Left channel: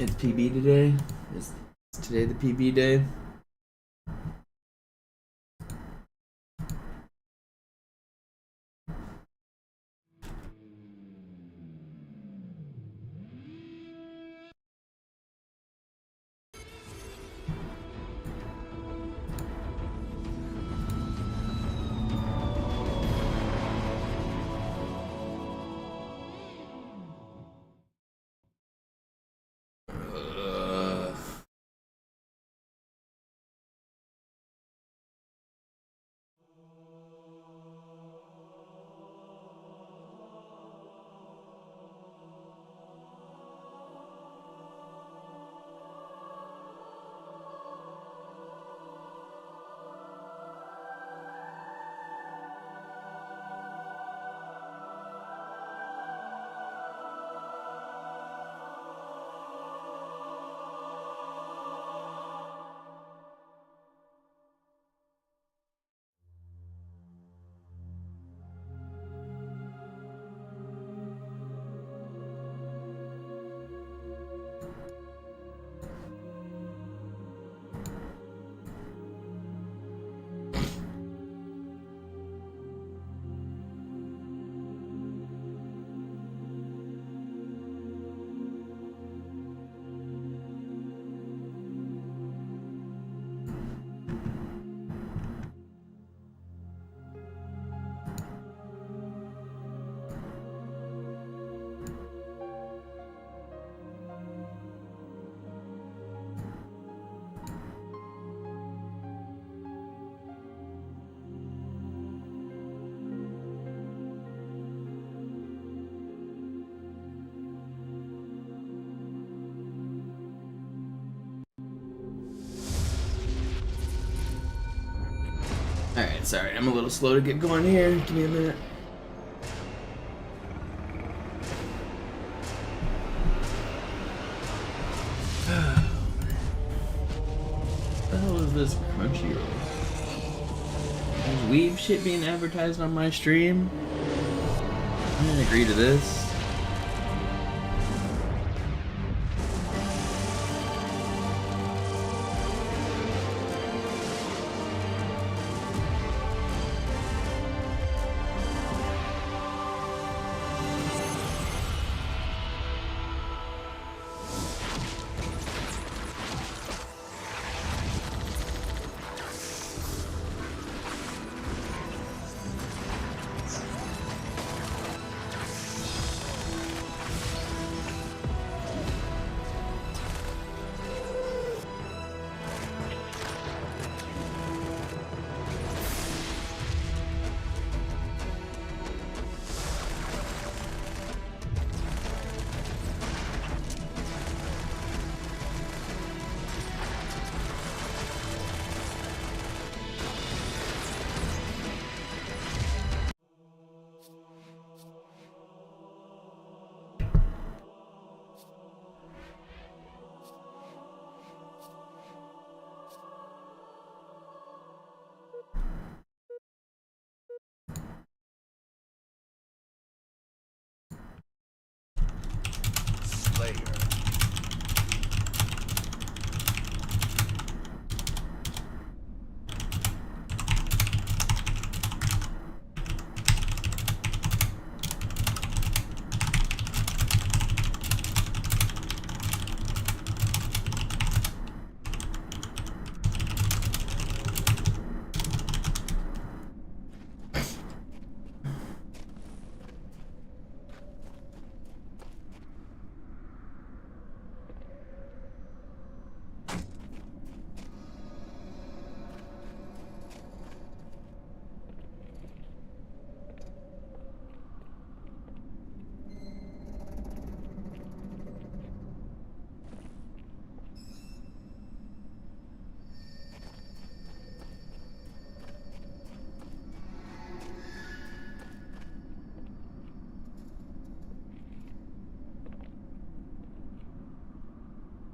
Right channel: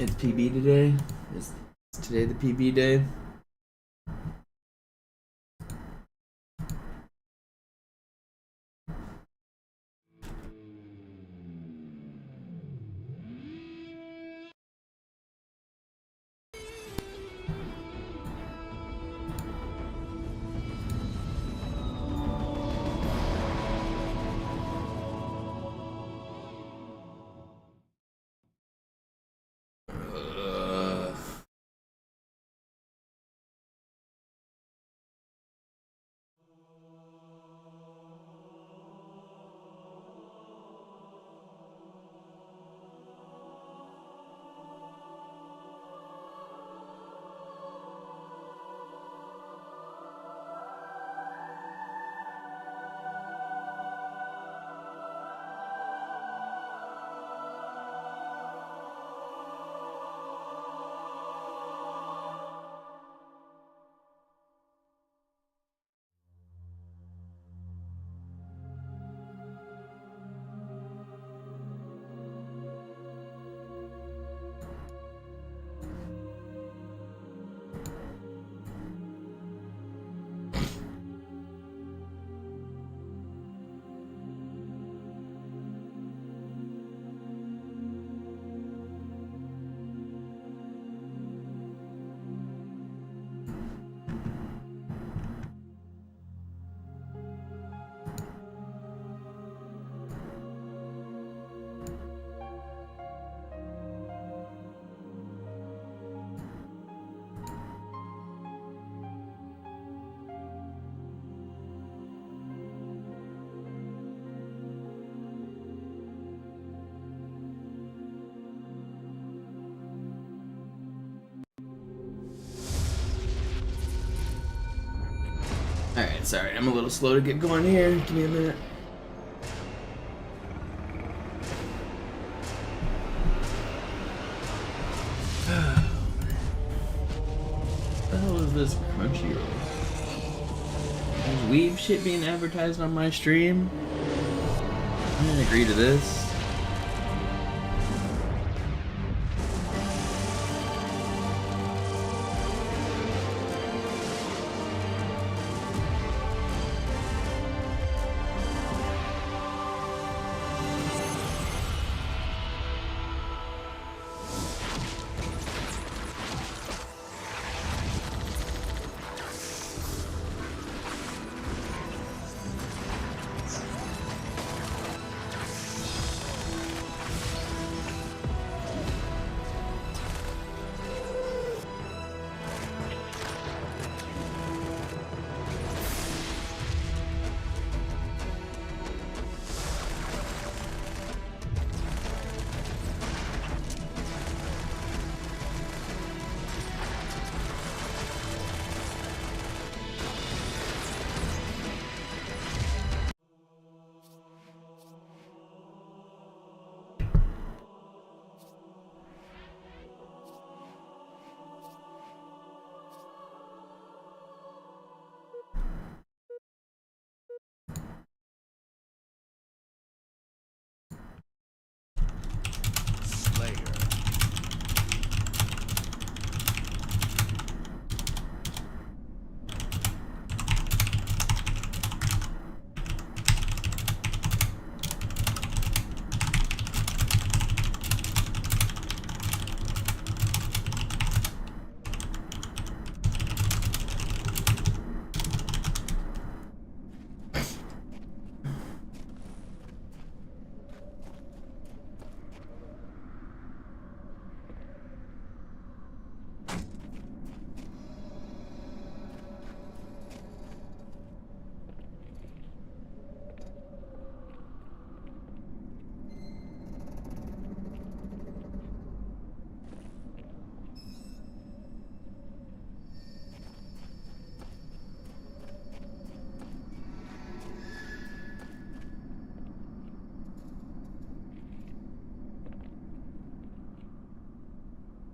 It's PB today. Is today the PB day? Alright, sorry, I'm a little slow to get going here. Give me a minute. What the hell is this Crunchyroll? There's weeb shit being advertised on my stream? I didn't agree to this.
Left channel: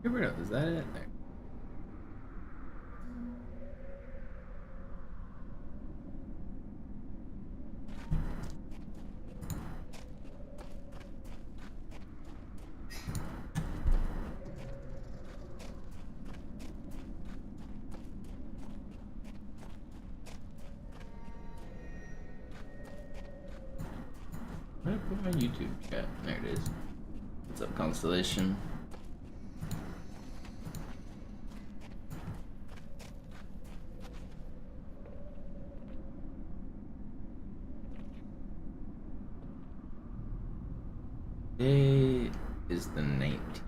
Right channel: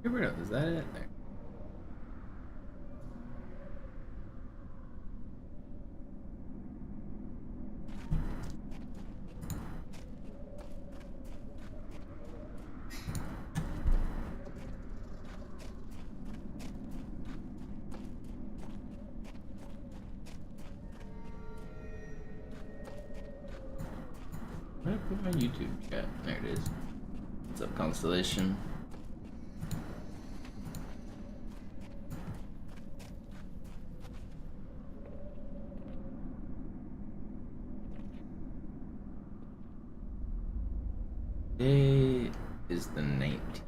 Never know. Is that it? There. Where did I put my YouTube chat? There it is. What's up, Constellation? Today is the 19th.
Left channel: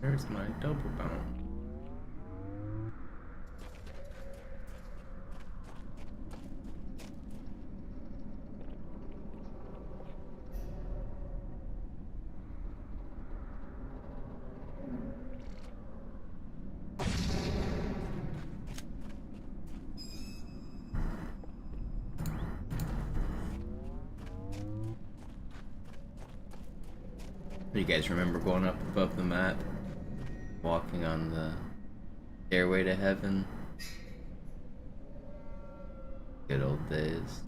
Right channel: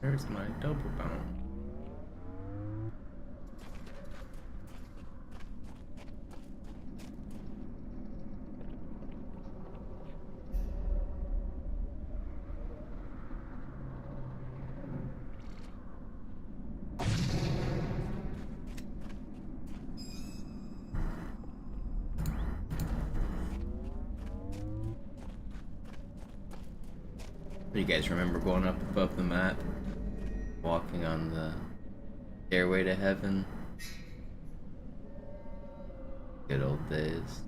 There's my double bound. Do you guys remember going up above the map? Walking on the stairway to heaven? Good old days.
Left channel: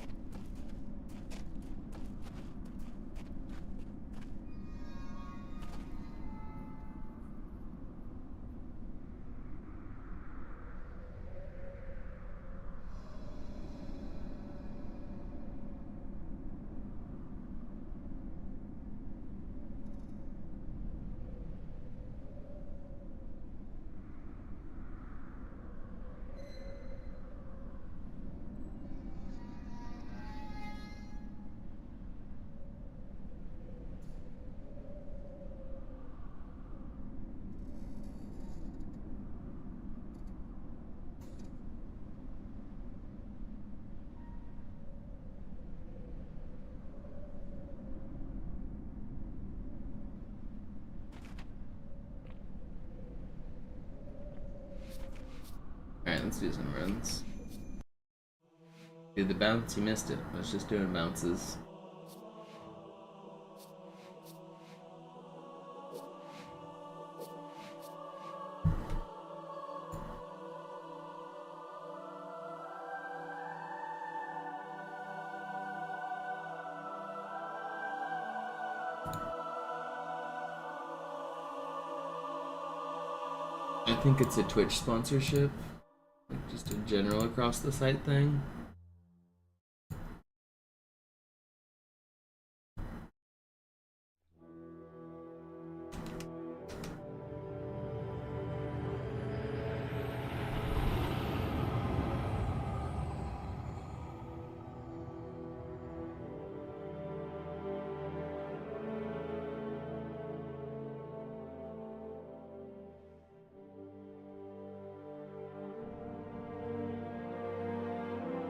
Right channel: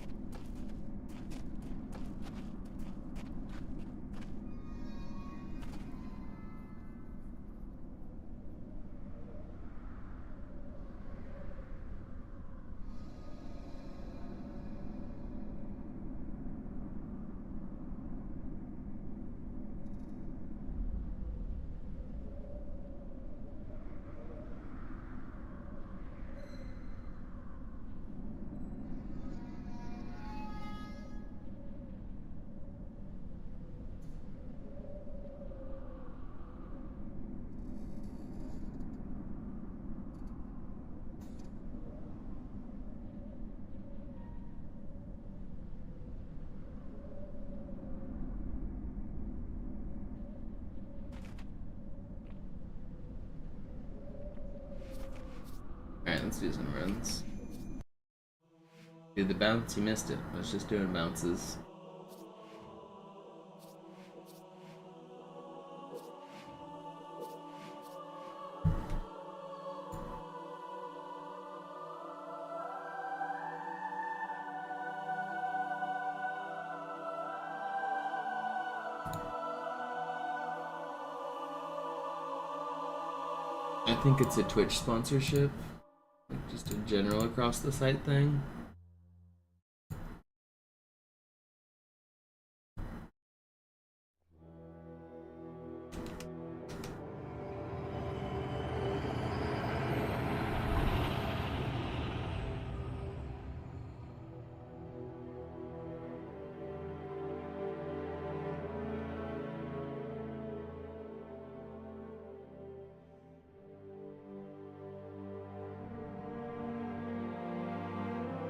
Alright, let's do some runs. Dude, the bounce, you missed it. I was just doing bounces. I think it's a Twitch sponsorship, like just a general across the site thing.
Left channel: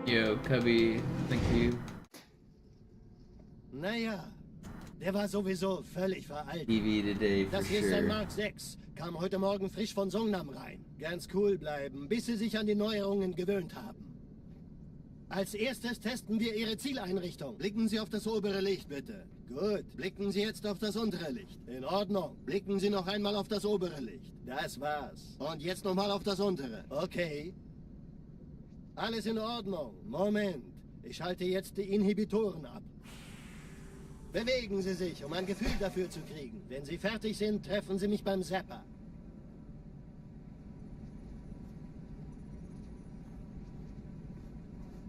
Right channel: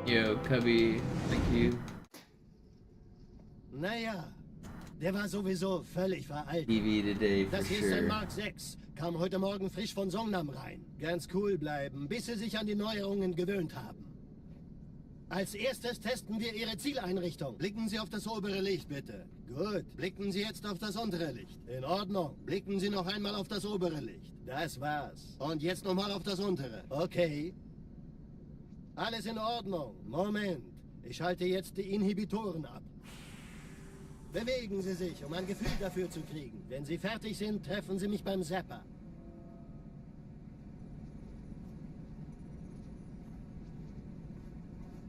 Yo, Cubby, thank you. Naja, der war sowieso völlig veraltet. TV today for Das hier ist ein sure. Mark 6. Kam heute Morgen frisch von Songnam rein. Ganz cool bleiben, bis Sie sich an die Neuerungen gewöhnt haben. Als erstes testen wir Ihre Zieleinrichtung. Blicken Sie auf das obere Licht, bitte. Gut. Blicken Sie jetzt auf das untere Licht. In Ordnung. Blicken Sie noch einmal auf das obere Licht. Das war's. Und jetzt nochmal auf das untere. Okay. Alles in Ordnung. Moment. Ich schalte jetzt die Inhibitoren ab. Bewegen Sie sich, um ein Gefühl dafür zu kriegen. Wenn Sie fertig sind, treffen Sie mich beim Zapper.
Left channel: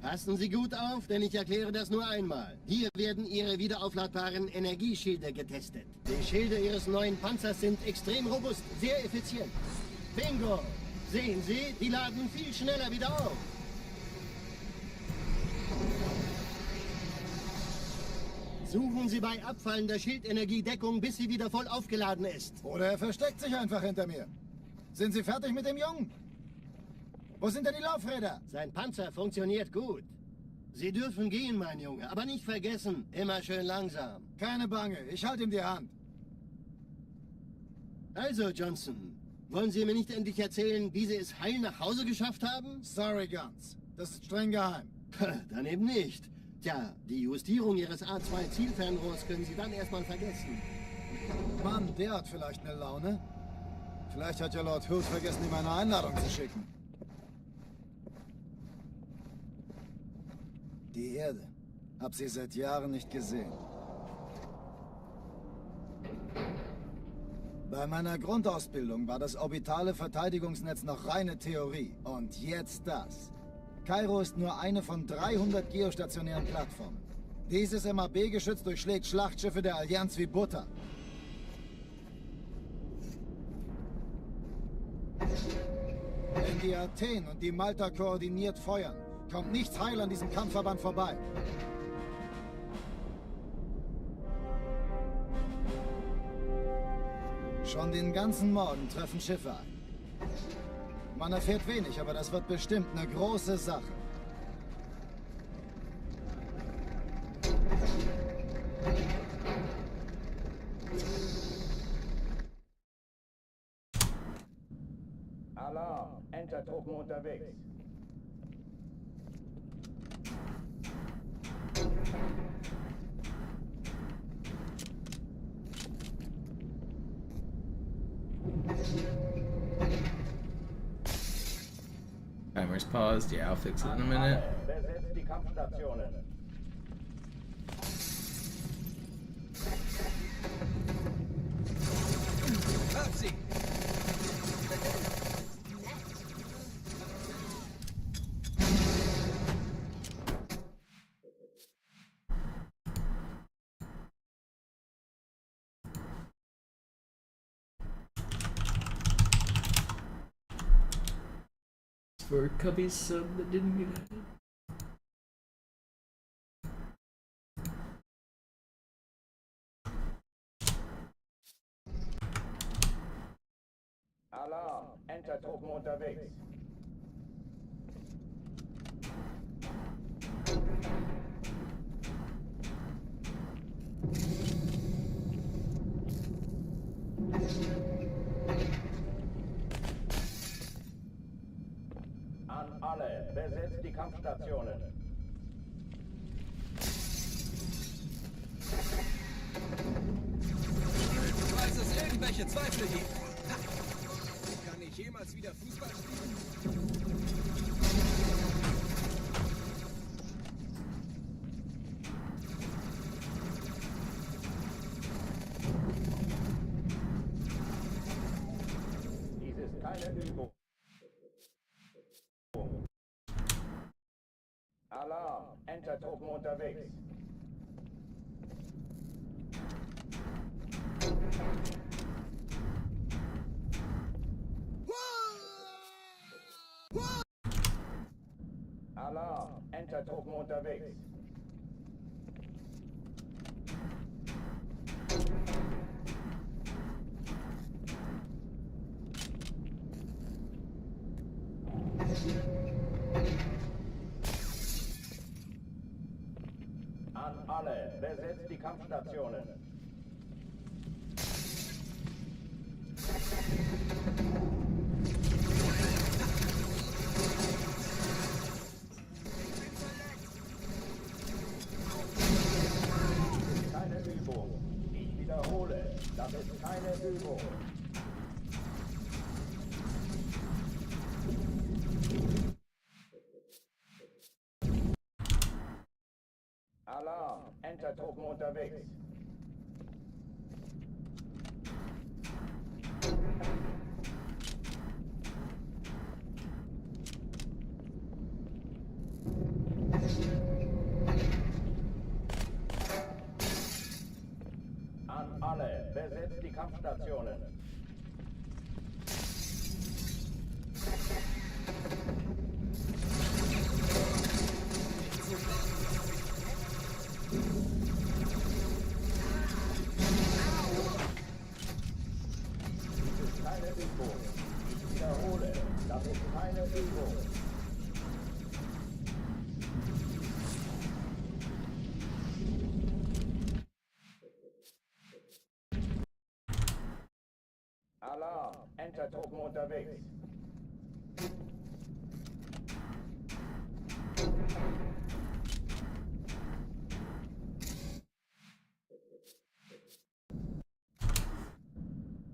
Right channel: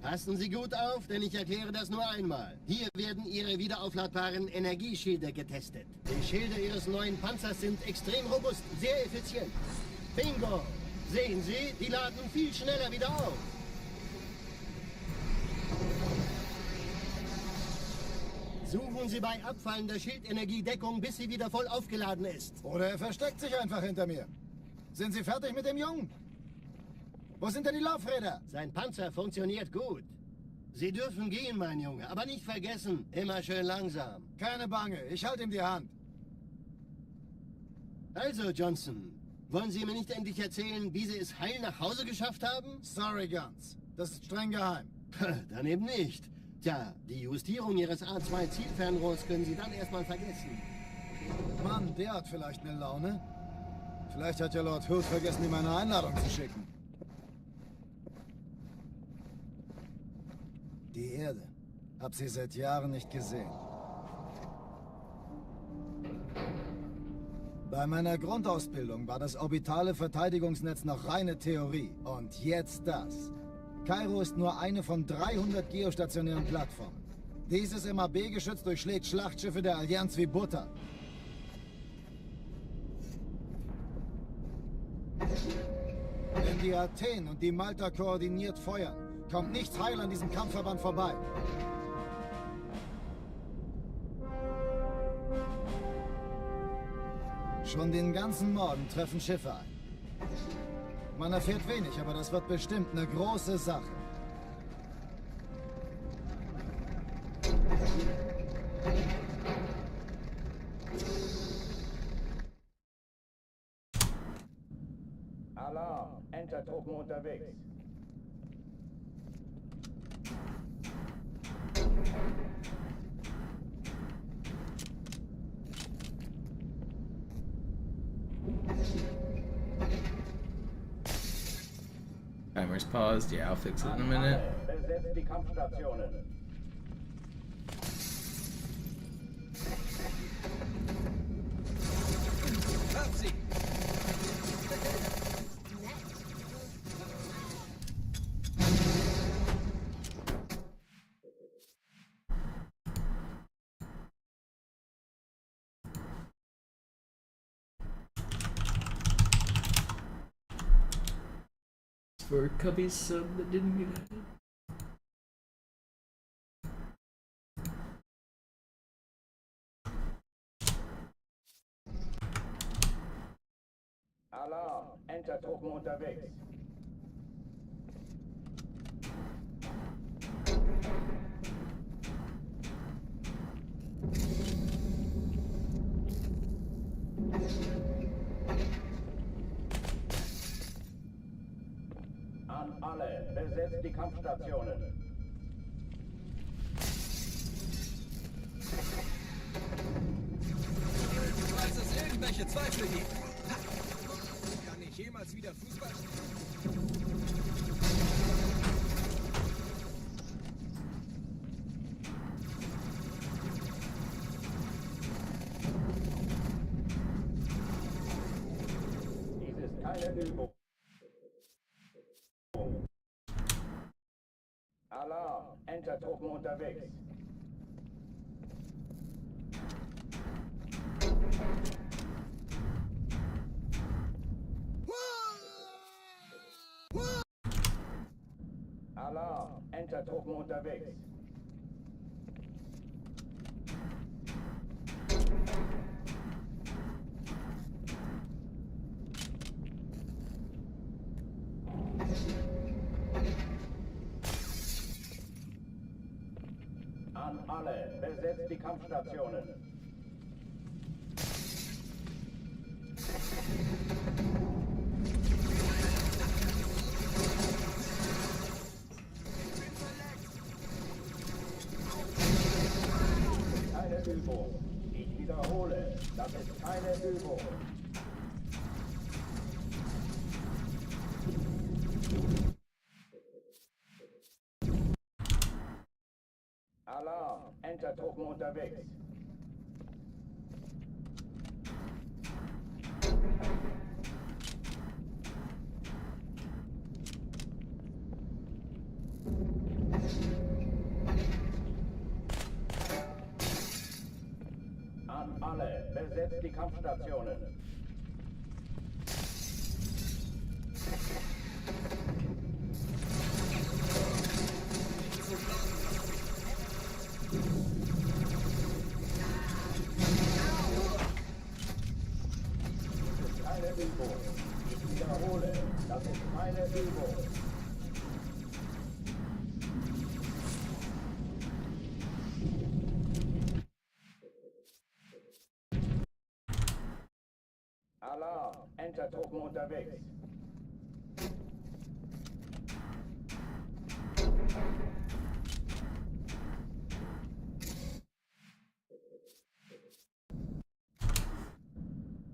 Passen Sie gut auf, denn ich erkläre das nur einmal. Hier werden Ihre wiederaufladbaren Energieschilde getestet. Die Schilde Ihres neuen Panzers sind extrem robust, sehr effizient. Bingo! Sehen Sie, die laden viel schneller wieder auf. Suchen Sie bei abfallender Schildenergiedeckung, bis sie wieder voll aufgeladen ist. Oder er versteckt sich einfach hinter mir. Sind Sie fertig mit dem Jungen? Wo sind denn die Laufräder? Sein Panzer funktioniert gut. Sie dürfen gehen, mein Junge, aber nicht vergessen, immer schön langsam. Keine Bange, ich halte ihm die Hand. Also, Johnson, wollen Sie mir nicht endlich erzählen, wie Sie es heil nach Hause geschafft haben? Sorry, Guns. Das ist streng geheim. Dann eben nicht. Tja, die Justierung Ihres A2-Zielfernrohrs können Sie dann erstmal vergessen. Mann, der hat vielleicht eine Laune. Vielleicht hat ja Lord Hood vergessen, ihm eine Einladung zu schicken. Die Erde. Hab sie seit Jahren nicht gesehen. Bei meiner Grundausbildung war das orbitale Verteidigungsnetz noch reine Theorie. Und jetzt das. Kairo ist nur eine von 300 geostationären Plattformen. Dieses MAB-Geschütz durchschlägt Schlachtschiffe der Allianz wie Butter. Wenn die Athen und die Malta koordiniert feuern, kommt nichts heil an diesem Kampfverband vorbei. Schon den ganzen Morgen treffen Schiffe ein. Man erfährt wenig, aber das wird bestimmt eine große Sache. Alarm! Entertruppen unterwegs. Timer's paused. Yeah, I'll fix it in a minute. Besetzt die Kampfstationen. For Cubby's sub that didn't get added. Alarm! Entertruppen unterwegs. alle, besetzt die Kampfstationen. Falls es irgendwelche Zweifel gibt. Kann ich jemals wieder Fußball spielen? Dies ist keine Übung. Alarm, Entertruppen unterwegs. Alarm, Entertruppen unterwegs. An alle, besetzt die Kampfstationen. Das ist keine Übung. Ich wiederhole, das ist keine Übung. Alarm, Entertruppen unterwegs. An alle, besetzt die Kampfstationen. Das ist keine Übung. Ich wiederhole, das ist keine Übung. Alarm, Entertruppen unterwegs.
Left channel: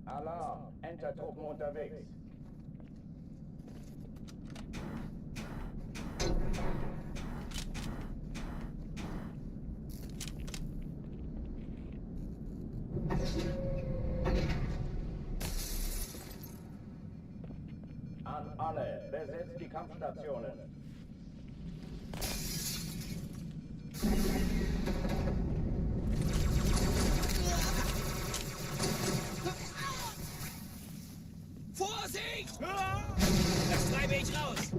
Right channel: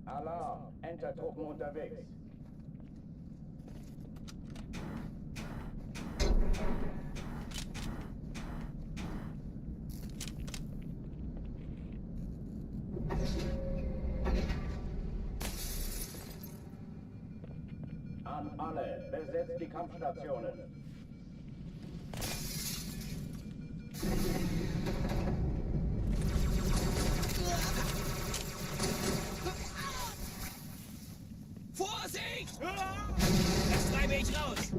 Alarm, Entertruppen unterwegs. An alle, besetzt die Kampfstationen. Vorsicht! Das treibe ich raus.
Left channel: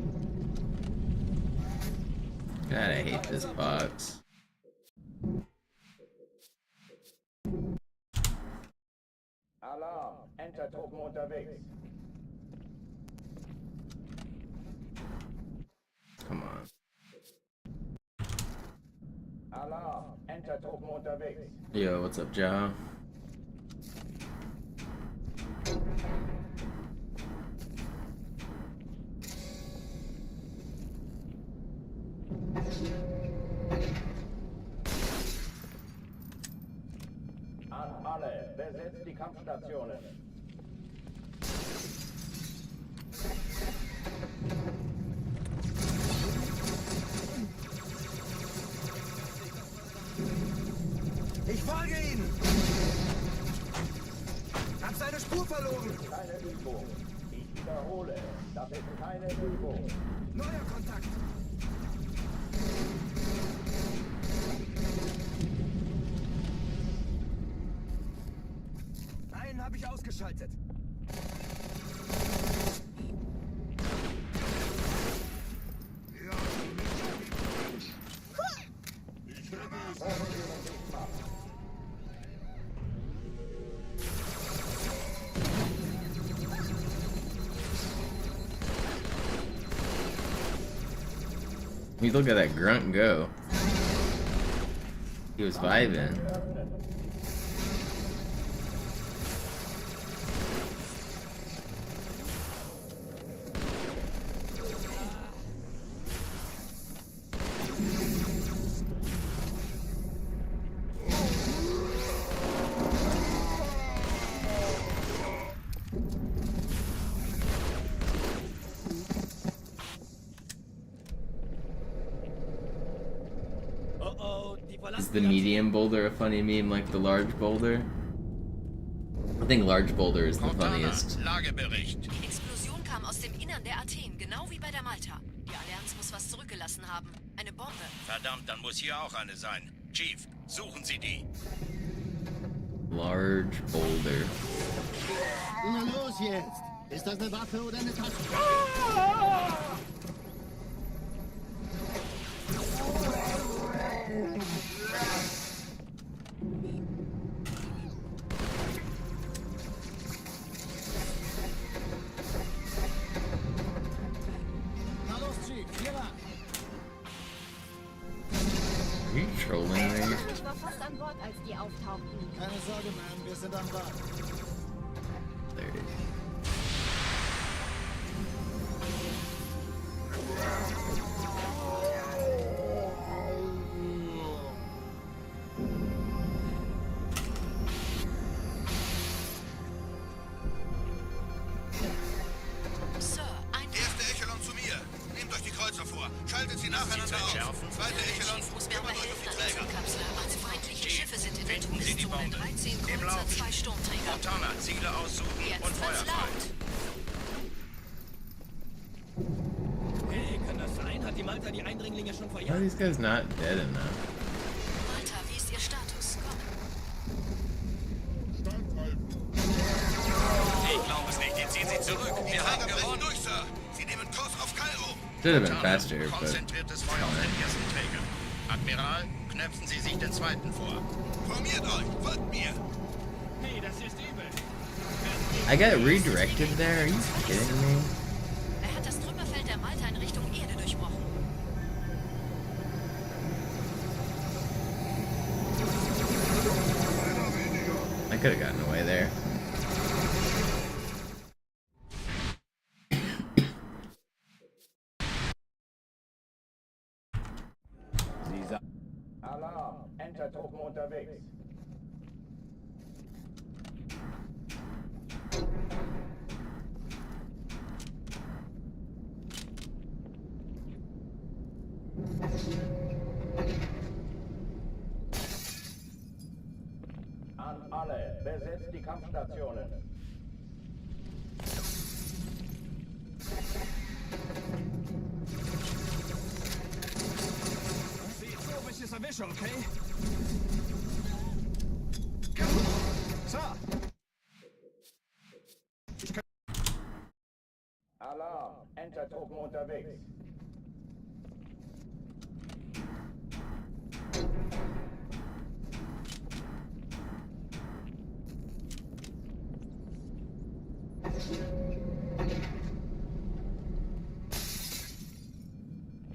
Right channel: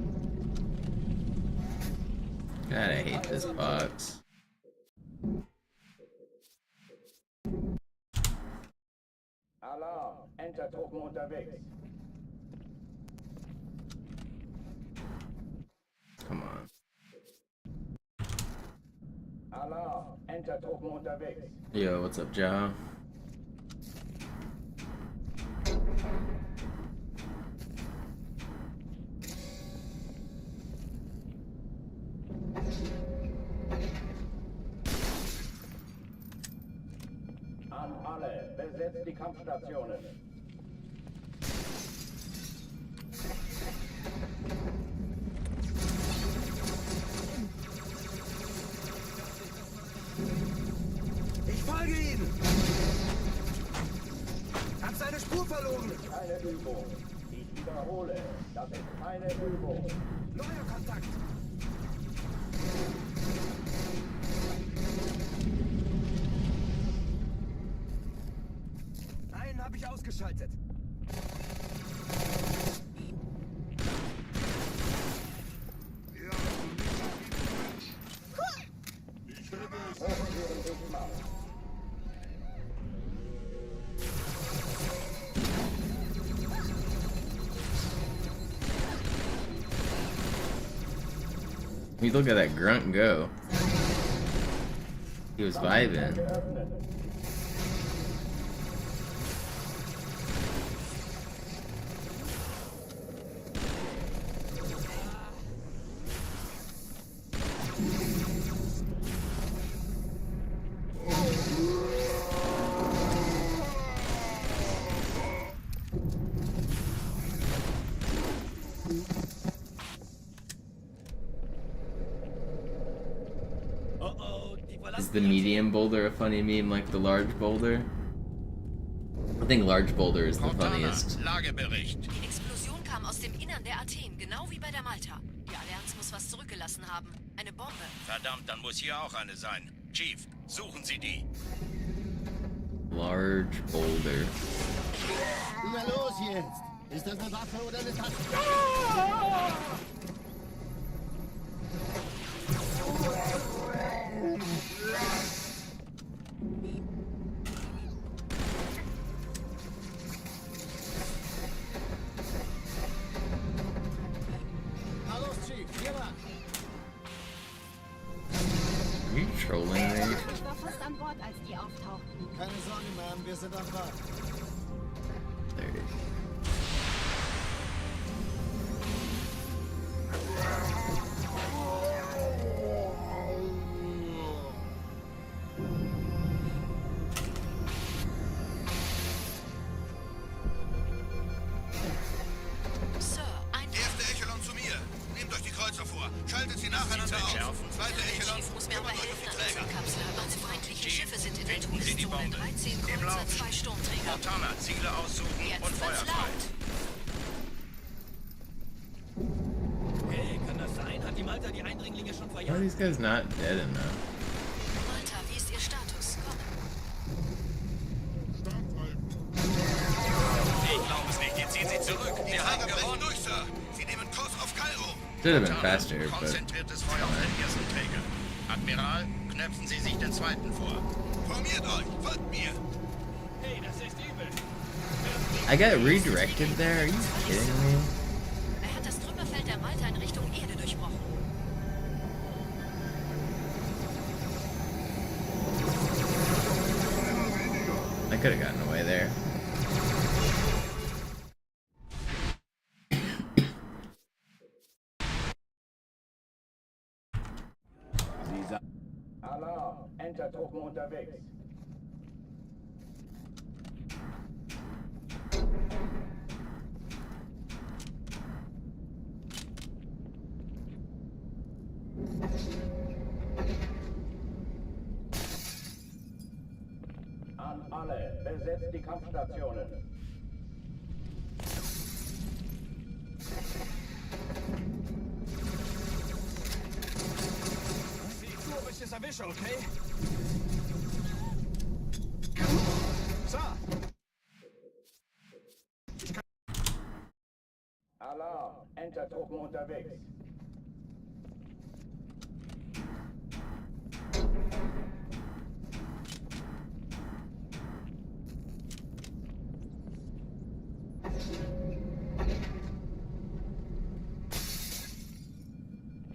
God, I hate this box. Alarm, Entertruppen unterwegs. Come on. Alarm, Entertruppen unterwegs. Yo, what's up, Ja? An alle, besetzt die Kampfstationen. Ich folge Ihnen. Hab seine Spur verloren. Keine Übung. Ich wiederhole, das ist keine Übung. Neuer Kontakt. Einen habe ich ausgeschaltet. Hochführen dich mal. I mean, look at that grunt go. He was vibing. Geöffnet. Is the medium boulder a funny meme like the large boulder? I think large boulder is the funniest. Lagebericht. Die Explosion kam aus dem Innern der Athen, genau wie bei der Malta. Die Allianz muss was zurückgelassen haben. Eine Bombe. Verdammt, dann muss hier auch eine sein. Chief, suchen Sie die. Large boulder. Na los jetzt! Ist das eine Waffe oder eine Tasche? Na los, Chief, hier lang. Are you trolling me? Ich war fast an Bord, als die auftauchten. Keine Sorge, Ma'am, wir sind am Ball. There it is. Sir, ein Erste Echelon zu mir. Nehmt euch die Kreuzer vor. Schaltet sie nacheinander auf. Zweite Echelon, Chief muss mir aber kümmert euch um die helfen, Träger. Anzukapseln. Also feindliche Schiffe sind in der Finden Sie die Todeszone. Bombe. 13 Im Kreuzer, Lauf. 2 Sturmträger. Montana, Ziele aussuchen Jetzt und Feuer wird's frei. laut. Hey, kann das sein? Hat die Malta die Eindringlinge schon Why are verjagt? these guys not dead enough? Malta, wie ist Ihr Status? Komm. Ich glaube es nicht. Jetzt ziehen sie zurück. Wir haben gewonnen. Durch, Sir. Sie nehmen Kurs auf Kairo. Should have been faster, but Konzentriertes Feuer auf den ersten Träger. Admiral, knöpfen Sie sich den zweiten vor. Formiert euch. Folgt mir. Hey, das ist übel. I got redirected there. Are you kidding me? Er hat das Trümmerfeld der Malta in Richtung Erde durchbrochen. I could have gotten away there. Alarm! Entertruppen unterwegs. An alle, besetzt die Kampfstationen. Sieh zu, ob ich es erwische, okay? Sir! Alarm! Entertruppen unterwegs.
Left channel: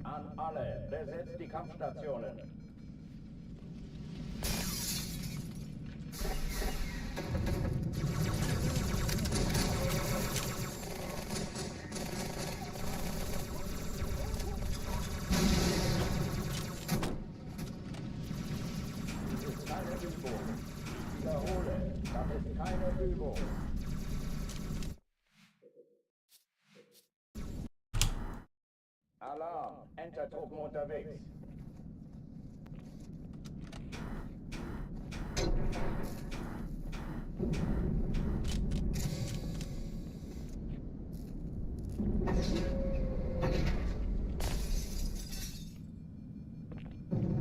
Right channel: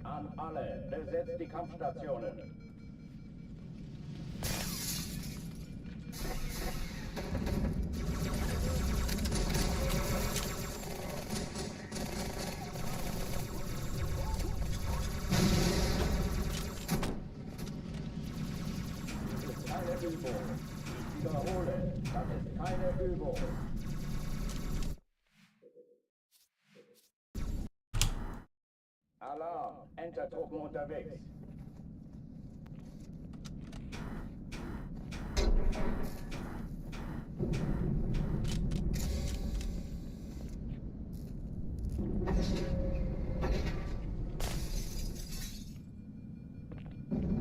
An alle, besetzt die Kampfstationen. Das ist keine Übung. Ich wiederhole, das ist keine Übung. Alarm! Entertruppen unterwegs.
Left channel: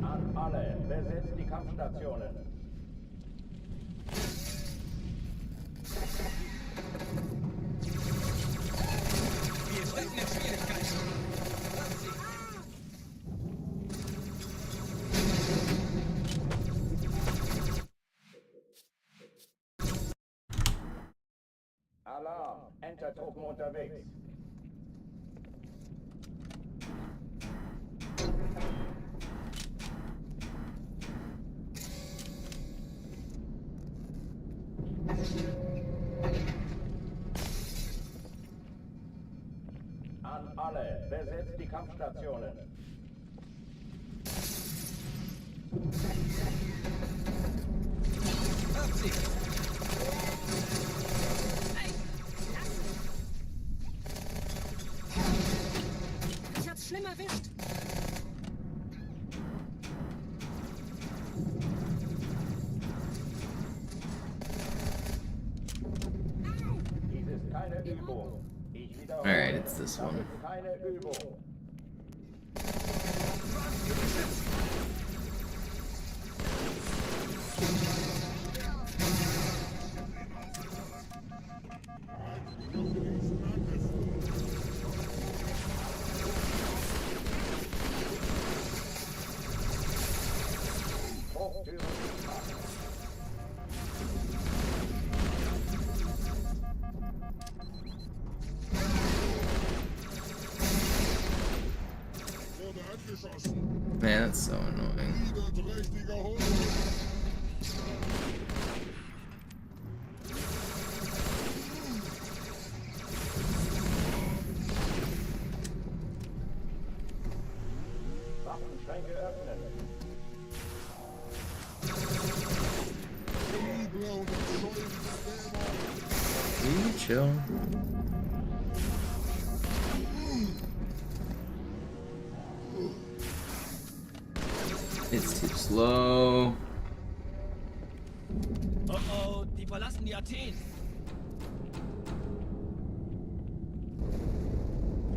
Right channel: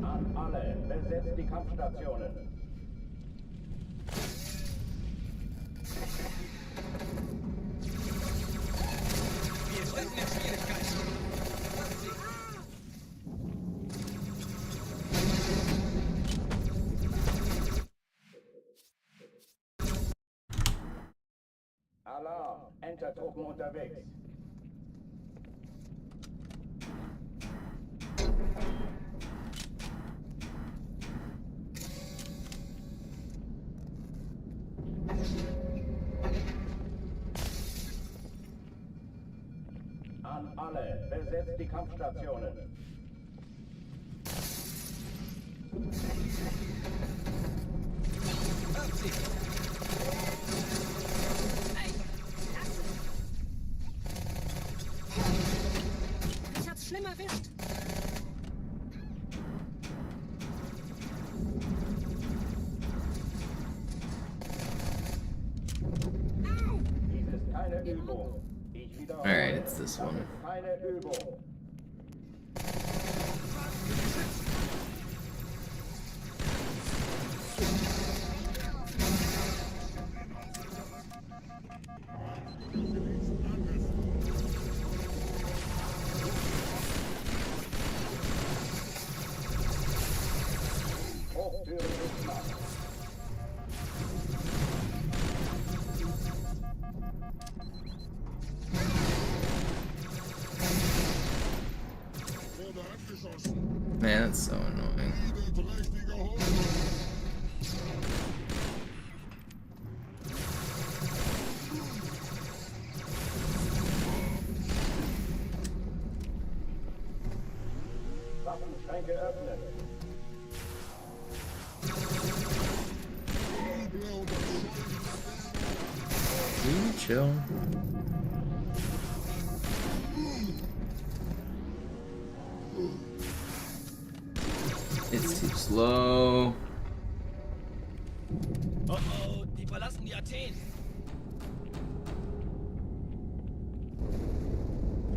An alle, besetzt die Kampfstationen. Wir stecken in Schwierigkeiten. Alarm! Entertruppen unterwegs. An alle, besetzt die Kampfstationen. Hört sie! Ich hab's schlimm erwischt. keine Übung. Ich wiederhole. Alright, it's this one. Keine Übung. Hochtüren nicht machen. Man, that's so annoying. Waffenschränke öffnen. Will you chill? It's too slow. Oh oh, die verlassen die Athen.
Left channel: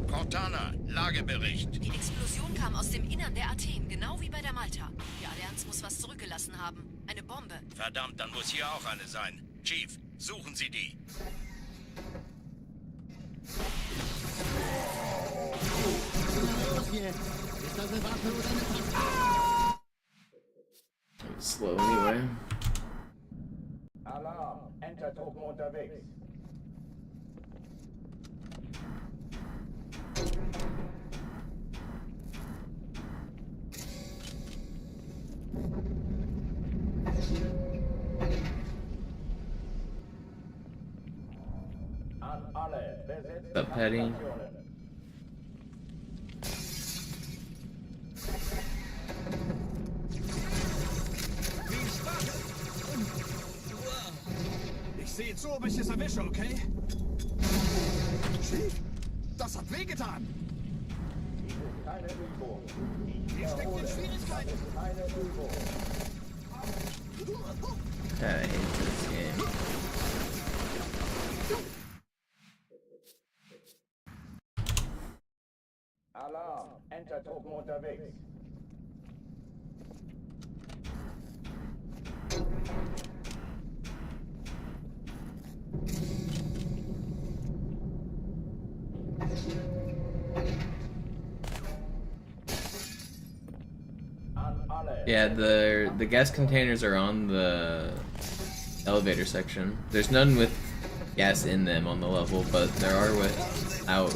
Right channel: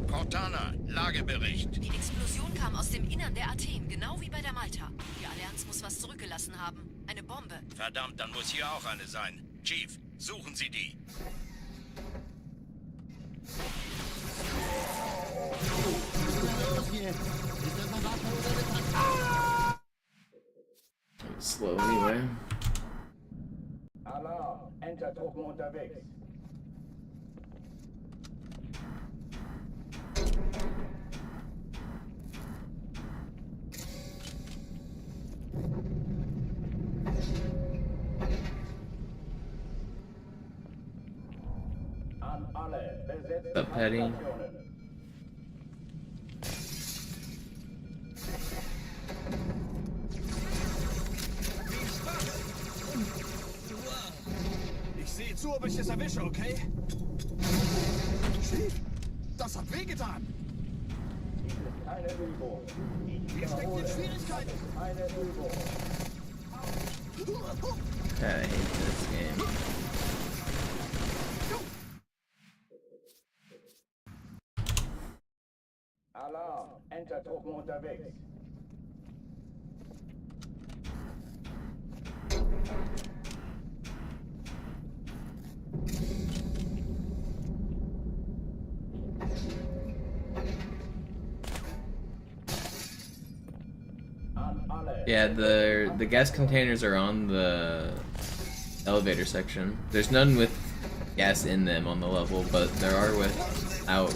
Cortana, Lagebericht. Die Explosion kam aus dem Innern der Athen, genau wie bei der Malta. Die Allianz muss was zurückgelassen haben. Eine Bombe. Verdammt, dann muss hier auch eine sein. Chief, suchen Sie die. Was los jetzt? Ist das eine Waffe oder eine Tasse? Slow anyway. Alarm. Entertruppen unterwegs. An alle. Besetzt What's up, Patty? Stationen. Ich sehe zu, ob ich es erwische, okay? Schief, das hat wehgetan. Dies ist keine Übung. Ich Hier steckt wiederhole. in Schwierigkeiten. Keine Übung. God, I hate this game. Alarm. Entertruppen unterwegs. An alle. Yeah, the gas containers are on the elevator section. There's none with gas in them on the level, but there are without.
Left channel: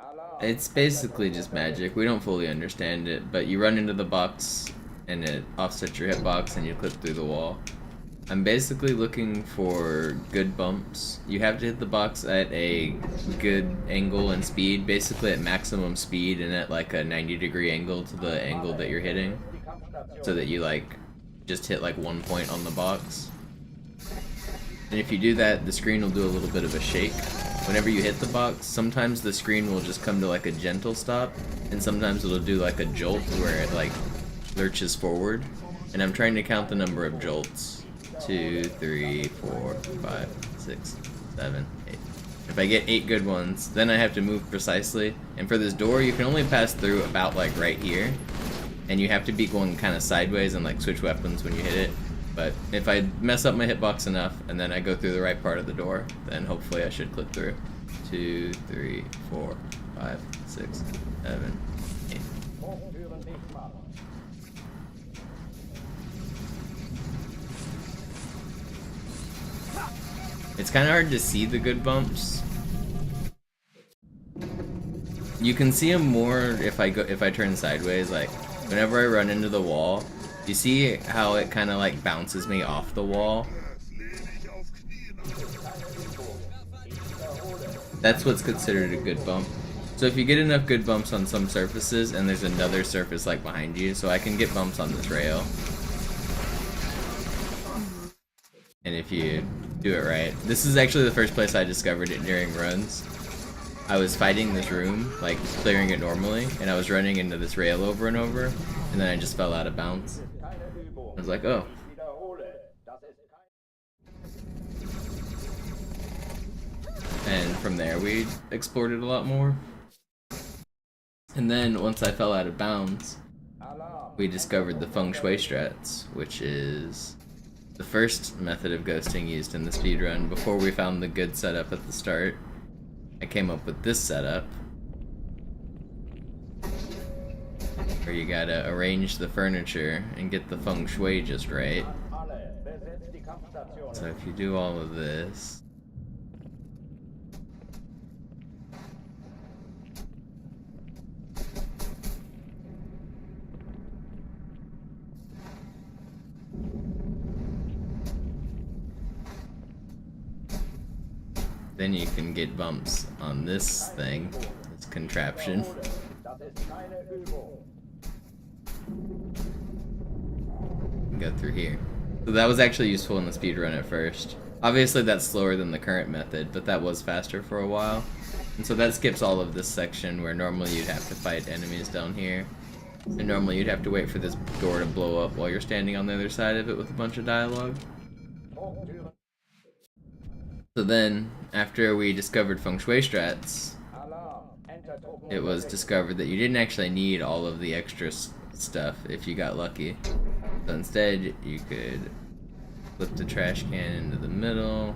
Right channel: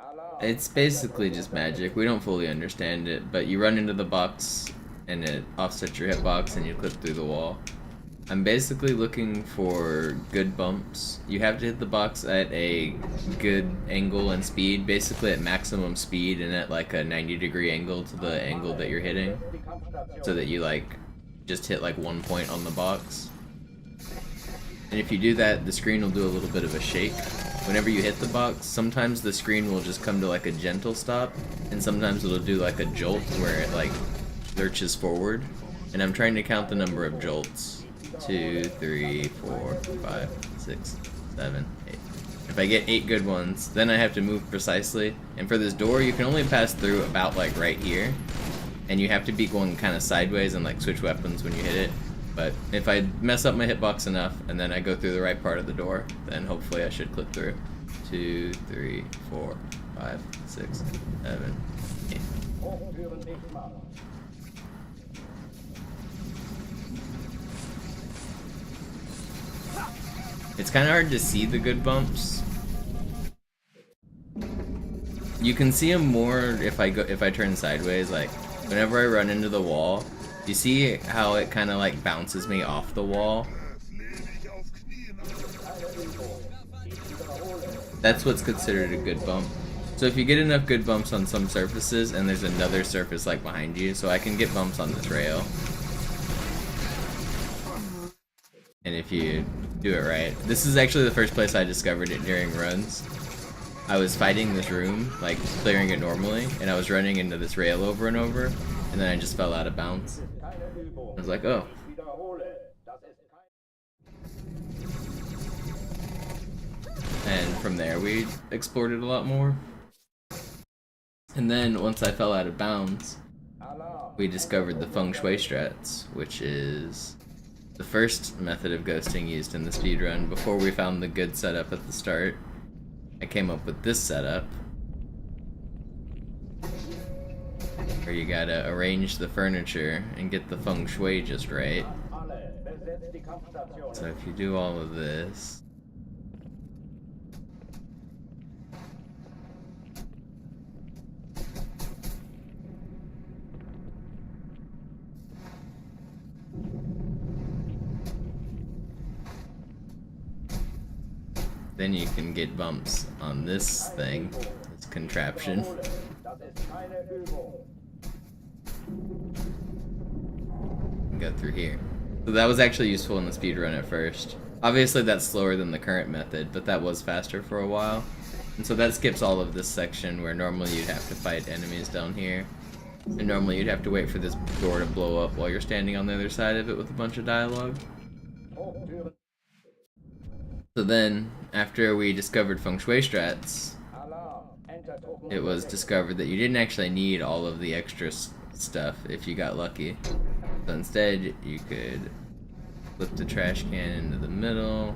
Alarm. It's basically just magic. We don't fully understand it, but you run into the box and it offsets your hitbox and you clip through the wall. I'm basically looking for good bumps. You have to hit the box at a good angle and speed, basically at maximum speed and at like a 90-degree angle to the angle that you're hitting, Die Kampfstation. so that you like just hit like one point on the box. And if you do that, the screen will do a little bit of a shake. Whenever you hit the box, sometimes the screen will just come to like a gentle stop, and sometimes it'll do like a jolt where it like lurches forward. And I'm trying to count the number of jolts. 2, 3, 4, 5, 6, 7, 8. If I get 8 good ones, then I have to move precisely. And for this door, you can only pass through about like right here. And you have to be going kind of sideways and like switch weapons when you hit it. But if I mess up my hitbox enough and then I go through the right part of the door, then hopefully I should clip through. 2, 3, 4, 5, 6, 7, 8. Hochtüren dicht machen. It's kind of hard to see the good bumps. You can see them more if I turn sideways. Like whenever I run into the wall, you see how it kind of like bounces me off the wall. That's what's considered a good bump. So if you get enough good bumps on some surfaces and there's another surface like behind you, so I can get bumps on this rail. And if you do it right, this is actually the first place I discovered it during runs. I was fighting this room, like clearing it normally, and I was running into this rail over and over, and then I just fell out of bounds. I was like, oh. And from there we explored it a lot more. And then once I fell out of bounds, we discovered the feng shui strats, which is the first method of ghosting used in the speedrun before we found the good setup at the start. I came up with this setup, where you gotta arrange the furniture and get the feng shui just right. So if you do all of this, then you can get bumps on this thing, this contraption. And go through here. So that was actually useful in the speedrun at first. Obviously that's slower than the current method, but that was faster for a while. And so that skips all of this section where normally you'd have to fight enemies down here. And normally you'd have to wait for this door to blow up while you're standing on the other side of it with a bunch of dialogue. So then, after we discovered feng shui strats, it was discovered that you didn't actually need all of the extra stuff if you got lucky. So instead, you could flip the trash can into the middle,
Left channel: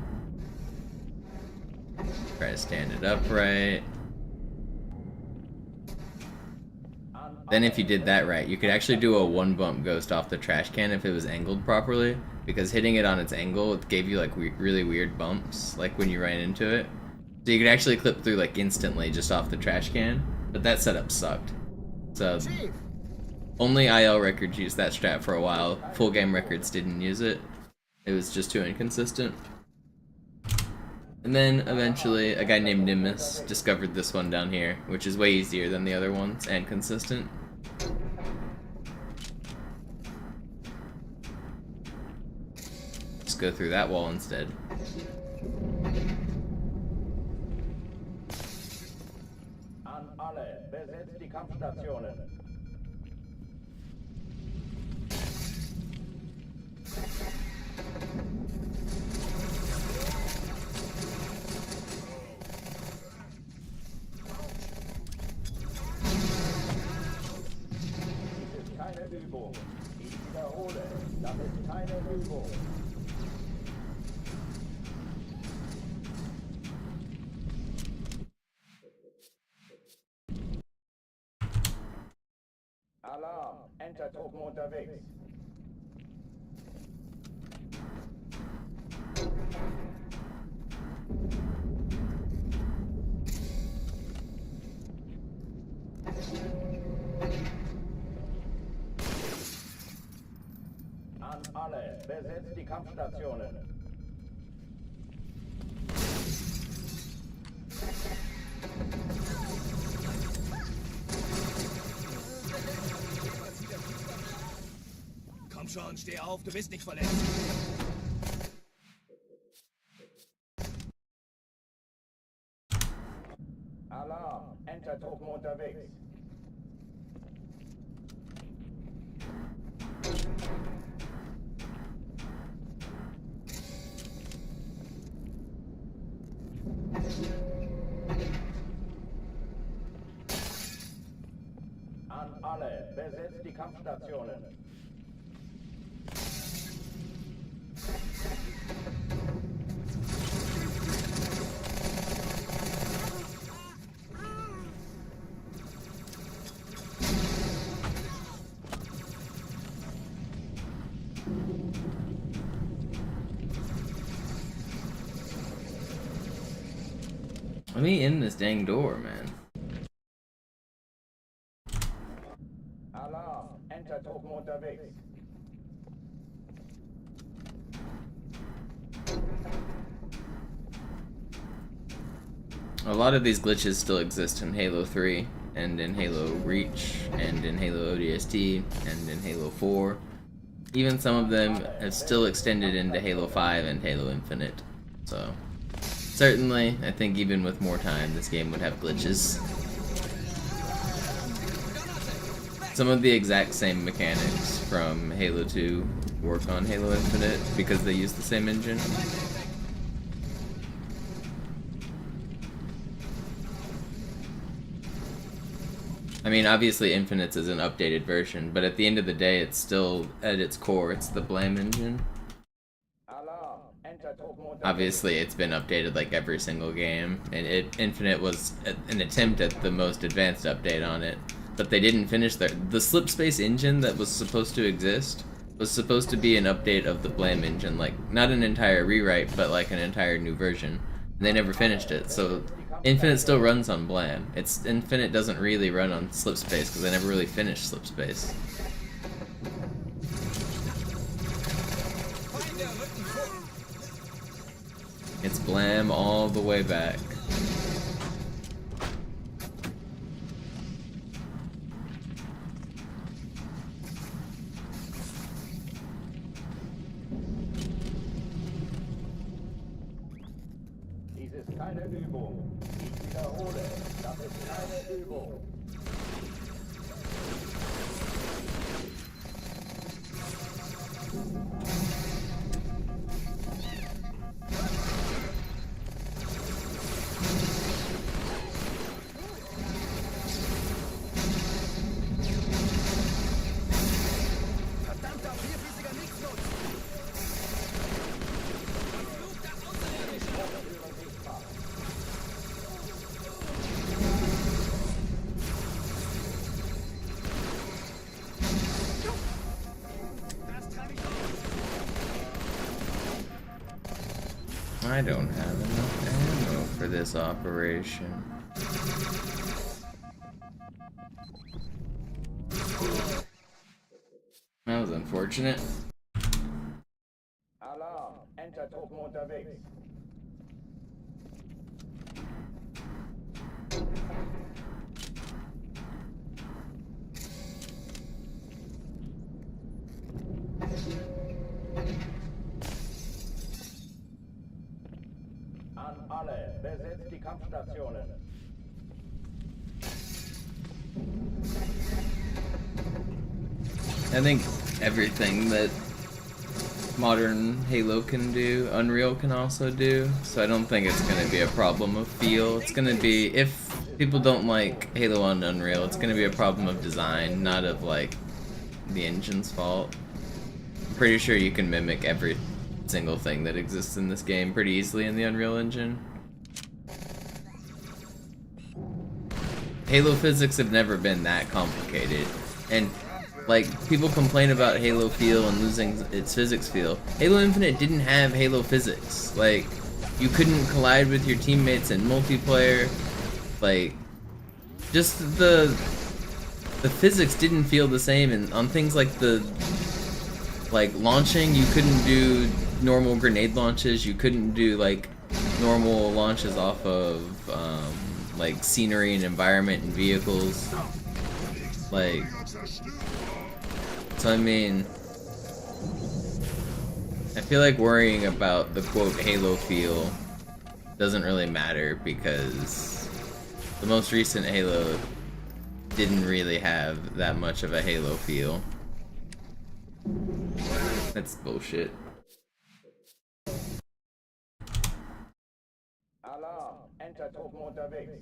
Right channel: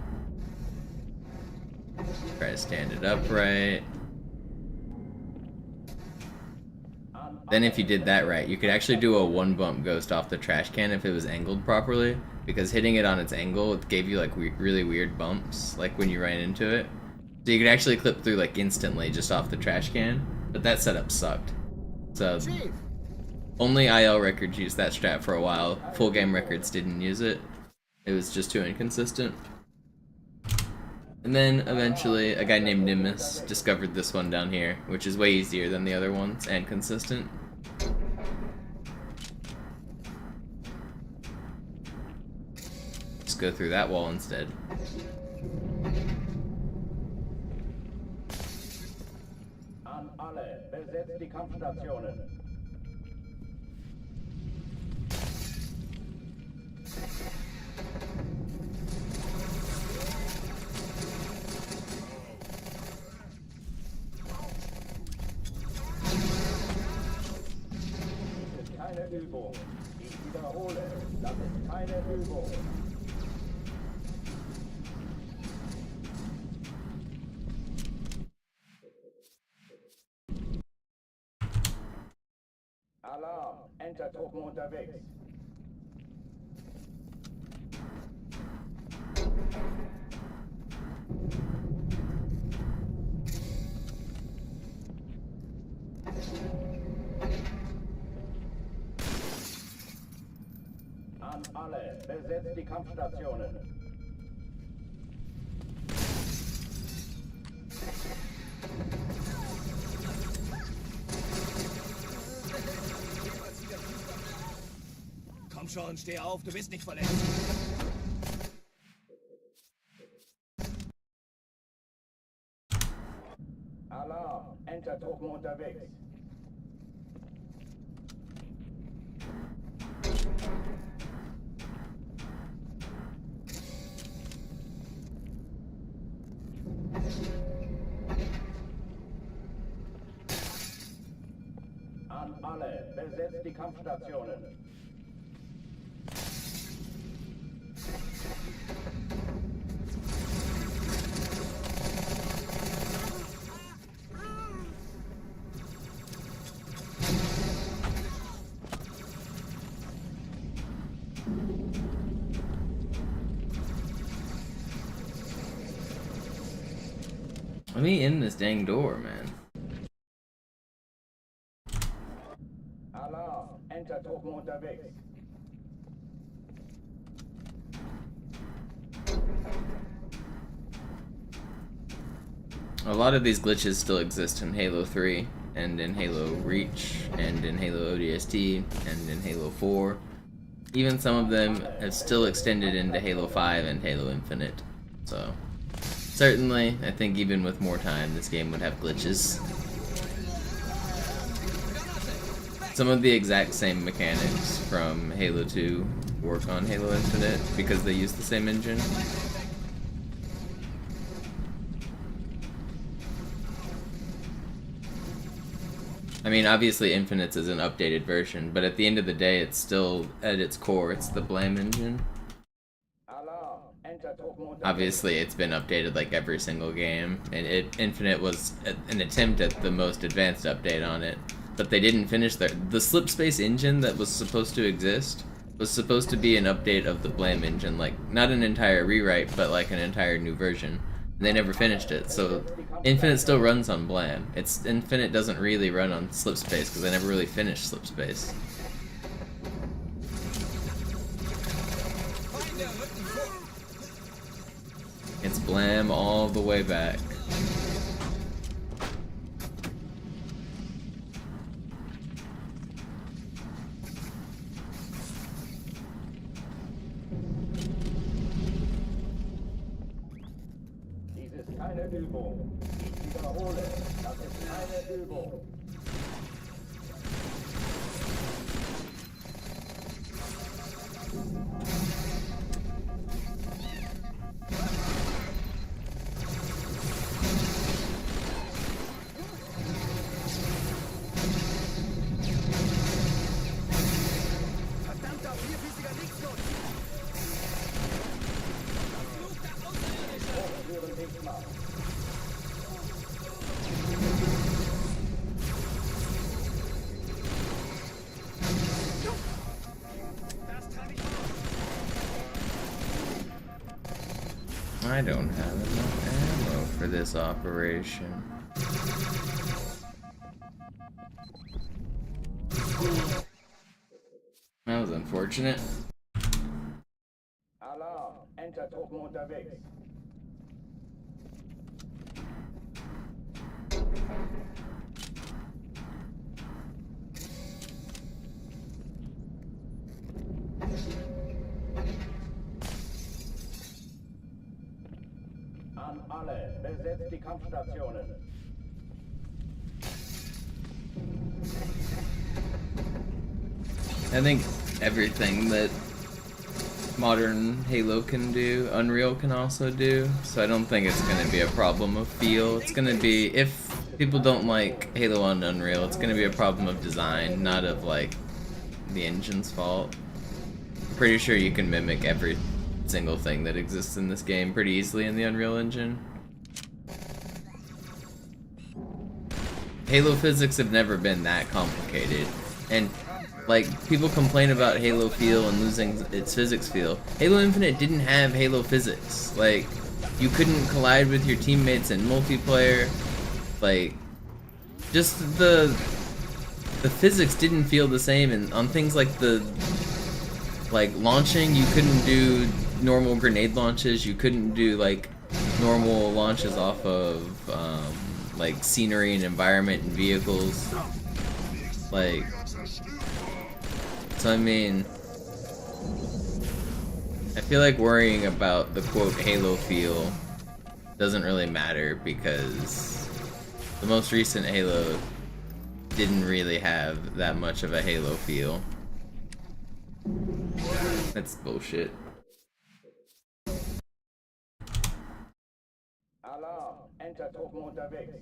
try to stand it upright. Then if you did that right, you could actually do a one bump ghost off the trash can if it was angled properly, because hitting it on its angle, it gave you like really weird bumps, like when you ran into it. So you could actually clip through like instantly just off the trash can, but that setup sucked. So only IL records used that strat for a while. Full game records didn't use it. It was just too inconsistent. And then eventually a guy named Nimbus discovered this one down here, which is way easier than the other ones and consistent. Just go through that wall instead. An alle, besetzt die Kampfstationen. Dies ist keine Übung. Ich wiederhole, das ist keine Übung. Alarm! Entertruppen unterwegs. An alle, besetzt die Kampfstationen. Komm schon, steh auf, du bist nicht verletzt. Alarm! Entertruppen unterwegs. An alle, besetzt die Kampfstationen. Let me in this dang door, man. Alarm! Entertruppen unterwegs. A lot of these glitches still exist in Halo 3, and in Halo Reach, and in Halo ODST, and in Halo 4. even some of them have still extended into Halo 5 and Halo Infinite. So, certainly, I think even with more time, this game would have glitches. Some of the exact same mechanics from Halo 2 work on Halo Infinite because they use the same engine. I mean, obviously Infinite's is an updated version, but at the end of the day, it's still, at its core, it's the Blam engine. Obviously, it's been updated like every single game, and Infinite was an attempt at the most advanced update on it, but they didn't finish the Slipspace engine that was supposed to exist was supposed to be an update of the Blam engine, like, not an entire rewrite, but like an entire new version. And they never finished it, so Infinite still runs on Blam. Infinite doesn't really run on Slipspace because they never really finished Slipspace. It's Blam all the way back. Dies ist keine Übung. Ich wiederhole, das ist keine Übung. I don't have enough ammo for this operation. That was unfortunate. Alarm, Entertruppen unterwegs. An alle, besetzt die Kampfstationen. I think everything that modern Halo can do, Unreal can also do, so I don't think it's going to be a problem of feel. It's going to be, if people don't like Halo on Unreal, it's going to be a problem of design, not of, like, the engine's fault. I'm pretty sure you can mimic every single thing that exists in this game pretty easily in the Unreal Engine. Halo physics have never been that complicated, and like, people complain about Halo feel and losing its physics feel. Halo Infinite didn't have Halo physics. Like, you couldn't collide with your teammates in multiplayer. Like, just the physics didn't feel the same, and on things like launching, you couldn't do normal grenade launches, you couldn't do like normal launches off of like scenery and environment and vehicles. Like, so I mean, I feel like worrying about the quote Halo feel doesn't really matter because the most recent Halo didn't really have that much of a Halo feel. That's bullshit. Alarm, Entertruppen unterwegs.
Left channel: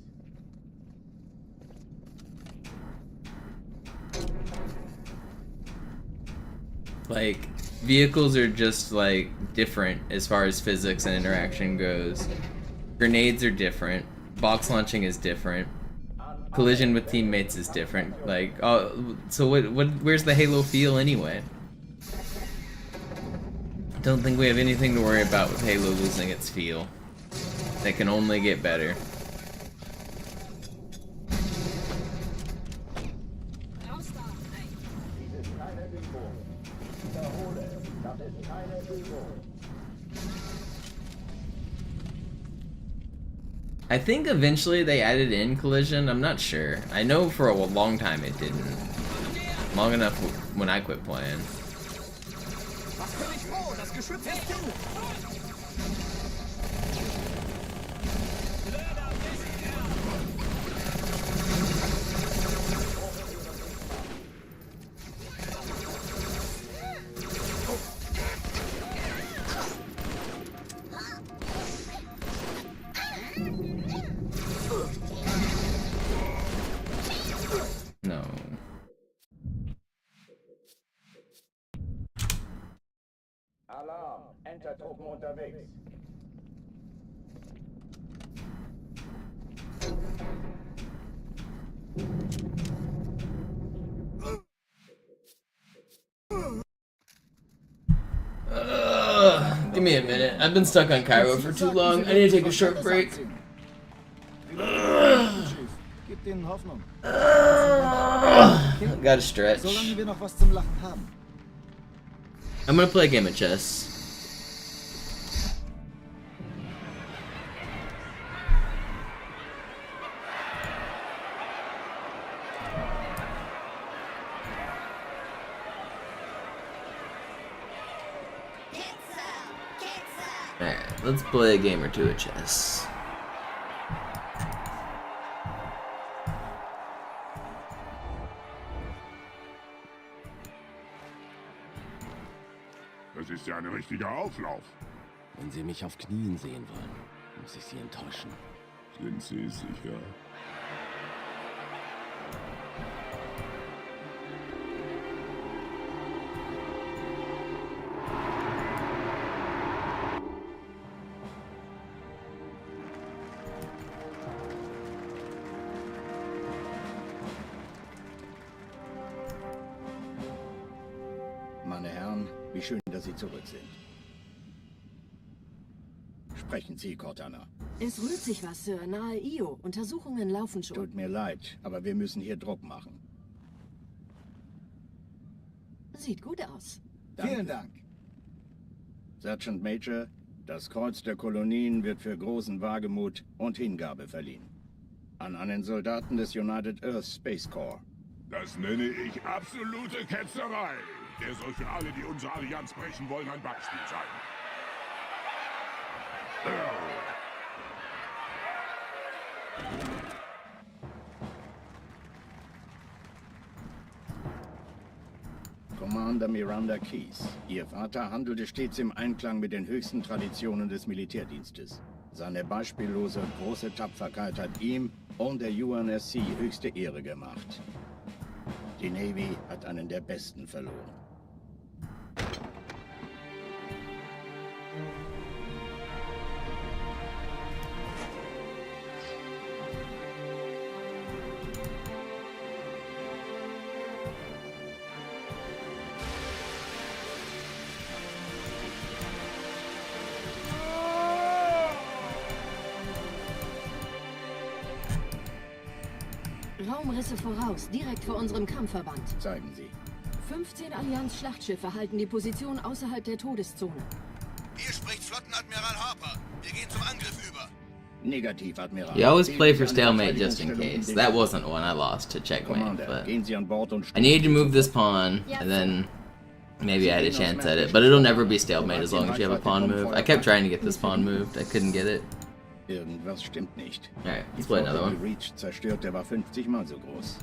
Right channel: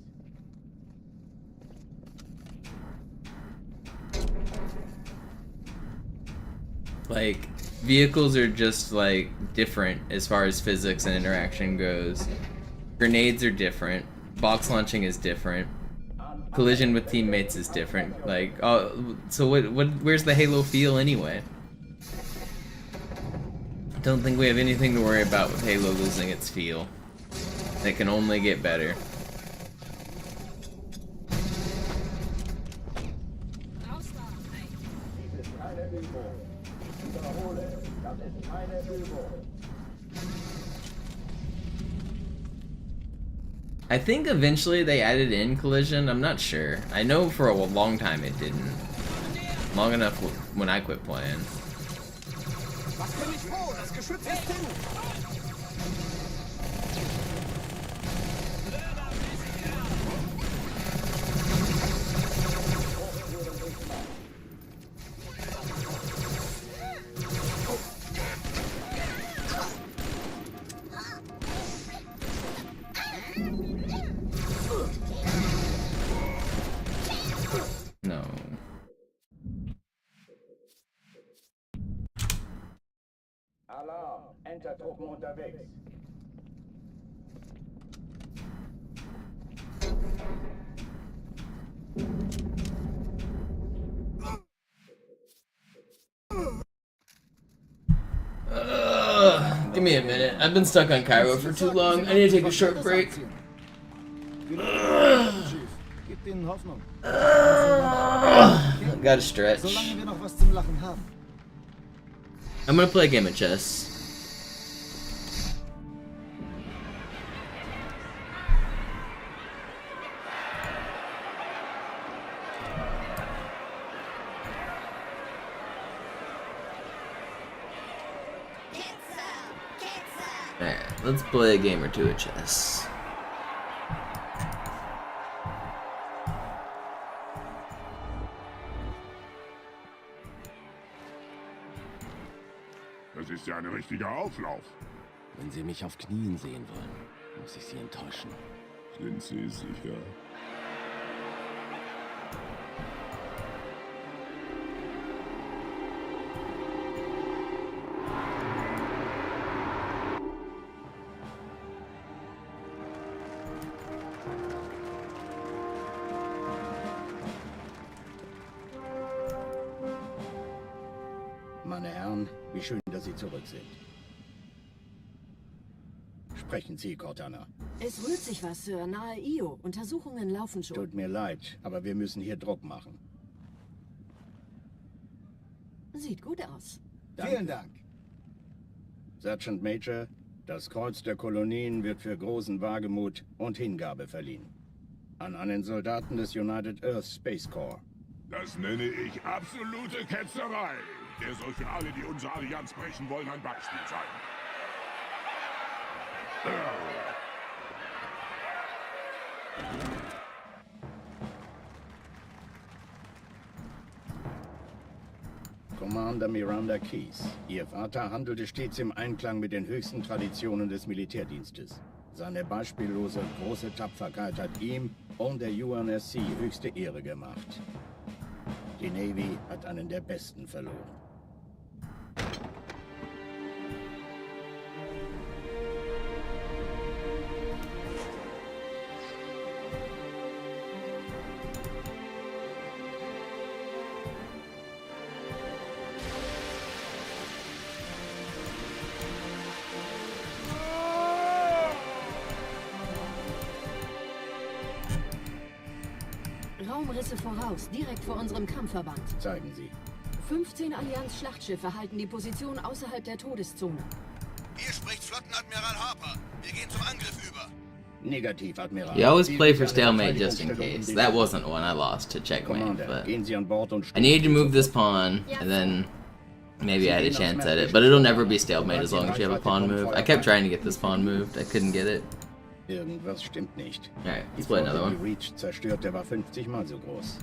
Like, vehicles are just, like, different as far as physics and interaction goes. Grenades are different. Box launching is different. Collision with teammates is different. Like, oh, so where's the Halo feel anyway? I don't think we have anything to worry about with Halo losing its feel. It can only get better. Dies ist keine Übung. Ich wiederhole, das ist keine Übung. I think eventually they added in collision. I'm not sure. I know for a long time it didn't. Long enough when I quit playing. Beschützest du! No. Alarm! Entertruppen unterwegs. Give me a minute. I've been stuck on Cairo for too long. I need to take a short break. Gib denen Hoffnung. Gotta stretch. Solange wir noch was zum Lachen haben. I'm gonna play a game of chess. Alright, let's play a game or two of chess. Das ist ja ein richtiger Auflauf. Wenn Sie mich auf Knien sehen wollen, muss ich Sie enttäuschen. Sind Sie sicher? Meine Herren, wie schön, dass Sie zurück sind. Sprechen Sie, Cortana. Es rührt sich was, Sir. Nahe Io. Untersuchungen laufen schon. Tut mir leid, aber wir müssen hier Druck machen. Sieht gut aus. Danke. Vielen Dank. Sergeant Major, das Kreuz der Kolonien wird für großen Wagemut und Hingabe verliehen. An einen Soldaten des United Earth Space Corps. Das nenne ich absolute Ketzerei. Der soll für alle, die unsere Allianz brechen wollen, ein Beispiel sein. Commander Miranda Keys. Ihr Vater handelte stets im Einklang mit den höchsten Traditionen des Militärdienstes. Seine beispiellose und große Tapferkeit hat ihm und der UNSC höchste Ehre gemacht. Die Navy hat einen der Besten verloren. Raumrisse voraus, direkt vor unserem Kampfverband. Zeigen Sie. 15 Allianz-Schlachtschiffe halten die Position außerhalb der Todeszone. Hier spricht Flottenadmiral Harper. Wir gehen zum Angriff über. Negativ, Admiral. You always play for stalemate just in case. That wasn't one I lost to checkmate, Commander, but gehen Sie an Bord und I needed to move this pawn, and then maybe I had a chance at it. But it'll never be stalemate as long as you have a pawn move. I kept trying to get this pawn moved. I couldn't get it. Irgendwas stimmt nicht. Alright, let's play another one. Reach zerstört, der war 50 Mal so groß.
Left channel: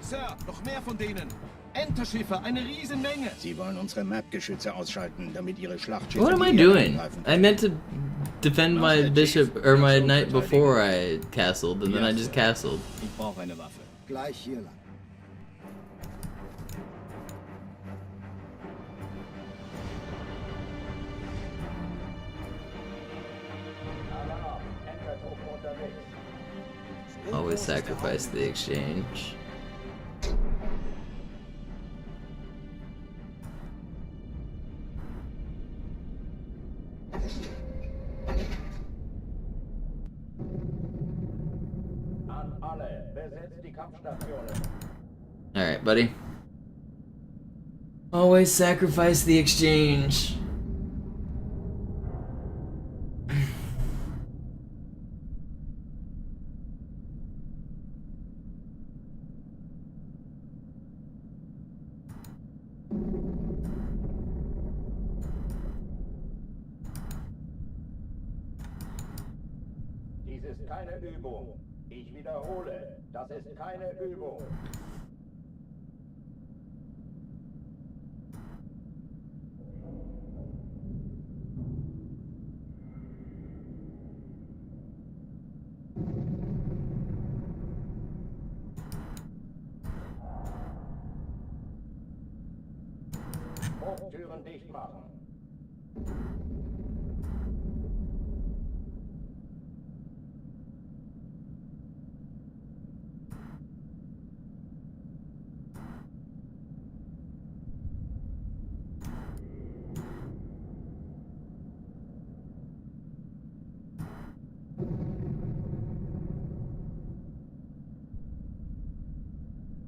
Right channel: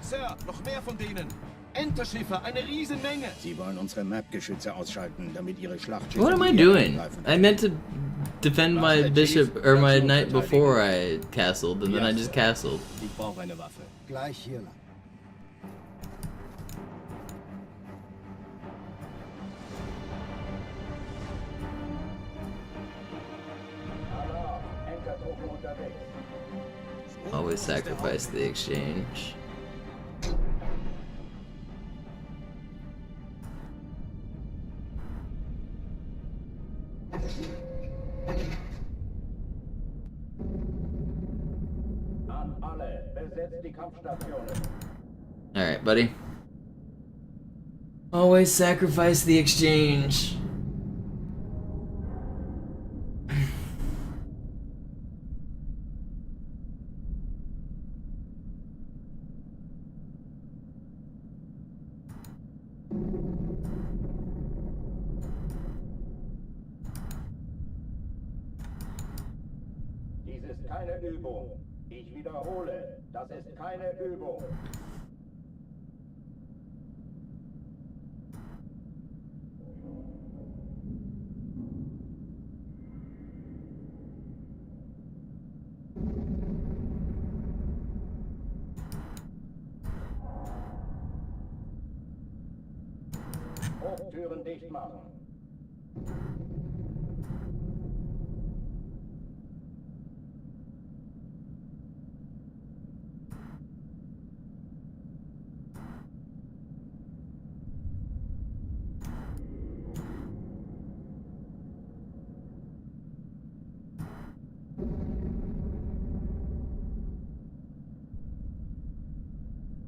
Sir, noch mehr von denen. Enterschiffe, eine Riesenmenge. Sie wollen unsere Map-Geschütze ausschalten, damit ihre Schlachtschiffe... What am I doing? I meant to defend my bishop or my knight before I castled, and then I just castled. Ich brauche eine Waffe. Gleich hier lang. Alarm! Entertruppen unterwegs. Always sacrifice the exchange. An alle, besetzt die Kampfstationen. Alright, buddy. Always sacrifice the exchange. keine Übung. Ich wiederhole, das ist keine Übung. Hochtüren dicht machen.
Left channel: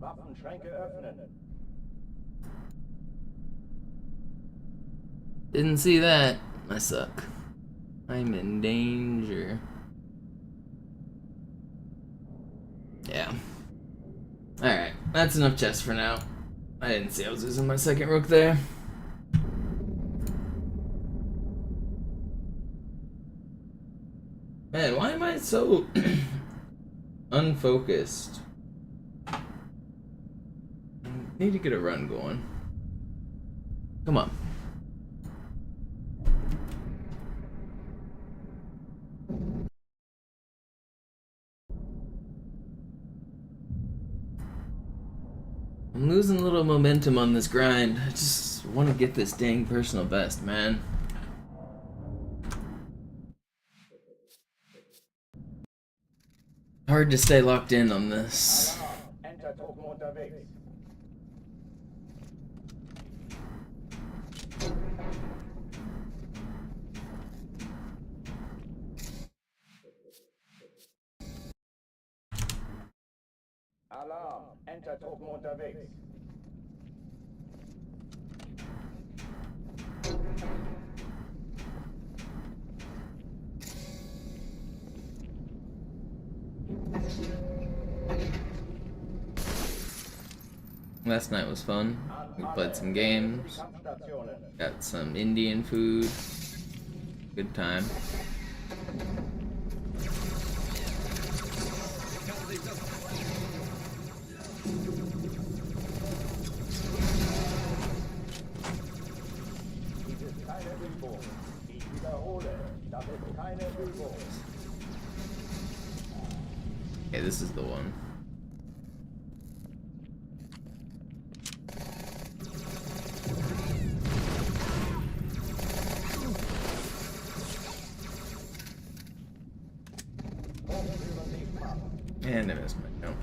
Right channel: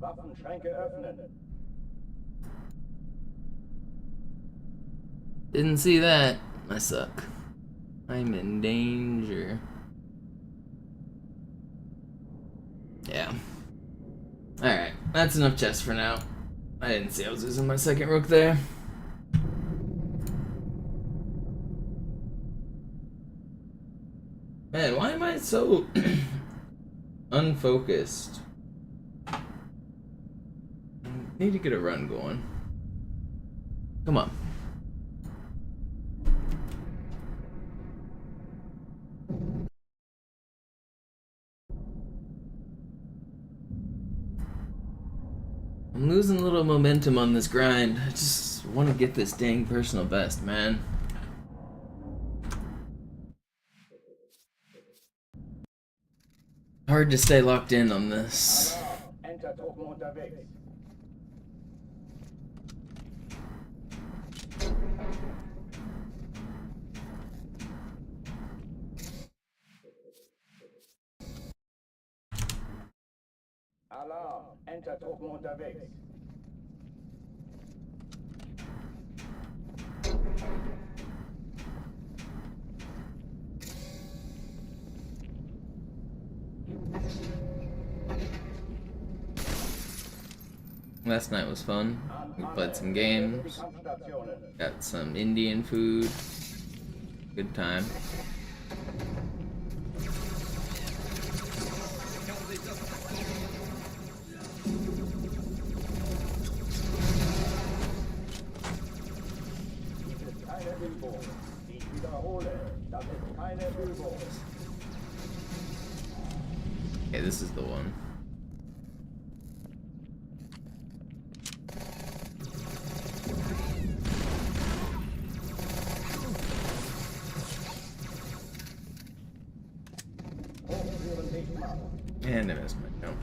Waffenschränke öffnen. Didn't see that. I suck. I'm in danger. Yeah. Alright, that's enough chess for now. I didn't see I was losing my second rook there. Man, why am I so unfocused? I need to get a run going. Come on. I'm losing a little momentum on this grind. I just want to get this dang personal best, man. Hard to stay locked in on this. Entertruppen unterwegs. Alarm, Entertruppen unterwegs. Last night was fun. We played some games. Got some Indian food. Good time. Dies ist keine Übung. Ich wiederhole, das ist keine Übung. Okay, this is the one. Hochtüren dicht machen. And I missed my jump.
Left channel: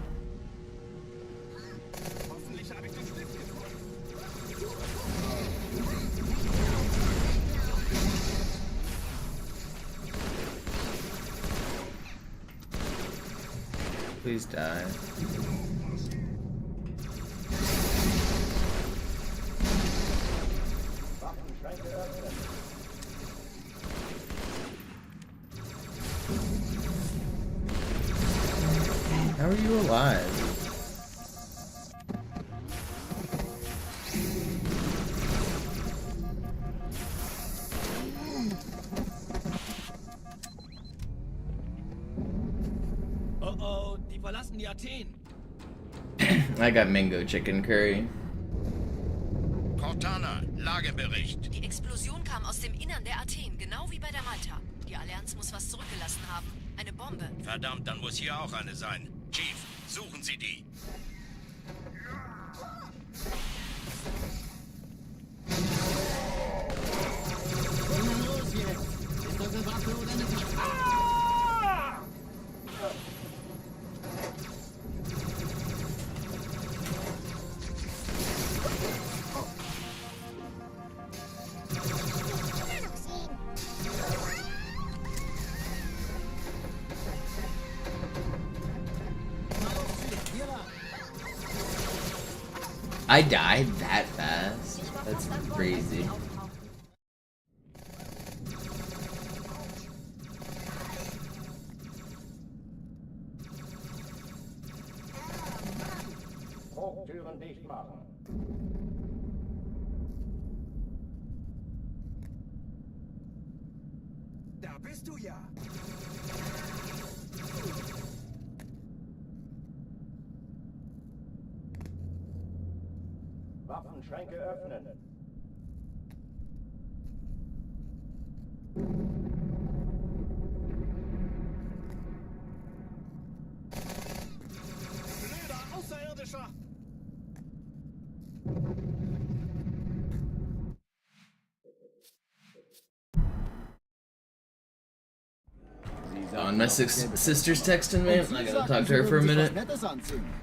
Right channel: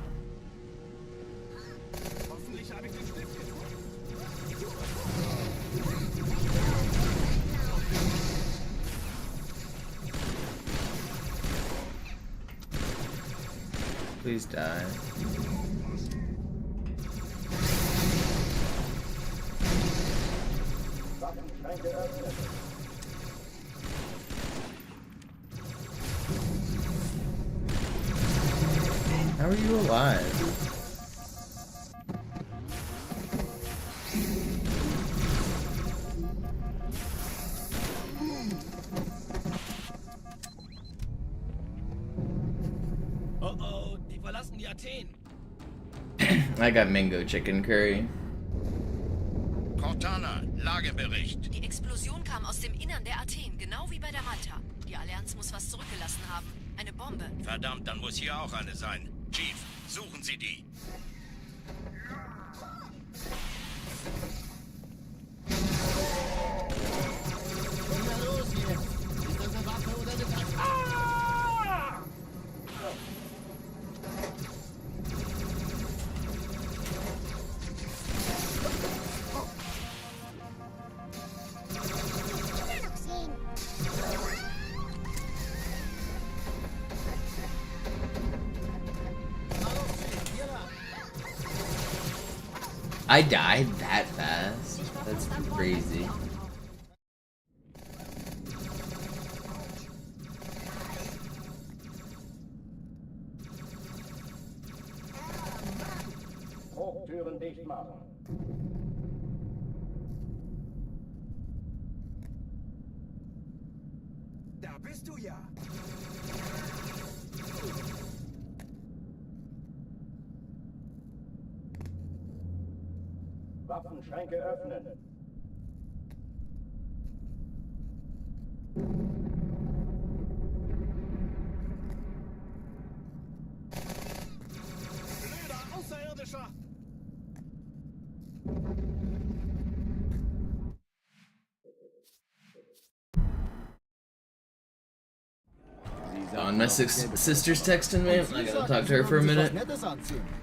Please die. Waffenschränke öffnen. How are you alive? Oh, die verlassen die Athen. I got mango chicken curry. Cortana, Lagebericht. Die Explosion kam aus dem Innern der Athen, genau wie bei der Malta. Die Allianz muss was zurückgelassen haben. Eine Bombe. Verdammt, dann muss hier auch eine sein. Chief, suchen Sie die. Na los jetzt! Ist das eine Waffe oder eine Tasche? I died that fast? That's crazy. Hochtüren dicht machen. Da bist du ja. Schränke öffnen. Blöder Außerirdischer! My sister's texting me. I gotta talk to her for a minute.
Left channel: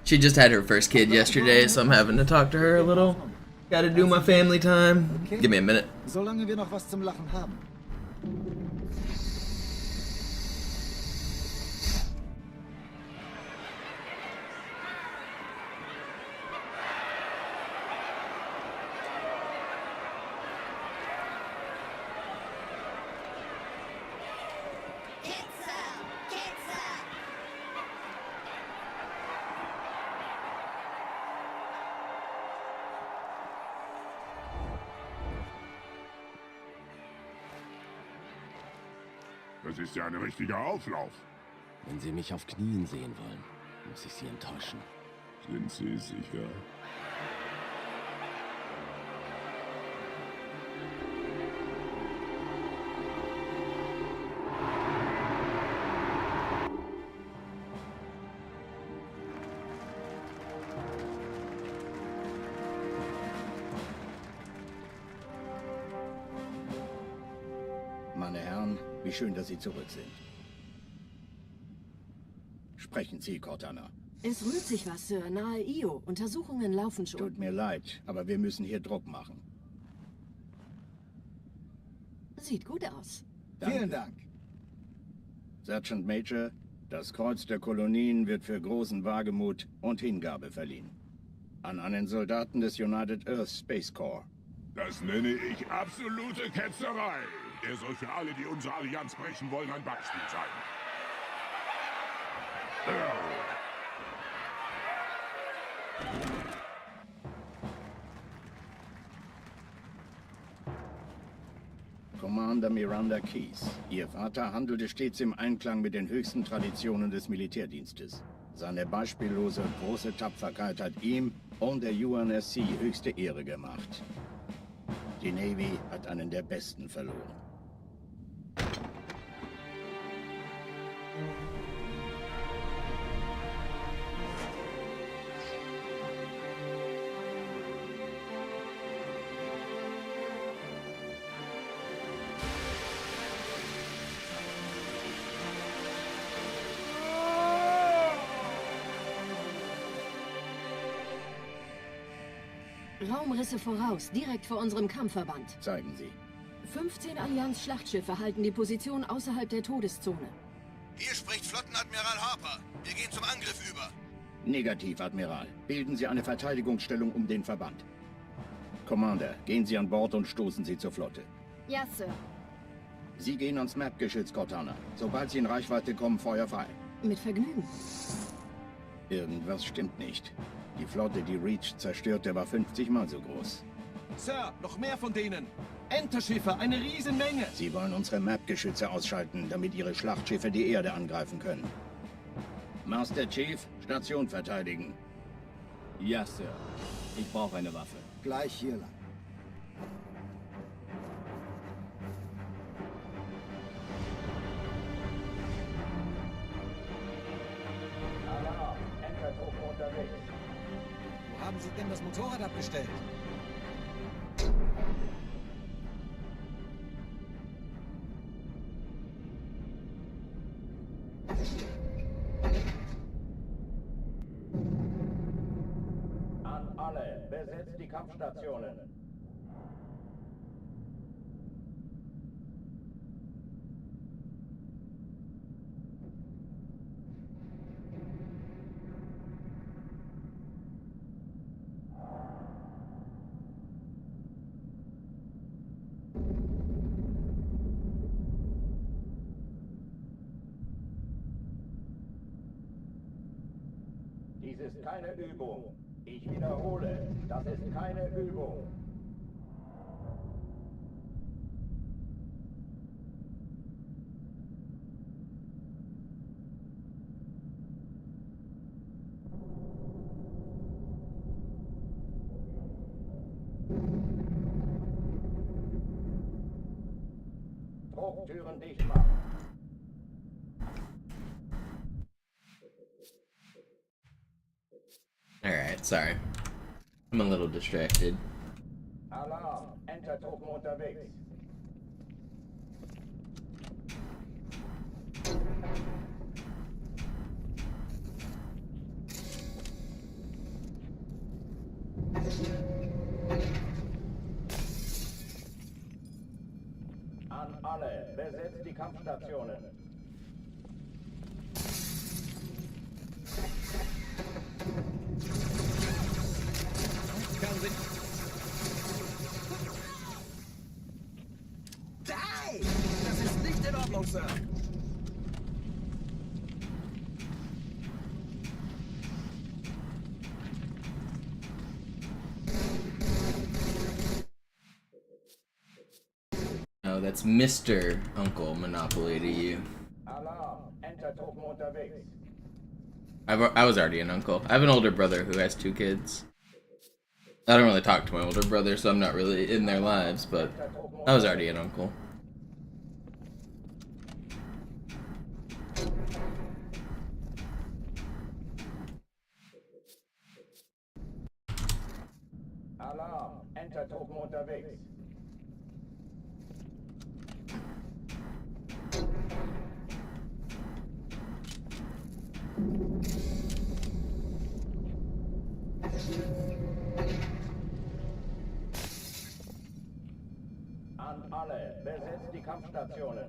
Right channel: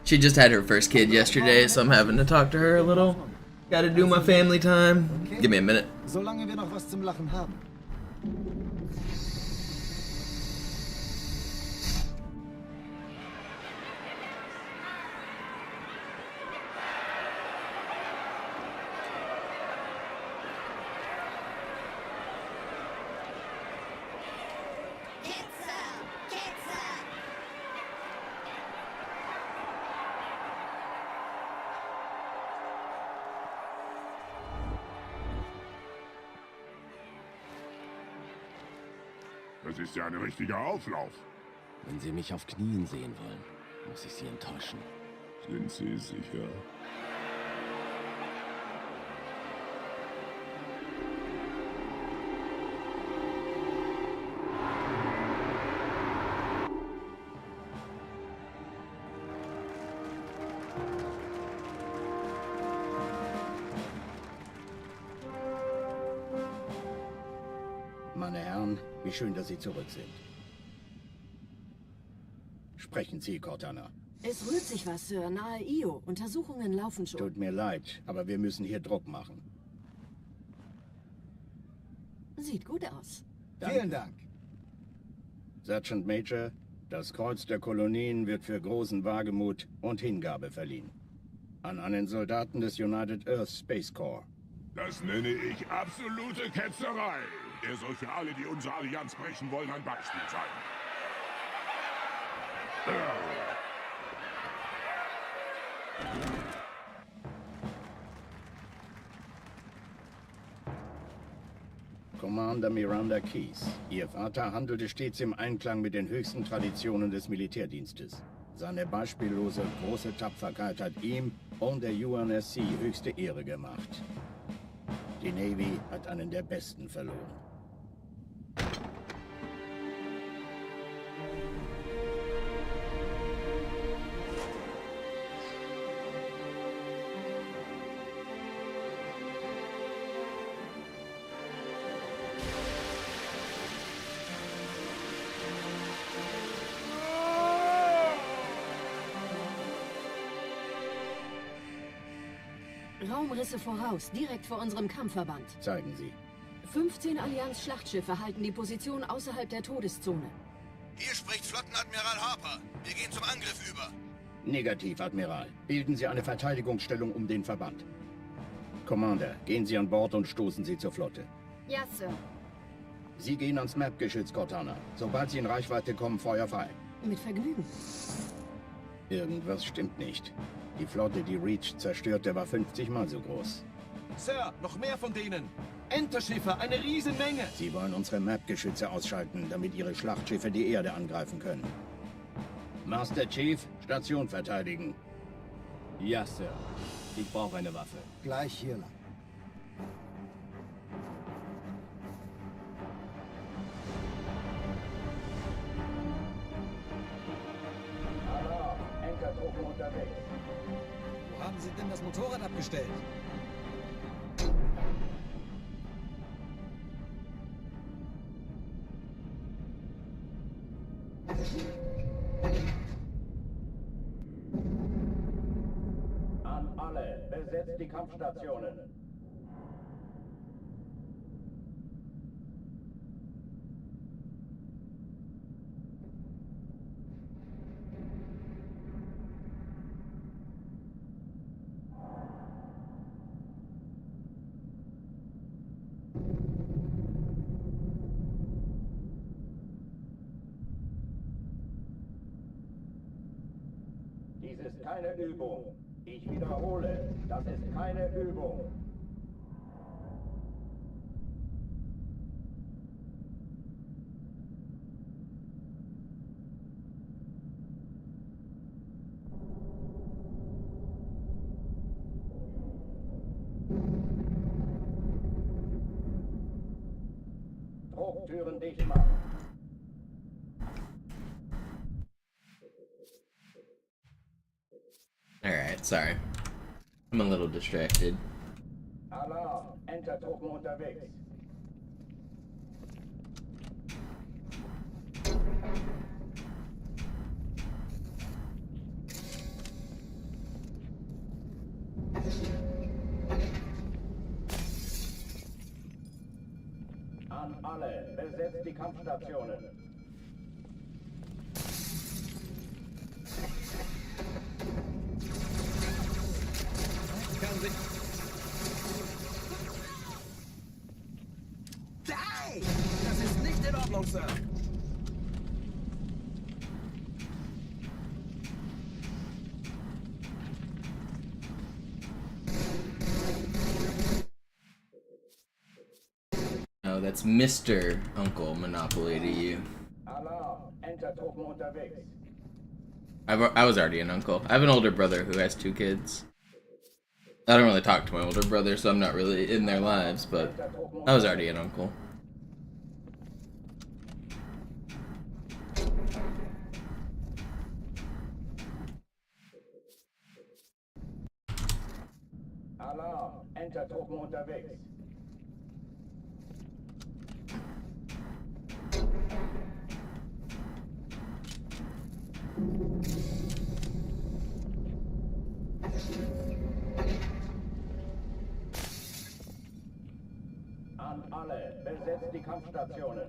She just had her first kid yesterday, so I'm having to talk to her a little. Gotta do my family time. Give me a minute. Solange wir noch was zum Lachen haben. Das ist ja ein richtiger Auflauf. Wenn Sie mich auf Knien sehen wollen, muss ich Sie enttäuschen. Sind Sie sicher? Meine Herren, wie schön, dass Sie zurück sind. Sprechen Sie, Cortana. Es rührt sich was, Sir. Nahe Io. Untersuchungen laufen schon. Tut mir leid, aber wir müssen hier Druck machen. Sieht gut aus. Danke. Vielen Dank. Sergeant Major, das Kreuz der Kolonien wird für großen Wagemut und Hingabe verliehen. An einen Soldaten des United Earth Space Corps. Das nenne ich absolute Ketzerei. Er soll für alle, die unsere Allianz brechen wollen, ein Beispiel sein. Commander Miranda Keys. Ihr Vater handelte stets im Einklang mit den höchsten Traditionen des Militärdienstes. Seine beispiellose und große Tapferkeit hat ihm und der UNSC höchste Ehre gemacht. Die Navy hat einen der besten verloren. Raumrisse voraus, direkt vor unserem Kampfverband. Zeigen Sie. 15 Allianz-Schlachtschiffe halten die Position außerhalb der Todeszone. Hier spricht Flottenadmiral Harper. Wir gehen zum Angriff über. Negativ, Admiral. Bilden Sie eine Verteidigungsstellung um den Verband. Commander, gehen Sie an Bord und stoßen Sie zur Flotte. Ja, Sir. Sie gehen ans Map-Geschütz, Cortana. Sobald Sie in Reichweite kommen, Feuer frei. Mit Vergnügen. Irgendwas stimmt nicht. Die Flotte, die Reach zerstörte, war 50 Mal so groß. Sir, noch mehr von denen! Enterschiffe, eine Riesenmenge! Sie wollen unsere Map-Geschütze ausschalten, damit Ihre Schlachtschiffe die Erde angreifen können. Master Chief, Station verteidigen. Ja, Sir. Ich brauche eine Waffe. Gleich hier lang. Alarm, Entertruppen unterwegs. Wo haben Sie denn das Motorrad abgestellt? An alle, besetzt die Kampfstationen. Dies ist keine Übung. Ich wiederhole, das ist keine Übung. Hochtüren dicht machen. Alright, sorry. I'm a little distracted. Alarm, Entertruppen unterwegs. An alle, besetzt die Kampfstationen. Kann sich... Hey! Das ist nicht in Ordnung, Sir. Oh, that's Mr. Uncle Monopoly to you. Alarm, Entertruppen unterwegs. I was already an uncle. I have an older brother who has 2 kids. I don't really talk to my older brother, so I'm not really in their lives, but I was already an uncle. Alarm, Entertruppen unterwegs. An alle, besetzt die Kampfstationen.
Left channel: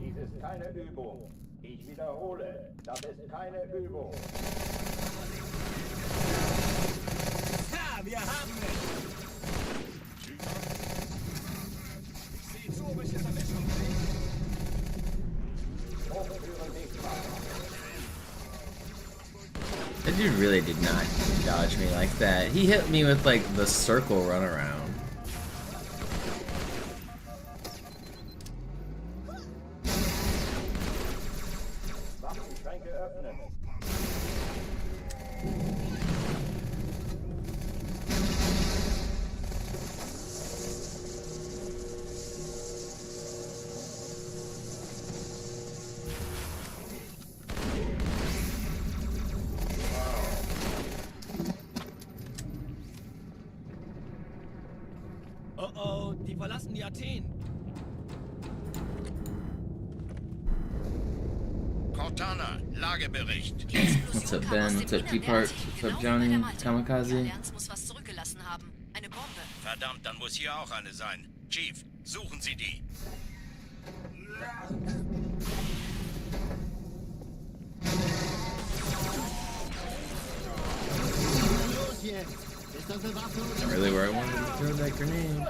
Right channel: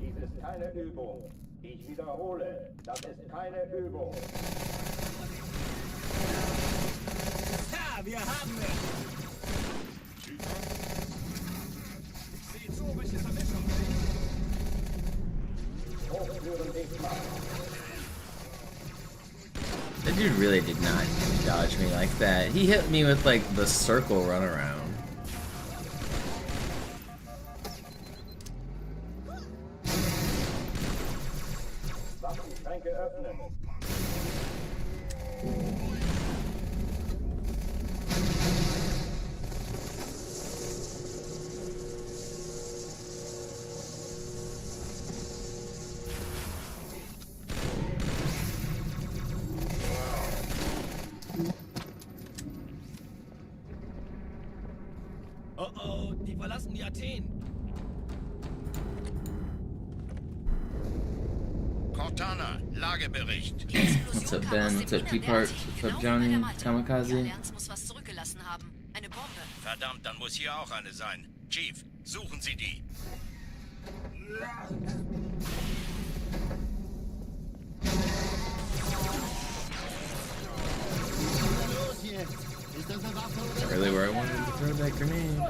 Dies ist keine Übung. Ich wiederhole, das ist keine Übung. Ja, wir haben... Sieh zu, welche Vermittlung. Hochtüren dicht machen. That dude really did not dodge me like that. He hit me with like the circle runaround. Waffenschränke öffnen. Oh oh, die verlassen die Athen. Cortana, Lagebericht. What's up, Ben? What's up, T-Part? What's up, Johnny? Die Kamikaze? Allianz muss was zurückgelassen haben. Eine Bombe. Verdammt, dann muss hier auch eine sein. Chief, suchen Sie die. Los jetzt! Ist das eine Waffe oder Not really where I wanted to throw that grenade.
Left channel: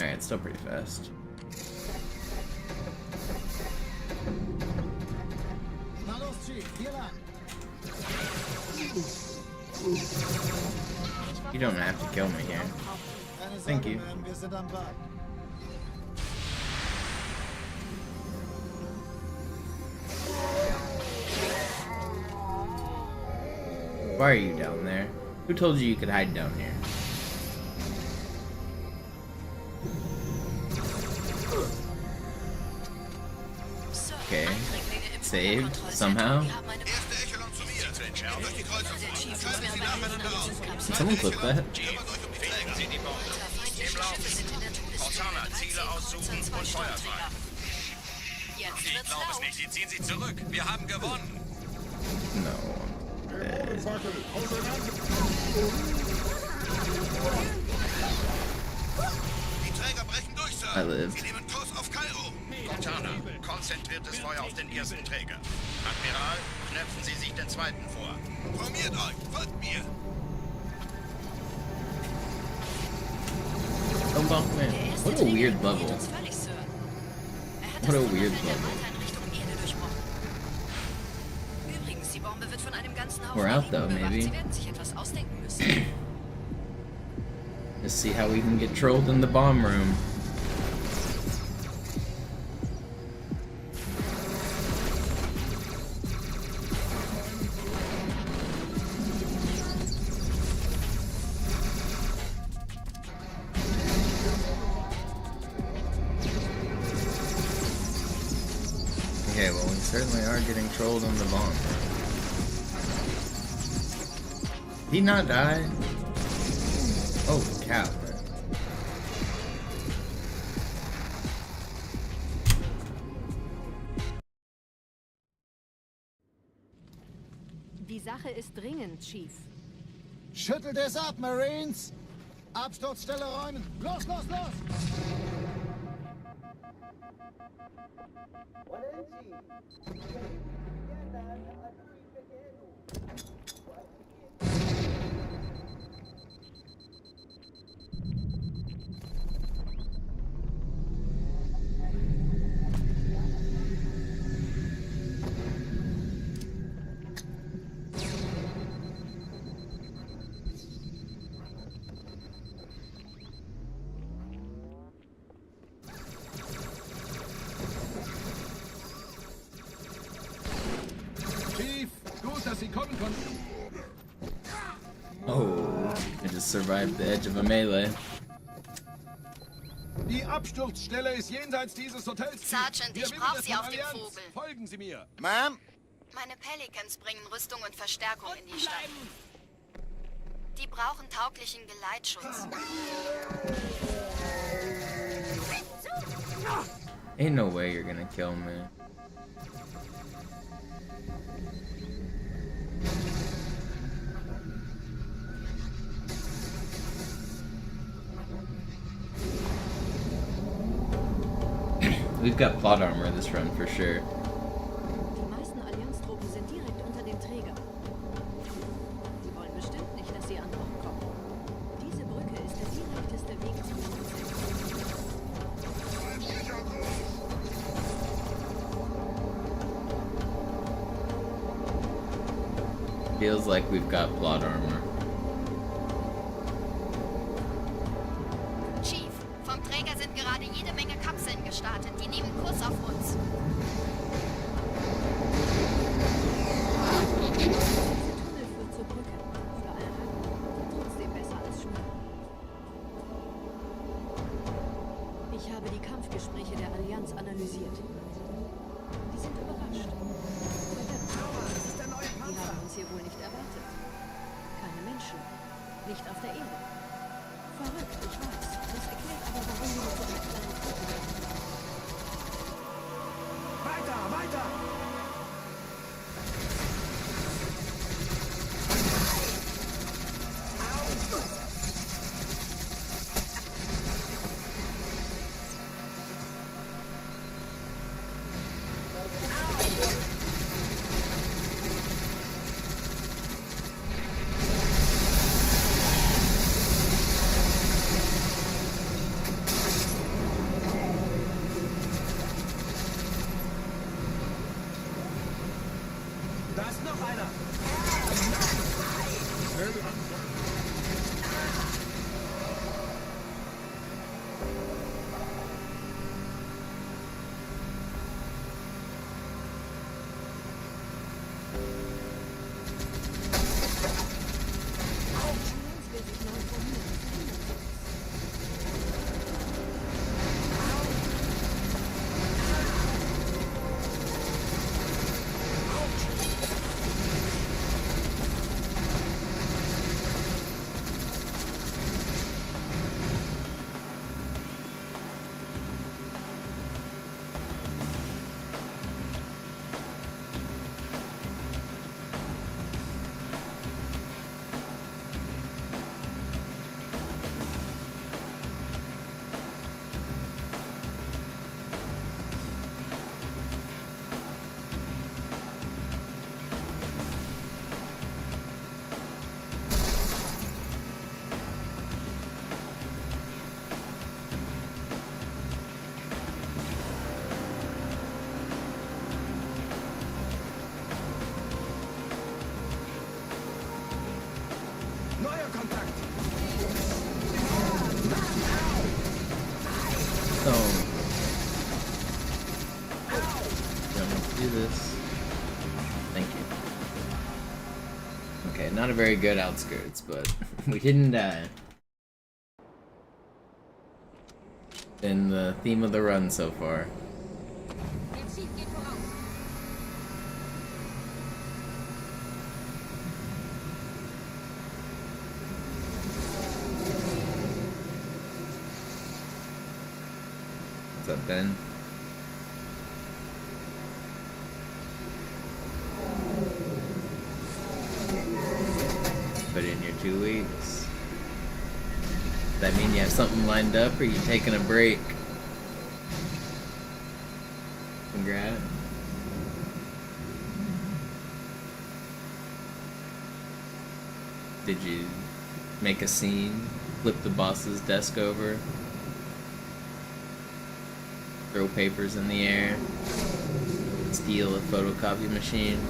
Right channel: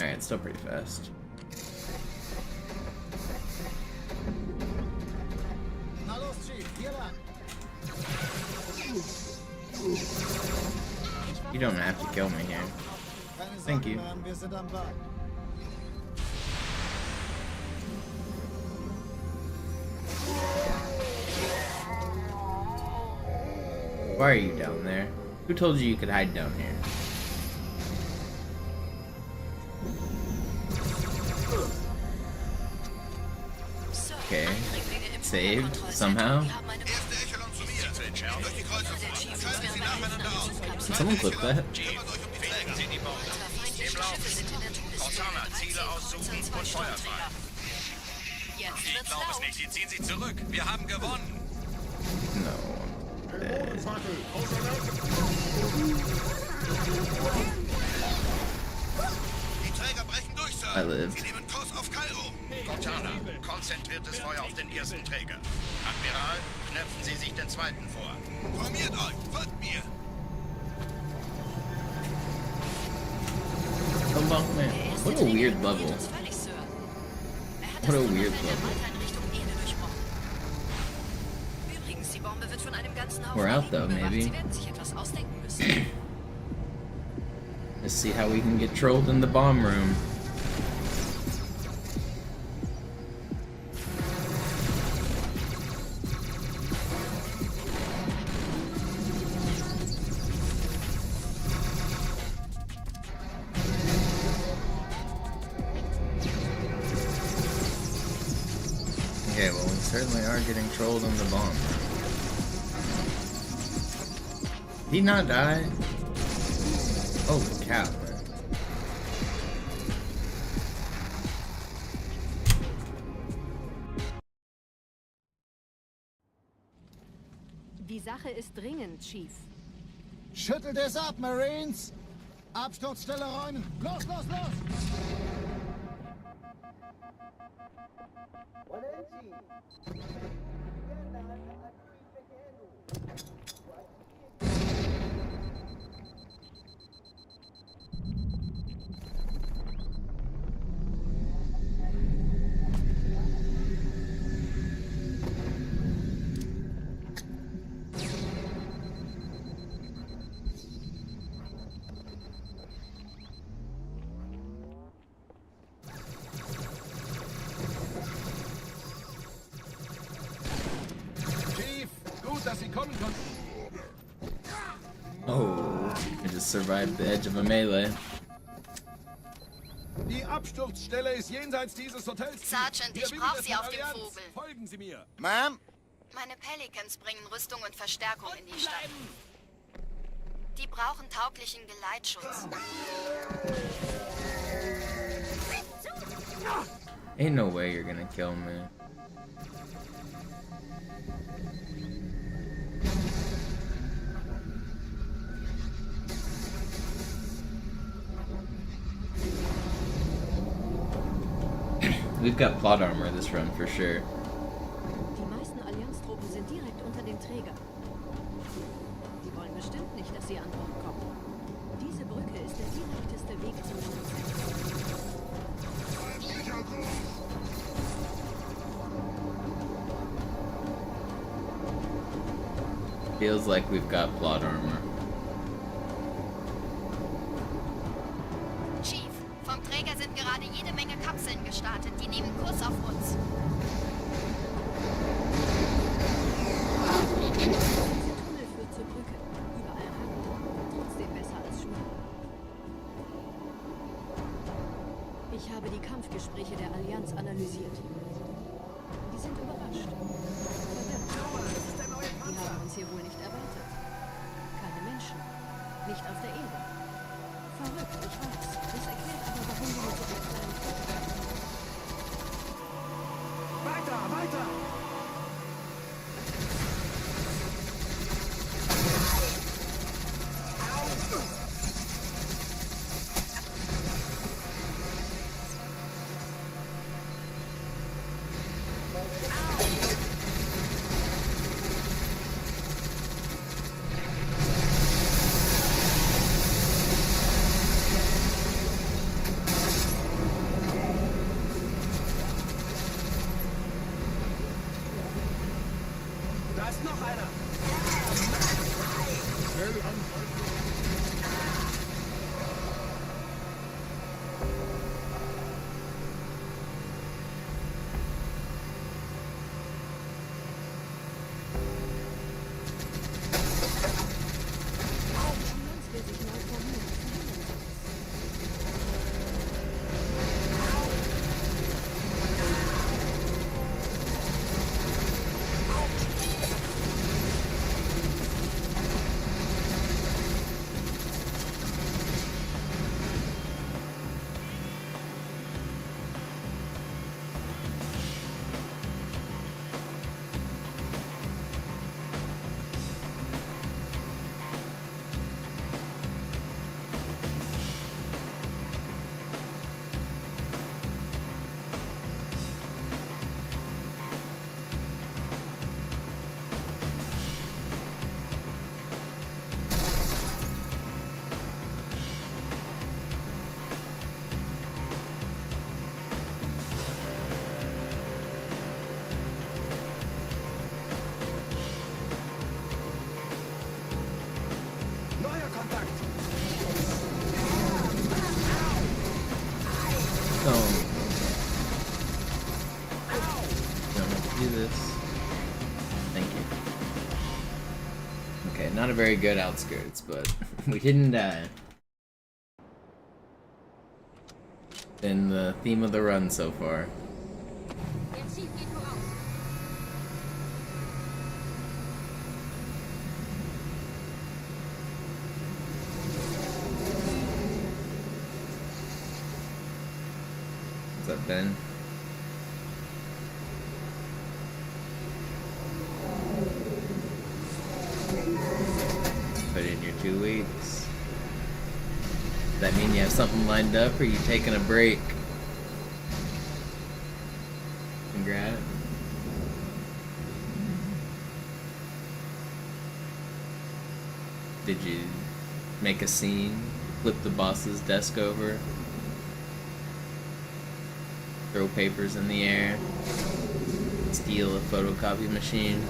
Alright, it's still pretty fast. Na los, Chief, hier lang. You don't have to kill me here. Keine Thank Sorge, you. Ma'am, wir sind am Ball. Why are you down there? Who told you you could hide down here? Okay. Saved somehow. Did someone clip that? Pflegen Sie die Bombe. Im Lauf. Cortana, Ziele aussuchen und Feuer frei. Jetzt Ich wird's glaube es laut. nicht. Sie ziehen sich zurück. Wir haben gewonnen. No. I'm dead. Die Träger brechen durch, Sir. I lived. Wir nehmen Kurs auf Kairo. Cortana, konzentriertes Feuer auf den ersten Träger. Admiral, knöpfen Sie sich den zweiten vor. Formiert euch, folgt mir. Don't bonk me. Der erste What a weird level. Uns völlig, Sir. Er hat What a das weird Tunnelfeld der level. Malta in Richtung Erde durchbrochen. Übrigens, die Bombe wird von einem ganzen Haufen We're out though, Eliten bewacht. maybe. Sie werden sich etwas ausdenken müssen. Let's see how we can get trolled in the bomb room. Okay, well, we certainly are getting trolled in the bomb room. Did he not die? Holy cow, man. Die Sache ist dringend, Chief. Schüttelt es ab, Marines! Absturzstelle räumen! Los, los, los! Chief, gut, dass Sie kommen konnten. Oh, I just survived the edge of a melee. Die Absturzstelle ist jenseits dieses Hotels. Chief. Sergeant, Wir ich winken brauch es Sie von auf dem Allianz. Vogel. Folgen Sie mir. Ma'am? Meine Pelicans bringen Rüstung und Verstärkung in die Stadt. Die brauchen tauglichen Geleitschutz. Ain't no way you're gonna kill me. We've got plot armor this run for sure. Die meisten Allianztruppen sind direkt unter dem Träger. Die wollen bestimmt nicht, dass sie an Bord kommen. Diese Brücke ist der direkteste Weg zum Stadtzentrum. Feels like we've got plot armor. Chief, vom Träger sind gerade jede Menge Kapseln gestartet. Die nehmen Kurs auf uns. Dieser Tunnel führt zur Brücke. Überall Ratten. Trotzdem besser als Schwimmen. Ich habe die Kampfgespräche der Allianz analysiert. Die sind überrascht. Verwirrt. Die haben uns hier wohl nicht erwartet. Keine Menschen. Nicht auf der Erde. Verrückt, ich weiß. Das erklärt aber, warum die mit so einer kleinen Flotte kommen. Weiter, weiter! Oh, you don't have to do this. Thank you. Okay, not a very good outskirts, but we didn't die. Been the theme of the run so far. What's up, Ben? Put in your 2 weeks. Does that mean you have something lined up, or are you taking a break? Congrats. Did you make a scene? Flip the boss's desk over? Throw papers in the air? Steal a photocopy machine?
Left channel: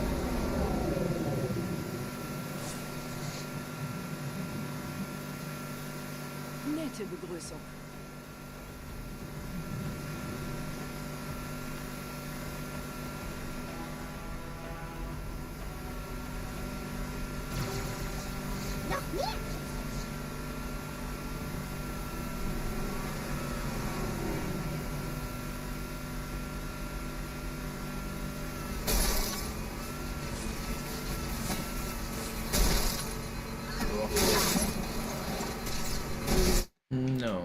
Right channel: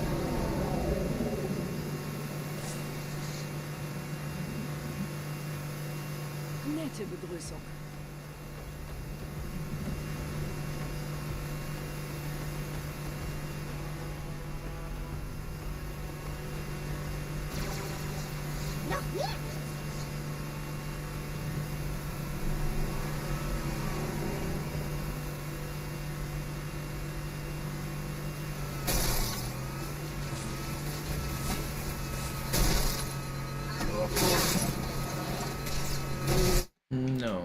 Nette Begrüßung. No.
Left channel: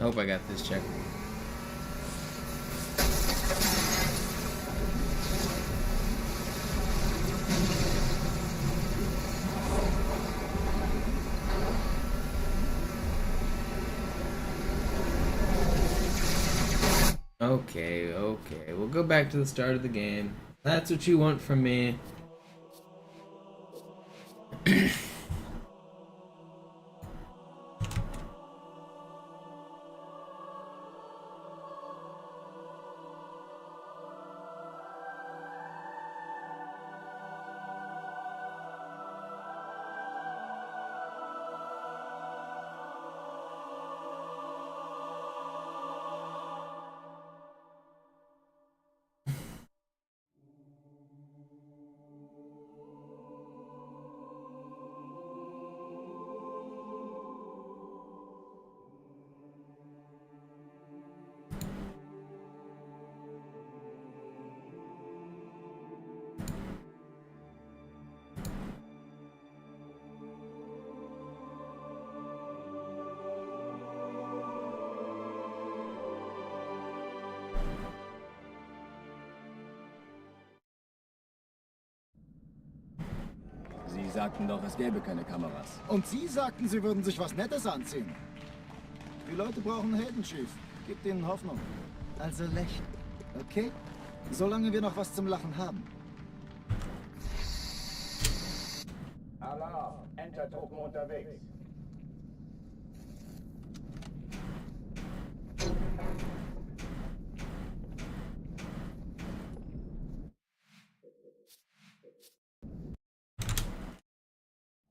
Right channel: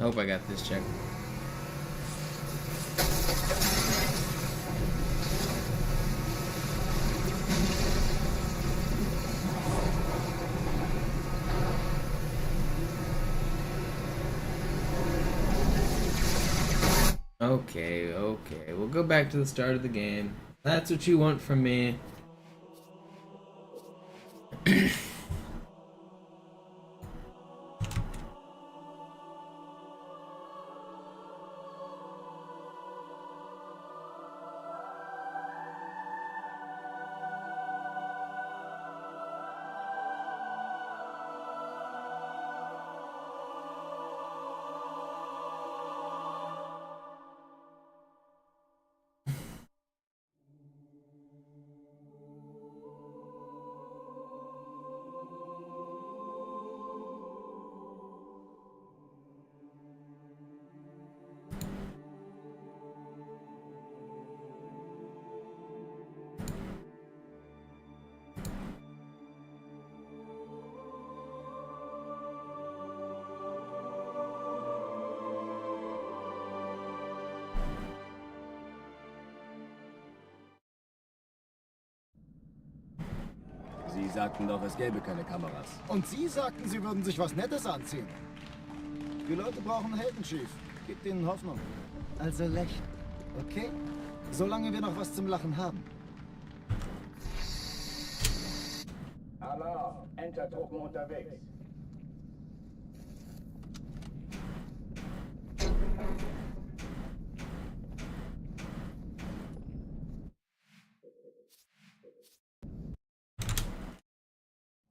I hope I got this check. Okay, okay. We'll go back to the start of the game. That's what you want from me. Sie sagten doch, es gäbe keine Kameras. Und Sie sagten, Sie würden sich was Nettes anziehen. Die Leute brauchen Helden, Chief. Gebt ihnen Hoffnung. Also lächeln, okay? Solange wir noch was zum Lachen haben. Alarm! Entertruppen unterwegs.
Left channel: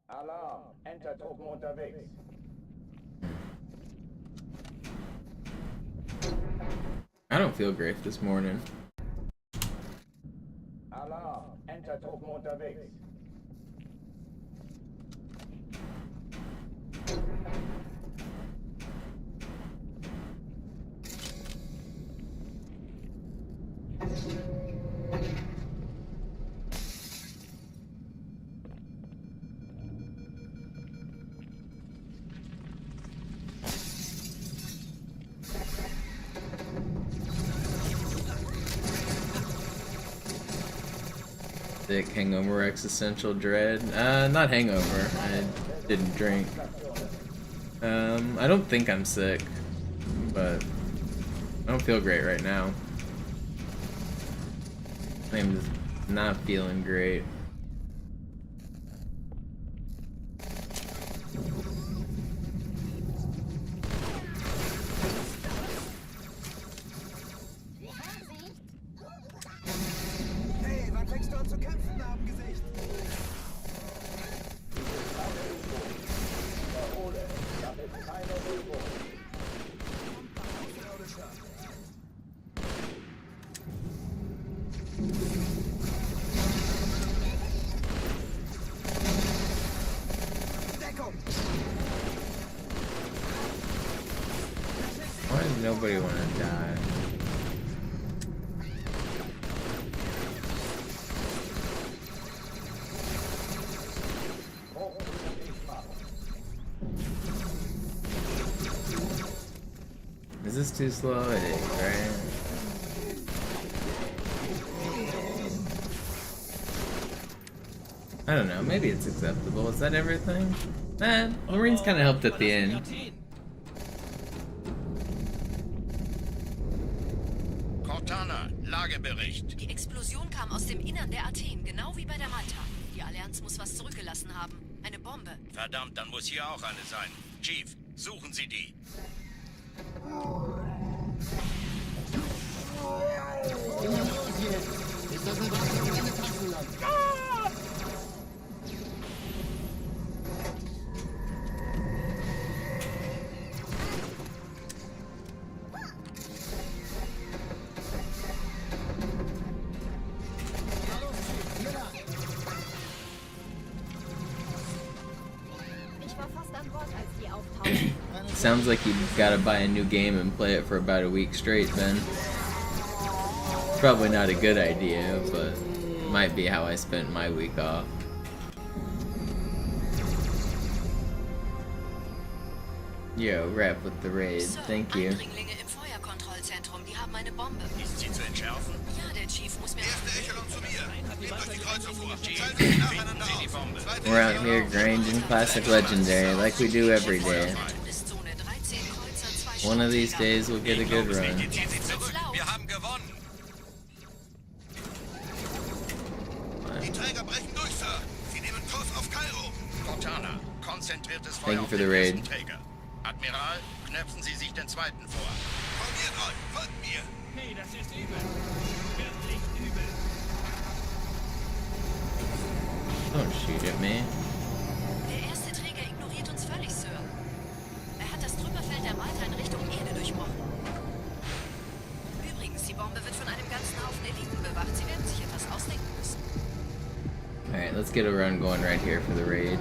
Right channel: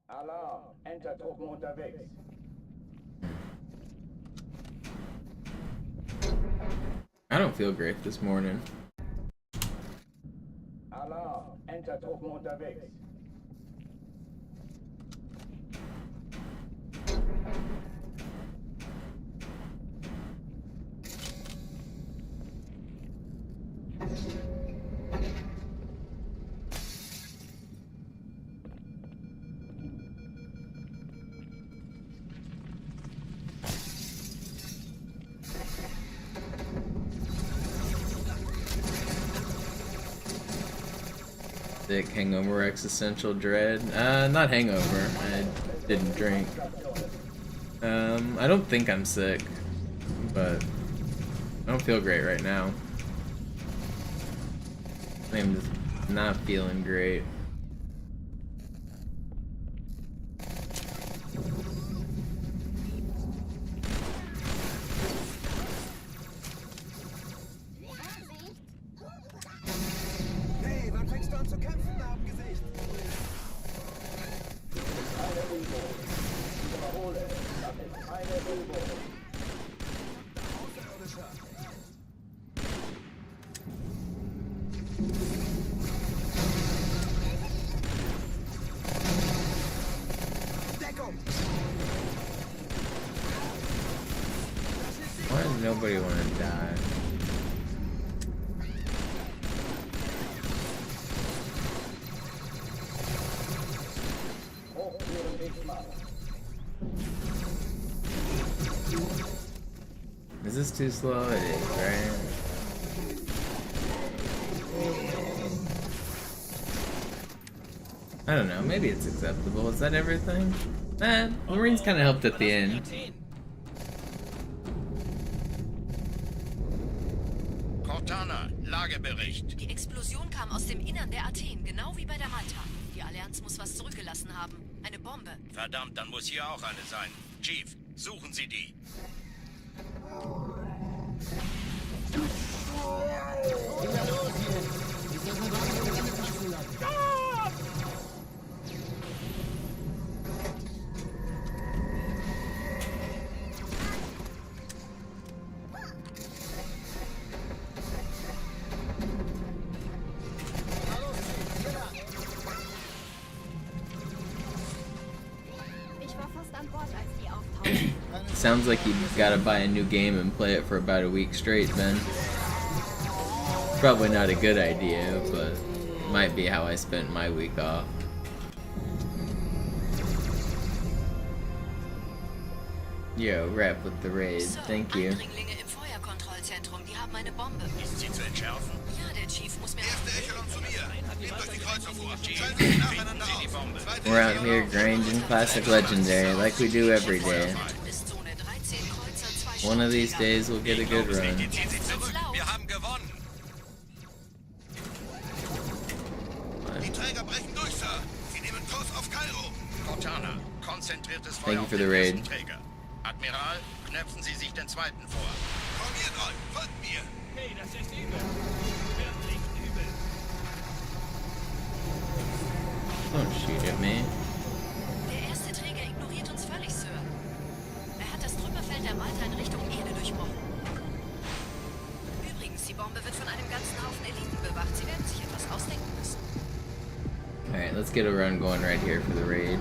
Alarm! Entertruppen unterwegs. I don't feel great this morning. Alarm! Entertruppen unterwegs. Sick, hangover, existential dread. Not hangover. I didn't drink. I don't think I'm sick, but don't feel great right now. I'm just not feeling great. Hey, wann fängst du an zu kämpfen, Abengesicht? Wiederhole, das ist keine Übung. Why does nobody want to die? Is this too slow? It is, right? I don't know, maybe it's acceptable. Is that everything? Marines kind of helped at the end. Cortana, Lagebericht. Die Explosion kam aus dem Innern der Athen, genau wie bei der Malta. Die Allianz muss was zurückgelassen haben. Eine Bombe. Verdammt, dann muss hier auch eine sein. Chief, suchen Sie die. Na los jetzt! Ist das eine Waffe oder eine Taschenlampe? Ich war fast an Bord, als die auftauchten. Sounds like you gotta buy a new game and play it for about a week straight, Ben. Probably not a good idea, but it might be how I spent my week off. Yo, rap with the raid. Thank you. Eindringlinge im Feuerkontrollzentrum, die haben eine Bombe. Ist sie zu entschärfen? Ja, der Chief muss mir... We're out here grinding classic legendary like we do every day. One of these days we'll get a good run. Wir haben gewonnen. Die Träger brechen durch, Sir. Sie nehmen Kurs auf Kairo. Cortana, konzentriertes Feuer. Thank you for the raid. Träger. Admiral, knöpfen Sie sich den zweiten vor. Formiert euch, folgt mir. Hey, das ist übel. Wirklich übel. Don't shoot at me. Der erste Träger ignoriert uns völlig, Sir. Er hat das Trümmerfeld der Malta in Richtung Erde durchbrochen. Übrigens, die Bombe wird von einem ganzen Haufen Eliten bewacht. Sie werden sich etwas ausdenken müssen. Alright, let's get a run going right here for the raid.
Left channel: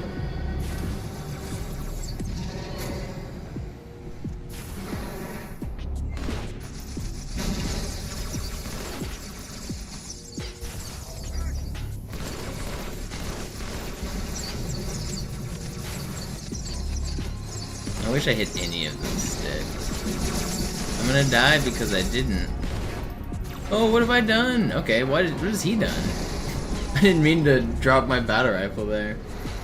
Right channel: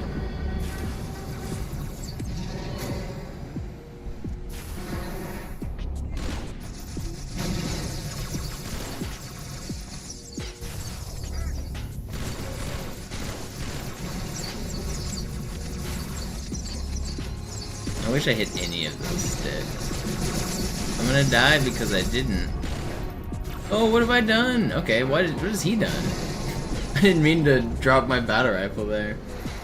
I wish I hit any of those sticks. I'm gonna die because I didn't. Oh, what have I done? Okay, what has he done? I didn't mean to drop my battle rifle there.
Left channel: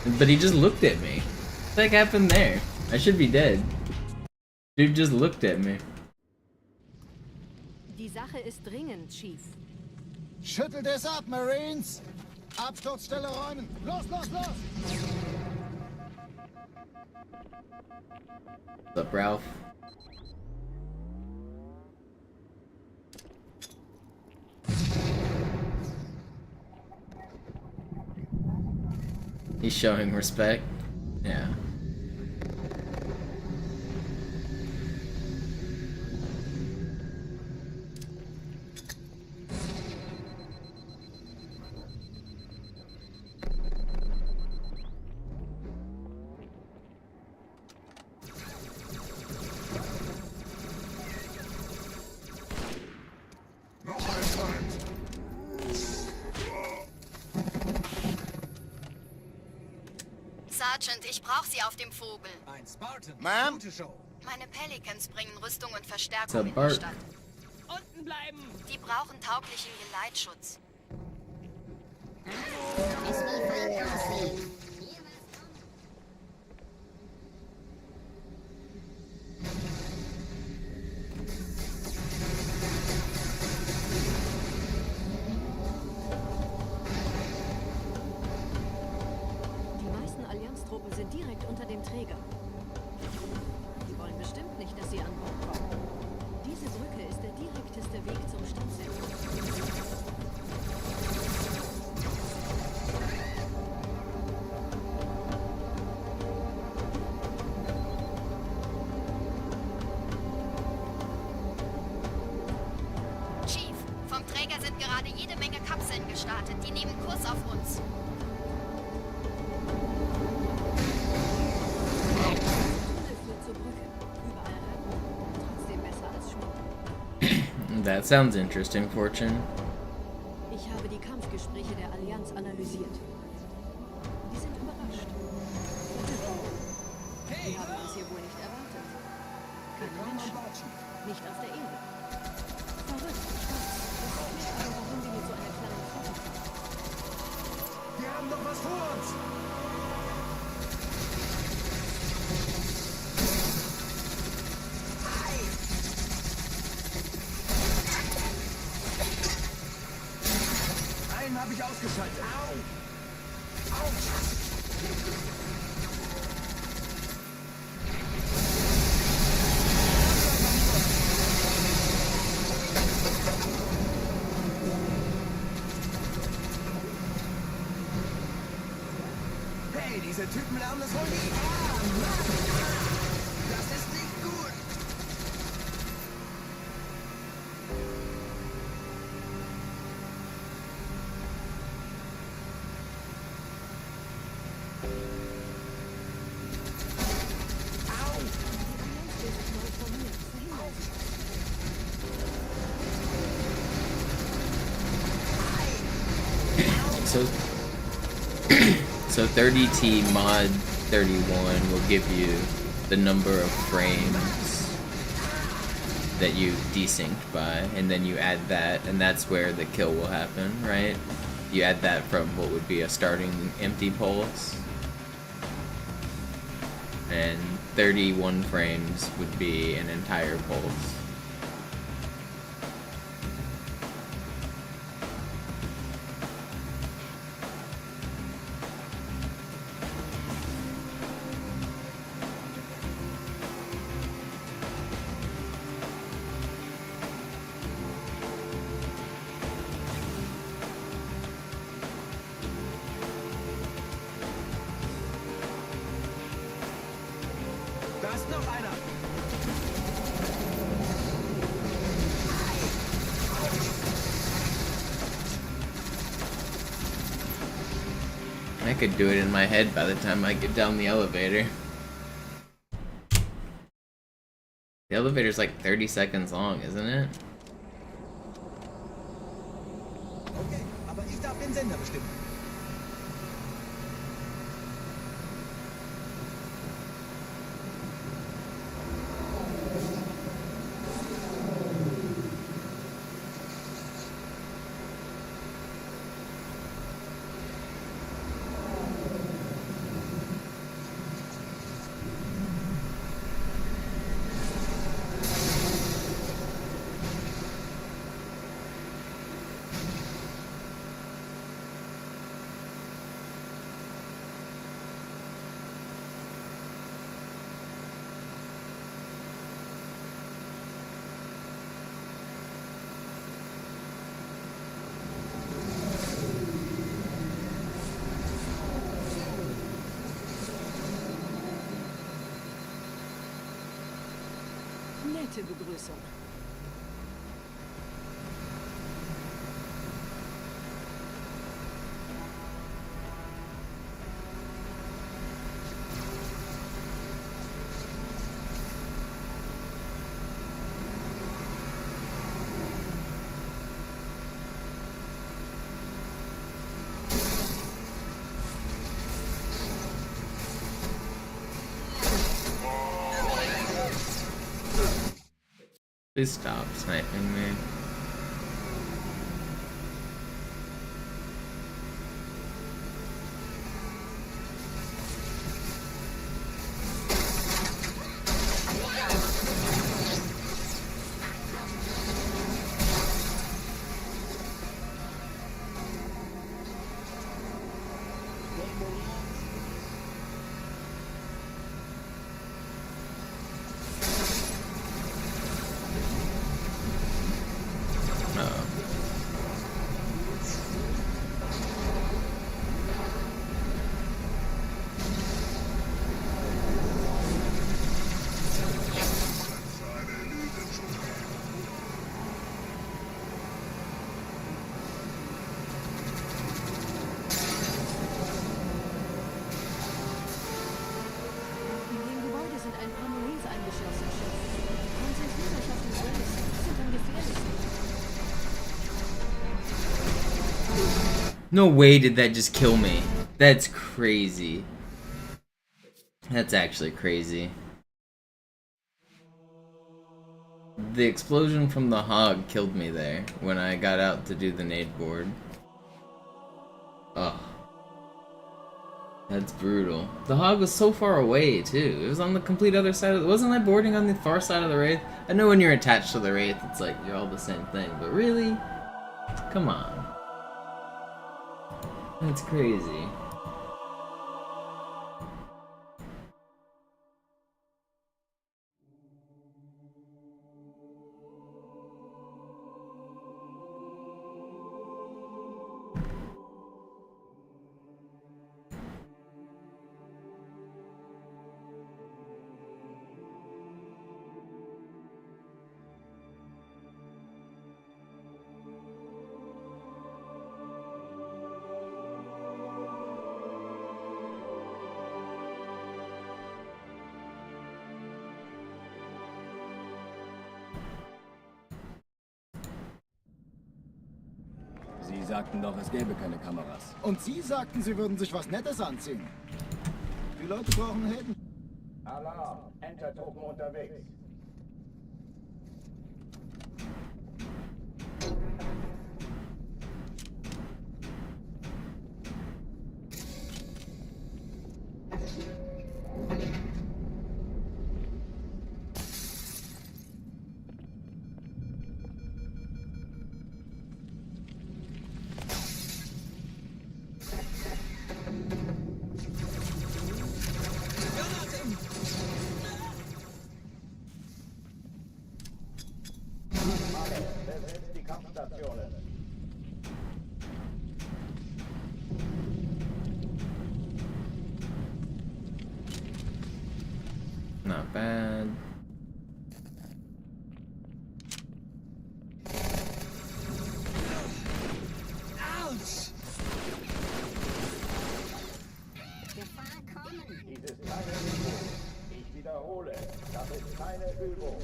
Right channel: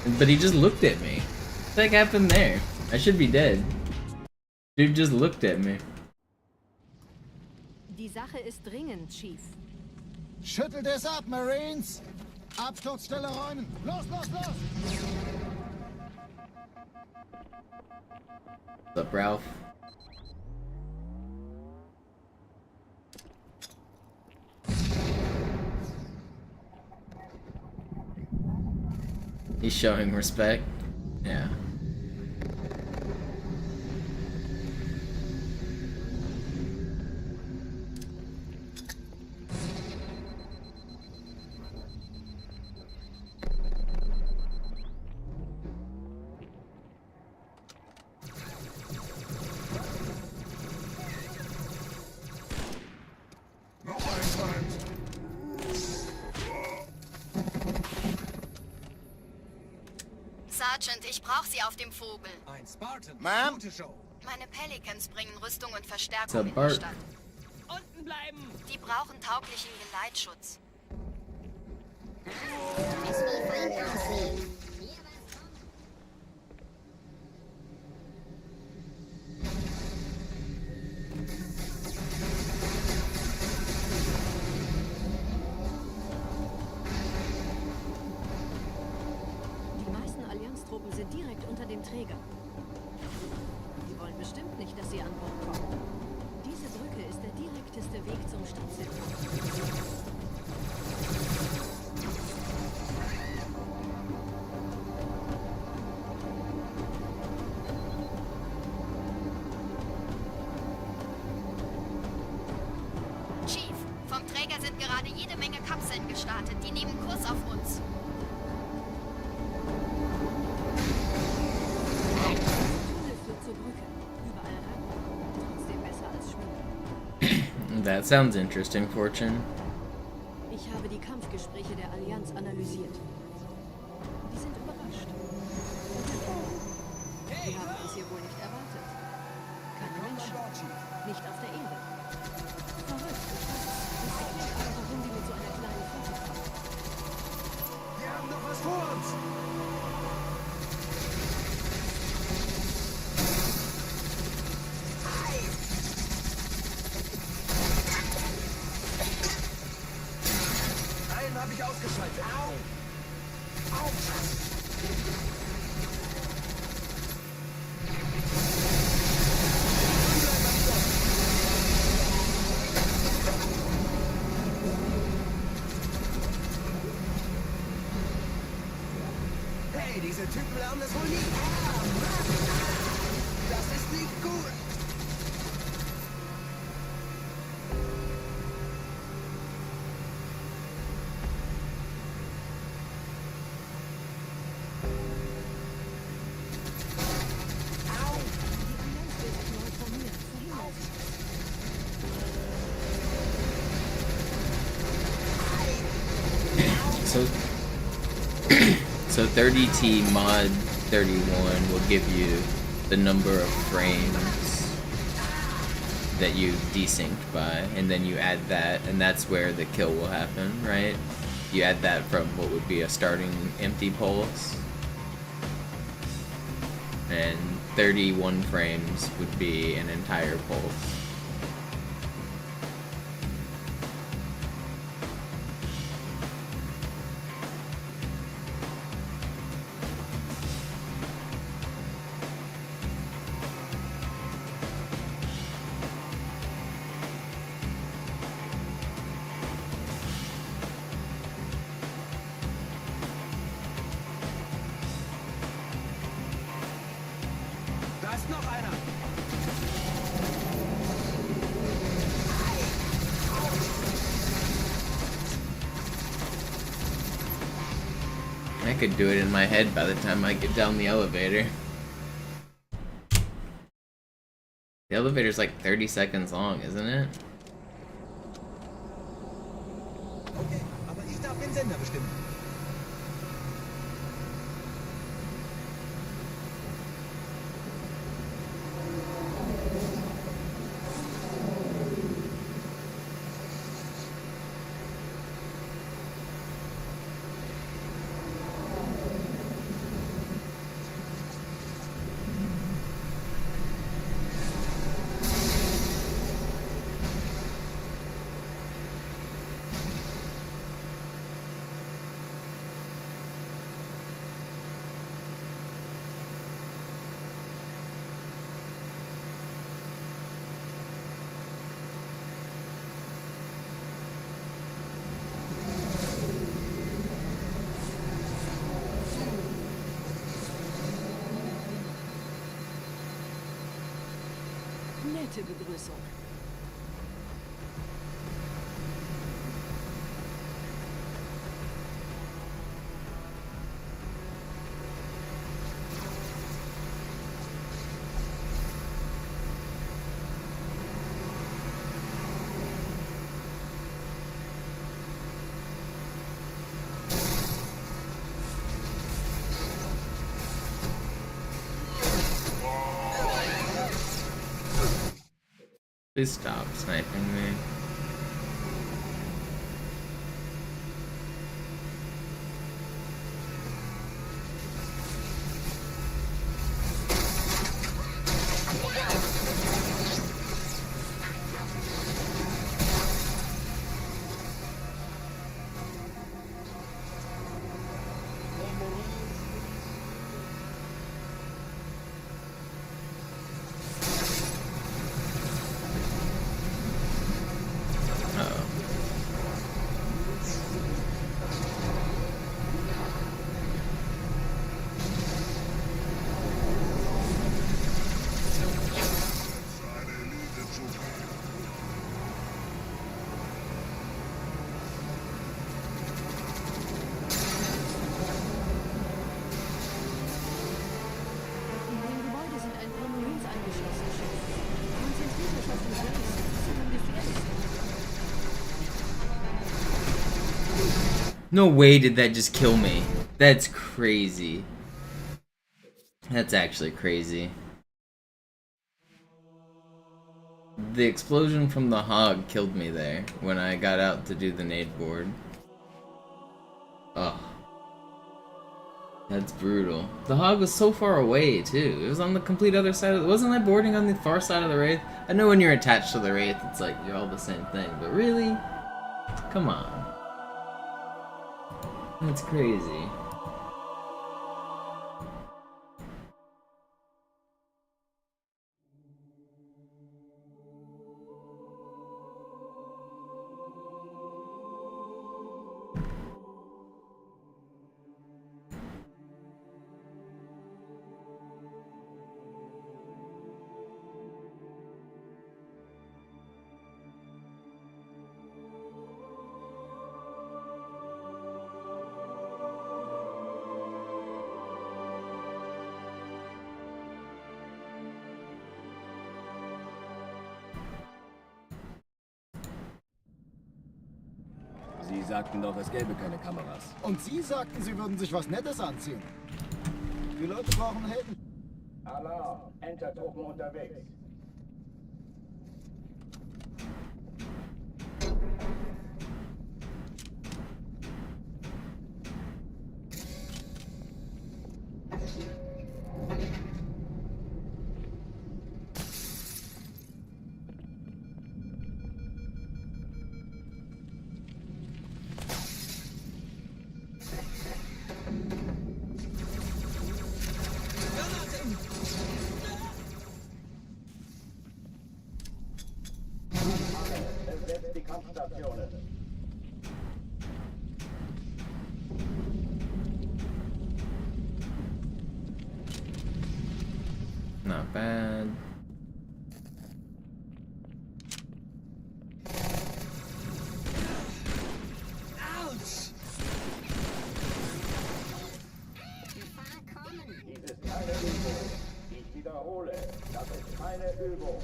But he just looked at me. What the heck happened there? I should be dead. Dude just looked at me. Die Sache ist dringend, Chief. Schüttelt es ab, Marines! Absturzstelle räumen! Los, los, los! What's up, Ralph? He's showing respect. Yeah. Sergeant, ich brauche Sie auf dem Vogel. Ein Spartan. Ma'am? Gute Show. Meine Pelicans bringen Rüstung und What's Verstärkung up, in die Bart? Stadt. Unten bleiben. Die brauchen tauglichen Geleitschutz. Truppen sind direkt unter dem Träger. Die wollen bestimmt nicht, dass sie an Bord kommen. Diese Brücke ist der direkteste Weg zum Stadtzentrum. Chief, vom Träger sind gerade jede Menge Kapseln gestartet. Die nehmen Kurs auf uns. Dieser Tunnel führt zur Brücke. Überall Ratten. Trotzdem besser als Schwimmen. That sounds interesting, Fortune. Ich habe die Kampfgespräche der Allianz analysiert. Die sind überrascht. Verwirrt. Die haben uns hier wohl nicht erwartet. Keine Menschen. Nicht auf der Erde. Verrückt, ich weiß. Das erklärt aber, warum die mit so einer kleinen Flotte kommen. Wir haben doch was vor uns! Einen habe ich ausgeschaltet. Au! Autsch! Hey, diese Typen lernen es wohl nie. Das ist nicht gut. Die Allianz will sich neu formieren. Verhindern Sie das. So 30T mod 31 will give you the number of frames that you desynced by, and then you add that, and that's where the kill will happen, right? You add that from what would be a starting empty pulse, and 31 frames would be an entire pulse. Da ist noch einer. I could do it in my head by the time I get down the elevator. The elevator's like 30 seconds long, isn't it? Okay, aber ich darf den Sender bestimmen. Nette Begrüßung. Please stop sniping me. uns eingeschlossen, Chef. Konzentriert euch auf den Grace. Die sind am gefährlichsten. No way did that just kill me. That's crazy. That's actually crazy. The explosion from the hog killed me there when I got out to do the nade board. Ugh. That's brutal. The hog was so far away too. It was on the complete other side of the... Wasn't I boarding on the far side of the Wraith? I know when you're attached to the Wraith it's like you're all the same thing, but really? Come on. That's crazy. Sie sagten doch, es gäbe keine Kameras. Und Sie sagten, Sie würden sich was Nettes anziehen. Die Leute brauchen Helden. Alarm! Entertruppen unterwegs. Besetzt die Kampfstationen. Not bad. Dies ist keine Übung. Ich wiederhole, das ist keine Übung.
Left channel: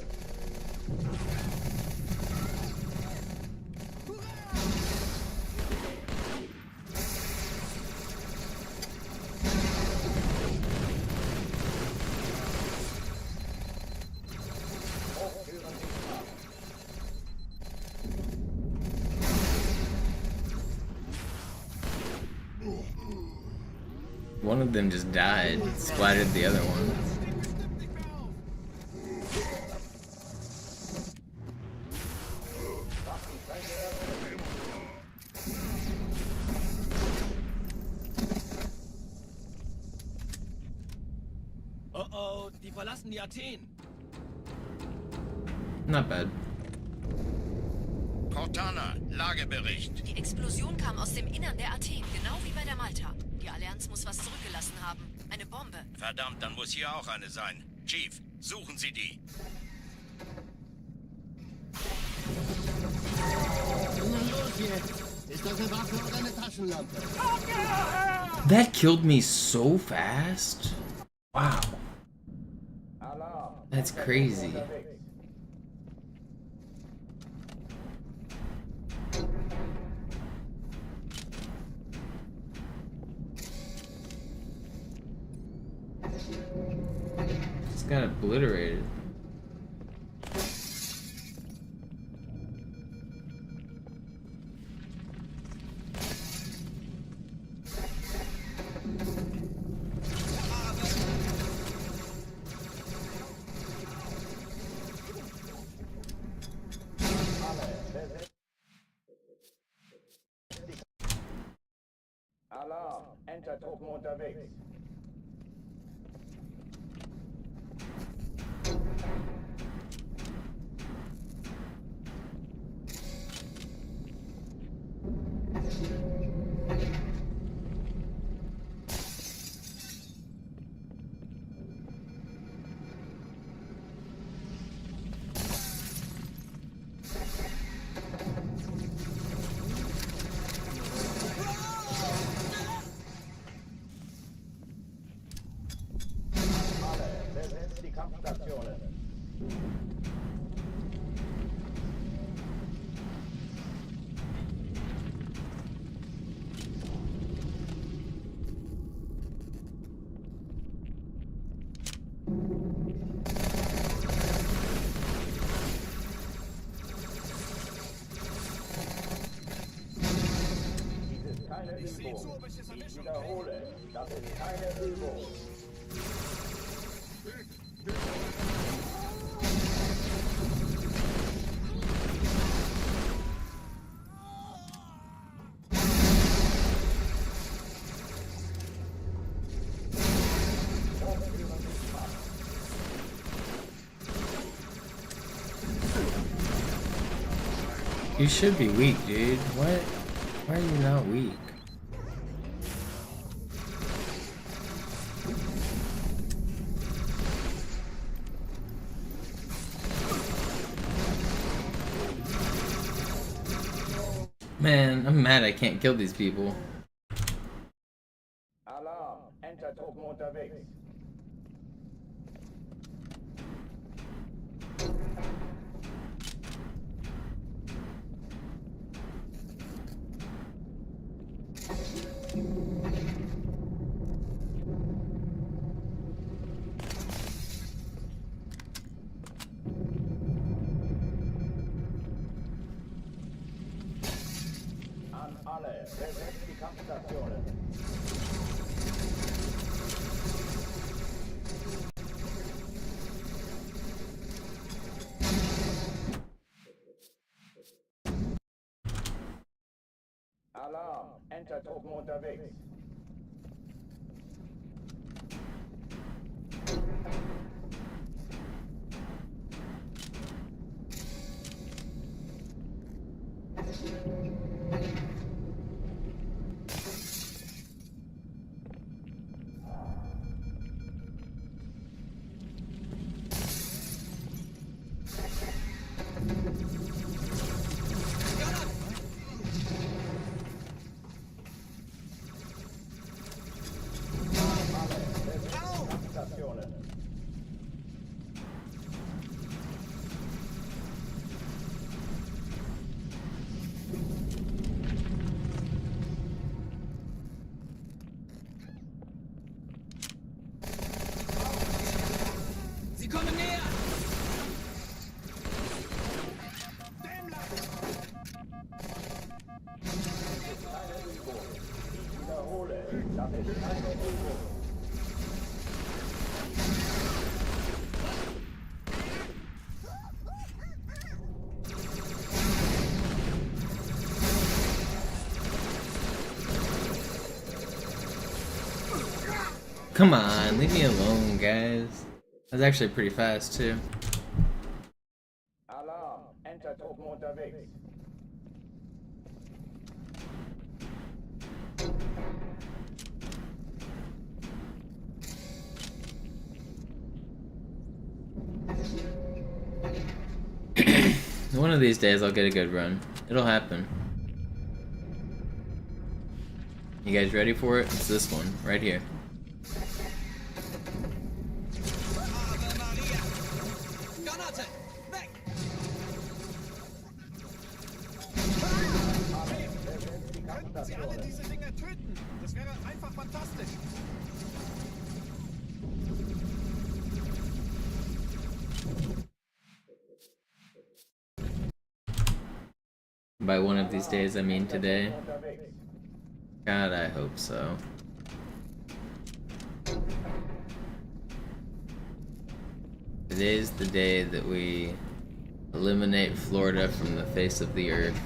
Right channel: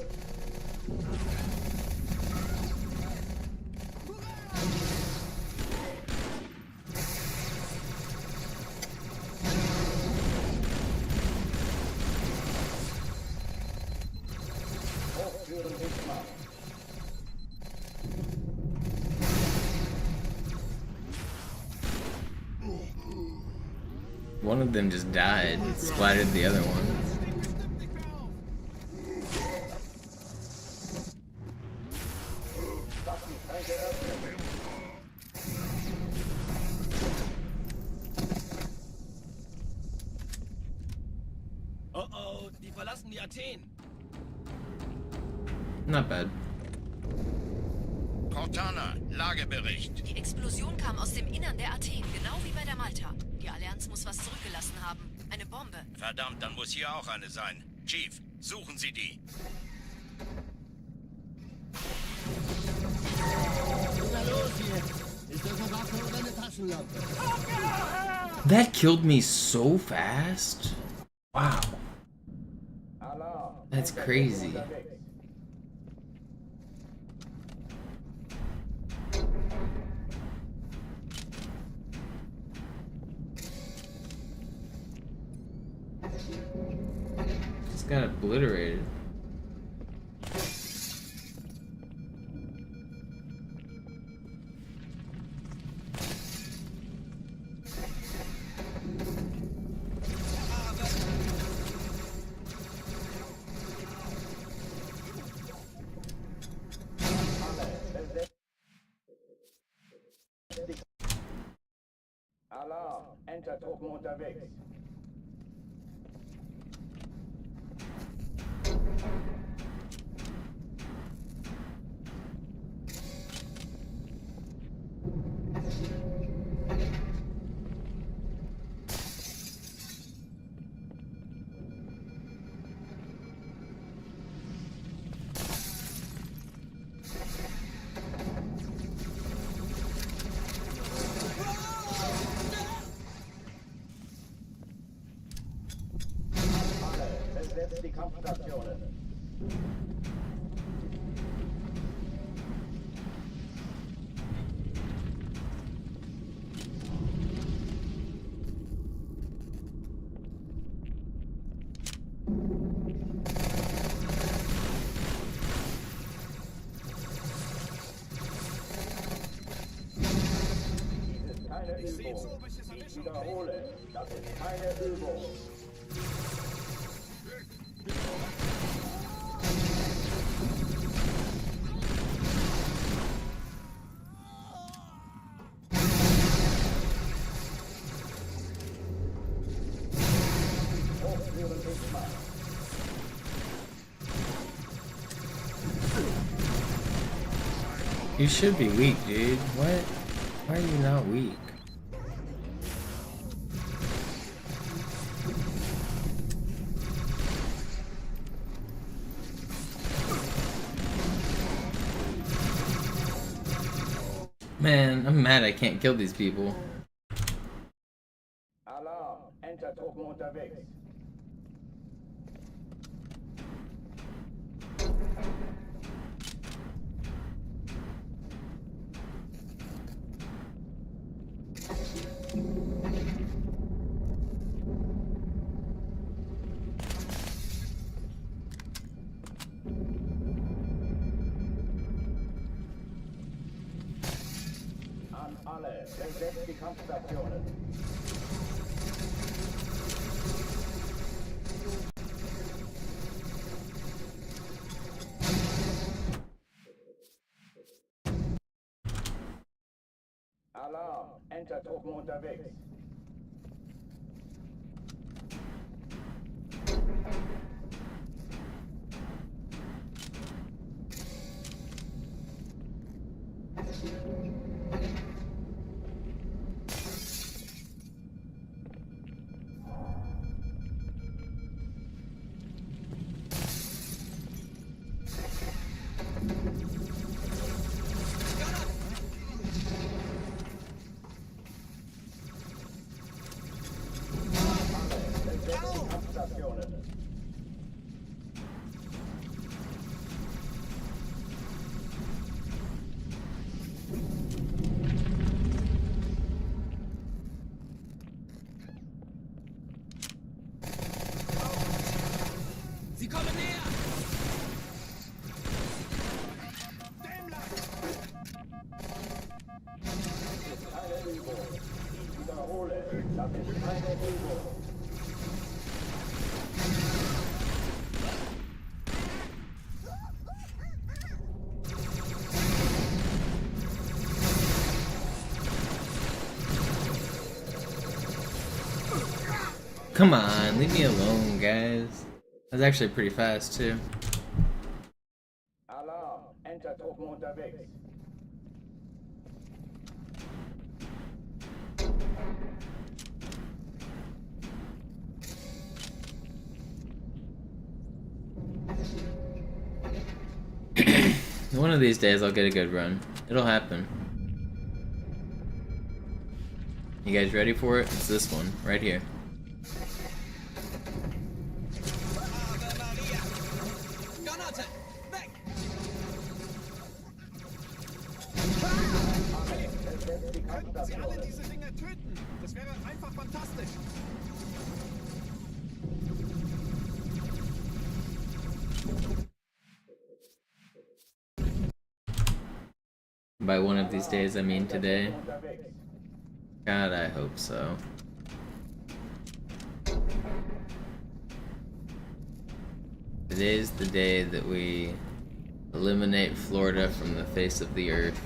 One of them just died, splattered the other one. Oh oh, die verlassen die Athen. Not bad. Cortana, Lagebericht. Die Explosion kam aus dem Innern der Athen, genau wie bei der Malta. Die Allianz muss was zurückgelassen haben. Eine Bombe. Verdammt, dann muss hier auch eine sein. Chief, suchen Sie die. Na los jetzt! Ist das eine Waffe oder eine Taschenlampe? That killed me so fast. Wow. Alarm! That's crazy. Just got obliterated. Alarm! Entertruppen unterwegs. Kampfstationen. Dies ist keine Übung. Ich wiederhole, das ist keine Übung. Hochführen ist Macht. You should be weak, dude. What? Why are you not weak? Man, I'm mad I can't kill these people. Alarm, Entertruppen unterwegs. An alle, besetzt die Kampfstationen. Alarm, Entertruppen unterwegs. Sie kommen näher! Dies ist keine Übung. Ich wiederhole, das ist keine Übung. Come on, leave me alone, guys. That's actually pretty fast, too. Alarm, Entertruppen unterwegs. One of these days I'll get a good run. It'll happen. You guys ready for it? It's this one, right here. Ave Maria! Granate! Weg! Alle, besetzt die Sie alle Kampfstationen. diese Dinger töten? Das wäre einfach fantastisch. By one of these days, I mean today. Unterwegs. God, I hope so. Today's the day that we eliminate Florida from the face of the earth.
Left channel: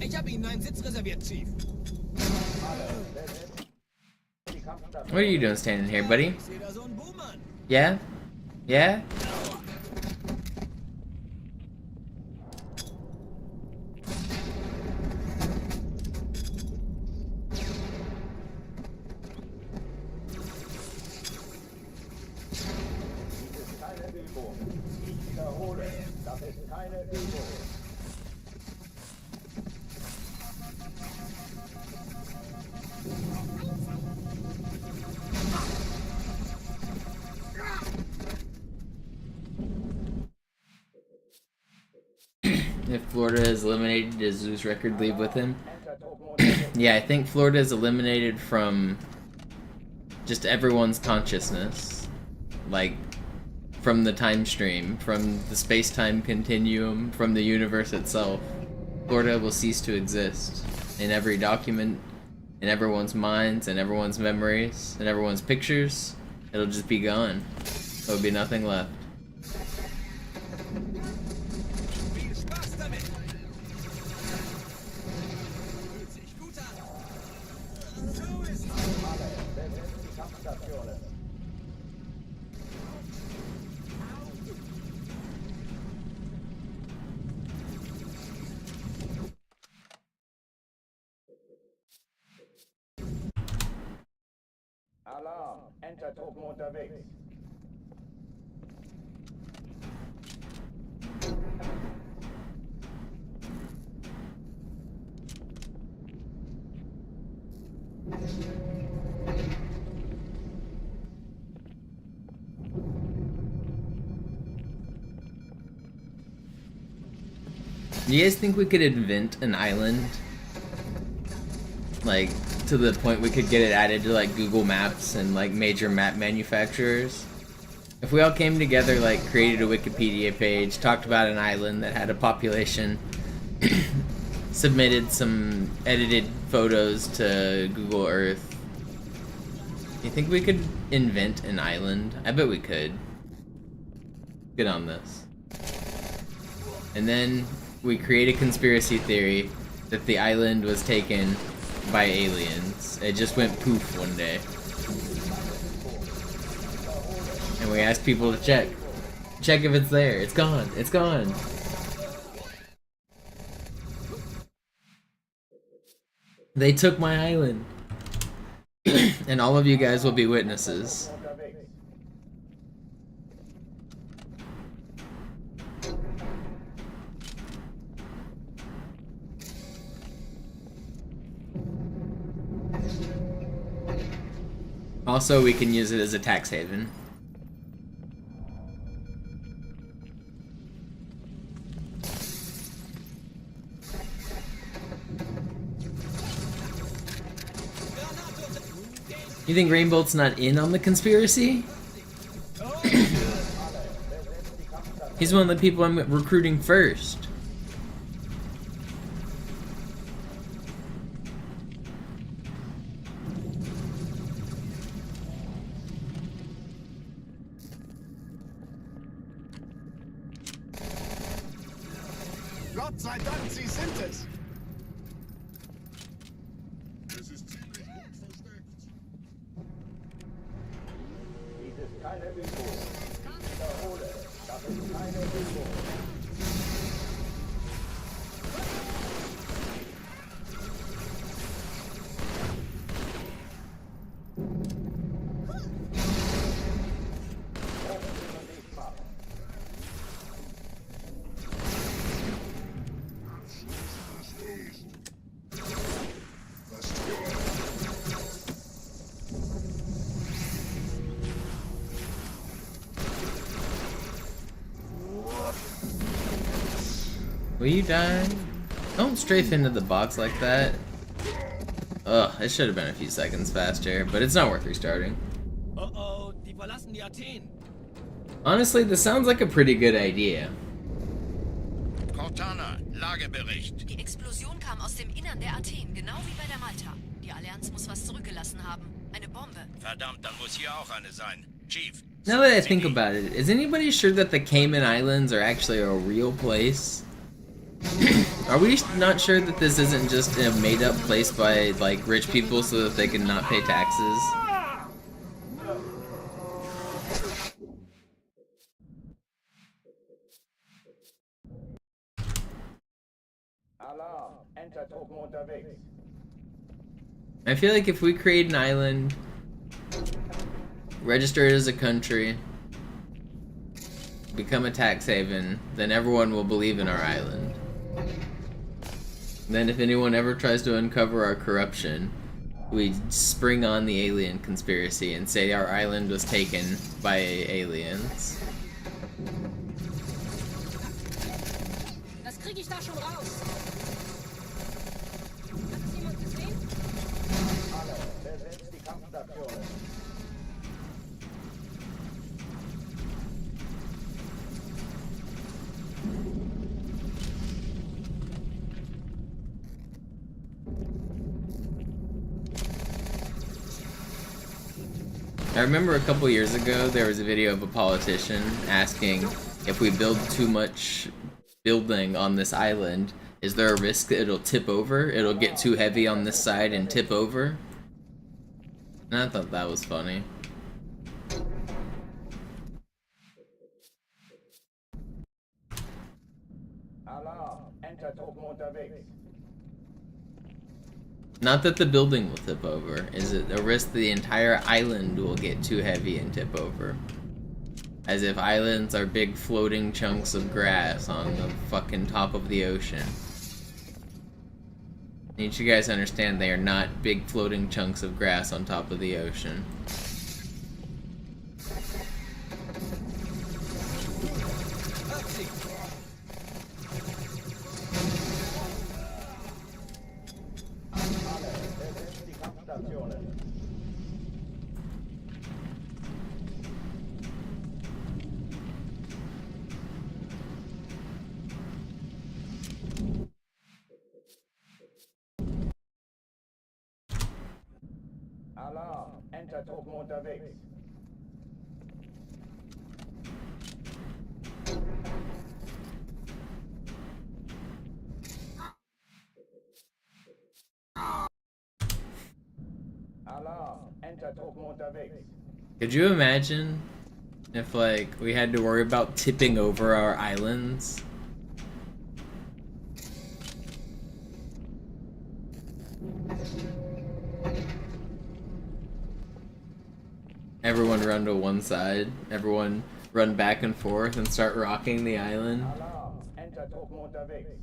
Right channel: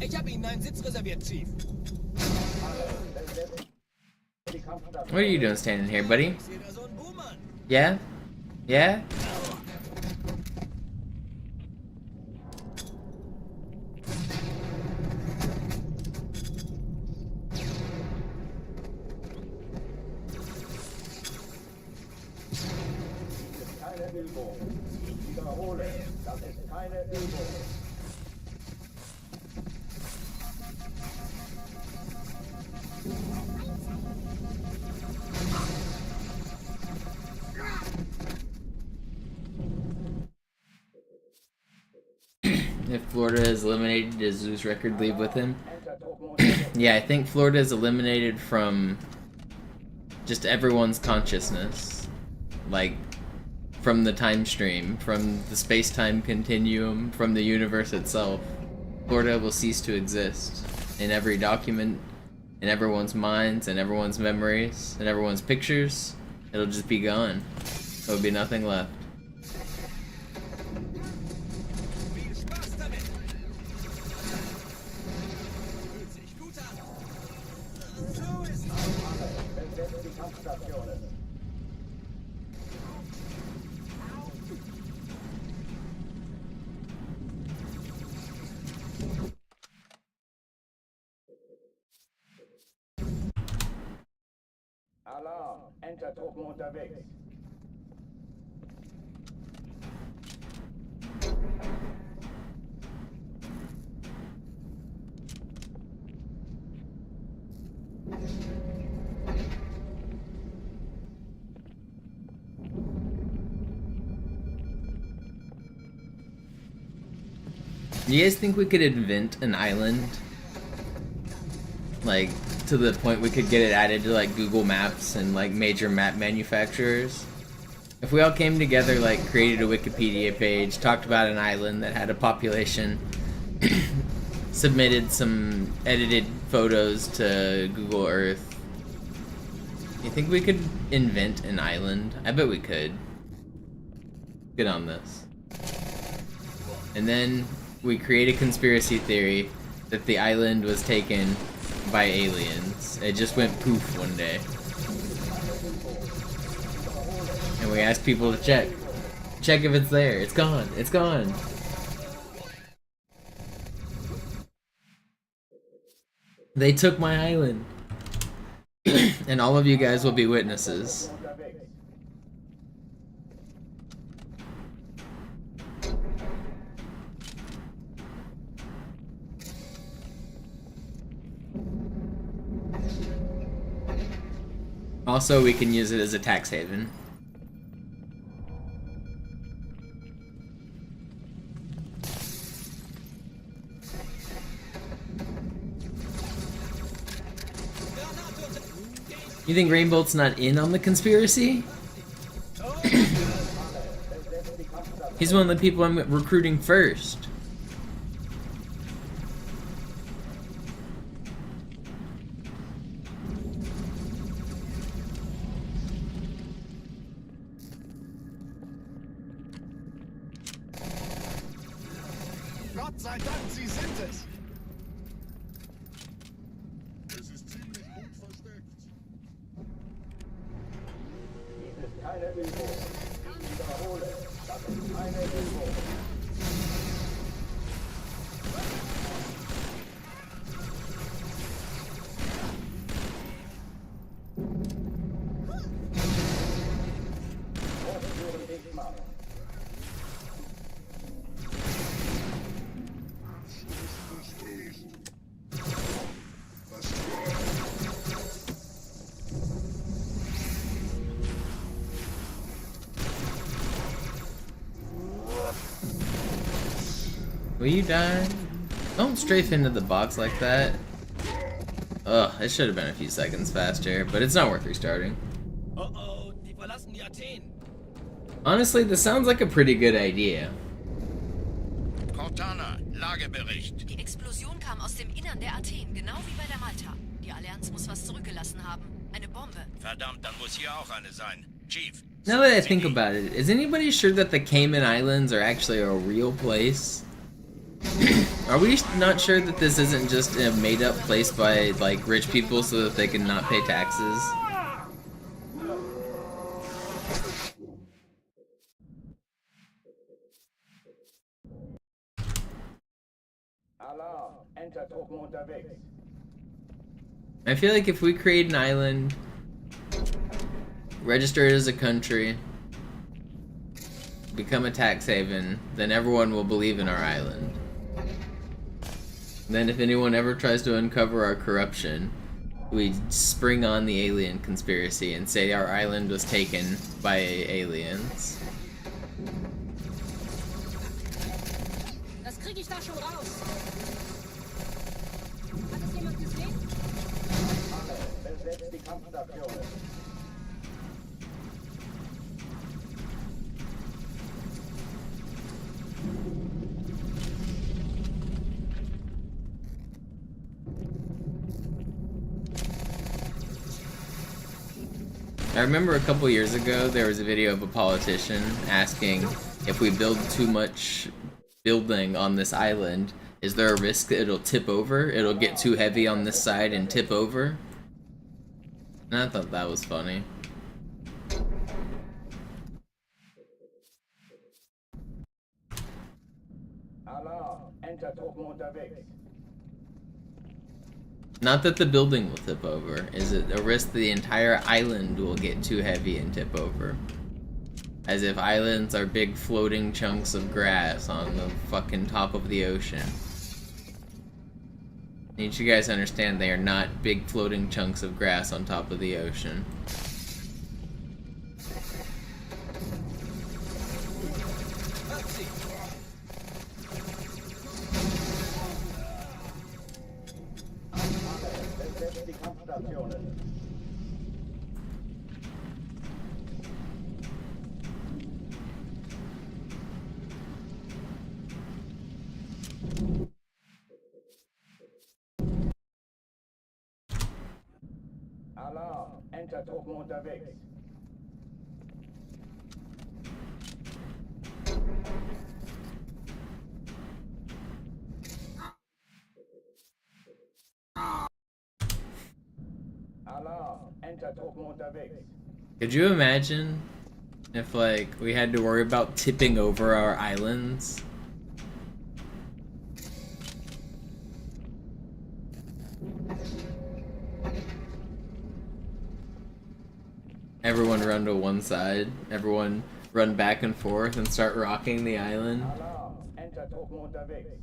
Ich habe Ihnen einen Sitz reserviert, Chief. What are you doing standing here, buddy? Ich sehe da so einen Buhmann. Yeah? Yeah? Übung. Ich wiederhole, das ist keine Übung. If Florida is eliminated, does Zeus record leave with him? Yeah, I think Florida is eliminated from just everyone's consciousness. Like, from the time stream, from the space-time continuum, from the universe itself. Florida will cease to exist in every document, in everyone's minds, in everyone's memories, in everyone's pictures. It'll just be gone. There'll be nothing left. Alarm, Entertruppen unterwegs. Do you guys think we could invent an island? Like, to the point we could get it added to, like, Google Maps and, like, major map manufacturers? If we all came together, like, created a Wikipedia page, talked about an island that had a population, submitted some edited photos to Google Earth, you think we could invent an island? I bet we could. Get on this. And then we create a conspiracy theory that the island was taken by aliens. It just went poof one day. And we asked people to check. Check if it's there. It's gone. It's gone. They took my island. And all of you guys will be witnesses. Also, we can use it as a tax haven. You think Rainbolt's not in on the conspiracy? He's one of the people I'm recruiting first. Gott sei Dank, Sie sind es! Dies ist keine Übung. Ich wiederhole, das ist keine Übung. Hochführen dich mal. Will you die? Don't strafe into the box like that. Ugh, it should have been a few seconds faster, but it's not worth restarting. Oh, die verlassen die Athen. Honestly, this sounds like a pretty good idea. Cortana, Lagebericht. Die Explosion kam aus dem Innern der Athen, genau wie bei der Malta. Die Allianz muss was zurückgelassen haben. Eine Bombe. Verdammt, dann muss hier auch eine sein. Chief. Now that I think about it, is anybody sure that the Cayman Islands are actually a real place? Are we not sure that this isn't just a made-up place by, like, rich people so that they can not pay taxes? Alarm, Entertruppen unterwegs. I feel like if we create an island, register it as a country, become a tax haven, then everyone will believe in our island. Then if anyone ever tries to uncover our corruption, we spring on the alien conspiracy and say our island was taken by aliens. Das krieg ich da schon raus. Hat es jemand gesehen? Alle, besetzt die Kampfstationen. I remember a couple years ago there was a video of a politician asking if we build too much building on this island, is there a risk that it'll tip over? It'll get too heavy on this side and tip over? And I thought that was funny. Alarm, Enter-Truppen unterwegs. Not that the building will tip over, is it a risk the entire island will get too heavy and tip over? As if islands are big floating chunks of grass on the fucking top of the ocean. Need you guys understand they are not big floating chunks of grass on top of the ocean. Alle, besetzt die Kampfstationen. Alarm, Enter-Truppen unterwegs. Alarm, Enter-Truppen unterwegs. Could you imagine if, like, we had to worry about tipping over our islands? Everyone run to one side, everyone run back and forth and start rocking the island. Alarm, Enter-Truppen unterwegs.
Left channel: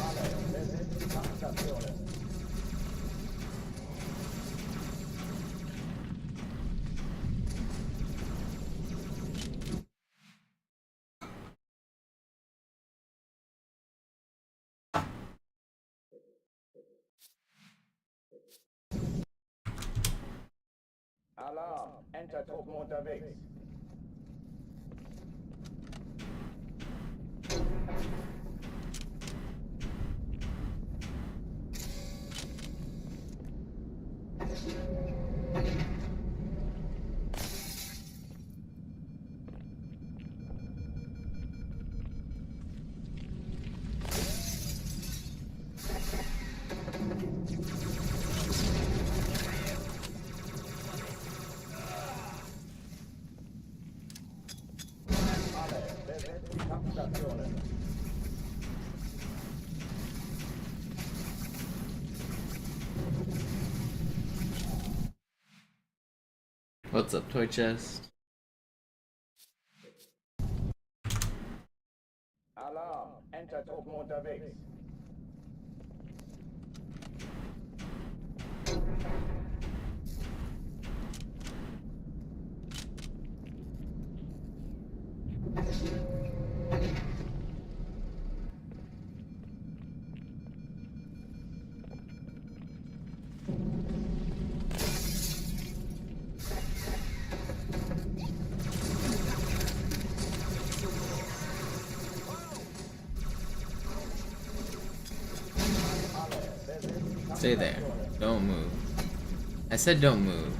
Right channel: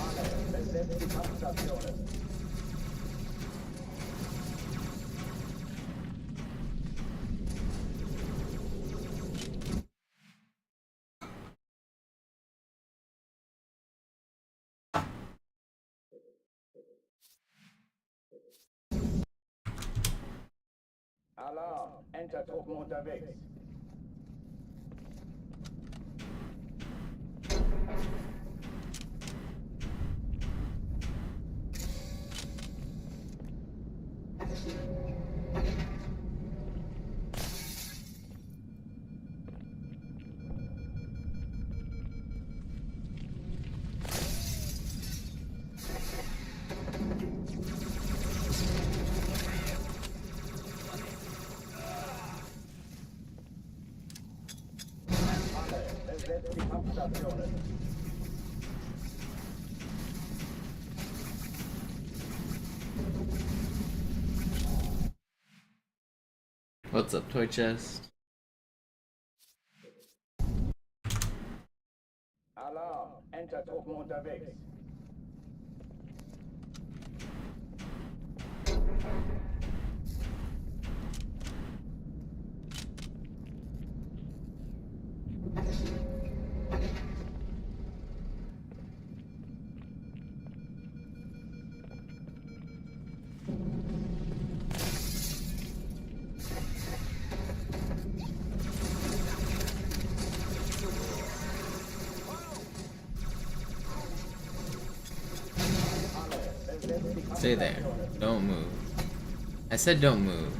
Alle, besetzt die Kampfstationen. Alarm, Enter-Truppen unterwegs. Alle, besetzt die Kampfstationen. What's up, toy chest? Alarm, Enter-Truppen unterwegs. Stay there. Don't move. I said don't move.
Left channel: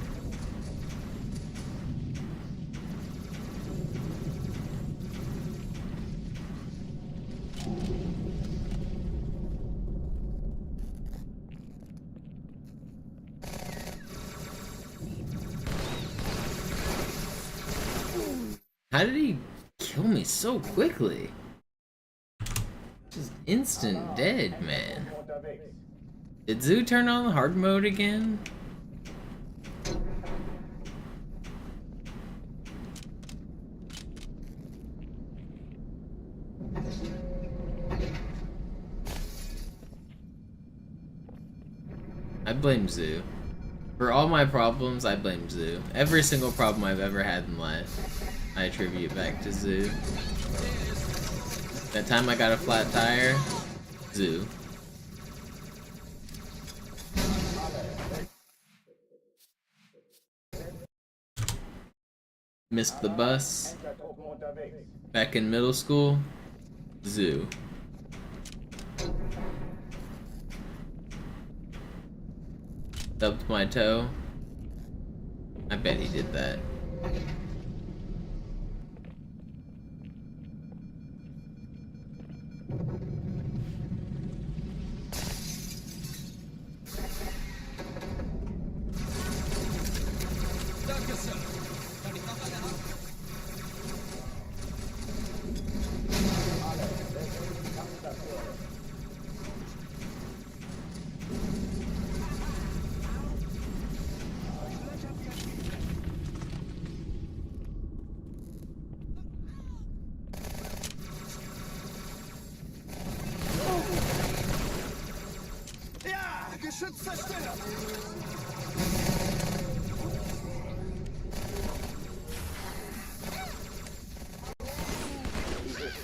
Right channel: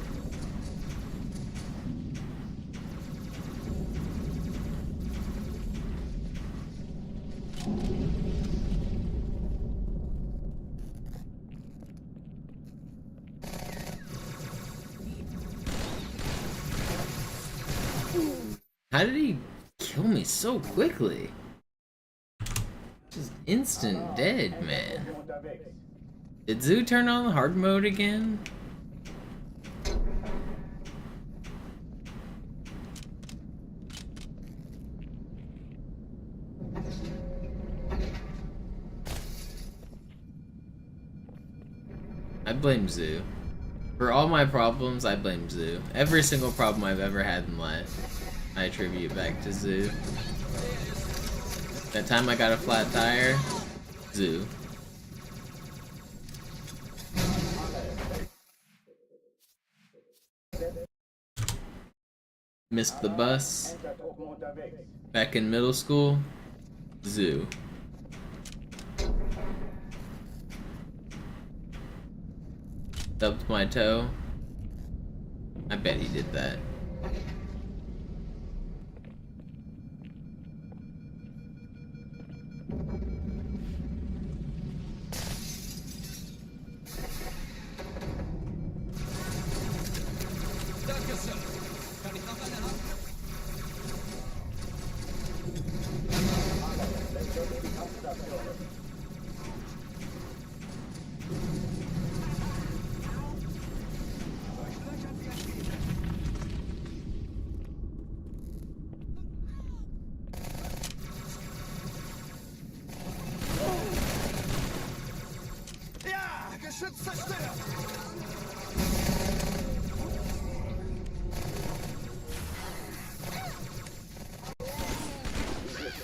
How did he kill me so quickly? Just instant dead, man. Did Zoo turn on hard mode again? I blame Zoo. For all my problems, I blame Zoo. Every single problem I've ever had in life, I attribute back to Zoo. That time I got a flat tire, Zoo. Missed the bus. Back in middle school, Zoo. Stubbed my toe. I bet he did that. Danke, Sir. Kann ich noch eine haben? Alle, besetzt die Kampfstationen.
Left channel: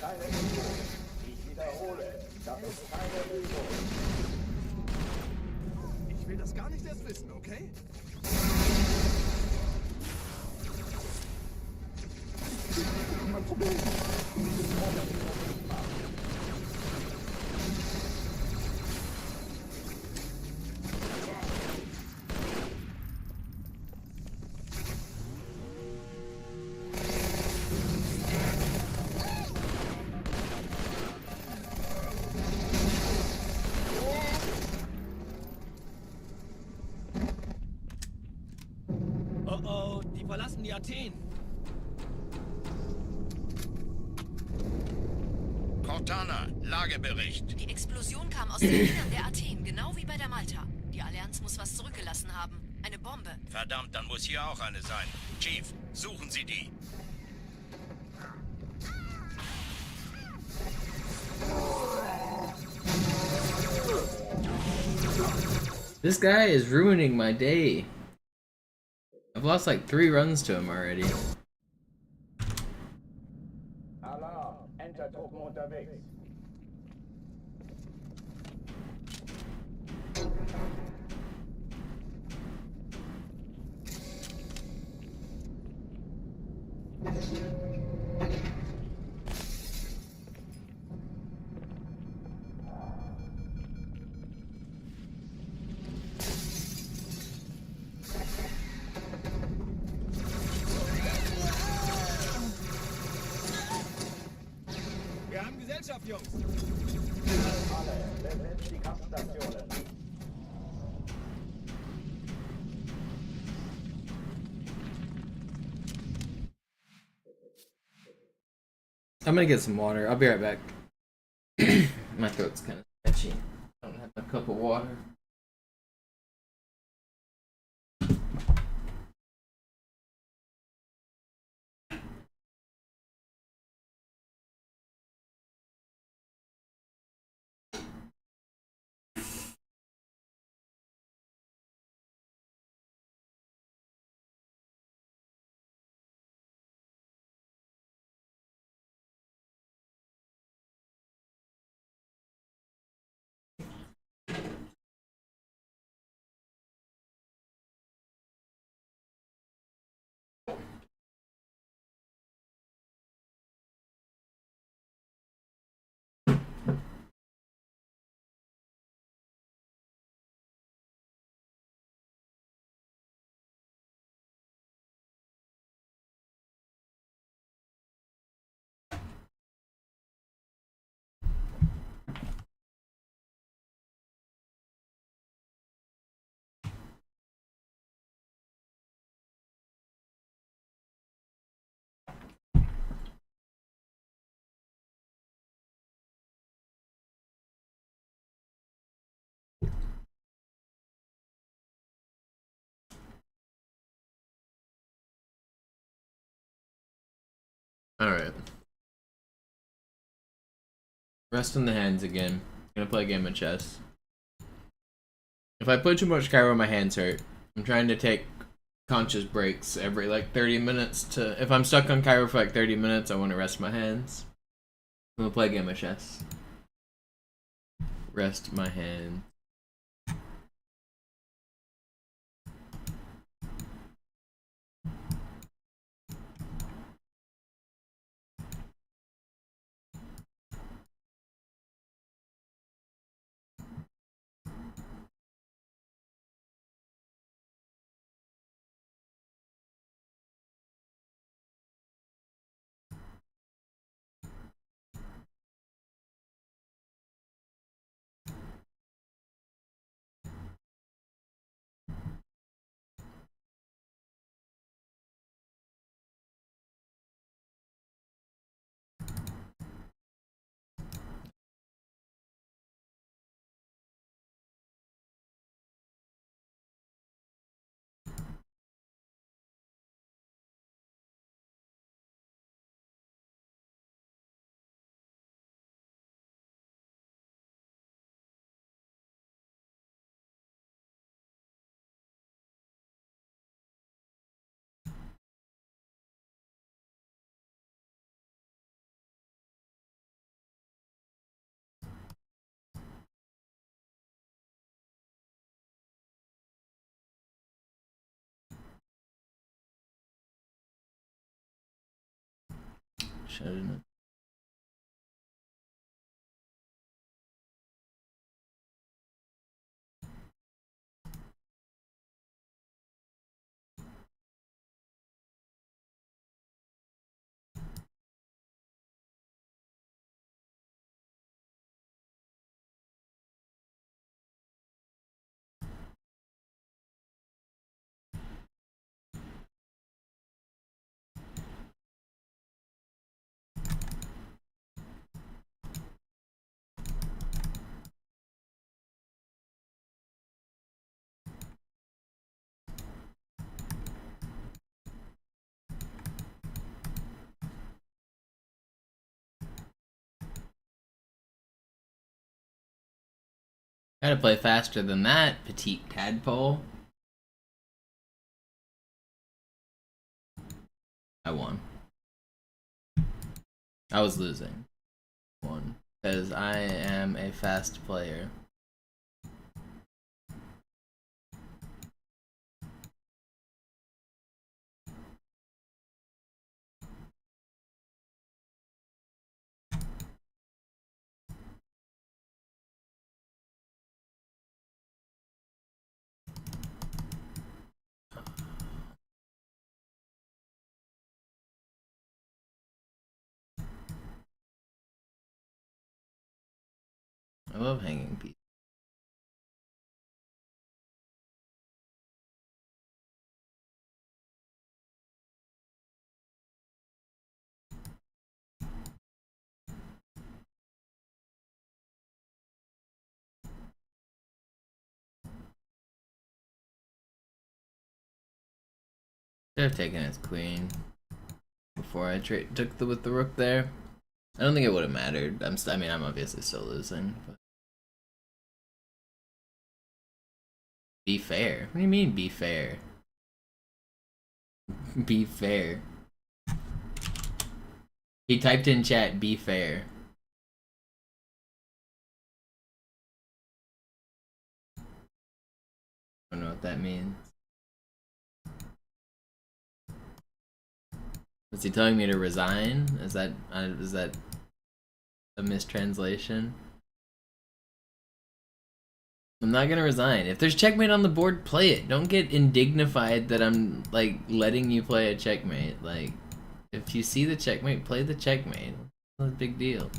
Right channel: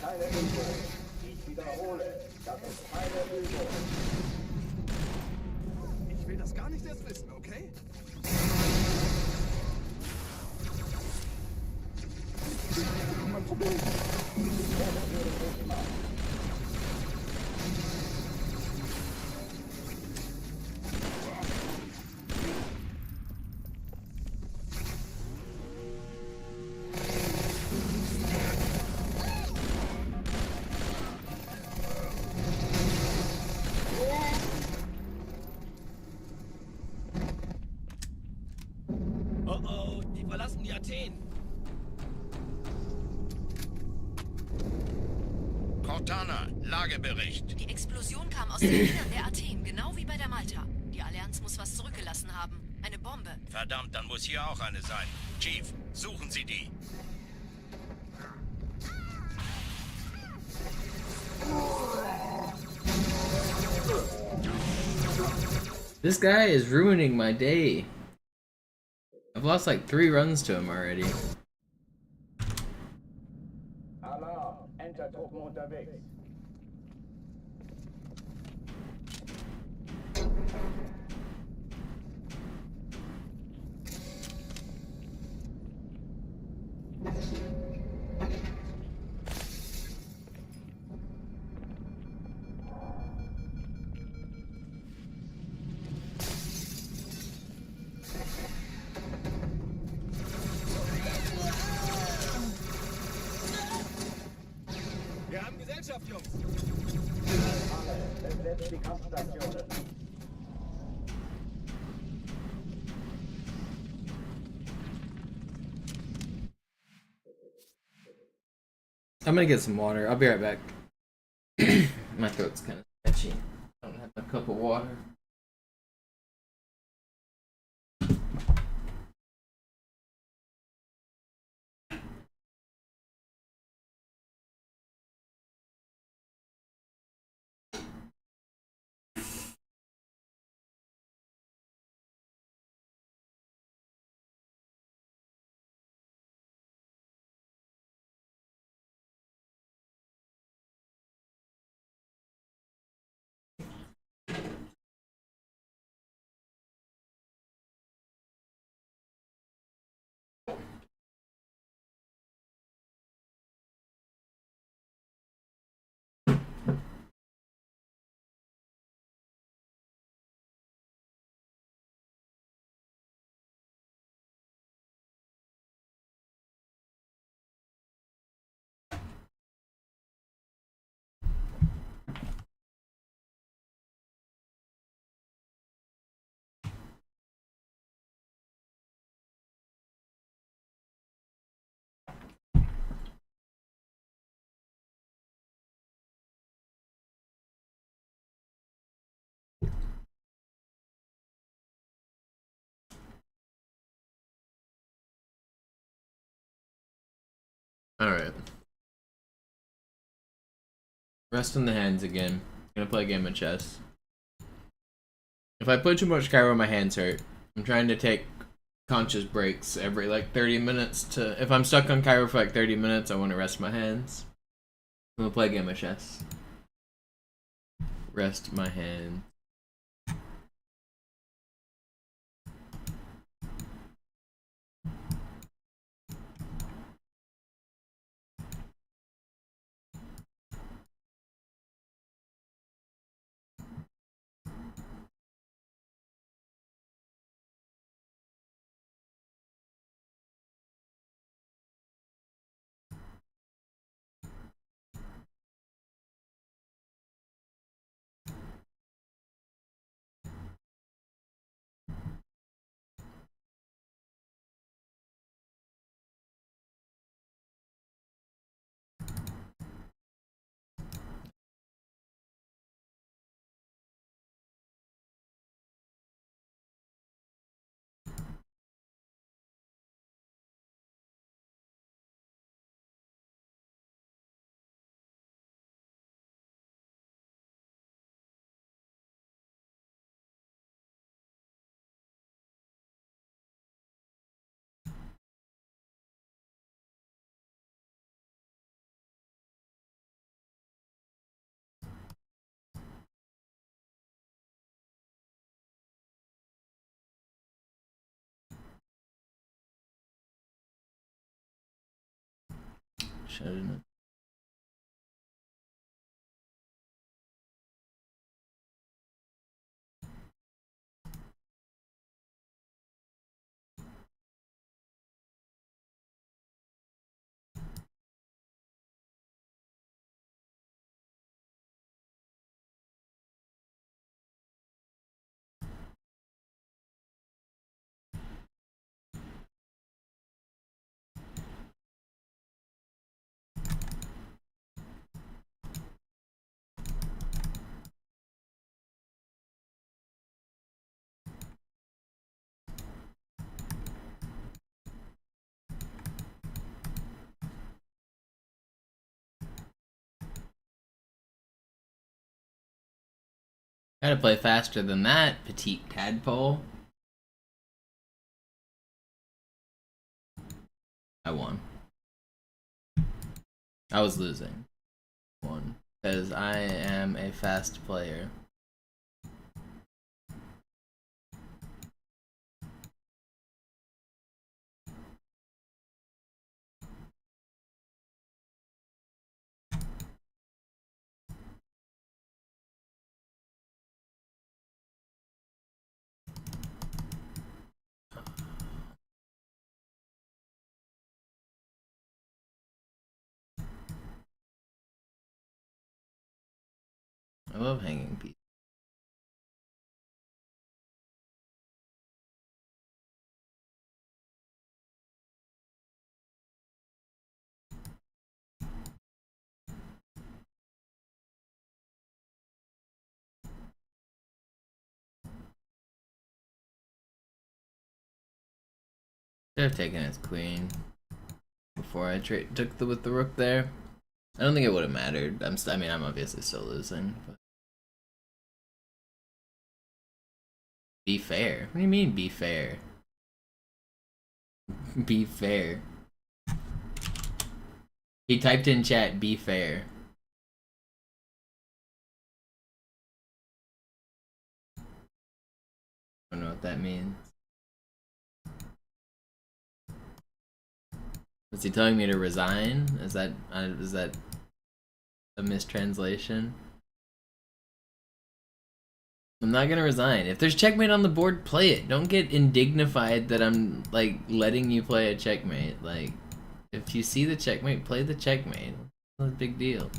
Keine Übung. Ich wiederhole, das ist keine Übung. Ich will das gar nicht erst wissen, okay? Oh oh, die verlassen die Athen. Cortana, Lagebericht. Die Explosion kam aus dem Innern der Athen, genau wie bei der Malta. Die Allianz muss was zurückgelassen haben. Eine Bombe. Verdammt, dann muss hier auch eine sein. Chief, suchen Sie die. This guy is ruining my day. I've lost like 3 runs to him already. Alarm, Entertruppen unterwegs. Wir haben Gesellschaft, Jungs. Alle, besetzt die Kampfstationen. I'm gonna get some water. I'll be right back. My throat's kind of sketchy. I don't have a cup of water. Alright. Rest in the hands again. Gonna play a game of chess. If I put too much Cairo, my hands hurt. I'm trying to take conscious breaks every like 30 minutes to... If I'm stuck on Cairo for like 30 minutes, I want to rest my hands. I'm gonna play a game of chess. Rest my hands. Shouldn't it? Gotta play faster than that, petite tadpole. I won. I was losing. Won. Because I am a fast player. I love hanging pieces. Should have taken his queen before I took with the rook there. I don't think it would have mattered. I mean, I'm obviously still losing. But... Be fair. What do you mean, be fair? Be fair. He typed in chat, be fair. I don't know what that means. Was he telling me to resign? Is that a mistranslation? I'm not gonna resign. If there's checkmate on the board, play it. Don't get indignified that I'm like letting you play a checkmate. Like, if you see the checkmate, play the checkmate. It's not a big deal.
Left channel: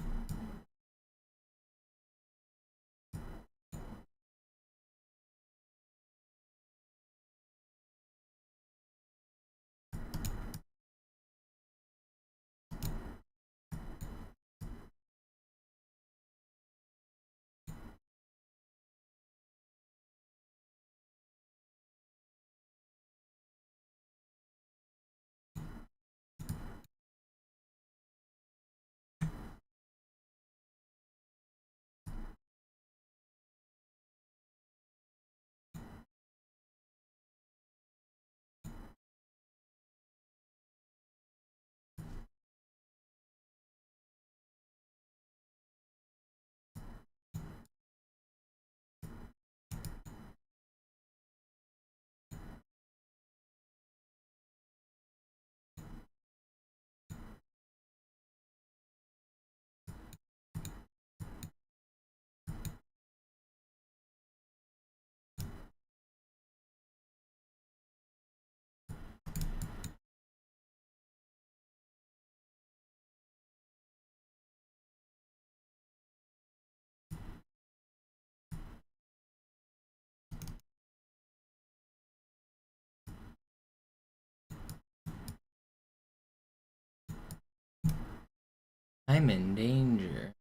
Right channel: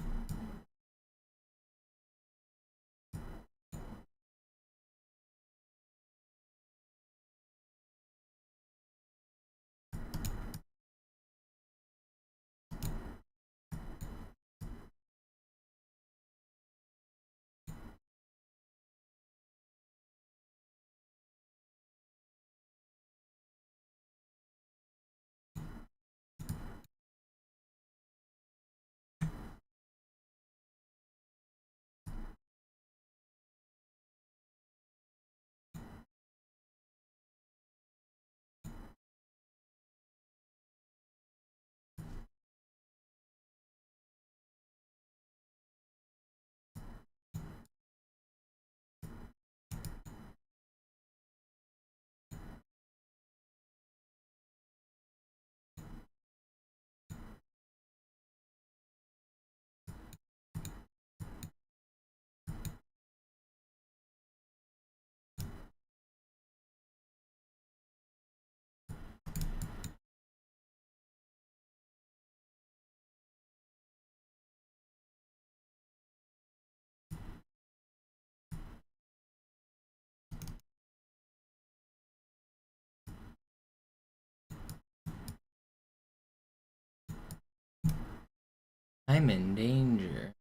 I'm in danger.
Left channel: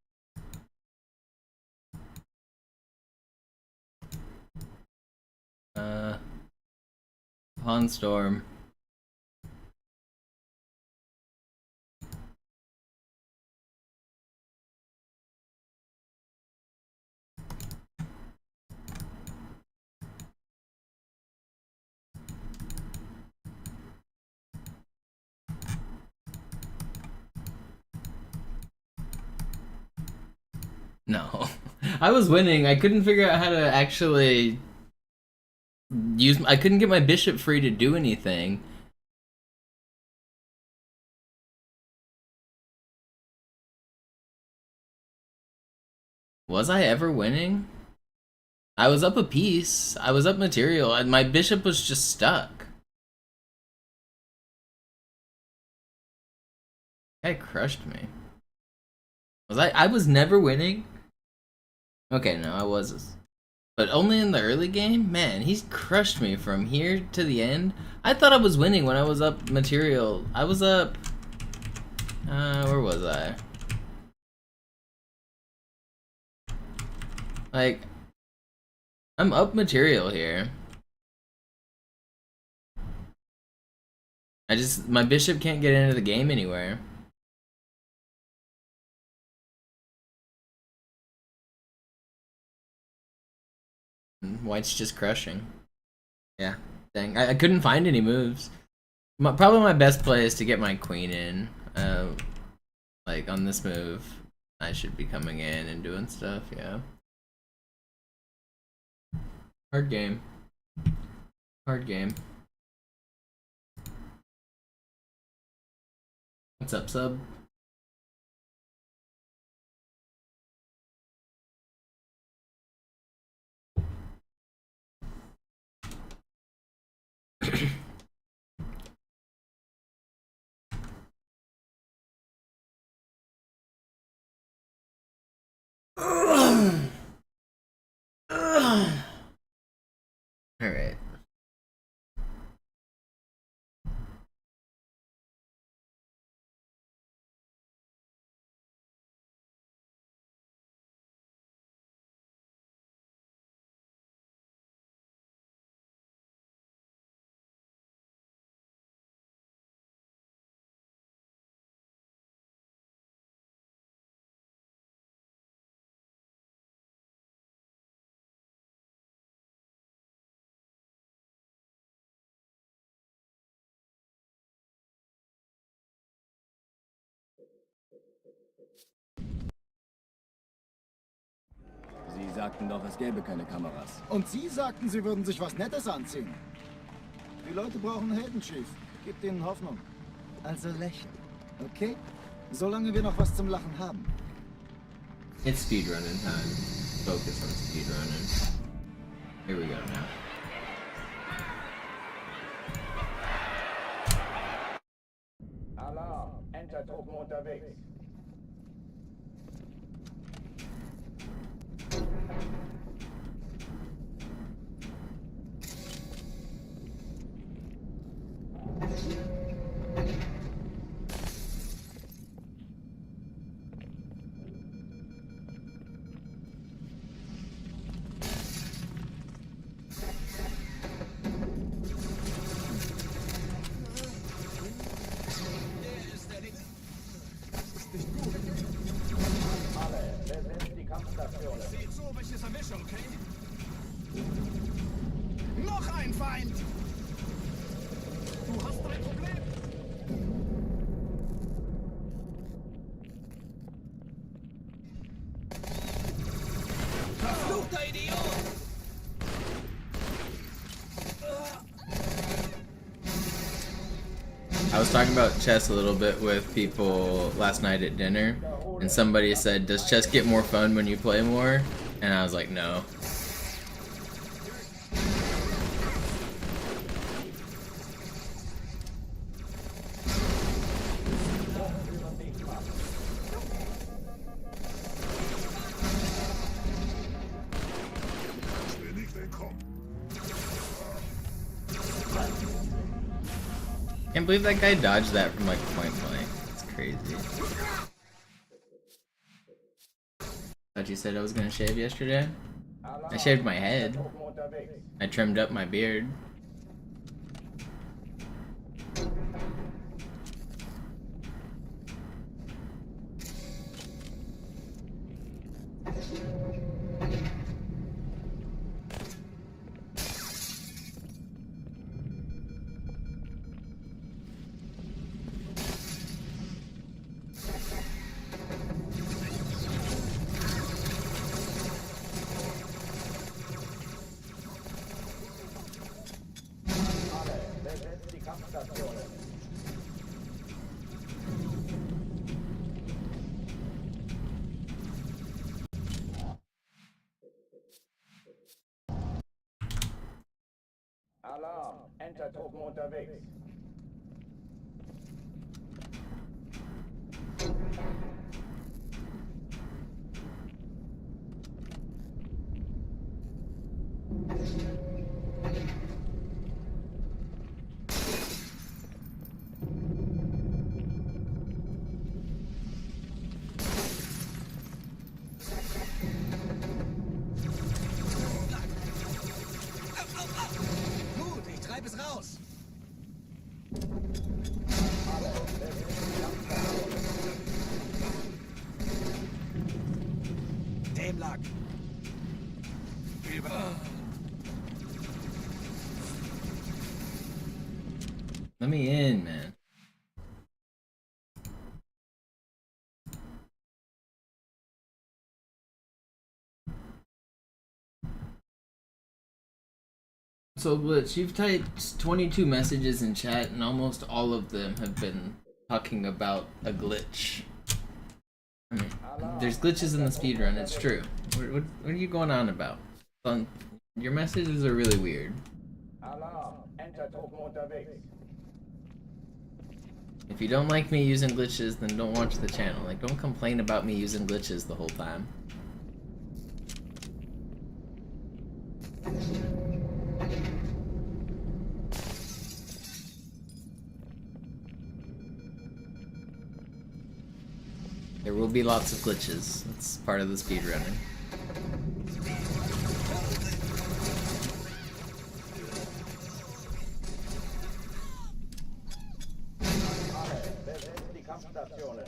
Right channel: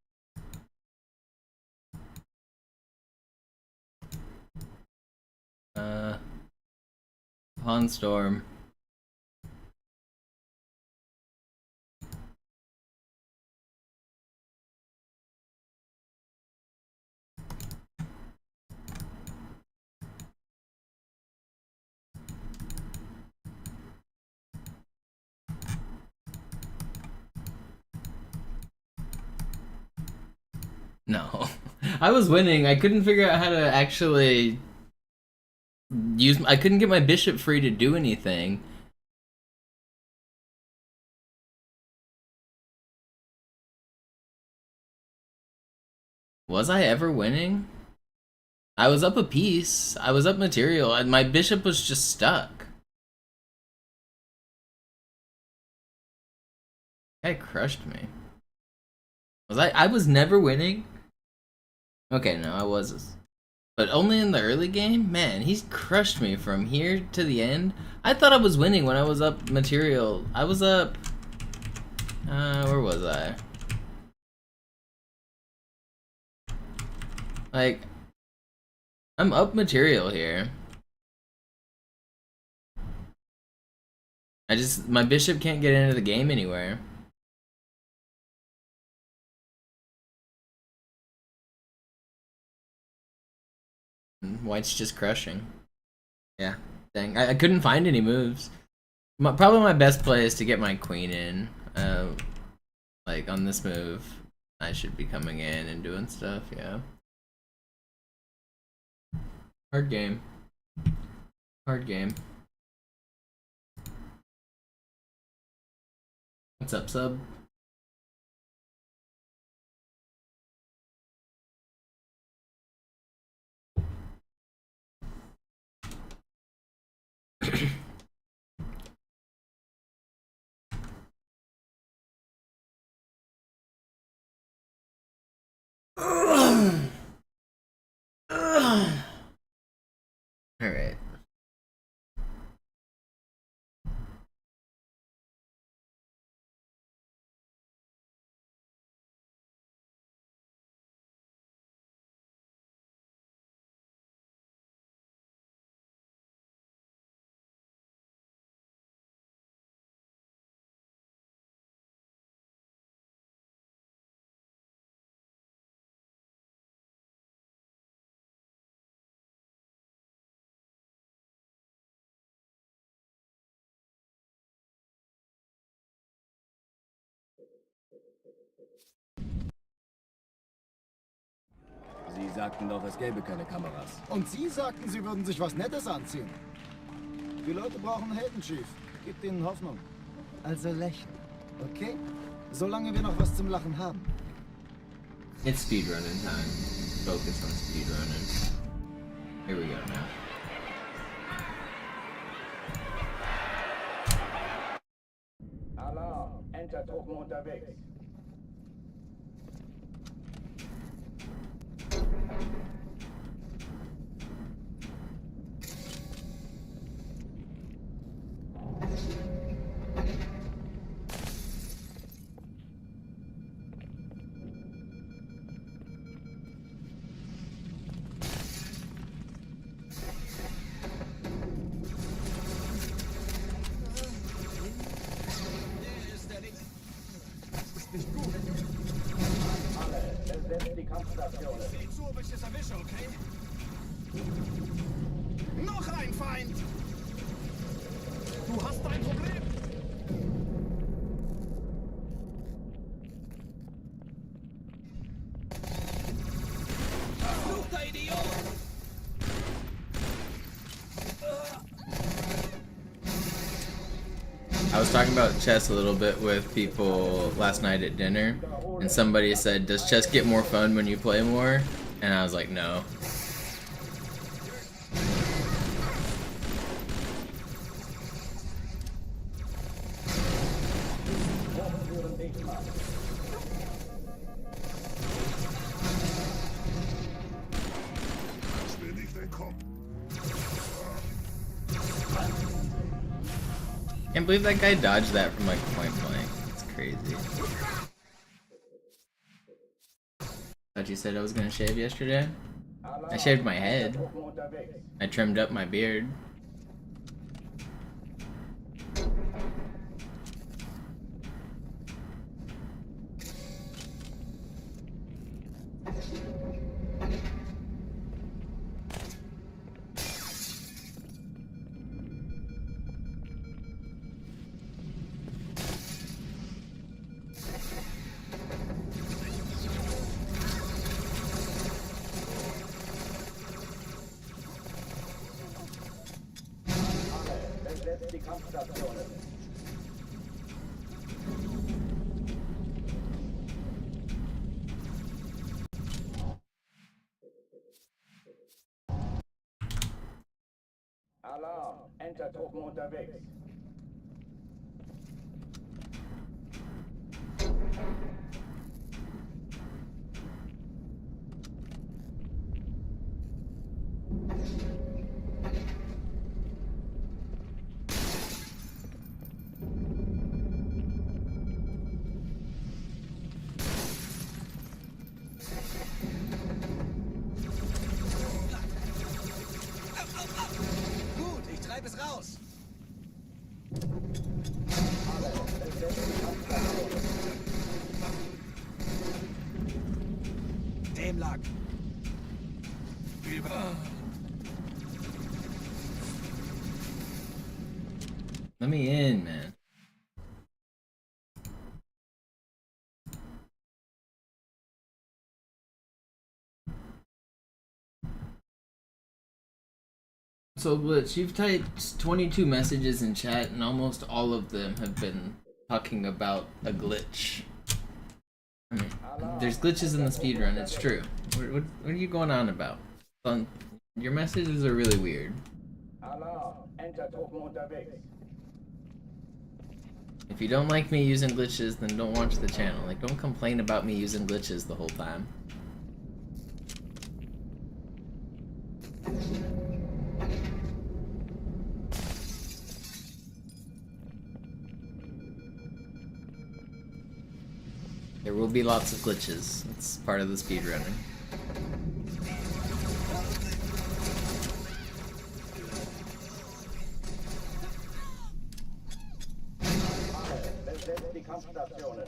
Pawn storm. No. I was winning. I couldn't figure out how to actually use... I couldn't get my bishop free to do anything. Was I ever winning? I was up a piece. I was up material, and my bishop was just stuck. Guy crushed me. Was I was never winning? Okay, no, I was. But only in the early game? Man, he's crushed me from here to the end. I thought I was winning when I was up material. I was up... where was I? Like... I'm up material here. My bishop can't get into the game anywhere. White's just crushing. Yeah, dang. I couldn't find any moves. Probably my best play is to get my queen in. Like, on this move, I should be coming in and doing stuff, yeah. Hard game. Hard game. What's up, sub? All right. Sie sagten doch, es gäbe keine Kameras. Und Sie sagten, Sie würden sich was Nettes anziehen. Die Leute brauchen Helden, Chief. Gebt ihnen Hoffnung. Also lächeln, okay? Solange wir noch was zum Lachen haben. It's speedrunning time. Focus on speedrunning. Here we go now. Alarm! Entertruppen unterwegs. Alle, besetzt die Kampfstationen. Seht so, welches erwische, okay? Noch ein Feind! Du hast ein Problem! Verfluchter Idiot! I was talking about chess a little bit with people last night at dinner, and somebody said, "Does chess get more fun when you play more?" And I was like, "No." Can't believe that guy dodged that from like point blank. It's crazy. Thought you said I was gonna shave yesterday. I shaved my head. I trimmed up my beard. Besetzt die Kampfstationen. Alarm! Entertruppen unterwegs. Gut, ich treibe es raus. Alle, besetzt die Kampfstationen. Dem lag. Let me in, man. So, Blitz, you've typed 22 messages in chat, and almost all of them have been talking about a glitch. I mean, there's glitches in the speedrun, it's true. What are you going on about? Your messages are really weird. Alarm! Entertruppen unterwegs. If you don't like me using glitches, then don't watch the channel. Like, don't complain about me using glitches the whole time. There will be lots of glitches. That's part of the speedrunning. Alle, besetzt die Kampfstationen.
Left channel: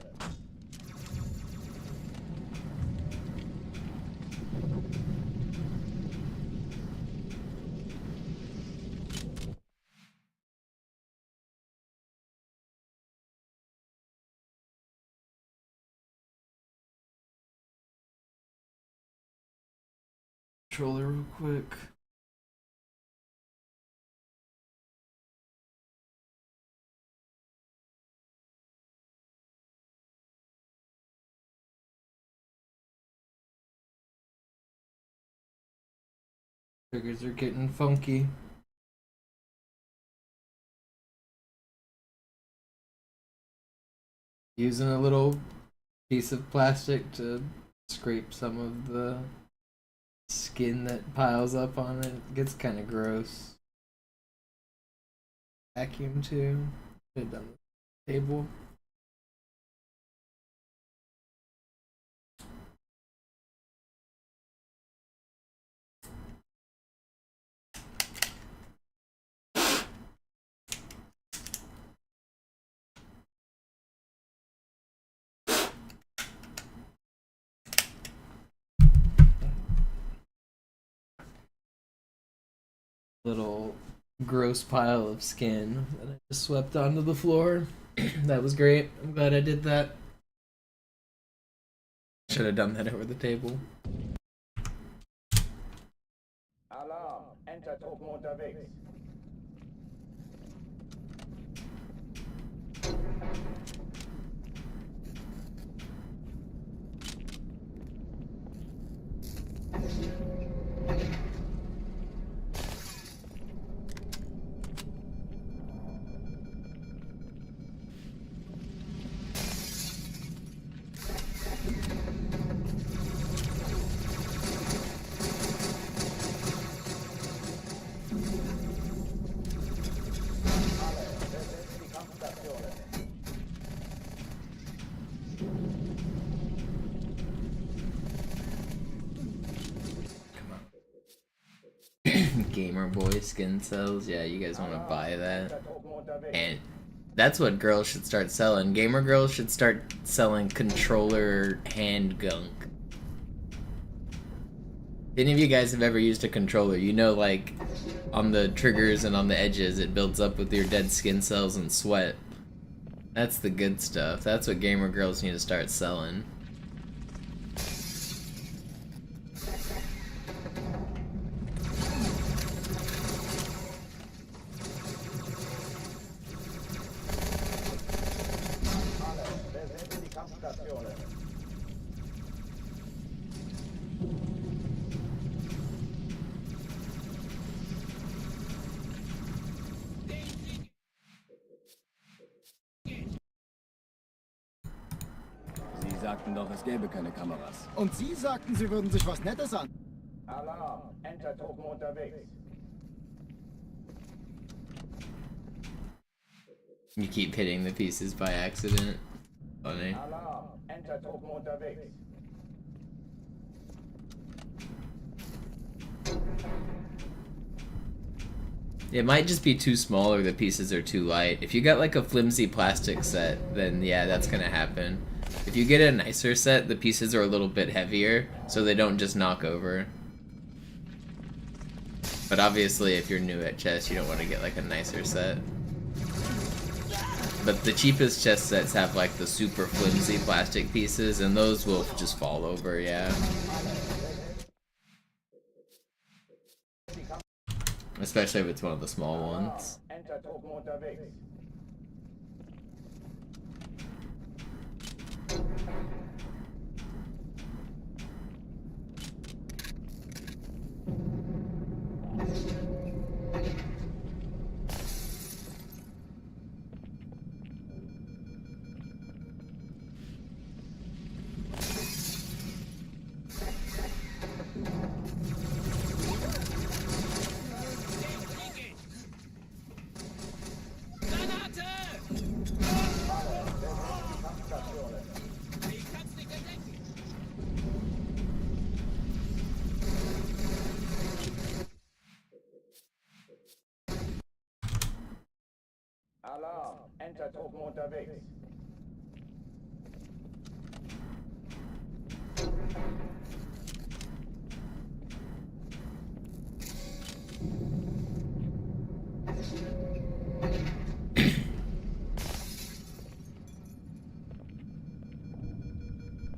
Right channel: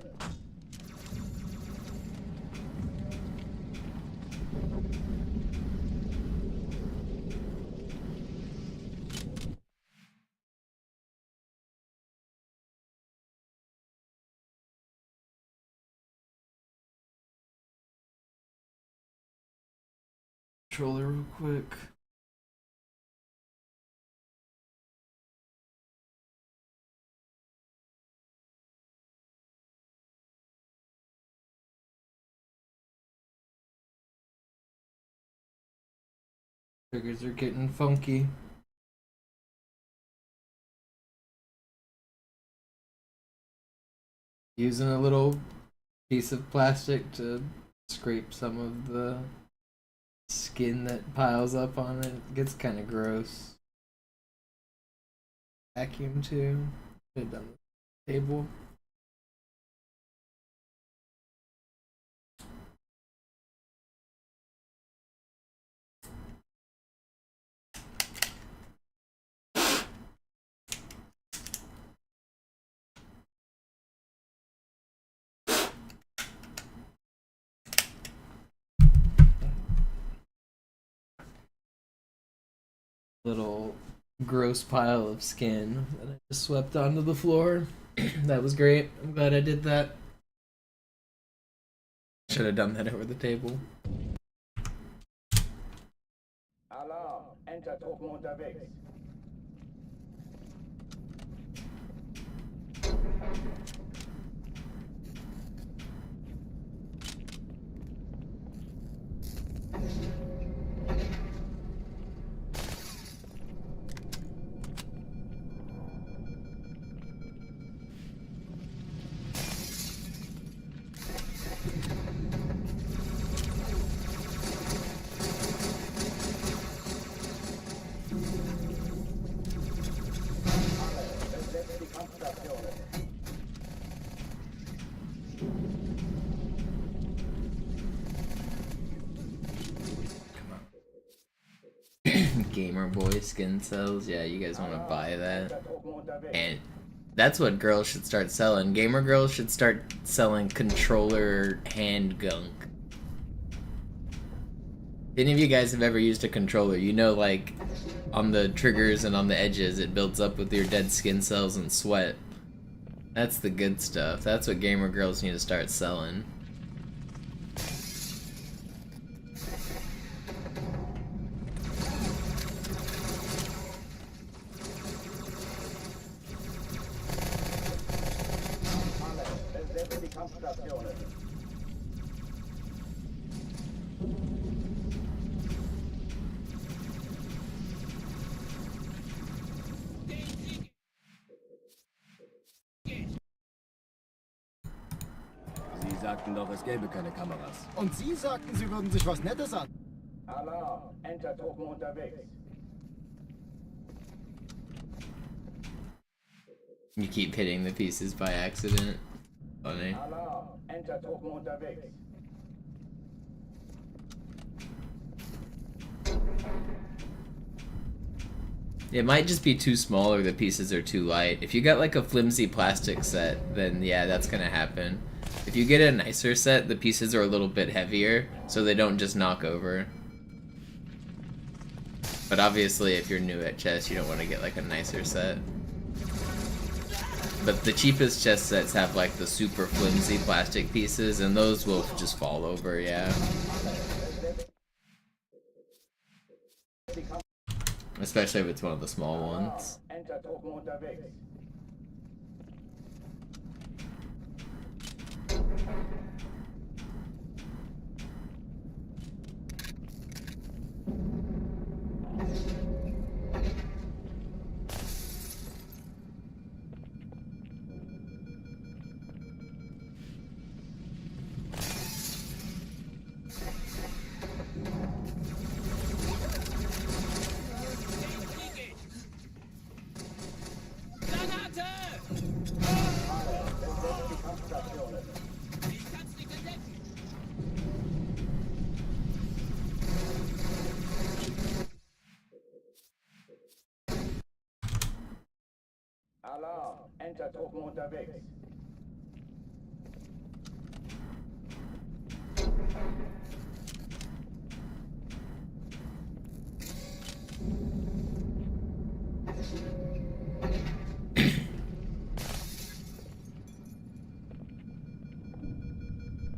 Controller real quick. Triggers are getting funky. Using a little piece of plastic to scrape some of the skin that piles up on it. It gets kind of gross. Vacuum too. Put it on the table. Little gross pile of skin that I just swept onto the floor. That was great. I'm glad I did that. Should have done that over the table. Alarm! Entertruppen unterwegs. Gamer Boy skin cells. Yeah, you guys want to buy that? And that's what girls should start selling. Gamer girls should start selling controller hand gunk. If any of you guys have ever used a controller, you know, like, on the triggers and on the edges, it builds up with your dead skin cells and sweat. That's the good stuff. That's what gamer girls need to start selling. Sie sagten doch, es gäbe keine Kameras. Und Sie sagten, Sie würden sich was Nettes an. Alarm, Entertruppen unterwegs. You keep hitting the pieces by accident. Funny. Alarm, Entertruppen unterwegs. It might just be too small or the pieces are too light. If you got like a flimsy plastic set, then yeah, that's gonna happen. If you get a nicer set, the pieces are a little bit heavier, so they don't just knock over. But obviously, if you're new at chess, you don't want to get like a nicer set. But the cheapest chess sets have like the super flimsy plastic pieces, and those will just fall over, yeah. Especially if it's one of the small ones. Entertruppen unterwegs. Alarm, Entertruppen unterwegs.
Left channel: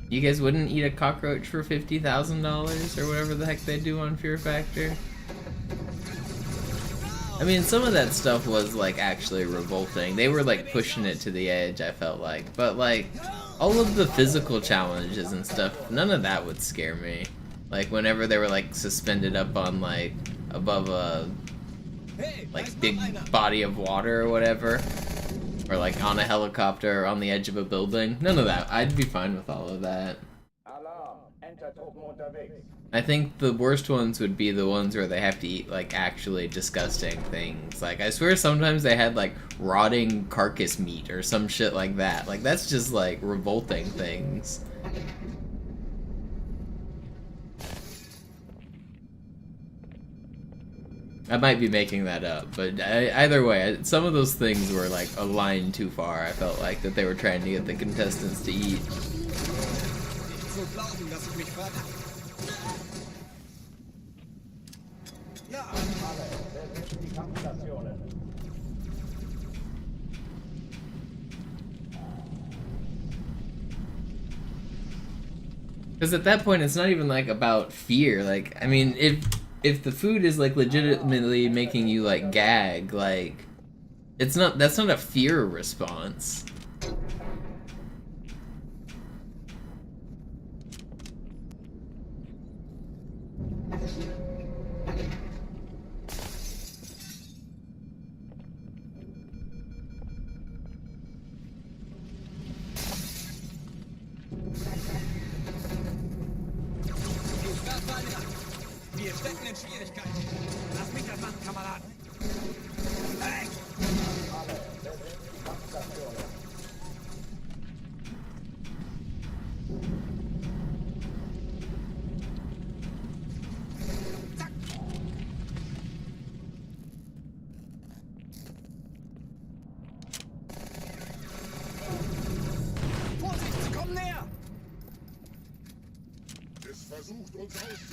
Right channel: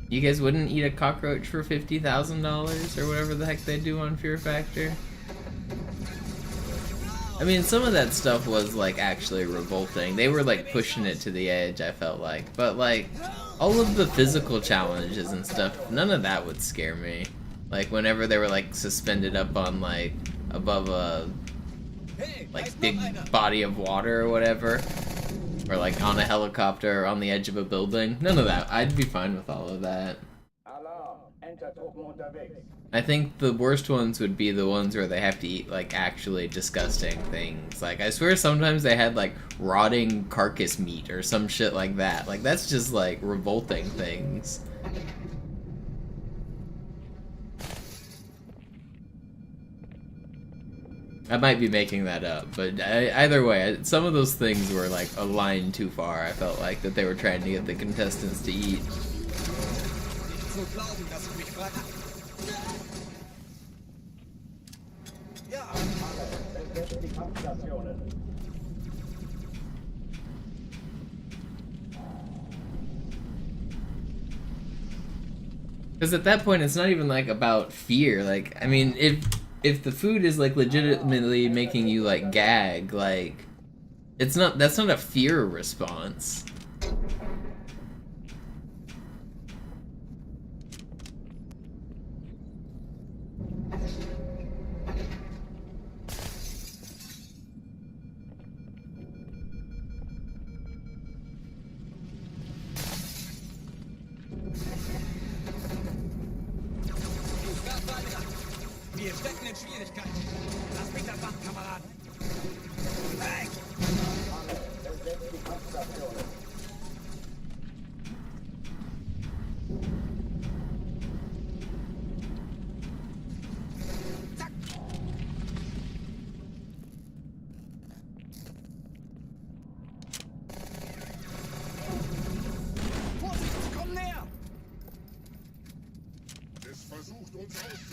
You guys wouldn't eat a cockroach for $50,000 or whatever the heck they do on Fear Factor? I mean, some of that stuff was like actually revolting. They were like pushing it to the edge, I felt like. But like, all of the physical challenges and stuff, none of that would scare me. Like whenever they were like suspended up on like above a like big body of water or whatever, or like on a helicopter or on the edge of a building, none of that. I'd be fine with all of that. Alarm, Entertruppen unterwegs. I think the worst ones would be the ones where they have to eat like actually disgusting things. Like I swear sometimes they had like rotting carcass meat or some shit like that. Like that's just like revolting things. I might be making that up, but either way, some of those things were like a line too far. I felt like that they were trying to get the contestants to eat. Because at that point, it's not even like about fear. Like, I mean, if the food is like legitimately making you like gag, like, it's not. That's not a fear response.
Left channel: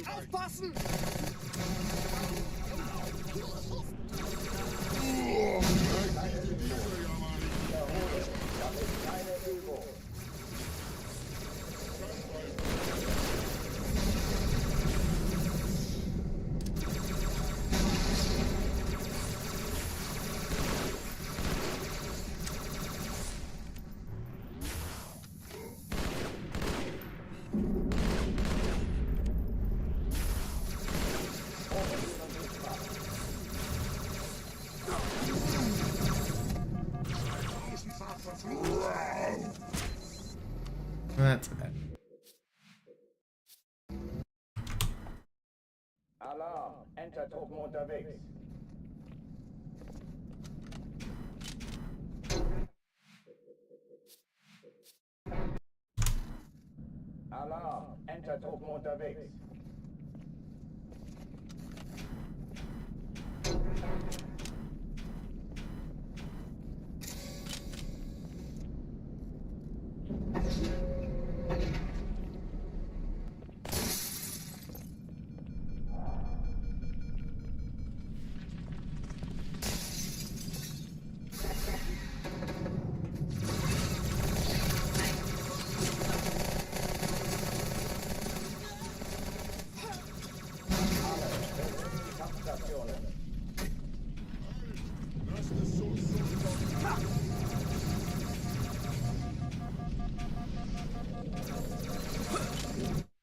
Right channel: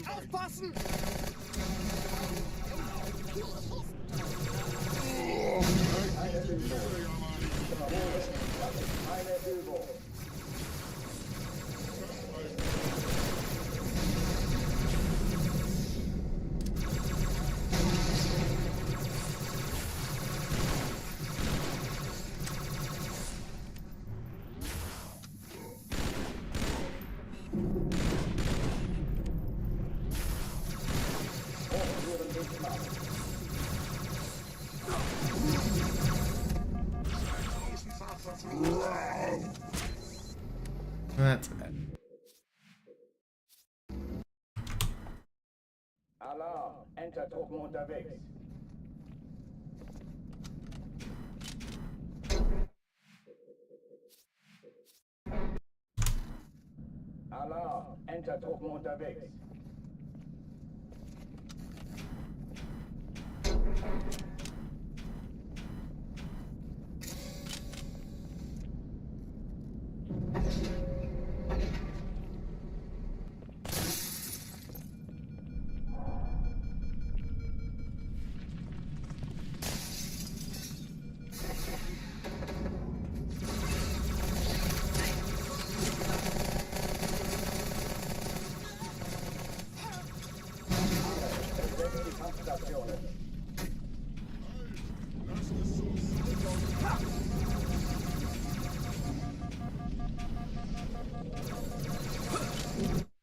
Aufpassen! Keine Übung. Ich wiederhole, das ist keine Übung. That's bad. Alarm! Entertruppen unterwegs. Alarm! Entertruppen unterwegs.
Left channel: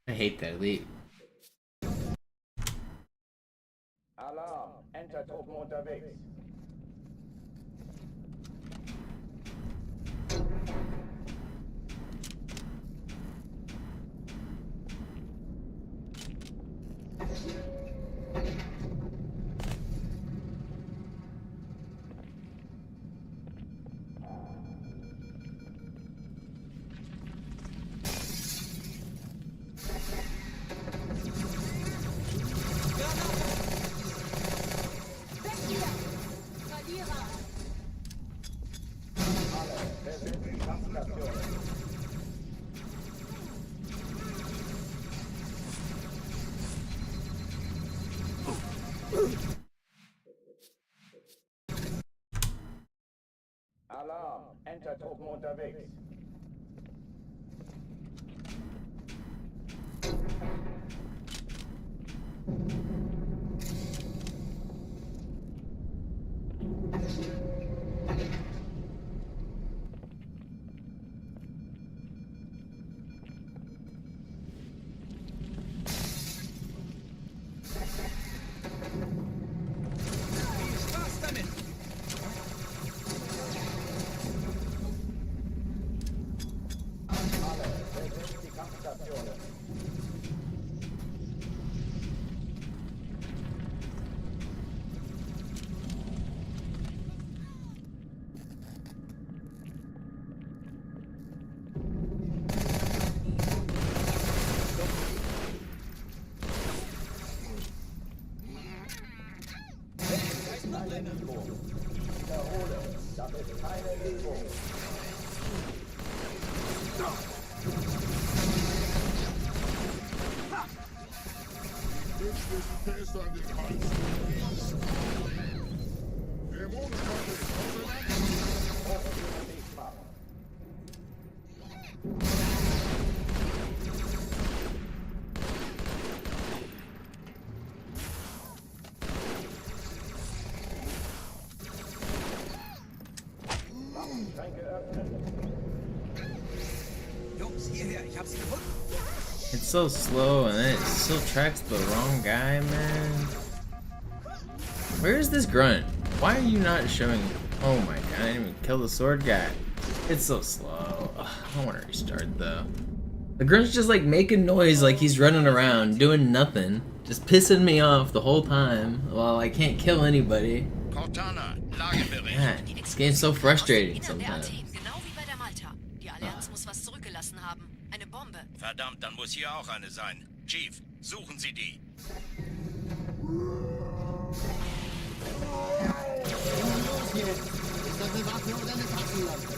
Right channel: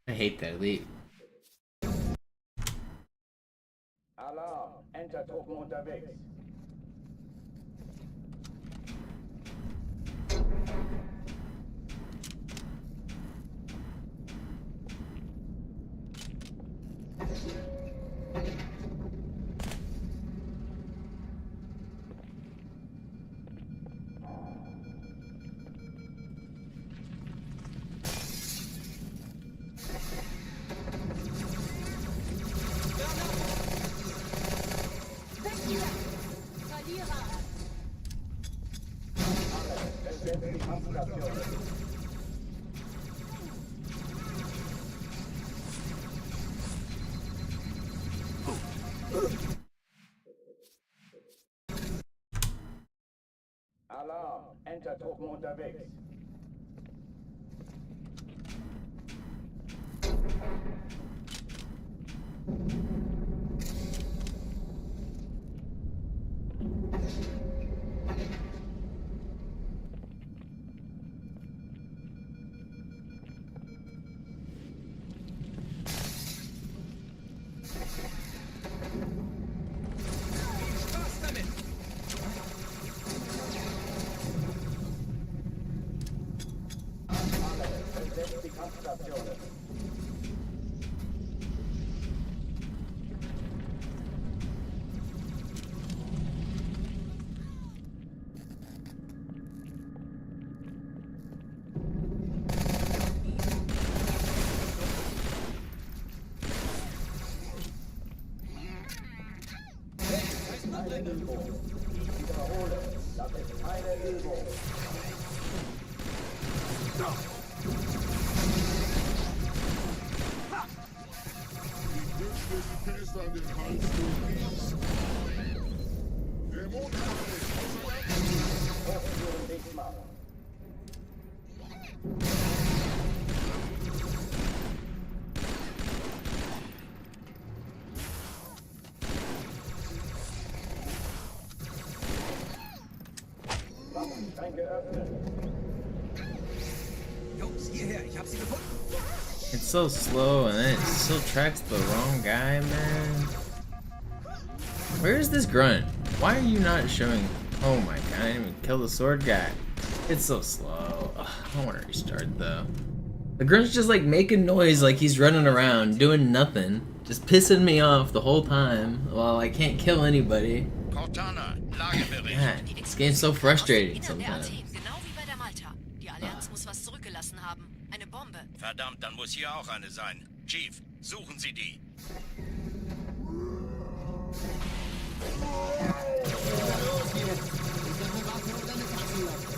I hate that leap. Alarm! Entertruppen unterwegs. Besetzt die Kampfstationen. Alarm! Entertruppen unterwegs. Besetzt die Kampfstationen. Dies ist keine Übung. Ich wiederhole, das ist keine Übung. Fest an den Hals gewiesen. Hochführung dicht machen. Waffenschränke öffnen. Jungs, hierher, ich hab's gefunden. It's so slow and then it still tracks the wrong guy, man. Where is this grunt? Why are you not showing? Oh my god, I didn't even kill the sword guy. It's so slow. Ugh, I want to restart though. The grunt's just like making noise like he's running around doing nothing. Just pissing me off the whole time while I can't kill anybody. Cortana, Lagebericht. God, this game's so frustrating sometimes. Genau wie bei der Malta. Die Allianz muss was zurückgelassen haben. Eine Bombe. Verdammt, dann muss hier auch eine sein. Chief, suchen Sie die. Immer los hier! Ist das eine Waffe oder eine Taschenlampe?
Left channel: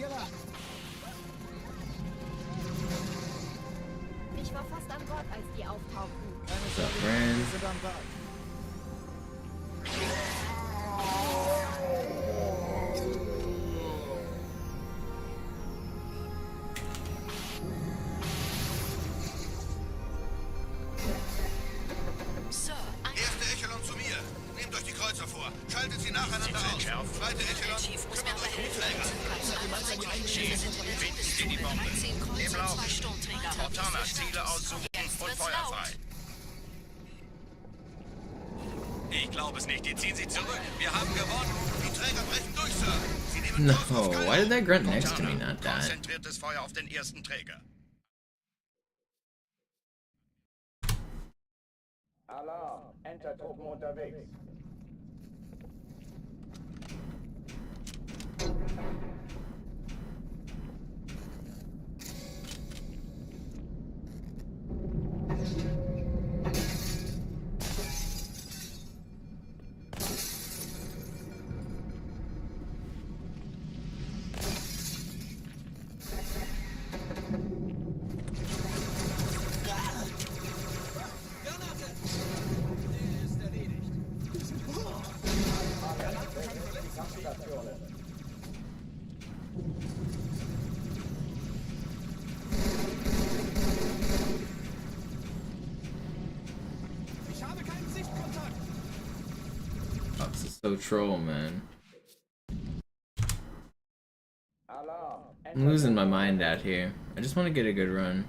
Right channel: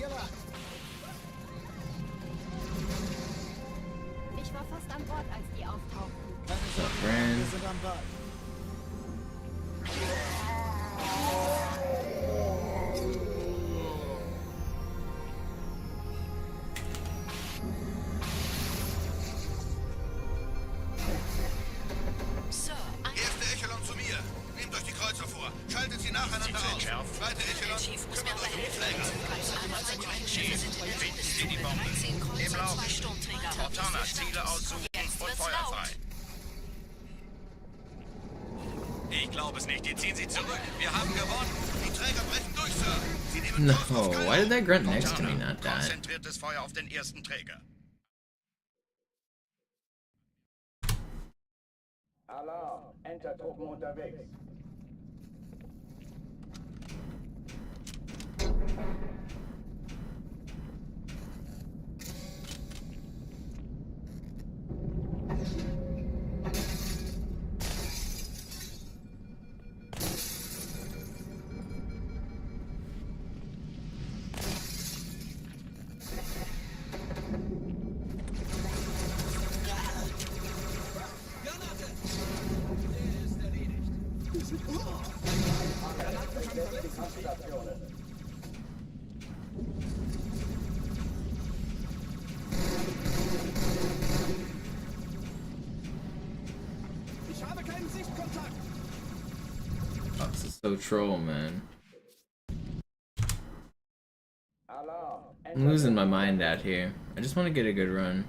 Hier lang. Ich war fast an Bord, als die auftauchten. Keine What's up, Sorge, friend? wir sind am Ball. Erste Echelon zu mir. Nehmt euch die Kreuzer vor. Schaltet sie nacheinander aus. Zweite Echelon, kümmert euch um die Pfleger. Finden Sie die Bombe. Im Lauf. Cortana, Ziele aussuchen und Feuer frei. Ich glaube es nicht. Die ziehen sich zurück. Wir haben gewonnen. Die Träger brechen durch, Sir. Sie nehmen No, Kurs auf why did that grunt Cortana. next to me not die? Konzentriertes Feuer auf den ersten Träger. Alarm! Entertruppen unterwegs. Alle, besetzt die Kampfstationen. Ich habe keinen Sichtkontakt. Fox is so troll, man. Alarm! I'm losing my mind out here. I just want to get a good run.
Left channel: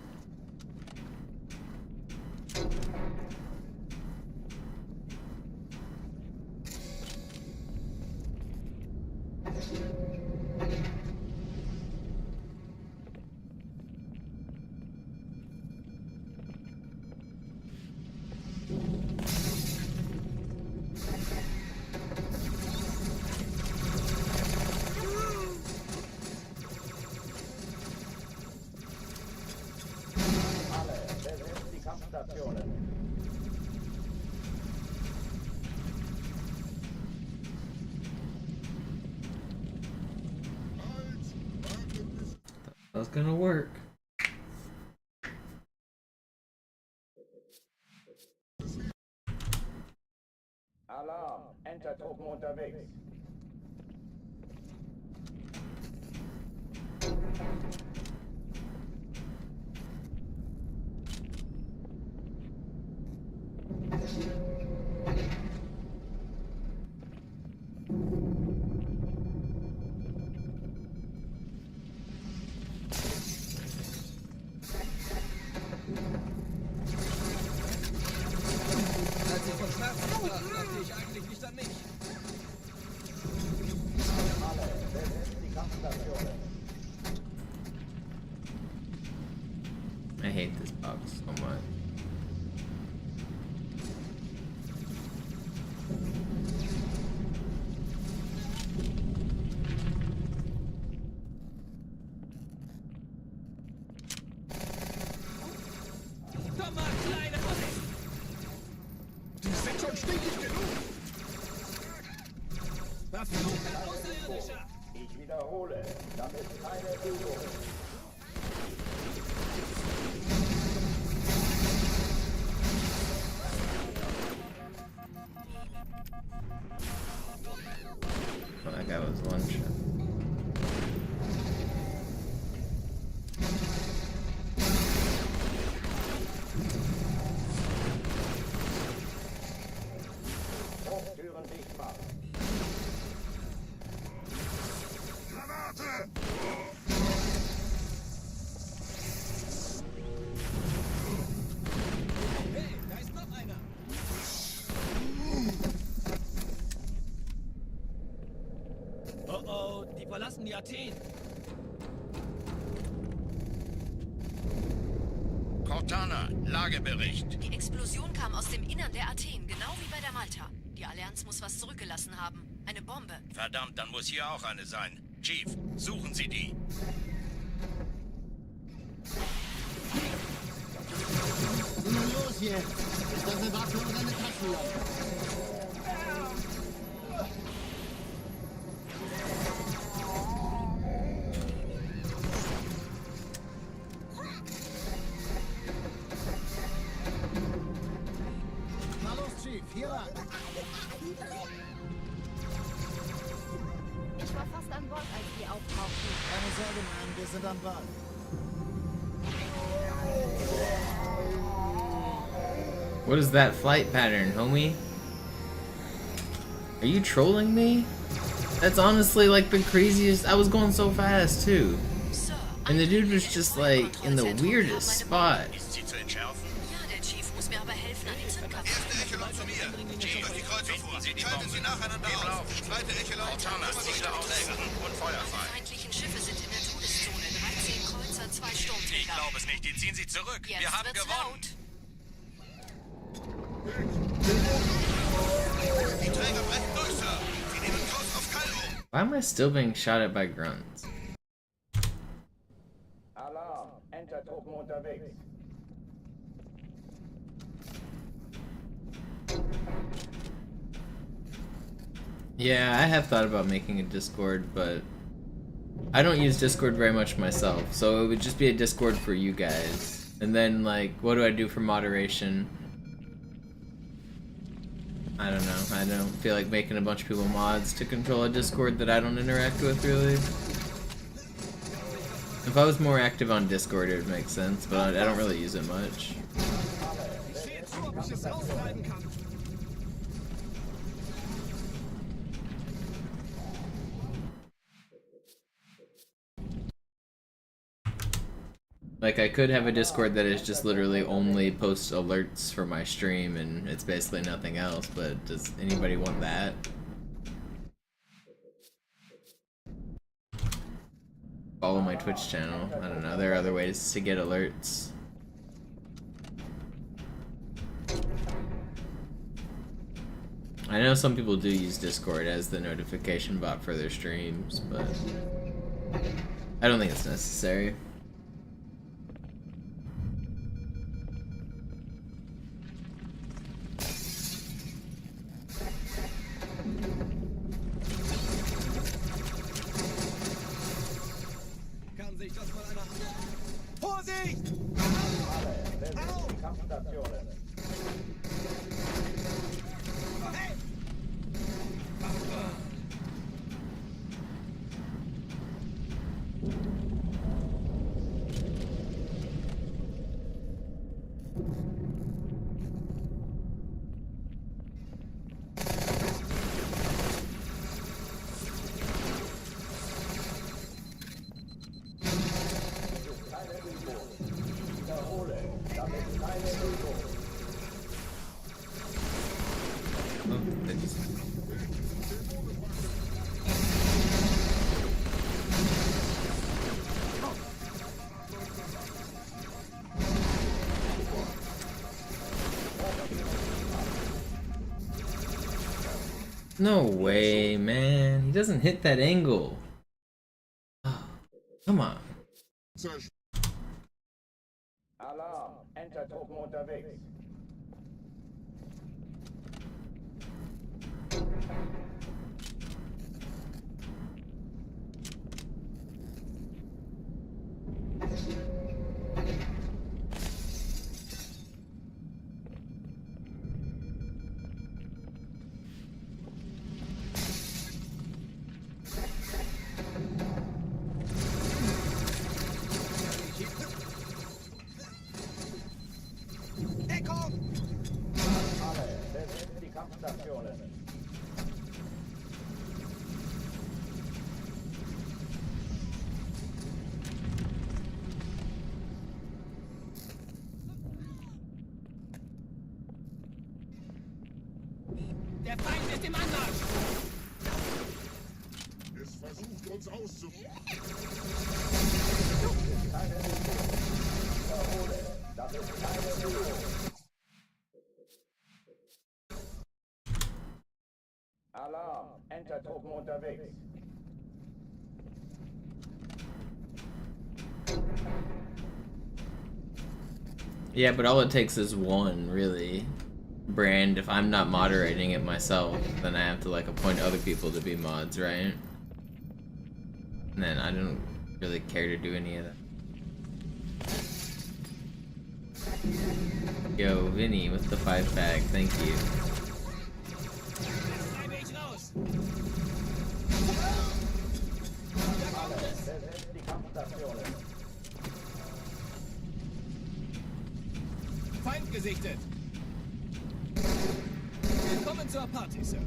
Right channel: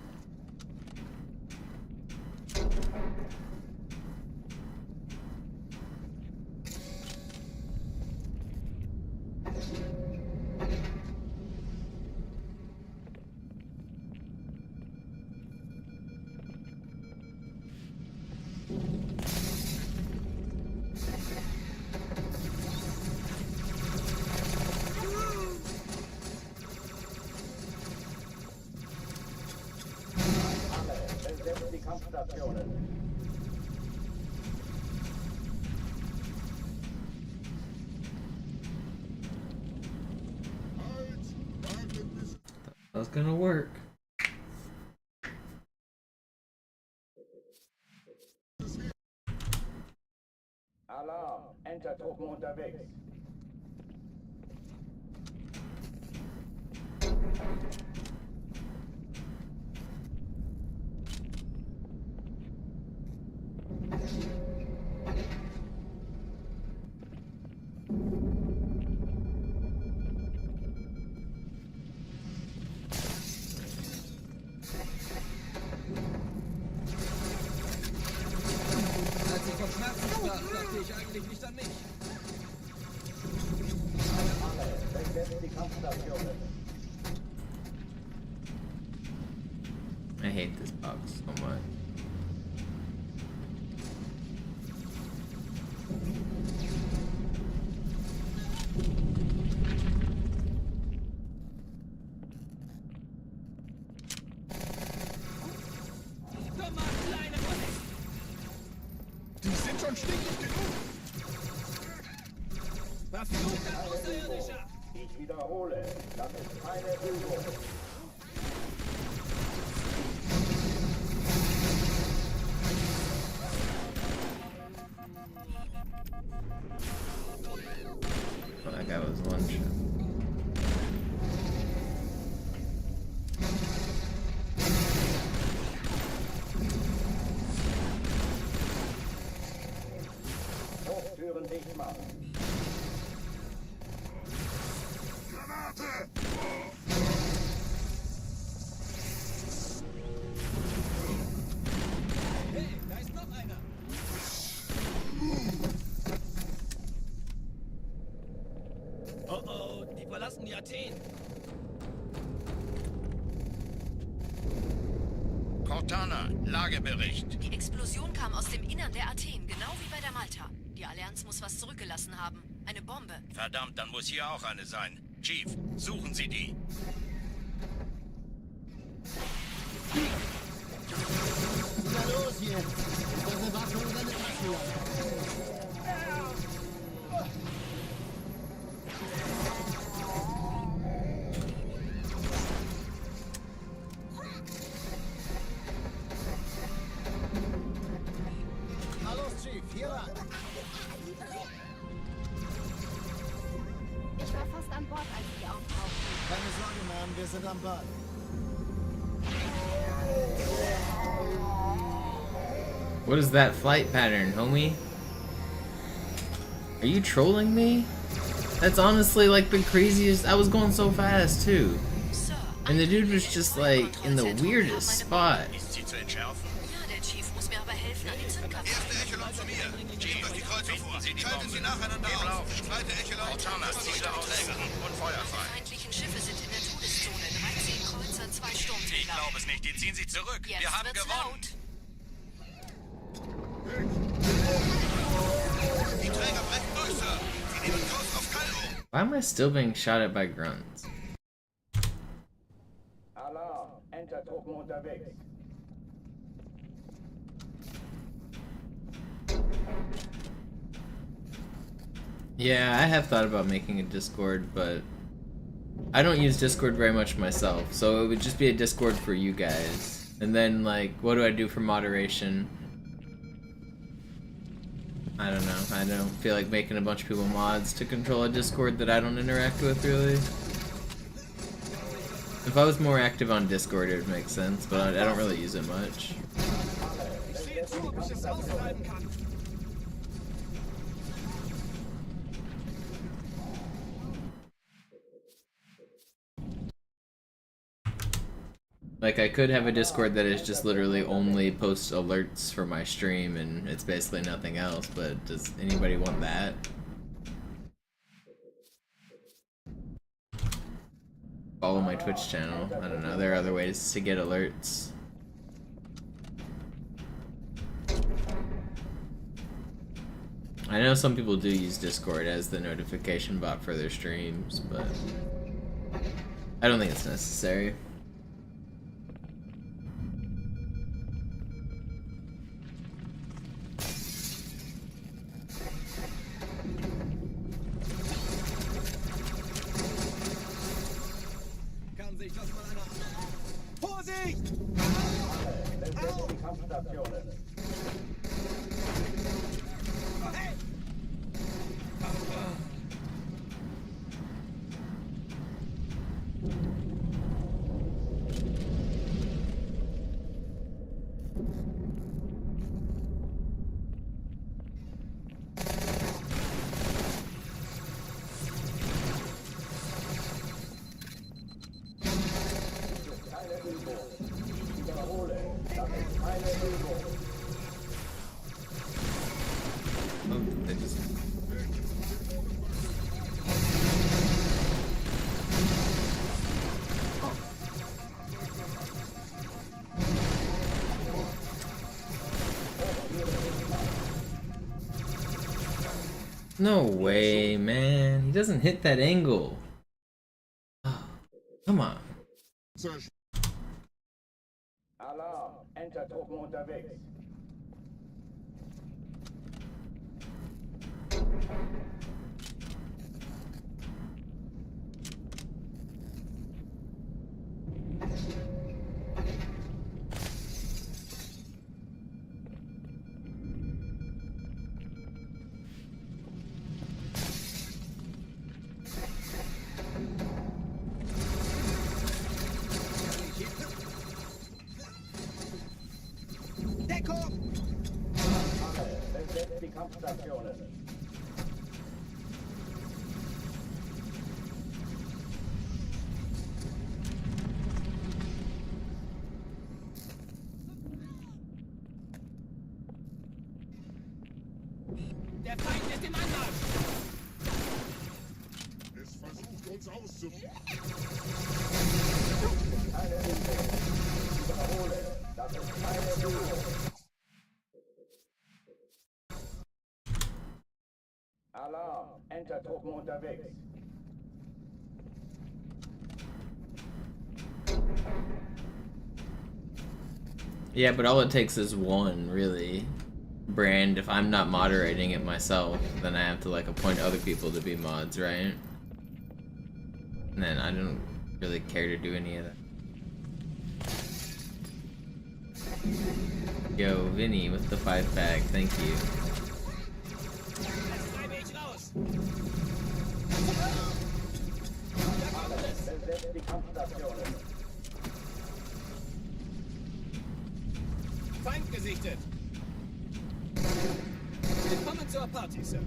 Alle, besetzt die Kampfstationen. That's gonna work. Alarm! Entertruppen unterwegs. Als ich vom Schmerzen sprach, dachte ich eigentlich nicht an mich. Alle, besetzt die Kampfstationen. I hate this box so much. Dummer kleine Hunde. Verfluchte Keine Übung. Außerirdischer. Ich wiederhole, das ist keine Übung. Oh, that guy was one shot. Hochtüren dicht machen. Hey, da ist noch einer. Oh oh, die verlassen die Athen. Cortana, Lagebericht. Die Explosion kam aus dem Innern der Athen, genau wie bei der Malta. Die Allianz muss was zurückgelassen haben. Eine Bombe. Verdammt, dann muss hier auch eine sein. Chief, suchen Sie die. Na los jetzt! Ist das eine Waffe oder eine Taschenlampe? hier lang. Ich war fast an Bord, als die auftauchten. Keine Sorge, Ma'am, wir sind am Ball. What is that flight pattern, homie? Are you trolling me? That's honestly like the craziest. I was going so fast too. And the dude was just like in the weirdest spot. Ist sie zu entschärfen? Ja, der Chief muss mir aber helfen, an die Zündkapsel. Erste Echelon zu mir. Chief, die Kreuzer vor. Schalten Sie nacheinander auf. Zweite Echelon. Cortana, Ziele Trägerin und Die feuerfrei. feindlichen Schiffe sind in der Todeszone. 13 Kreuzer, 2 Ich Sturmträger. glaube es nicht. Die ziehen sich zurück. Jetzt Wir haben wird's gewonnen. laut. Die Träger brechen durch, Sir. Sie nehmen Kurs auf Kairo. Why am I still being shot at by grunts? Alarm. Enter-Truppen unterwegs. Yeah, I have thought about making a Discord, but I don't use Discord very much myself, so it would just be a Discord for you guys. And then, like, what do I do for moderation? I don't know. I don't feel like making a bunch of people mods to control a Discord that I don't interact with, really. If I was more active on Discord, it would make sense, but I don't really use it much. Like, I could have a Discord that is just literally only posts alerts for my stream and it's basically nothing else, but does anybody want that? Follow my Twitch channel. I don't know, there are other ways to get alerts. I know some people do use Discord as the notification bot for their streams, but I don't think it's necessary. Kann sich das mal einer anschauen? Vorsicht! Alle, besetzt die Kampfstationen. Hey! Dies ist keine Übung. Ich wiederhole, das ist keine Übung. Oh, they just... No way, man. He doesn't hit that angle. Oh, come on. Alarm. Enter-Truppen unterwegs. Deckung! Alle, besetzt die Kampfstationen. Der Feind ist im Angriff! Es versucht uns auszuführen. Keine Übung. Ich wiederhole, das ist keine Übung. Alarm. Enter-Truppen unterwegs. Yeah, but all it takes is one, really. Brand, if I'm not moderating it myself, then I have to like appoint other people to be mods, right? And then I don't really care to do any of that. Yo, Vinny with the 5-pack, thank you. gesichtet. Willkommen zur Party, Sir.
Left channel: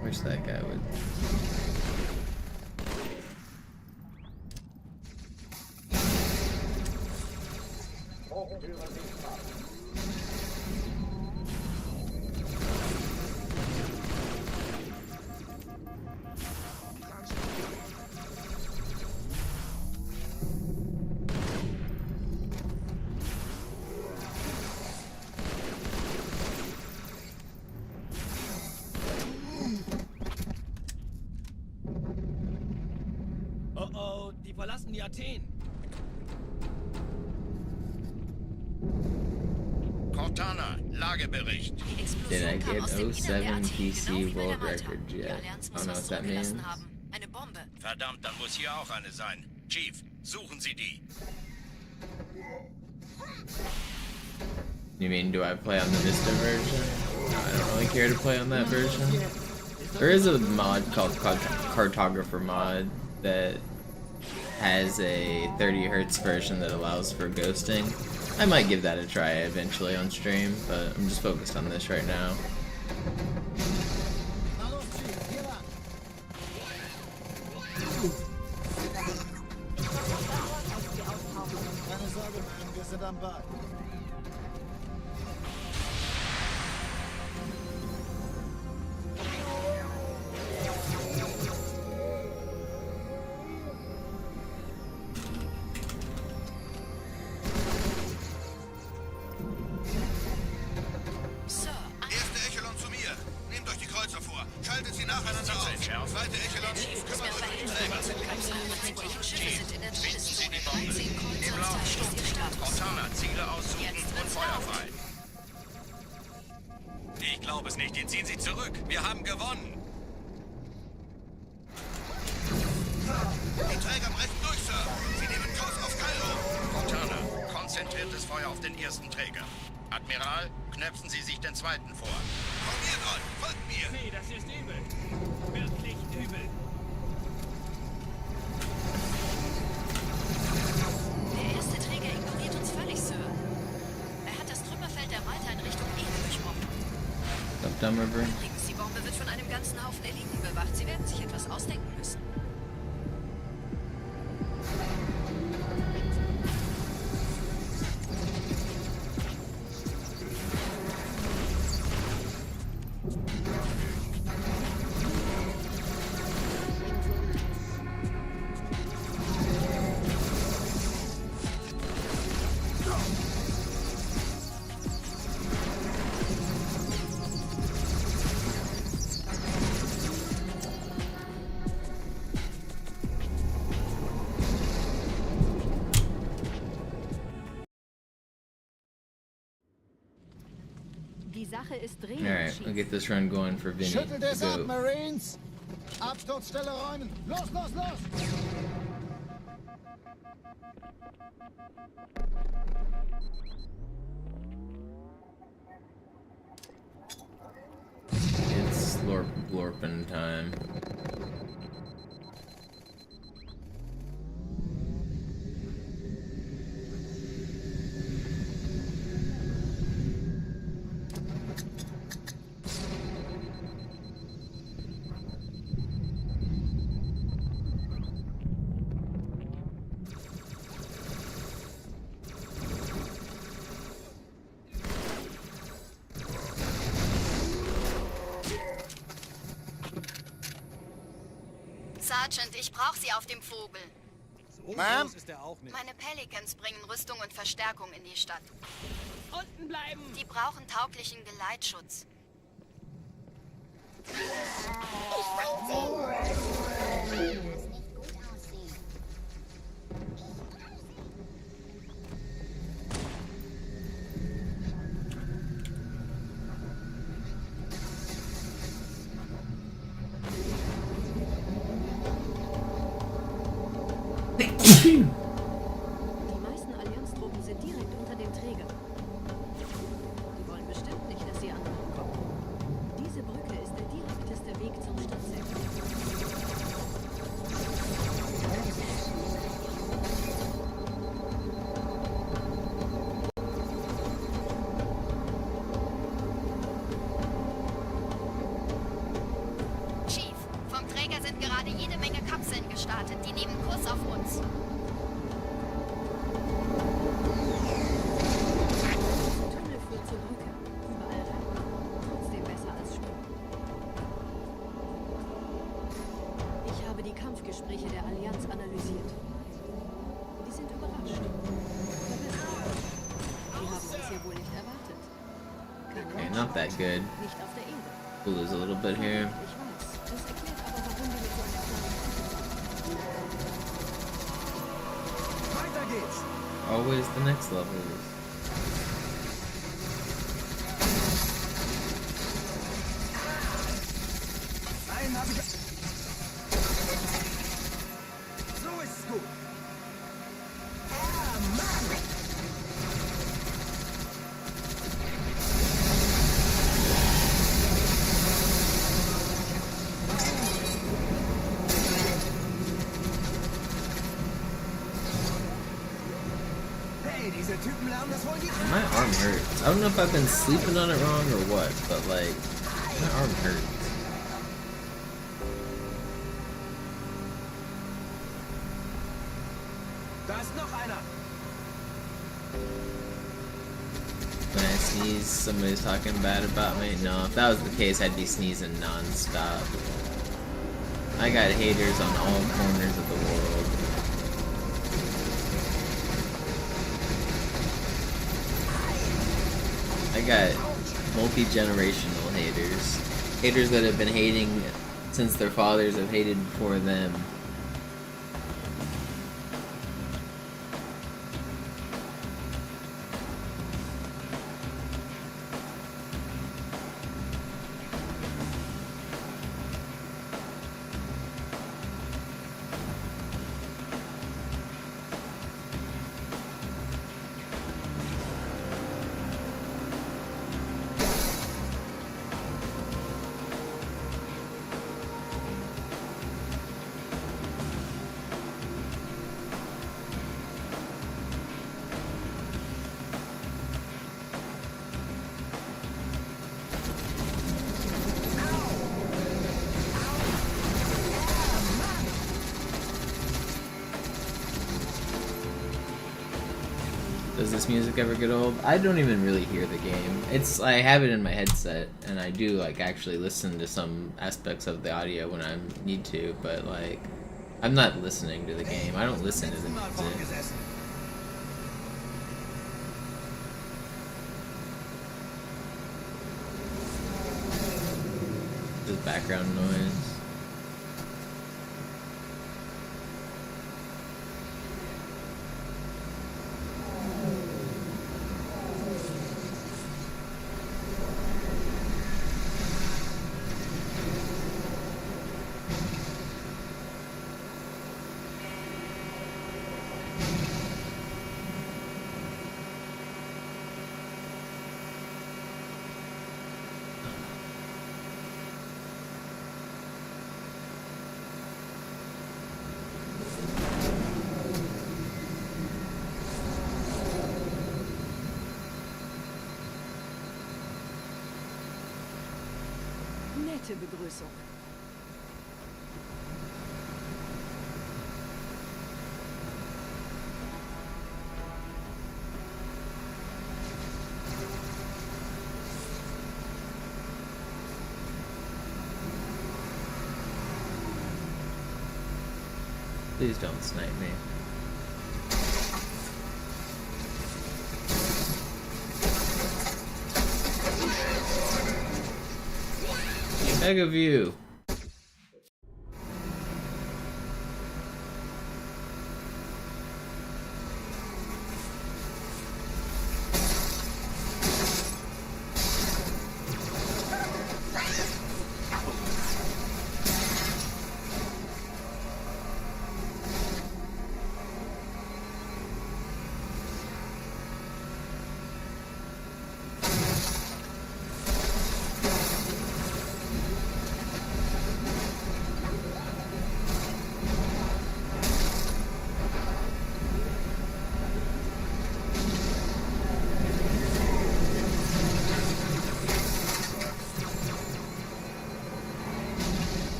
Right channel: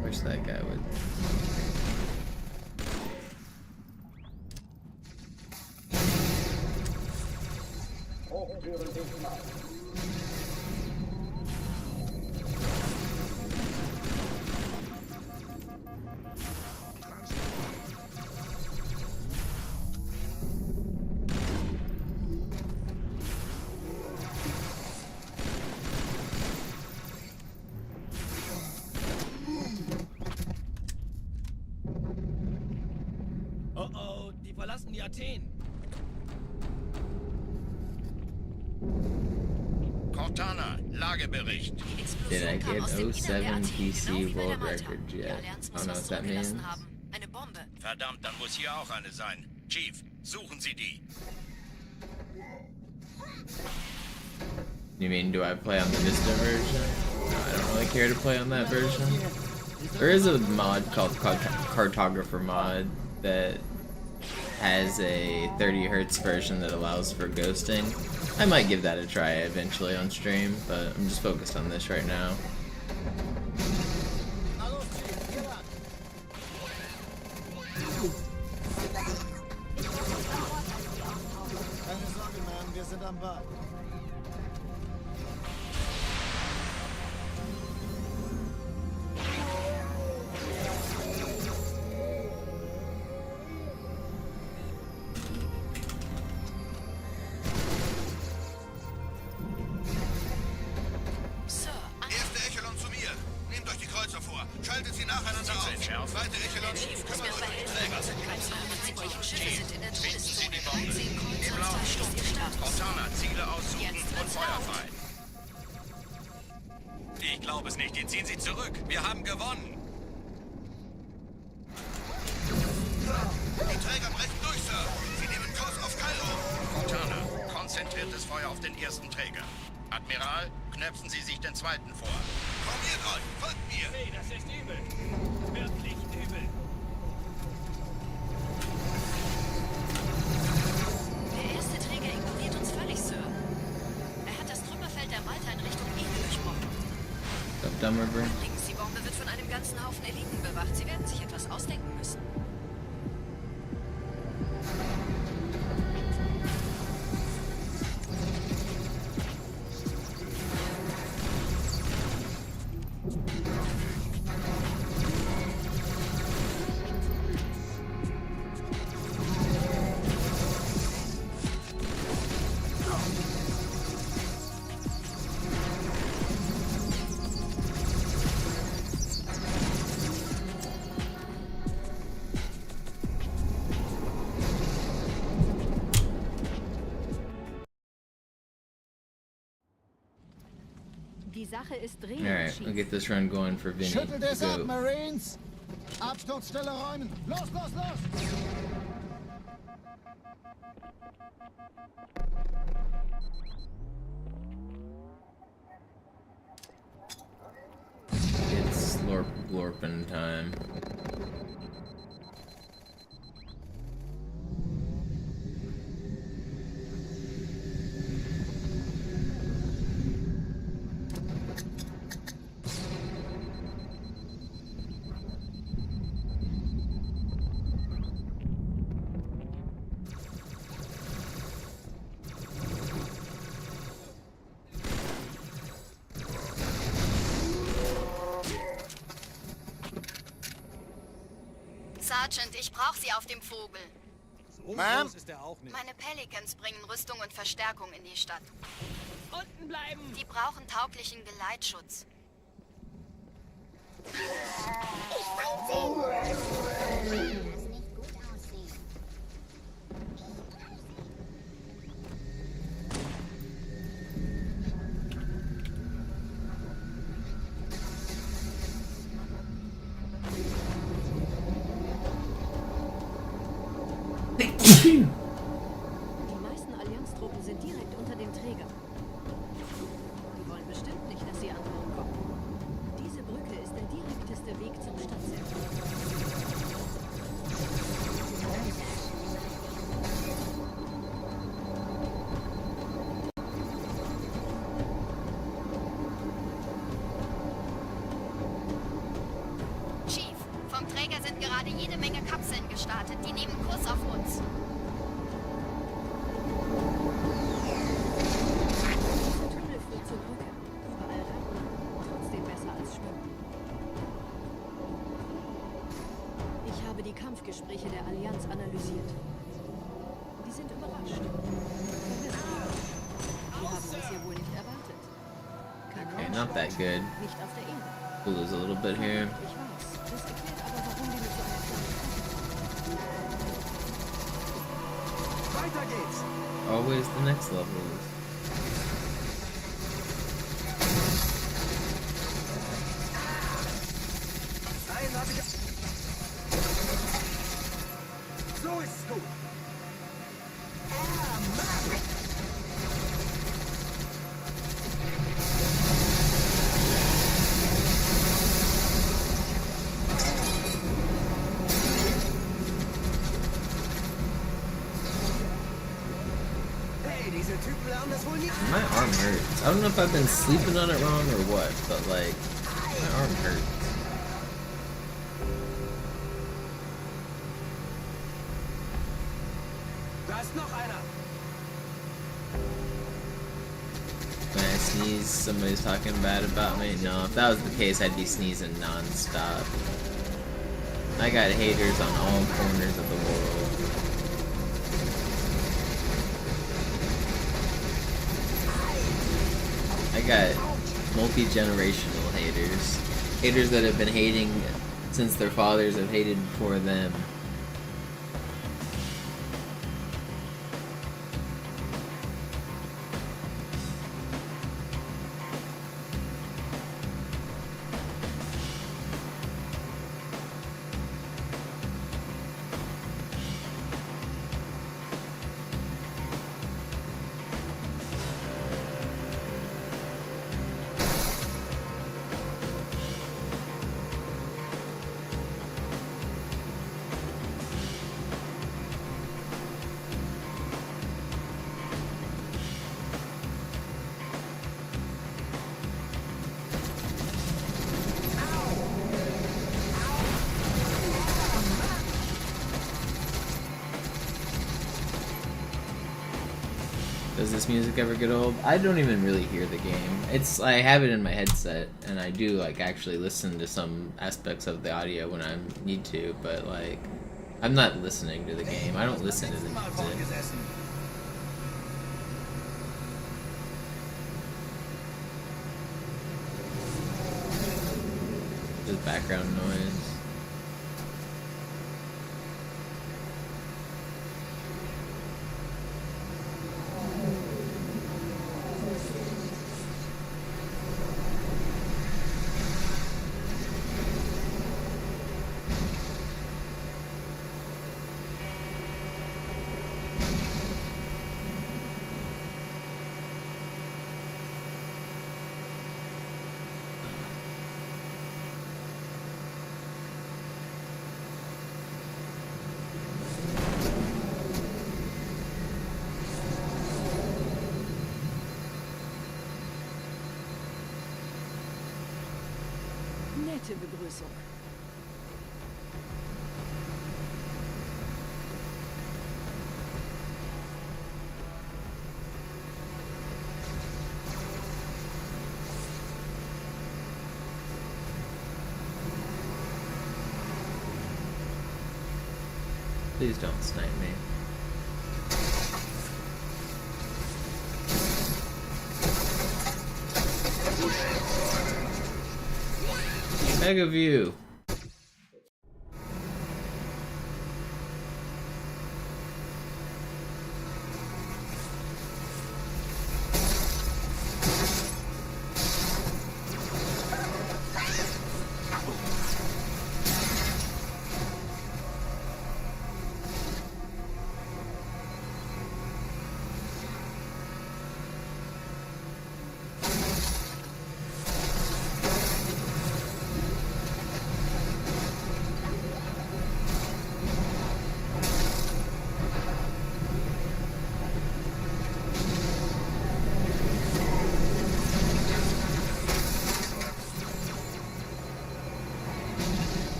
Wish that guy would. Oh oh, die verlassen die Athen. Cortana, Lagebericht. Did I get 07 PC world record yet? I don't know what that means. Eine Bombe. Verdammt, dann muss hier auch eine sein. Chief, suchen Sie die. You mean, do I play on the Vista version? No, I don't really care to play on that version. There is a mod called Cartographer mod that has a 30 Hz version that allows for ghosting. I might give that a try eventually on stream, but I'm just focused on this right now. Keine Sorge, Ma'am, wir sind am Ball. Erste Echelon zu mir. Nehmt euch die Kreuzer vor. Schaltet sie nacheinander auf. Zweite Echelon, kümmert euch um die Träger. Chief, finden Sie die Bombe. Im Lauf. Cortana, Ziele aussuchen und Feuer frei. Ich glaube es nicht, die ziehen sie zurück. Wir haben gewonnen. Die Träger brechen durch, Sir. Sie nehmen Kurs auf Kairo. Cortana, konzentriertes Feuer auf den ersten Träger. Admiral, knöpfen Sie sich den zweiten vor. Formiert euch, folgt mir. Nee, das ist übel. Wirklich übel. Der erste Träger ignoriert uns völlig, Sir. Er hat das Trümmerfeld der Malta in Richtung Erde durchbrochen. Up Dumb River. Übrigens, die Bombe wird von einem ganzen Haufen Eliten bewacht. Sie werden sich etwas ausdenken müssen. Die Sache ist dringend. Alright, we'll get this run going for Vinny. Schüttelt es The ab, goat. Marines! Absturzstelle räumen! Los, los, los! It's Lorpin time. Sergeant, ich brauche Sie auf dem Vogel. Ma'am? Meine Pelicans bringen Rüstung und Verstärkung in die Stadt. Unten bleiben! Die brauchen tauglichen Geleitschutz. Die meisten Allianztruppen sind direkt unter dem Träger. Die wollen bestimmt nicht, dass die anderen kommen. Diese Brücke ist der direkteste Weg zum Stadtzentrum. Chief, vom Träger sind gerade jede Menge Kapseln gestartet. Die nehmen Kurs auf uns. Dieser Tunnel führt zur Brücke. Überall reiten. Trotzdem besser als schwimmen. Ich habe die Kampfgespräche der Allianz analysiert. Die sind überrascht. Verwirrt. Die haben uns hier wohl nicht erwartet. Keine Okay, not that good. Nicht auf der Erde. We'll lose a little bit here. Ich weiß. Das erklärt aber, warum die mit so einer kleinen Truppe kommen. Weiter geht's! Always the next levels. Einen hab ich... So ist's gut! Ah, Mann! Hey, diese Typen lernen das wohl nicht. My arm hurts. I don't know if I've been sleeping on it wrong or what, but like, my arm hurts. Da ist noch einer! When I sneeze, somebody's talking bad about me. No, if that was the case, I'd be sneezing non-stop. I got haters on all corners of the world. I got multi-generational haters. Haters that have been hating since their fathers have hated before them. Does this music ever get old? I don't even really hear the game. I have it in my headset, and I do like actually listen to some aspects of the audio when I need to, but like, I'm not listening to the game. I don't listen to the music. Just background noise. Nette Begrüßung. Please don't snipe me. Beg of you.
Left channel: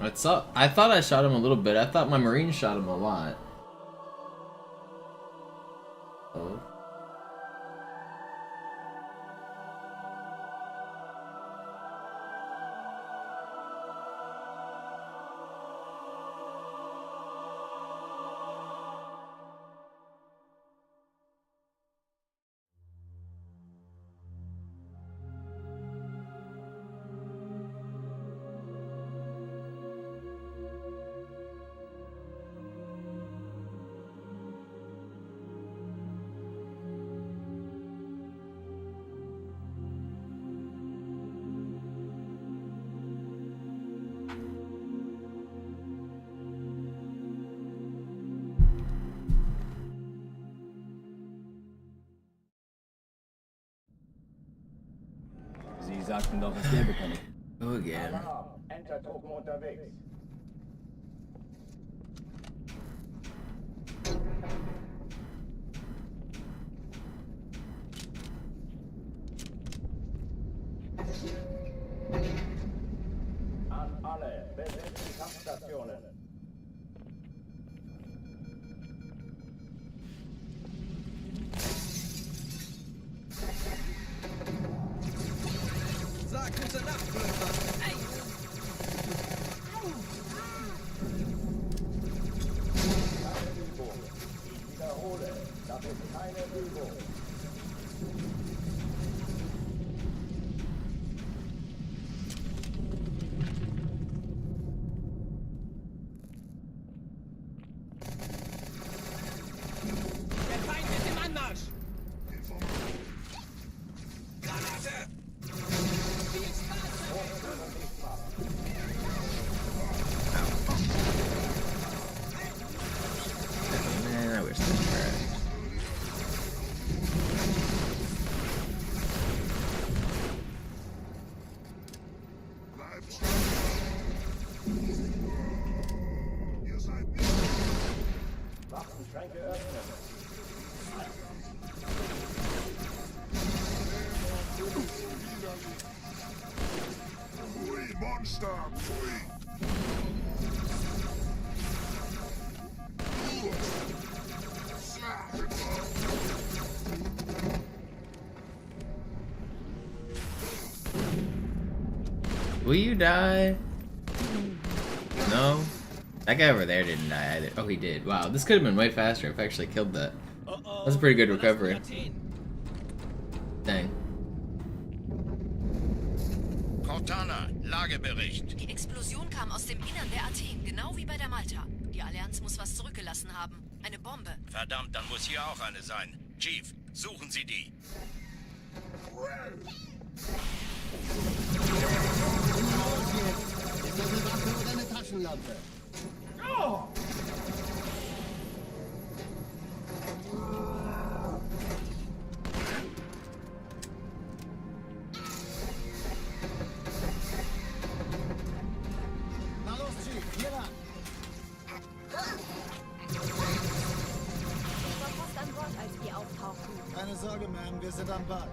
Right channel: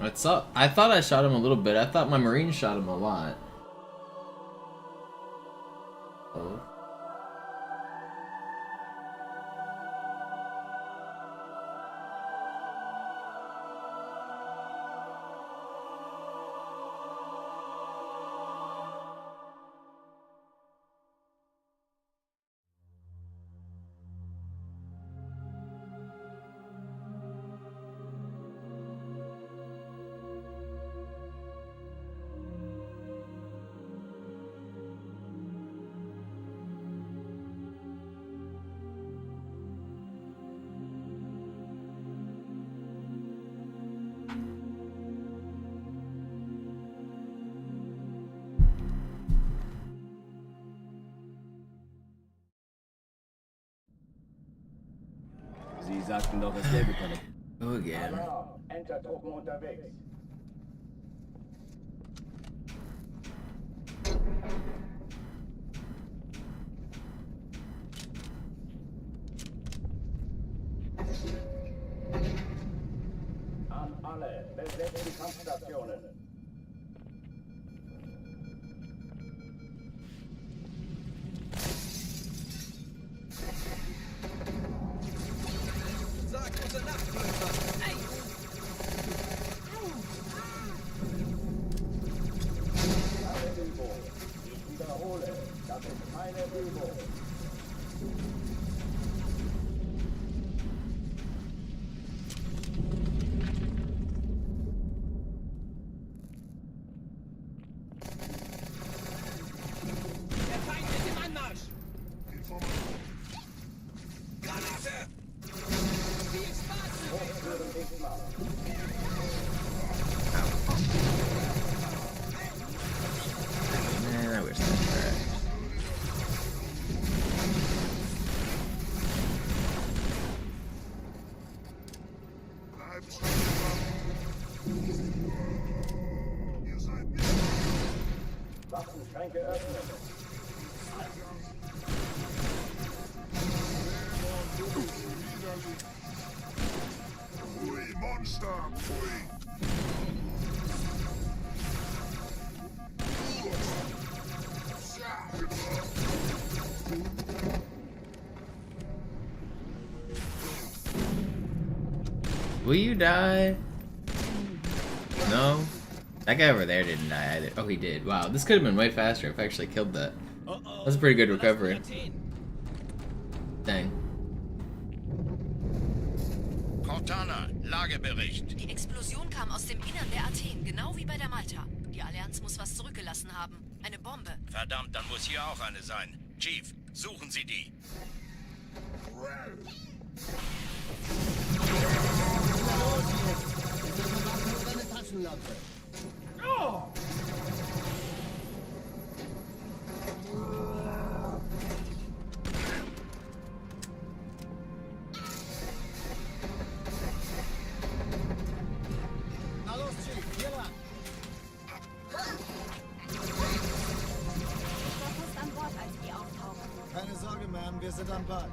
I thought I shot him a little bit. I thought my Marine shot him a lot. Oh. Sie sagten doch, es gäbe keine. Oh, again. Entertruppen unterwegs. An alle, besetzt die Kampfstationen. Sag gute Nacht, Blödmann. Hey! Keine Übung. Ich wiederhole, das ist keine Übung. Der Feind ist im Anmarsch! Granate! Hochführen nicht machen. Man, I wish that tracked. Waffenschränke öffnen. Ui, Monster! Will you die? No? That guy over there didn't die either. Oh, he did. Wow, this could have been way faster if I actually killed that. That's a pretty good recovery. Dang. Cortana, Lagebericht. Die Explosion kam aus dem Innern der Athen, genau wie bei der Malta. Die Allianz muss was zurückgelassen haben. Eine Bombe. Verdammt, dann muss hier auch eine sein. Chief, suchen Sie die. Na los jetzt! Ist das eine Waffe oder eine Taschenlampe? Na los, Chief, hier lang. Ich war fast an Bord, als die auftauchten. Keine Sorge, Ma'am, wir sind am Ball.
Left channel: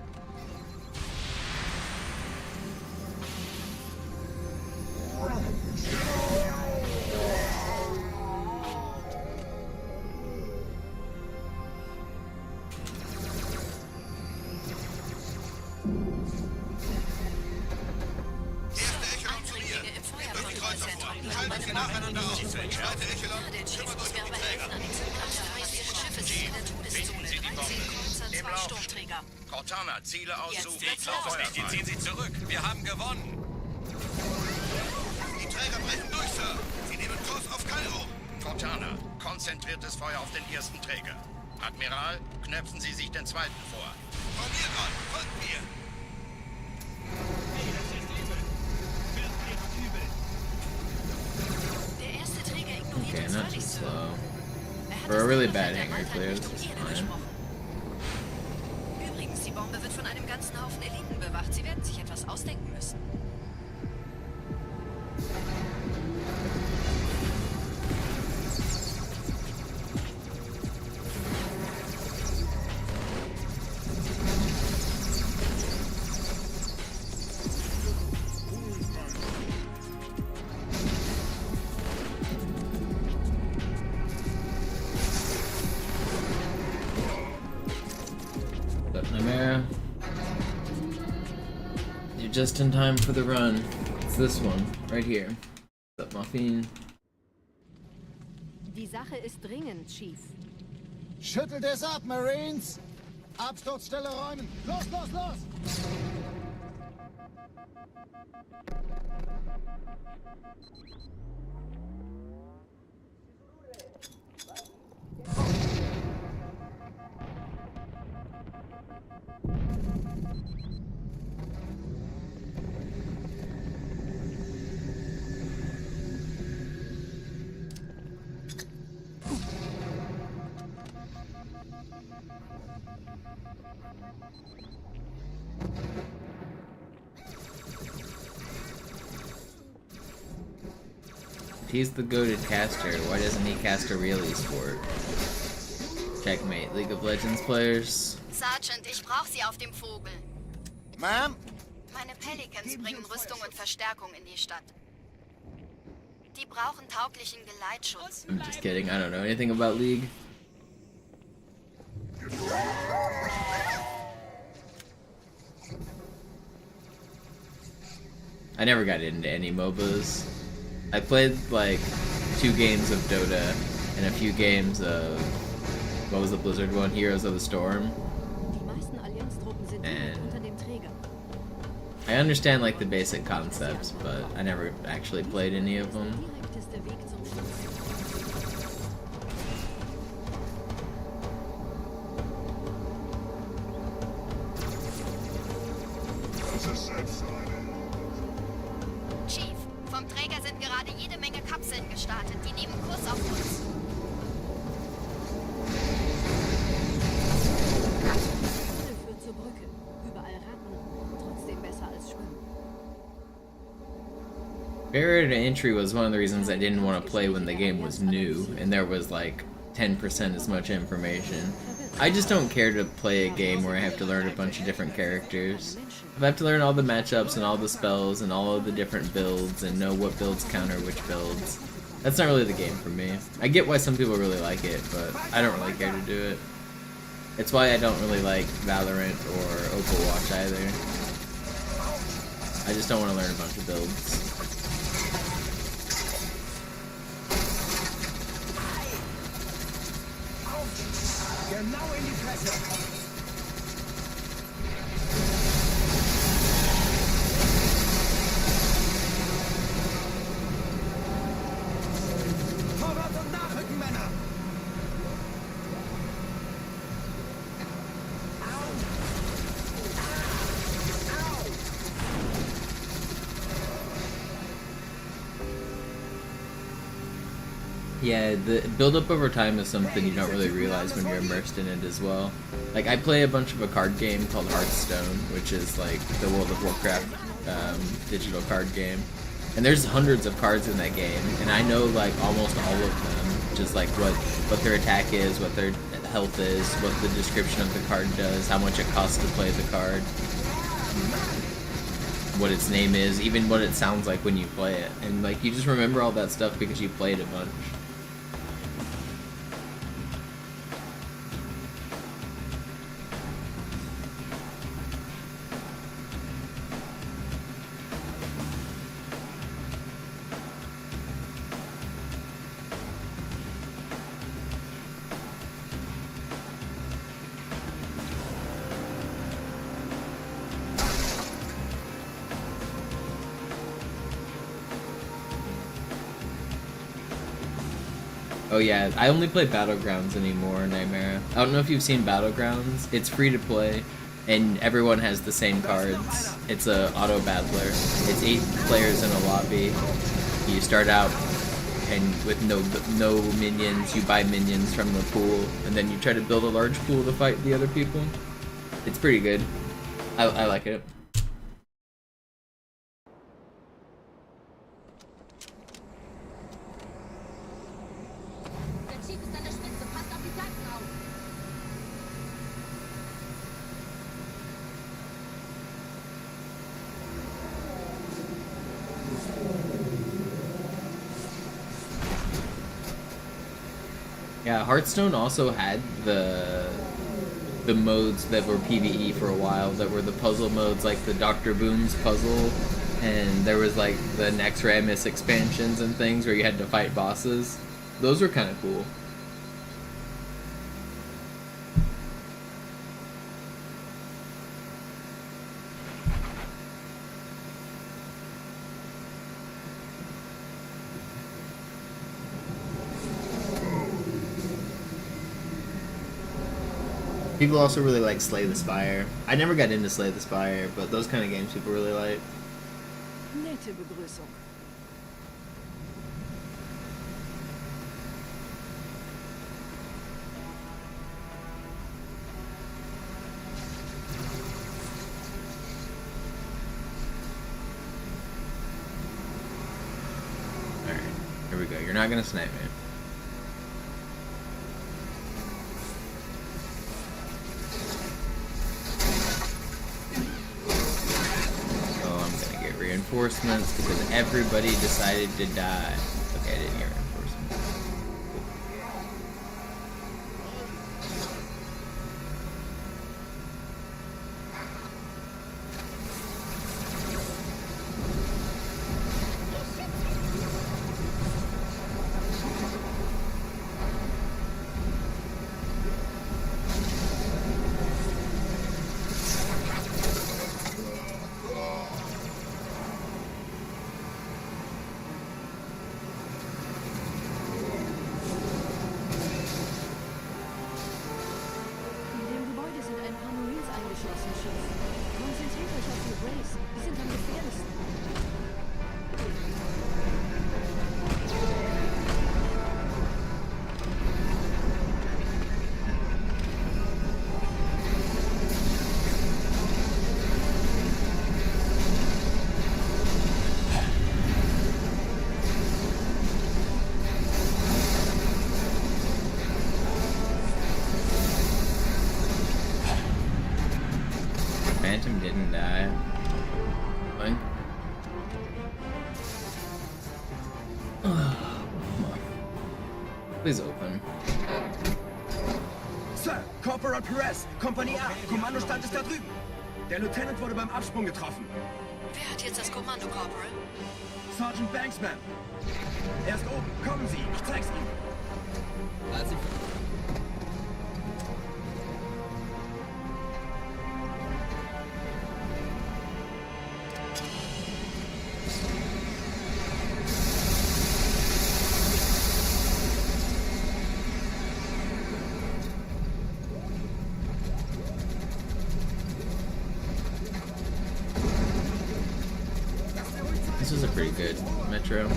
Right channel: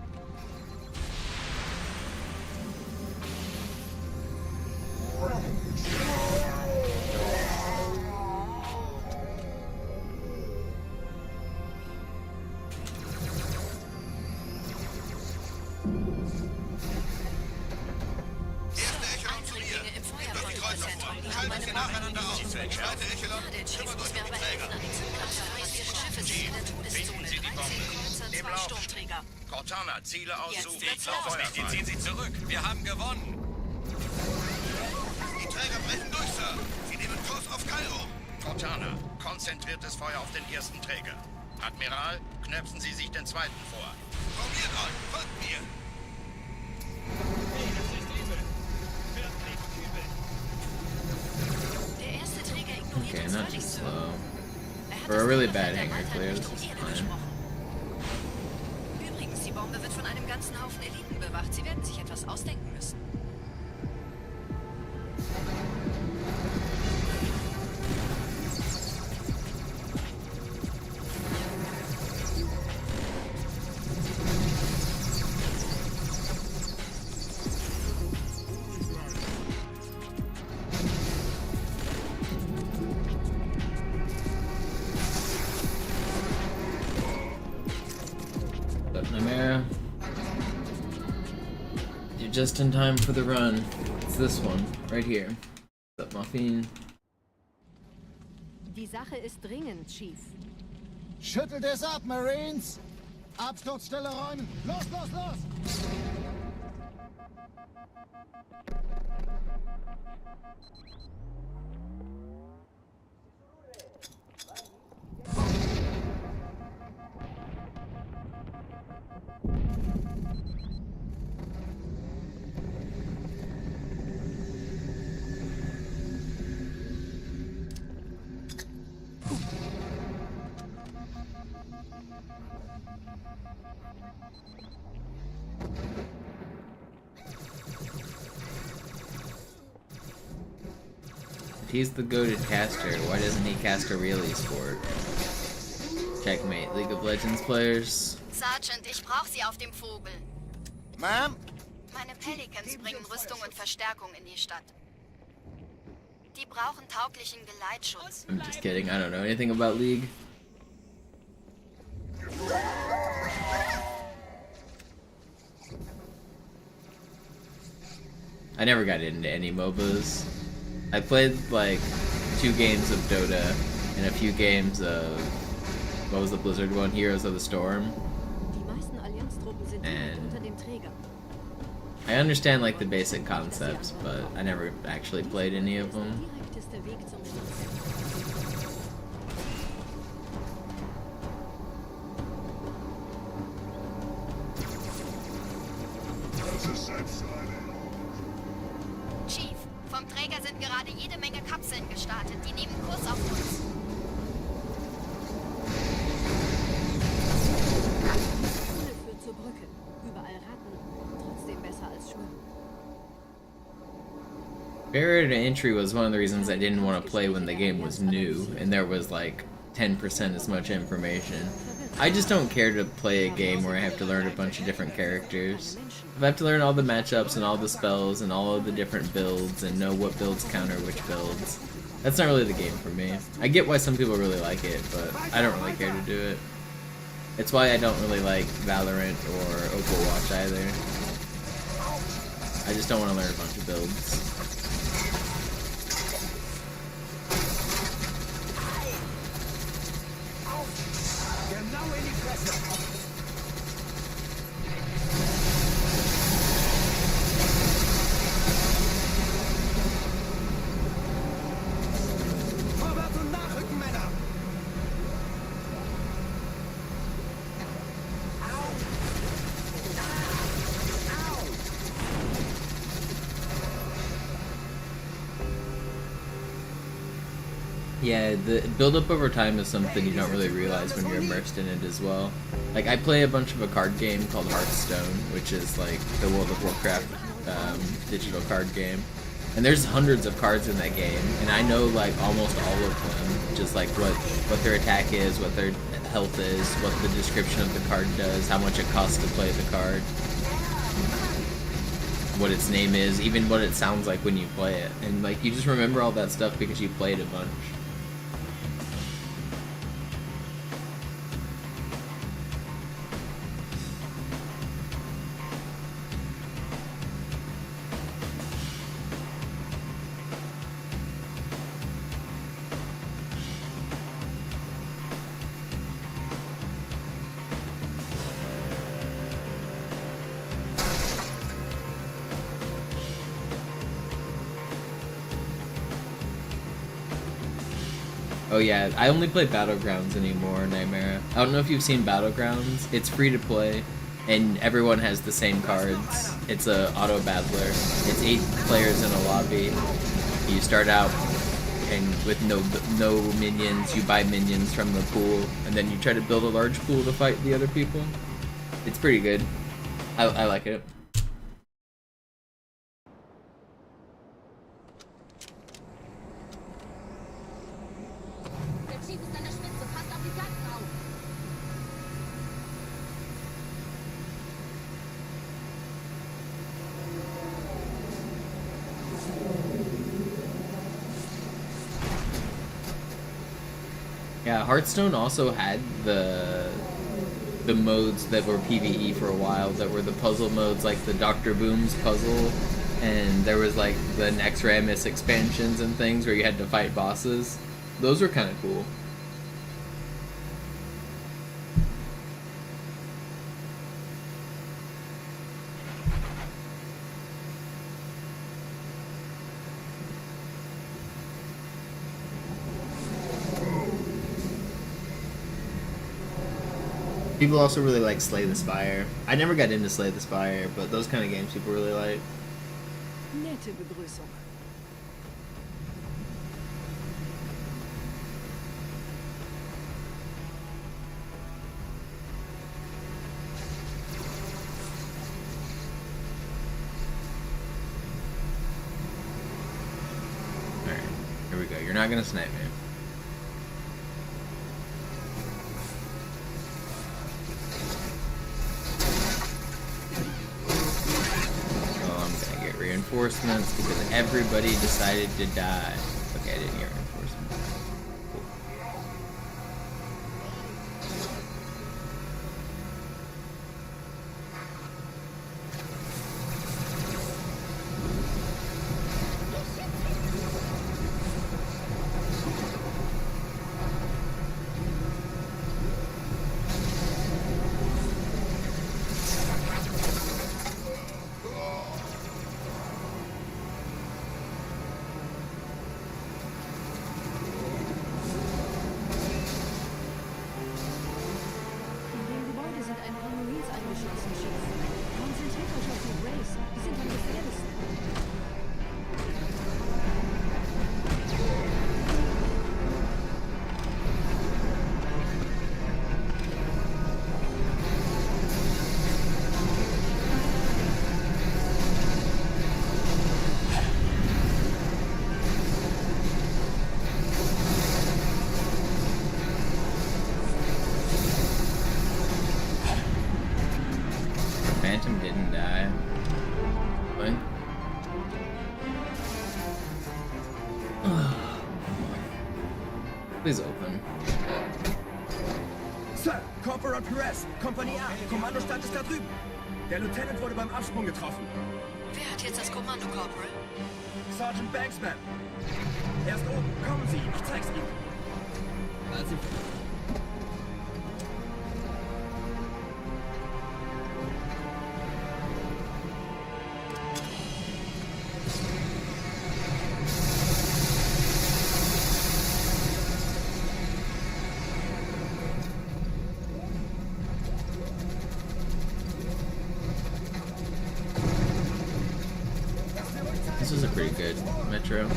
Erste Echelon zu mir. Eindringlinge im Nehmt euch Kreuzer vor. Feuerwehr. Schaltet sie nacheinander aus. Zweite Echelon, Der Chief kümmert muss euch mir um aber die Träger. helfen. An den Zündkraftwerken ihre Schiffe sind in der Todeszone. Sie die 13 Bombe. Kreuzer, Im 2 Lauf. Sturmträger. Cortana, Ziele aussuchen. Jetzt wird's los. Die ziehen Sie zurück. Wir haben gewonnen. Die Träger brechen durch, Sir. Sie nehmen Kurs auf Kairo. Cortana, konzentriertes Feuer auf den ersten Träger. Admiral, knöpfen Sie sich den zweiten vor. Frau Miran, folgt mir. Hey, das ist übel. Wirklich übel. Der erste Träger ignoriert Okay, uns not too völlig, Sir. slow. Er hat For a das really Überfall bad der hanger Malta clear, nicht this is um Ehre fine. gesprochen. Übrigens, die Bombe wird von einem ganzen Haufen Eliten bewacht. Sie werden sich etwas ausdenken müssen. Nightmare. You're just in time for the run. It's this one, right here. What's up, Muffin? Die Sache ist dringend, Chief. Schüttelt es ab, Marines! Absturzstelle räumen! Los, los, los! If he's the goated caster, why doesn't he cast a real esport? Checkmate, League of Legends players. Sergeant, ich brauche Sie auf dem Vogel. Ma'am? Meine Pelicans bringen Rüstung und Verstärkung in die Stadt. Die brauchen tauglichen Geleitschutz. I'm just kidding, I don't know anything about League. I never got into any MOBAs. I played like 2 games of Dota and a few games of, what was the Blizzard one? Heroes of the Storm. And I understand like the basic concepts, but I never actually played any of them. Chief, vom Träger sind gerade jede Menge Kapseln gestartet. Die nehmen Kurs auf uns. Dieser Tunnel führt zur Brücke. Überall Ratten. Trotzdem besser als Schwimmen. Barrier to entry was one of the reasons I didn't want to play when the game was new and there was like 10% as much information. I just don't care to play a game where I have to learn a bunch of different characters. If I have to learn all the matchups and all the spells and all of the different builds and know what builds counter which builds, that's not really the game for me. I get why some people really like it, but I don't really care to do it. It's why I don't really like Valorant or Overwatch either. I just don't want to learn a bunch of builds. Genau in die Fresse! Vorwärts und nachrücken, Männer! Yeah, the build-up over time is something you don't really realize when you're immersed in it as well. Like, I play a bunch of a card game called Hearthstone, which is like the World of Warcraft digital card game. And there's hundreds of cards in that game, and I know like almost all of them, just like what their attack is, what their health is, what the description of the card does, how much it costs to play the card, what its name is, even what it sounds like when you play it. And like, you just remember all that stuff because you played a bunch. Oh yeah, I only play Battlegrounds anymore, Nightmare. I don't know if you've seen Battlegrounds. It's free to play, and everyone has the same cards. It's a auto battler. It's 8 players in a lobby. You start out and with no minions. You buy minions from the pool, and then you try to build a large pool to fight the other people. It's pretty good. I like it. Yeah, Hearthstone also had the the modes that were PvE for a while, that were the puzzle modes, like the Dr. Boom's puzzle, and there was like the Nexramus expansions and things where you had to fight bosses. Those were kind of cool. People also really like Slay the Spire. I never got into Slay the Spire, but those kind of games people really like. Nette Begrüßung. Alright, here we go. You're not gonna snipe me. Reinforcements because everybody decided to die. Okay, I didn't get reinforcements. Cool. Eingeschlossen, Chief. Konzentriert euch auf die Rays. Die sind am gefährlichsten. Phantom didn't die. What? Come on. Please open. Sir, Corporal Perez, Kompanie A, Kommandostand ist da drüben. Der Lieutenant wurde beim Absprung getroffen. Wer hat jetzt das Kommando, Corporal? Sergeant Banksman. Er ist oben. Kommen Sie, ich zeig's Ihnen. Also. This was a pretty good metro.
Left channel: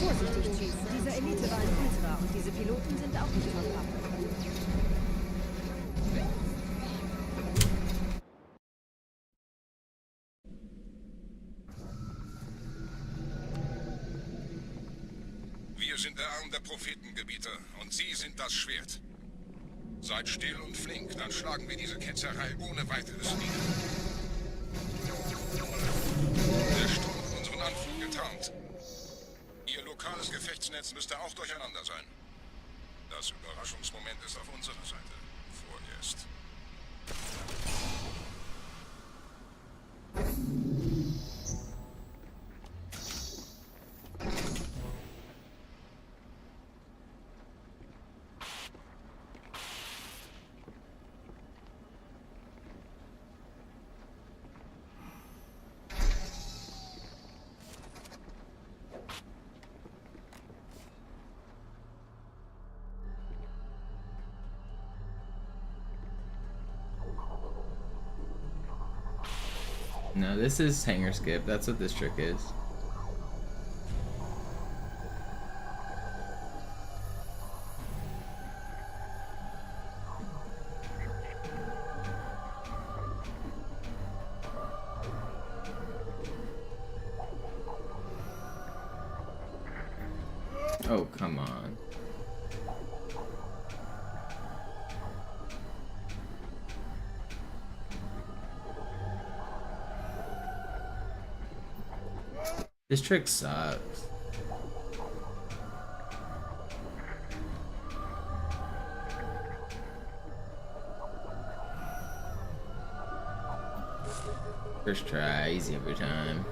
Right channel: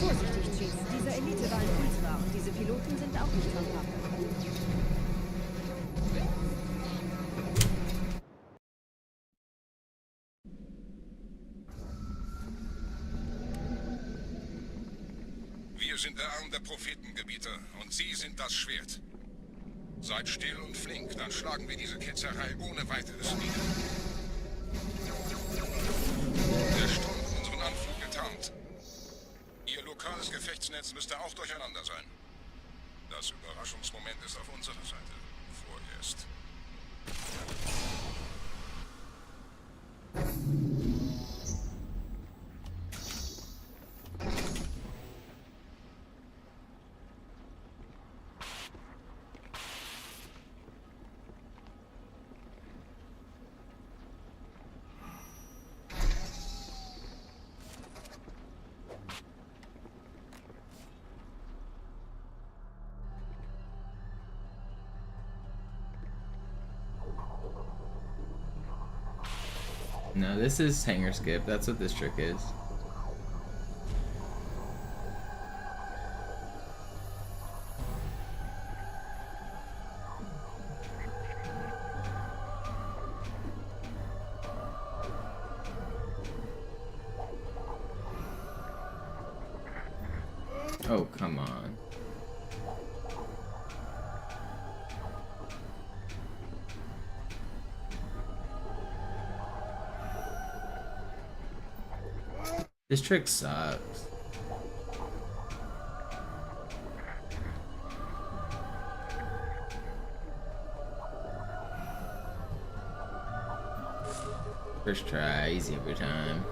Vorsichtig, Chief. Dieser Elite war ein Ultra und diese Piloten sind auch nicht von Pappe. Wir sind der Arm der Prophetengebieter und Sie sind das Schwert. Seid still und flink, dann schlagen wir diese Ketzerei ohne weiteres nieder. Der Sturm hat unseren Anflug getarnt. Ihr lokales Gefechtsnetz müsste auch durcheinander sein. Das Überraschungsmoment ist auf unserer Seite. Vorerst. No, this is hanger skip. That's what this trick is. Oh, come on. This trick sucks. First try, easy every time.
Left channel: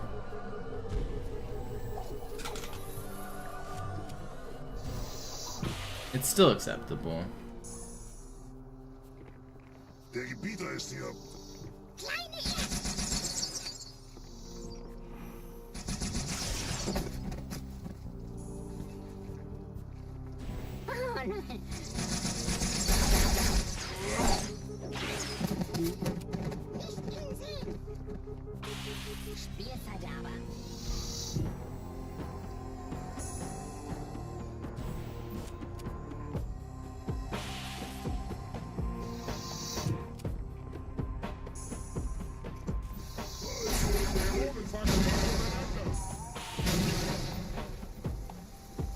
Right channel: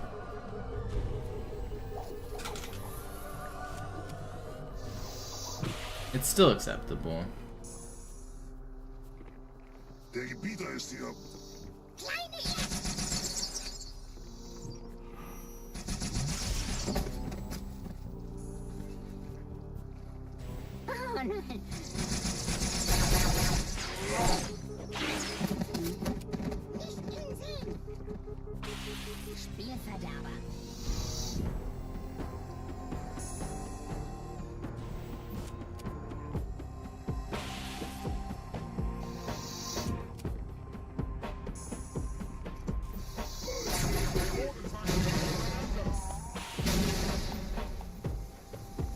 It's still acceptable. Der Gebieter ist hier.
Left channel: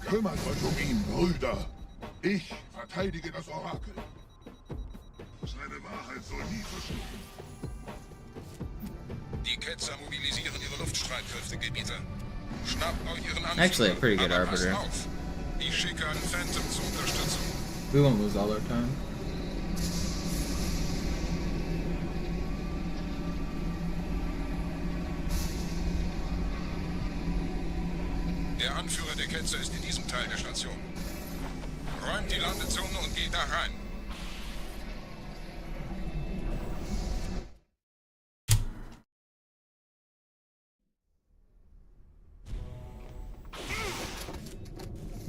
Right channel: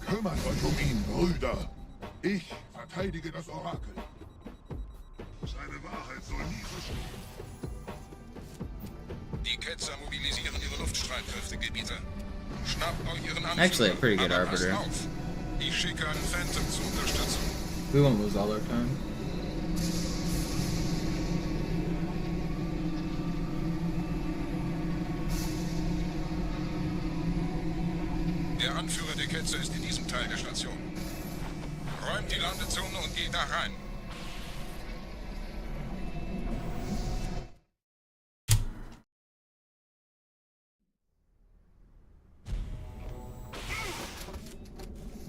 Kümmert euch um ihn, Brüder. Ich verteidige das Orakel. Seine Wahrheit soll nie verschwinden. Die Ketzer mobilisieren ihre Luftstreitkräfte, Gebieter. Schnappt euch ihren Anführer. Actually, a pretty good Aber passt arbiter. auf. Ich schicke einen Phantom zur Unterstützung. We won't lose all our time. Der Anführer der Ketzer ist in diesem Teil der Station. Räumt die Landezone und geht da rein.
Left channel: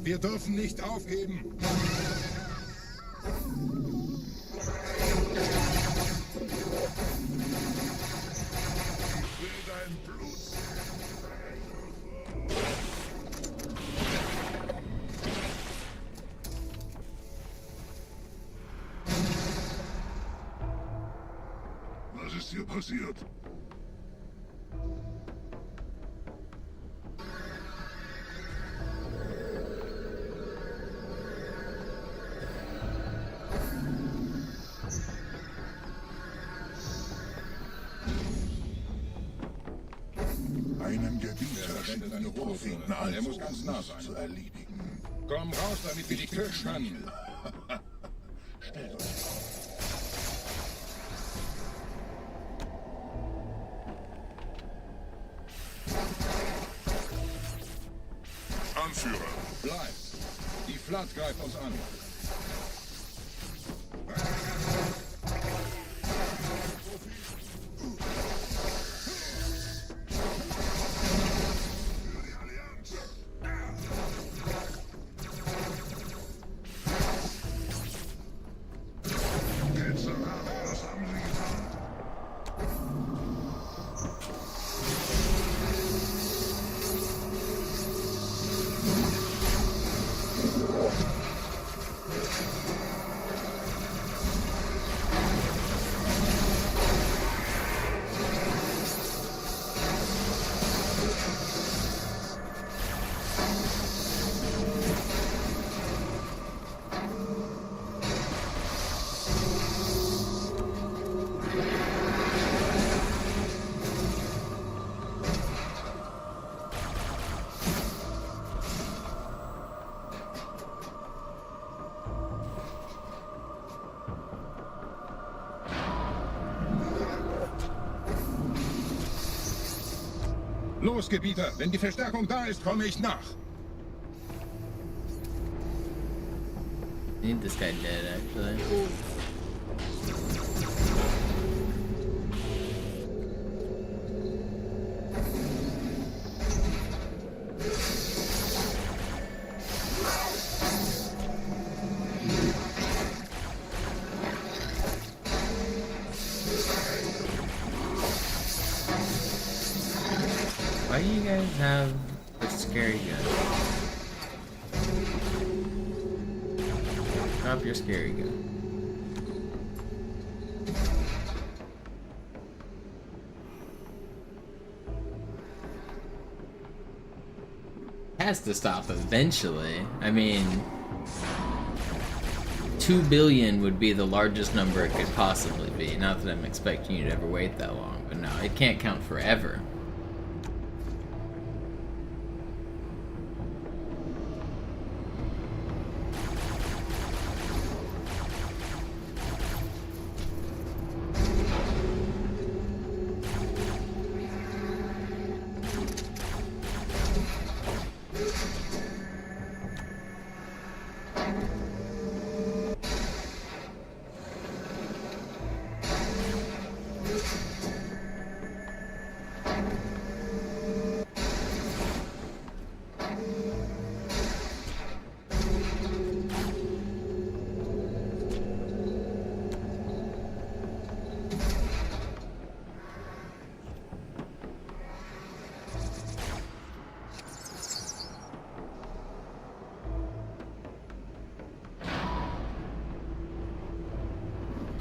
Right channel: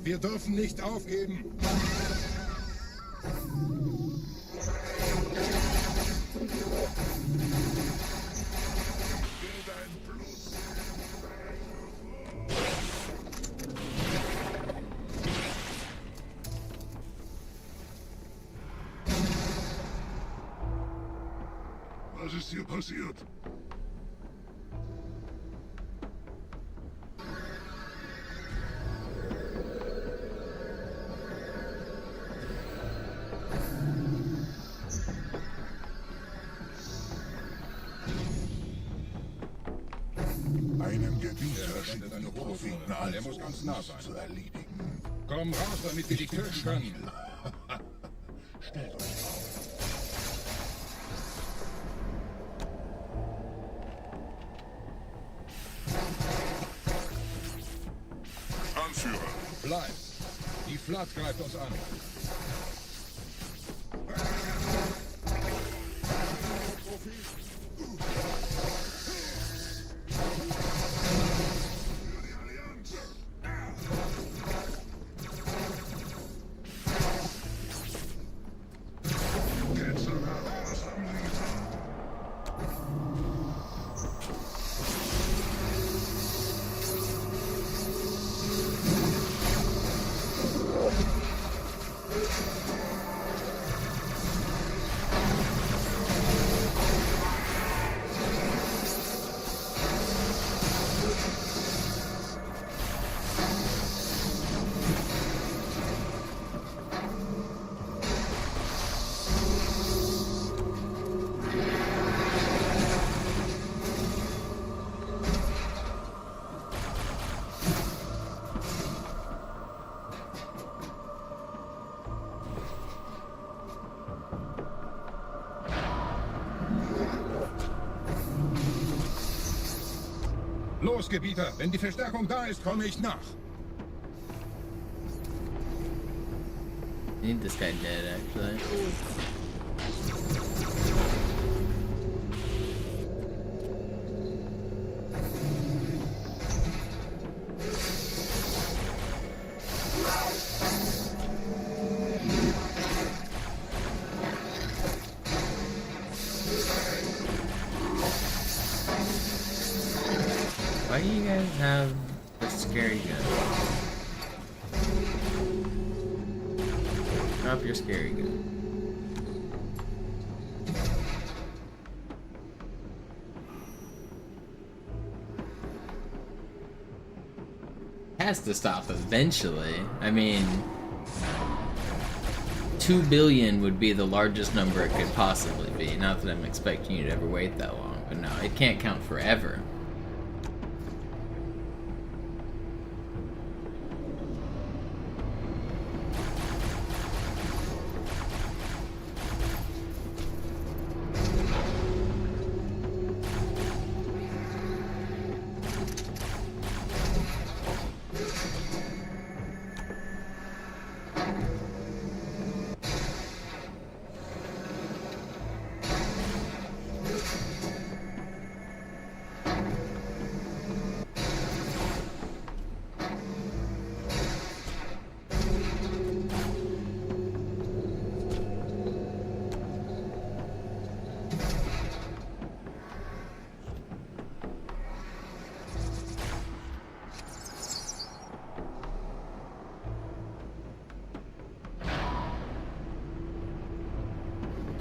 Wir dürfen nicht aufgeben. Was ist hier passiert? Einen Gebieter schicken die Propheten an, Er muss ganz nah sein. zu erledigen. Komm raus, damit wir dich töten können. Stellt euch auf. Anführer. Bleib. Die Flat greift uns an. Los, Gebieter, wenn die Verstärkung da ist, komme ich nach. I need this guy dead, actually. Why do you guys have a scary gun? Drop your scary gun. Has to stop eventually. I mean, 2 billion would be the largest number it could possibly be. Not that I'm expecting you to ever wait that long, but no, it can't count forever.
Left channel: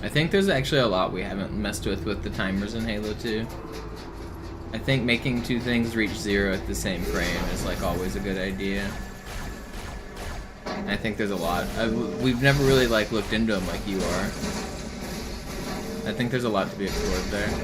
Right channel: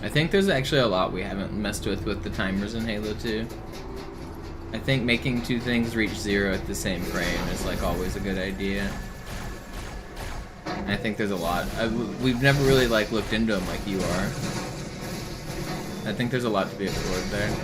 I think there's actually a lot we haven't messed with the timers in Halo 2. I think making 2 things reach 0 at the same frame is like always a good idea. And I think there's a lot. We've never really like looked into them like you are. I think there's a lot to be explored there.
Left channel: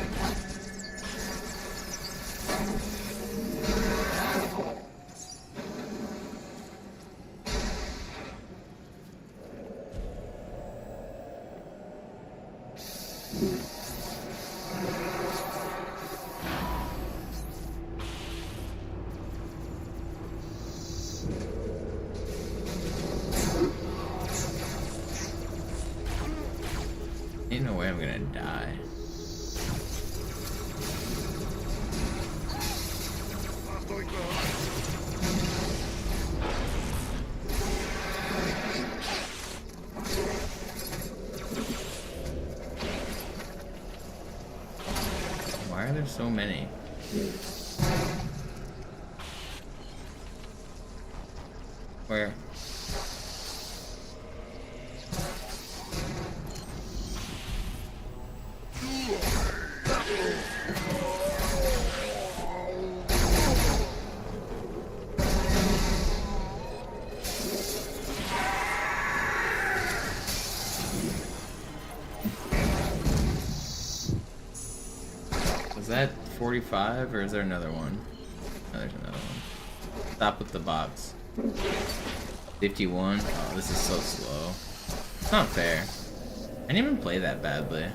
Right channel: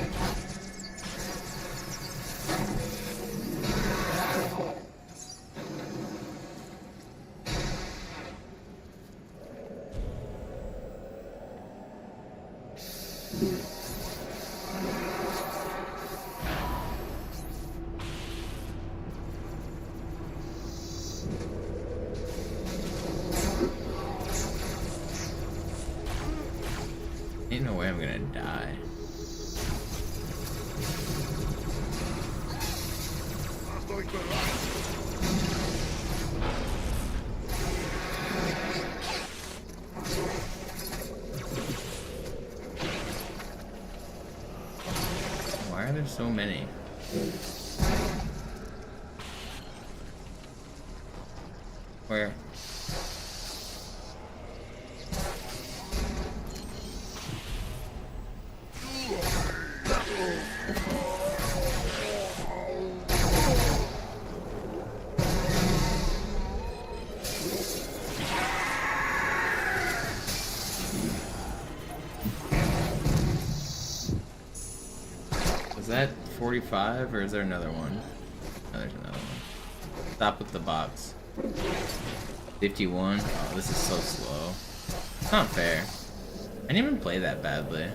Ain't no way I'm gonna die. Why are there so many? Where? Is that 45 or is there another one? Oh, there's another one. Stop with the box. 51? Oh, this is so slow. It's not fair. I didn't even play that badly.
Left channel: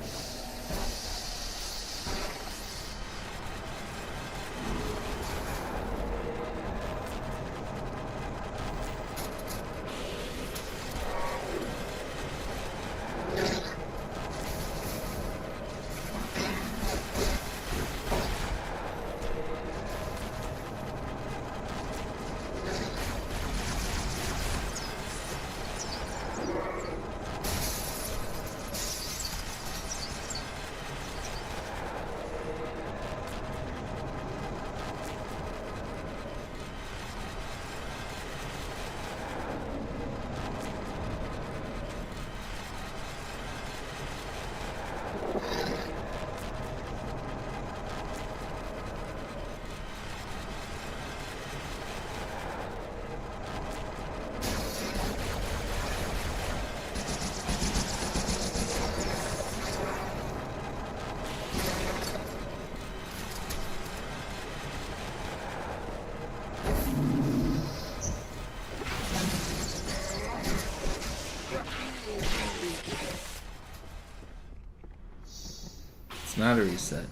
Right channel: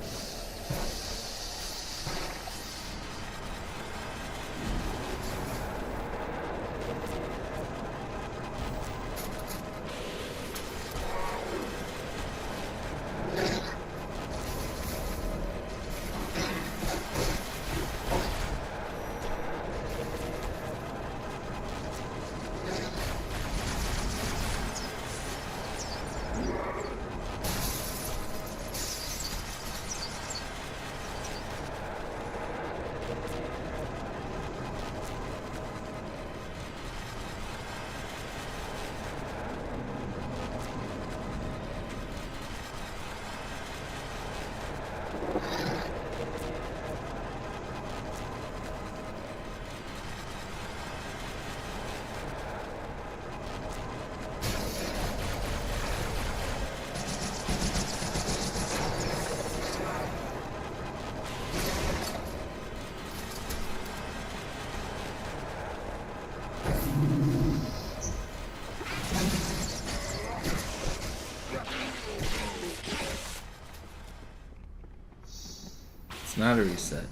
It's not a reset.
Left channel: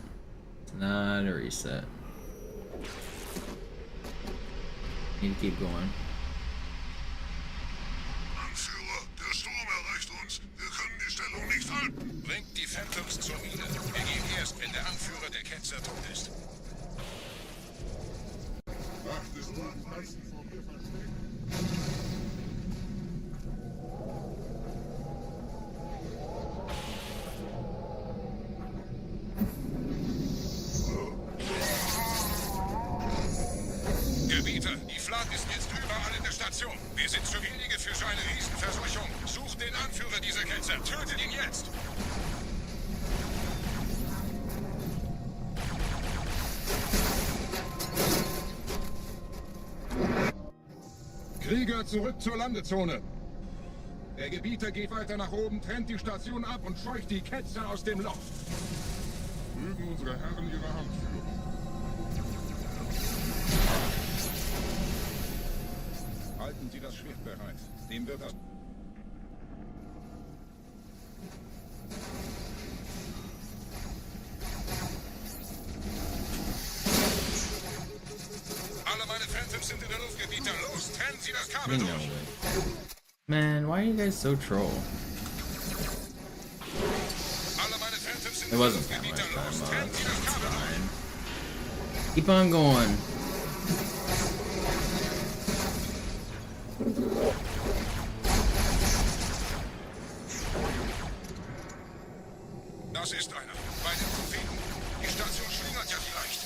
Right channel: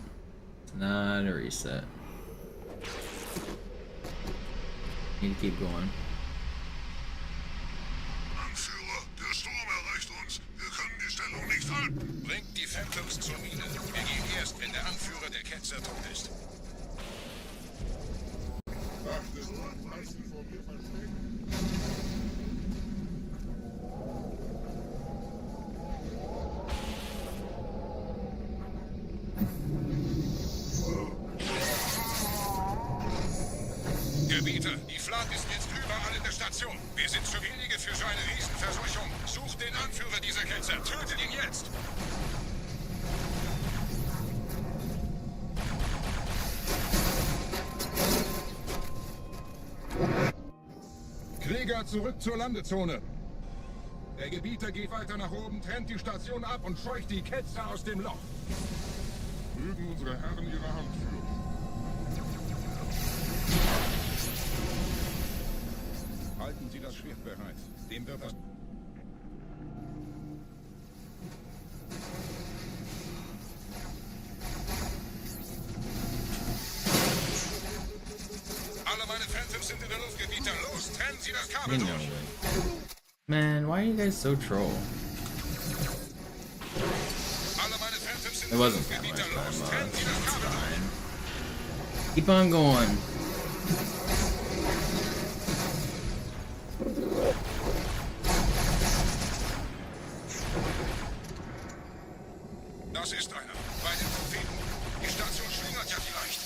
It's not a reset. Need to keep going. Anführer, der Sturm erreicht uns. Wir können die Stellung nicht halten. Bringt die Phantoms zur Mine. Wir gehen erst, wenn der Anführer der Ketzer tot ist. Gebieter, die Flat ist jetzt überall in der Station. Wir sind zu wenige für so eine Riesenverseuchung. Sucht den Anführer dieser Ketzer. Tötet ihn jetzt! Krieger, zurück zur Landezone. Der Gebieter geht weiter nach oben, trennt die Station ab und scheucht die Ketzer aus dem Loch. Mögen unsere Herren ihre Hand führen. Halten Sie das Schwert bereit. Dem wird das... Alle meine Phantoms sind in der Luft, Gebieter. Los, trennen Sie das Kabel durch. Man, why are you guys so troll? It wasn't that much time, it's fine. Keep on going. Das ist einer. Bei den Propheten. Die Station schlingert ja vielleicht.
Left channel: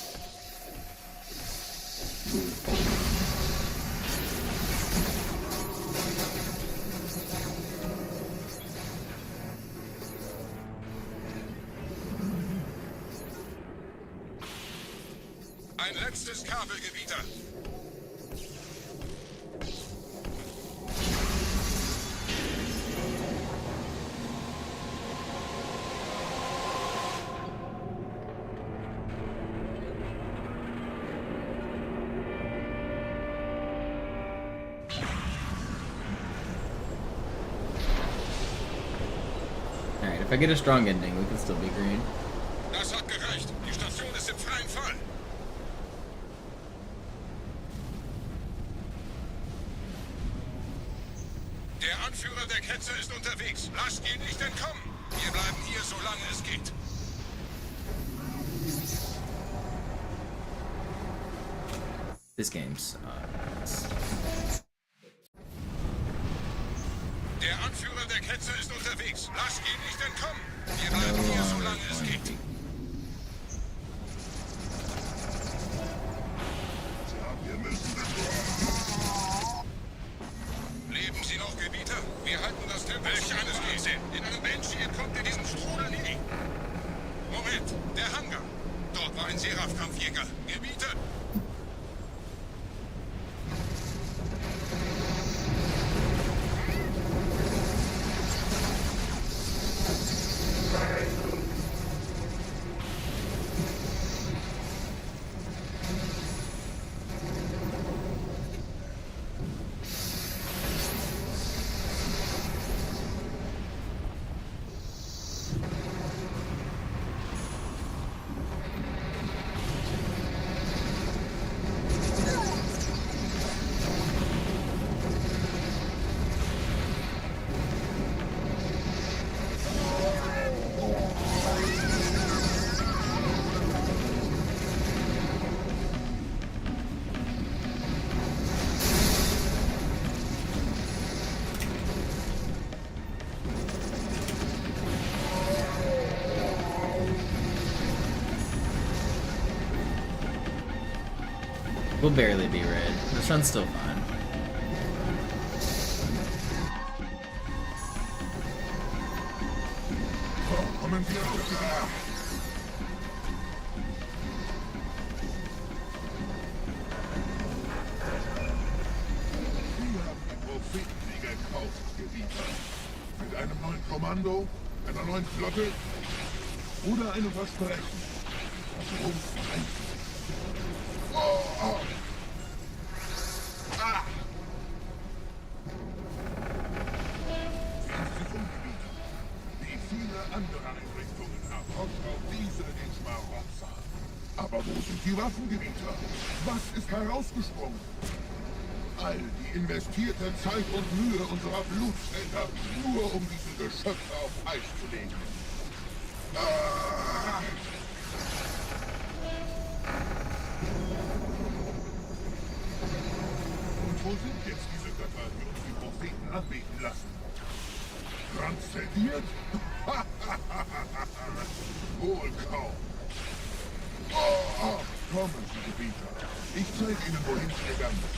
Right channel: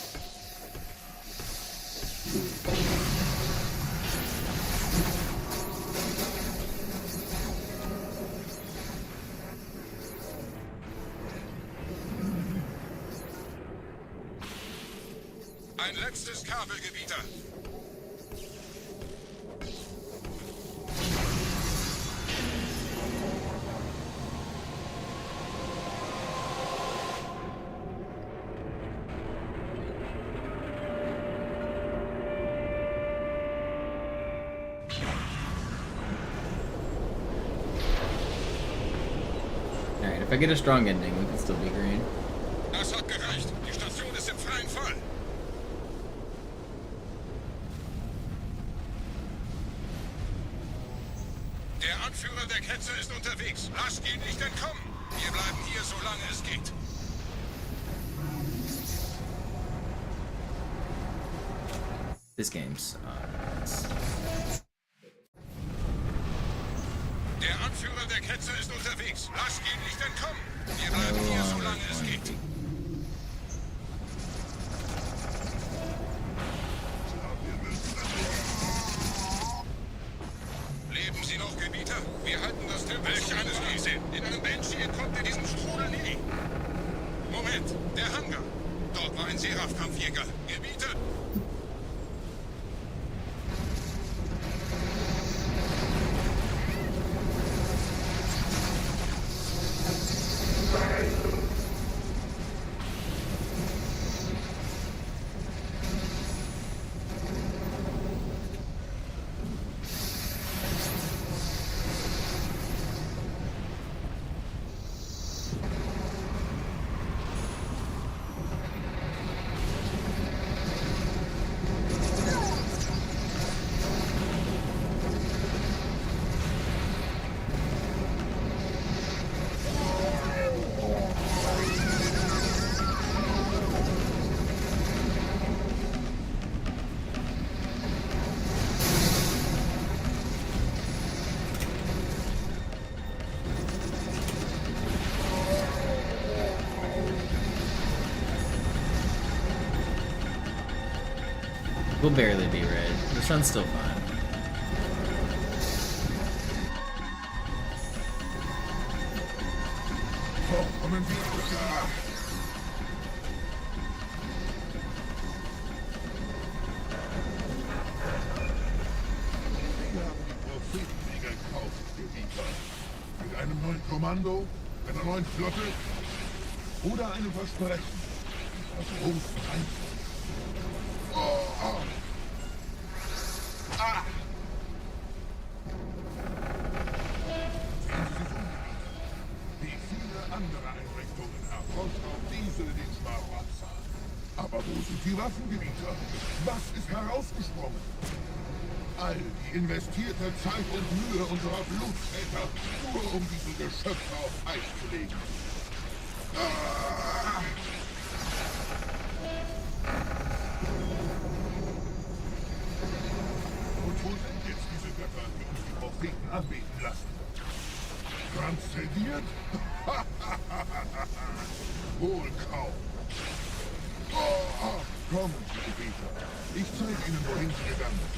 Ein letztes Kabelgebieter. Alright, if I get a strong ending, we can still be green. Das hat gereicht. Die Station ist im freien Fall. Der Anführer der Ketzer ist unterwegs. Lasst ihn nicht entkommen. Wir bleiben hier, solange es geht. This game sucks. Der Anführer der Ketzer ist unterwegs. Lasst ihn nicht entkommen. Wir bleiben hier, solange es geht. Leben Sie noch, Gebieter? Wir halten das Tempo. Welch eines Riesen. In einem Banshee entkommt ihr diesem Strudel nie. Moment, der Hangar. Dort war ein Seraph-Kampfjäger. Gebieter. We'll barely be red. The sun's still fine. Kommen wir nach. Wir haben die Propheten gekauft, Gebieter. Mit einem neuen Kommando, einer neuen Flotte oder einem Versprechen. Das uns ein... Wie viele andere Einrichtungen erfolgt auch diese den Schmarotzer. Aber wo sind die Waffengebieter? Was ist herausgesprungen? All die investierte Zeit und Mühe unserer Bluttäter, nur um diese Geschöpfe auf Eis zu legen. Und wo sind jetzt diese Götter, die uns die Propheten anbeten lassen? Transzendiert? Wohl kaum. Kommen Sie, Gebieter. Ich zeige Ihnen, wohin Sie gegangen sind.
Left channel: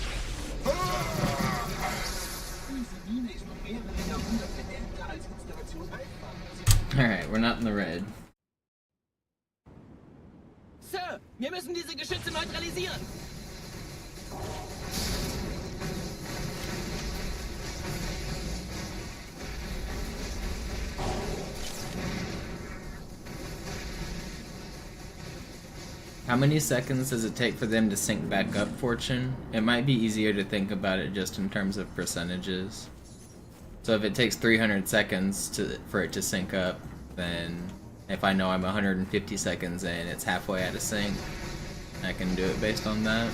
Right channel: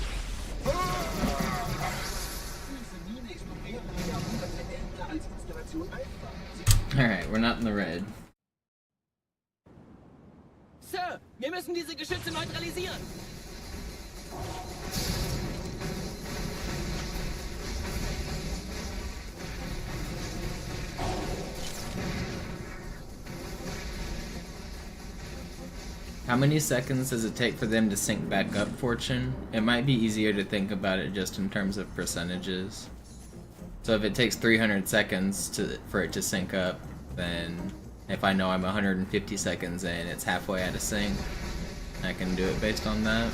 Diese Mine ist um mehrere Jahrhunderte älter als Installation Alpha. Alright, we're not in the red. Sir, wir müssen diese Geschütze neutralisieren. How many seconds does it take for them to sync back up, Fortune? It might be easier to think about it just in terms of percentages. So if it takes 300 seconds for it to sync up, then if I know I'm 150 seconds in, it's halfway out of sync, I can do it based on that.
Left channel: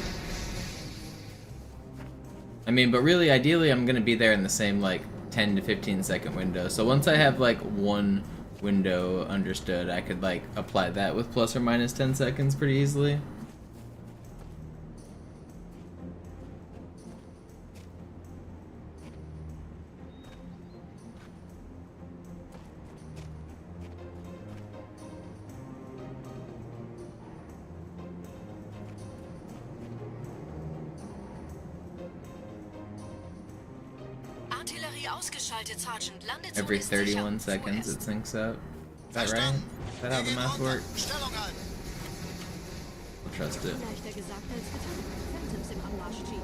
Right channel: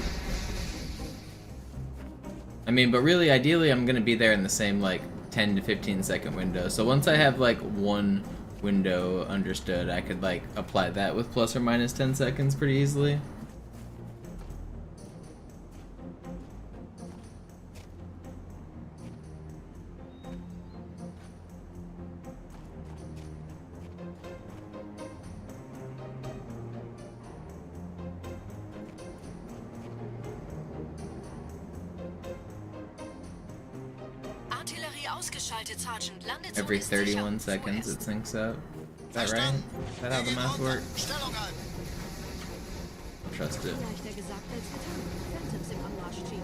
I mean, but really, ideally, I'm gonna be there in the same, like, 10 to 15 second window. So once I have, like, one window understood, I could, like, apply that with plus or minus 10 seconds pretty easily. Artillerie ausgeschaltet, Sergeant. Landezone Every ist sicher. 31 seconds it syncs up. Is that right? Is that how the math works? I'll trust it. Leichter gesagt als getan. Phantoms im Anmarsch, Chief.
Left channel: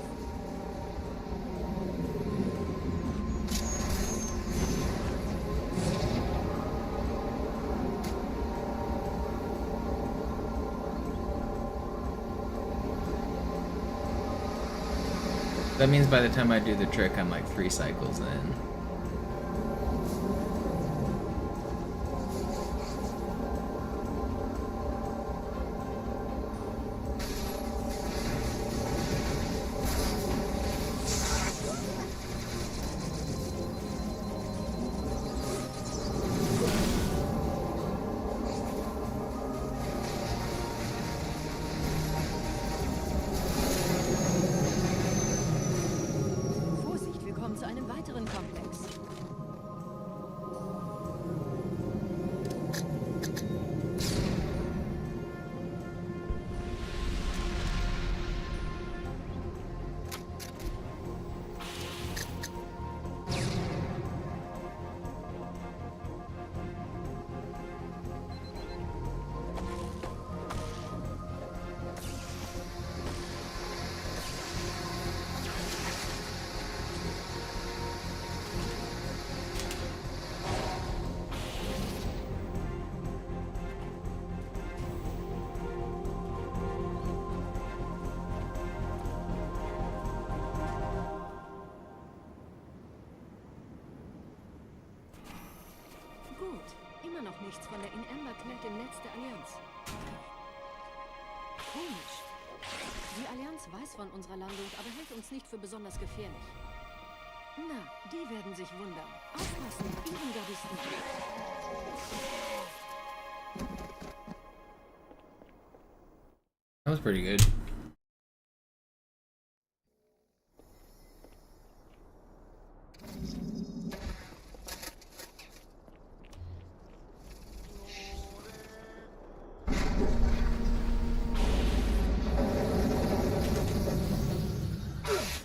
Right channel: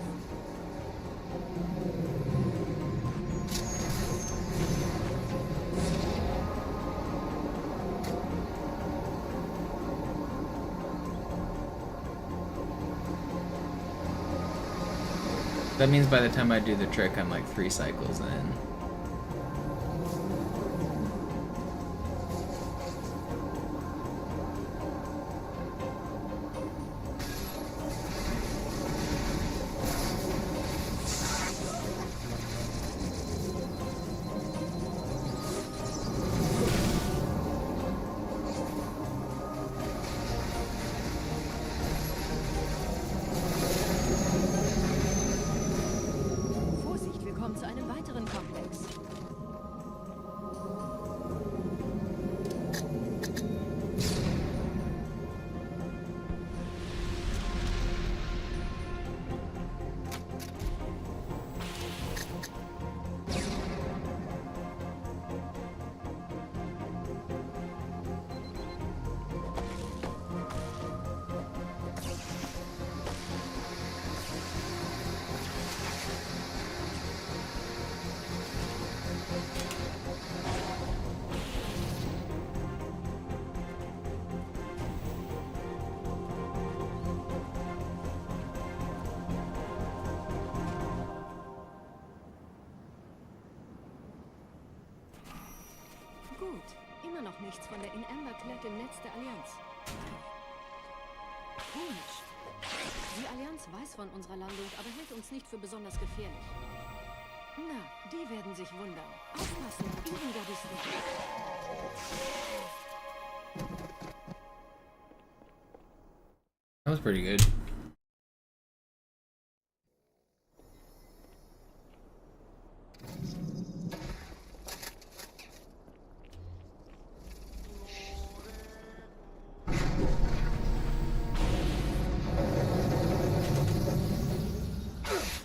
That means by the time I do the trick, I'm like 3 cycles in. Vorsicht, wir kommen zu einem weiteren Komplex. Gut, immer noch nichts von der In-Amber-Klett im Netz der Allianz. Komisch. Die Allianz weiß von unserer Landung, aber hält uns nicht für besonders gefährlich. Na, die werden sich wundern. Aufpassen, Ehrengardisten. That was pretty good.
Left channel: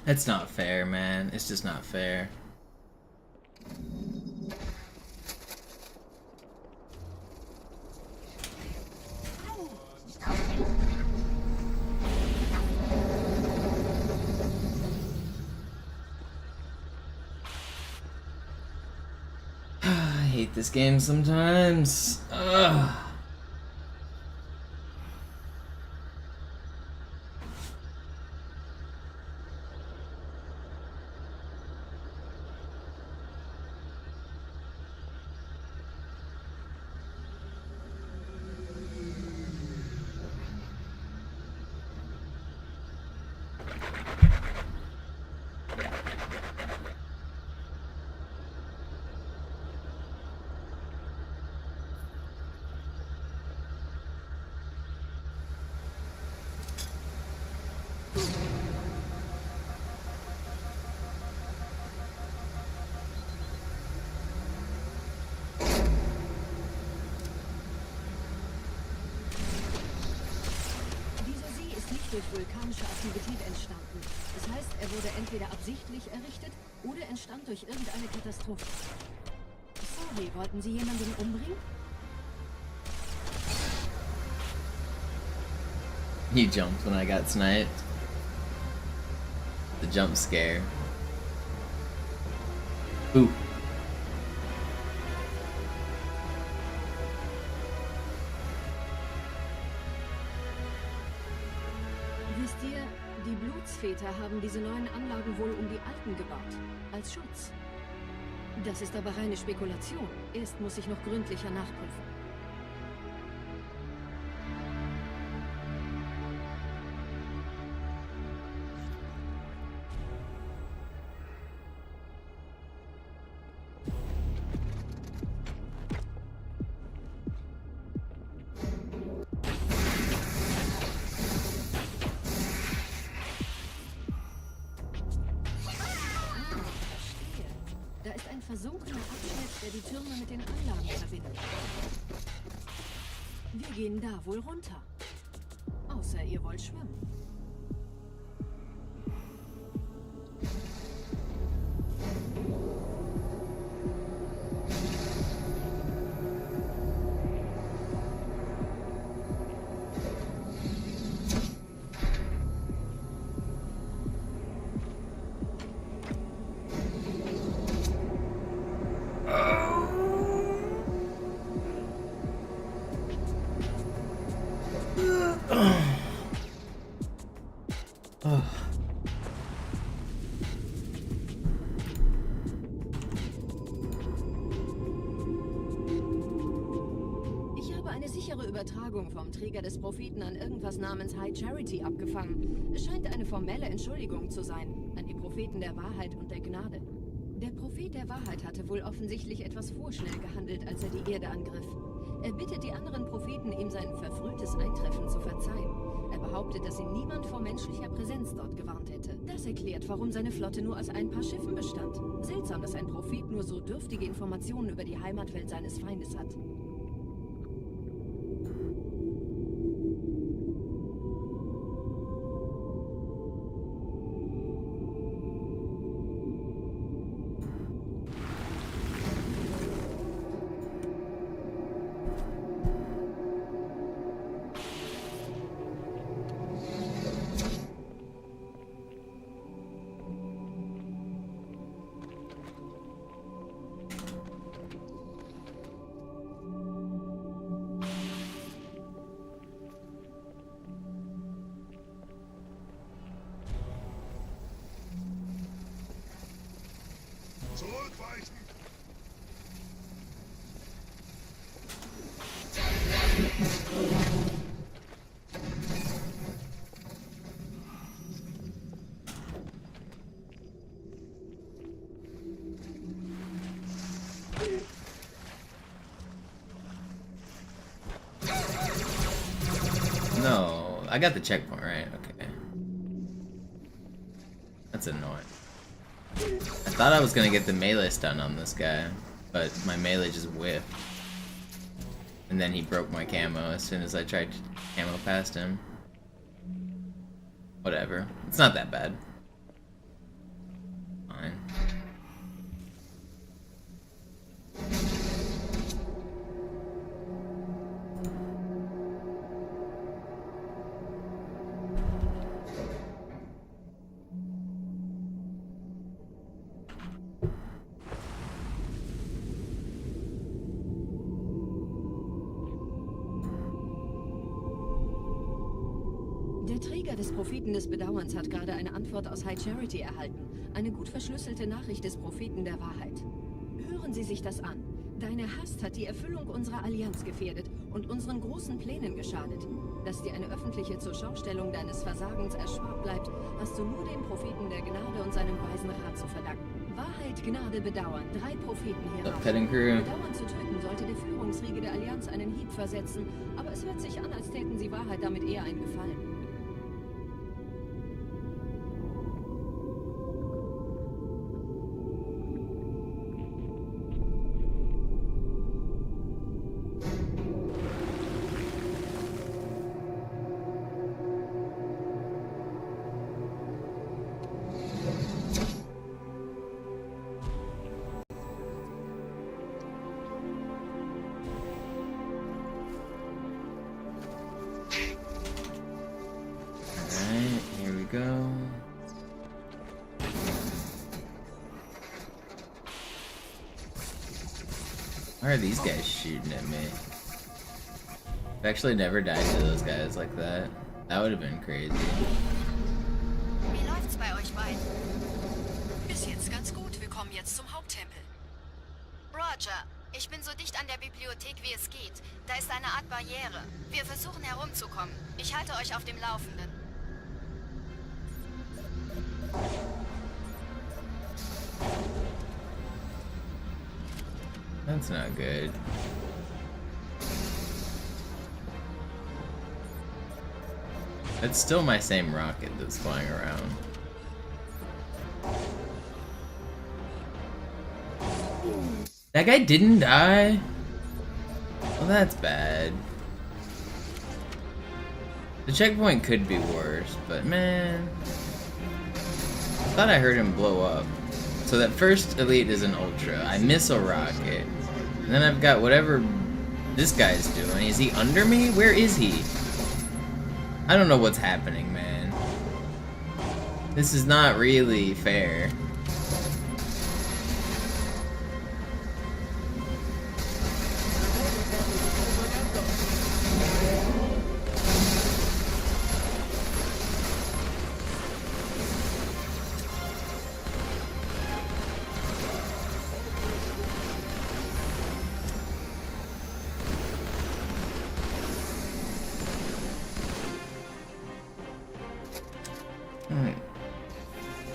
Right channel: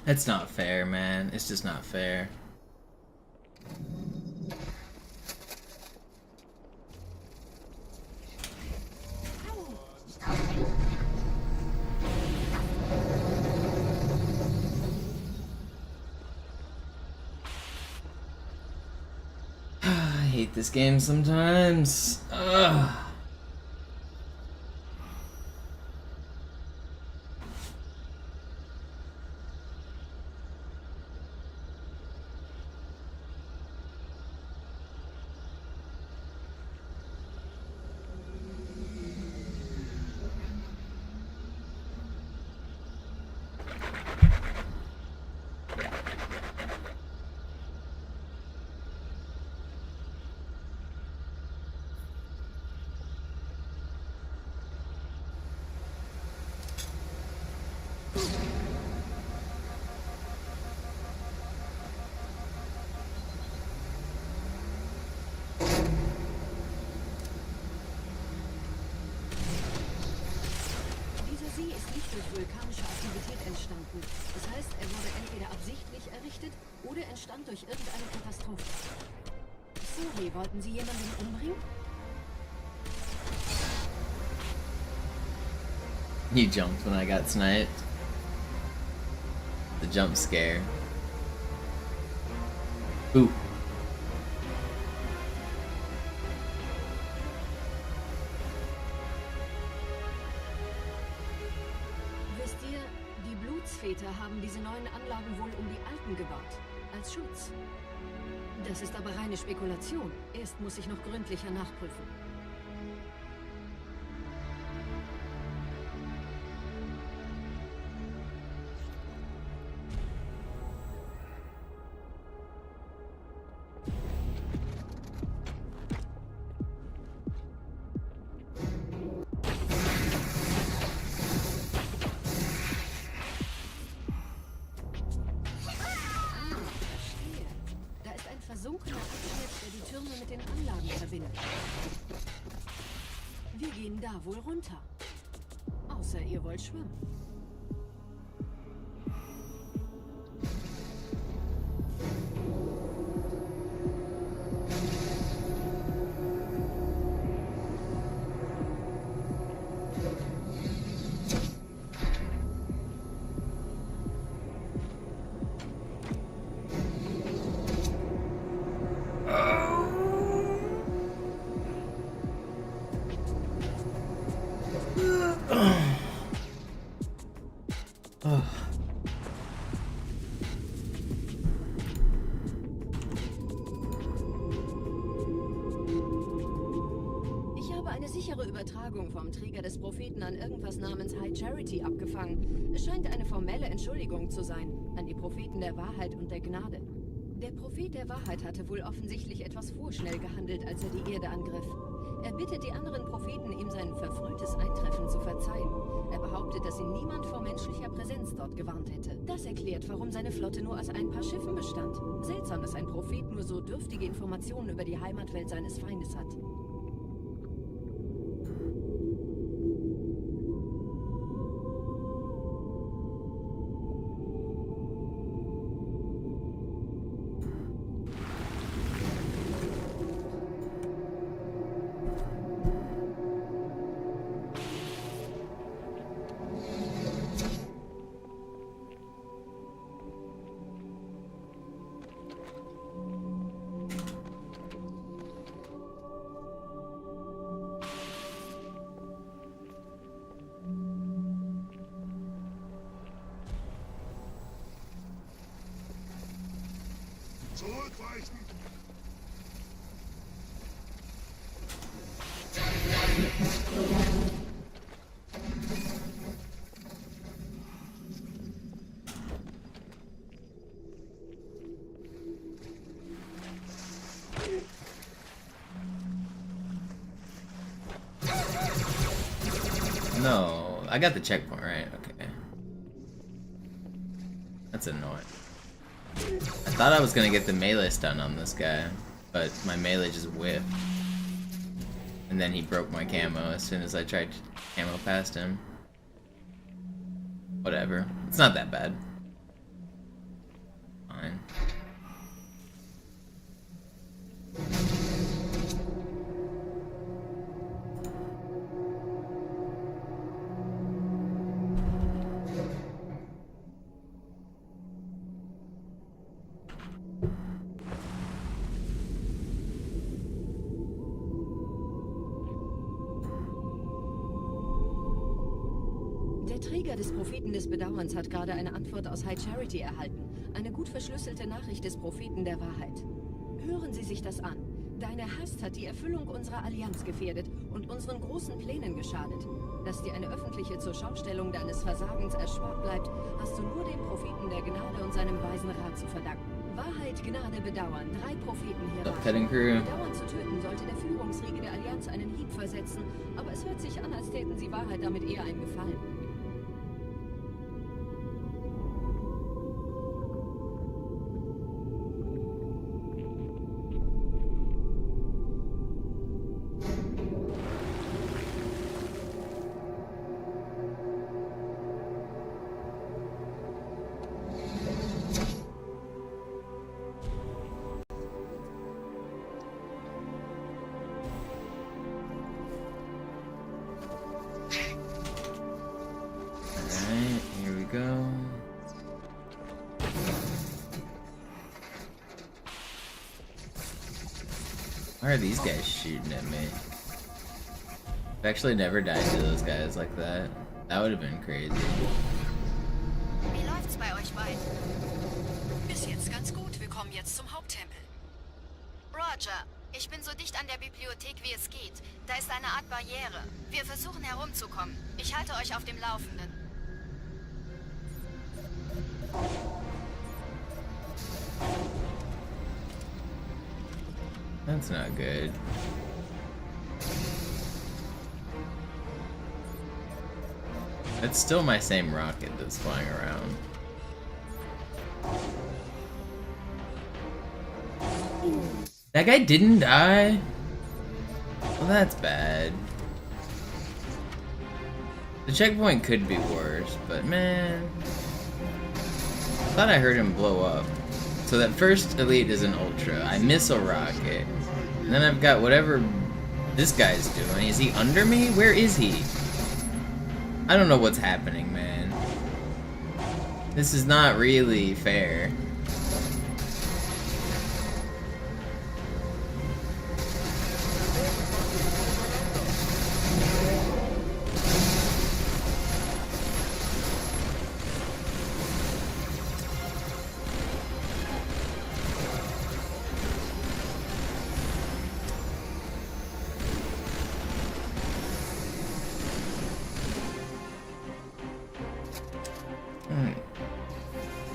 It's not fair, man. It's just not fair. I hate this game sometimes. Ugh. durch vulkanische Aktivität entstanden. Das heißt, er wurde entweder absichtlich errichtet oder entstand durch irgendeine Katastrophe. Sorry, wollten Sie jemanden umbringen? He jumped when I got sniped. The jump scare. Ooh. Wisst ihr, die Blutsväter haben diese neuen Anlagen wohl um die alten gebaut. Als Schutz. Das ist aber reine Spekulation. Erst muss ich noch gründlicher nachprüfen. Versunkener Abschnitt, der die Türme mit den Anlagen verbindet. Wir gehen da wohl runter. Außer ihr wollt schwimmen. Übertragung vom Träger des Propheten an irgendwas namens High Charity abgefangen. Es scheint eine formelle Entschuldigung zu sein, an die Propheten der Wahrheit und der Gnade. Der Prophet der Wahrheit hatte wohl offensichtlich etwas vorschnell gehandelt, als er die Erde angriff. Er bittet die anderen Propheten, ihm sein verfrühtes Eintreffen zu verzeihen. Er behauptet, dass ihn niemand vor menschlicher Präsenz dort gewarnt hätte. Das erklärt, warum seine Flotte nur aus ein paar Schiffen bestand. Seltsam, dass ein Prophet nur so dürftige Informationen über die Heimatwelt seines Feindes hat. No, I got the checkpoint, right? Okay. That's annoying. I thought I was gonna get the melee stun on this guy, but my melee just whiffed. And then he broke my camo as soon as I tried to camo past him. Whatever. It's not that bad. Fine. Der Träger des Propheten des Bedauerns hat gerade eine Antwort aus High Charity erhalten. Eine gut verschlüsselte Nachricht des Propheten der Wahrheit. Hören Sie sich das an. Deine Hast hat die Erfüllung unserer Allianz gefährdet und unseren großen Plänen geschadet. Dass dir eine öffentliche Zurschaustellung deines Versagens erspart bleibt, hast du nur dem Propheten der Gnade und seinem weisen Rat zu verdanken. Wahrheit, Gnade, Bedauern. 3 Propheten hier. Bedauern zu töten sollte der Führungsriege der Allianz einen Hieb versetzen, aber es hört sich an, als täten sie Wahrheit damit eher einen Gefallen. Why are these guys shooting at me? I've actually never died to those guys like that. That would have been crazy. Wie läuft's bei euch beiden? Bis jetzt ganz gut. Wir kommen jetzt zum Haupttempel. Roger, ich bin so dicht an der Bibliothek wie es geht. Da ist eine Art Barriere. Wir versuchen herumzukommen. Ich halte euch auf dem Laufenden. That's not good. It's still my same rocket that's flying around. That guy didn't die? Well, that's bad. The checkpoint could be worse, but man... I thought I heard him blow up. So that first elite is an ultra. I miss a rocket. And then I've got whatever this guy's doing. Is he under me? Where is he? I don't know what's happening, man. This is not really fair.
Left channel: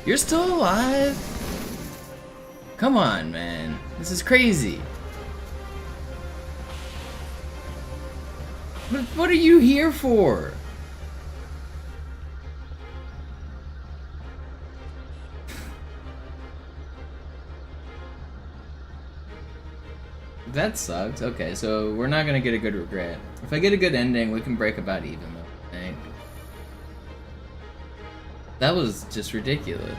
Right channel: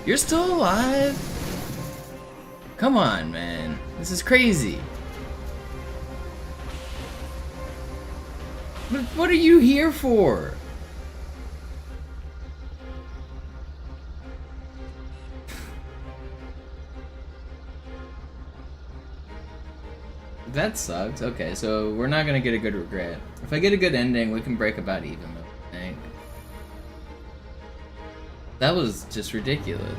You're still alive? Come on, man. This is crazy. But what are you here for? That sucks. Okay, so we're not gonna get a good regret. If I get a good ending, we can break about even, though, I think. That was just ridiculous.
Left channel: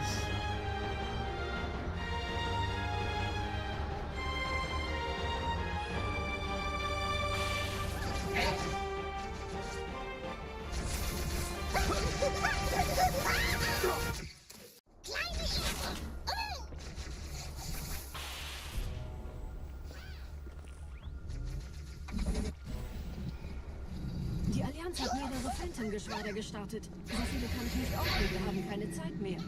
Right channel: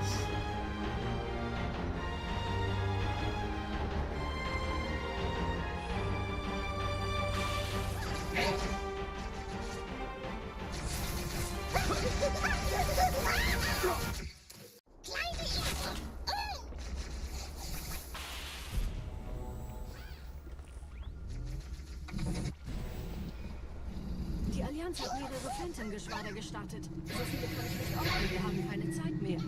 Die Allianz hat mehrere Phantom-Geschwader gestartet. So viele kann ich nicht ordnen, wir haben keine Zeit mehr.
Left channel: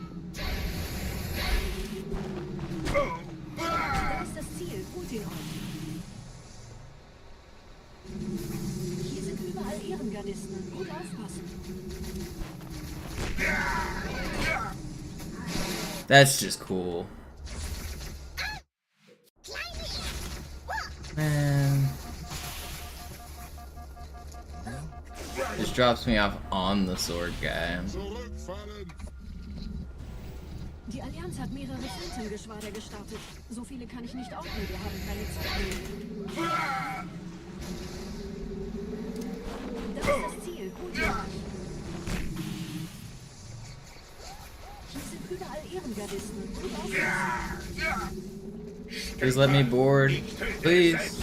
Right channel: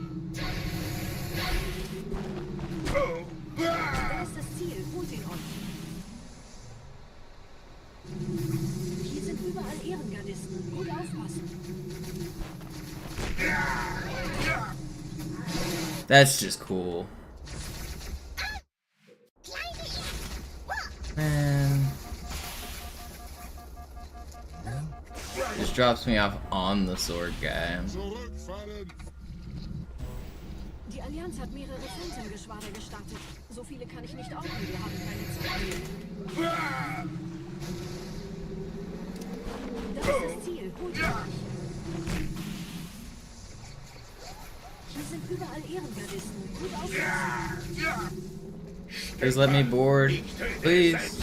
Da ist das Ziel, holt ihn euch. Hier sind überall Ehrengardisten. Gut aufpassen. That's just cool. Man. Just drops me off on the sword guy. Die Allianz hat mehrere Phantom-Geschwader gestartet. So viele kann ich nicht ordnen, wir haben keine Zeit mehr. Das ist das Ziel, holt ihn euch. Hier sind überall Ehrengardisten. Gut aufpassen. Please let me board. Please.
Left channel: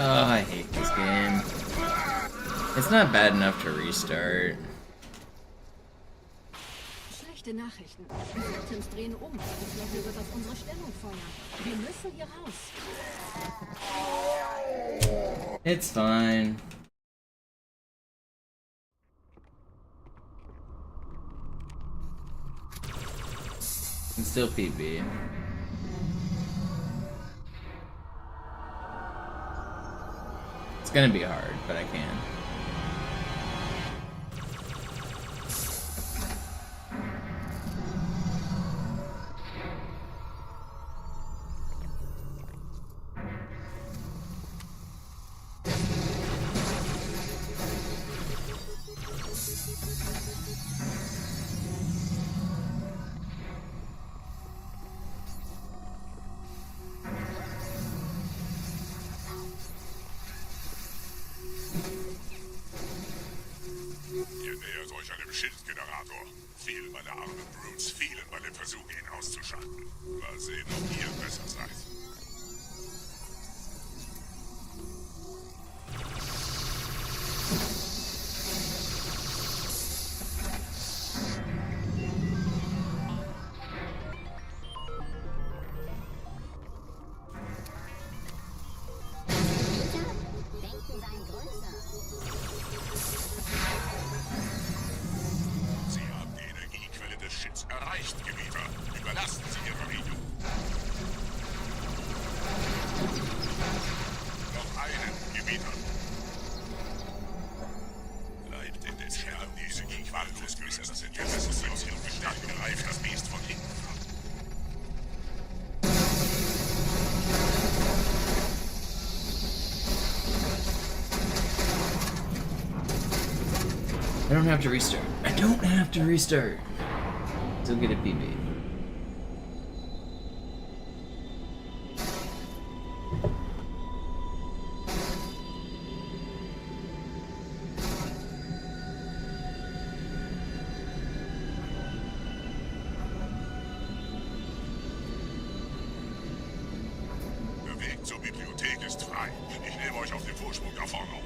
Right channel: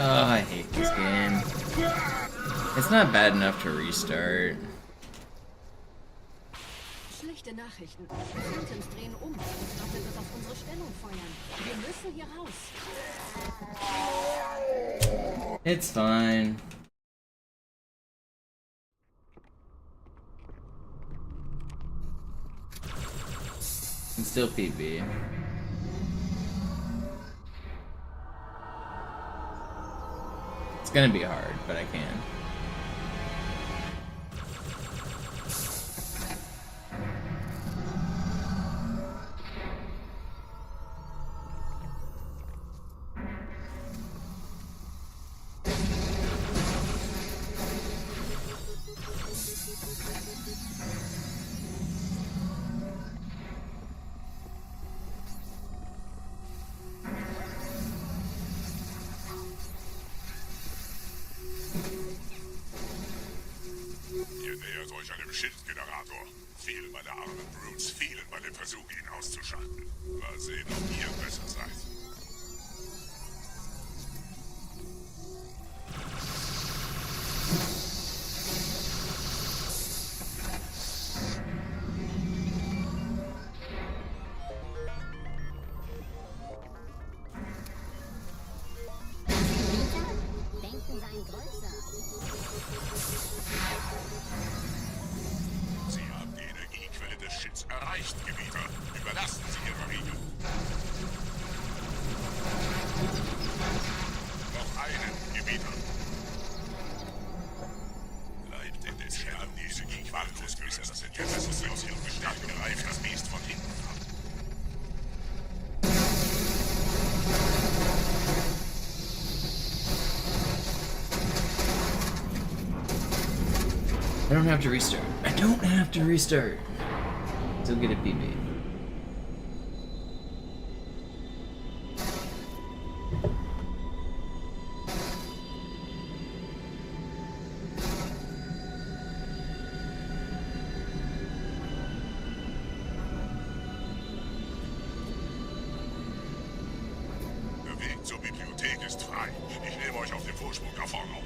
Oh, I hate this game. It's not bad enough to restart. Schlechte Nachrichten. Die Phantoms drehen um. Die Flotte wird auf unsere Stellung feuern. Wir müssen hier raus. It's fine. Can still PB. It's gonna be hard, but I can. Schildgenerator. Viele meiner armen Brutes fielen bei dem Versuch, ihn auszuschalten. Mal sehen, ob ihr besser seid. Sie haben die Energiequelle des Shits erreicht, Gebieter. Überlassen Sie Ihre Regel. Noch einen, Gebieter. Bleibt in den Scherben diese Gequallos, bis er das Interesse aus ihrem Bestand greift das Biest von hinten ab. I don't have to restart. I don't have to restart. Still get a PB. Der Weg zur Bibliothek ist frei. Ich nehme euch auf dem Vorsprung da vorne auf.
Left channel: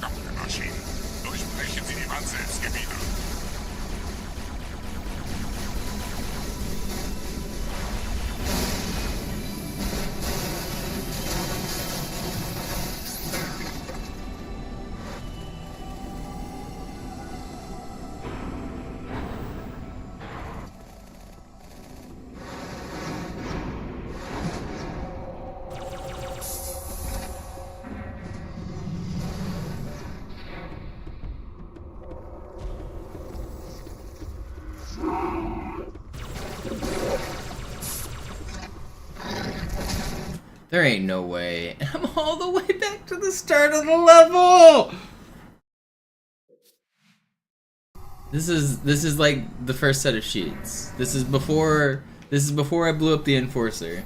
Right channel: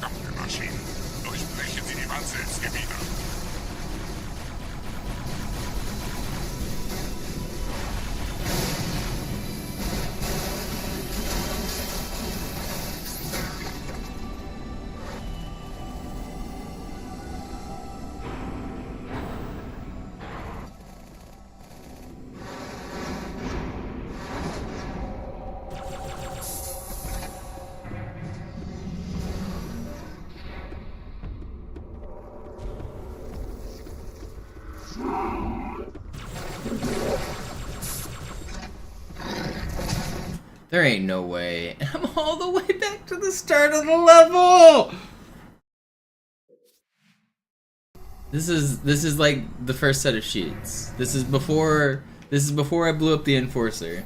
Verdammte Maschinen. Durchbrechen Sie die Wanze ins Gebiet. There ain't no way. I'm all the way back to the start of the level! This is like the first set of sheets. This is before I blew up the Enforcer.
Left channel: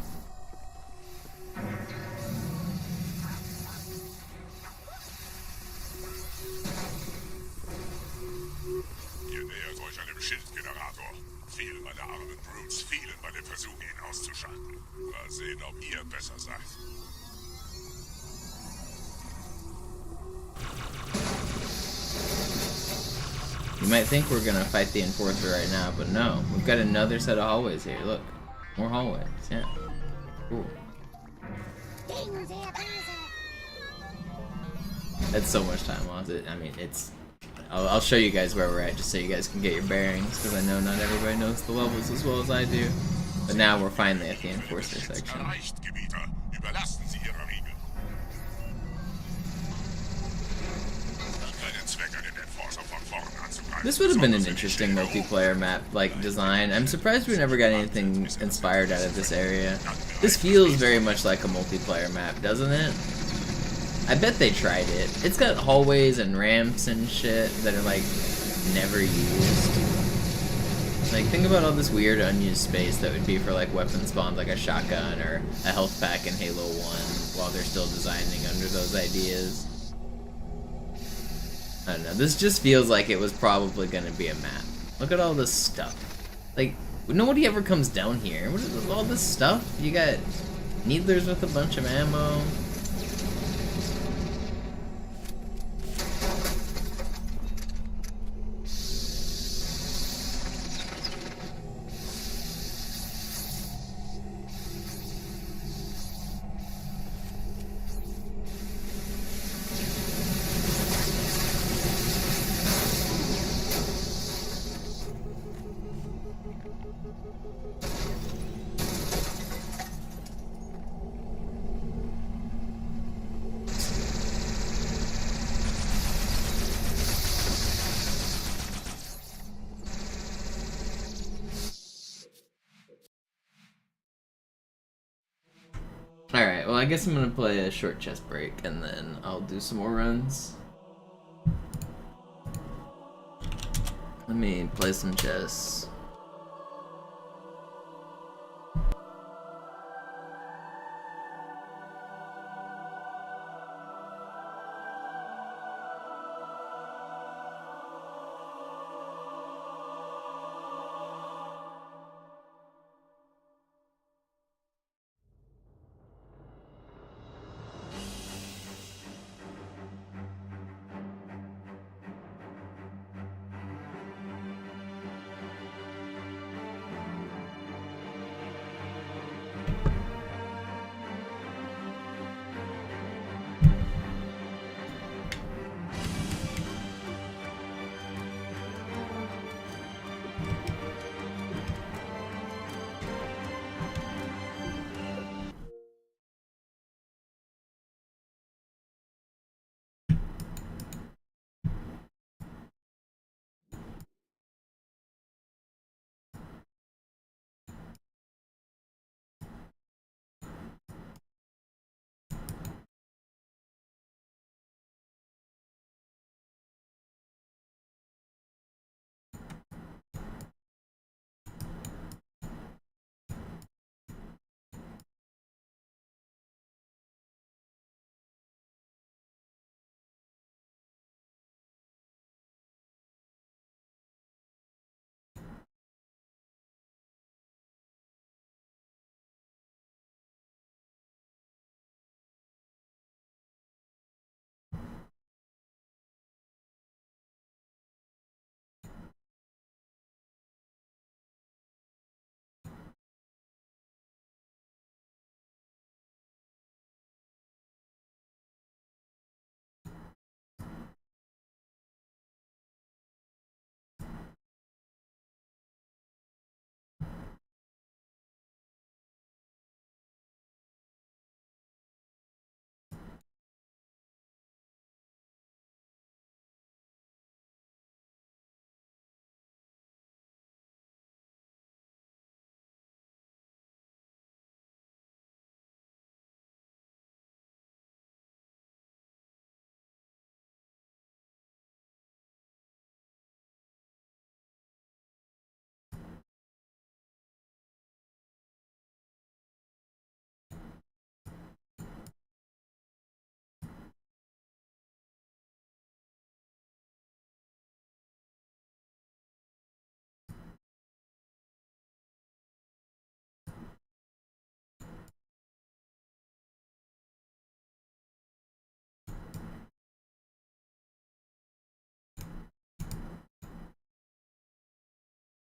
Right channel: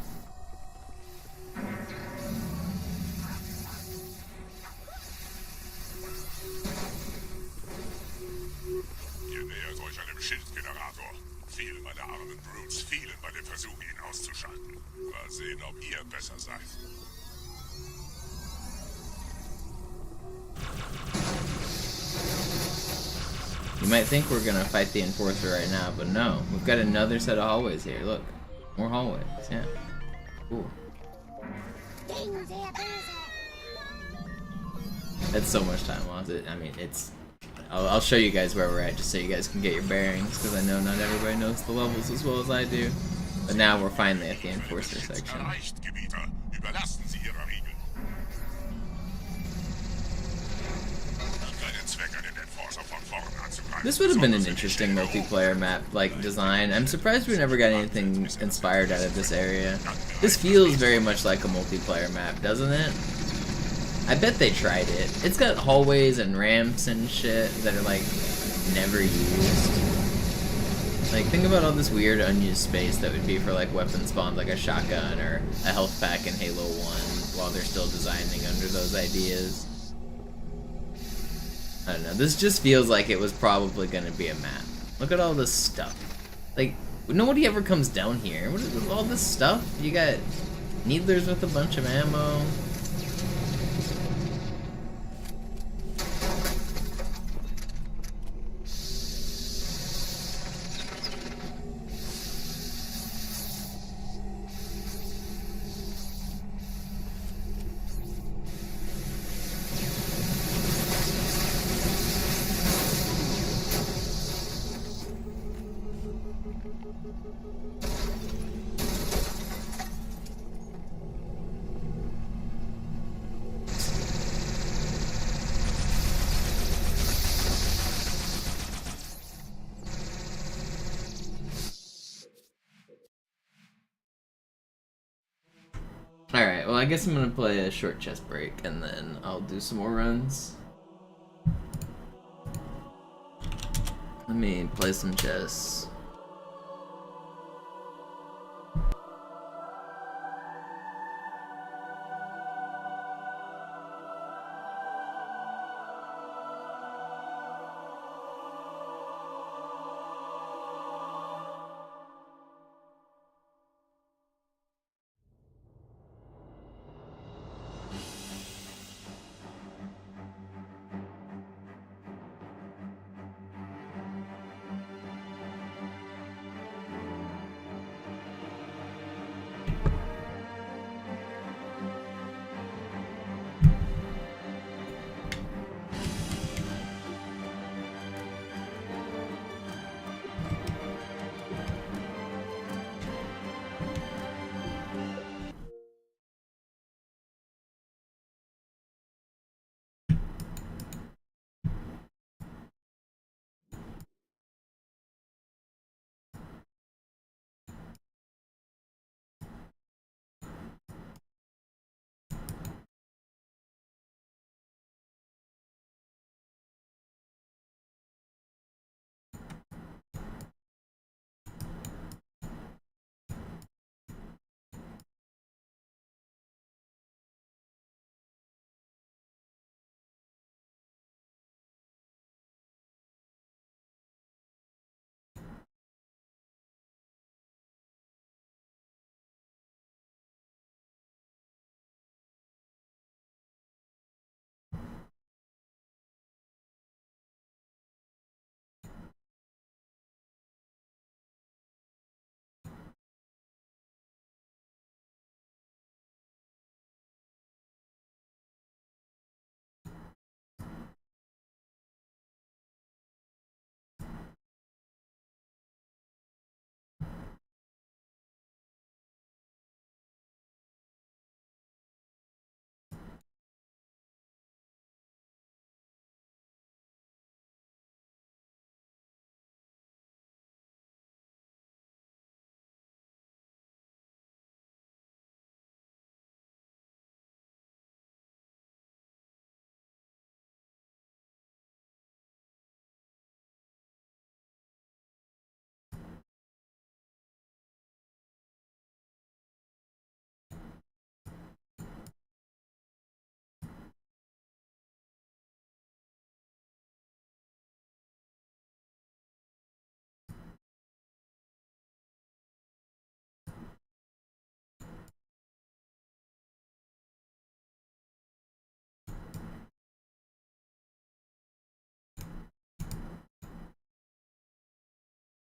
Ihr nähert euch einem Schildgenerator. Viele meiner armen Brutes fielen bei dem Versuch, ihn auszuschalten. Mal sehen, ob ihr besser seid. You might think we're gonna fight the Enforcer right now, but no. We've got another set of hallways here. Look. More hallways. Yeah. Cool. That's so much time lost. I mean, it's... I'll show you guys where we're at, just so you guys can get your bearings, because I know not everybody knows the levels as well as I do. But now we're finally at the Enforcer section. This would have been an interesting multiplayer map, like, design. I'm surprised we never got anything inspired out of this area. This feels very much like a multiplayer map, doesn't it? I bet they tried it. It's got hallways and ramps and shit that are, like, never used. Like, think about all this weird unused space that would be for, like, weapon spawns like a shotgun or a health pack in Halo 1 while they're still designing under those ideas. I don't know, this just feels like it was probably gonna be a map. Look at all this stuff. Like, nobody ever comes down here. What is all this stuff? You got needlers with a bunch of ammo. Alright, well I guess I'm gonna play a short chest break and then I'll do some more runs. Let me play some chess.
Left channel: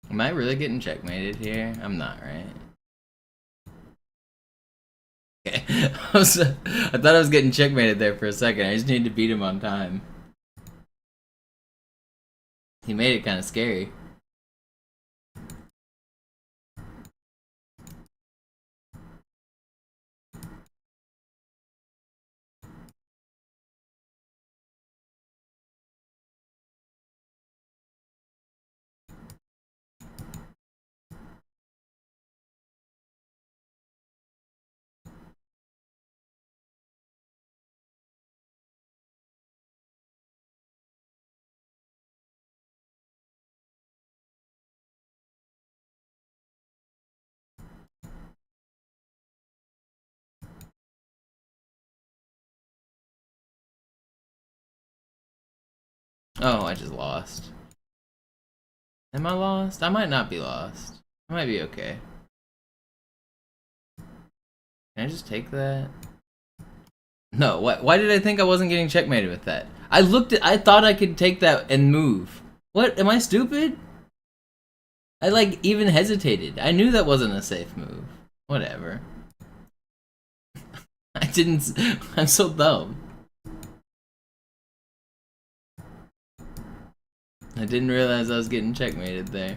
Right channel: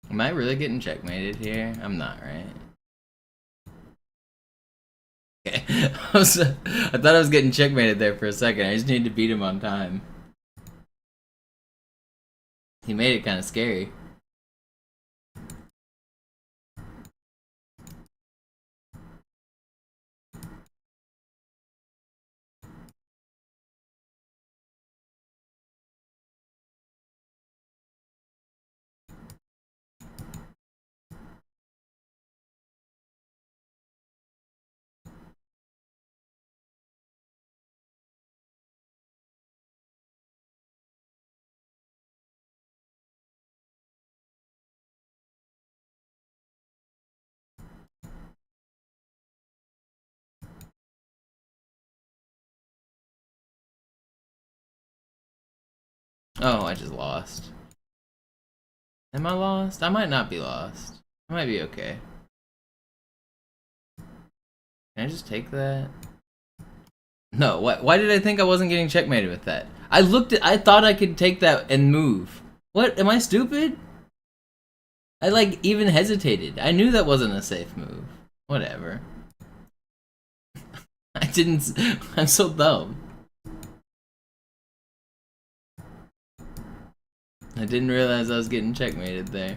Am I really getting checkmated here? I'm not, right? Okay. I thought I was getting checkmated there for a second. I just need to beat him on time. He made it kind of scary. Oh, I just lost. Am I lost? I might not be lost. I might be okay. Can I just take that? No, why did I think I wasn't getting checkmated with that? I thought I could take that and move. What, am I stupid? I like even hesitated. I knew that wasn't a safe move. Whatever. I'm so dumb. I didn't realize I was getting checkmated there.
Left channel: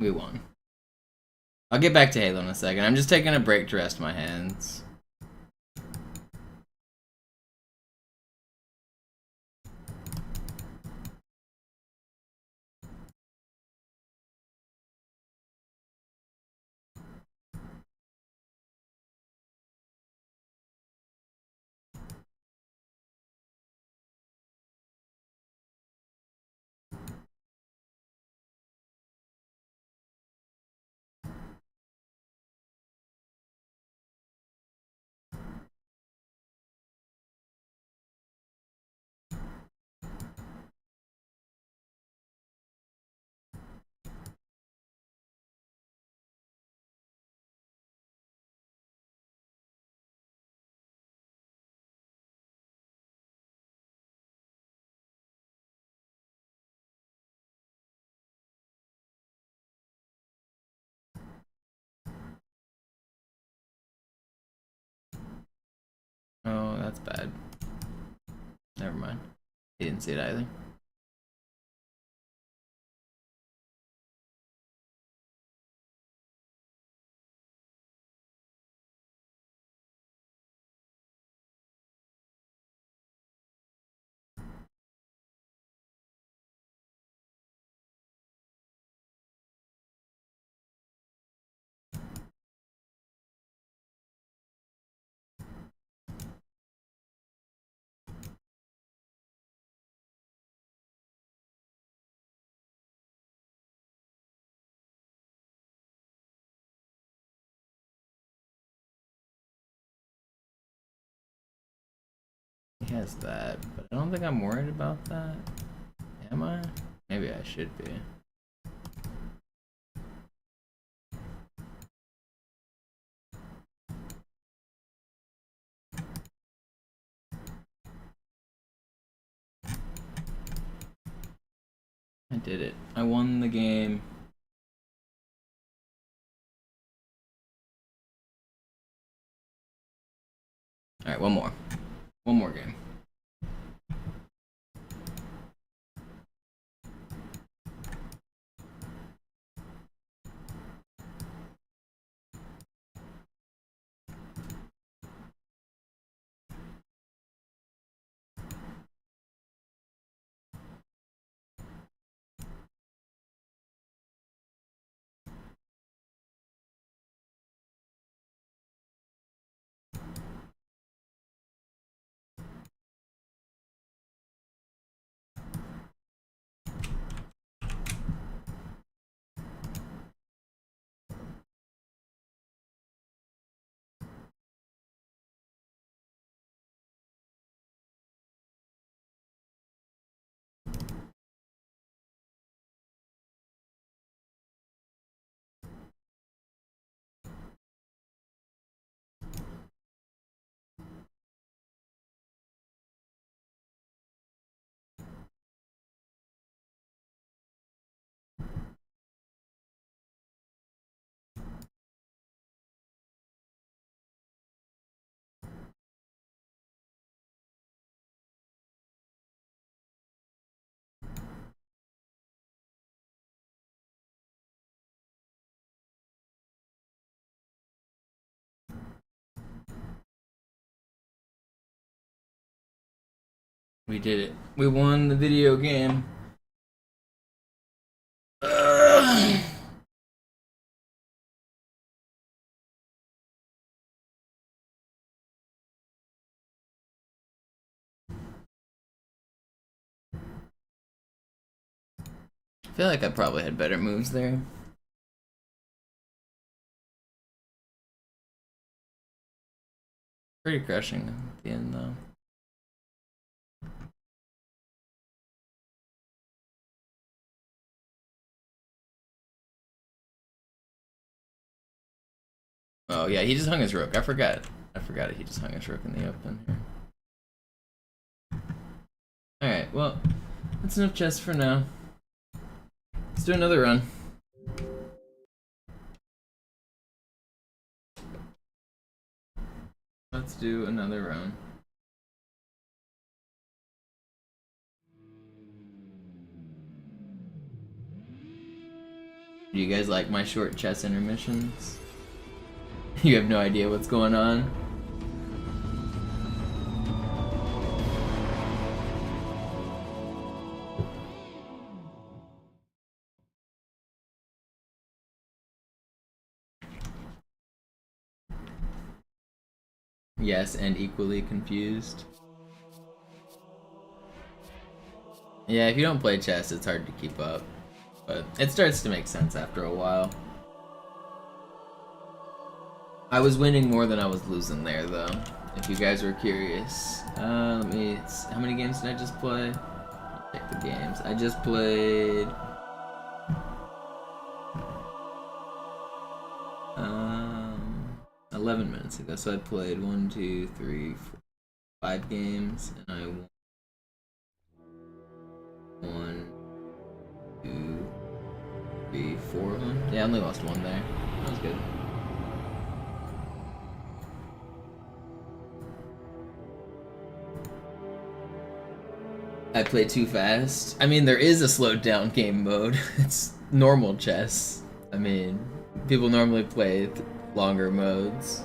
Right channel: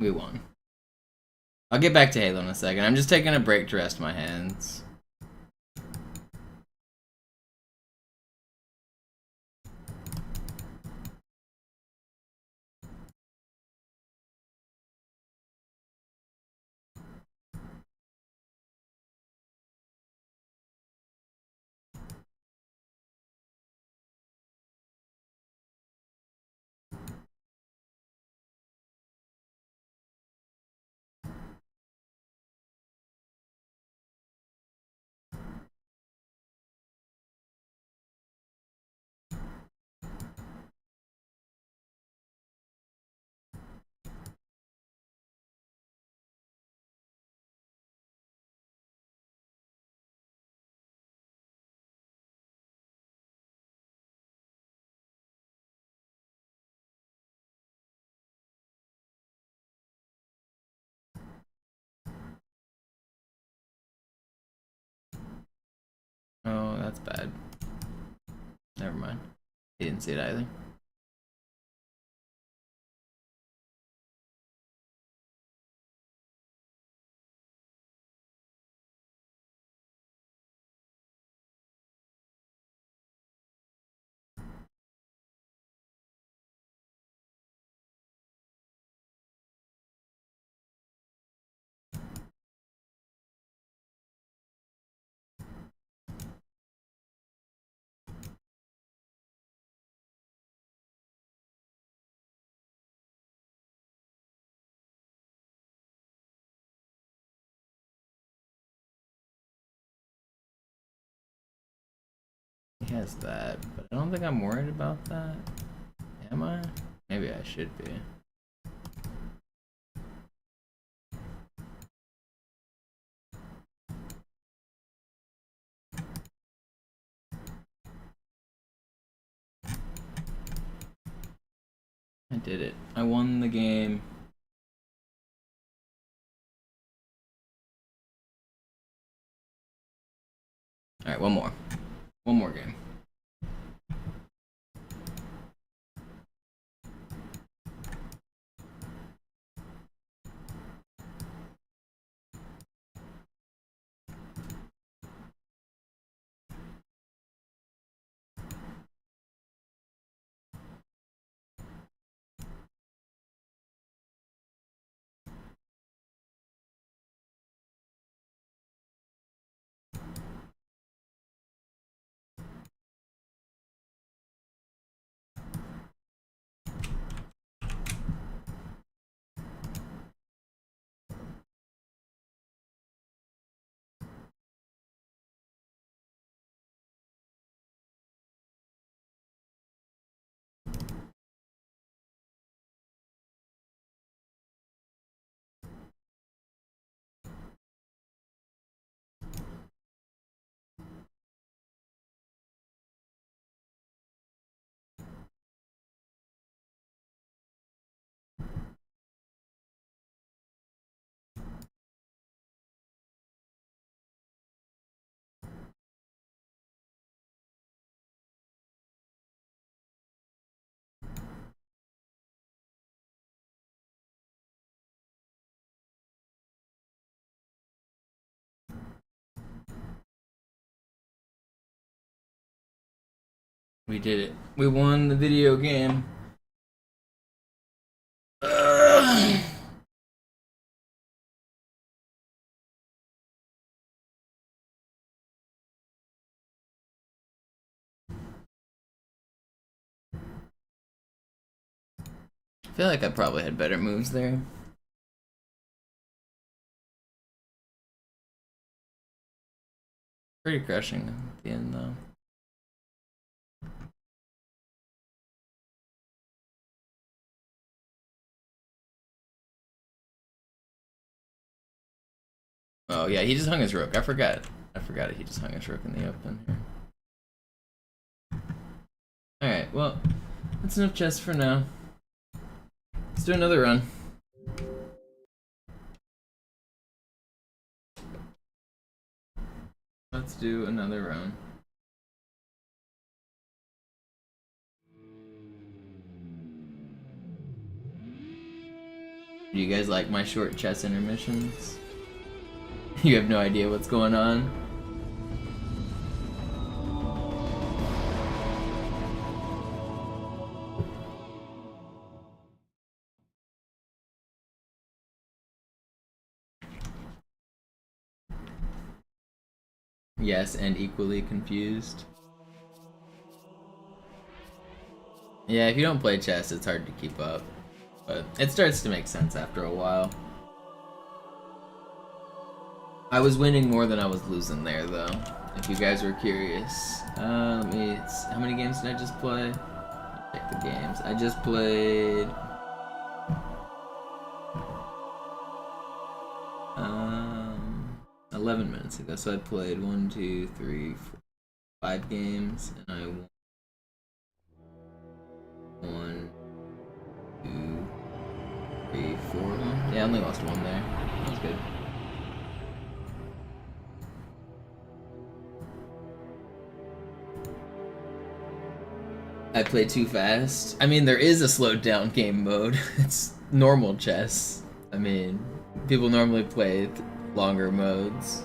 We won. I'll get back to Halo in a second. I'm just taking a break to rest my hands. Oh, that's bad. Never mind. He didn't see it either. He has that, but I don't think I'm worried about that. Am I? Maybe I should be. I did it. I won the game. Alright, one more. One more game. We did it. We won the video game. Ugh. I feel like I probably had better moves there. Pretty crushing at the end though. Oh yeah, he just hung his rook. I forgot it. He just hung his rook in the open here. Alright, well, that's enough chess for now. Let's do another run. Let's do another run. Do you guys like my short chess intermissions? You have no idea what's going on? Yes, and equally confused. Yeah, if you don't play chess, it's hard to keep up. But it starts to make sense after a while. I was winning more than I was losing there, though, if you guys were curious. How many games did I just play? Check the games. I just played... 11 minutes ago, so I played 1, 2, 3, 4, 5 games, and I won 1, 2, 3, 4 of them. Yeah, I only lost 1 there. That was good. I play too fast. I mean, there is a slowed down game mode. It's normal chess. I mean, people normally play longer modes.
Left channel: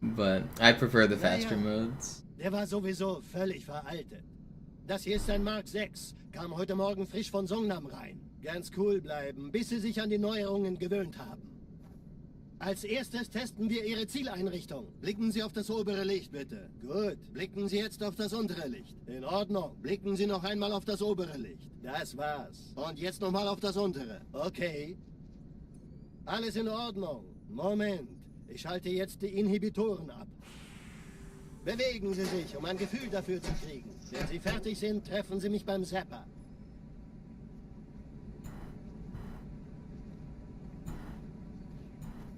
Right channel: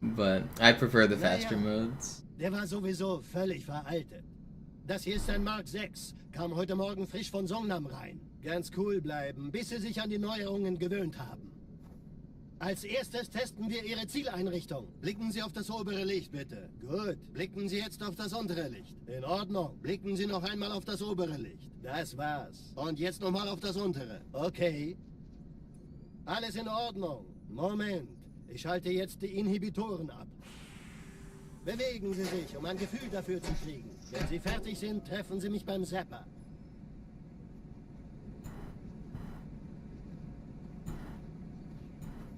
But I prefer the faster modes. Der war sowieso völlig veraltet. Das hier ist ein Mark 6. Kam heute Morgen frisch von Songnam rein. Ganz cool bleiben, bis Sie sich an die Neuerungen gewöhnt haben. Als erstes testen wir Ihre Zieleinrichtung. Blicken Sie auf das obere Licht, bitte. Gut. Blicken Sie jetzt auf das untere Licht. In Ordnung. Blicken Sie noch einmal auf das obere Licht. Das war's. Und jetzt nochmal auf das untere. Okay. Alles in Ordnung. Moment. Ich schalte jetzt die Inhibitoren ab. Bewegen Sie sich, um ein Gefühl dafür zu kriegen. Wenn Sie fertig sind, treffen Sie mich beim Zapper.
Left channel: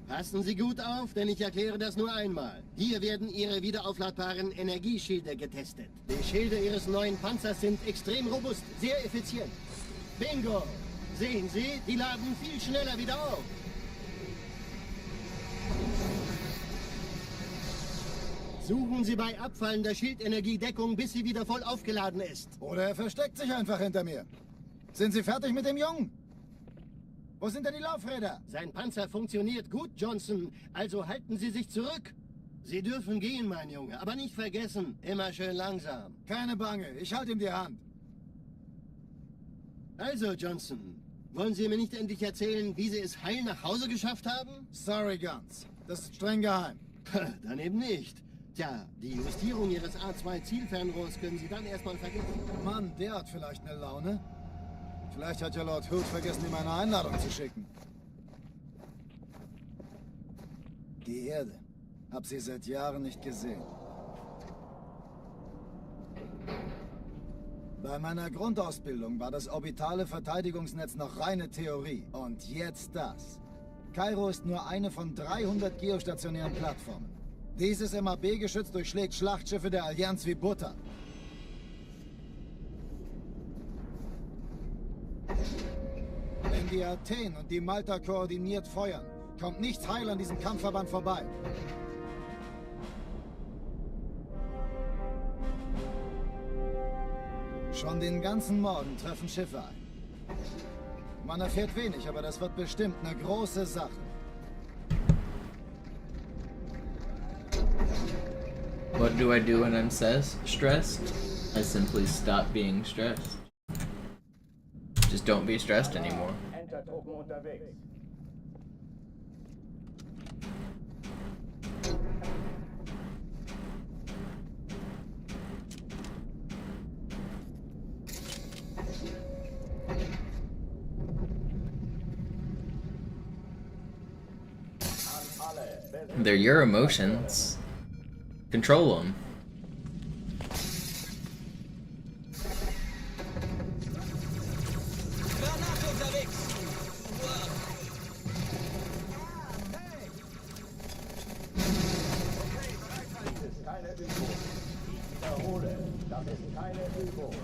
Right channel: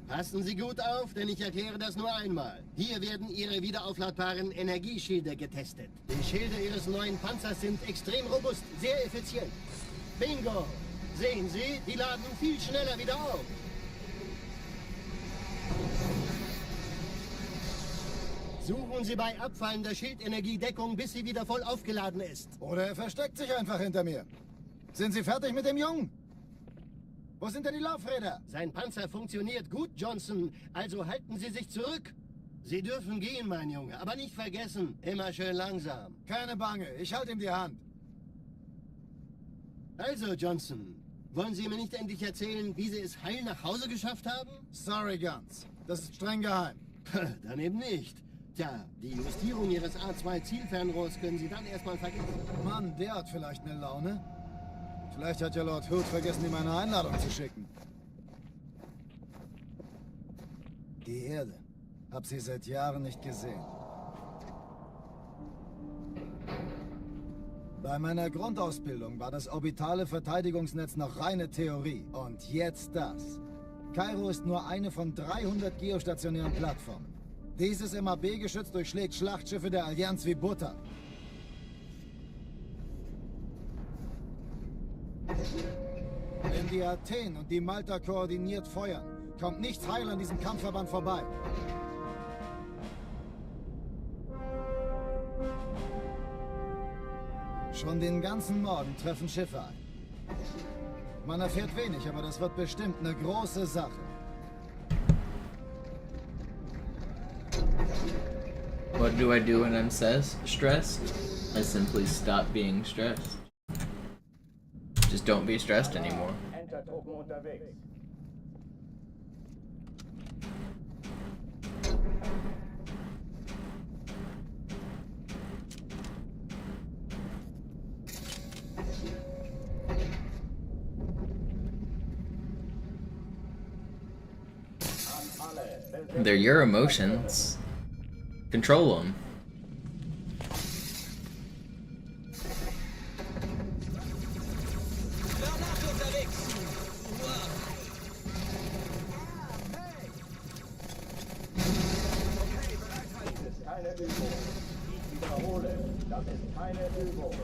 Passen Sie gut auf, denn ich erkläre das nur einmal. Hier werden Ihre wiederaufladbaren Energieschilde getestet. Die Schilde Ihres neuen Panzers sind extrem robust, sehr effizient. Bingo! Sehen Sie, die laden viel schneller wieder auf. Suchen Sie bei abfallender Schildenergiedeckung, bis sie wieder voll aufgeladen ist. Oder er versteckt sich einfach hinter mir. Sind Sie fertig mit dem Jungen? Wo sind denn die Laufräder? Sein Panzer funktioniert gut, Johnson. Also halten Sie sich zurück. Sie dürfen gehen, mein Junge. Aber nicht vergessen, immer schön langsam. Keine Bange, ich halte ihm die Hand. Also, Johnson, wollen Sie mir nicht endlich erzählen, wie Sie es heil nach Hause geschafft haben? Sorry, Guns. Das ist streng geheim. Dann eben nicht. Tja, die Justierung Ihres A2-Zielfernrohrs können Sie dann erstmal vergessen. Mann, der hat vielleicht eine Laune. Vielleicht hat ja Lord Hood vergessen, ihm eine Einladung zu schicken. Die Erde. Hab sie seit Jahren nicht gesehen. Bei meiner Grundausbildung war das orbitale Verteidigungsnetz noch reine Theorie. Und jetzt das. Kairo ist nur eine von 300 geostationären Plattformen. Dieses MAB-Geschütz durchschlägt Schlachtschiffe der Allianz wie Butter. Wenn die Athen und die Malta koordiniert feuern, kommt nichts heil an diesem Kampfverband vorbei. Schon den ganzen Morgen treffen Schiffe ein. Man erfährt wenig, aber das wird bestimmt eine große Sache. What do I do when I'm stressed? I simply stop being stressed. Just don't be stressed anymore. Entertruppen unterwegs. They're your emotions. Control them. Dies ist keine Übung. Ich wiederhole, das ist keine Übung.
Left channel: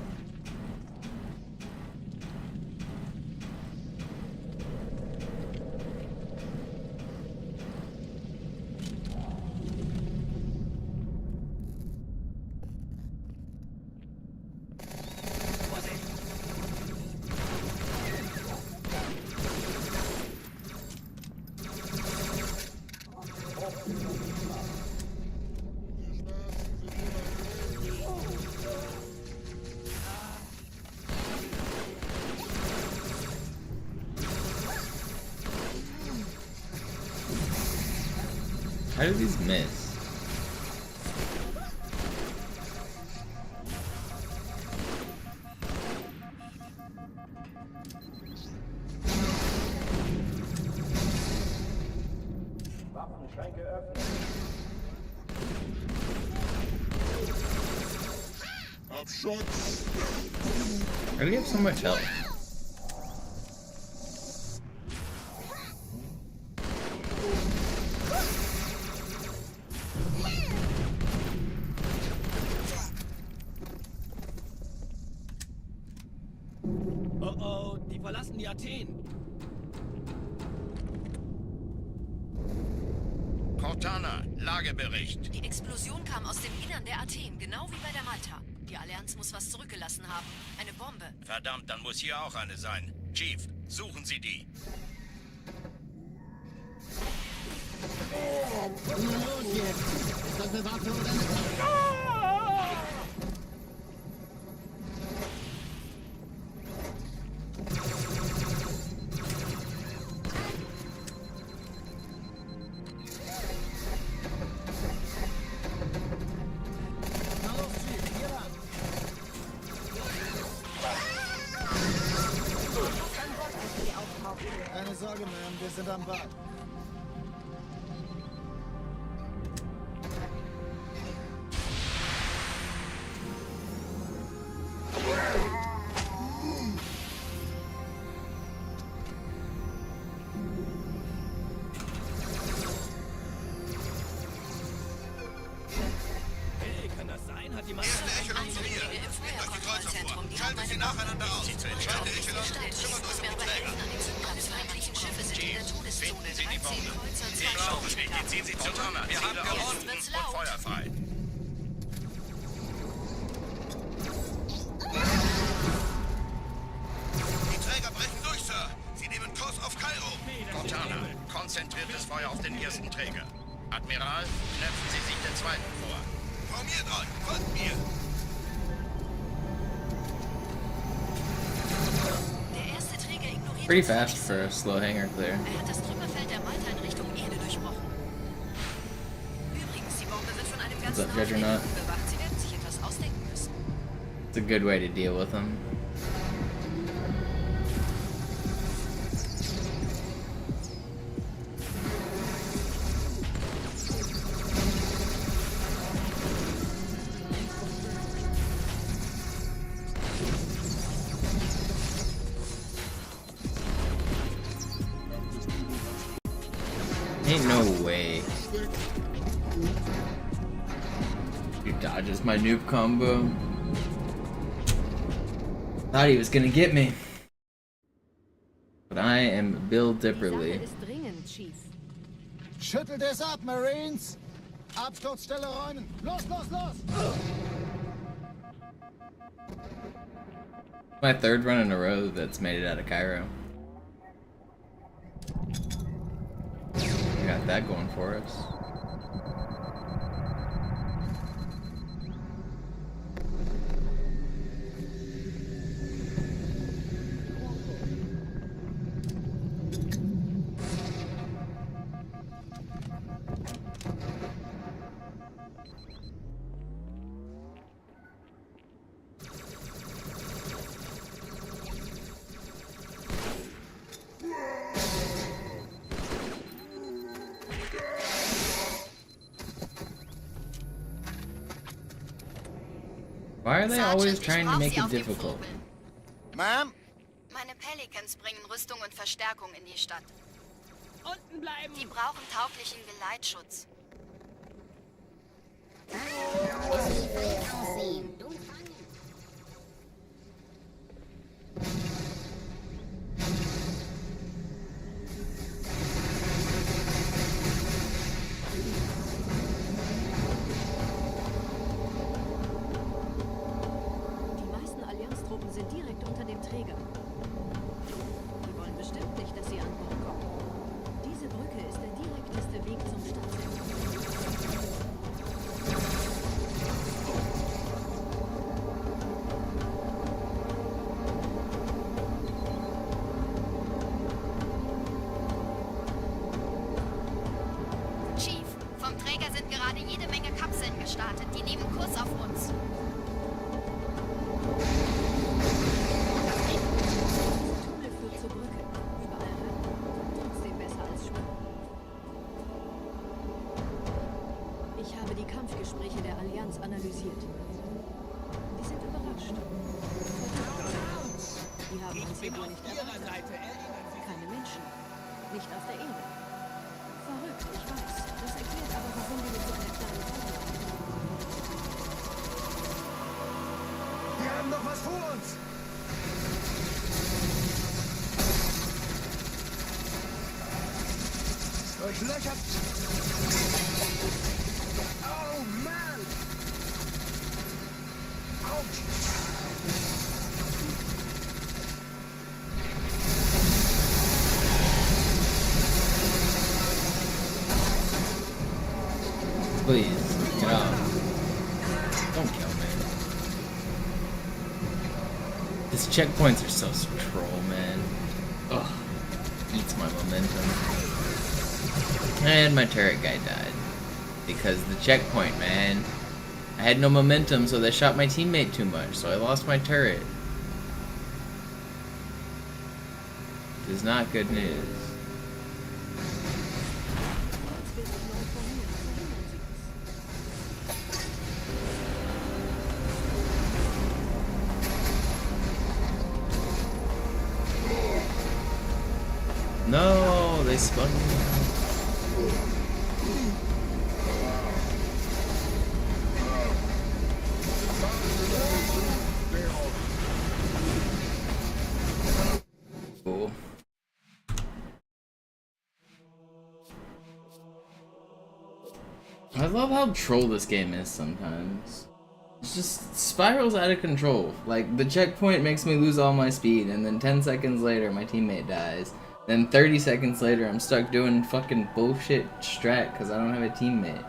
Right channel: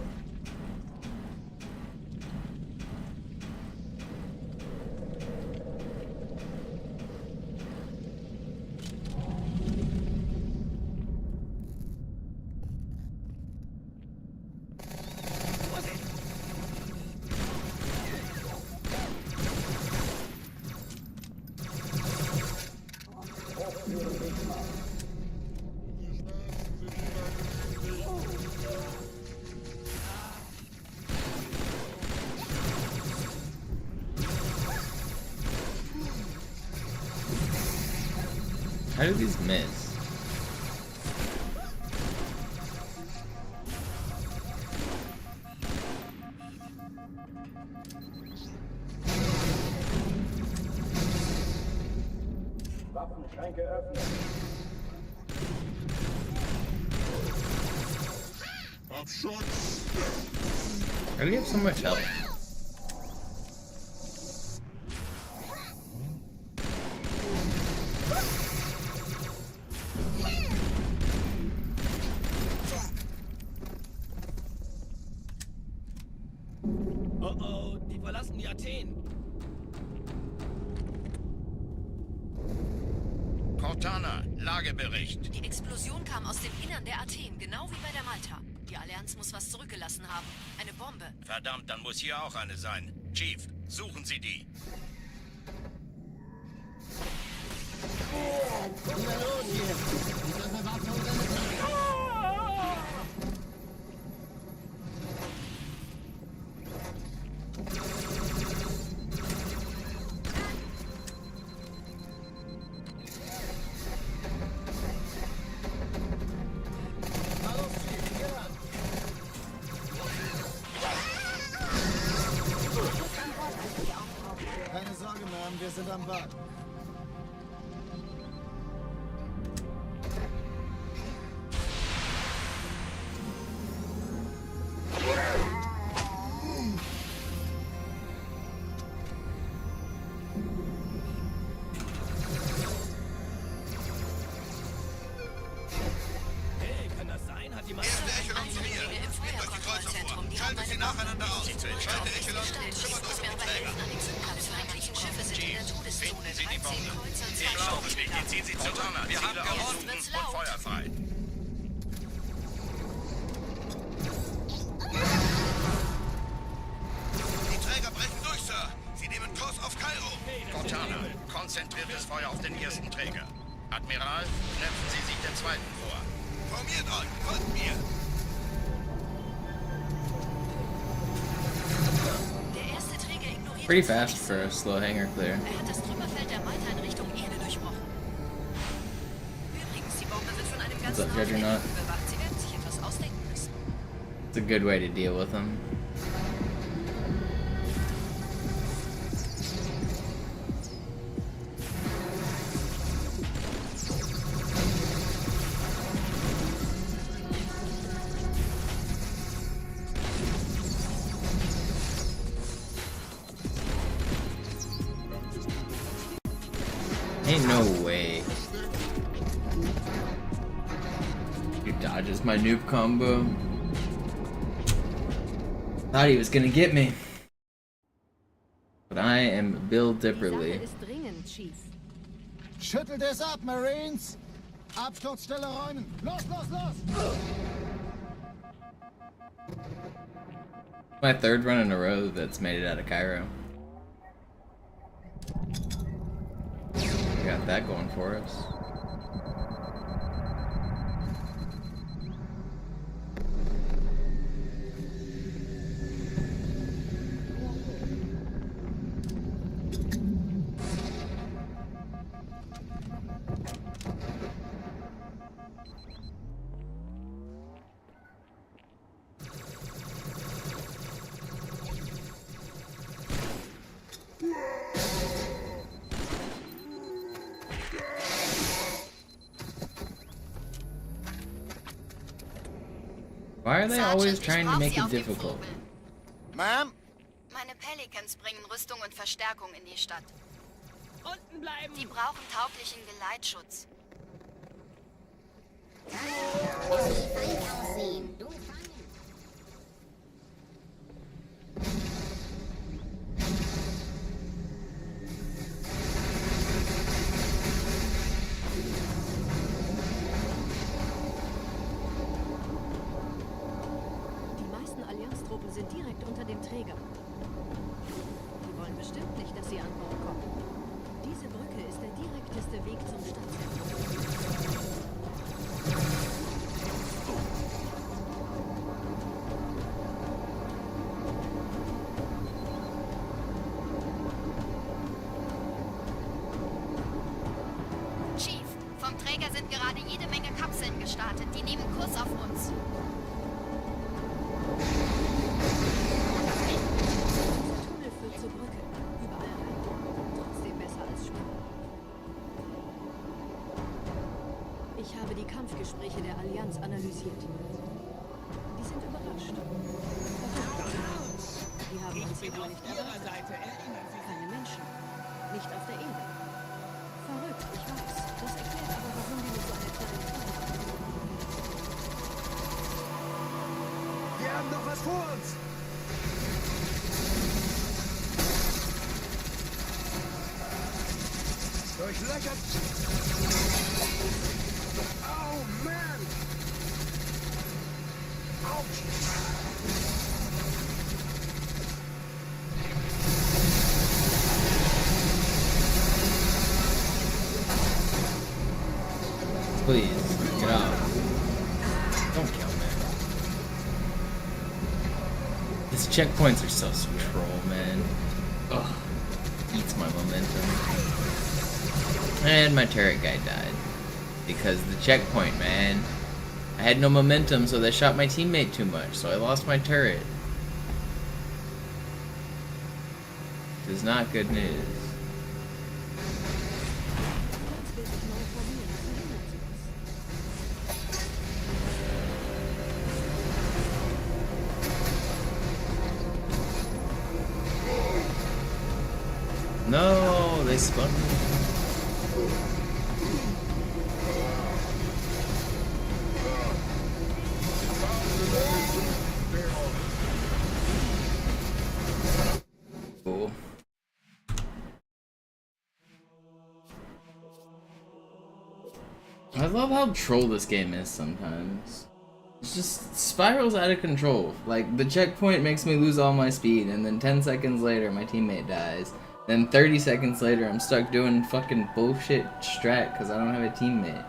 How do these miss? Waffenschränke öffnen. How do you have so much health? Oh oh, die verlassen die Athen. Cortana, Lagebericht. Die Explosion kam aus dem Innern der Athen, genau wie bei der Malta. Die Allianz muss was zurückgelassen haben. Eine Bombe. Verdammt, dann muss hier auch eine sein. Chief, suchen Sie die. Na los jetzt! Ist das eine Waffe oder eine Waffe? Na los, Chief, hier lang. Keine Sorge, Ma'am, wir sind am Bad. Hey, kann das sein? Hat jemand... Erste Echelon zu mir. Nehmt euch die Kreuzer vor. Schaltet sie nacheinander aus. Zweite Echelon, kümmert euch um die Träger. Alle feindlichen Schiffe sind in der Todeszone. Sie die 13 Bombe. Kreuzer, 2 Die Schlauchbeschläge, ziehen Sie zurück. Cortana, wir haben gewonnen wird's und laut. Feuer frei. Die Träger brechen durch, Sir. Sie nehmen Kurs auf Kairo. Cortana, konzentriertes Feuer auf den ersten Träger. Admiral, knöpfen Sie sich den zweiten vor. Formiert euch, folgt mir. Der erste Träger ignoriert... Pretty fast for a slow hanger clear. Er hat das Trümmerfeld der Malta in Richtung Erde durchbrochen. Übrigens, die Bombe wird von einem What's ganzen up, Judgernaut? Haufen überwacht. Sie werden sich etwas ausdenken müssen. It's a good way to deal with them. Ain't no way. He dodges my noob combo. Thought he was gonna get me. But I am Bill Die Dipperly. Sache ist dringend, Chief. Schüttelt es ab, Marines! Absturzstelle räumen! Los, los, los! My third run in a row that's made it out of Cairo. We got that going for us. Why are they always trying to make it difficult? Ma'am? Meine Pelicans bringen Rüstung und Verstärkung in die Stadt. Unten bleiben! Die brauchen tauglichen Geleitschutz. Die meisten Allianztruppen sind direkt unter dem Träger. Die wollen bestimmt nicht, dass sie an Bord kommen. Diese Brücke ist der direkteste Weg zum Stadtzentrum. Chief, vom Kampfgespräche der Allianz analysiert. Die sind überrascht. Verwirrt. Die haben uns hier wohl nicht erwartet. Keine Menschen. Nicht auf der Erde. Verrückt, ich weiß. Das erklärt aber, warum die mit so einer kleinen Flotte kommen. Wir haben noch was vor uns! Durchlöchert! Oh, Mann! Autsch! Please, get off. Don't kill me. These checkpoints are so troll, man. Ugh. Eats my momentum. And my turret guy died. Because the checkpoint, man. I had no momentum, so they shot my teammate too much, so I lost my turret. It is not good news. No, they spun me out. Cool. I love how troll this game is sometimes. It's just spirals out of control. Like, the checkpoint makes me lose all my speed, and then 10 seconds later my teammate dies. Then 30 seconds later, I'm stuck doing fucking bullshit strat because I don't have a teammate.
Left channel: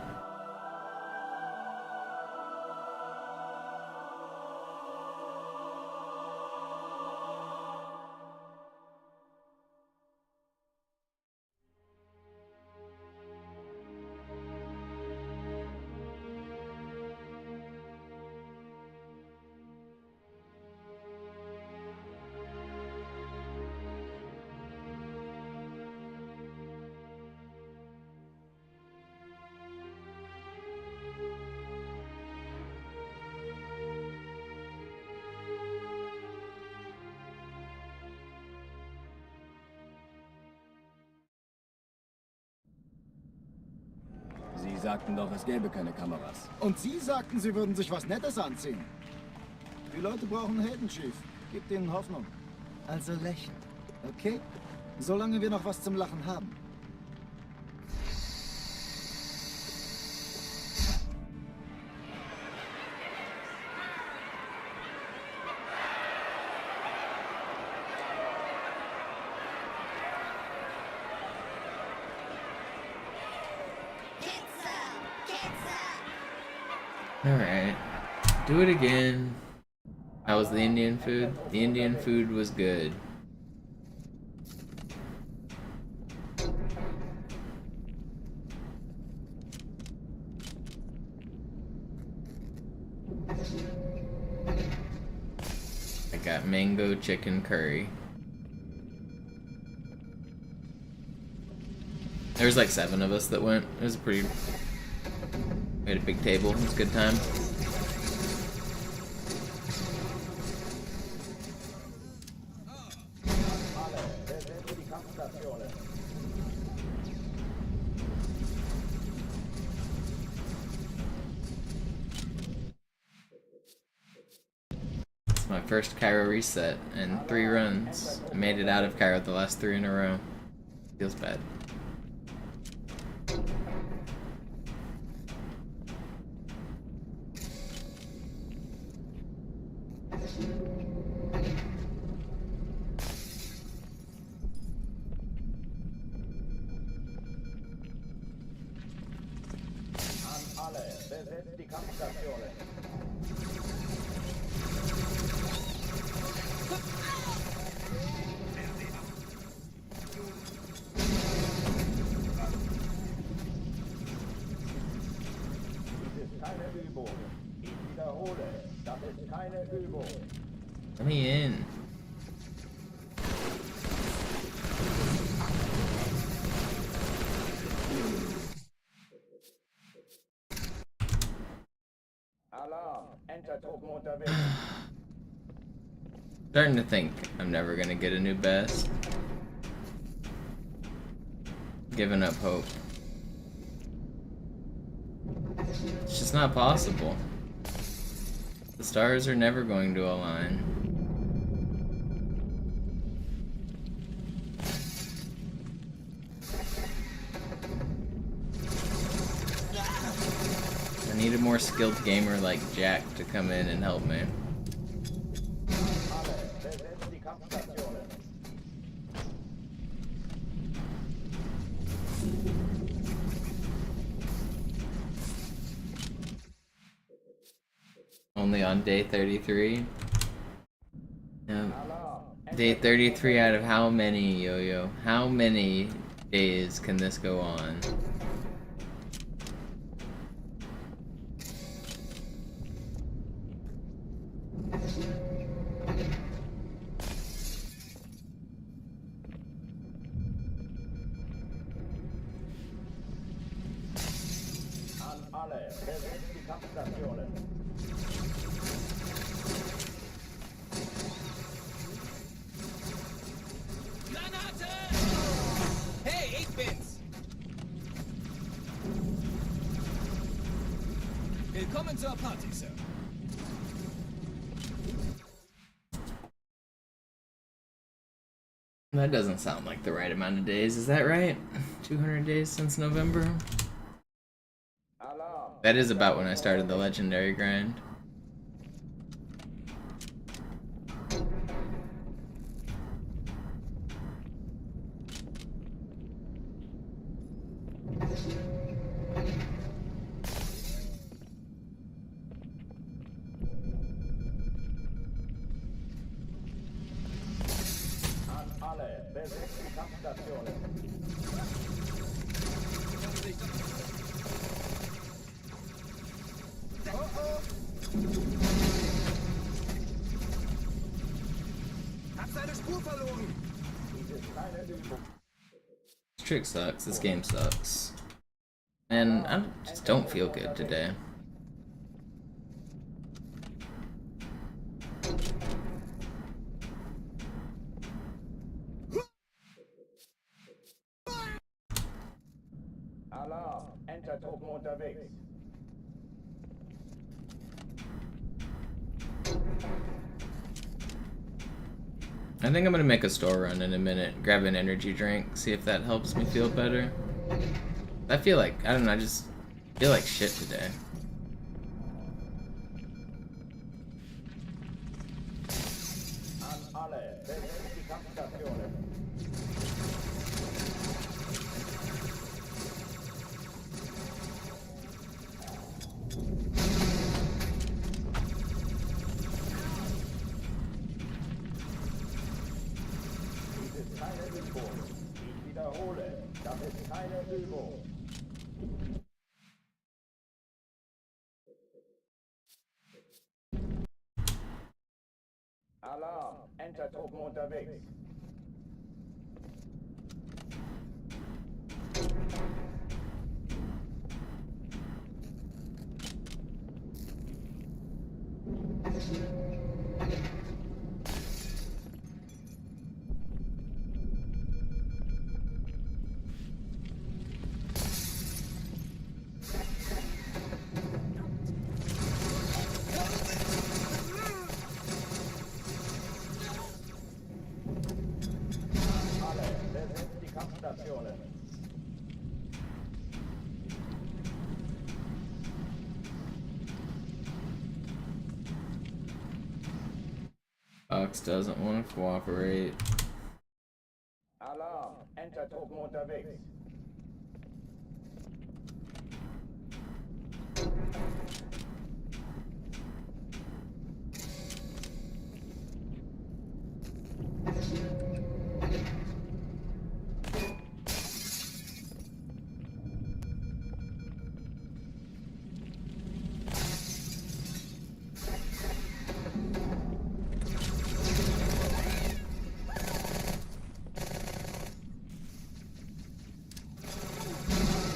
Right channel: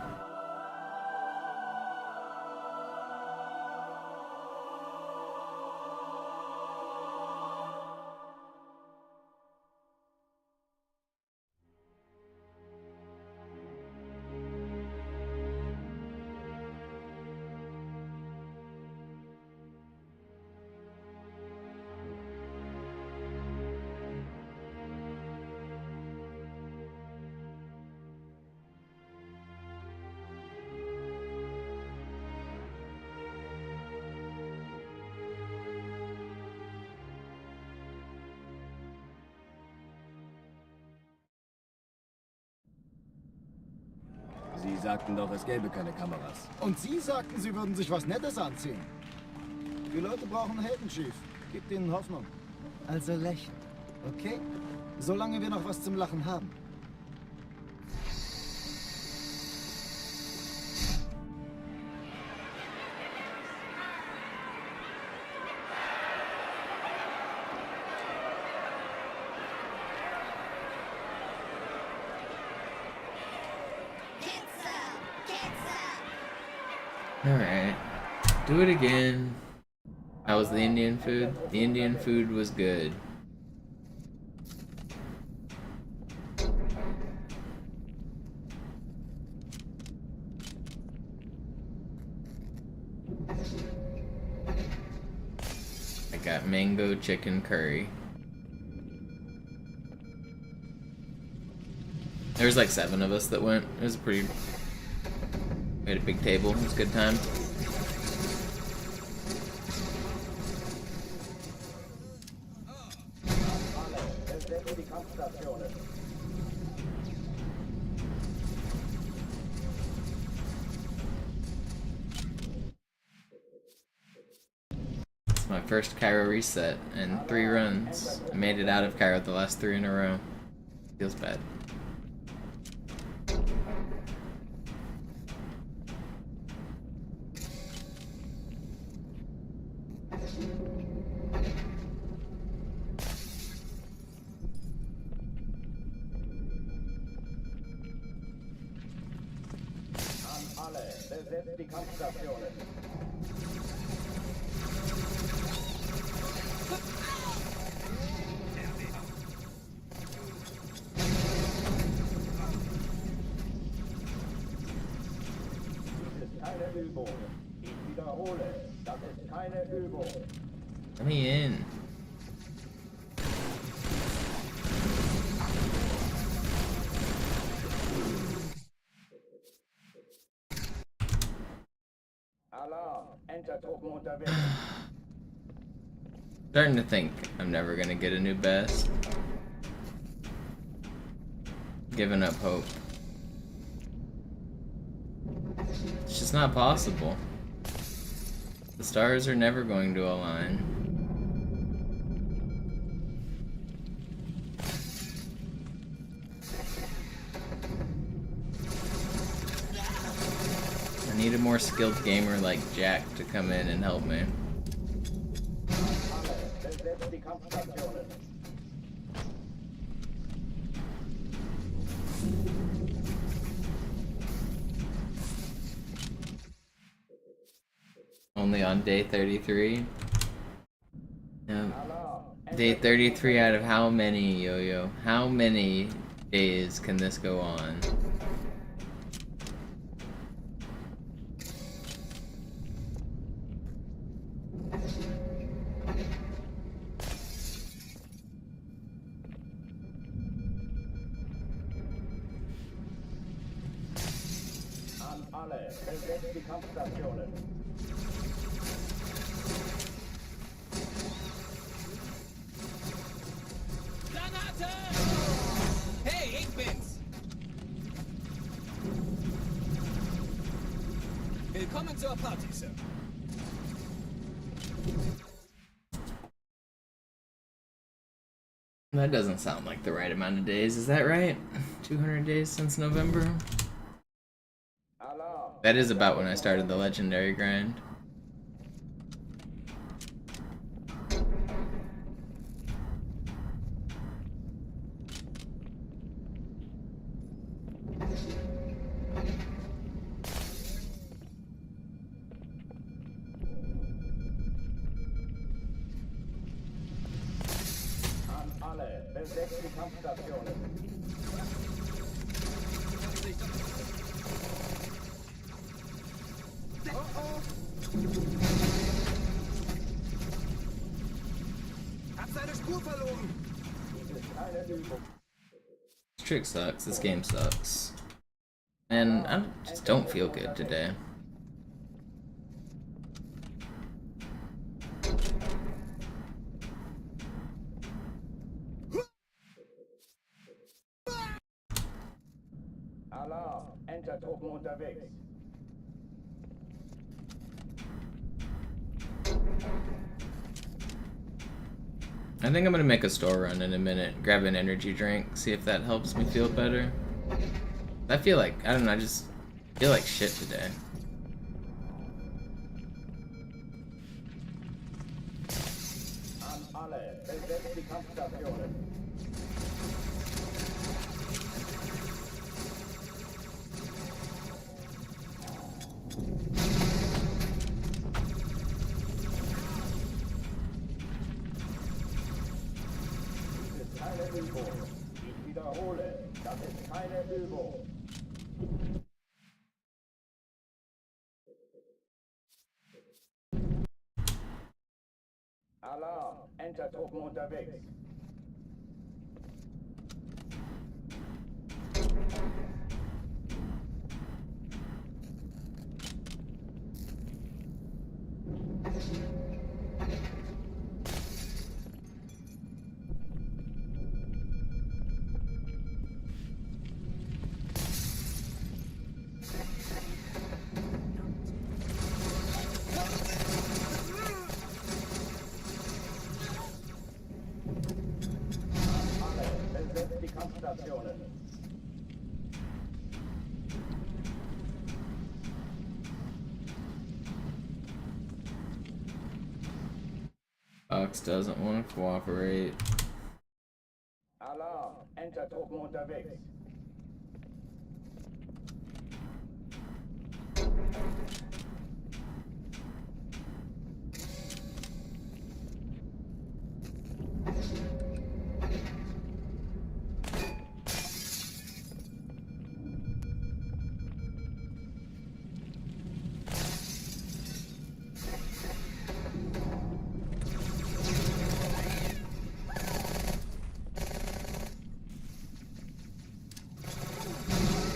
Sie sagten doch, es gäbe keine Kameras. Und Sie sagten, Sie würden sich was Nettes anziehen. Die Leute brauchen Helden, Chief. Gebt ihnen Hoffnung. Also lächeln, okay? Solange wir noch was zum Lachen haben. Alright. Do it again. How was the Indian food? The Indian food was good. I got mango chicken curry. There was like 7 of us that went. It was a pretty... We had a big table. It was a good time. It's my first Cairo reset in 3 runs. I made it out of Cairo the last 3 in a row. Feels bad. Besetzt die Kampfstationen. Das ist keine Übung. Ich wiederhole, das ist keine Übung. Let me in. Alarm, Entertruppen unterwegs. Starting to think I'm never gonna get a new best. Giving up hope. It's just not possible. The stars are never going to align. I need a more skilled gamer like Jack to come in and help me. Alle, besetzt die Kampfstationen. Only on day 33? Yeah. Day 33 out of how many, Yo-Yo? How many days can this go on? An alle, besetzt die Kampfstationen. Granate! Hey, ich bin's! Willkommen zur Party, Sir. That doesn't sound like the right amount of days, is that right? 200 days since November? That is about when I started the legendary grind. An alle, besetzt die Kampfstationen. Hab seine Spur verloren! Dies ist keine Übung. This trick sucks, this game sucks. And I just don't feel good today. Alarm, Entertruppen unterwegs. I think I'm gonna make a store run in a minute, grab an energy drink, see if that helps me feel better. I feel like, I don't know, I just feel like shit today. An alle, besetzt die Kampfstationen. Dies ist keine Übung. Ich wiederhole, das ist keine Übung. Alarm, Entertruppen unterwegs. Alle, besetzt die Kampfstationen. Fox doesn't want to cooperate. Alarm, Entertruppen unterwegs.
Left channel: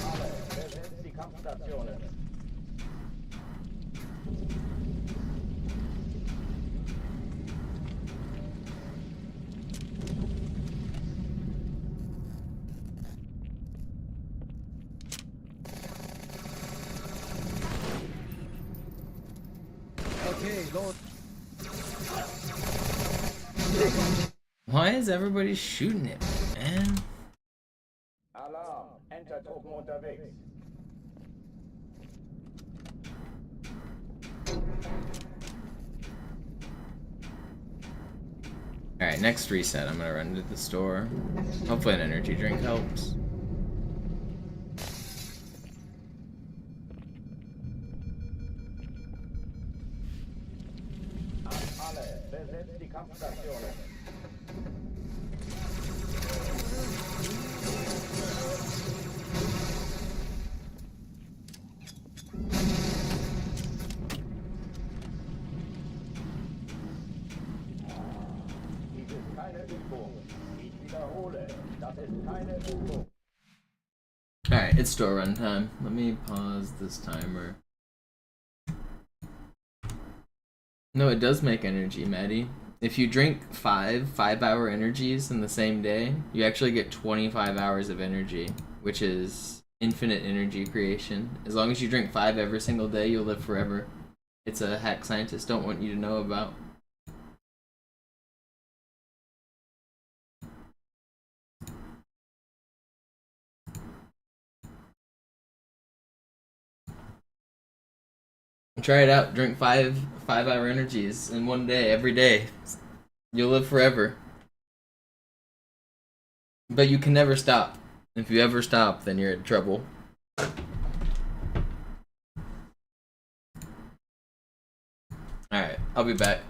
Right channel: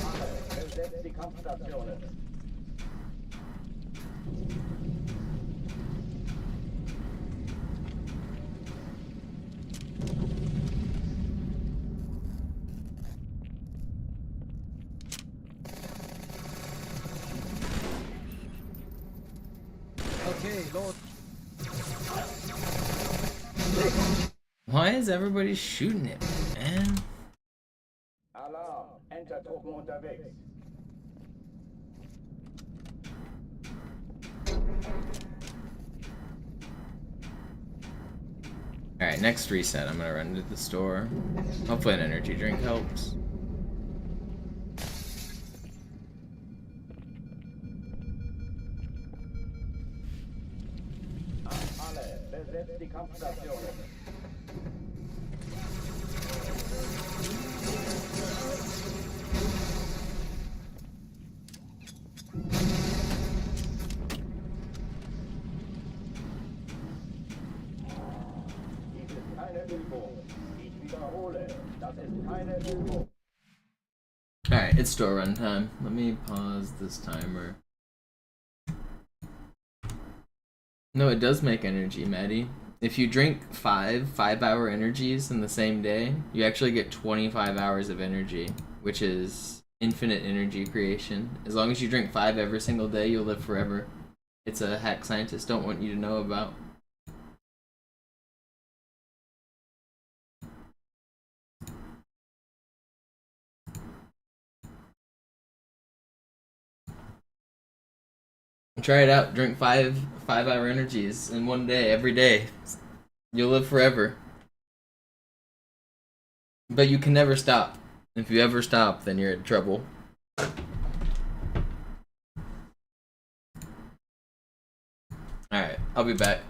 Alle, besetzt die Kampfstationen. Why is everybody shooting at me, man? Alarm, Entertruppen unterwegs. Alright, next reset, I'm gonna run to the store. Hopefully an energy drink helps. An alle, besetzt die Kampfstationen. Dies ist keine Übung. Ich wiederhole, das ist keine Übung. Alright, it's store run time. Let me pause this timer. No, it does make energy, Maddie. If you drink 5-hour energies in the same day, you actually get 25 hours of energy, which is infinite energy creation. As long as you drink 5 every single day, you'll live forever. It's a hack scientists don't want you to know about. Try it out. Drink 5-hour energies in one day, every day. You'll live forever. But you can never stop. If you ever stop, then you're in trouble. Alright, I'll be back.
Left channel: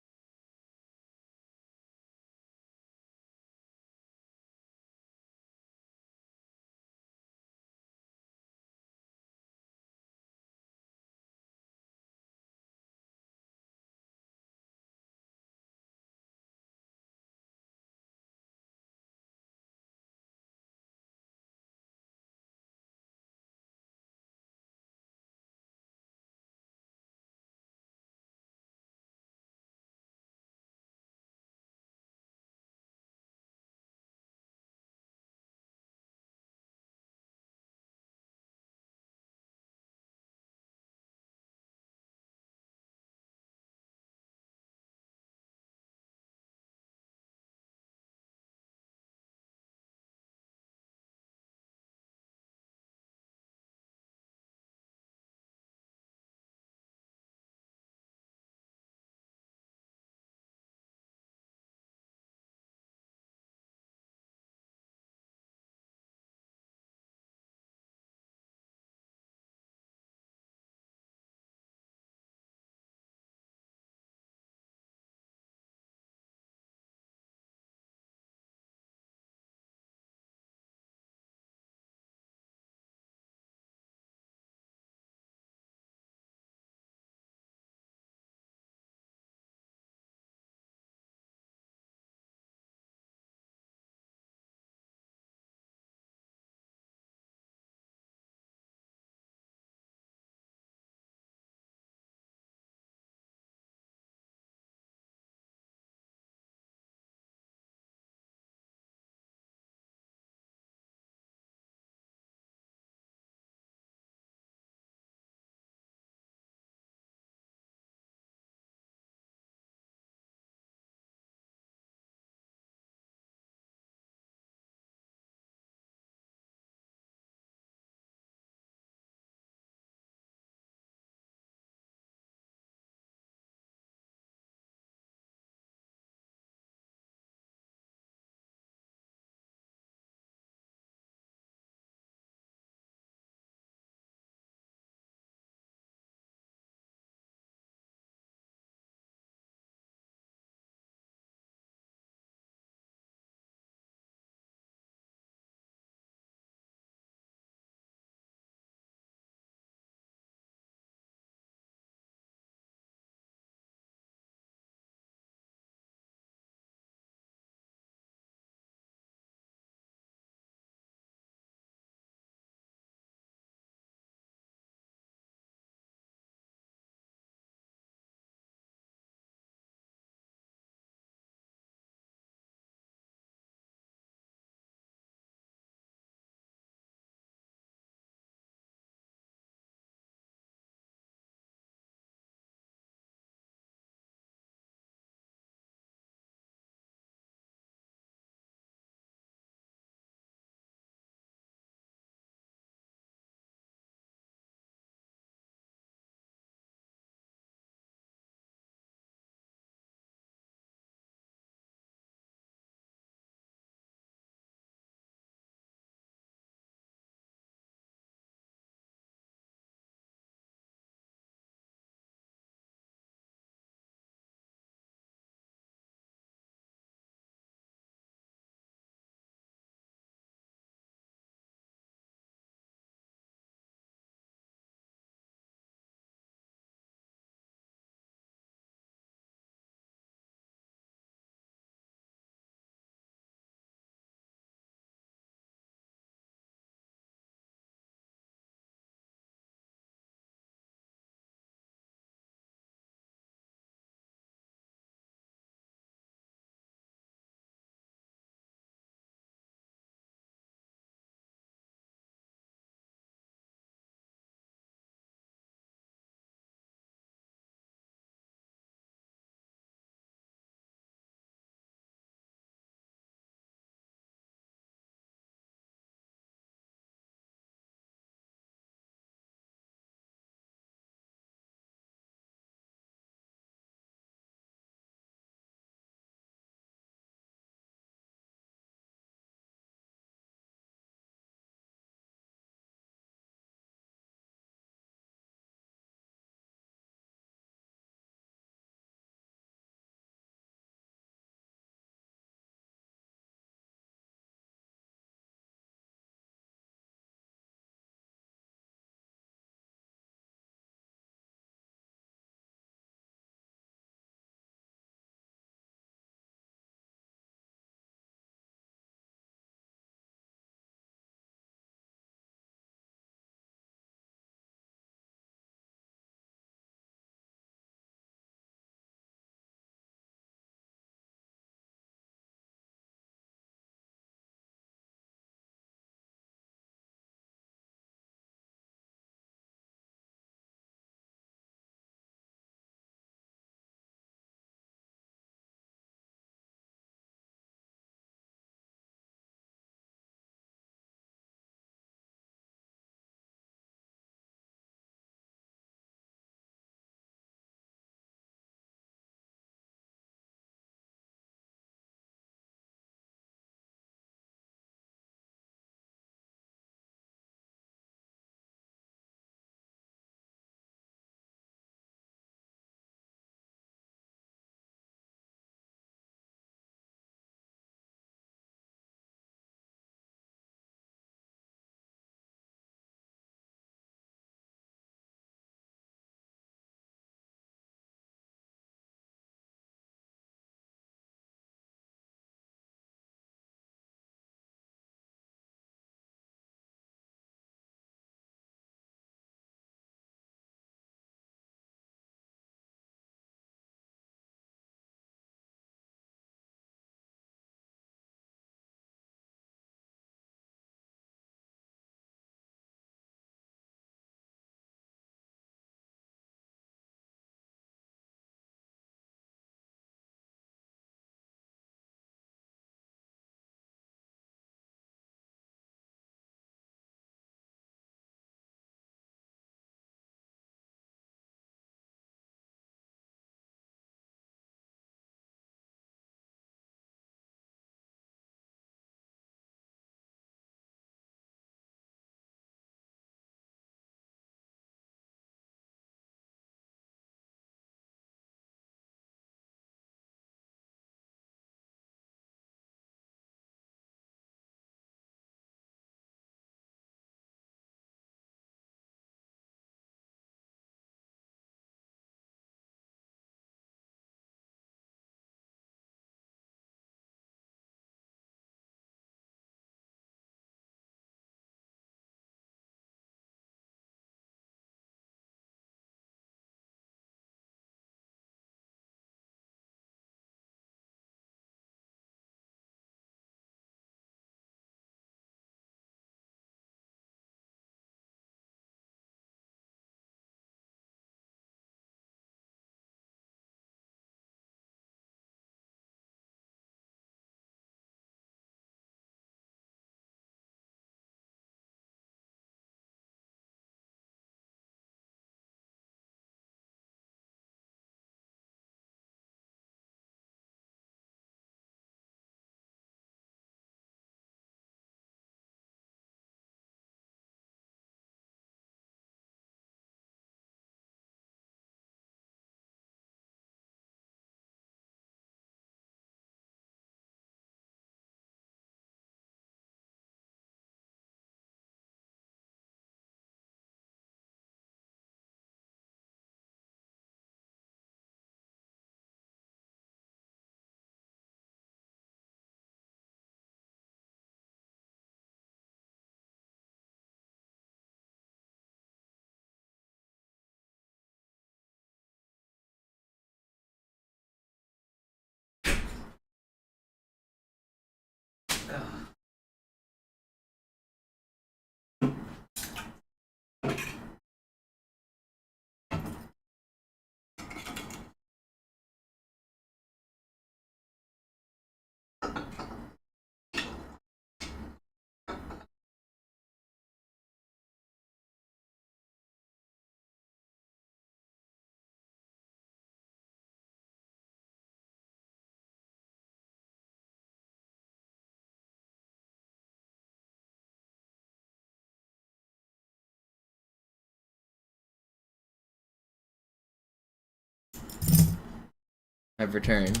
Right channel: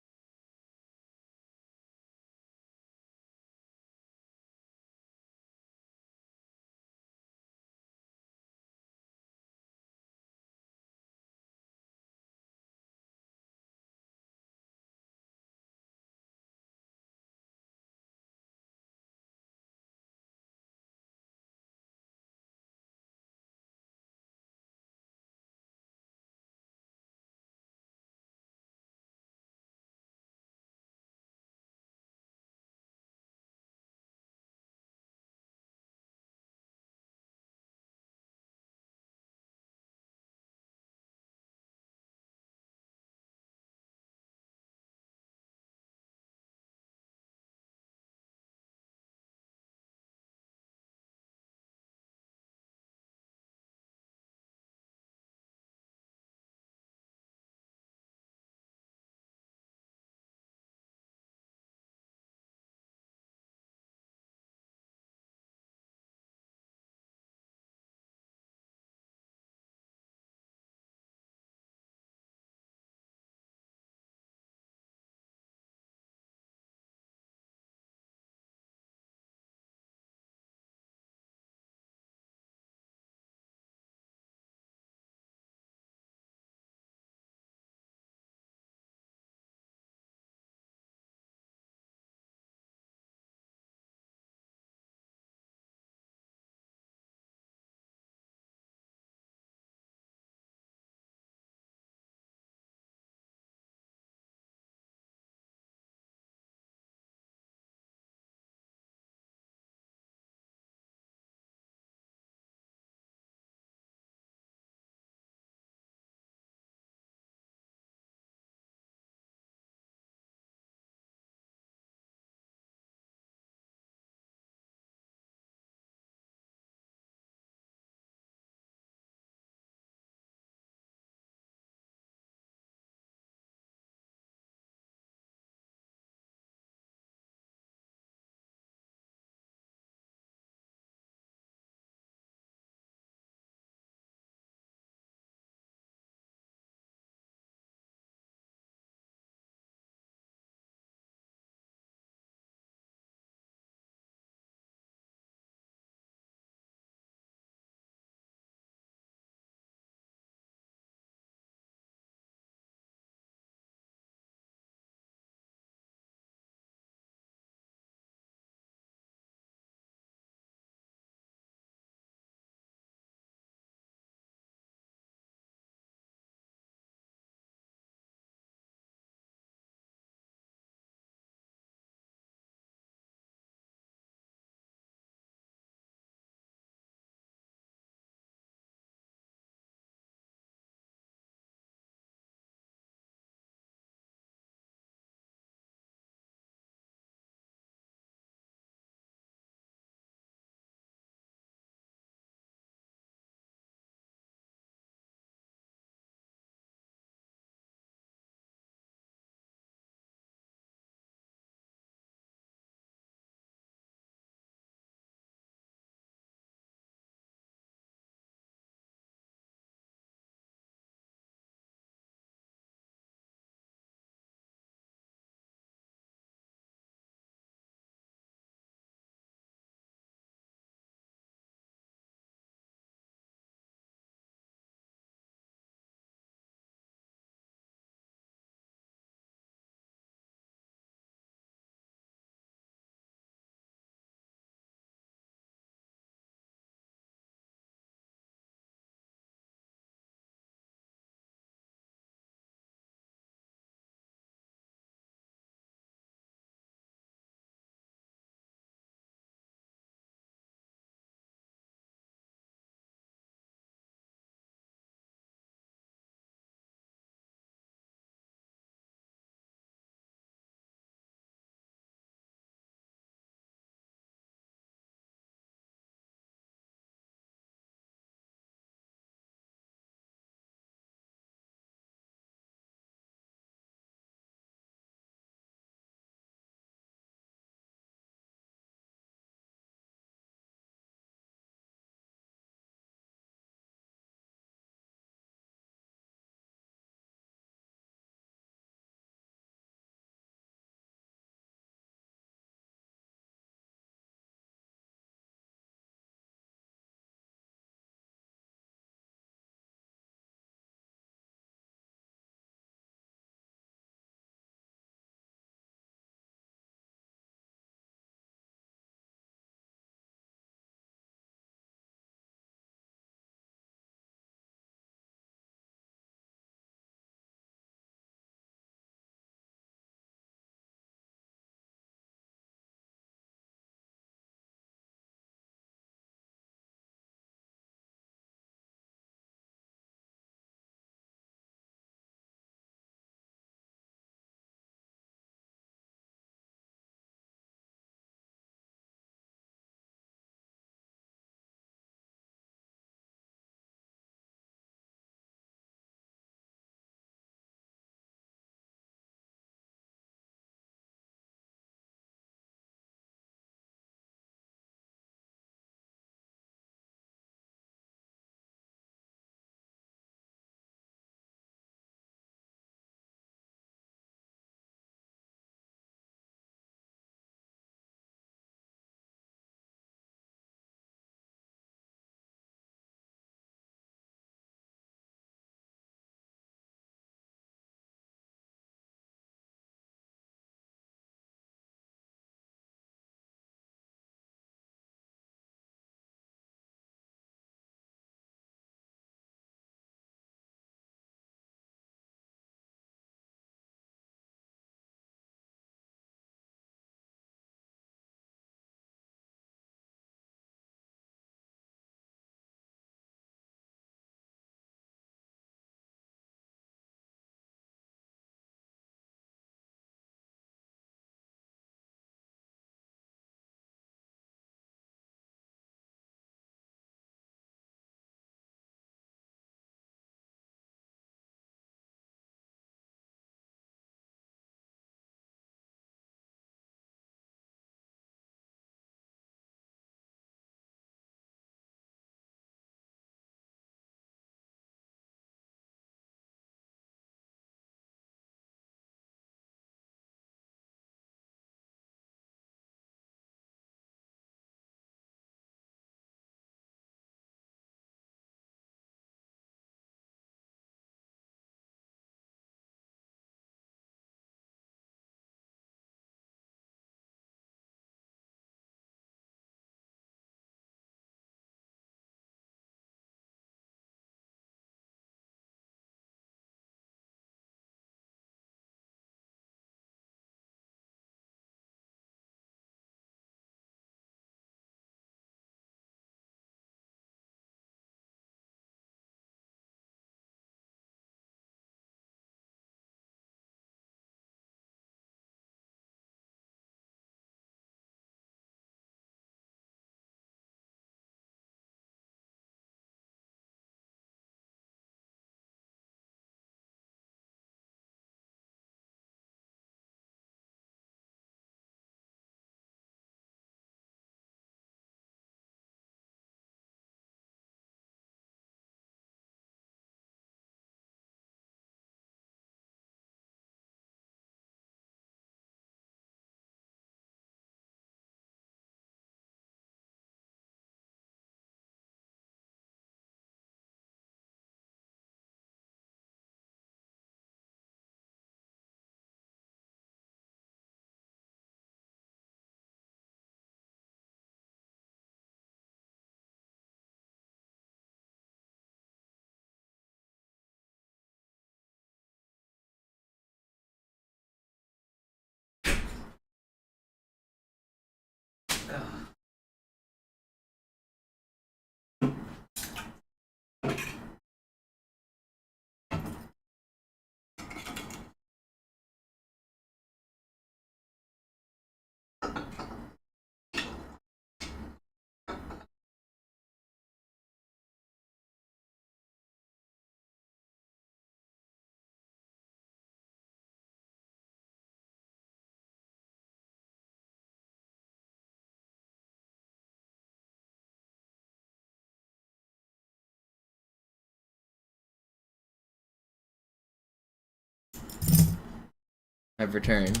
I've returned.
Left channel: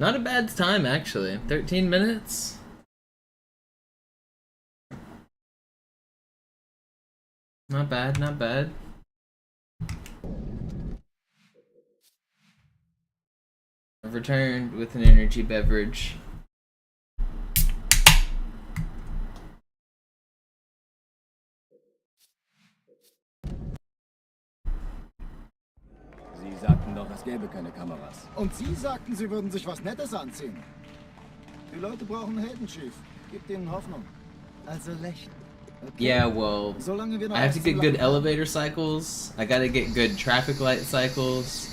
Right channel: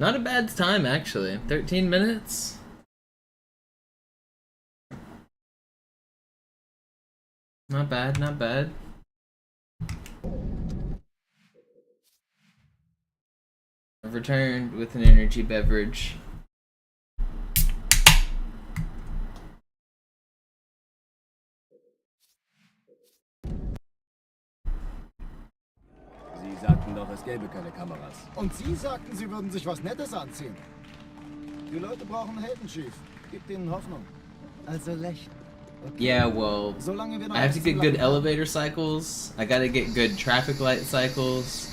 Not a bad time, actually. 13 minutes? Not bad, not bad. I've returned with an energy beverage. Sie sagten doch, es gäbe keine Kameras. Und Sie sagten, Sie würden sich was Nettes anziehen. Die Leute brauchen Helden, Chief. Gib denen Hoffnung. Also lächeln. Okay. Yeah, well, I have to get good elevator cycles. I gotta get good traffic light cycles.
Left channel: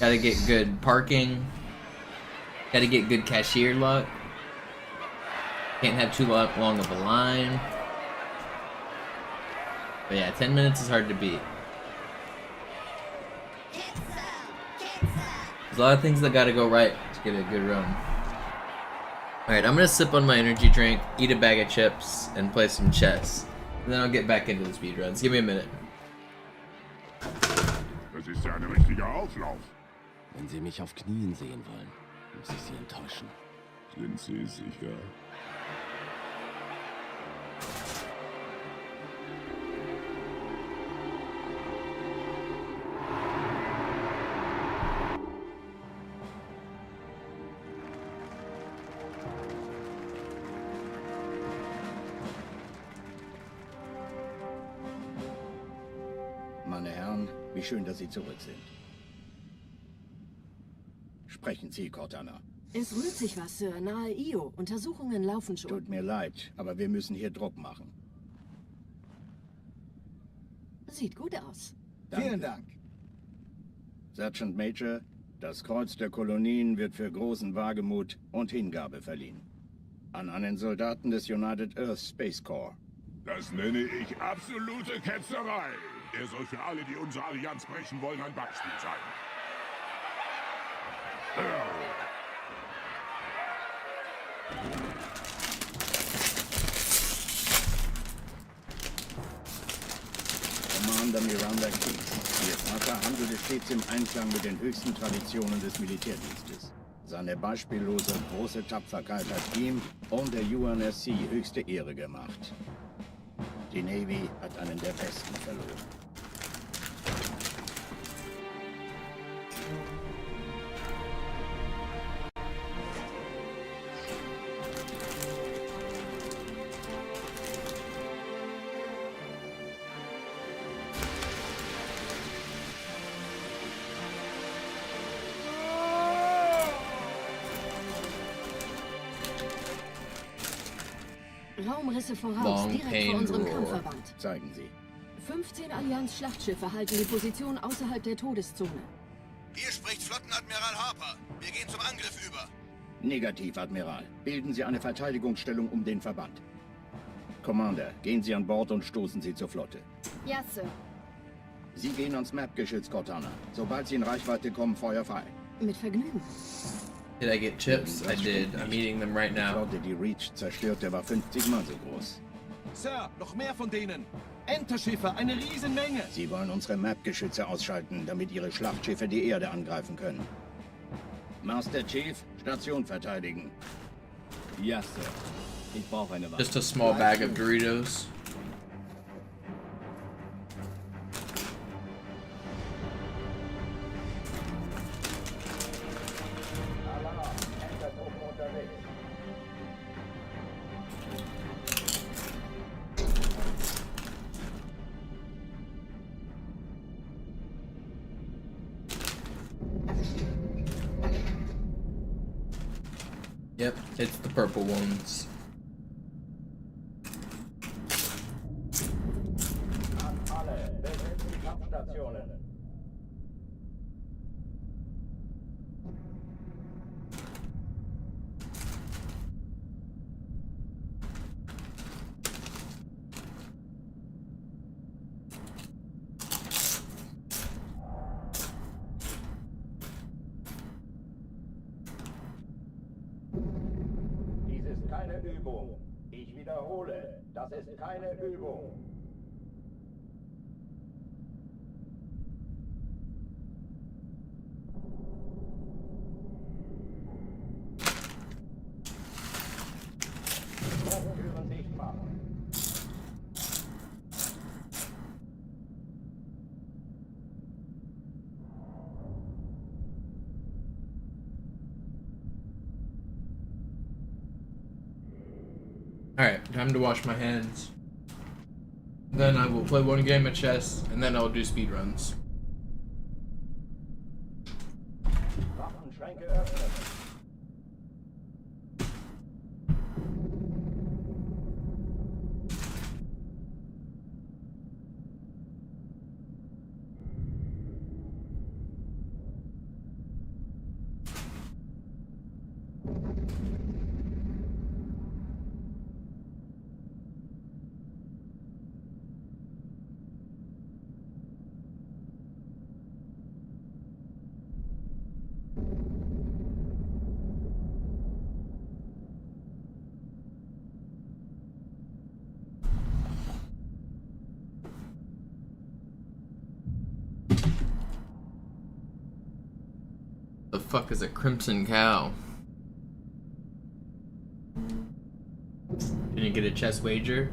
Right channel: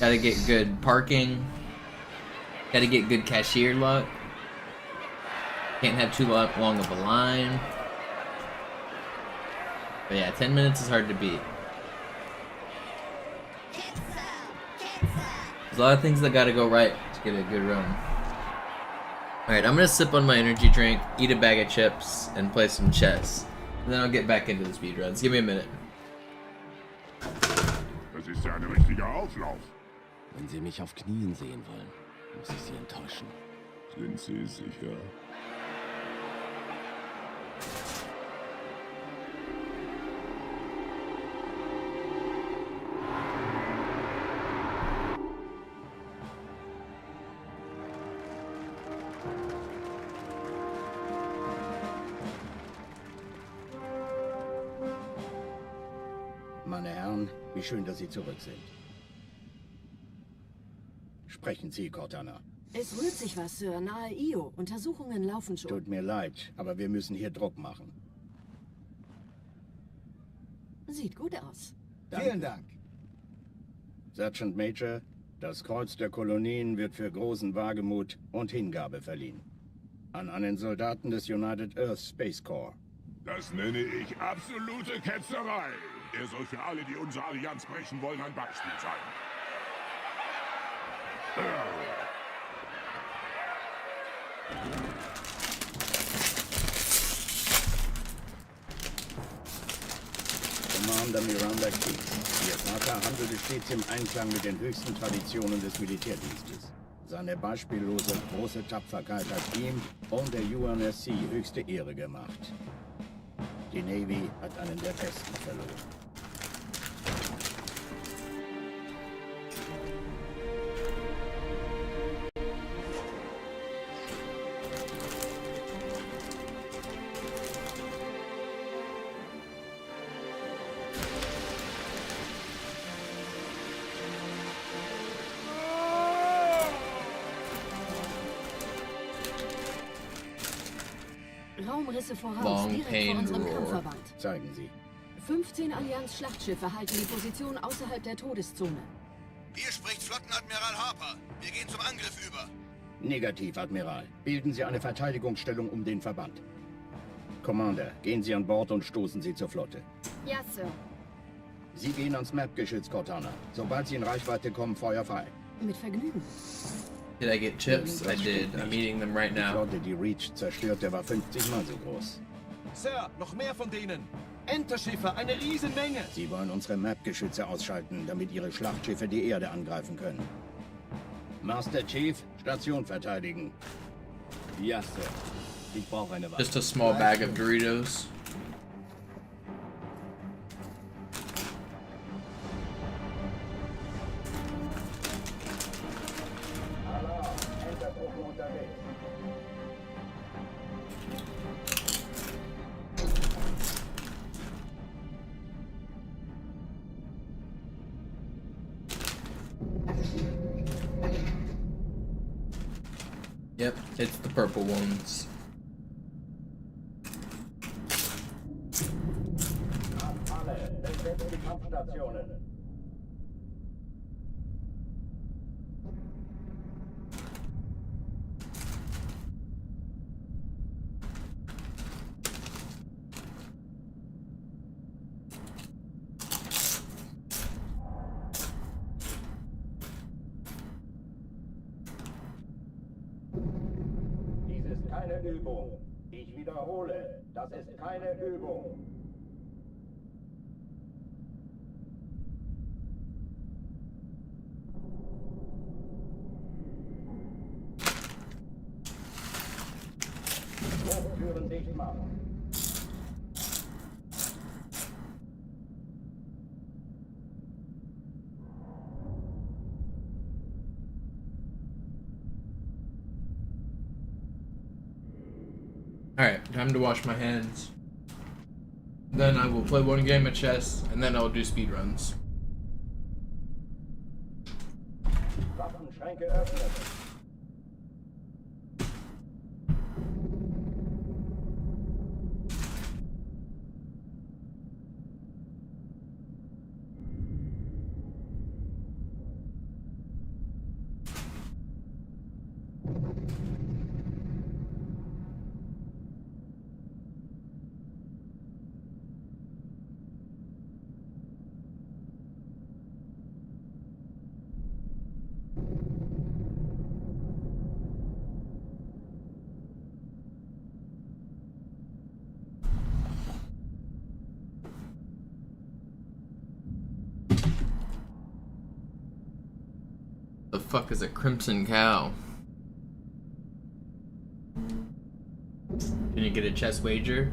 Gotta get good parking. Gotta get good cashier luck. Can't have too long of a line. But yeah, 10 minutes is hard to beat. There's a lot of things that gotta go right to get a good run. Alright, I'm gonna sip on my energy drink, eat a bag of chips, and play some chess. And then I'll get back into the speedruns. Give me a minute. Das ist ja ein richtiger Auflauf. Wenn Sie mich auf Knien sehen wollen, muss ich Sie enttäuschen. Sind Sie sicher? Meine Herren, wie schön, dass Sie zurück sind. Sprechen Sie, Cortana. Es rührt sich was, Sir. Nahe Io. Untersuchungen laufen schon. Tut mir leid, aber wir müssen hier Druck machen. Sieht gut aus. Danke. Vielen Dank. Sergeant Major, das Kreuz der Kolonien wird für großen Wagemut und Hingabe verliehen. An einen Soldaten des United Earth Space Corps. Das nenne ich absolute Ketzerei. Er soll für alle, die unsere Allianz brechen wollen, ein Beispiel sein. Commander Miranda Keith. Ihr Vater handelte stets im Einklang mit den höchsten Traditionen des Militärdienstes. Seine beispiellose und große Tapferkeit hat ihm und der UNSC höchste Ehre gemacht. Die Navy hat einen der besten verloren. Raumrisse voraus, Long direkt vor Pain unserem Roar. Kampfverband. Zeigen Sie. 15 Allianz-Schlachtschiffe halten die Position außerhalb der Todeszone. Hier spricht Flottenadmiral Harper. Wir gehen zum Angriff über. Negativ, Admiral. Bilden Sie eine Verteidigungsstellung um den Verband. Commander, gehen Sie an Bord und stoßen Sie zur Flotte. Ja, Sir. Sie gehen ans Map-Geschütz, Cortana. Sobald Sie in Reichweite kommen, Feuer frei. Mit Vergnügen. Did I get chips? I did. I'm eating them right Die now. Flotte, die Reach zerstörte, war 50 Mal so groß. Sir, noch mehr von denen. Enterschiffe, eine Riesenmenge. Sie wollen unsere Map-Geschütze ausschalten, damit Ihre Schlachtschiffe die Erde angreifen können. Master Chief, Station verteidigen. Ja, Sir. Ich brauche eine Waffe. Just a small bag of Doritos. Alarm, Entertruppen unterwegs. Yep, it's the purple ones. An alle, besetzen die Kampfstationen. Dies ist keine Übung. Ich wiederhole, das ist keine Übung. Alright, time to wash my hands. Then I will play one game of chess, and then I'll do speedruns. Waffenschränke öffnen. The fuck is a crimson cow? Can you get a chess wager?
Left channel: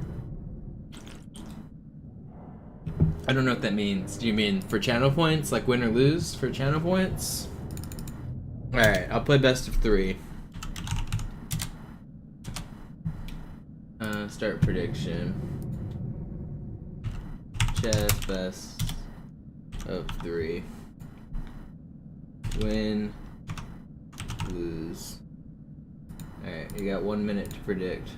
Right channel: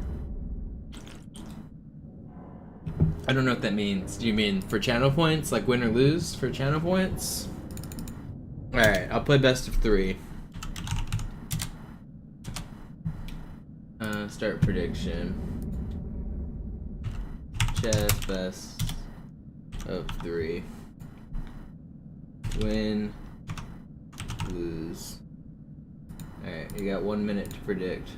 I don't know what that means. Do you mean for channel points? Like win or lose for channel points? Alright, I'll play best of 3. Start prediction. Chess best of 3. Win, lose. Alright, you got 1 minute to predict.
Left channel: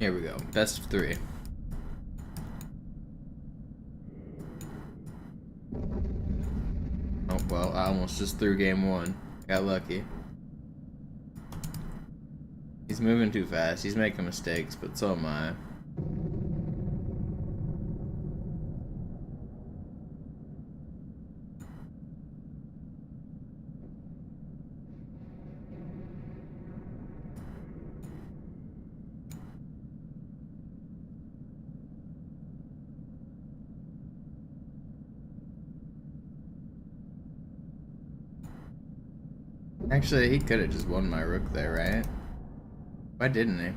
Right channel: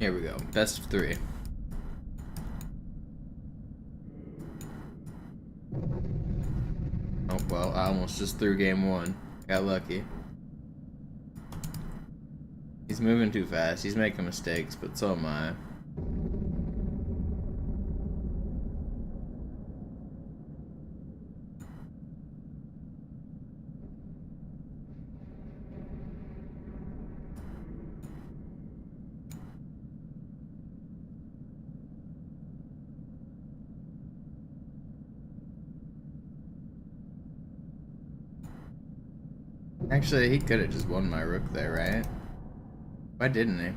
Here we go. Best of 3. Oh, well, I almost just threw game 1. Got lucky. He's moving too fast. He's making mistakes, but so am I. Actually, he could have just won my rook there, right? Why didn't he?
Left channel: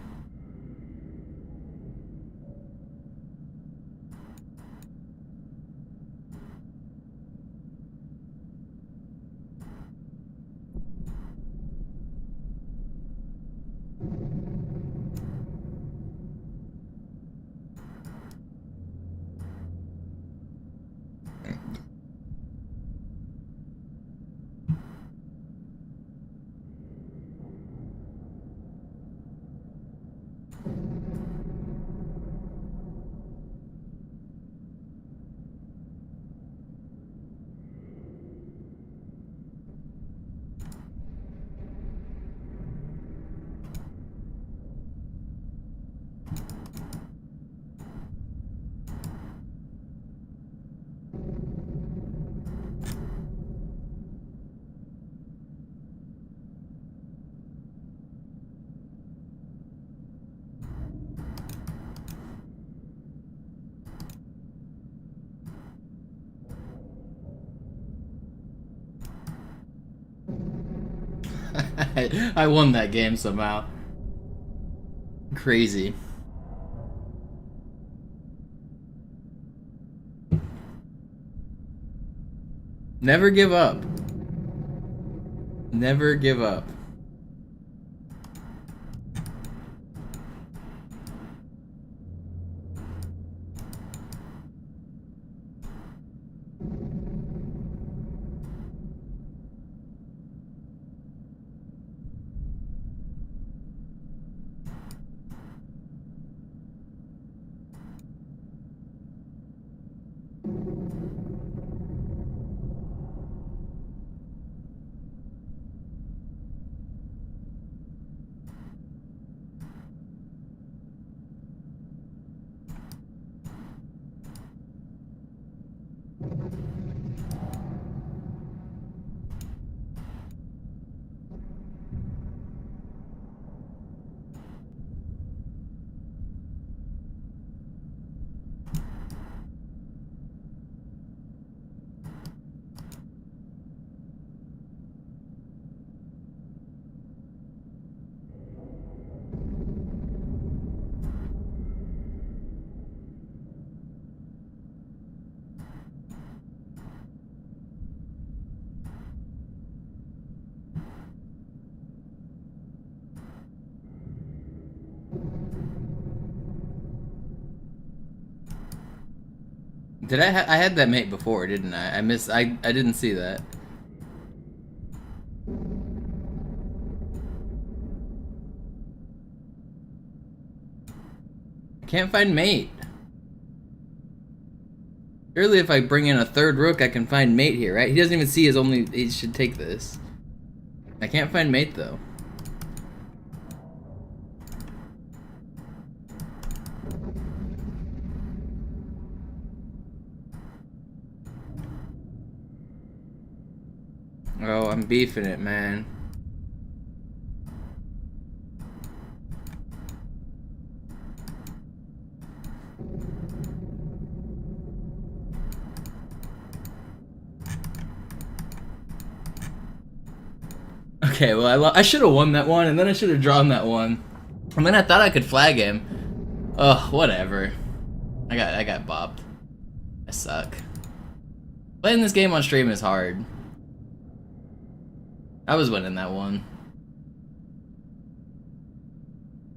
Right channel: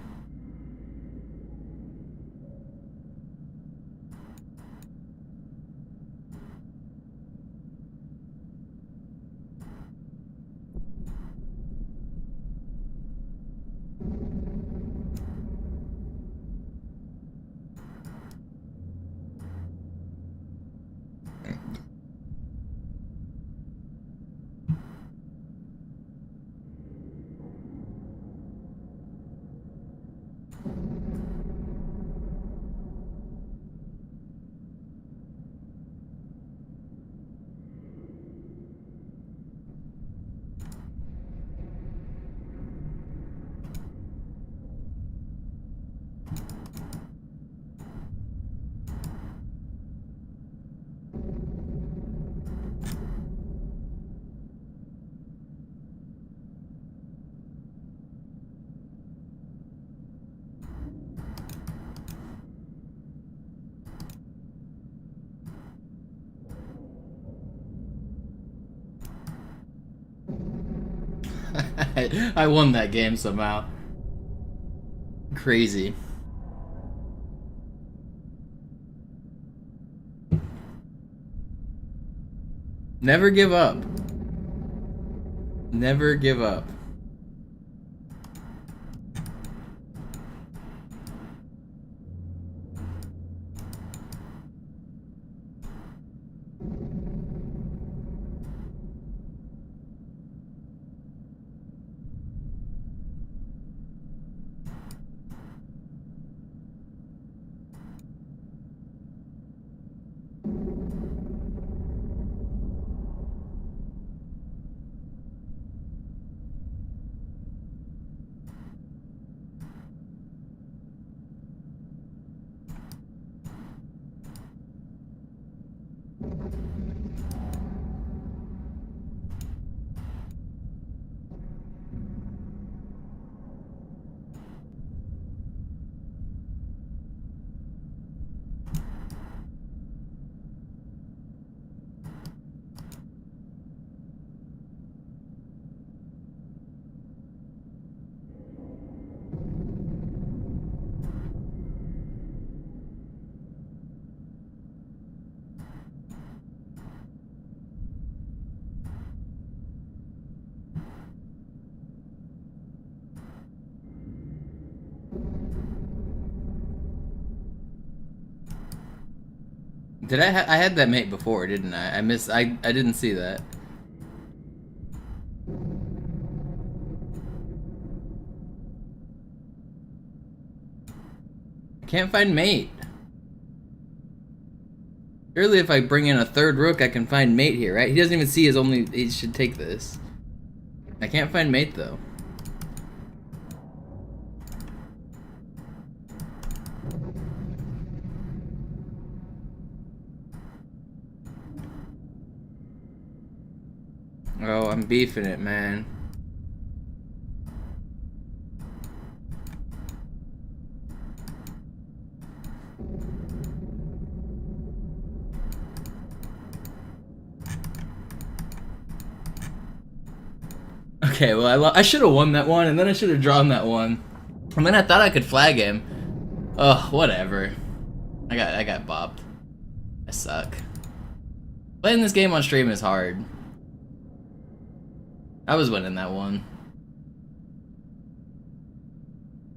I won that game somehow. Crazy. Never give up. Never give up. Did I had that mate before, didn't I? I didn't see that. I can't find mate. Surely if I bring in a third rook, I can find mate here, right? He doesn't even see his only... He should take this. I can't find mate, though. Oh, I'm beefing it, man. Okay, well, I should have won that one, and then I should have drawn that one. And then I thought I could flag him. Ugh, whatever. I got bopped. I suck. Playing this game on stream is hard. I was winning that one.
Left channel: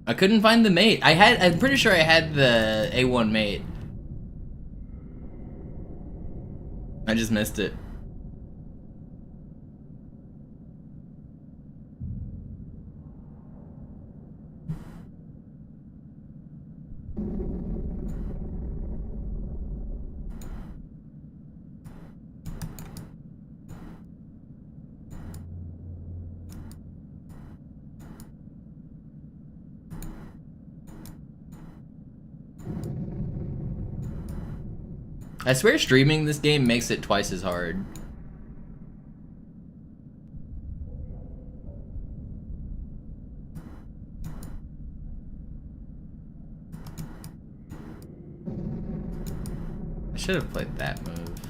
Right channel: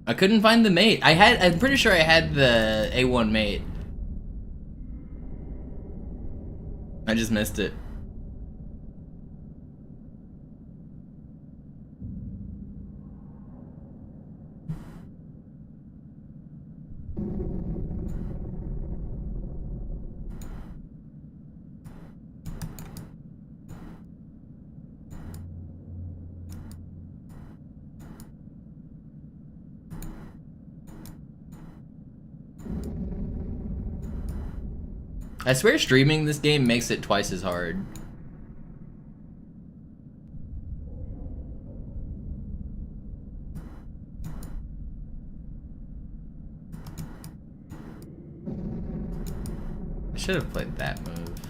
I couldn't find the mate. I'm pretty sure I had the A1 mate. I just missed it. I swear streaming this game makes it twice as hard. I should have played that move.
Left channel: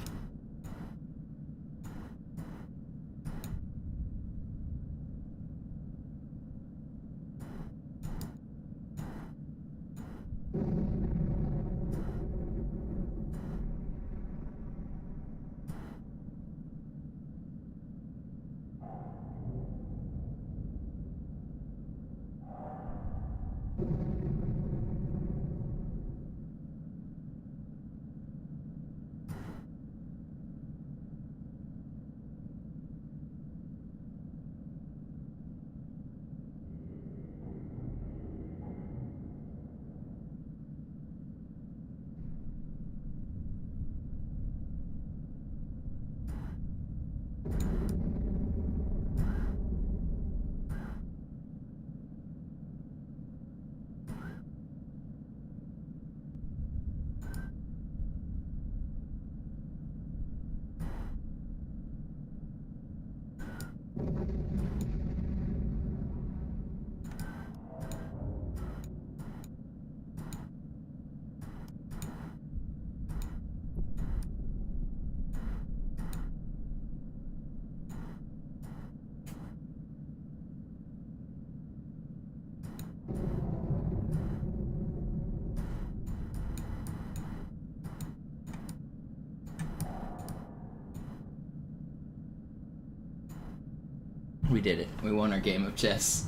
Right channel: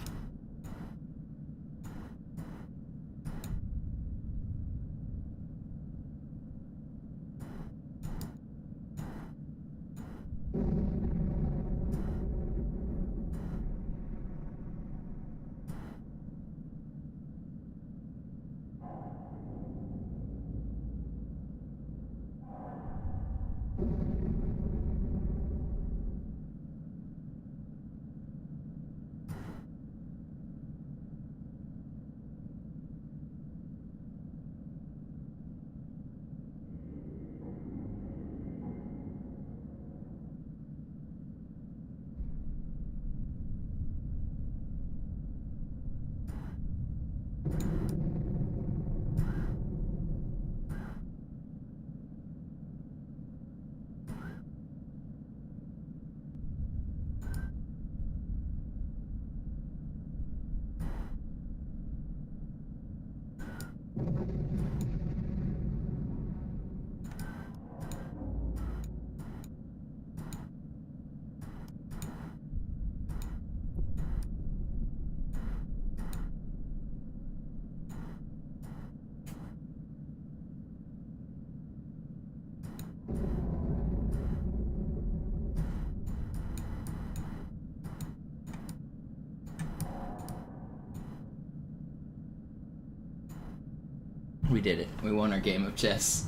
We did it. We won our game of chess.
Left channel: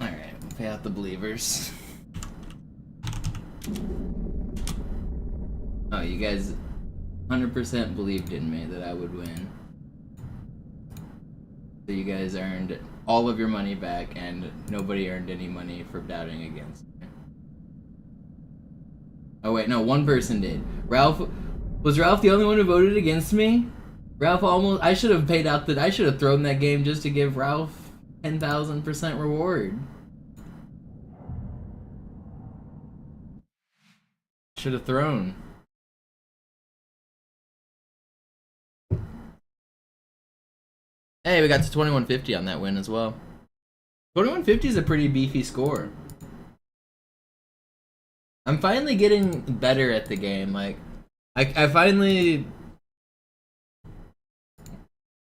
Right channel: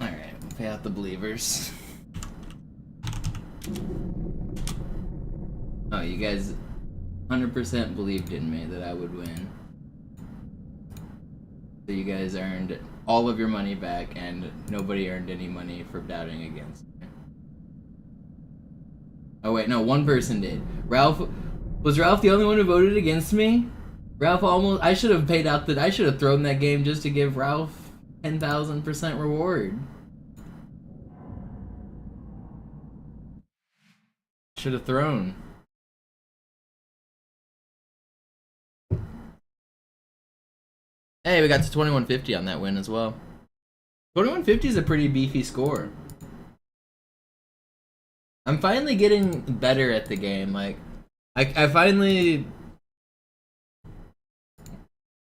Alright, we'll pay out the believers. Oh, you guys 100% believed in me that I would win. So you guys earned all of your money back, and nobody earned any money for doubting against me. Oh wait, no, one person did. Was Ralph the only one who voted against me? I should have paid out I should have thrown that game just to give Ralph 10,000% reward. Should have thrown. Hey, we got to 2150 on that win as well. 2150 is a pretty beefy score. I'm finally getting better at the game, like I finally...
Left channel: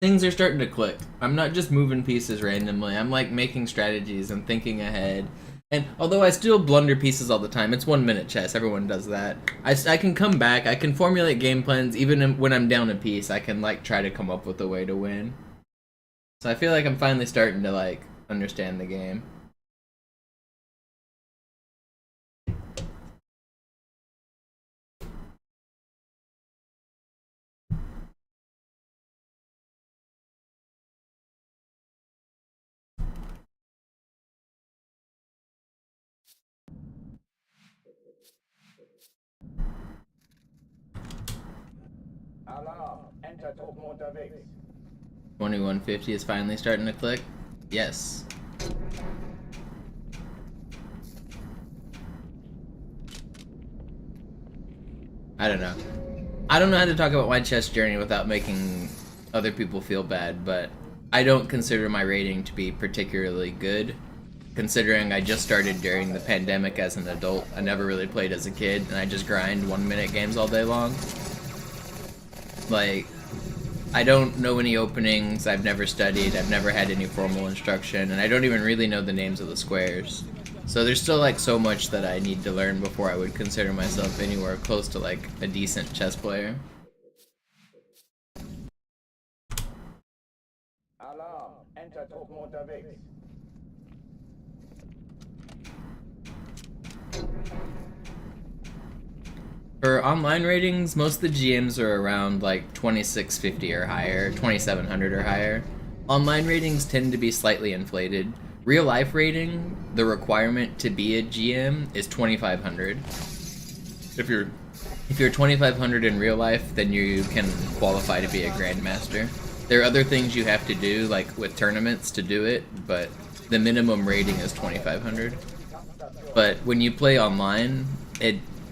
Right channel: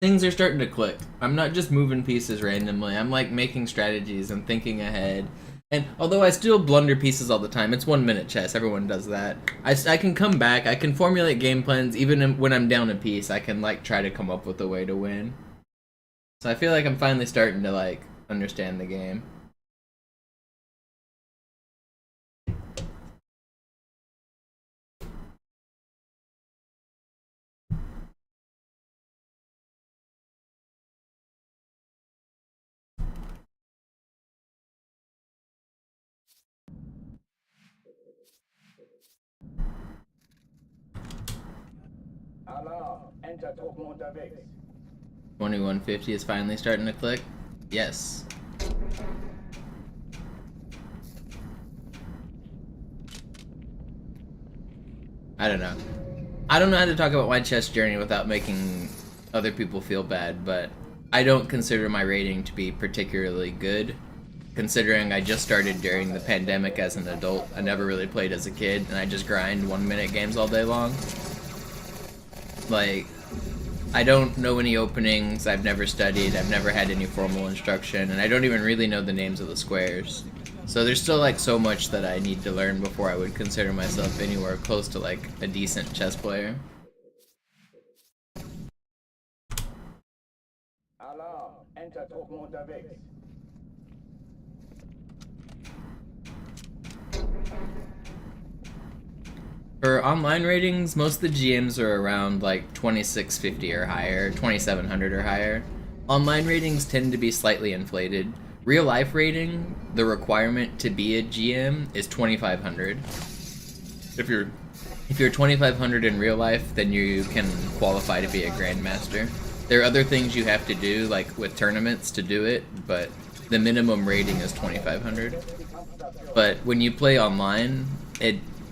Things are starting to click. I'm not just moving pieces randomly. I'm like making strategies and thinking ahead. And although I still blunder pieces all the time, it's 1 minute chess. Everyone does that. I can come back. I can formulate game plans even when I'm down a piece. I can like try to come up with a way to win. So I feel like I'm finally starting to like understand the game. Alarm, Enter-Truppen unterwegs. 2150 is finally starting to click. Yes. I don't know. I don't know how to talk about my chess journey without making other people feel bad, but I don't consider my rating to be particularly good, considering I just started during the pandemic as an adult. I never really played as a kid, and I just grind 1-minute games all day long. Like, I don't know any openings, I've never studied, I've never had any formal instruction, and I don't even really know the names of the squares. So there's still like so much that I need to learn before I would consider myself anywhere close to like a decent chess player. Alarm, Enter-Truppen unterwegs. For online ratings, most of the GMs are around like 2650 or higher, 2700 or higher. Online ratings tend to be slightly inflated. Real life rating, the requirement to be a GM is 2500. If you're 2500 in real life, then you can qualify to be a grandmaster. There are other things you have to do, like with tournaments to do it, but the minimum rating is 2500. But when you play online,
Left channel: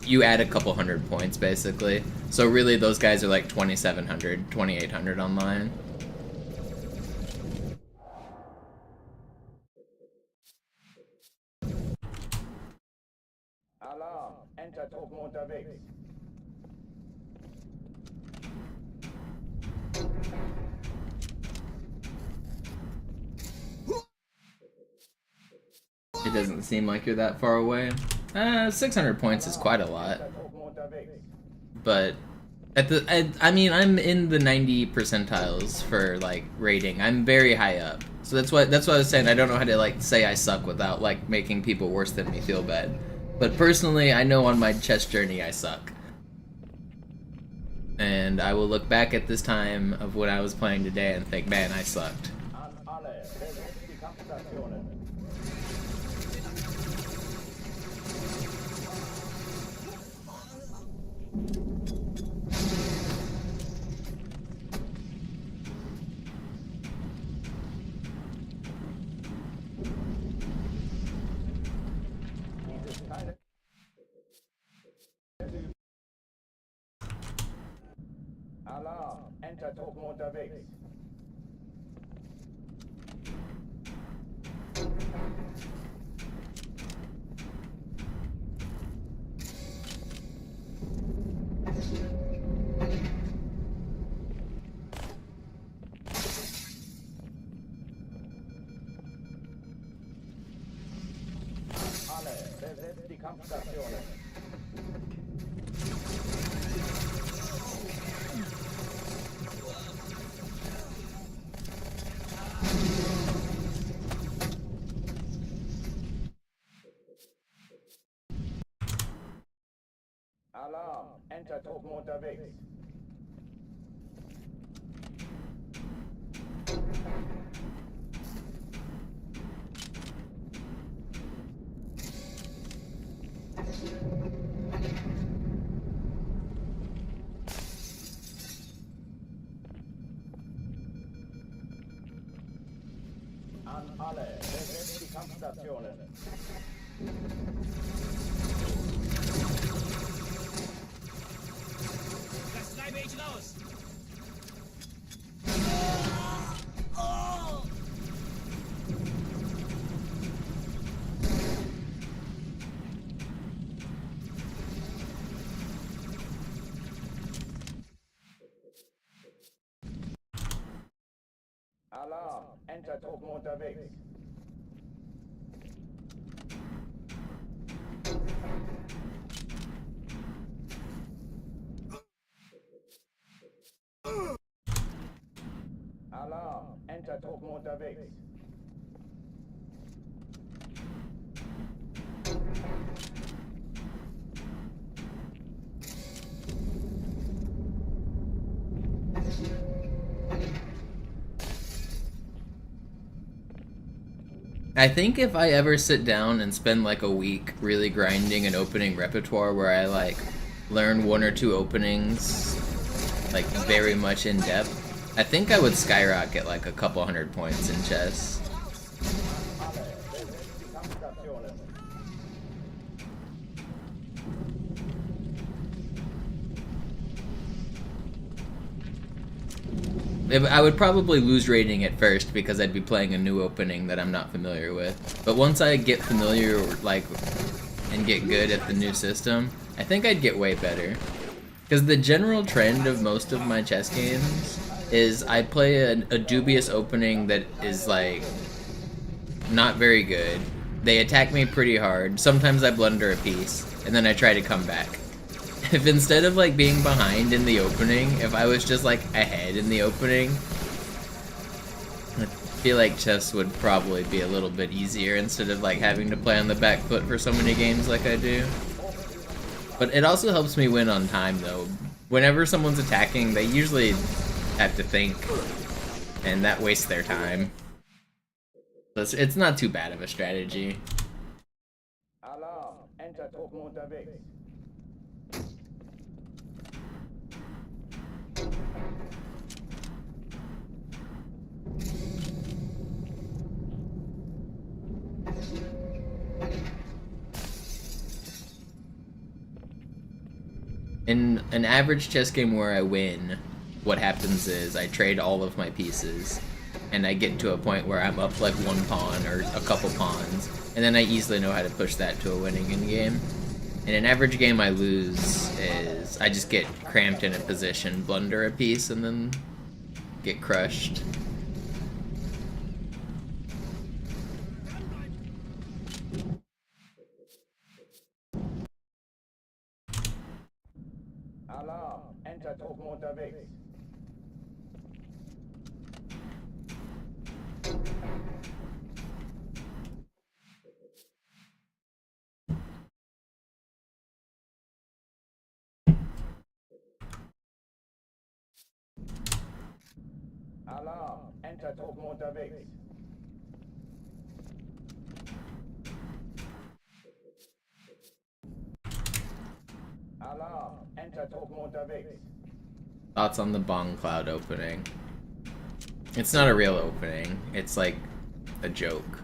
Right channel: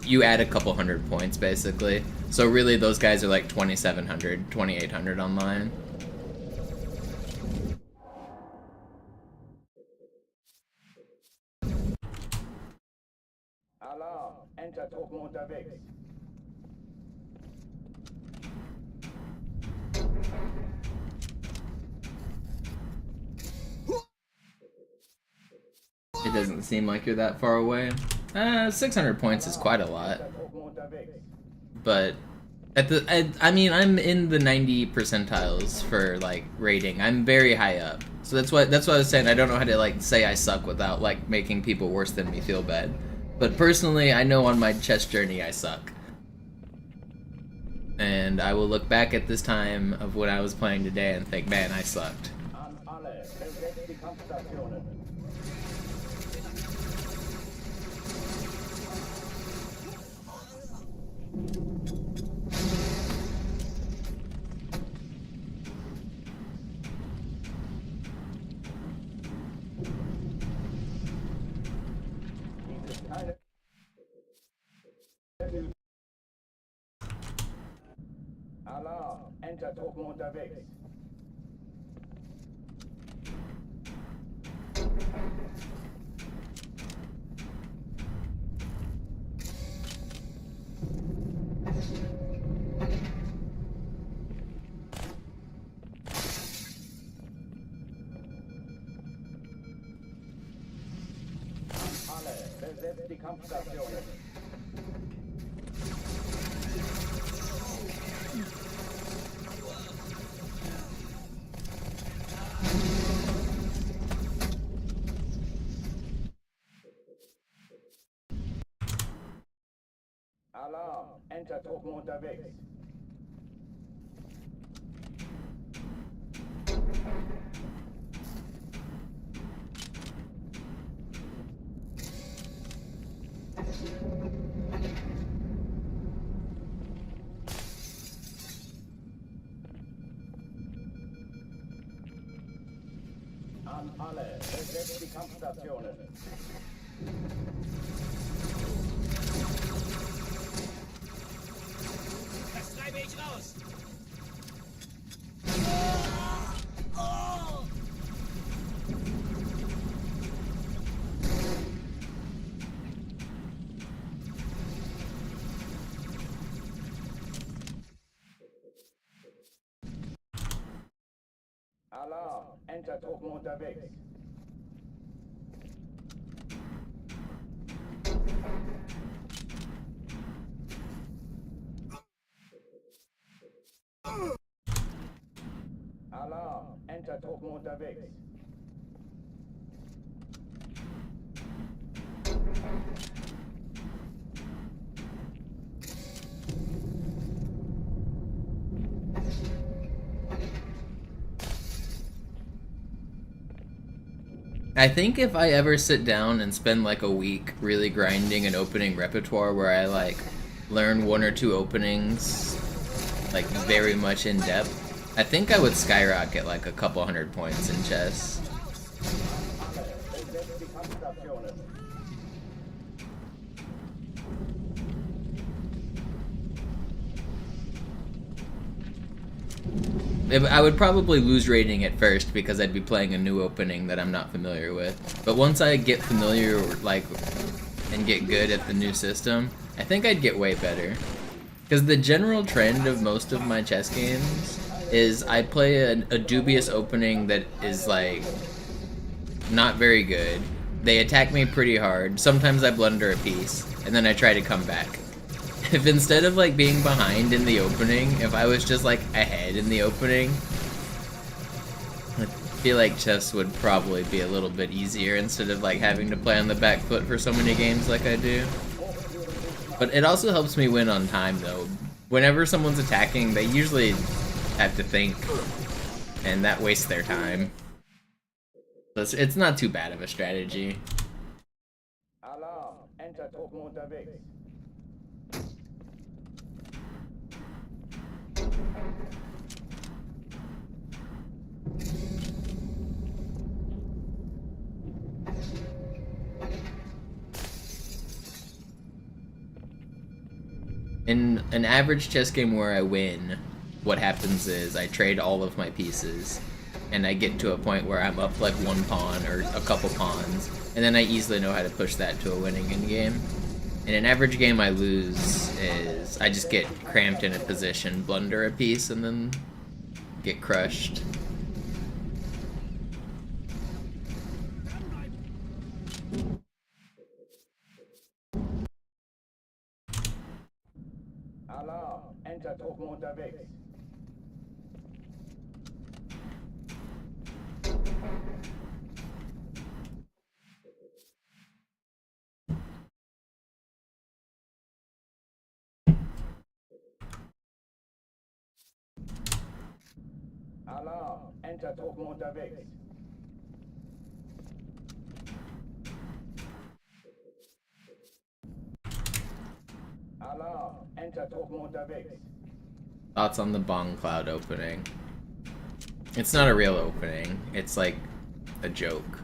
you add a couple hundred points basically. So really those guys are like 2700, 2800 online. Alarm, Enter-Truppen unterwegs. It doesn't seem like you're that far away. 600 points is quite a lot. But I mean, I'm in the 90 percentiles for like rating. I'm very high up. So that's what I was saying. I don't know how to like say I suck without like making people worse than me feel bad. But personally, I know on my chess journey I suck. And I will look back at this time of when I was playing today and think, man, I sucked. An alle, besetzt die Kampfstationen. Dies ist keine... Alarm, Enter-Truppen unterwegs. Alle, besetzt die Kampfstationen. Alarm, Enter-Truppen unterwegs. An alle, besetzt die Kampfstationen. Das treibe ich raus! Alarm, Enter-Truppen unterwegs. Alarm, Enter-Truppen unterwegs. I think if I ever sit down and spend like a week really grinding an opening repertoire where I like learn 1 or 2 openings like very much in depth, I think I would skyrocket like a couple hundred points in chess. I would probably lose rating at first because I'd be playing a new opening that I'm not familiar with. But once I get familiar, like, and get good at the new system, I think I'd get way better. Because the general trend of most of my chess games is I play a dubious opening that is, like, not very good. They attack me pretty hard. Sometimes I blunder a piece, and then I try to come back. If instead of like being behind in the opening, if I was just like ahead in the opening, I feel like chess would probably be a little bit easier instead of like having to play on the back foot for so many games like I do. But it also helps me win on time though. Whenever someone's attacking, they usually have to think, and that wastes their time. So it's not too bad of a strategy. Alarm! Enter-Truppen unterwegs. In an average chess game where I win, what happens is I trade all of my pieces, and I get to a point where I'm up like one pawn or a couple pawns, and then I easily know how to push that to a winning endgame. In an average game I lose is I just get cramped in a position, blunder a piece, and then get crushed. Alarm! Enter-Truppen unterwegs. Alarm! Enter-Truppen unterwegs. Alarm! Enter-Truppen unterwegs. Thoughts on the Bong Cloud opening? It's not a real opening. It's like a joke.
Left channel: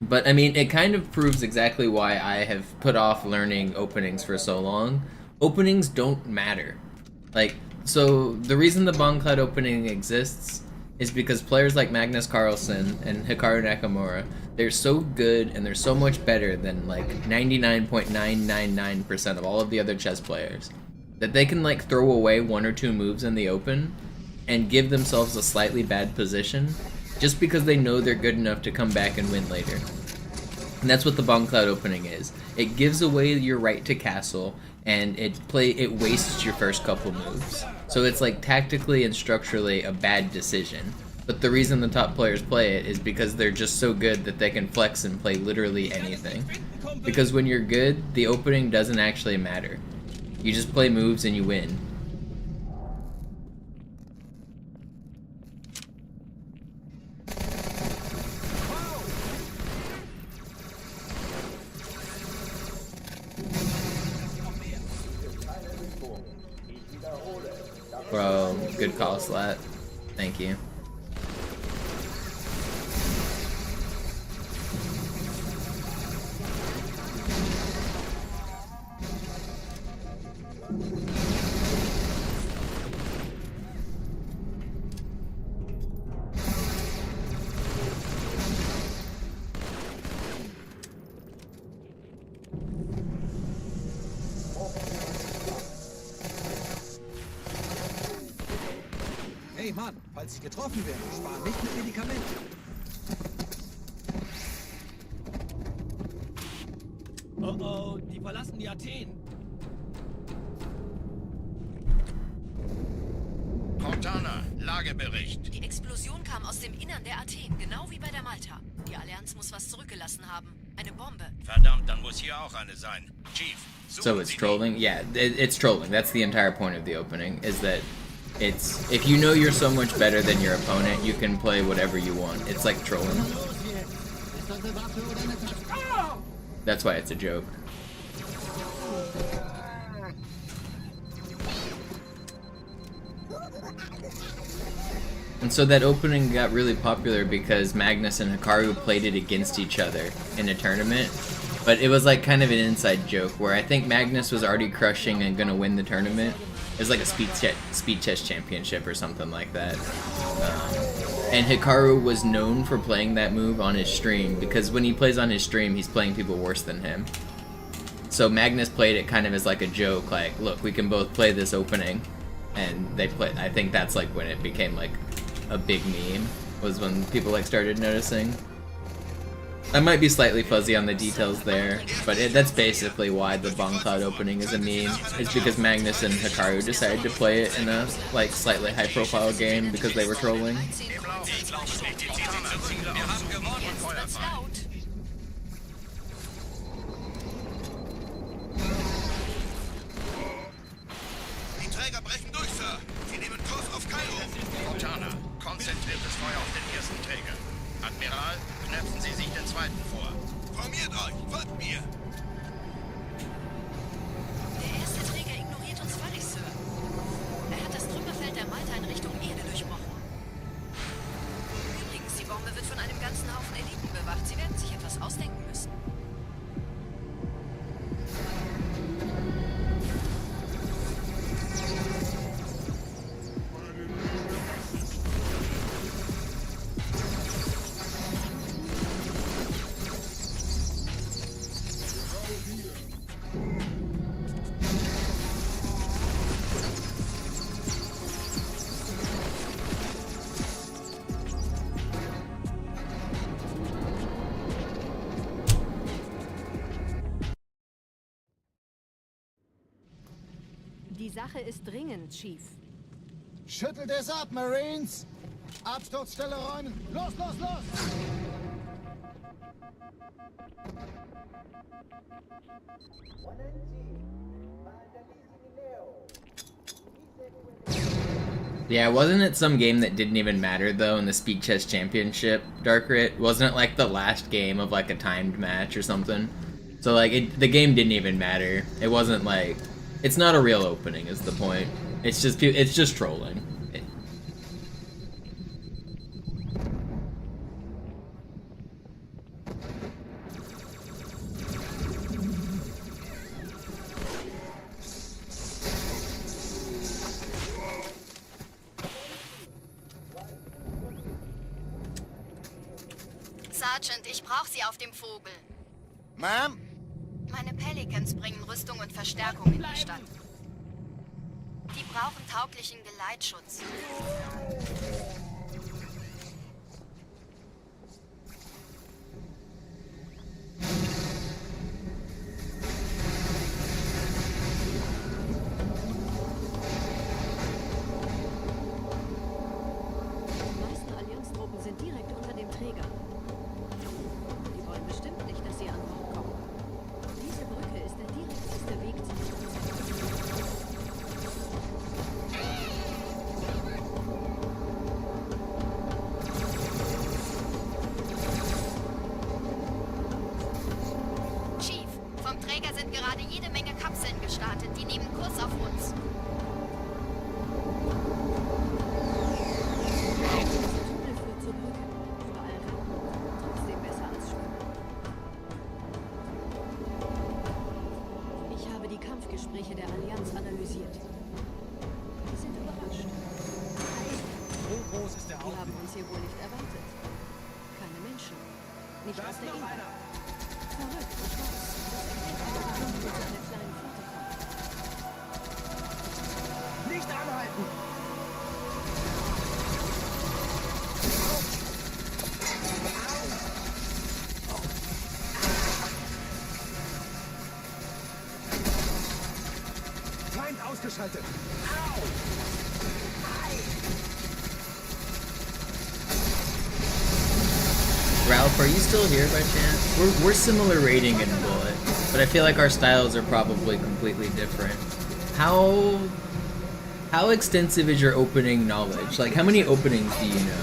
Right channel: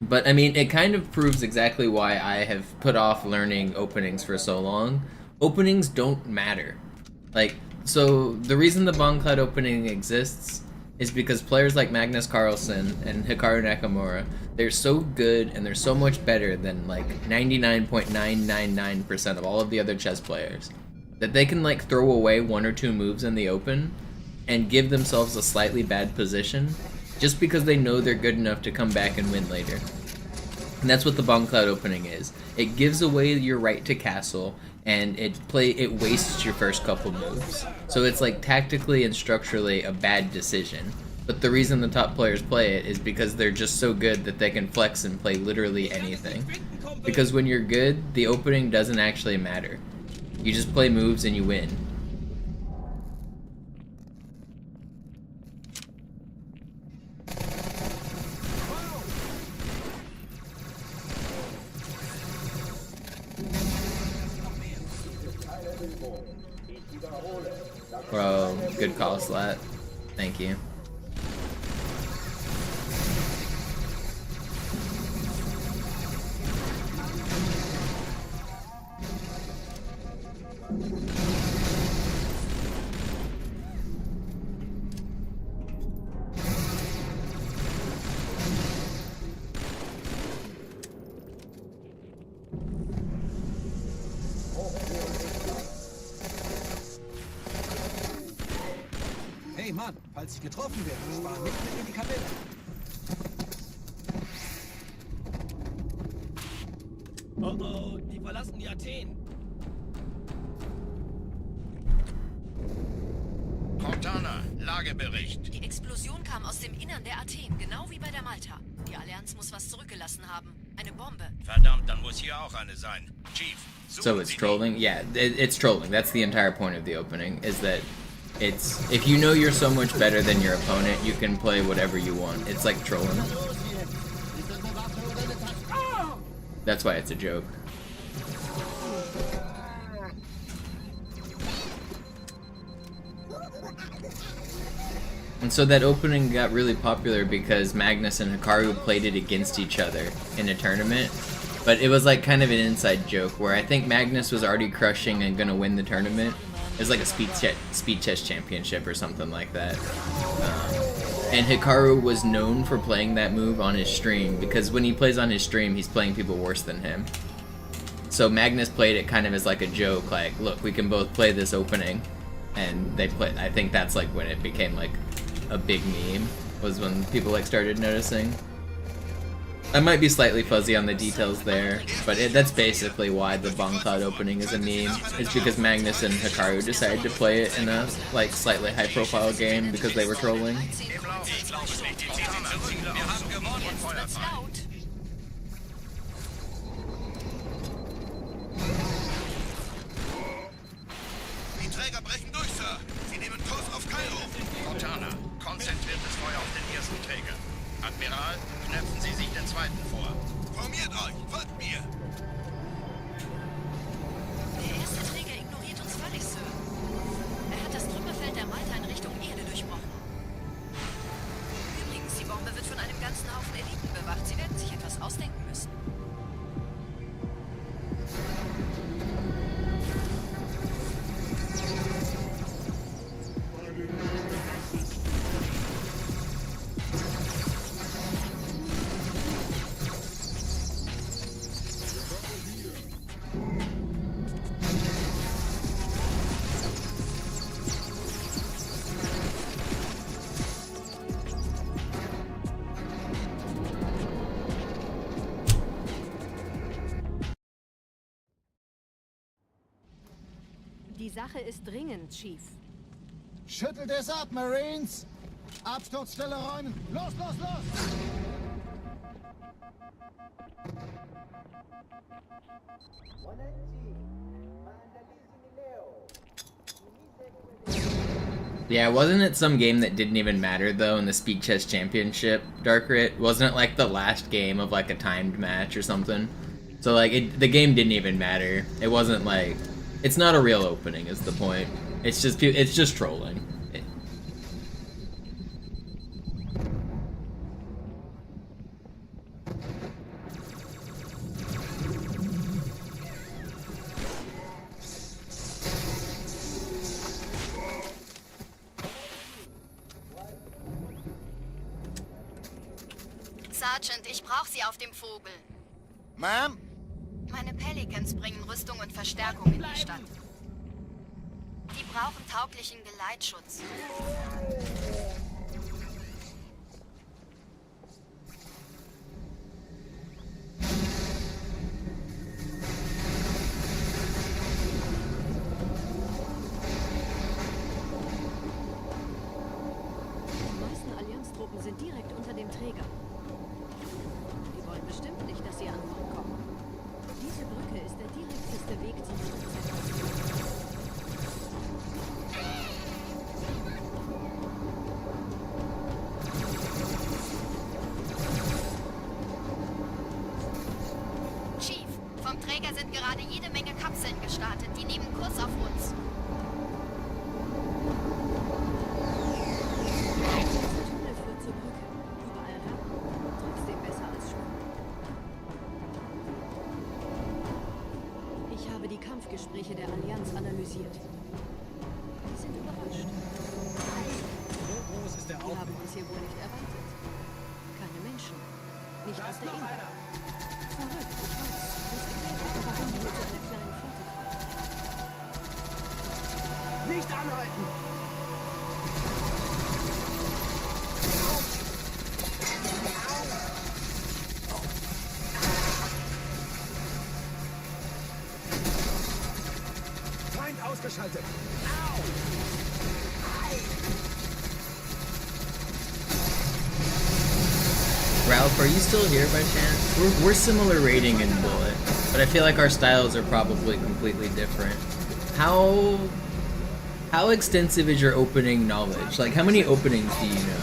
But I mean, it kind of proves exactly why I have put off learning openings for so long. Openings don't matter. Like, so the reason the Bong Cloud opening exists is because players like Magnus Carlsen and Hikaru Nakamura, they're so good and they're so much better than like 99.999% of all of the other chess players that they can like throw away one or two moves in the open and give themselves a slightly bad position just because they know they're good enough to come back and win later. And that's what the Bong Cloud opening is. It gives away your right to castle, and it wastes your first couple moves. So it's like tactically and structurally a bad decision. But the reason the top players play it is because they're just so good that they can flex and play literally anything. Because when you're good, the opening doesn't actually matter. You just play moves and you win. Bro, good call, Slat. Thank you. Hey Mann, falls Sie getroffen werden, sparen nicht mit Medikamenten. Oh oh, die verlassen die Athen. Cortana, Lagebericht. Die Explosion kam aus dem Innern der Athen, genau wie bei der Malta. Die Allianz muss was zurückgelassen haben. Eine Bombe. Verdammt, dann muss hier auch eine sein. Chief, So it's trolling? Yeah, it's trolling. That's the entire point of the opening, is that it's, if you know you're so much better than your opponent, you can play whatever you want. It's like trolling. That's why it's a joke. And so that opening got really popular because Magnus and Hikaru played it against each other in a tournament. But it was like kind of an inside joke where I think Magnus was already crushing and gonna win the tournament. It was like a speed chess championship or something like that. And Hikaru was known for playing that move on his stream because when he plays on his stream, he's playing people worse than him. So Magnus played it kind of as like a joke, like, look, we can both play this opening. And they played, I think that's like when it became like a big meme, was when people like started noticing. I might be slightly fuzzy on the details there, but that's basically why the Bomb Cloud opening is a meme. It's because Magnus and Hikaru decided to play it in a like slightly high profile game because they were trolling. Die Träger brechen durch, Sir. Sie nehmen Kurs auf Kairo. Montana, konzentriertes Feuer auf den ersten Träger. Admiral, knöpfen Sie sich den zweiten vor. Formiert euch, folgt mir. Der erste Träger ignoriert uns völlig, Sir. Er hat das Trümmerfeld der Malta in Richtung Erde durchbrochen. Übrigens, die Bombe wird von einem ganzen Haufen Eliten bewacht. Sie werden sich etwas ausdenken müssen. Die Sache ist dringend, Chief. Schüttelt es ab, Marines! Absturzstelle räumen! Los, los, los! Yeah, wasn't it some game that didn't even matter though in the Speed Chess Championship, Darkrit? Wasn't it like the last game of like a timed match or something? So like the game didn't even matter. It wasn't like, it's not a real opening is the point. It's just trolling. Sergeant, ich brauche Sie auf dem Vogel. Ma'am? Meine Pelicans bringen Rüstung und Verstärkung in die Stadt. Die brauchen tauglichen Geleitschutz. Die meisten Allianztruppen sind direkt unter dem Träger. Die wollen bestimmt nicht, dass sie an Bord kommen. Diese Brücke ist der direkteste Weg zum Stadtzentrum. Chief, vom Träger sind gerade jede Menge Kapseln gestartet. Die nehmen Kurs auf uns. Dieser Tunnel führt zur Brücke. Überall Rampen. Trotzdem besser als Schwimmen. Ich habe die Kampfgespräche der Allianz analysiert. Die sind überrascht. Die haben uns hier wohl nicht erwartet. Keine Menschen. Nicht auf der Erde. Verrückt, ich weiß. Das erklärt aber, warum die mit so einer kleinen Flotte kommen. Nicht anhalten! Feind ausgeschaltet! Ralph, are you still here by chance? We're similar rating in Bullet, but I feel like our styles are probably completely different. How extensive is your opening knowledge? Like, how many openings do you know?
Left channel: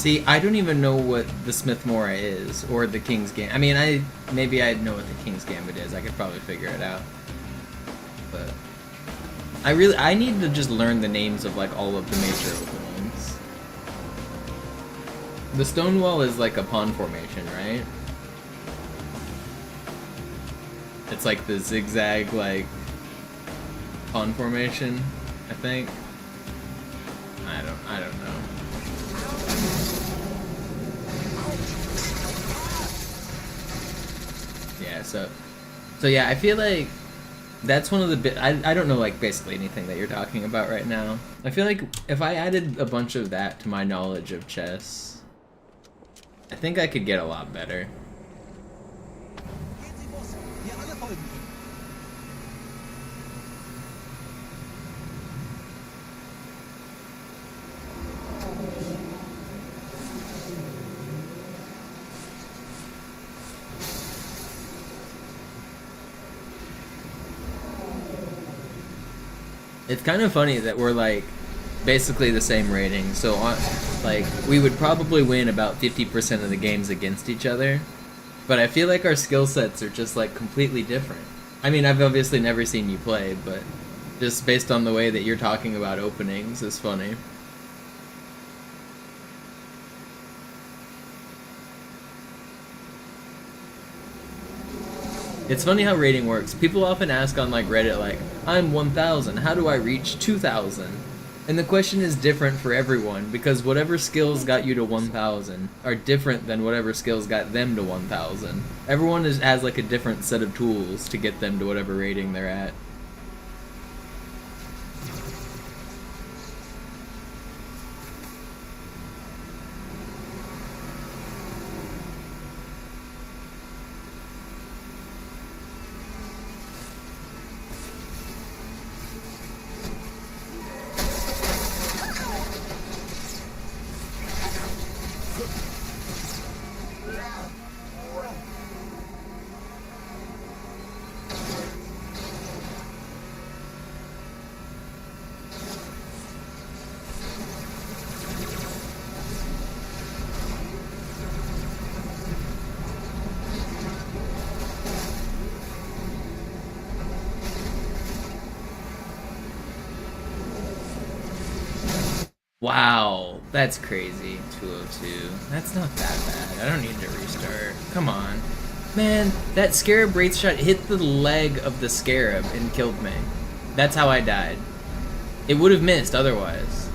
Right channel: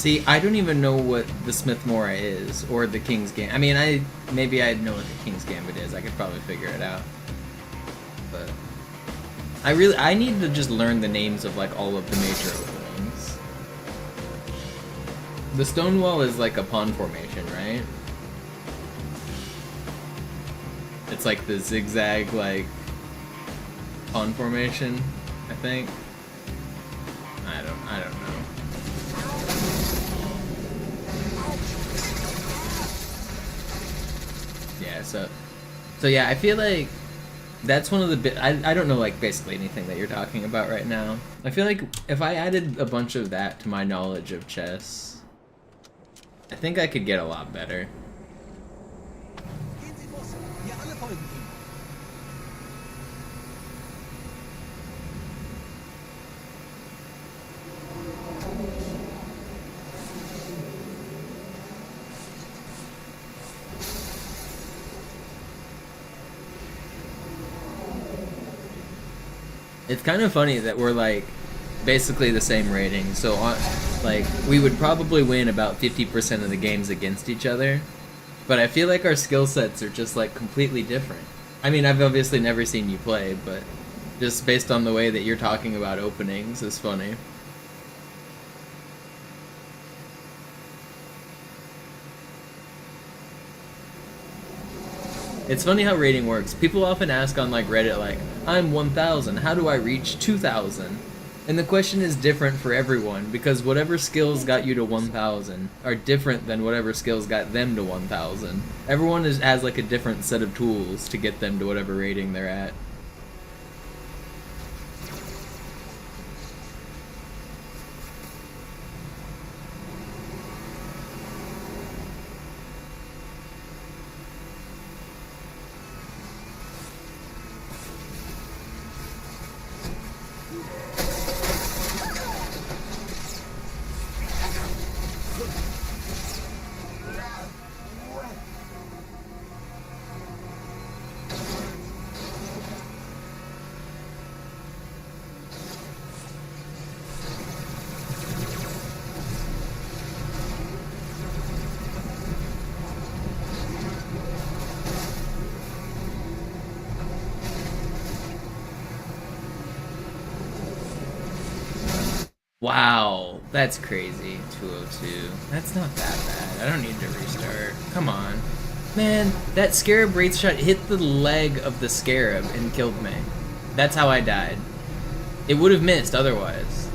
See, I don't even know what the Smith Mora is, or the King's Gambit. I mean, maybe I know what the King's Gambit is. I could probably figure it out. But I need to just learn the names of like all of the major openings. The Stonewall is like a pawn formation, right? It's like the zigzag like pawn formation, I think. I don't know. Yeah, so yeah, I feel like that's one of the I don't know like basically anything that you're talking about right now. I feel like if I added a bunch of that to my knowledge of chess, I think I could get a lot better. It's kind of funny that we're like basically the same rating, so like we would probably win about 50% of the games against each other, but I feel like our skill sets are just like completely different. I mean, I've obviously never seen you play, but just based on the way that you're talking about openings is funny. It's funny how rating works. People often ask on like Reddit like, I'm 1000, how do I reach 2000? And the question is different for everyone, because whatever skills got you to 1000 are different than whatever skills got them to 1000. Everyone has like a different set of tools to get them to whatever rating they're at. Wow, that's crazy. 202. That's not that bad. I don't need to restart. Come on. Man, that Scarab Wraith shot hit the leg of the Scarab and killed me. That's how I died. It would have missed otherwise.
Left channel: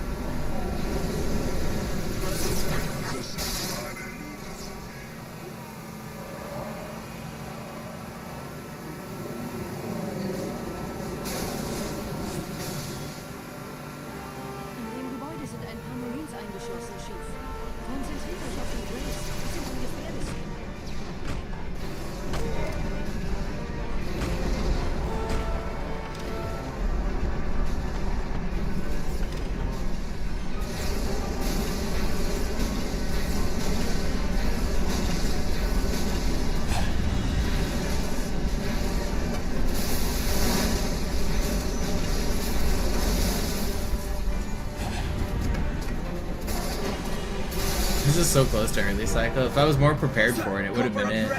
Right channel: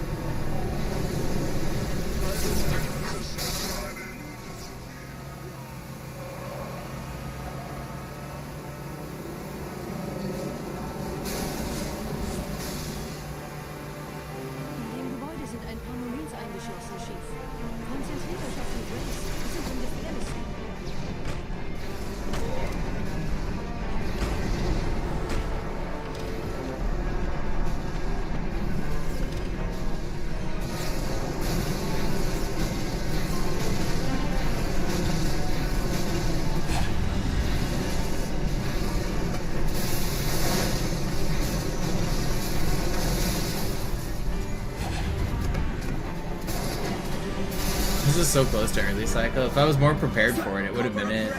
This is so close to early cycle. If I was more prepared for it, it would have been it.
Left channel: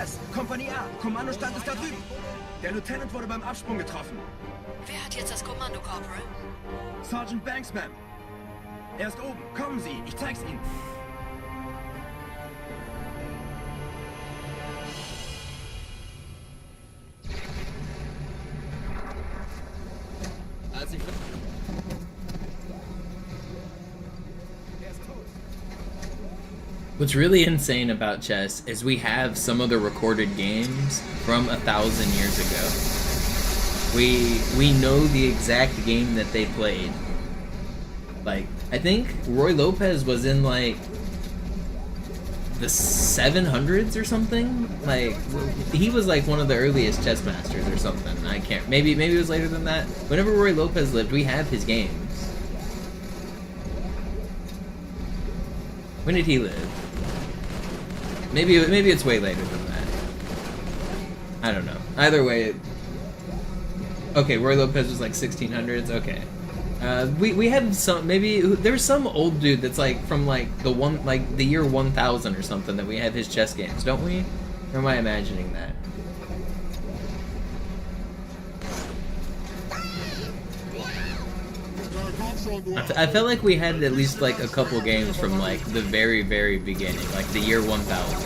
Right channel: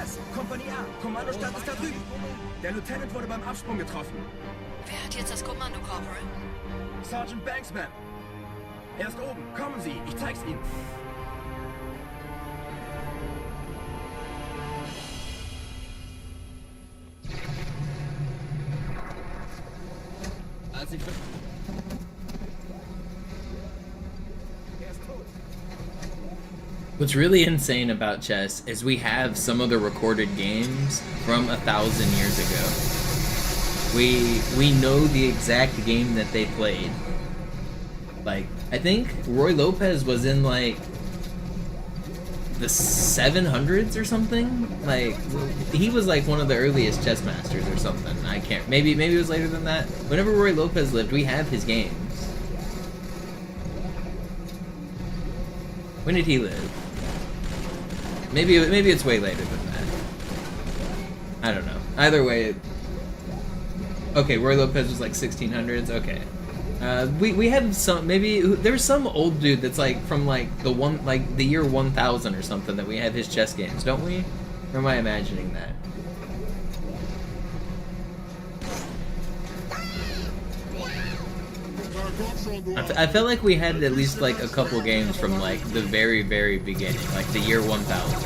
Kommandostand ist da drüben. Der Lieutenant wurde beim Absprung getroffen. Wer hat jetzt das Kommando, Corporal? Sergeant Banksman. Er ist oben. Kommen Sie, ich zeig's Ihnen. What's really insane about chess is we have some of the recorded games from 1,000 years ago. We know the exact game that they played. Like, I think Roy Lopez was in like the 700s or something. Like, he was like one of the earliest chess masters or something. I can't. Maybe it was later than that. Whenever Roy Lopez lived, we have his games. When did he live? Maybe it's way later than that. I don't know. Either way, okay, Roy Lopez was like 1600s. Okay, We have some, maybe there's some old dude that's like from like the year 1000 or something that we have his chess games, don't we? Or am I imagining that? I felt like we had at least like a couple games from like the very beginning, like the year 1000.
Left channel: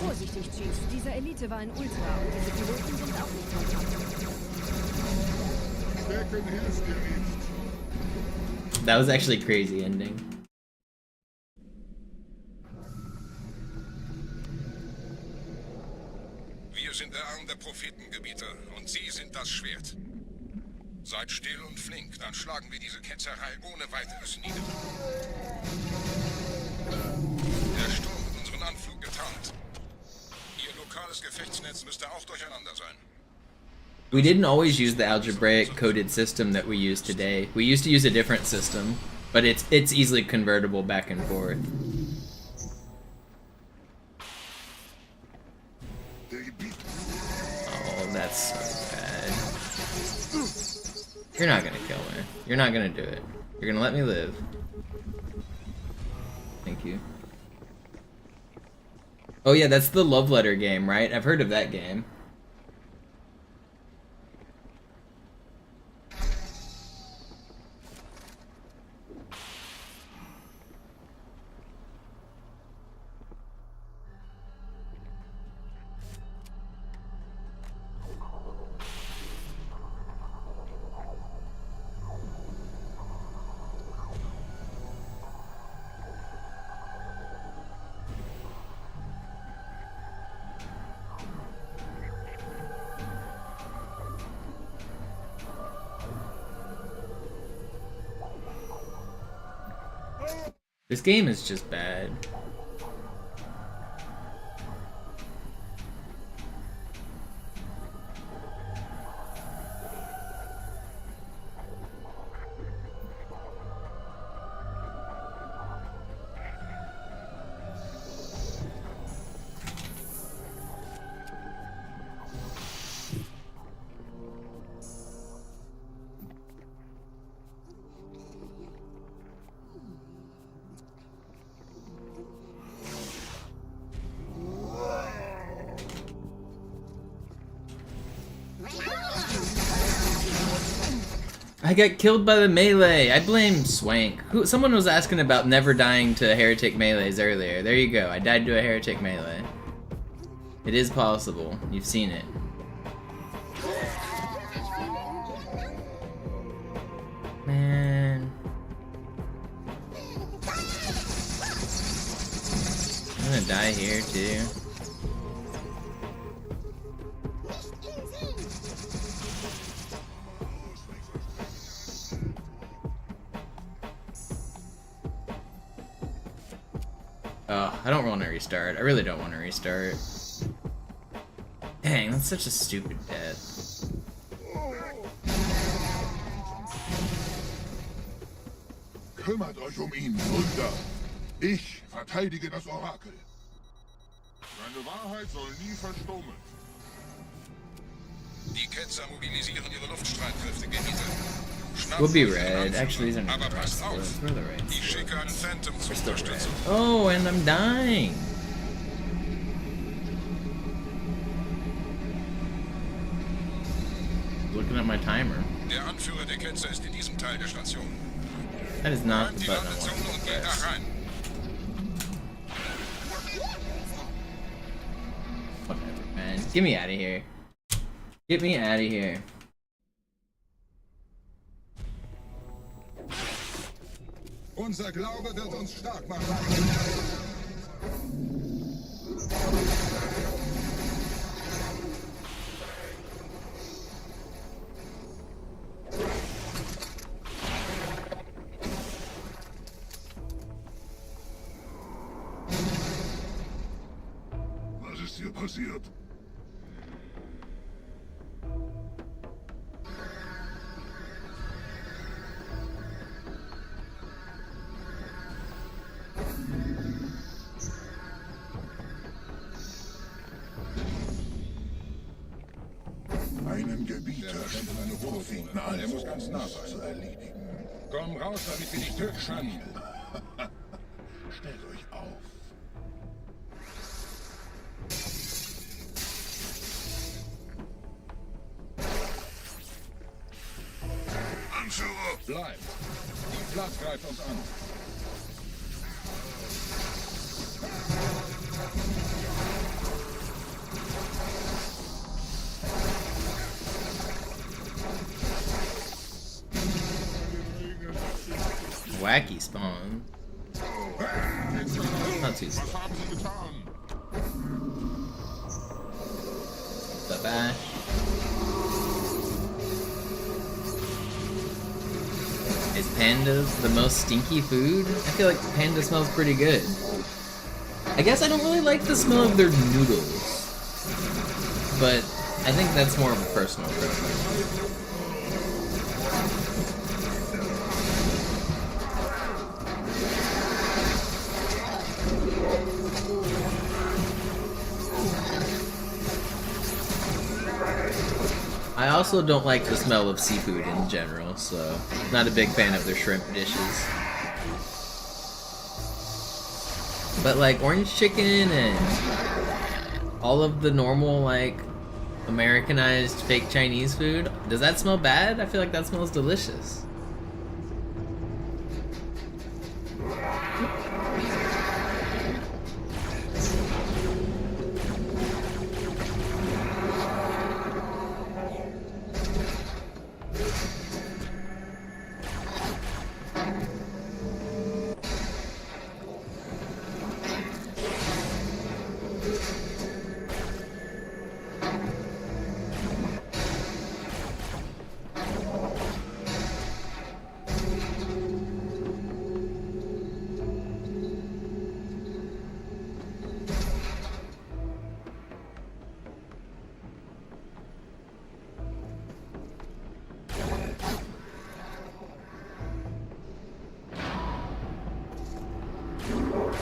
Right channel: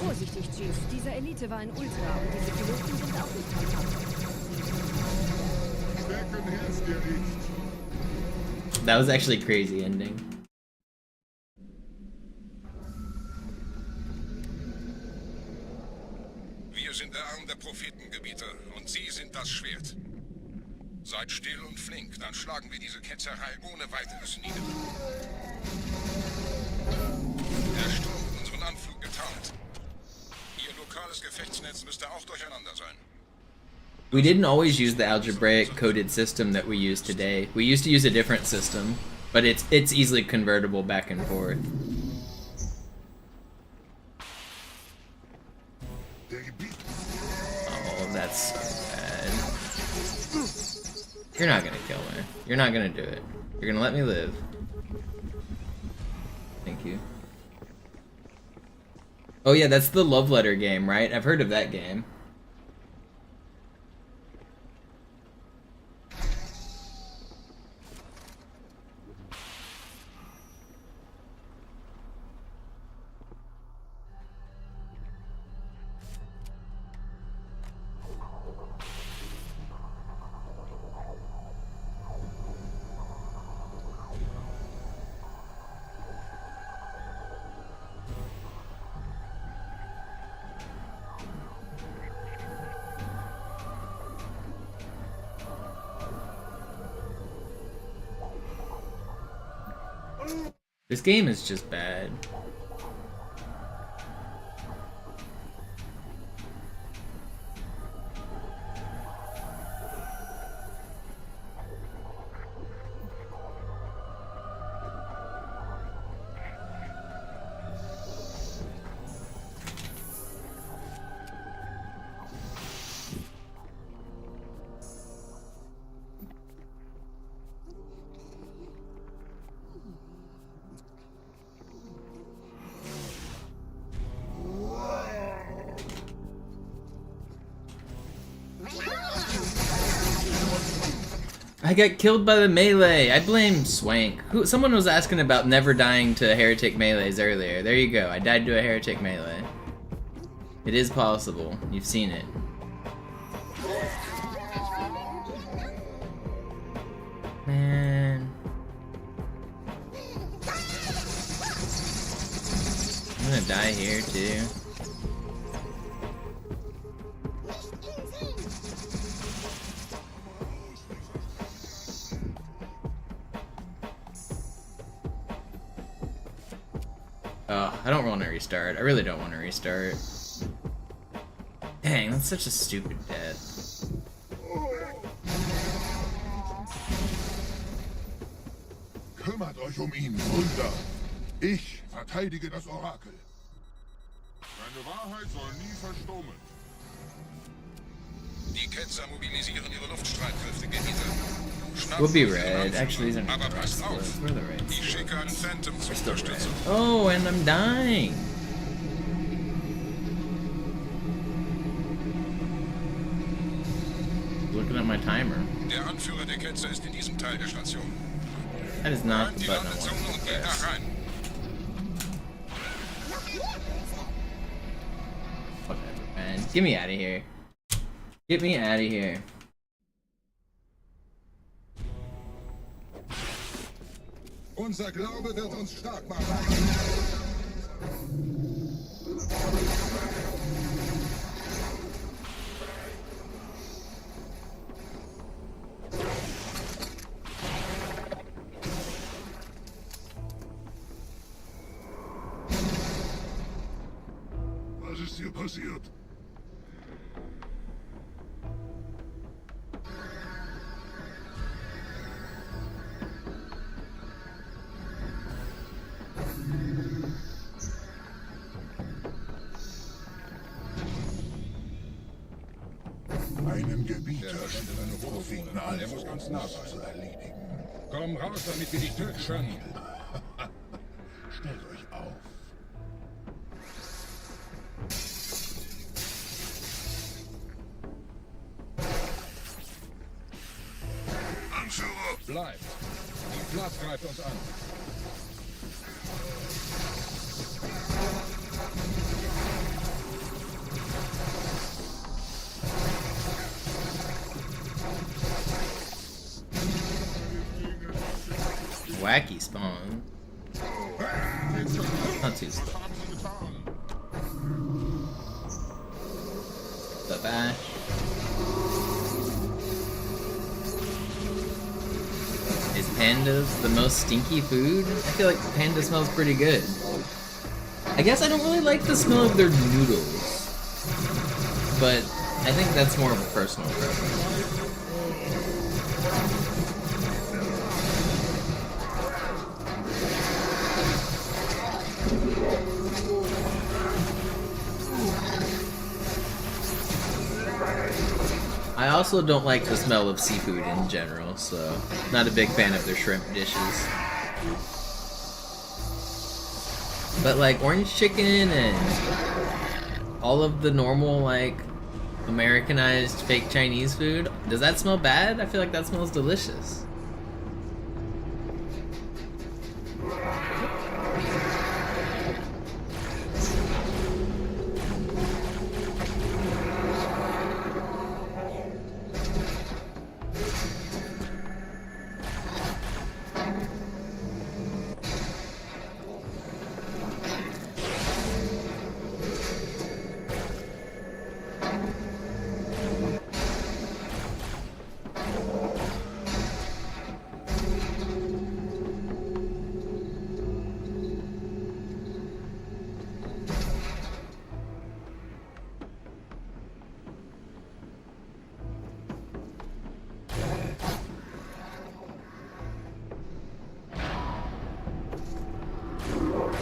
Vorsichtig, Chief. Diese Elite war ein Ultra und diese Piloten sind auch nicht von Pappe. Stecken hilft dir nicht. That was actually a crazy ending. Wir sind der Arm der Prophetengebieter und Sie sind das Schwert. Seid still und flink, dann schlagen wir diese Ketzerei ohne weiteres nieder. Der Sturm hat unseren Anflug getarnt. Ihr lokales Gefechtsnetz müsste auch durcheinander sein. We didn't always use the algebraic coded system that we use today. We used to use a different system, but it's easily convertible back and forth. Oh, that's so bad. You're not gonna kill me. You're not gonna do it. You're gonna let me live. Thank you. Oh yeah, that's the love letter game, right? I've heard of that game. This game is just bad. I got killed by the melee. I blame Swank. Someone was asking about never dying to heretic melees earlier. There you go. I died to a heretic melee. It is possible. You've seen it. Man. I'm gonna die here too. I don't want to restart. I really don't want to restart. Dang, that's such a stupid death. Kümmert euch ihn, Wunder. Ich verteidige das Orakel. Seine Wahrheit soll nie verstummen. Die Ketzer mobilisieren ihre Luftstreitkräfte, Gebieter. We'll be red. Actually, these aren't the red splits. Where are the red splits? We're still red. Oh, and I'm dying. Looking at my timer. Der Anführer der Ketzer ist in diesem Teil der Station. That is not the button I wanted to press. Whatever, man. Get me out of here. Get me out of here. Unser Glaube wird uns stark machen. Was ist hier passiert? Einen Gebieter scheint meine Propheten zu erledigen. Komm raus, damit wir dich töten können. Stellt euch auf. Anführer! Bleibt! Die Platz greift uns an. Wacky spawn. Not too slow. The bash. Is panda the most stinky food? I feel like panda smells pretty good. I guess I don't really like the smell of their noodles. But I think that's more of a personal preference. I also don't like the smell of seafood in general, so not a big fan of their shrimp dishes. But like orange chicken and all of the normal like Americanized fake Chinese food, does that smell bad? I feel like that smells delicious.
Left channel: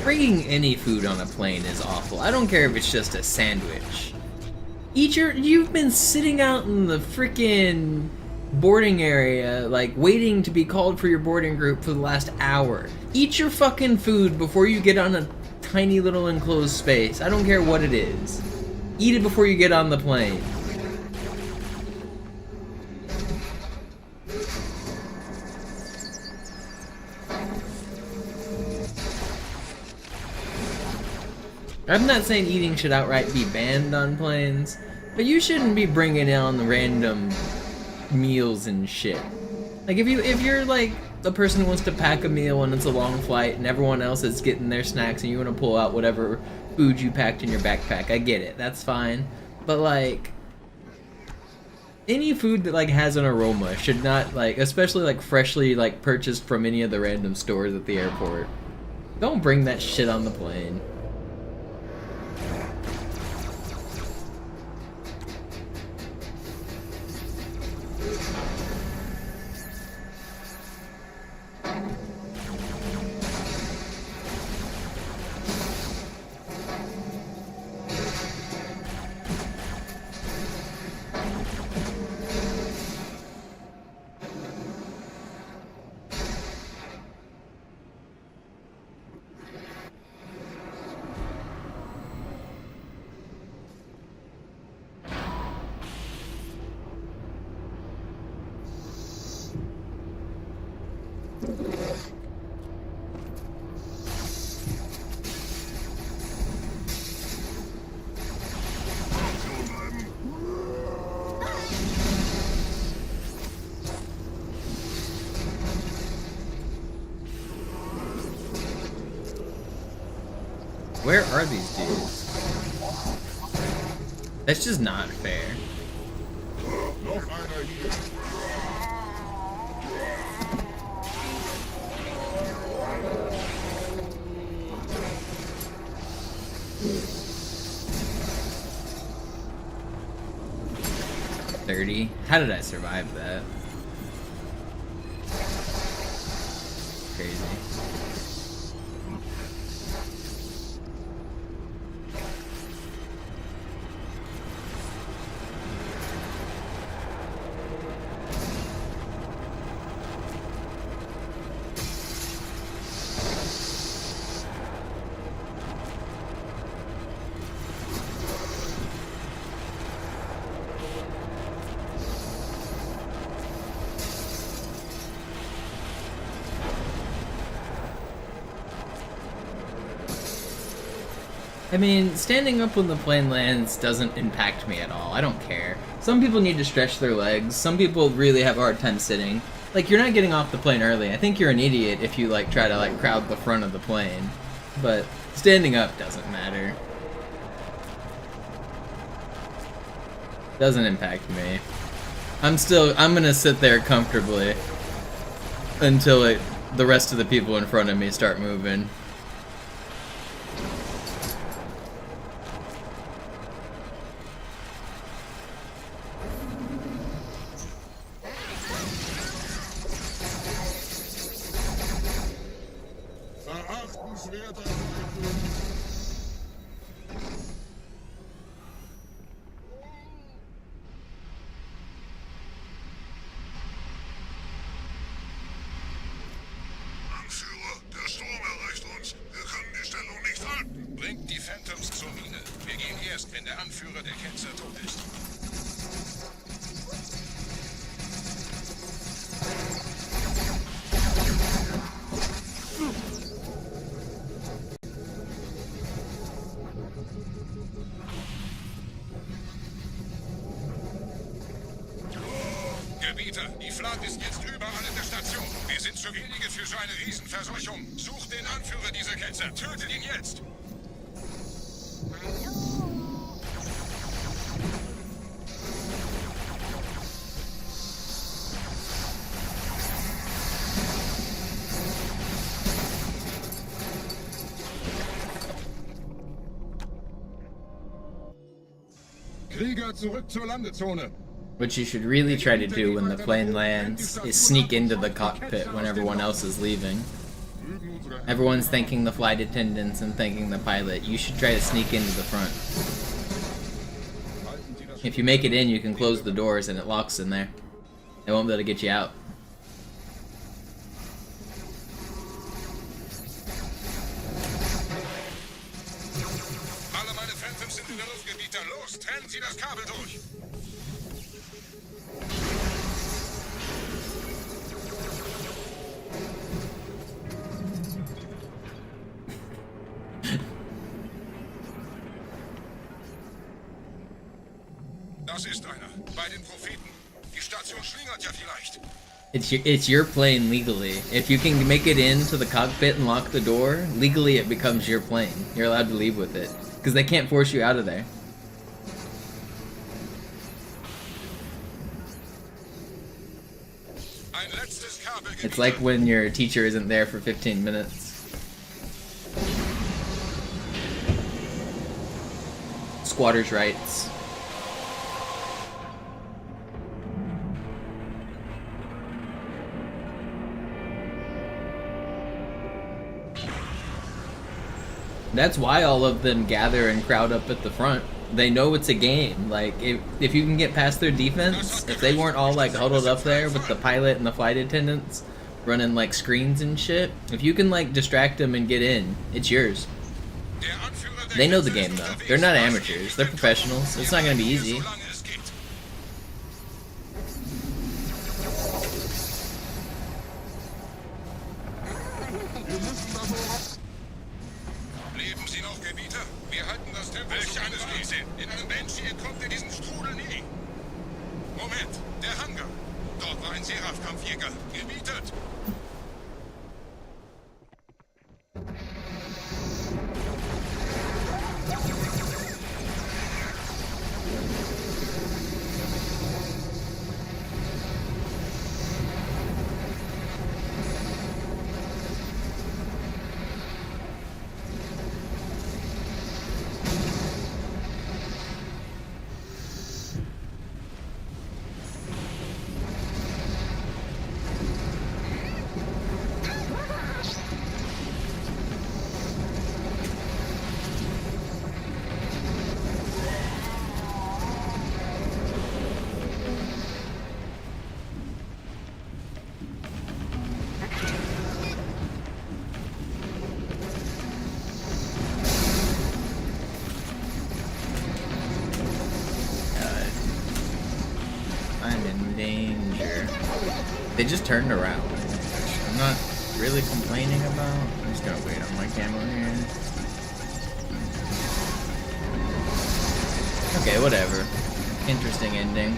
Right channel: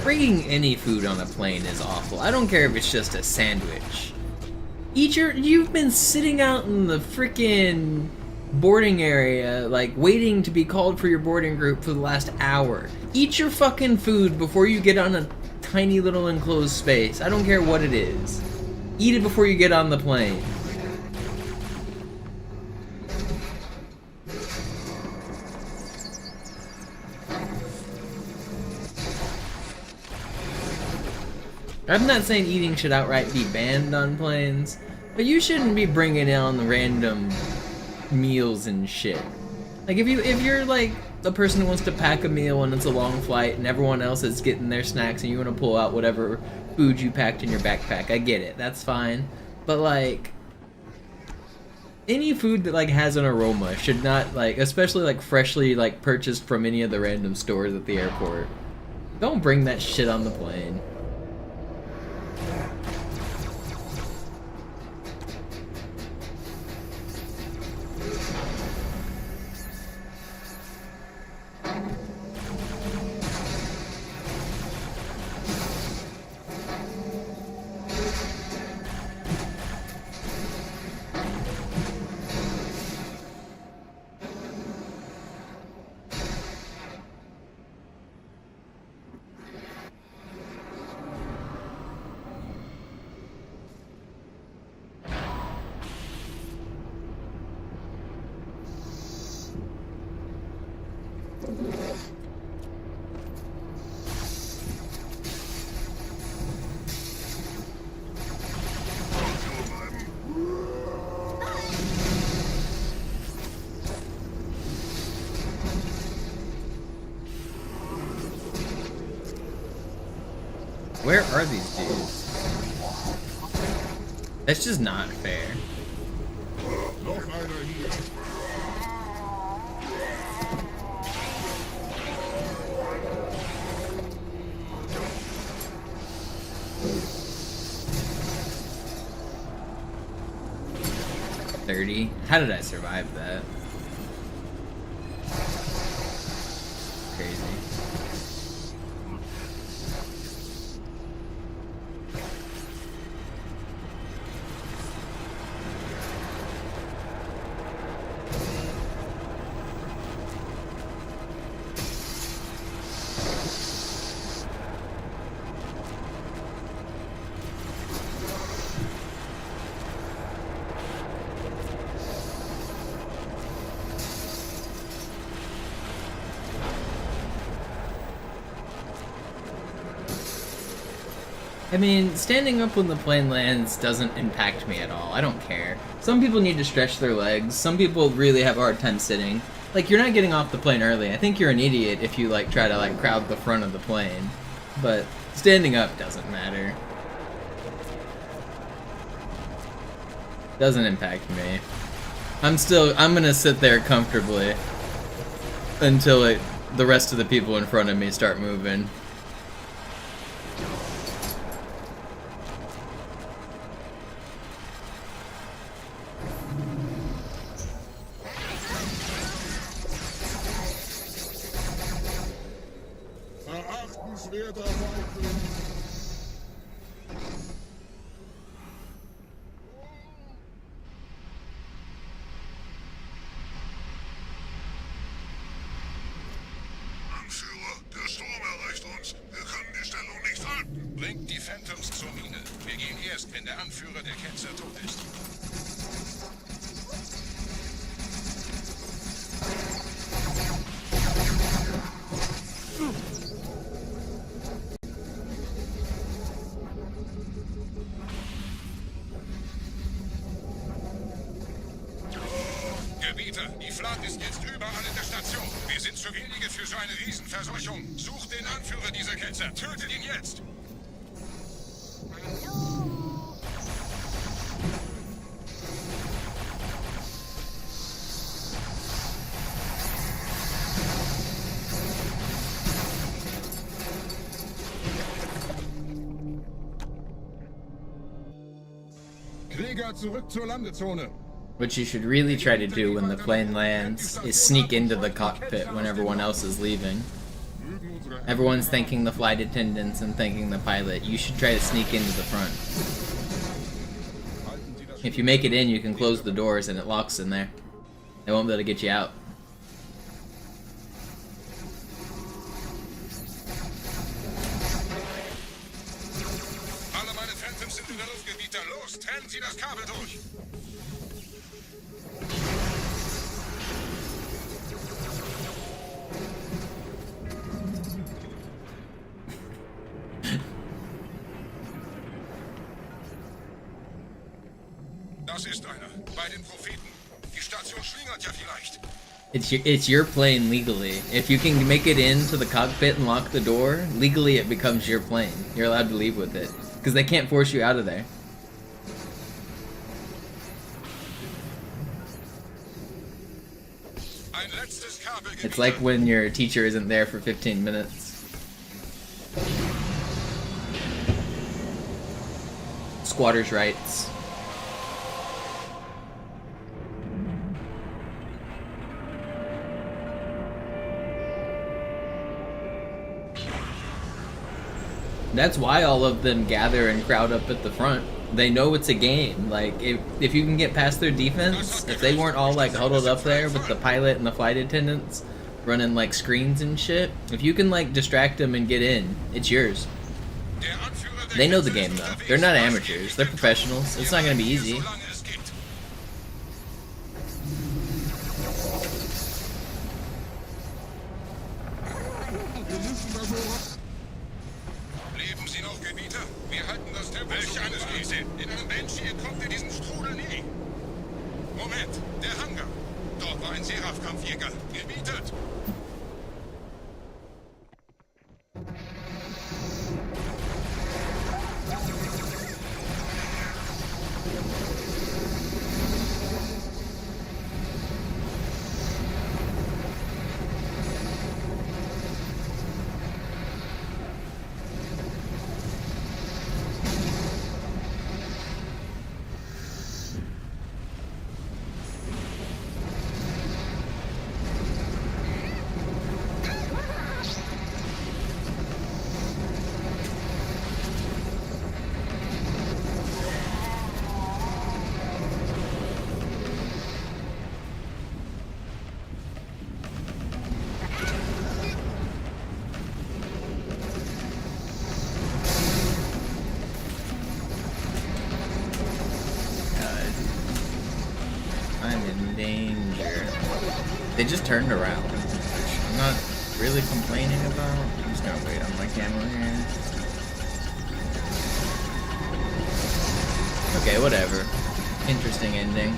Bringing any food on a plane is awful. I don't care if it's just a sandwich. You've been sitting out in the freaking boarding area, like waiting to be called for your boarding group for the last hour. Eat your fucking food before you get on a tiny little enclosed space. I don't care what it is. Eat it before you get on the plane. I'm not saying eating should outright be banned on planes, but you shouldn't be bringing on the random meals and shit. Like if you're like the person who wants to pack a meal and it's a long flight and everyone else is getting their snacks and you want to pull out whatever food you packed in your backpack, I get it, that's fine. But like any food that like has an aroma should not, like, especially like freshly like purchased from any of the random stores at the airport. Don't bring that shit on the plane. Where are these dudes? That's just not fair. $30? How did I survive that? Crazy. I mean, standing up when the plane lands doesn't impact me at all. I don't care. Some people need to stretch their legs. Some people really have a hard time sitting. Like, you're not getting off the plane early. I think you're an idiot if you, like, try to, like, crowd the front of the plane. But standing up doesn't matter. Doesn't impact me. I'm gonna sit there comfortably until the rest of the people in front of me start moving. Bringt die Phantoms zur Mine. Wir gehen erst, wenn der Anführer der Ketzer tot ist. Gebieter, die Flat ist jetzt überall in der Station. Wir sind zu wenige für so eine Riesenverseuchung. Sucht den Anführer dieser Ketzer. Tötet ihn jetzt! Krieger, zurück zur Landezone. What you should really try to do when the plane lands is sneak into the cockpit when everyone else is leaving. Everyone's thanking the flight attendants and thanking the pilot. You should try to sneak into the front. If you make it in, you can close the doors and it locks in there. They won't be able to get you out. Alle meine Phantoms sind in der Luft, Gebieter. Los, trennen Sie das Kabel durch! Das ist einer. Bei den Propheten. Die Station schlingert ja vielleicht. It's your plane legally. If you can make it into the cockpit and lock the door, legally it becomes your plane. You're allowed to leave with it. Because they can't force you out of there. It's like when your teacher isn't there for 15 minutes. Squatters' rights. That's why all of them gather and crowd up at the front. They know it's a game. Like, if you can get past their defense, if they weren't all, like, huddled up there with the pilot and the flight attendants running, like, screens and shit, if you can, like, distract them and get in, it's yours. They know the game, though. They're not amateurs. They're professionals. It's not gonna be easy. I'm in danger. They just turned around, which I'm not really complaining about. I'm just gonna wait on my camera here. Okay, whatever. Interesting ending.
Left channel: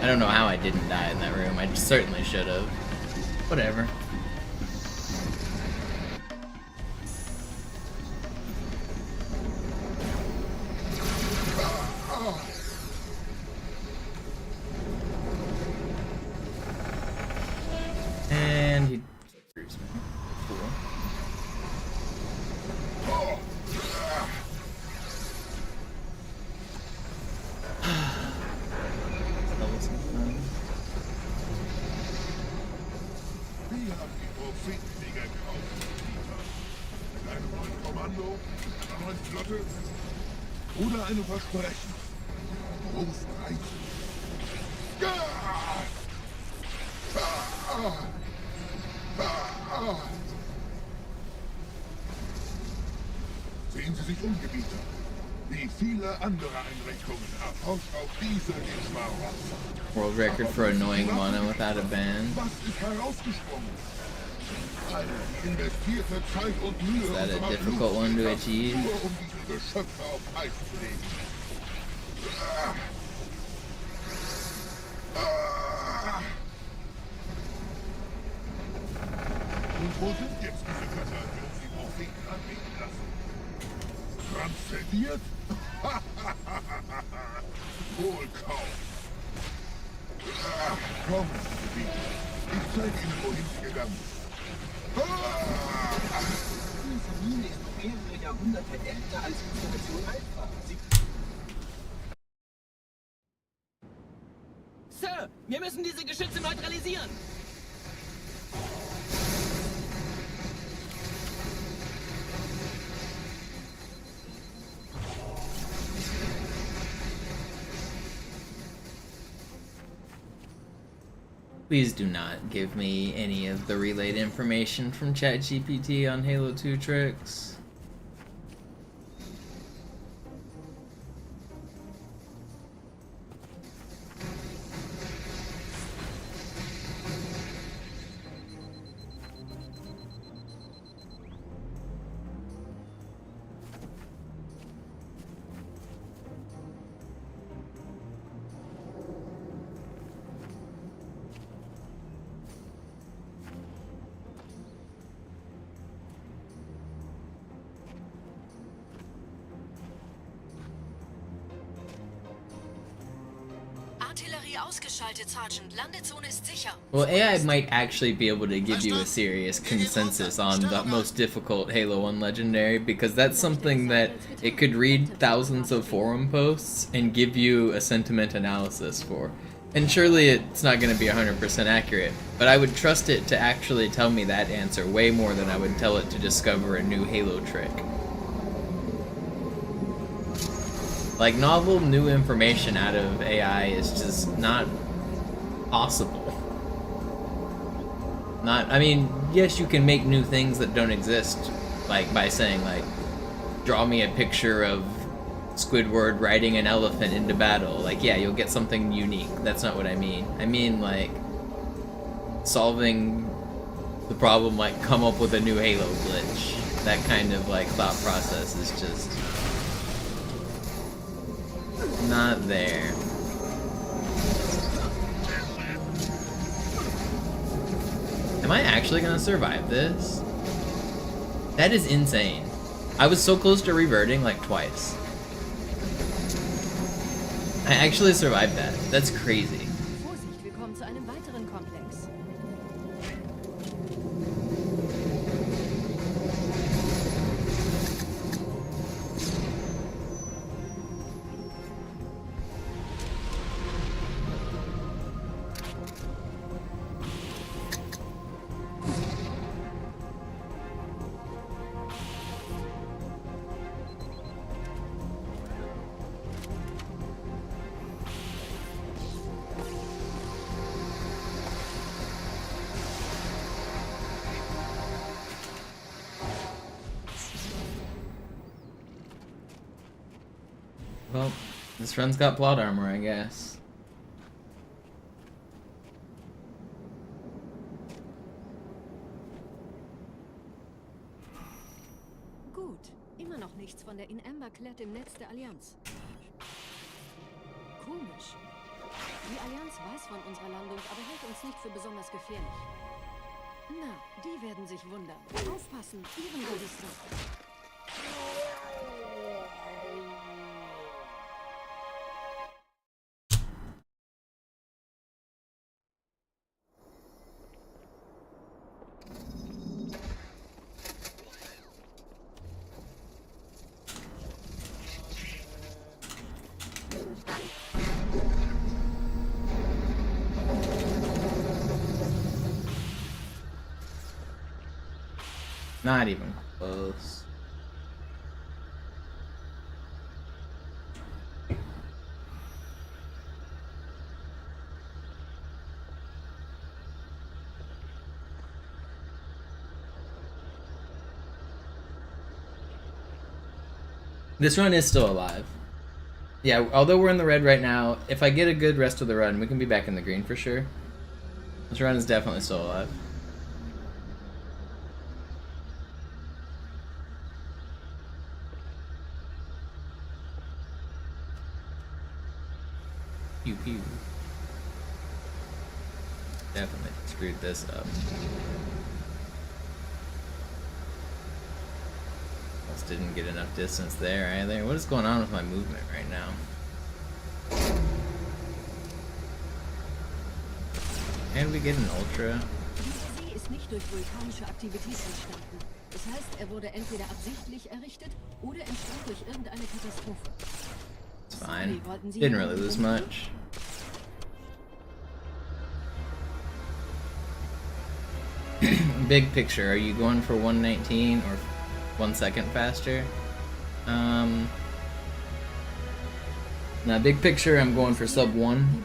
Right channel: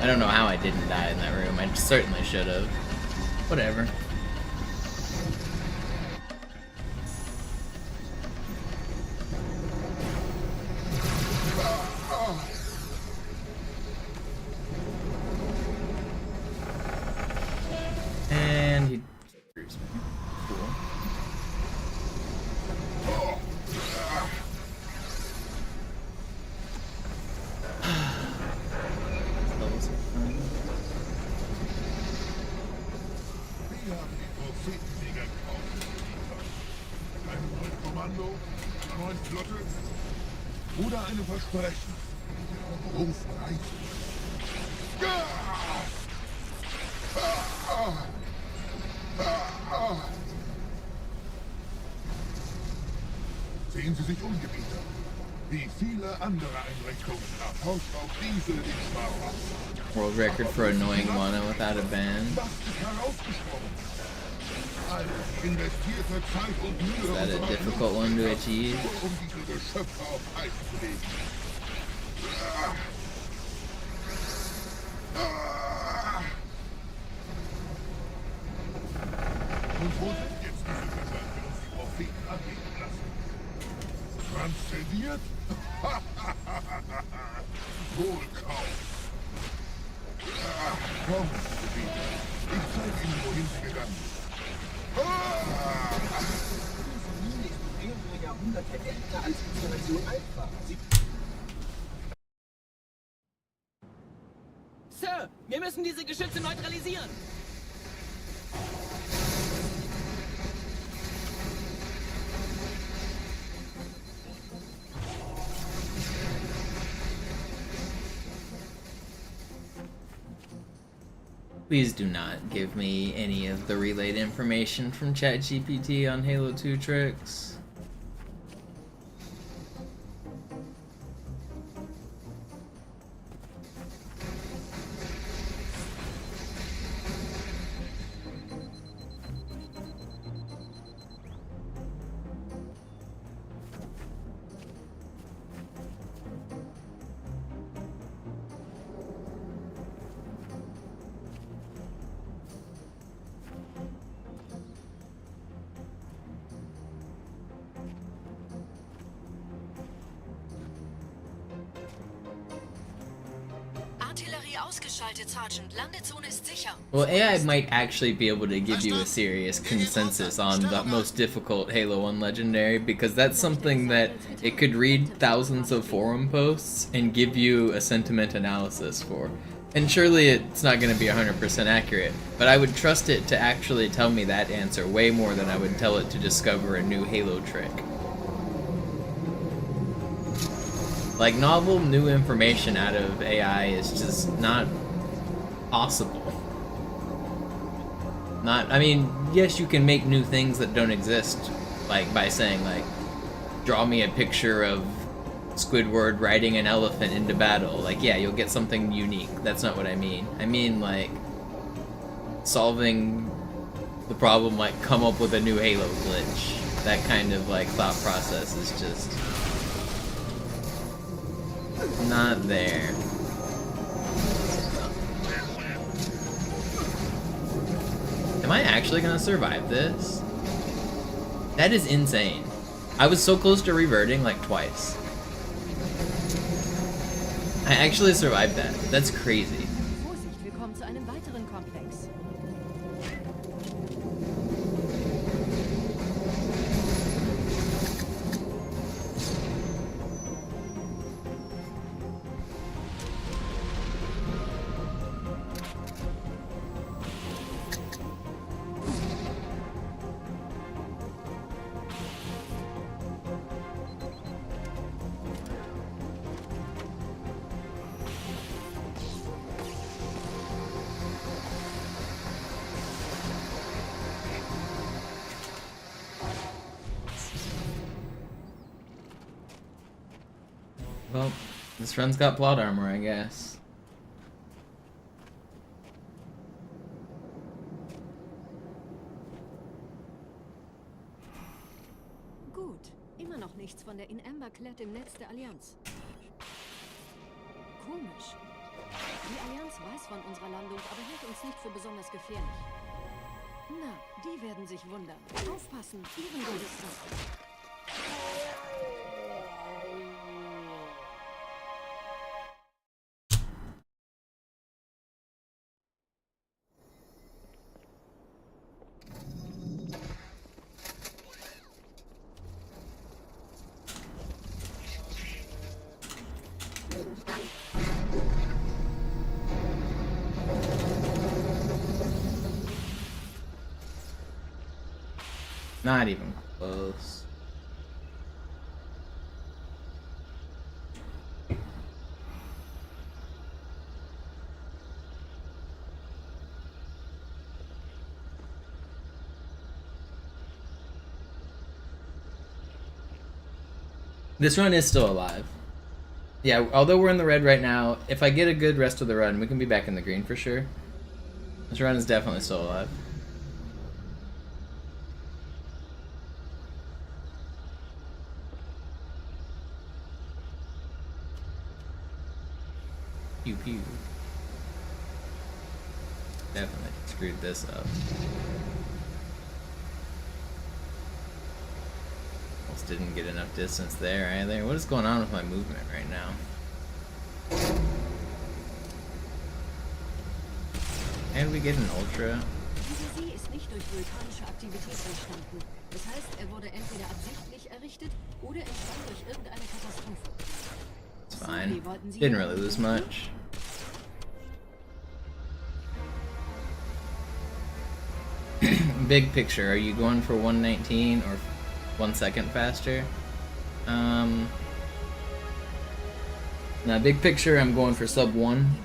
I don't know how I didn't die in that room. I certainly should have. Whatever. And he screws me. Cool. Level some fun. Wir haben die Prophetensieger gekauft, Dieter. Mit einem neuen Kommando, einer neuen Flotte oder einem Versprechen. Großen Reise. Sehen Sie sich um, Gebieter. Wie viele andere Einrichtungen erforscht auch diese den Schmarotzer. World record for annoying Mono without a ban. Was ist herausgesprungen? Alle investierte Zeit und Mühe. Is that a difficult one to achieve? Nur um diese Geschöpfe auf Eis zu legen. Und wo sind jetzt diese Götter, die uns die Propheten anbeten lassen? Transzendiert? Wohl kaum. Komm, Gebieter. Ich zeige Ihnen, wohin sie gegangen ist. Diese Mine ist noch mehrere Jahrhunderte älter als Generation Alpha. Sir, wir müssen diese Geschütze neutralisieren. Please do not give me any of the relayed information from ChatGPT on Halo 2 tricks. Artillerie ausgeschaltet, Sergeant. Landezone ist sicher. Well, AI might actually be able to give you a serious consensus on the most difficult Halo 1 Legendary, because that's something that it could read thousands of forum posts and give you a sentiment analysis for. And surely it's not going to be 100% accurate, but I would trust it to actually tell me that answer way more than I would tell it to discover a new Halo trick. Like, novel new information out of AI is just not possible. I mean, yes, you can make new things that don't exist, like by saying, like, draw me a picture of Squidward riding an elephant into battle. Like, yeah, you'll get something unique. That's not what I mean. I mean, like, solving the problem, like, come up with a new Halo glitch. That kind of, like, thought process is just not there. Am I actually gonna survive this? That is insane. I was so close to reverting like twice. I actually survived that. That's crazy. Vorsicht, wir kommen zu einem weiteren Komplex. Well, this run's got plot armor, I guess. Gut, immer noch nichts von der In-Amber-Klett im Netz der Allianz. Komisch. Die Allianz weiß von unserer Landung, aber hält uns nicht für besonders gefährlich. Na, die werden sich wundern. Aufpassen, ihren Gardisten. Not even close. This run is still alive. Yeah, although we're in the red right now, if I get a good rest of the run, we can be back in the green for sure. This run is definitely still alive. Pew pew. Definitely screwed this up. Almost didn't get enough distance there either. What is going on with my movement right now? And we get an ultra. Dieser See ist nicht durch vulkanische Aktivität entstanden. Das heißt, er wurde entweder absichtlich errichtet oder entstand durch irgendeine Katastrophe. It's fine. Didn't really lose much. Big picture, are you going for 119 or 1 second faster? Now, big picture, I'm going for sub 1.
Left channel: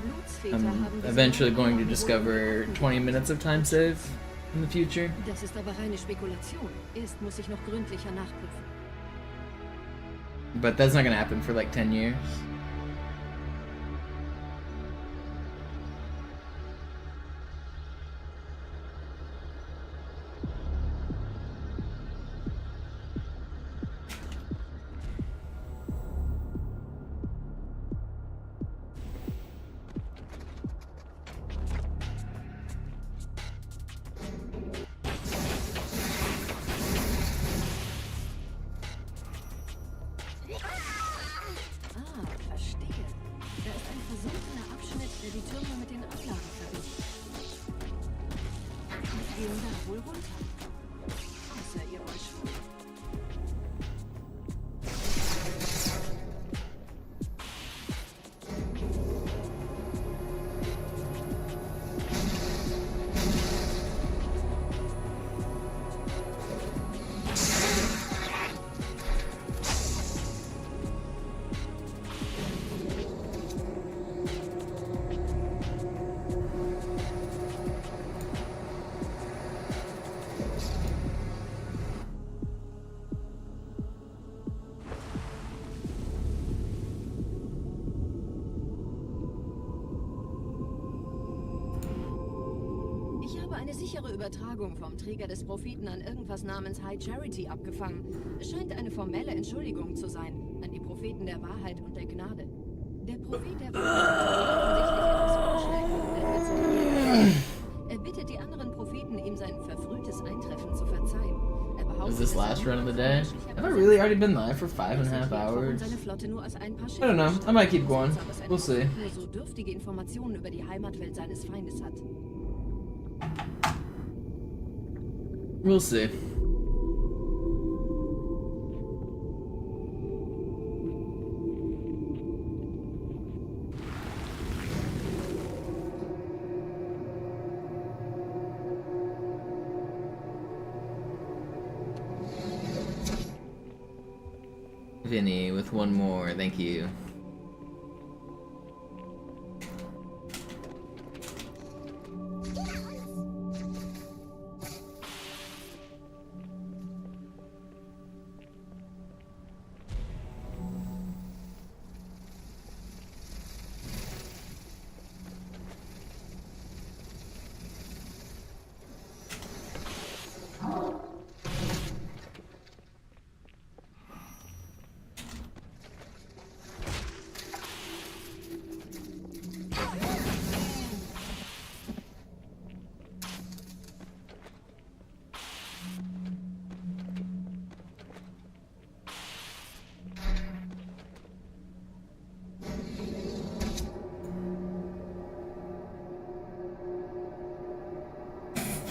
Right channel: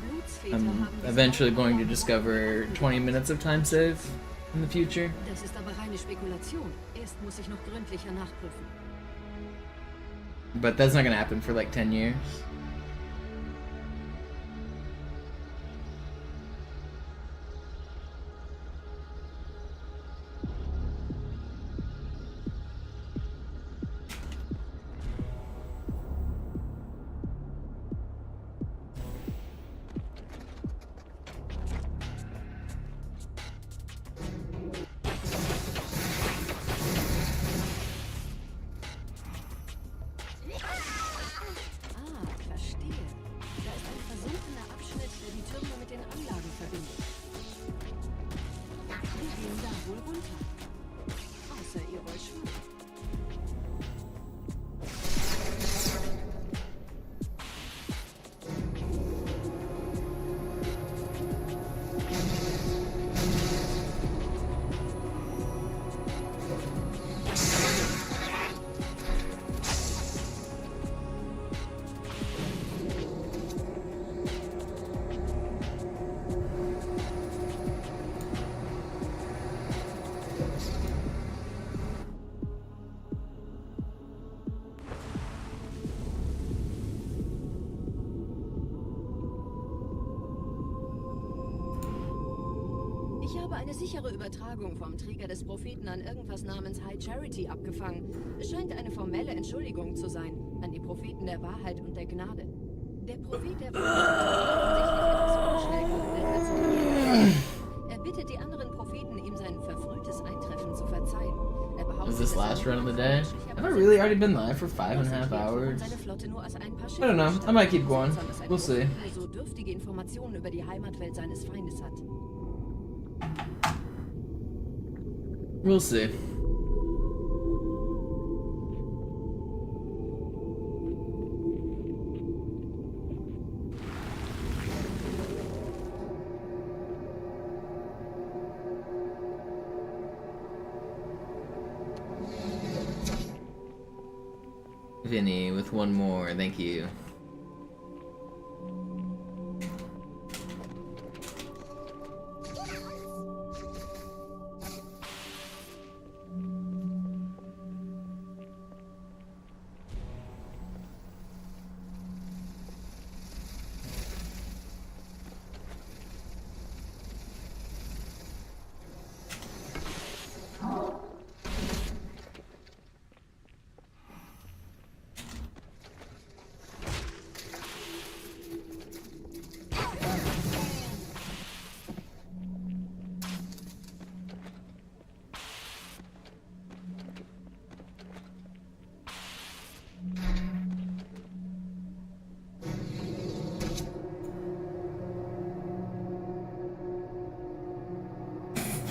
I'm eventually going to discover 20 minutes of time save in the future. Das ist aber reine Spekulation. Erst muss ich noch gründlicher nachprüfen. But that's not gonna happen for like 10 years. Ich habe eine sichere Übertragung vom Träger des Propheten an irgendwas namens High Charity abgefangen. Es scheint eine formelle Entschuldigung zu sein an die Propheten der Wahrheit und der Gnade. Der Prophet der Wahrheit er bittet die anderen Propheten, ihm sein verfrühtes Eintreffen zu verzeihen. Is this last run of the day? Have I really already been live for 5.5 hours? I don't know. I might keep going. We'll see. So dürftige Informationen über die Heimatwelt seines Feindes hat. We'll see. Vinny with one more, thank you.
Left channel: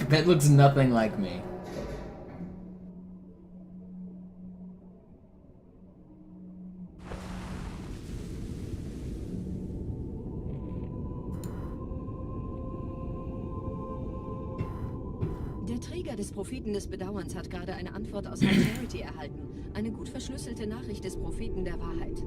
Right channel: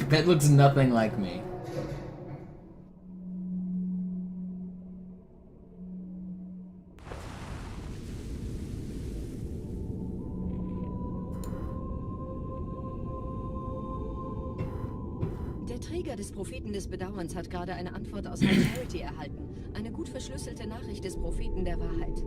That looks nothing like me. Der Träger des Propheten des Bedauerns hat gerade eine Antwort aus High Security erhalten. Eine gut verschlüsselte Nachricht des Propheten der Wahrheit.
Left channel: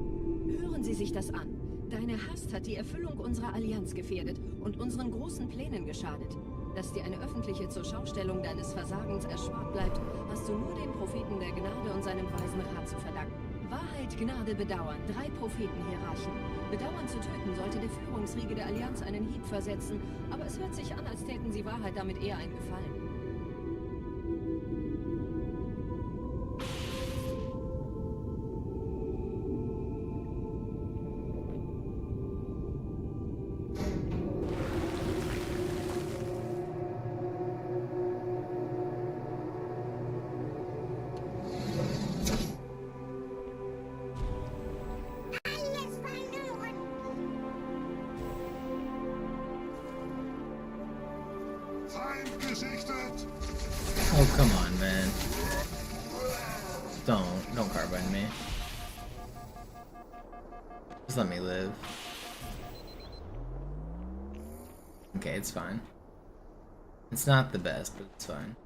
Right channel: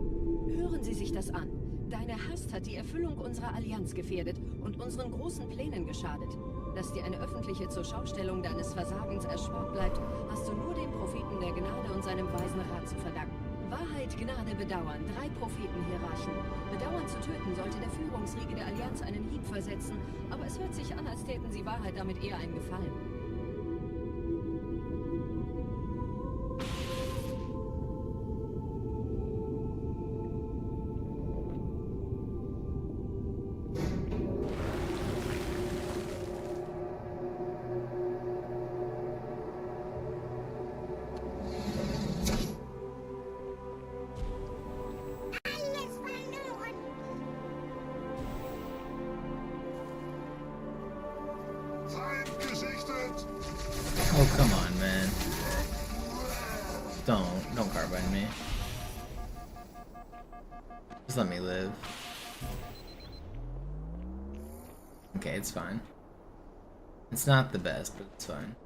Hören Sie sich das an. Deine Hast hat die Erfüllung unserer Allianz gefährdet und unseren großen Plänen geschadet. Dass dir eine öffentliche Zurschaustellung deines Versagens erspart bleibt, hast du nur dem Propheten der Gnade und seinem weisen Rat zu verdanken. Wahrheit, Gnade, Bedauern. 3 Prophetenhierarchen. Bedauern zu töten sollte der Führungsriege der Allianz einen Hieb versetzen, aber es hört sich an, als täten sie Wahrheit damit eher einen Gefallen. Oh, come on, man. Don't carbine me. Just let me live. Okay, it's fine. It's not the best, but it's fine.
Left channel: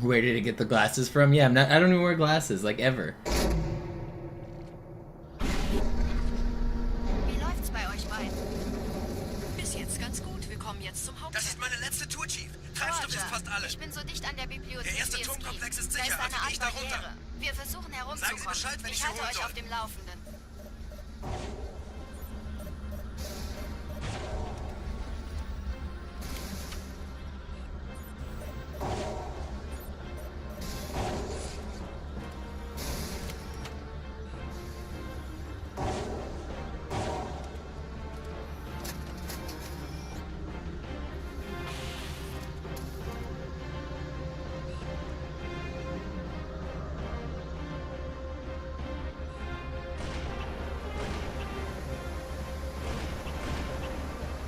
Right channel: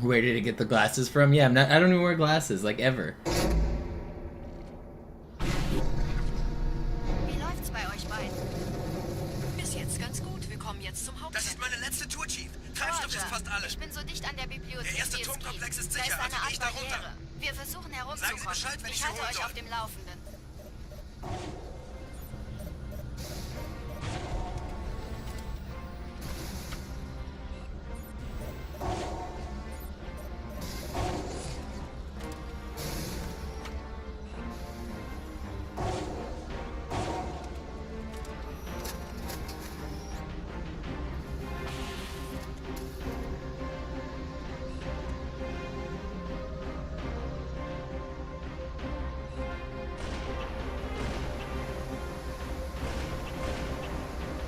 Where did it get the glasses from? Yeah, I don't even wear glasses, like, ever. Wie läuft's bei euch beiden? Bis jetzt ganz gut. Wir kommen jetzt zum Hauptcamp. Das ist meine letzte Tour, Chief. Treibstoff ist fast alle. Ich bin so dicht an der Bibliothek. Der erste wie es Turmkomplex geht. ist Da sicher, ist eine also geh ich Art da runter. Barriere. Wir versuchen herumzukommen. Sagen Sie Bescheid, wenn ich ich Sie halte holen euch soll. auf dem Laufenden.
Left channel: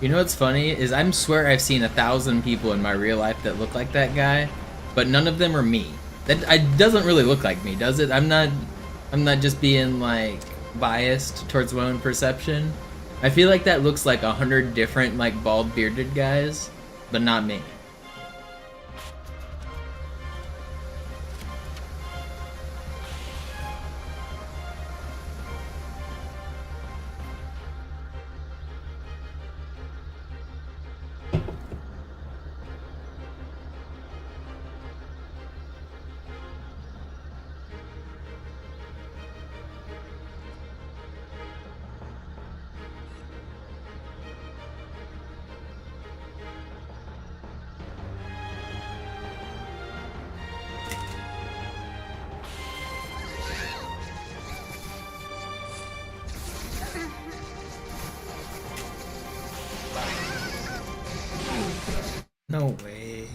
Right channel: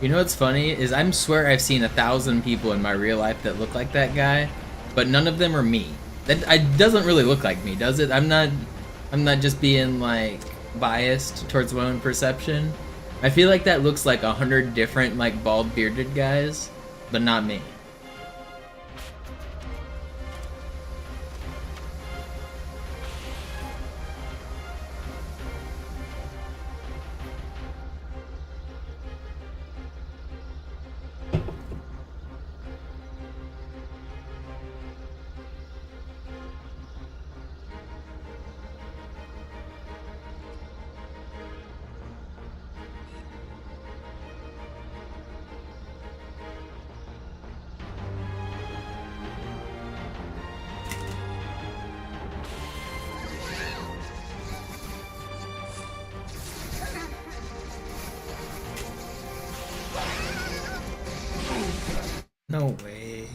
You know what's funny is I swear I've seen 1,000 people in my real life that look like that guy, but none of them are me. That doesn't really look like me, does it? I'm not just being like biased towards my own perception. I feel like that looks like 100 different like bald bearded guys, but not me. No way.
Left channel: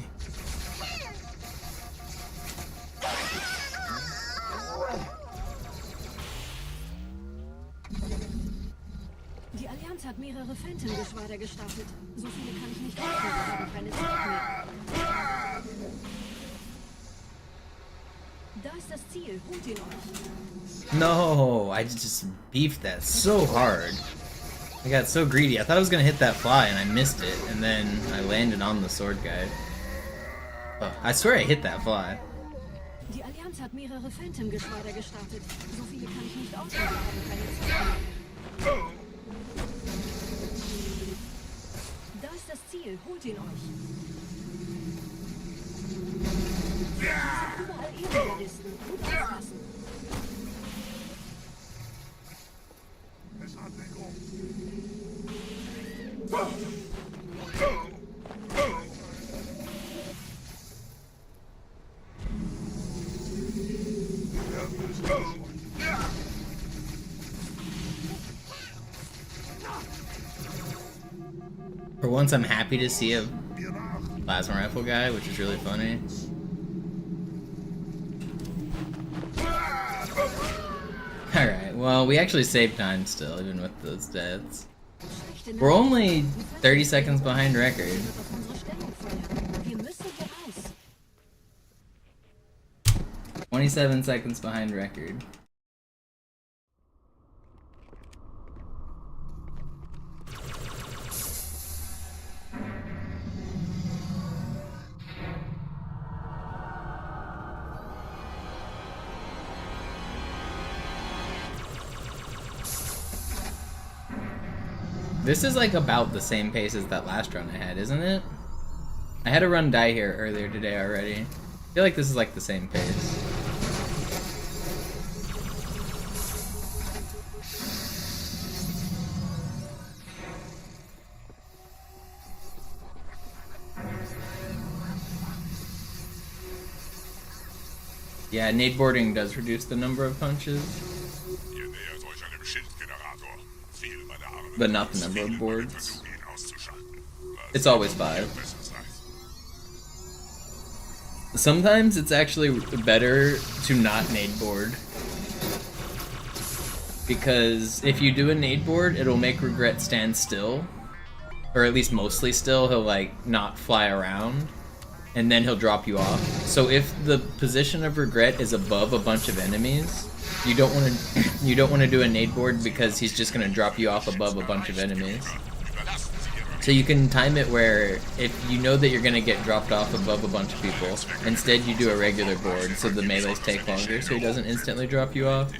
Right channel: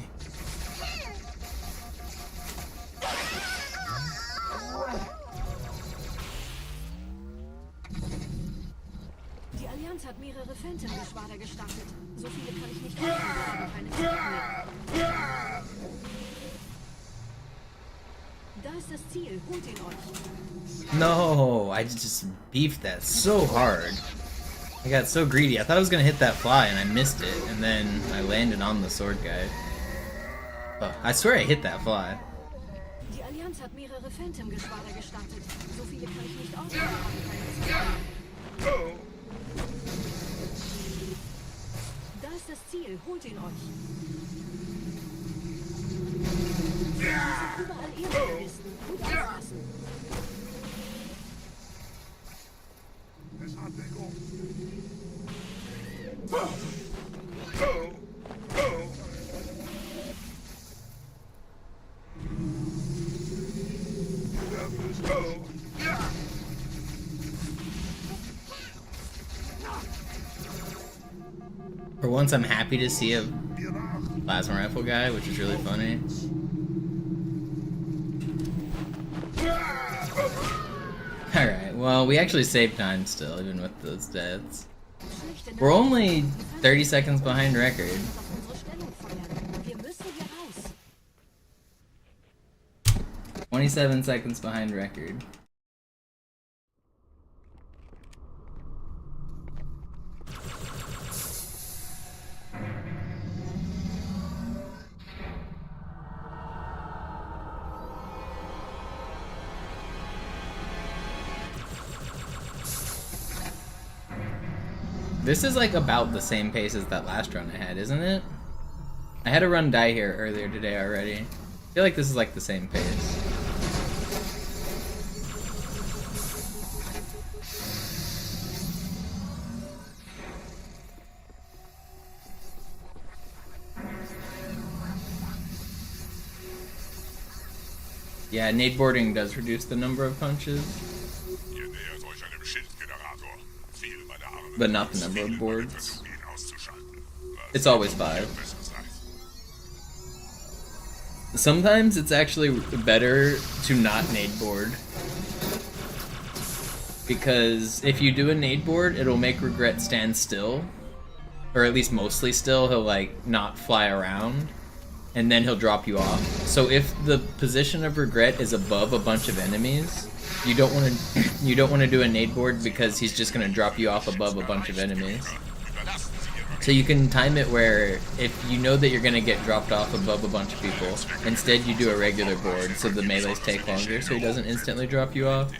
Die Allianz hat mehrere Phantom-Geschwader gestartet. So viele kann ich nicht halten, wir haben keine Zeit mehr. Da ist das Ziel, holt ihn euch. No, I just beefed that so hard. I got so greedy. I thought I was gonna hit that fly and I missed it, and then I landed on the sword guy. Oh, I swear I hit that fly. Die Allianz hat mehrere Phantom-Geschwader gestartet. So viele kann ich nicht auswählen, wir haben keine Zeit mehr. Da ist das Ziel, holt ihn euch. Überall Ehrenrealisten. Gut aufpassen. For once, I'm happy to see a plasma rifle guy, which is really funny. Alright, well, we actually saved time still, even with those deaths. We're only 30 seconds behind record. 27 seconds behind record. This is like about the same pace as that last run I had, isn't it? I had a run die here earlier today already. I feel like this is like the same pace. Yeah, nade boarding does reduce the number of punches. But not the number of boards. It's always 5. Sometimes it's actually better to not nade board. Because if you do a nade board, it'll make Regret stand still. Or at least mostly still, he'll like not fly around. And then he'll drop you off. So if the position of Regret is above a bunch of enemies, you don't want to do a nade board because he's just going to drop you off above a bunch of enemies. So you can time it where if you know that you're going to get dropped off above a bunch of people, instead you do a regular board so the melees take longer so he doesn't instantly drop you off.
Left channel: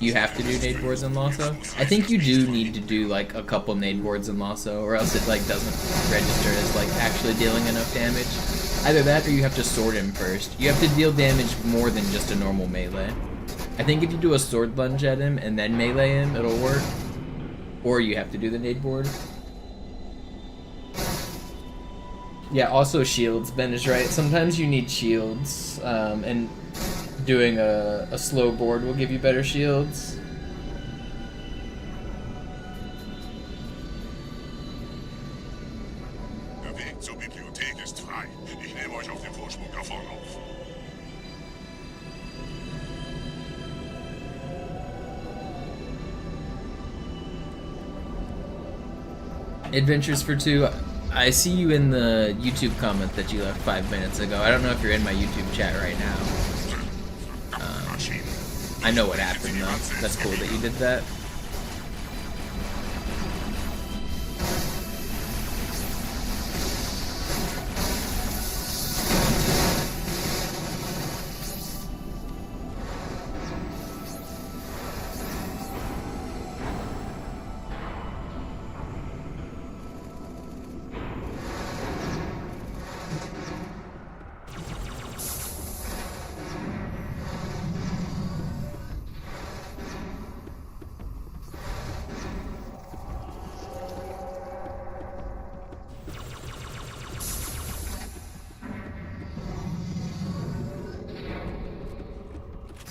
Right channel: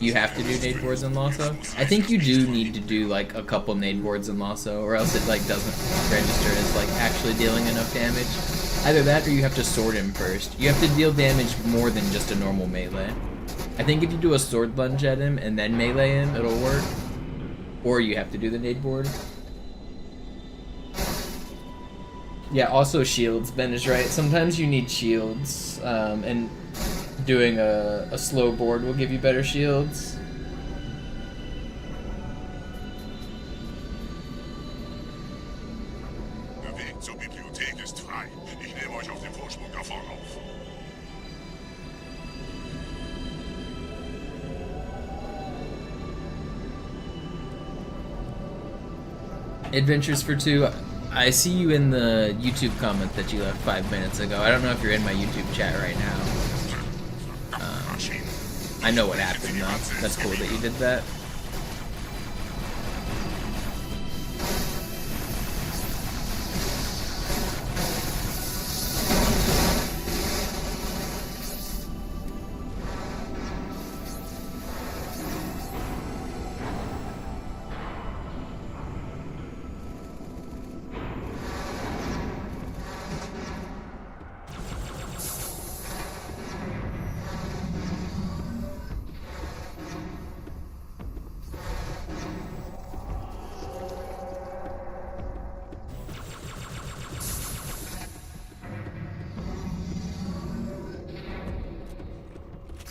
You have to do nade boards in Lasso. I think you do need to do like a couple nade boards in Lasso, or else it like doesn't register as like actually dealing enough damage. Either that or you have to sword him first. You have to deal damage more than just a normal melee. I think if you do a sword lunge at him and then melee him, it'll work. Or you have to do the nade board. Yeah, also shields. Ben is right. Sometimes you need shields, and doing a slow board will give you better shields. Adventures for 2. I see you in the YouTube comment that you left 5 minutes ago. I don't know if you're in my YouTube chat right now. I know what happened though. That's cool that you did that.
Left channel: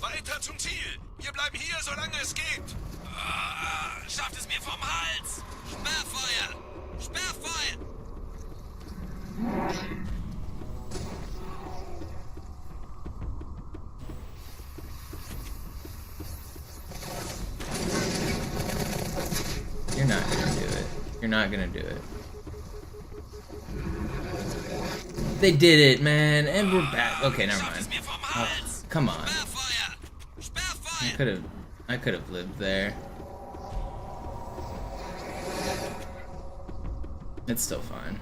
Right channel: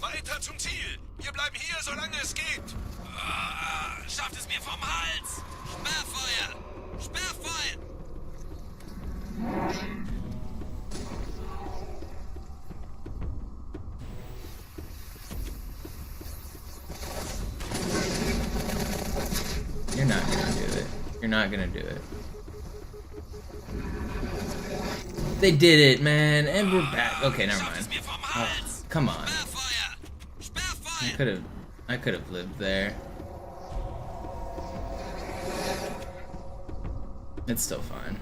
Weiter zum Ziel! Wir bleiben hier, solange es geht! Schafft es mir vom Hals! Sperrfeuer! Sperrfeuer! You're not gonna do it. You're not gonna do it. They did it, man, and we're back. Okay, never mind. Oh, come on. I could have lived there. It's still fine.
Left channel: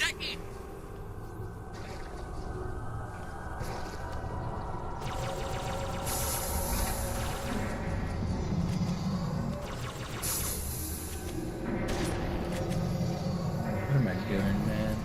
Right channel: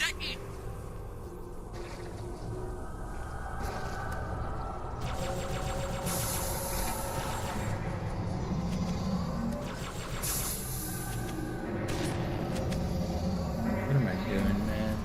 Decken! What am I doing, man?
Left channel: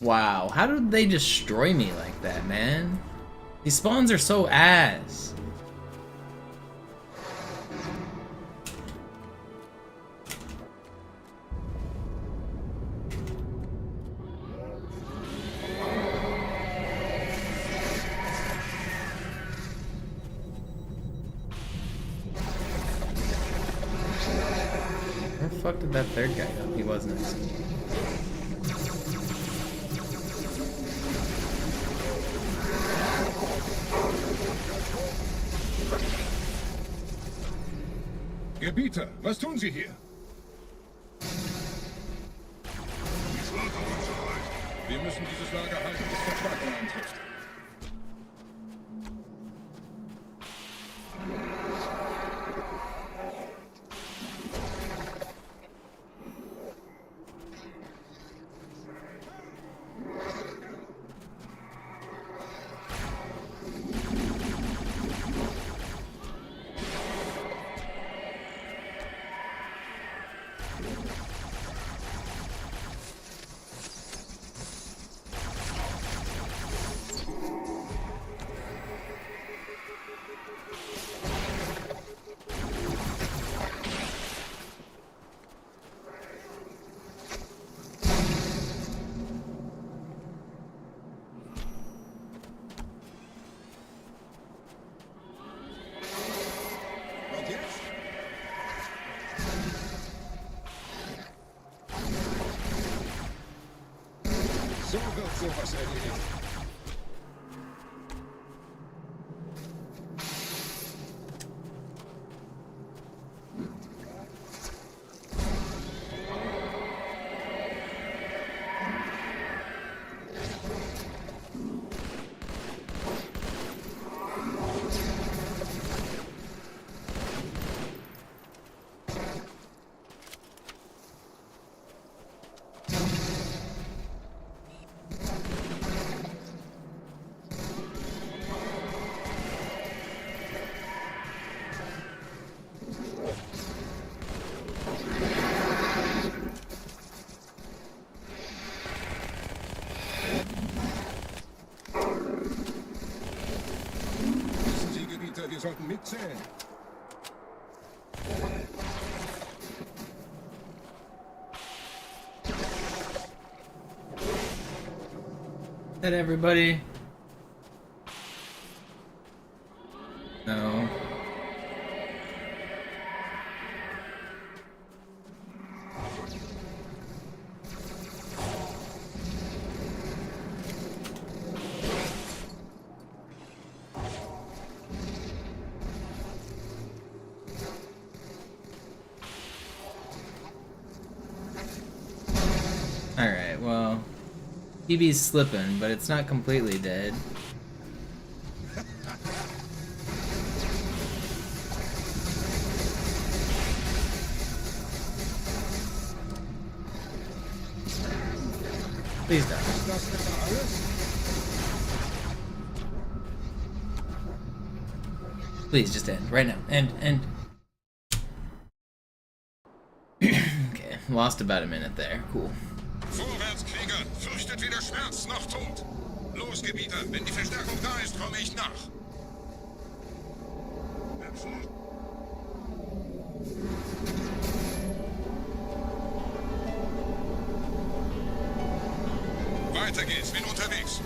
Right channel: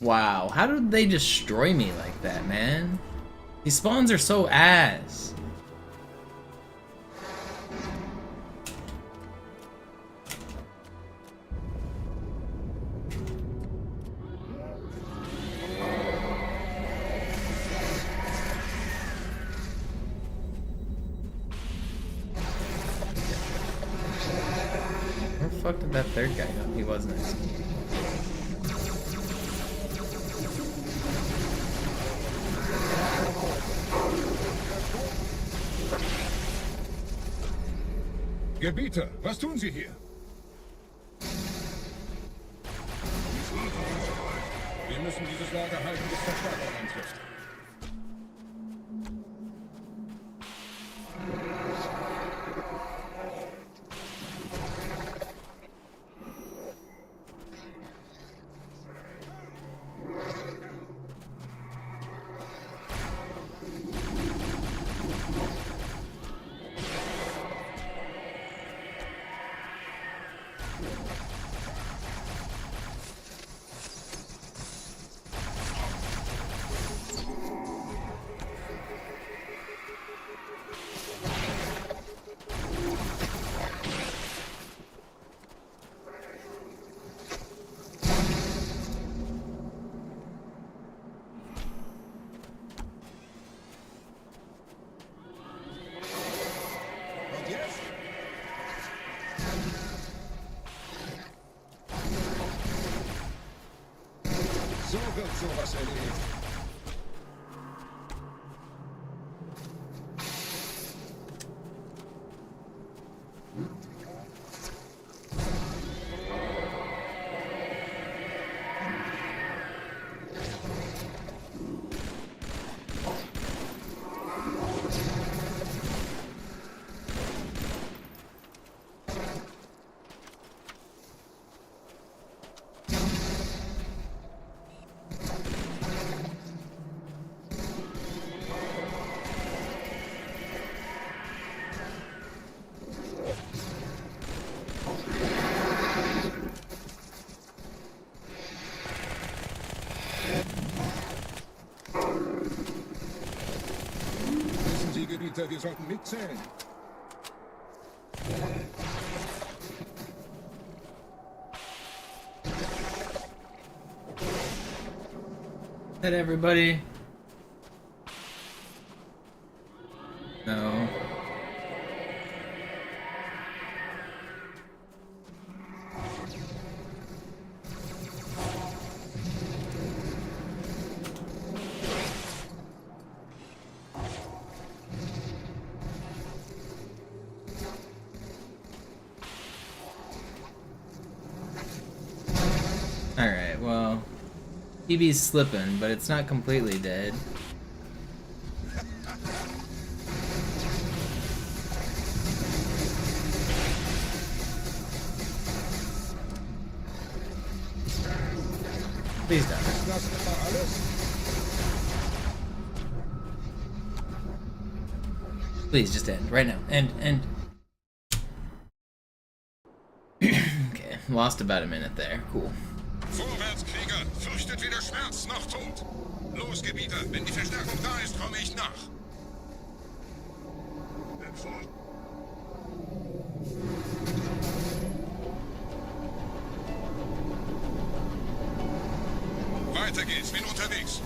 Wow, how did they destroy me like that, man? These spawns are so ass. Where the fuck did that third guy go? He was next. Gebieter, was tun Sie hier? Wir müssen dieses Lager halten, bis Verstärkung eintrifft. Wir sollten mitzählen. That everybody? No. Alright, well, TB's slipping, but it's not completely dead. Please die. Ist das etwa alles? Please, just end. Right now. End. Okay, lost about a minute there. Cool. Vorwärts, Krieger! Fürchtet weder Schmerz noch Tod! Los, Gebieter! Wenn die Verstärkung da ist, komme ich nach! Weiter geht's, bin unterwegs.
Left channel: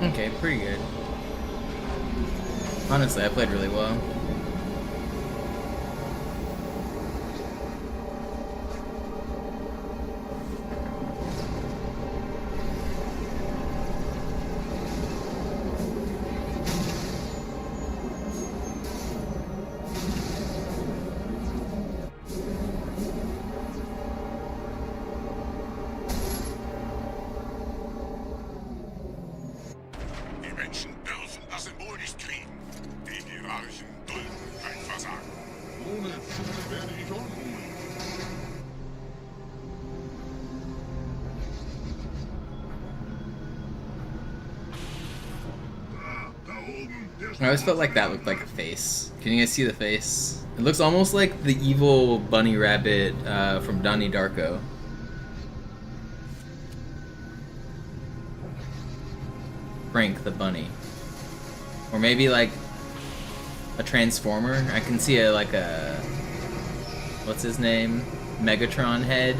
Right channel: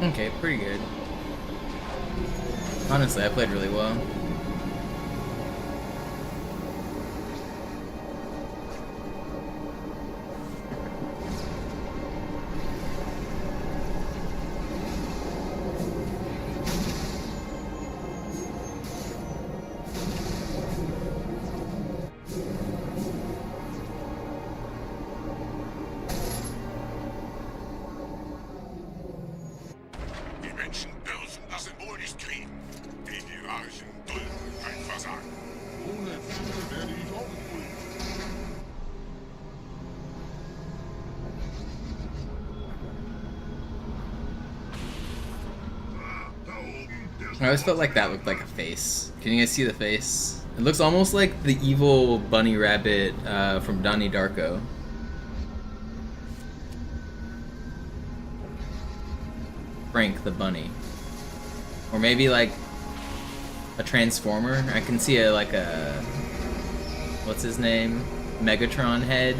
Okay, pretty good. Honestly, I played really well. I always felt like that looked like a face. Can you guys see the face? It looks almost like the evil bunny rabbit from Donnie Darko. Frank the bunny. Or maybe like a transformer. I can see like a... what's his name? Megatron head.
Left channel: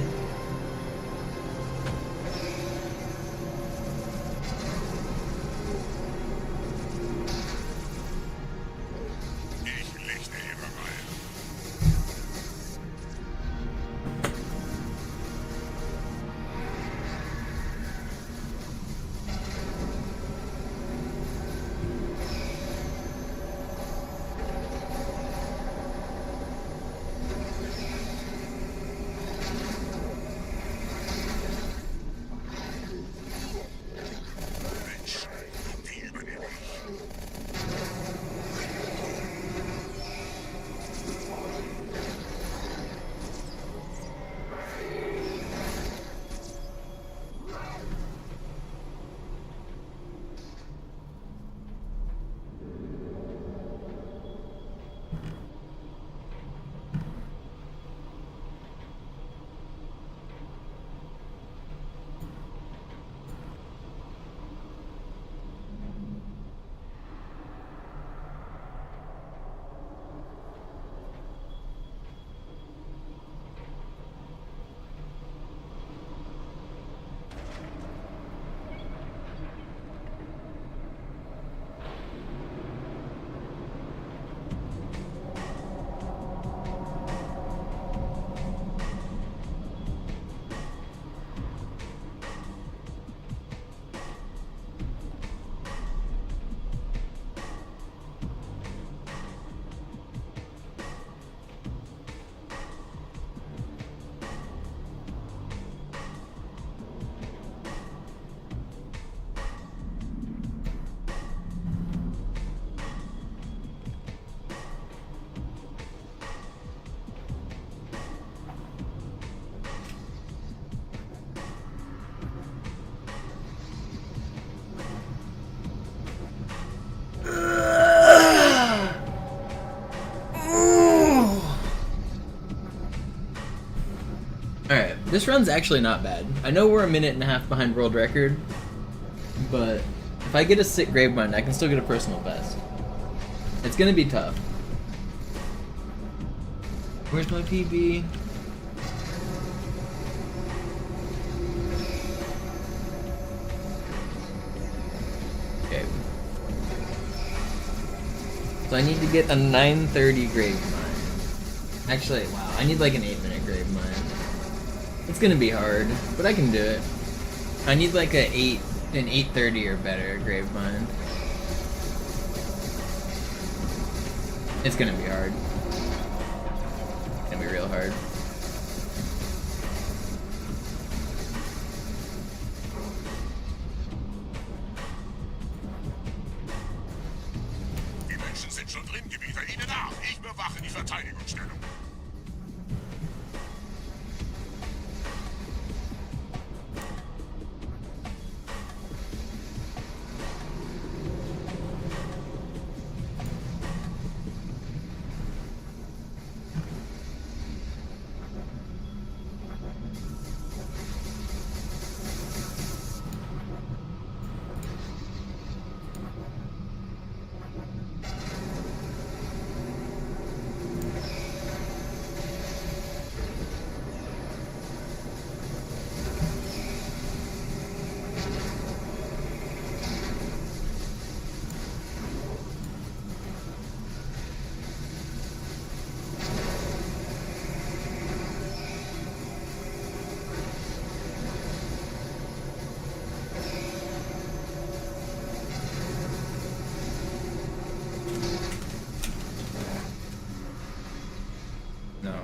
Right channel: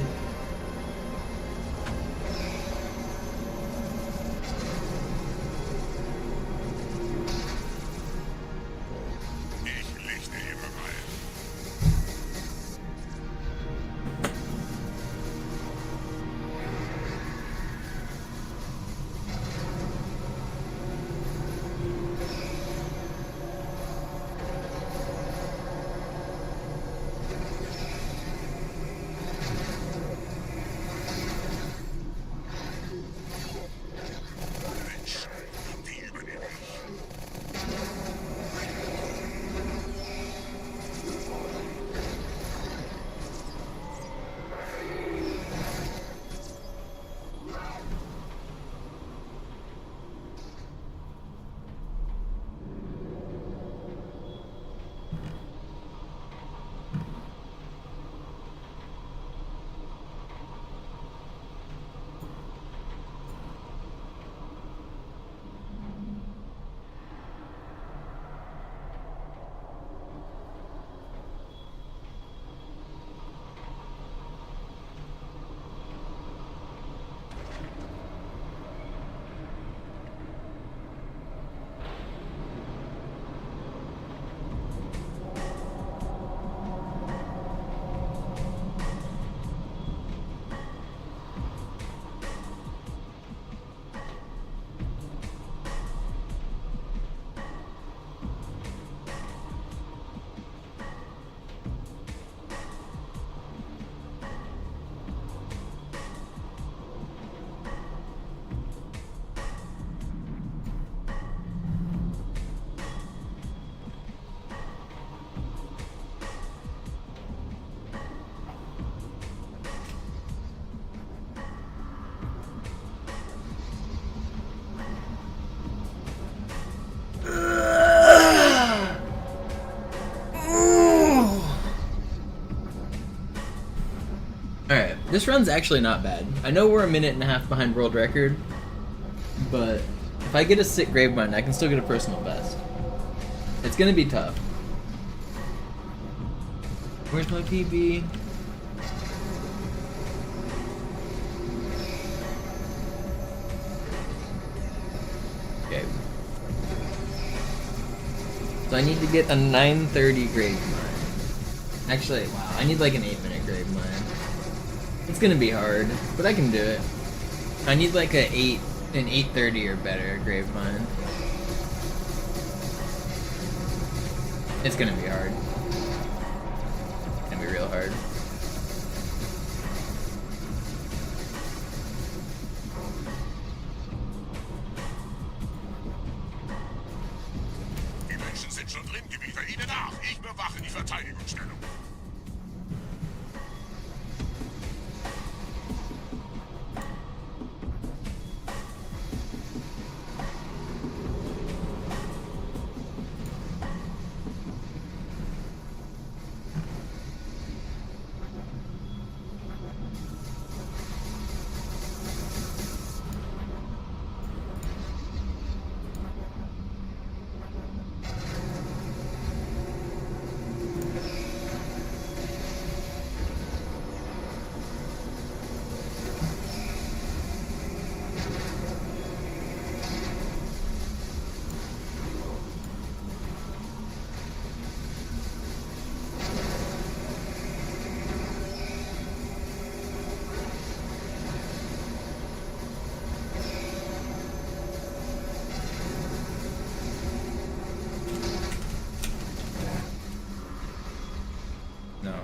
This run's actually not bad. I know we're a minute and a half behind world record, but if I get a sick grave mine, I can still get a personal best. It's gonna be tough. Where's my PB? Okay. So I need to get a 9:30 grave mine. Actually, wow, I need like an 8-minute grave mine. It's gonna be hard, but I can do it. I need like an 8:30 or better grave mine. It's gonna be hard. It's gonna be real hard. Die Menschen sind schon drin, Gebieter. Ihnen nach. Ich bewache die Verteidigungsstellung. No.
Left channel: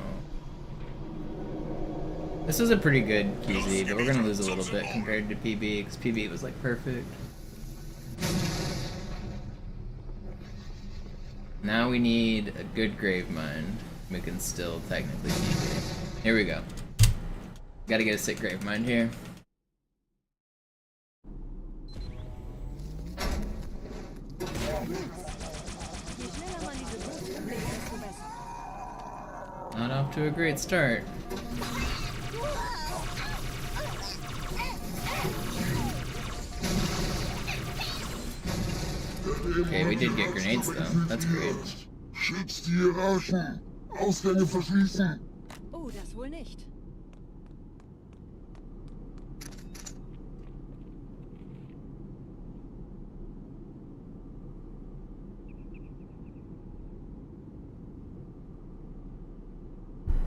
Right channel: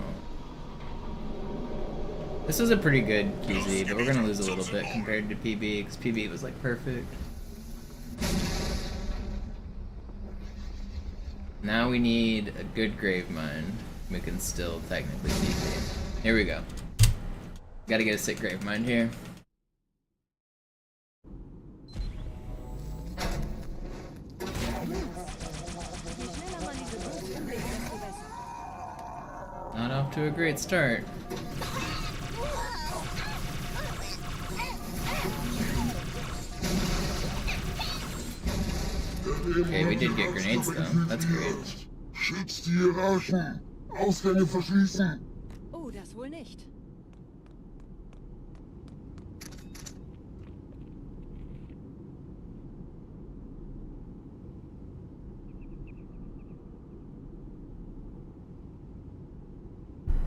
This is a pretty good QZ, but we're gonna lose a little bit compared to PB, because PB was like perfect. Now we need a good grave mine. We can still technically PB. Here we go. Gotta get a sick grave mine here. Not off to a great start. Okay, we did get grenades though. That's great. Schützt die Hierarchen. Ausgänge verschließen. Oh, das wohl nicht.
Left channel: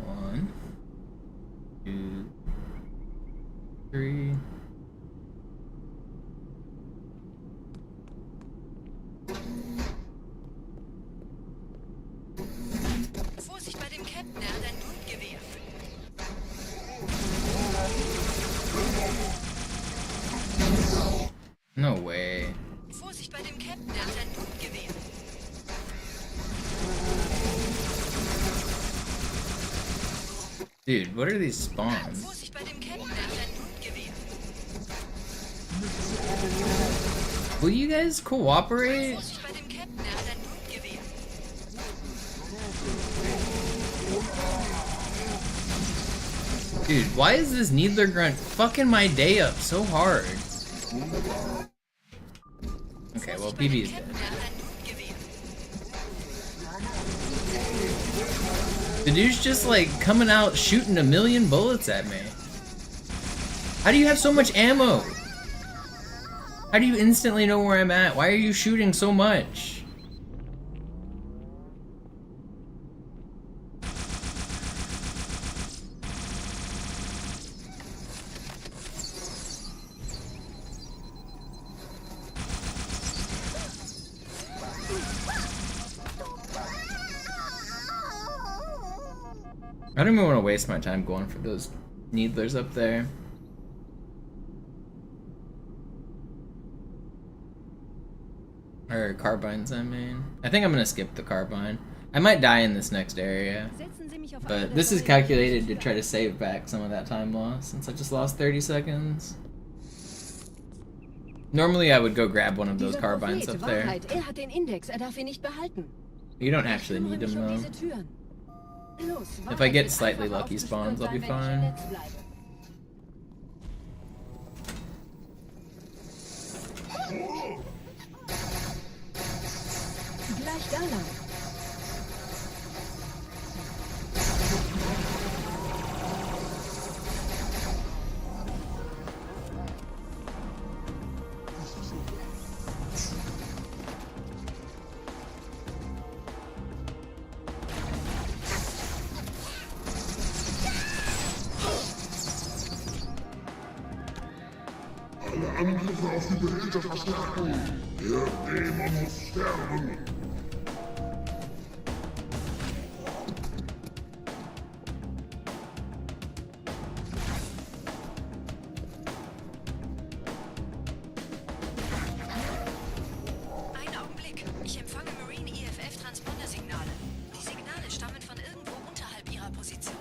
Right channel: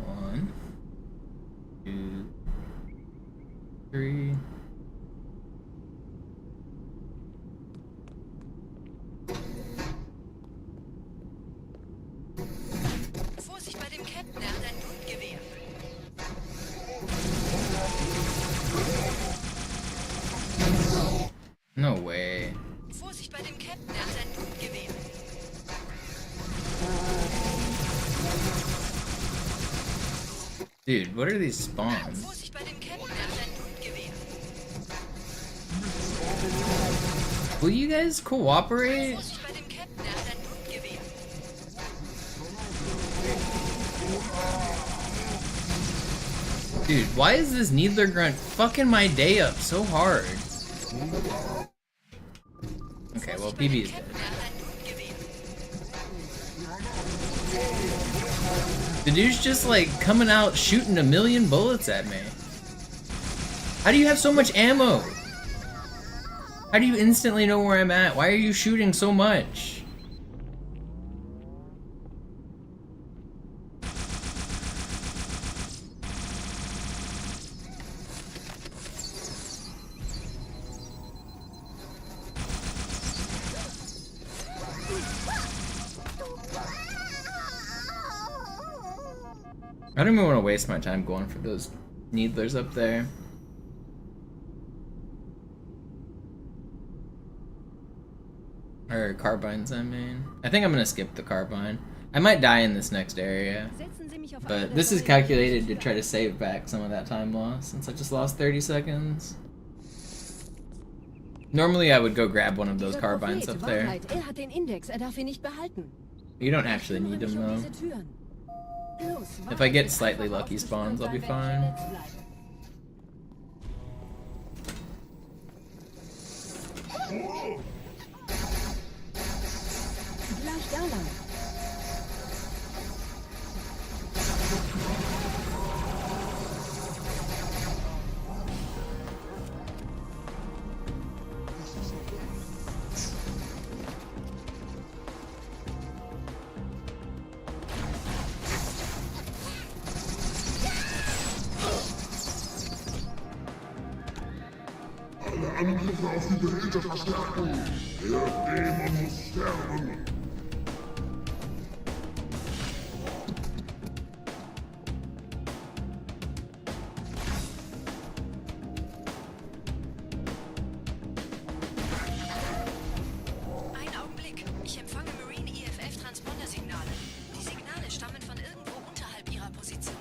One, two, three. Vorsicht bei dem Captain, er hat ein Blutgewehr. No way. Vorsicht bei dem Captain, er hat ein Blutgewehr. Dude, what are these spawns? Vorsicht bei dem Captain, er hat ein Blutgewehr. Will you guys cooperate? Vorsicht bei dem Captain, er hat ein Blutgewehr. Dude, why is this Needler Grunt fucking my day up so hard? Okay, well, PB is dead. The dude's just like coming out shooting a million bullets at me. How do you have so much ammo? How do you instantly know where I'm at? Why are you shooting so much? I don't even want to waste my time going for those needlers up there. Or carbines, I mean. I think I'm gonna skip the carbine. I might die in this next area. But this is calculated to try to save back some of that time lost, since I just lost 30 seconds. Normally I would go grab one of those carbines up there. You don't actually need them though. If I get slightly lucky spawns, I'll be fine. Gleich da lang. Angriffe auf die Geräte verstärken. Der Dämon muss sterben. Ein Augenblick. Ich empfange Marine EFF-Transponder-Signale. Die Signale stammen von irgendwo unterhalb ihrer Position.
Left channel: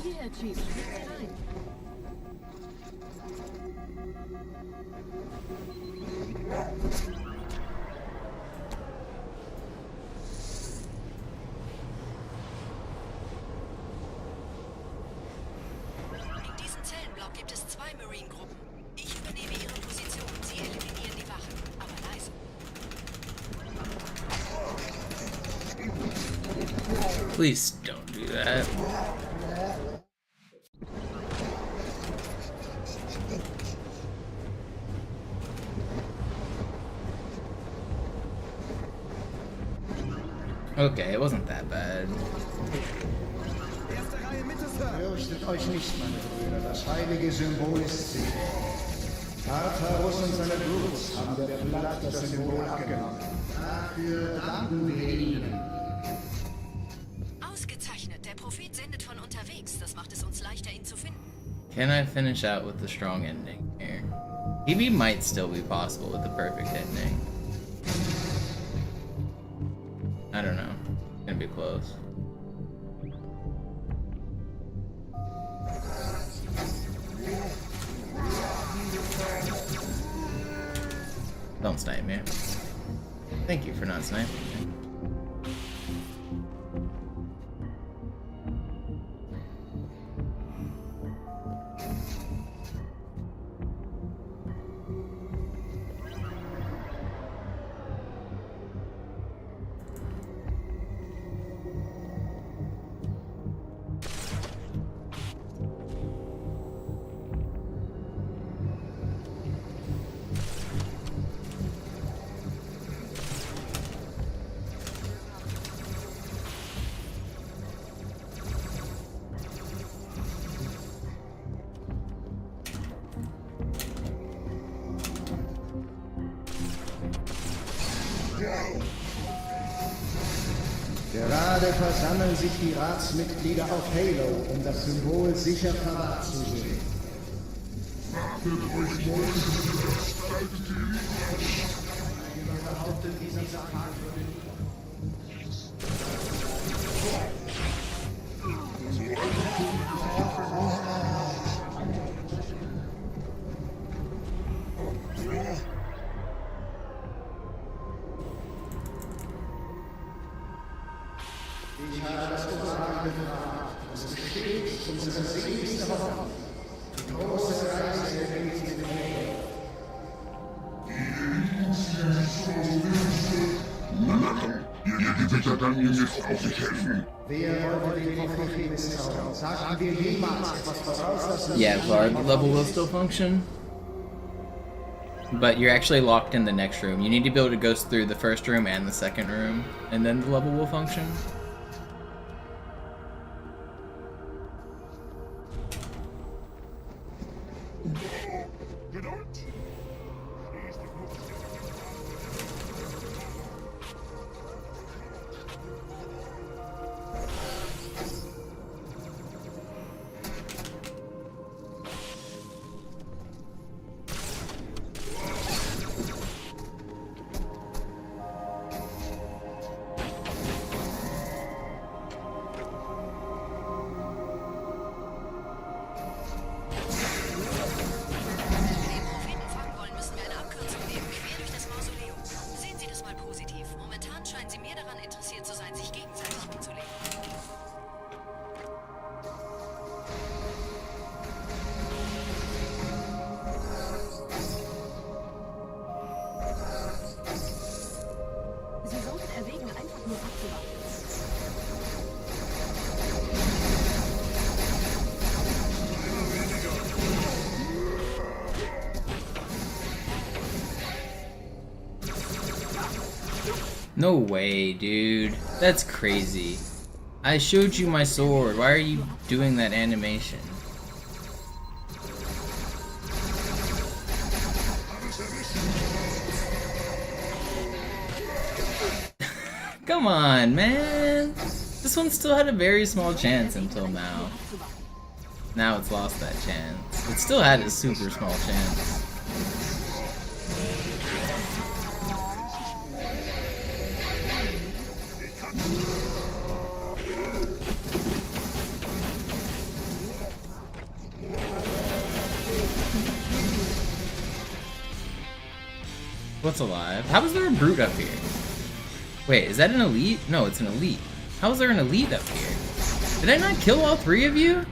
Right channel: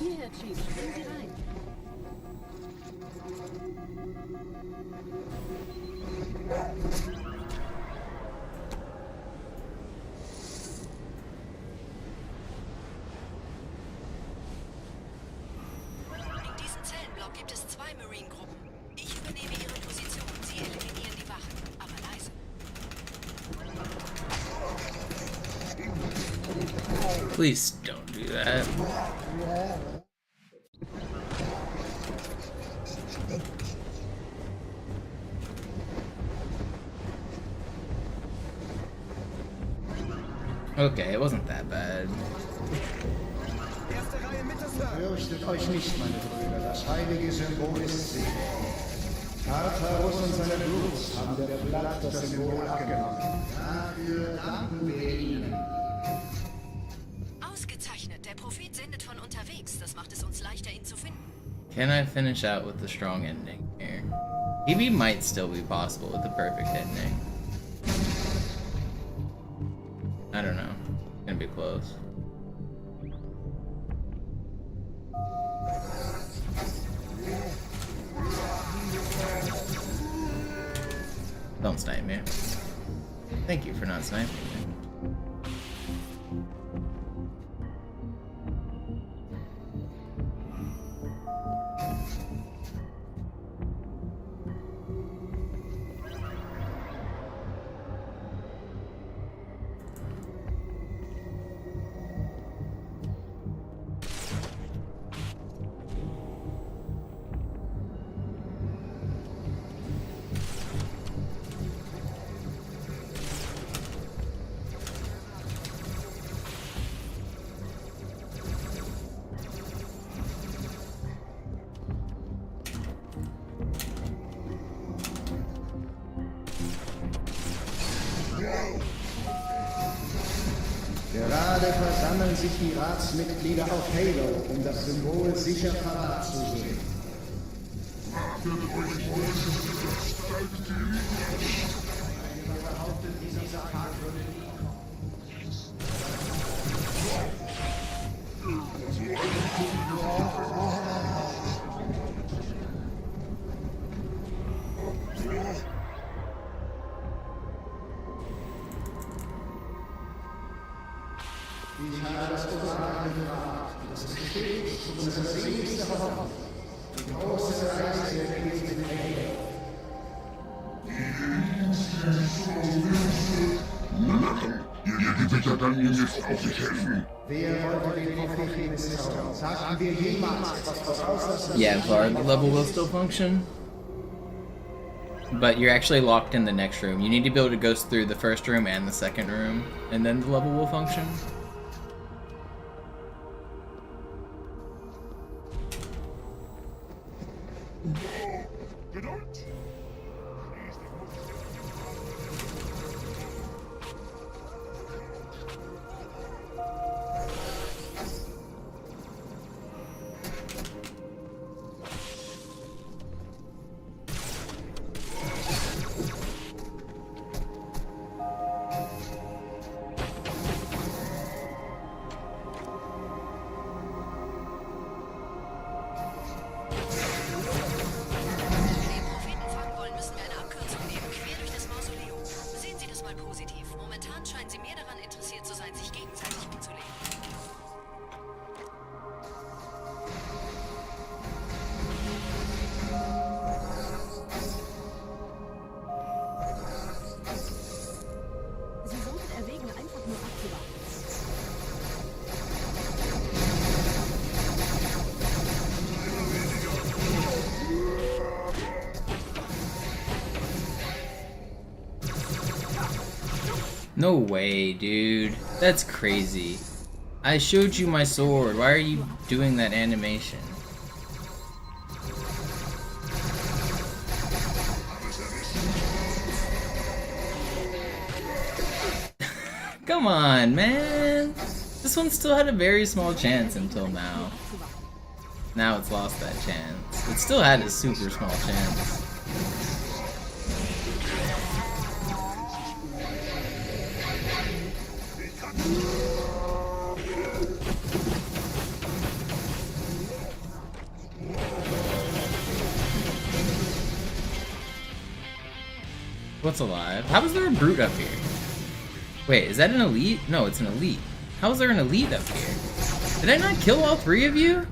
Hierher, Chief. Springen Sie rein. In diesem Zellenblock gibt es 2 Marine-Gruppen. Ich übernehme ihre Position. Sie eliminieren die Wachen. Aber leise. Please don't do that. Okay, it wasn't that bad. Fürchtet euch nicht, meine Brüder, das heilige Symbol ist sicher. Tartarus und seine Brut haben der Blatt das Symbol abgenommen. Dafür danken wir ihnen. Ausgezeichnet. Der Prophet sendet von unterwegs. Das macht es uns leichter, ihn zu finden. Can I finish out with the strong ending here? EV might still be possible with the perfect ending. I don't know. It's gonna be close. Don't snipe me. Thank you for not sniping me. Gerade versammeln sich die Ratsmitglieder auf Halo, um das Symbol sicher verwahrt zu sehen. Behauptet, dieser Tag würde Ihr Gewitter kann mir jetzt auch nicht helfen. Wer wollte den Propheten zaubern? Sagten wir jemals etwas voraus? Yeah, Var, the level will still function. But you're actually locked in the next room. You need to be able to go through the first room and the second room, and then the level will function. No way, dude. That's crazy. I showed you my sword. Why are you doing that animation? Come on, man. This one still had a very small chance until now. Now it's lost that chance. It still had a super small chance. What's alive? How is there a brute up here? Wait, is that an elite? No, it's an elite. How is there an elite up here? Did I not kill all three of you?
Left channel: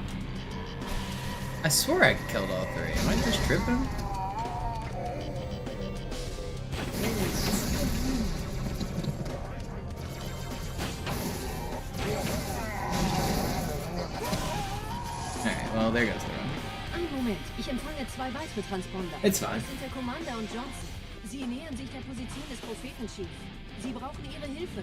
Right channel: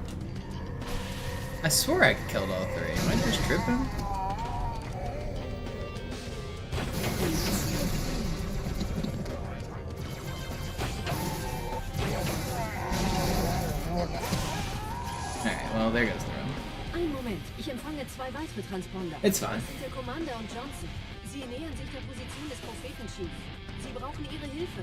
I swear I killed all three. Am I just tripping? Alright, well, there goes the run. Ein Moment, ich empfange 2 weitere Transponder. It's fine. Das ist der Commander und Johnson. Sie nähern sich der Position des Propheten-Chief. Sie brauchen Ihre Hilfe.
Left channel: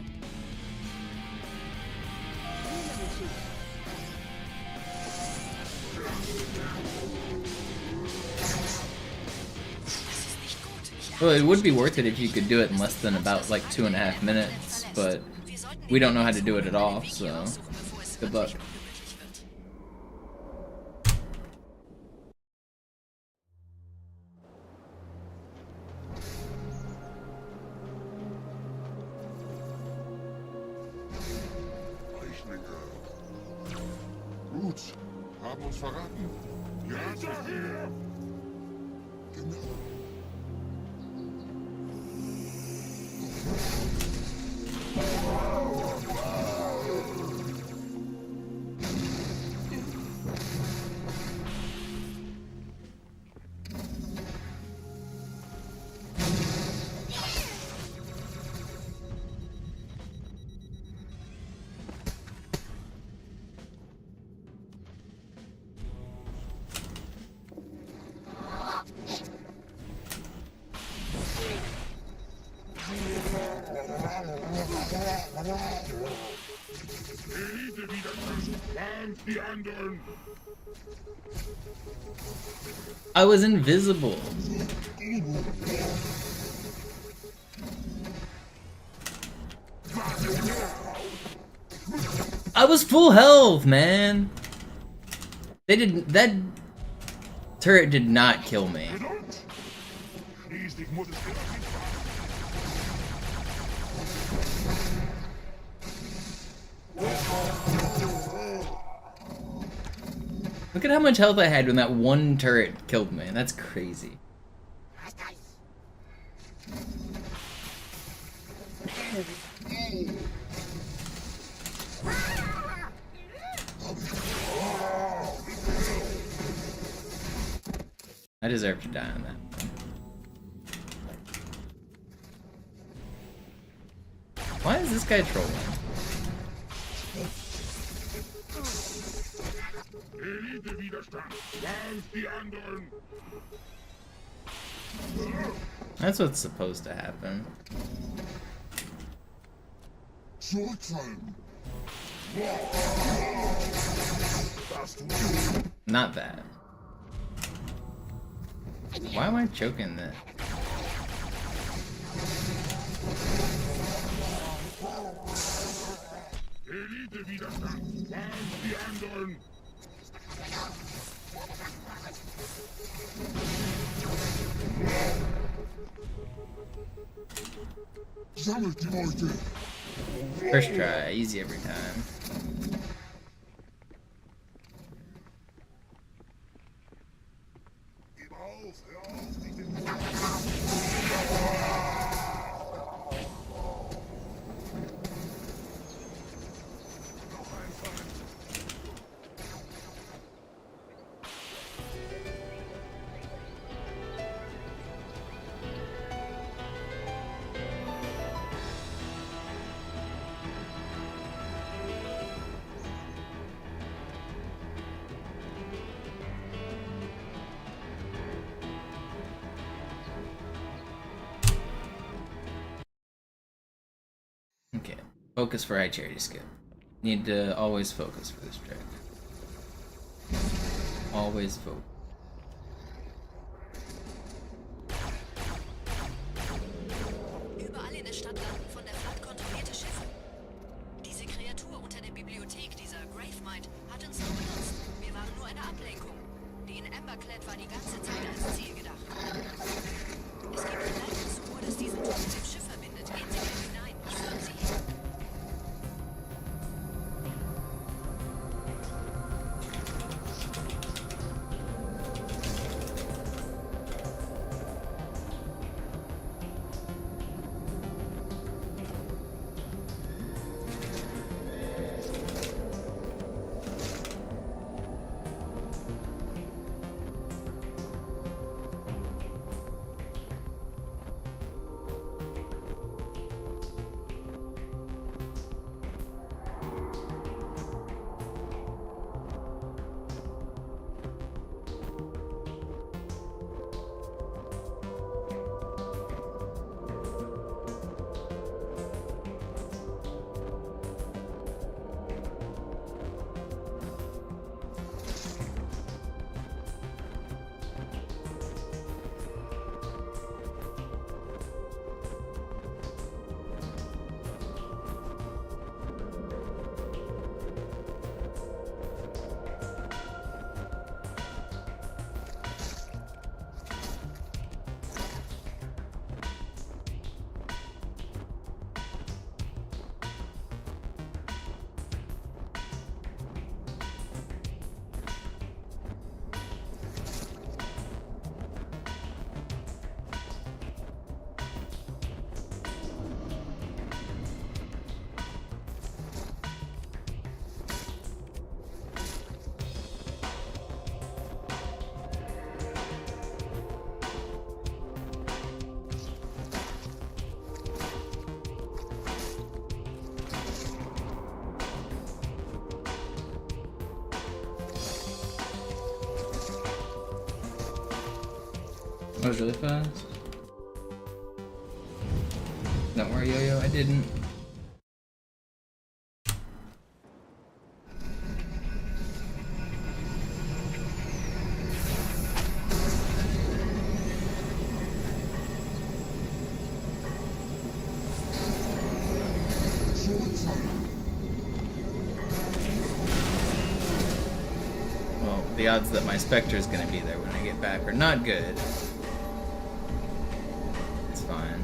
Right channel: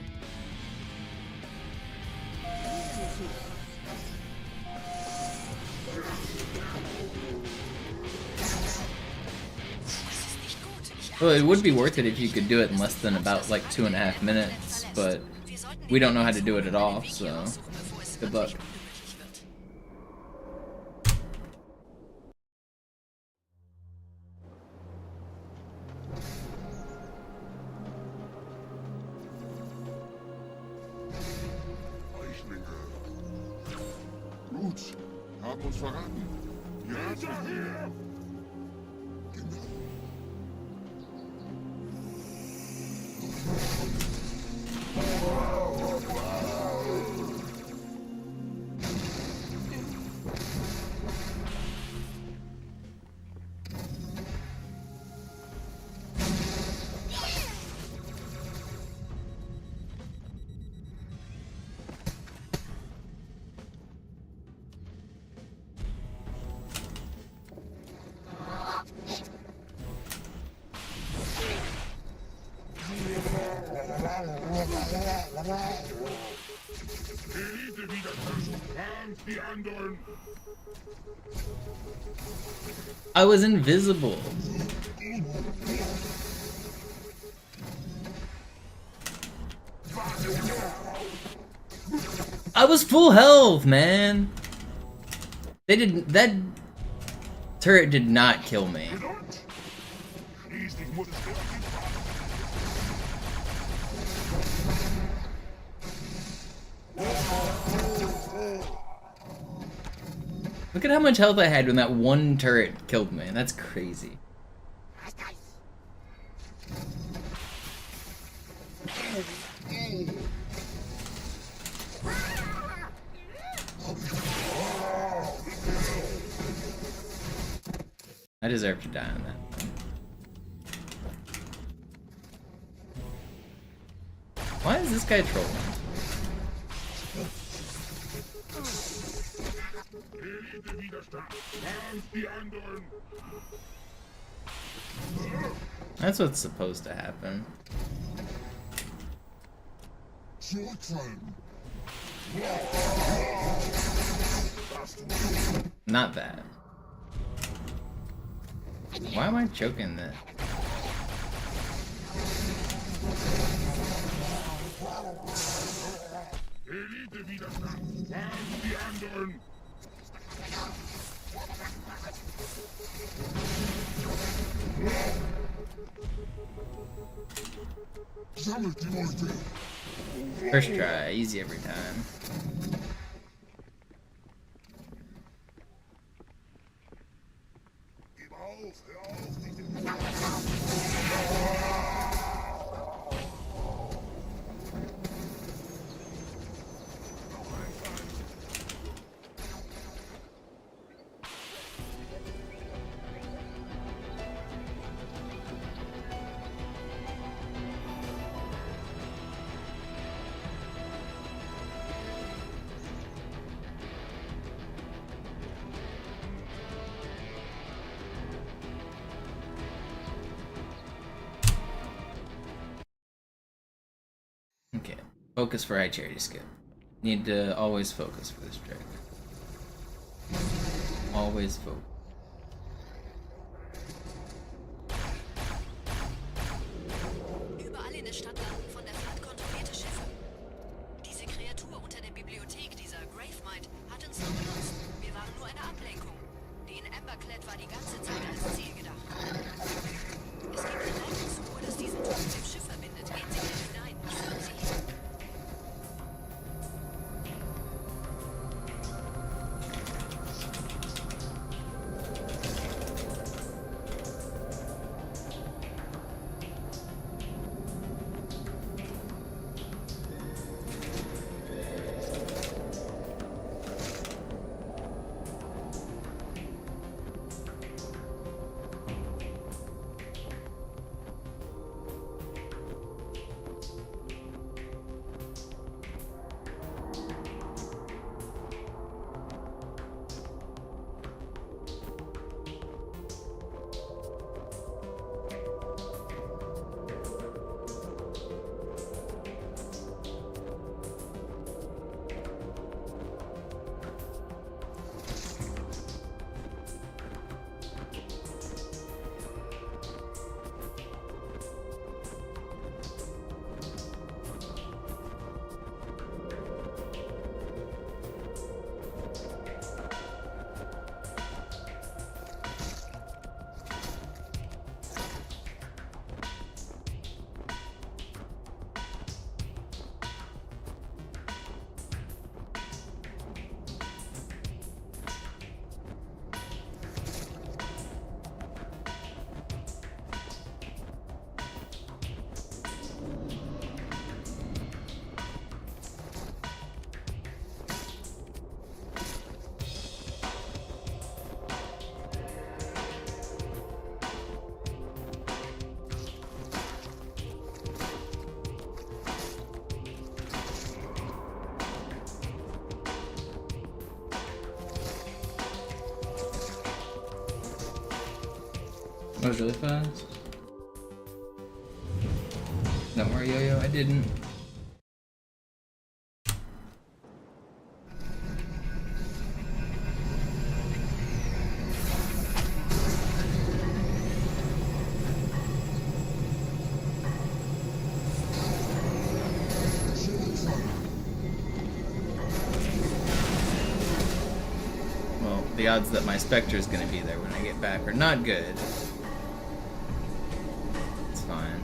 Well, it would be worth it if you could do it in less than about like 2.5 minutes, but we don't know how to do it at all, so good luck. Haben uns verraten. Hinterher! I was invisible. I was full health, man. They didn't. That turret did not kill me. Look at how much health I had when that one turret killed me. That's crazy. I deserve to die on that. Why is this guy trolling? That's what's supposed to happen. Not that. Why am I choking that? First try, easy every time. Focus for high charity skip. Need to always focus for this trick. Always focus. Überall in der Stadt landen von der Flotte kontrollierte Schiffe. Diese Kreatur unter der Bibliothek, dieser Gravemind, hat uns nur benutzt. Wir waren nur eine Ablenkung. Die in Amberclad war die ganze Zeit als Ziel gedacht. Es gibt ein Leitungsrohr, das diesen Turm mit dem Schiff verbindet. Gehen Sie bitte hinein. Ich führe Sie hin. That was really fast. Don't worry, Yo-Yo, I didn't. Well, the odds that my Spectre is going to be there when I get back are not good. It's fine.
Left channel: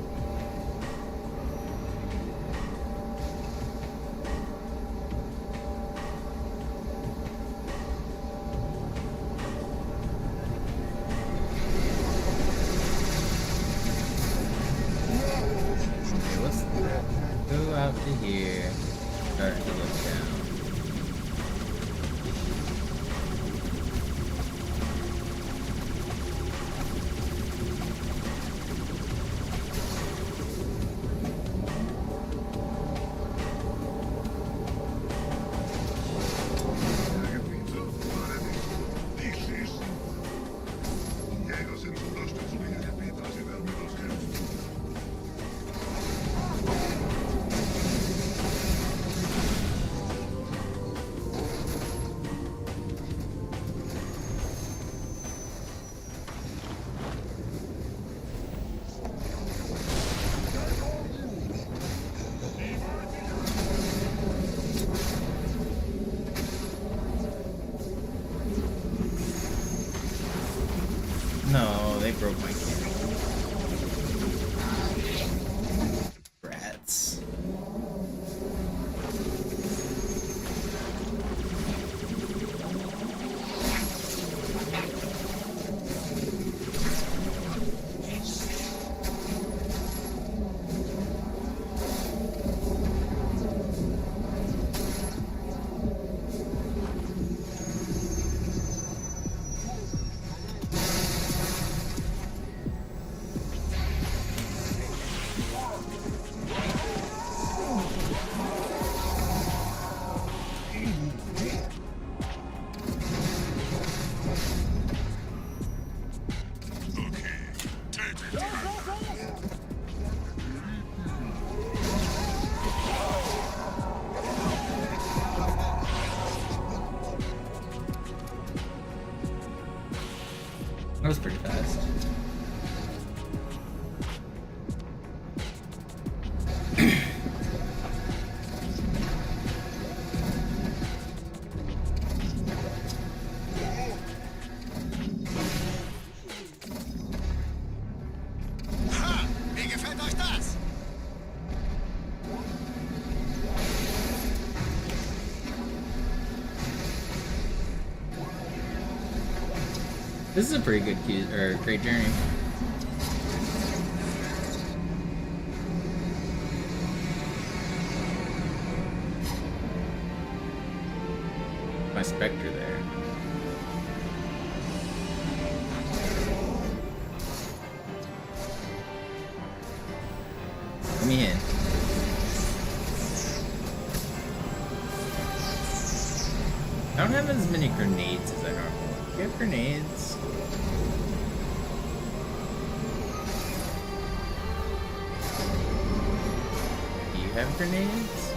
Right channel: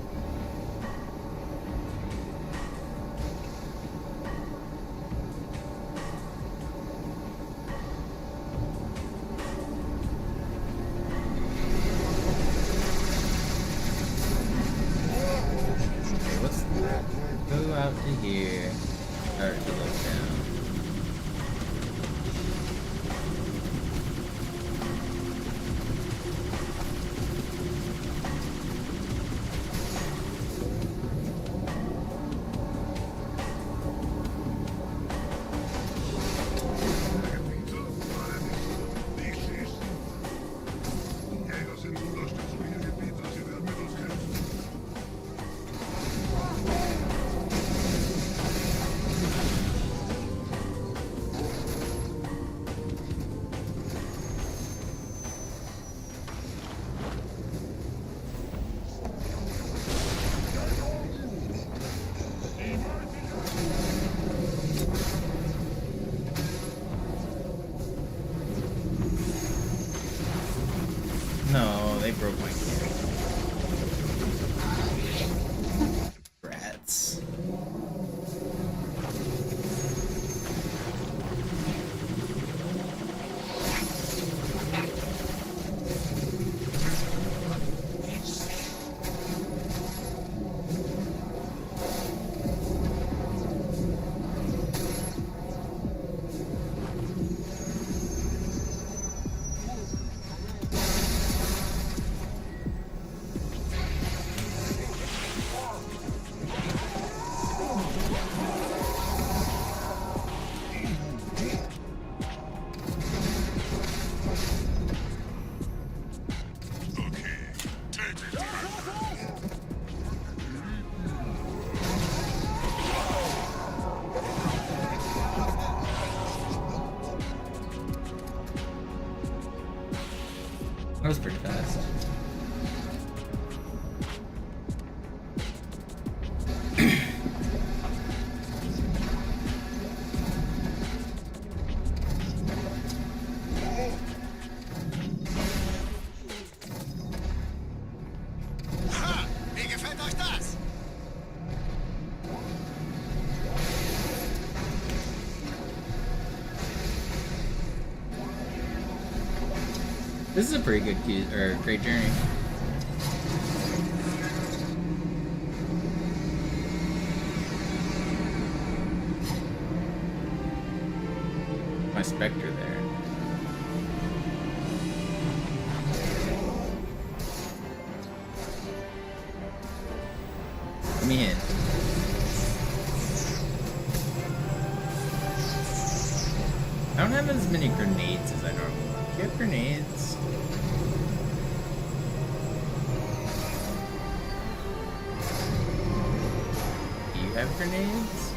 Okay, let's go out to here. Start to look down. No, they broke my camera. Rats. That was pretty fast. This is a pretty good great journey. My Spectre there. Let me in. I don't have as many grenades as I normally would. Do you have grenades? Do you have grenades?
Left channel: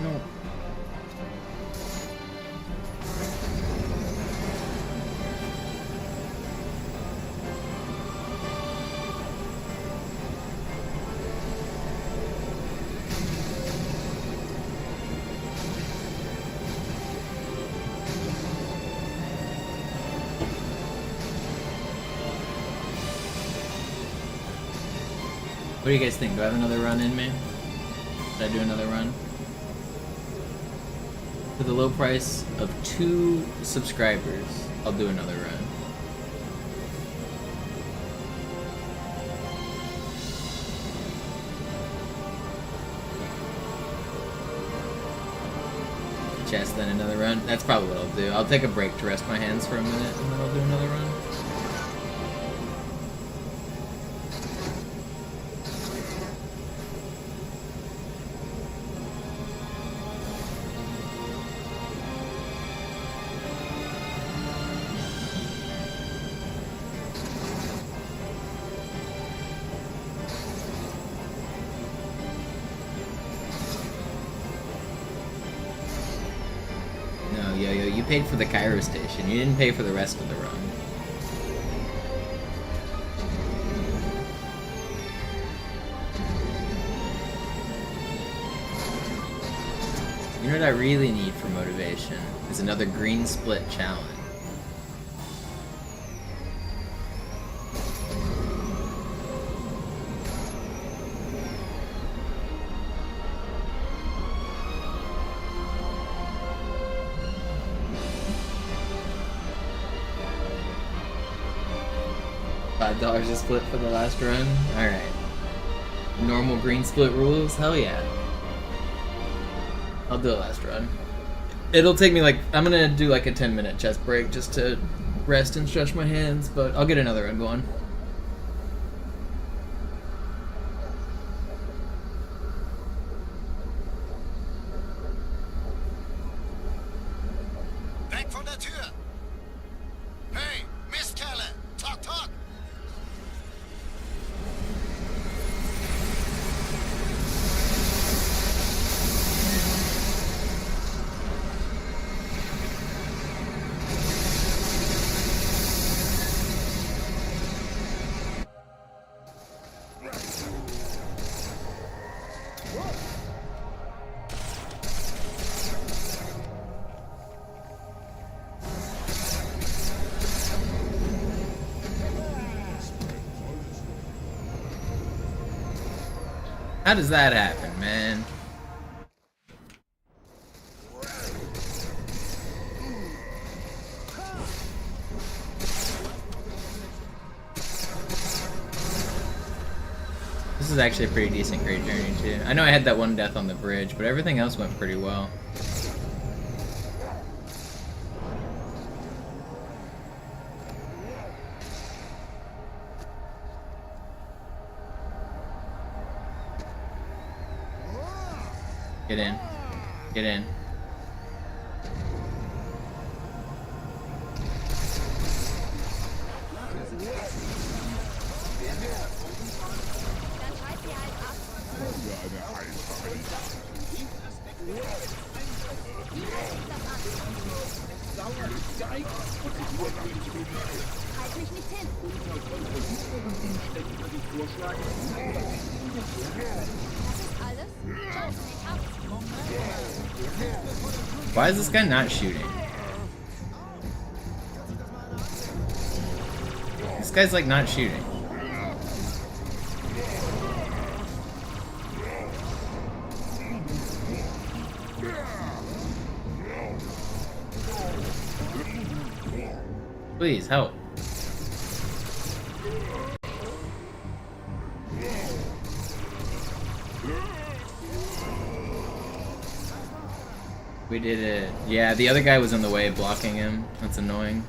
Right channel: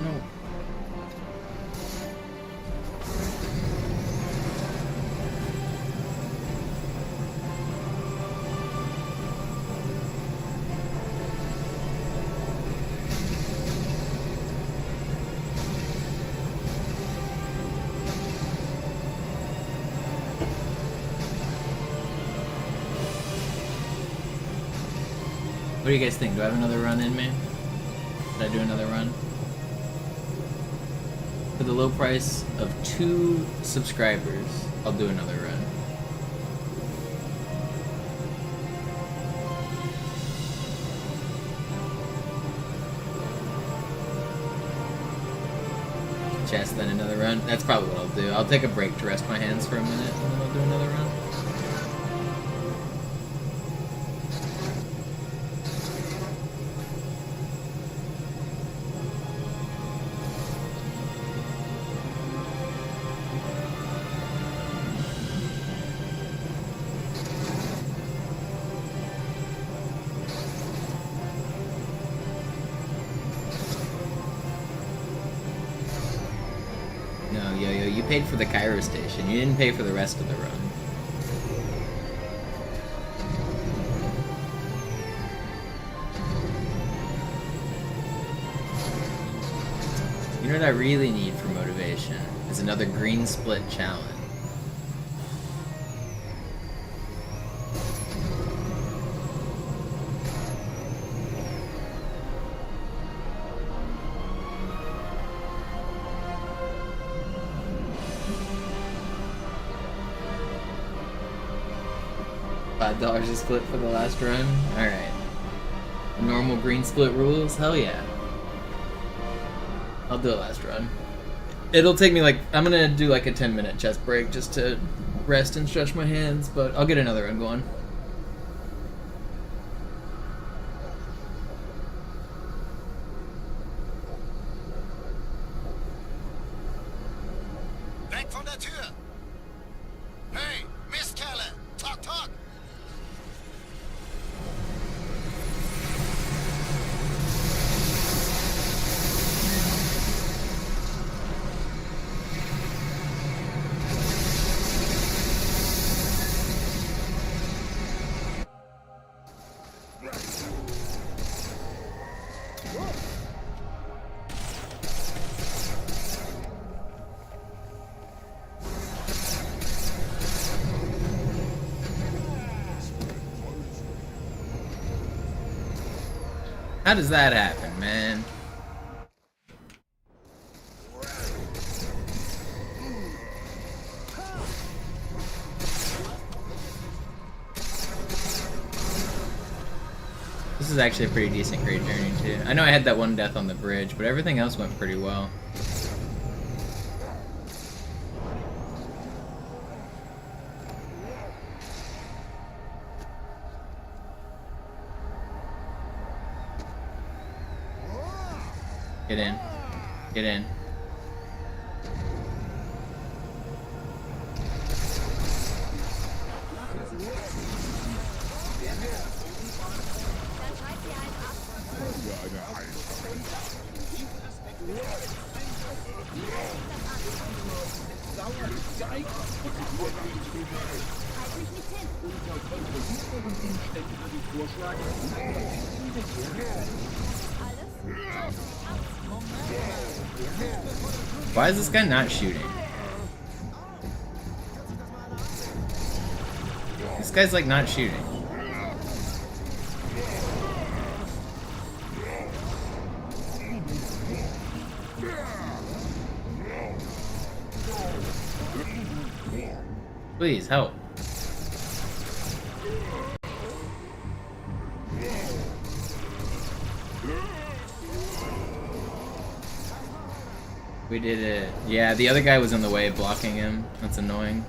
No. What do you guys think? Do I have another run in me? Should I do another run? For the low price of 2 subscribers, I'll do another run. Chest, then another run. That's probably what I'll do. I'll take a break to rest my hands for a minute, and then I'll do another run. No, Yo-Yo, you paid for the Cairo station. You didn't pay for the rest of the run. You know what I really need for motivation? Is another green split challenge. $5 a split for the last run? Alright. Normal green split rules? Hell yeah. I'll do a last run. It'll take me like, I'm gonna do like a 10-minute chest break just to rest and stretch my hands, but I'll get another run going. Weg von der Tür! Hey, Mistkerle! Talk, talk! How does that happen, man? This is actually a pretty decent great journey too. I know I had that one death on the bridge, but everything else went pretty well. Get in. Get in. Halt mich nicht hin. Why is this guy not shooting? This guy's like not shooting. Please help. We did it. Yeah, the other guy was in the way blocking him. That's annoying.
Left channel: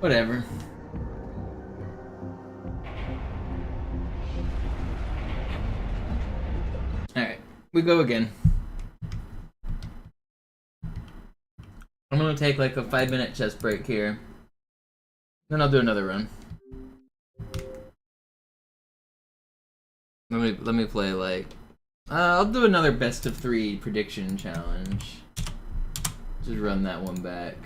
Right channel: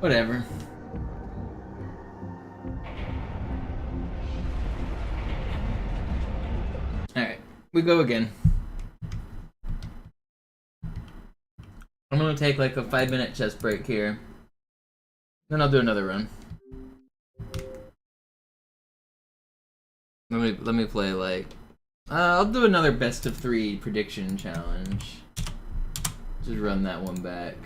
Whatever. Alright, we go again. I'm gonna take like a 5-minute chest break here. Then I'll do another run. Let me play like I'll do another best of 3 prediction challenge. Just run that one back.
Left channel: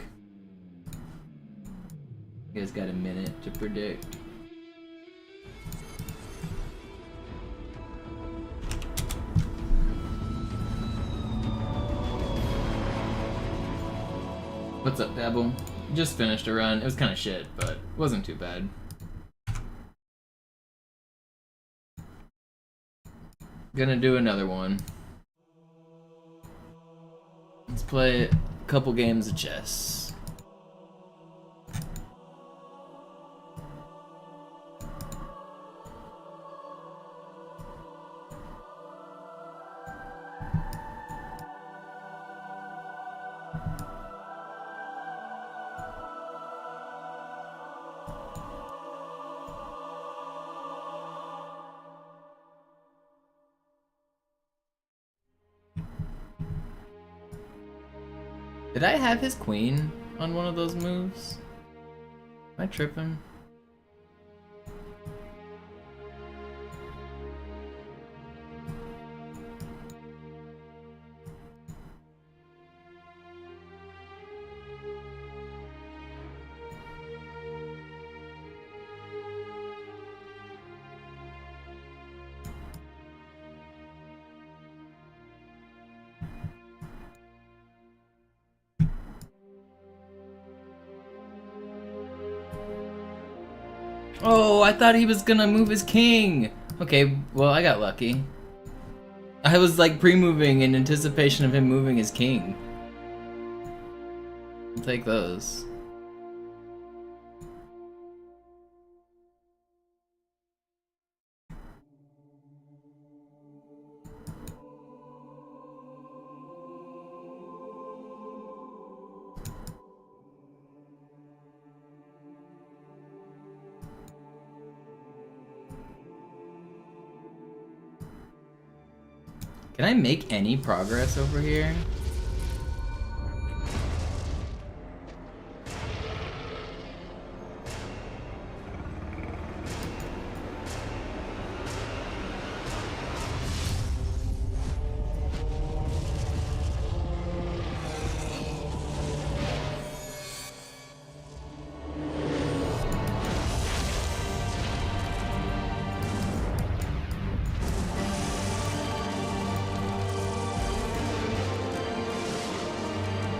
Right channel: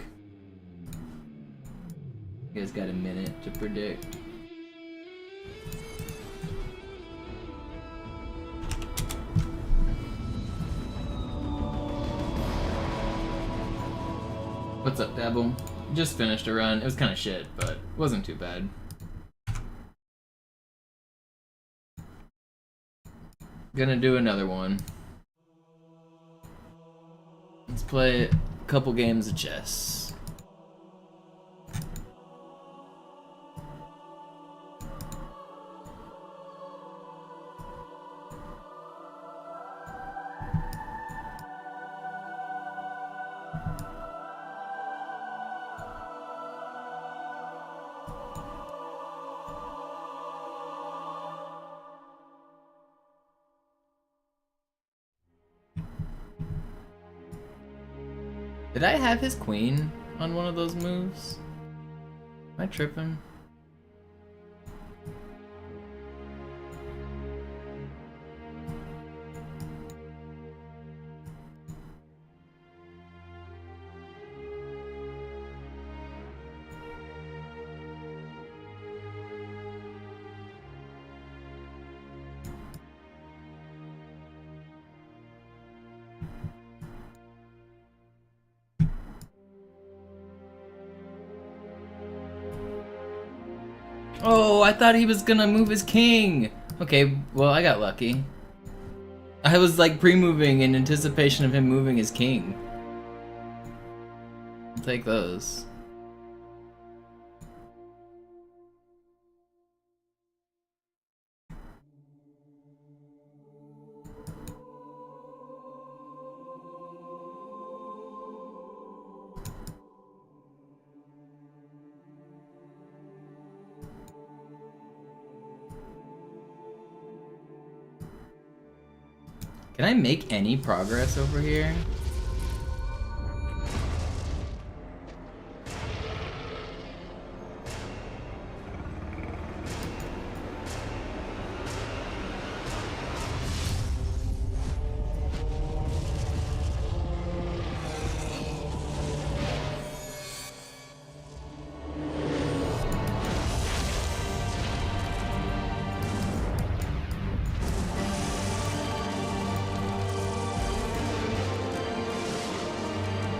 You guys got a minute to predict. What's up, Dabble? Just finished a run. It was kind of shit, but it wasn't too bad. Gonna do another one. Let's play a couple games of chess. Did I have his queen on one of those moves? Am I tripping? Oh, I thought he was gonna move his king! Okay, well, I got lucky. I was like pre-moving in anticipation of him moving his king. I'll take those. Can I make any progress over here?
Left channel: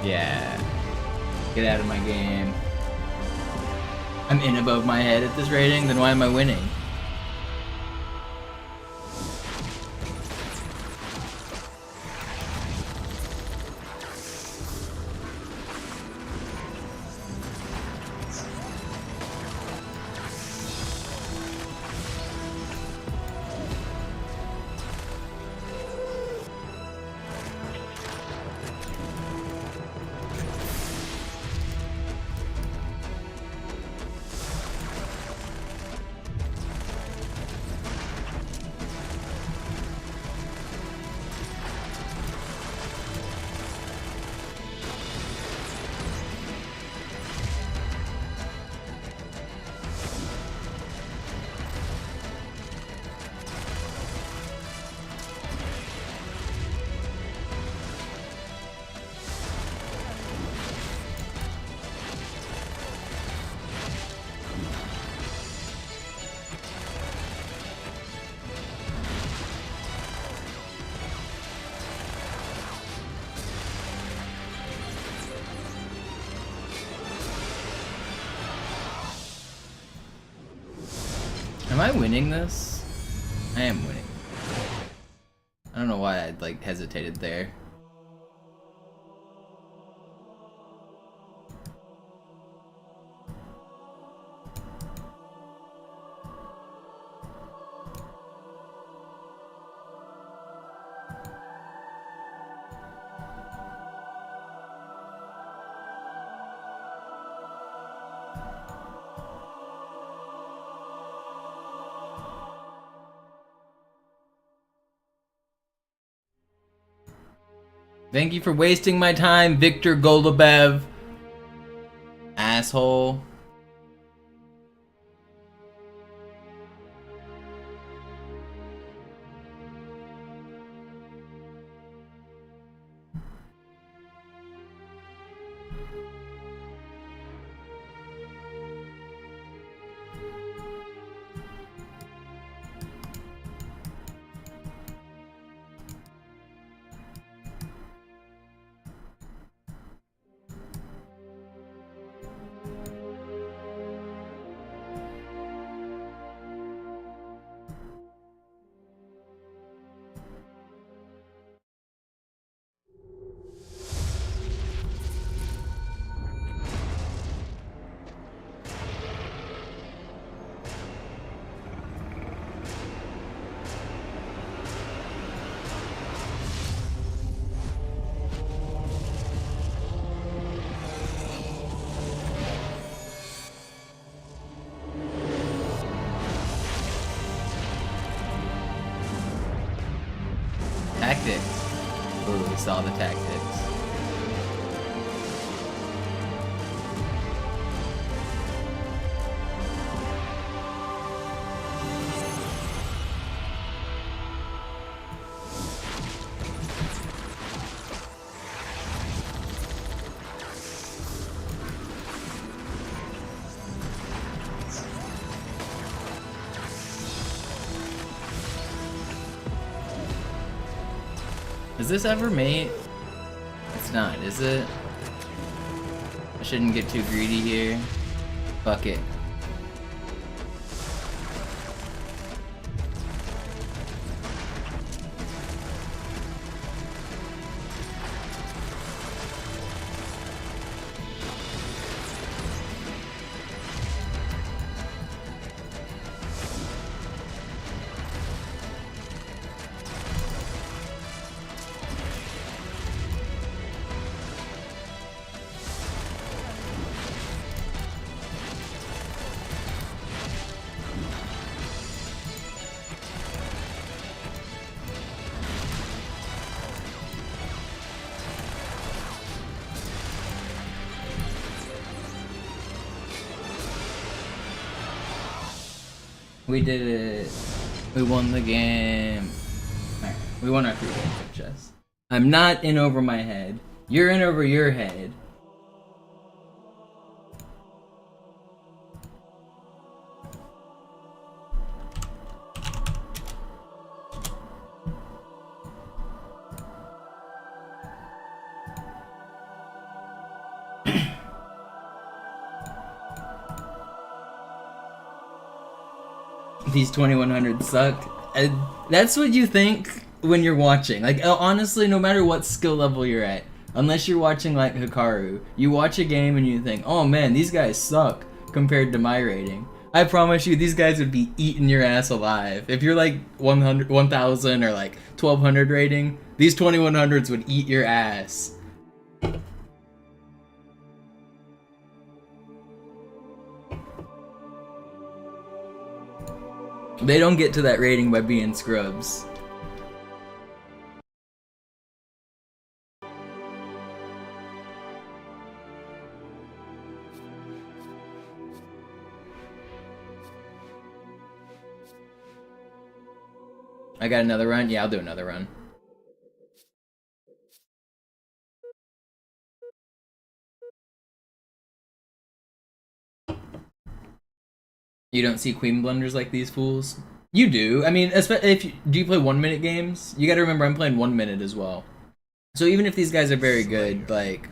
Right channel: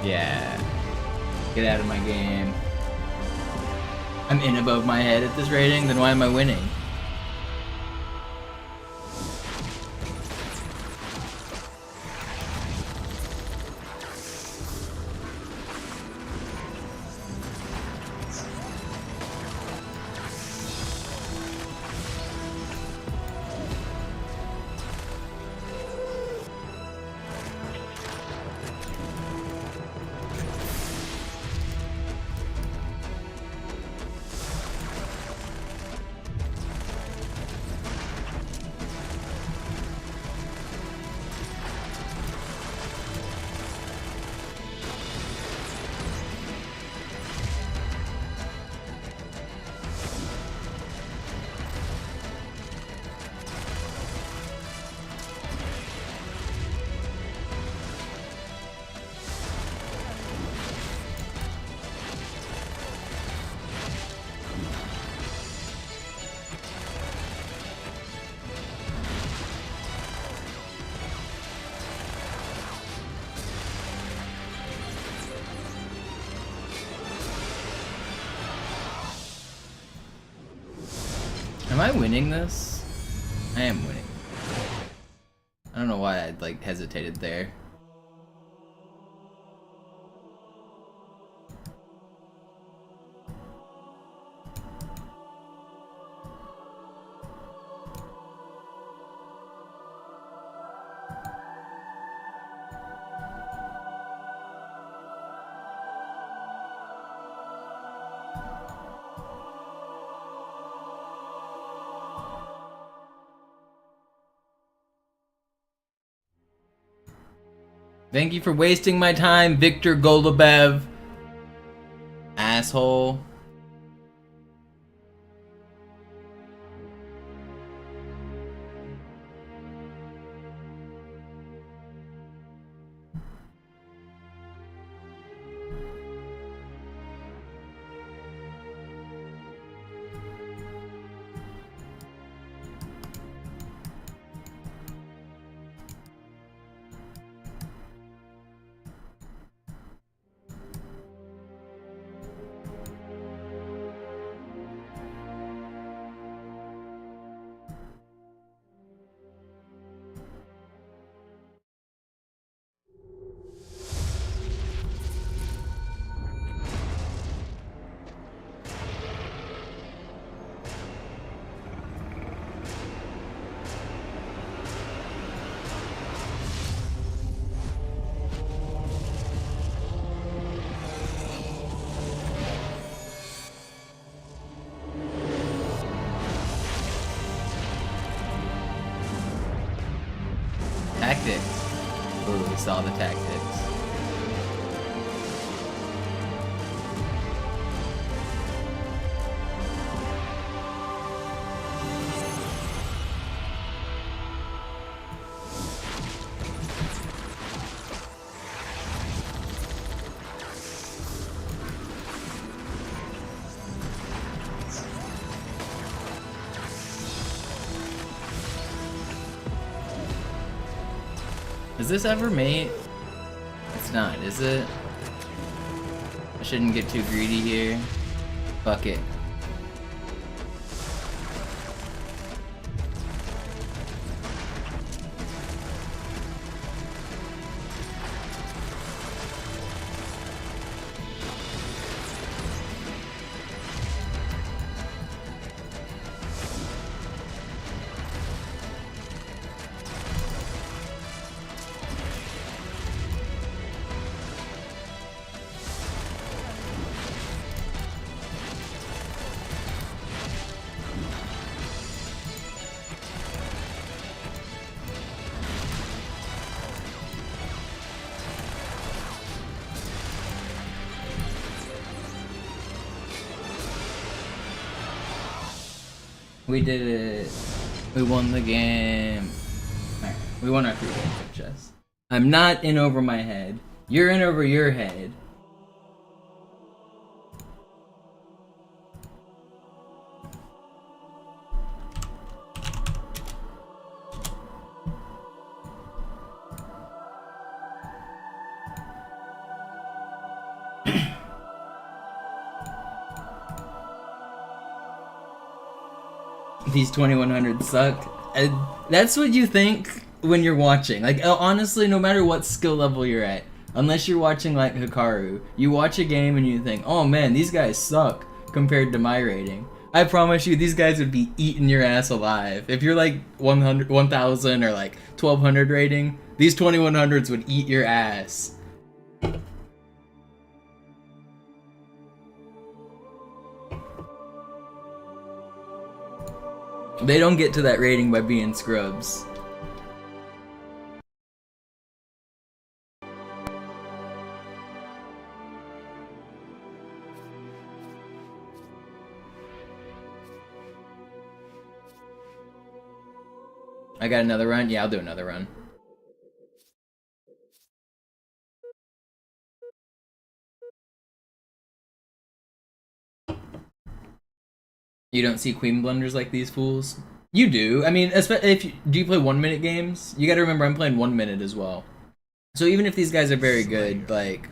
Yeah. Get out of my game. I'm in above my head at this rating, then why am I winning? Am I winning this? I am winning. I don't know why I like hesitated there. Thank you for wasting my time, Victor Golubev. Asshole. Tactics. Ooh, we saw the tactics. Is this ever mate? It's not, is it? I shouldn't get too greedy here. Fuck it. We did it. We won the game. Alright, we won our 3 games of chess. I'm not in over my head. You're in over your head. These 2100s suck. That's what you think when you're watching. Like, honestly, no matter what skill level you're at, unless you're watching like Hikaru, you watch a game and you think, oh man, these guys suck compared to my rating. I promise you, these guys would be eating your ass alive. If you're like 100, 1000 or like 1200 rating, these 2100s would eat your ass. They don't get to that rating by being scrubs. I got another run? Yeah, I'll do another run. You don't see queen blunders like these fools? You do. I mean, do you play 1 minute games? You gotta remember I'm playing 1 minute as well. So even if these guys are very good, like,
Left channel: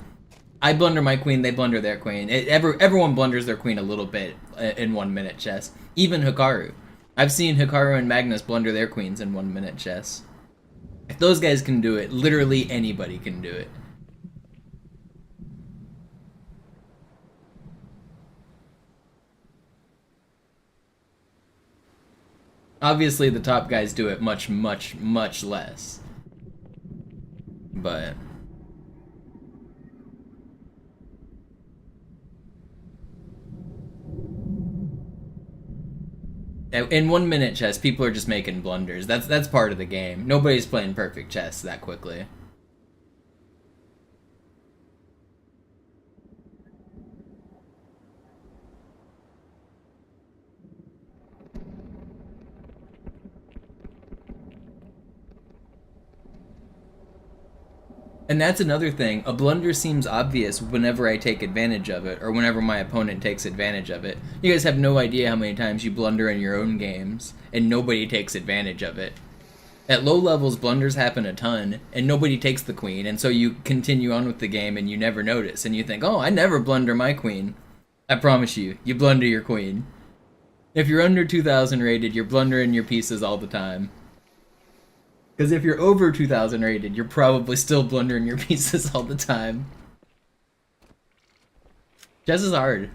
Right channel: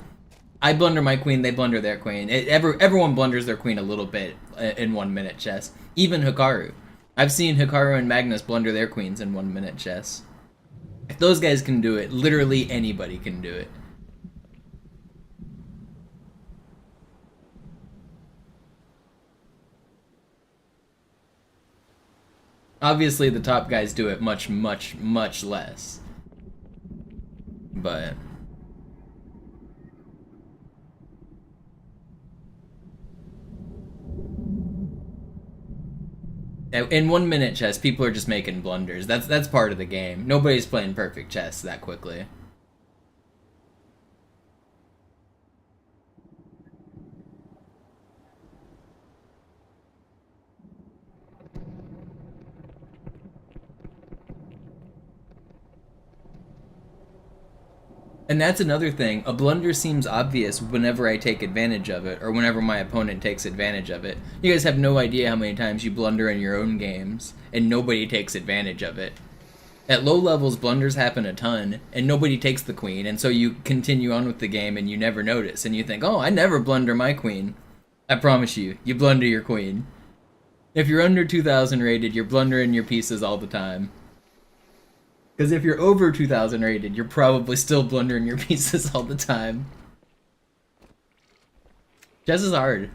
I blunder my queen, they blunder their queen. Everyone blunders their queen a little bit in 1 minute chess. Even Hikaru. I've seen Hikaru and Magnus blunder their queens in 1 minute chess. If those guys can do it, literally anybody can do it. Obviously, the top guys do it much, much, much less. But... in 1 minute chess, people are just making blunders. That's part of the game. Nobody's playing perfect chess that quickly. And that's another thing. A blunder seems obvious whenever I take advantage of it, or whenever my opponent takes advantage of it. You guys have no idea how many times you blunder in your own games, and nobody takes advantage of it. At low levels, blunders happen a ton, and nobody takes the queen, and so you continue on with the game and you never notice, and you think, oh, I never blunder my queen. I promise you, you blunder your queen. If you're under 2000 rated, you're blundering your pieces all the time. Because if you're over 2000 rated, you're probably still blundering your pieces all the time. Chess is hard.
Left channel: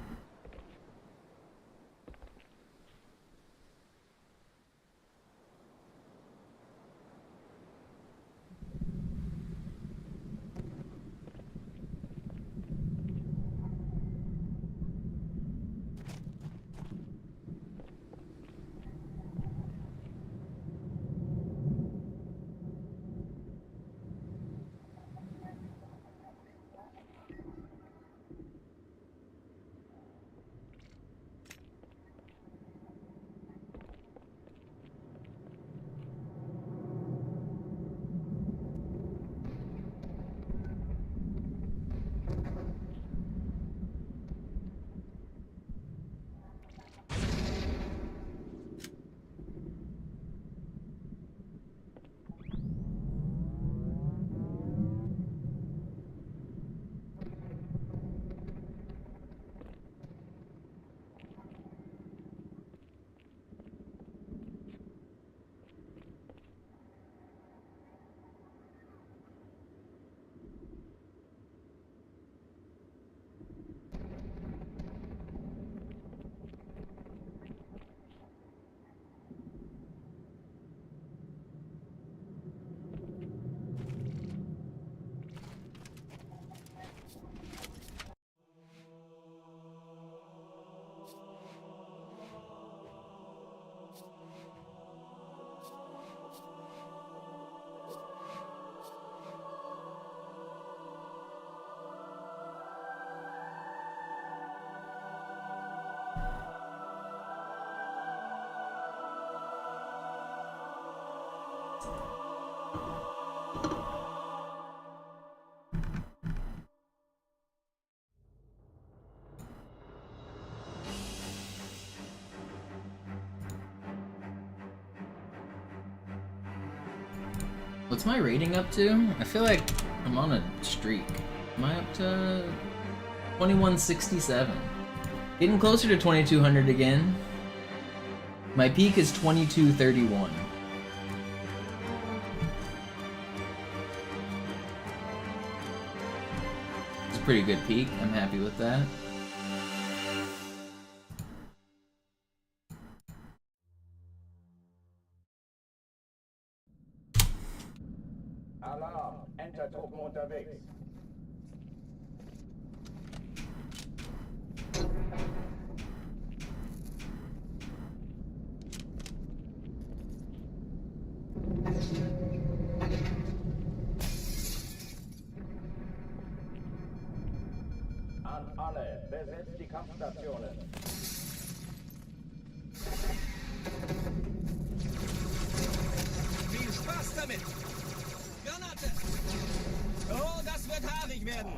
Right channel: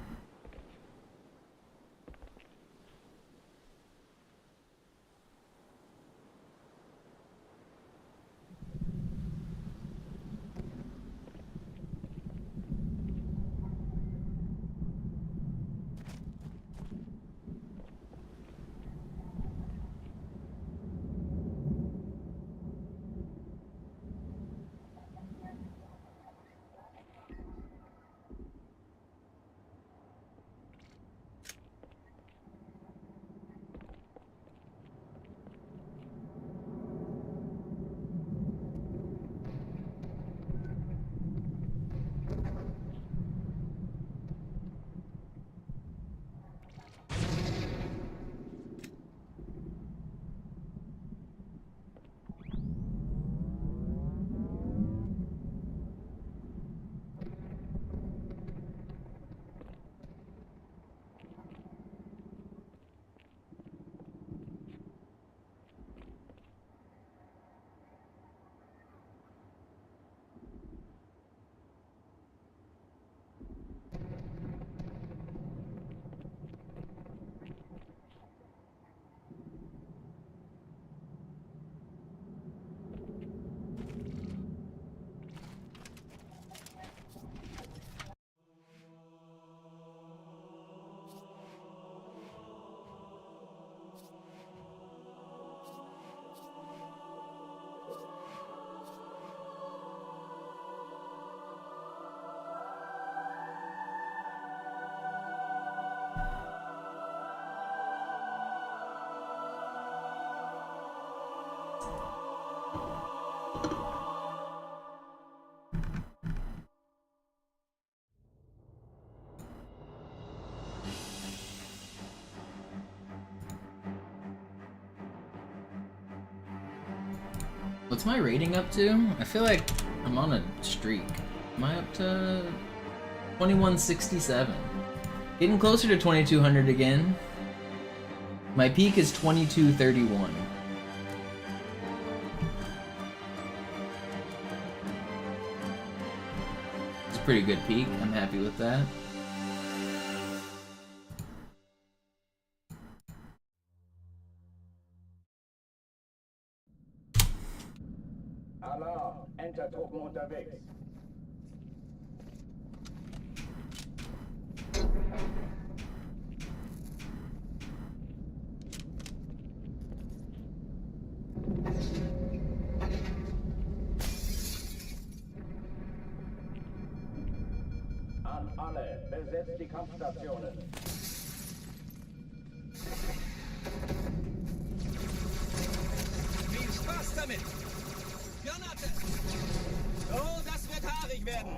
What's my rating up to? I feel like I'm on a streak. Am I up to 2167? Getting closer to 2200 again. My peak is 2231. It's a pretty good peak. I'm happy with that. Alarm! Enter-Truppen unterwegs. An alle, besetzt die Kampfstationen. Viel Spaß damit! Granate! Oh, das wird haarig werden!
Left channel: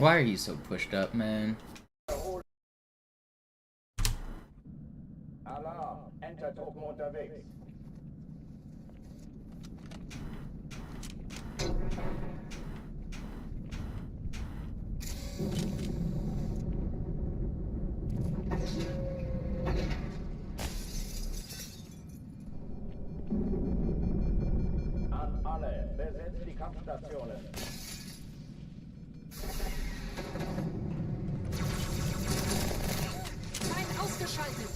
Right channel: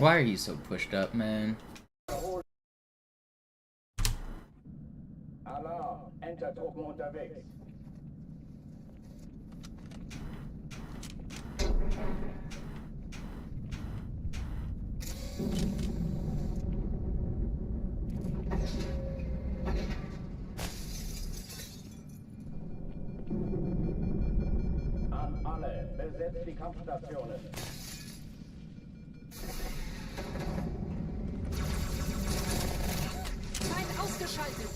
Why are you so pushed up, man? Alarm, Entertruppen unterwegs. An alle, besetzt die Kampfstationen. Feind ausgeschaltet.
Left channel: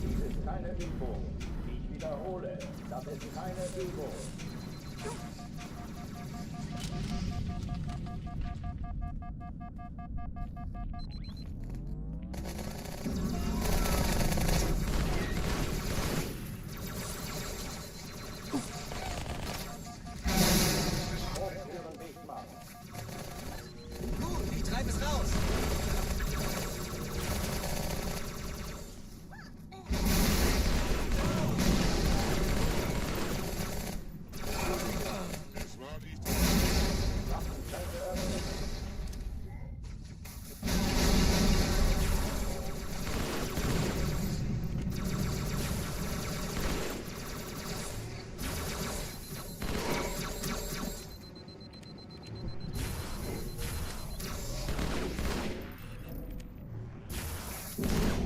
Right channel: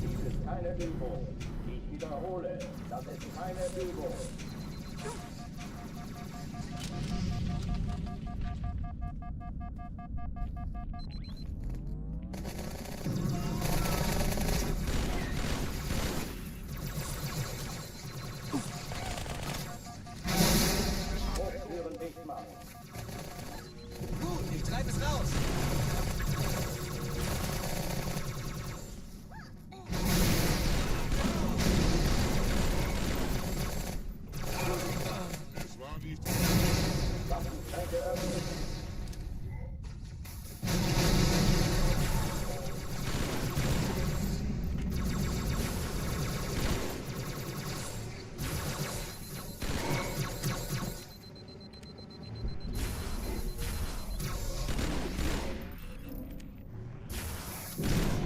Dies ist keine Übung. Ich wiederhole, das ist keine Übung. Hochtüren dicht machen. Gut, ich treibe es raus.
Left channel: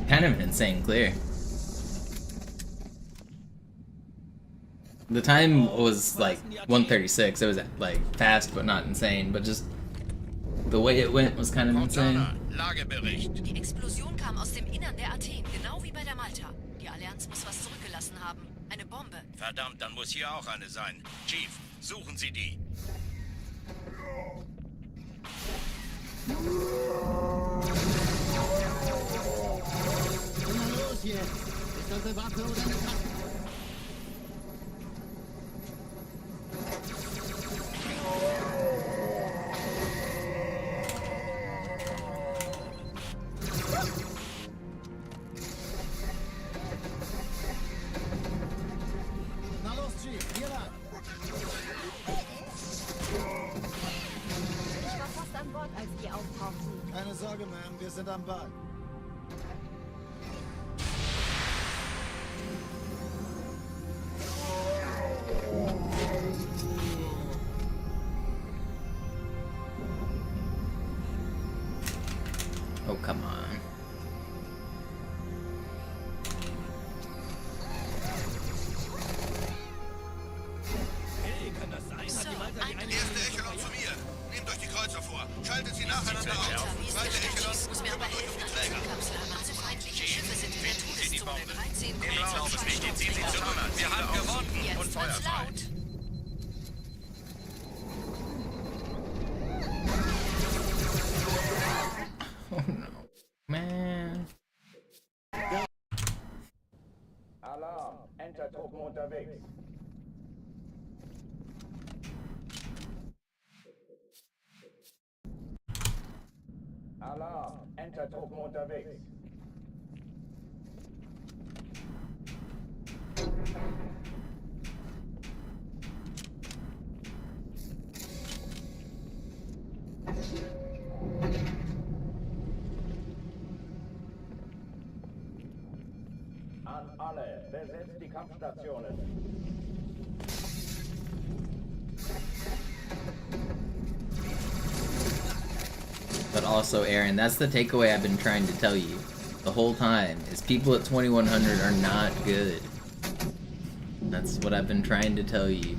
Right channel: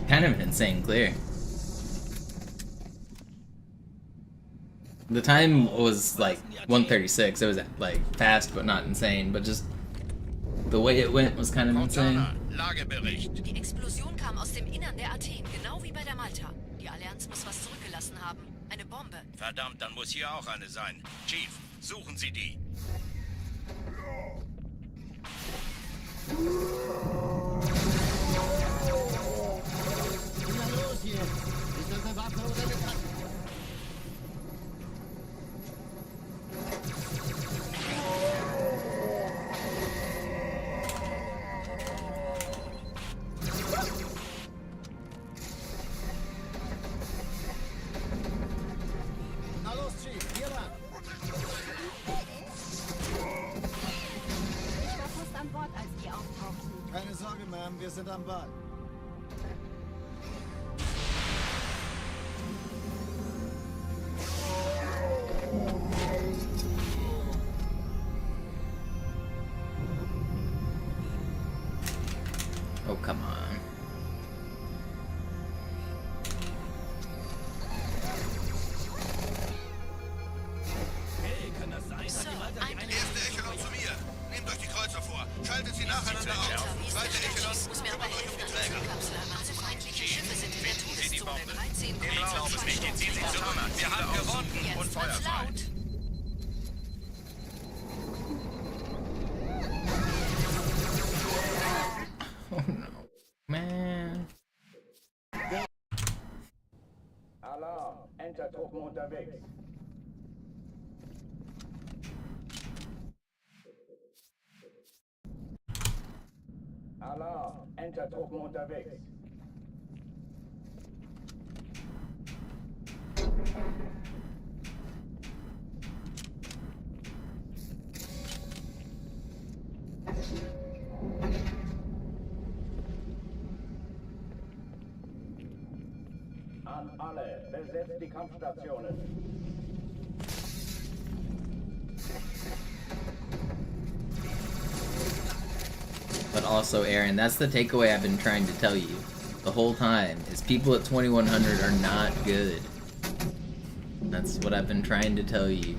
Kind of an insane clear. The time was like 1:36. It was like fast but not insane, but just the way it went was kind of insane. Lagebericht. Die Explosion kam aus dem Innern der Athen, genau wie bei der Malta. Die Allianz muss was zurückgelassen haben. Eine Bombe. Verdammt, dann muss hier auch eine sein. Chief, suchen Sie die. Na los jetzt! Ist das eine Waffe oder eine Tasse? Na los, Chief, hier lang. Ich war fast an Bord, als die auftauchten. Keine Sorge, Ma'am, wir sind am Ball. Oh, come on. Hey, kann das sein? Hat die Malta die eine Erste Echelon zu mir. Nehmt euch die Kreuzer vor. Schaltet sie nacheinander auf. Zweite Echelon, kümmert euch um die Träger. Also feindliche Schiffe sind in der Todeszone. 13 Ich glaube es nicht, ziehen Sie zurück. Wir haben gewonnen. Und Jetzt wird's Feuerfrei. laut. Oh no. Man. Alarm, Entertruppen unterwegs. Alarm, Entertruppen unterwegs. An alle, besetzt die Kampfstationen. But also, Aaron, that's the takeaway I've been trying to tell you the whole time, is people at 2100 are not good. That's what I've been trying to tell you.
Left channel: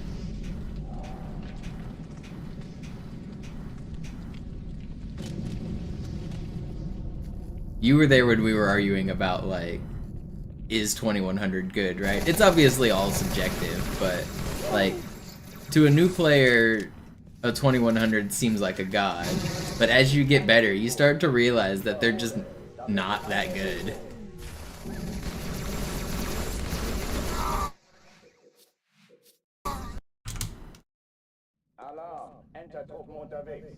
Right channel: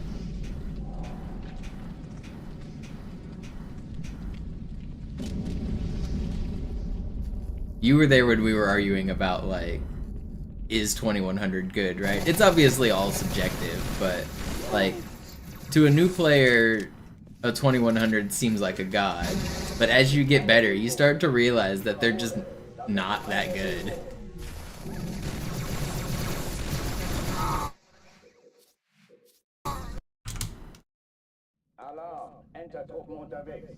You were there when we were arguing about, like, is 2100 good, right? It's obviously all subjective, but, like, to a new player, a 2100 seems like a god. But as you get better, you start to realize that they're just not that good. Alarm, Entertruppen unterwegs.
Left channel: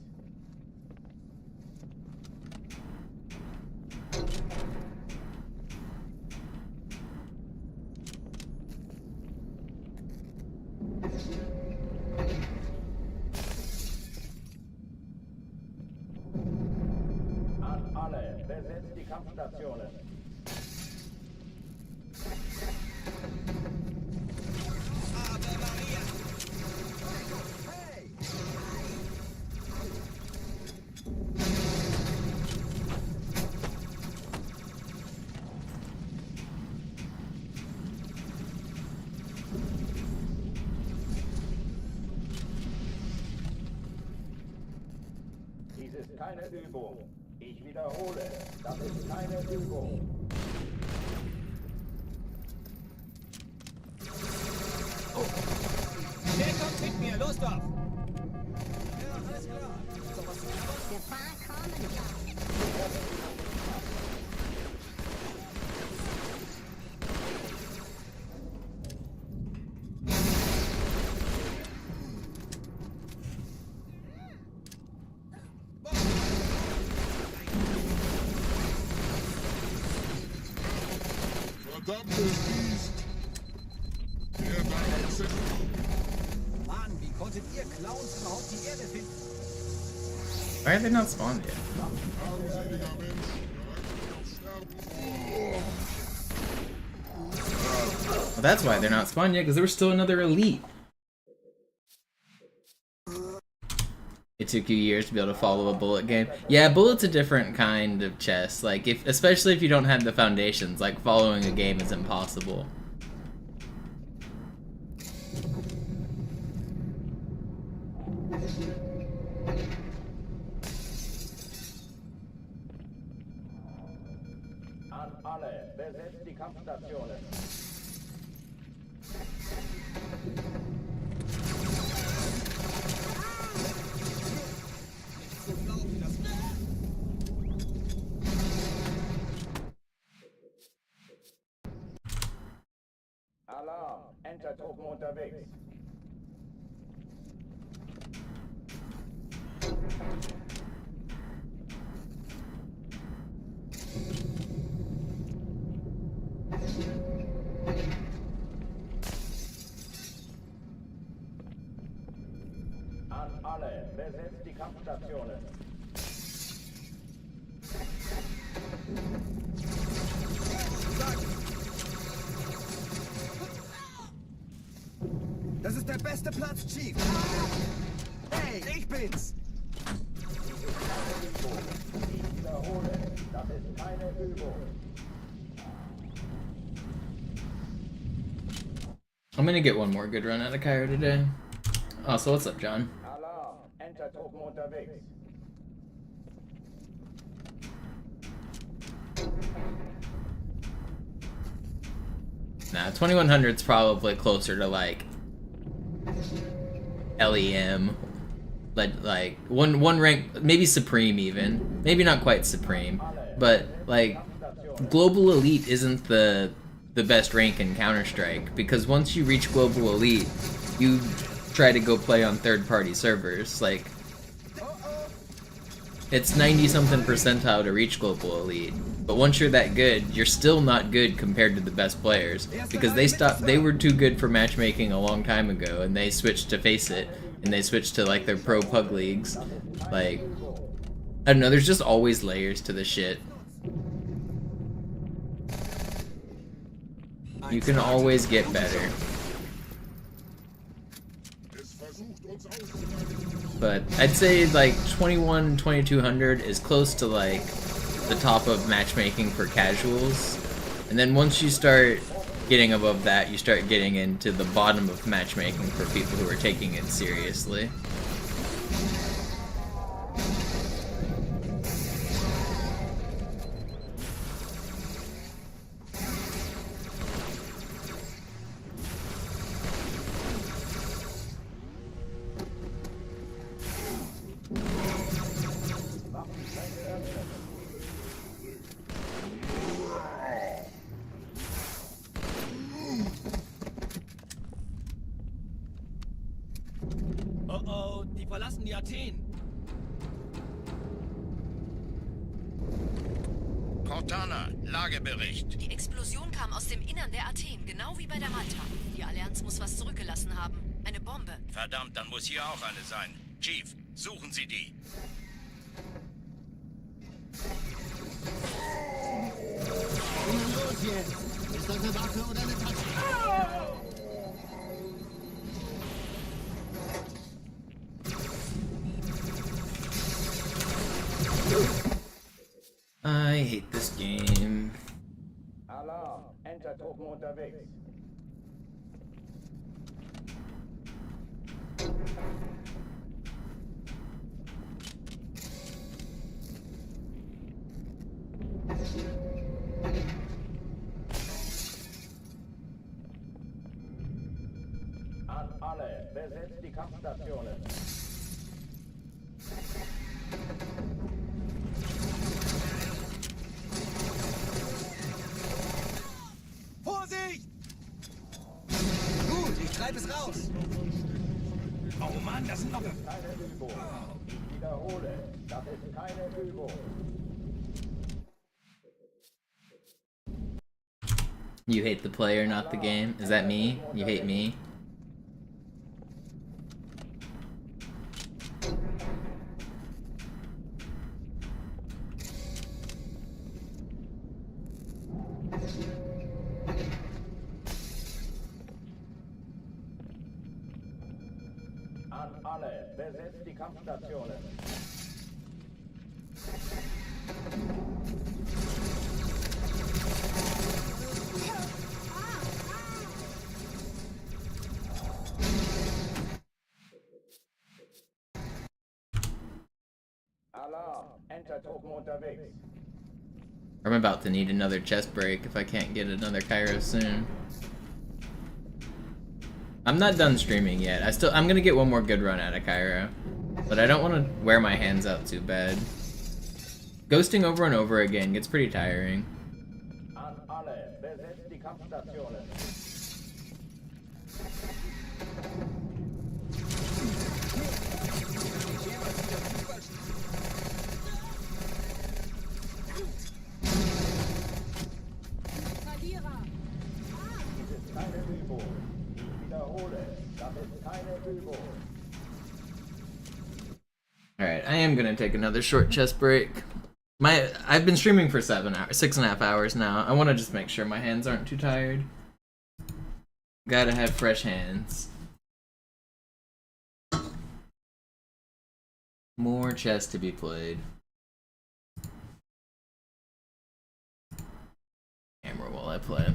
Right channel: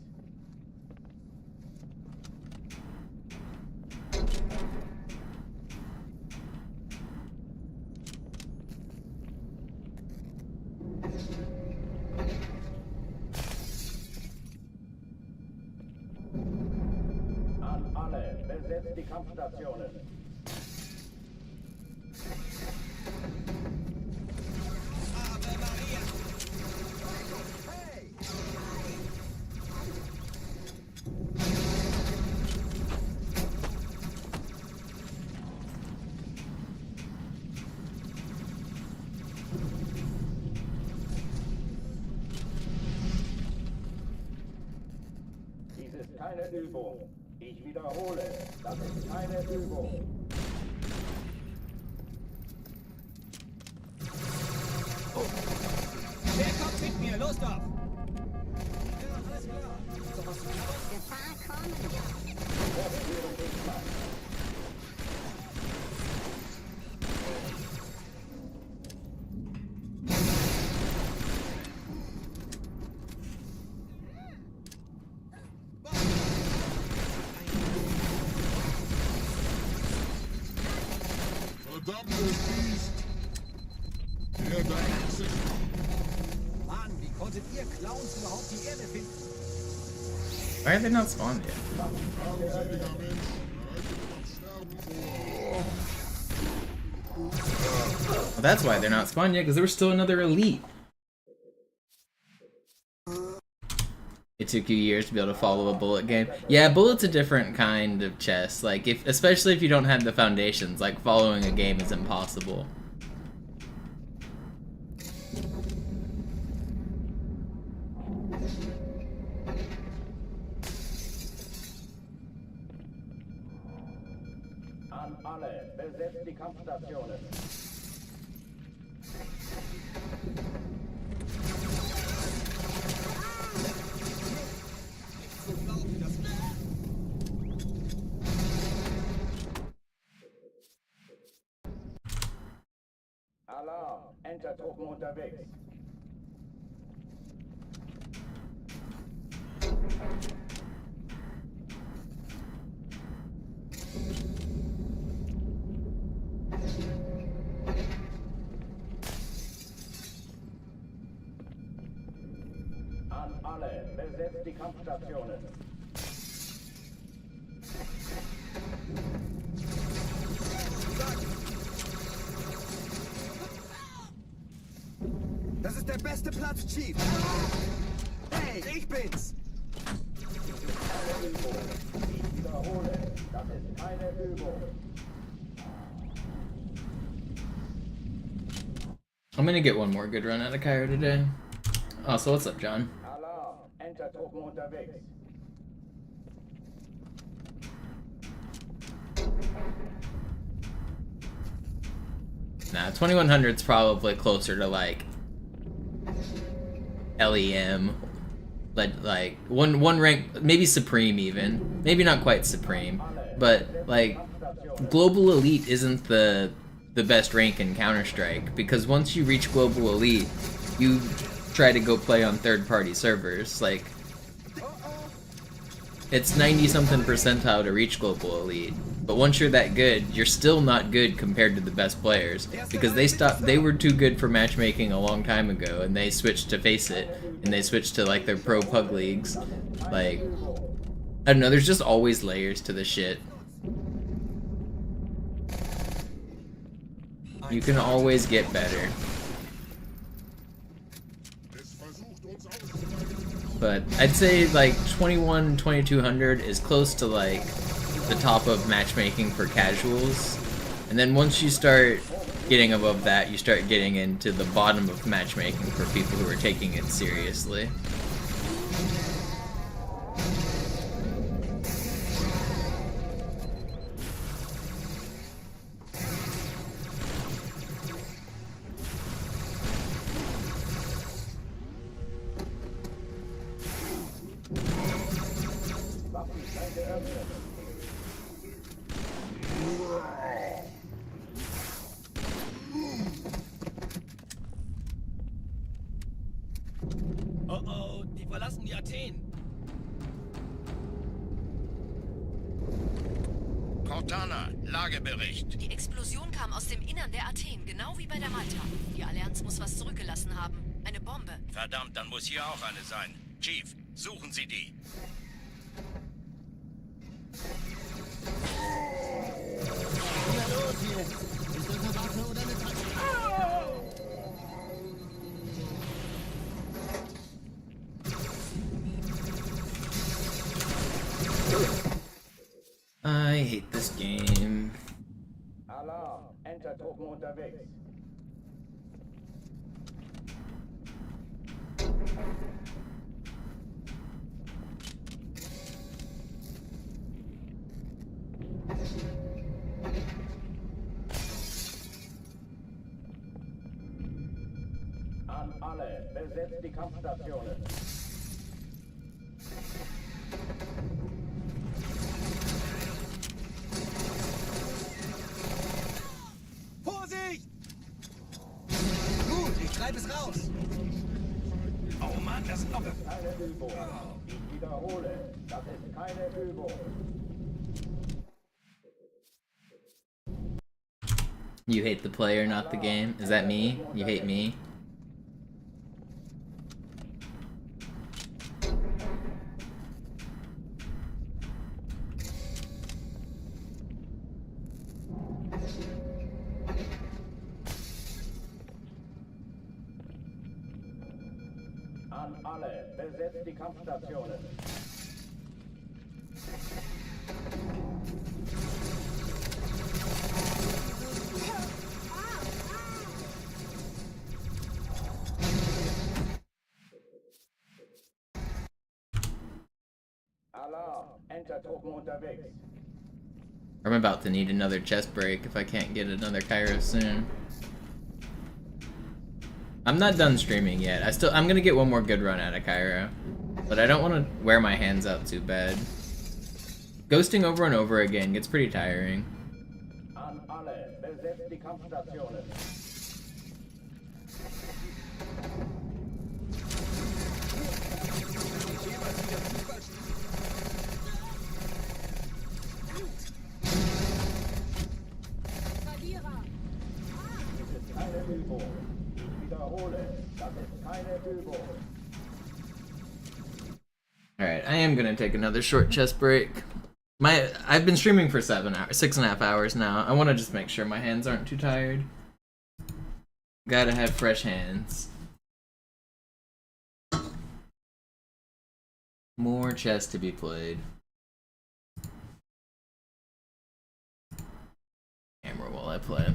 besetzt die Kampfstationen. Dies ist keine Übung. Ich wiederhole, das ist keine Übung. Oh. Wer kommt mit mir? Los doch! Verdammtes Biest! Der da ist. Mann, wie konntet ihr Clowns überhaupt die Erde finden? Why are they not spawned yet? Well, that's why they're not spawned yet, because there was still another elite. It took you years to be able to follow a bullet game. Yeah, bullet's a different kind of chess. Like, especially if you don't have the foundations, like following a game is impossible. An alle, besetzt die Kampfstationen. Alarm, Entertruppen unterwegs. An alle, besetzt die Kampfstationen. Das ist der beste Platz, Chief! Hey, ich bin's! Dies ist keine Übung. Ich wiederhole, das ist keine Übung. I'm gonna get one more good run out of Cairo today. Oh, so what's up, John? Alarm, Entertruppen unterwegs. Nah, 2100's probably closer to like LEM, like one rank, maybe Supreme even, maybe not quite Supreme, but like Global Elite isn't the best rank in Counter-Strike, because once you reach Global Elite, you try to go play on third-party servers. Like, it's 90-something percentile to reach Global Elite, but once you're that good, you're still not good compared to the best players, because they were too good for matchmaking a long time ago, and they switched to Face It, and they switched to like their pro pug leagues. Like, I don't know, there's just always layers to the shit. You can always get better. But I'd say like 2200 is close to like the top of matchmaking for casuals. And then once you start getting above that, you start getting into the bottom of matchmaking for people who are taking it seriously. Oh oh, die verlassen die Athen. Cortana, Lagebericht. Die Explosion kam aus dem Innern der Athen, genau wie bei der Malta. Die Allianz muss was zurückgelassen haben. Eine Bombe. Verdammt, dann muss hier auch eine sein. Chief, suchen Sie die. Na los jetzt! Ist das eine Waffe oder eine Tasche? I hate this game. Alarm, Enter-Truppen unterwegs. An alle, besetzt die Kampfstationen. Vorsicht! Gut, ich treibe es raus. Oh Mann, das sind noch... Keine Übung. Ich wiederhole, das ist keine Übung. You hate the player, not the game? Is that me? You hate me? An alle, besetzt die Kampfstationen. Alarm, Enter-Truppen unterwegs. I'm about to need another chest break if I can't get another Cairo soon. I'm not done streaming yet. I'm gonna get one more good run out of Cairo. But I don't want to wear my hands out too bad. Ghosting over and over again gets pretty tiring. An alle, besetzt die Kampfstationen. Dies ist keine Übung. Ich wiederhole, das ist keine Übung. Alright, I am gonna take another short chest break. I've been streaming for 6.5 hours now. I want to just make sure my hands aren't too tired. Gotta have fresh hands. More chess to be played. Camera while I play.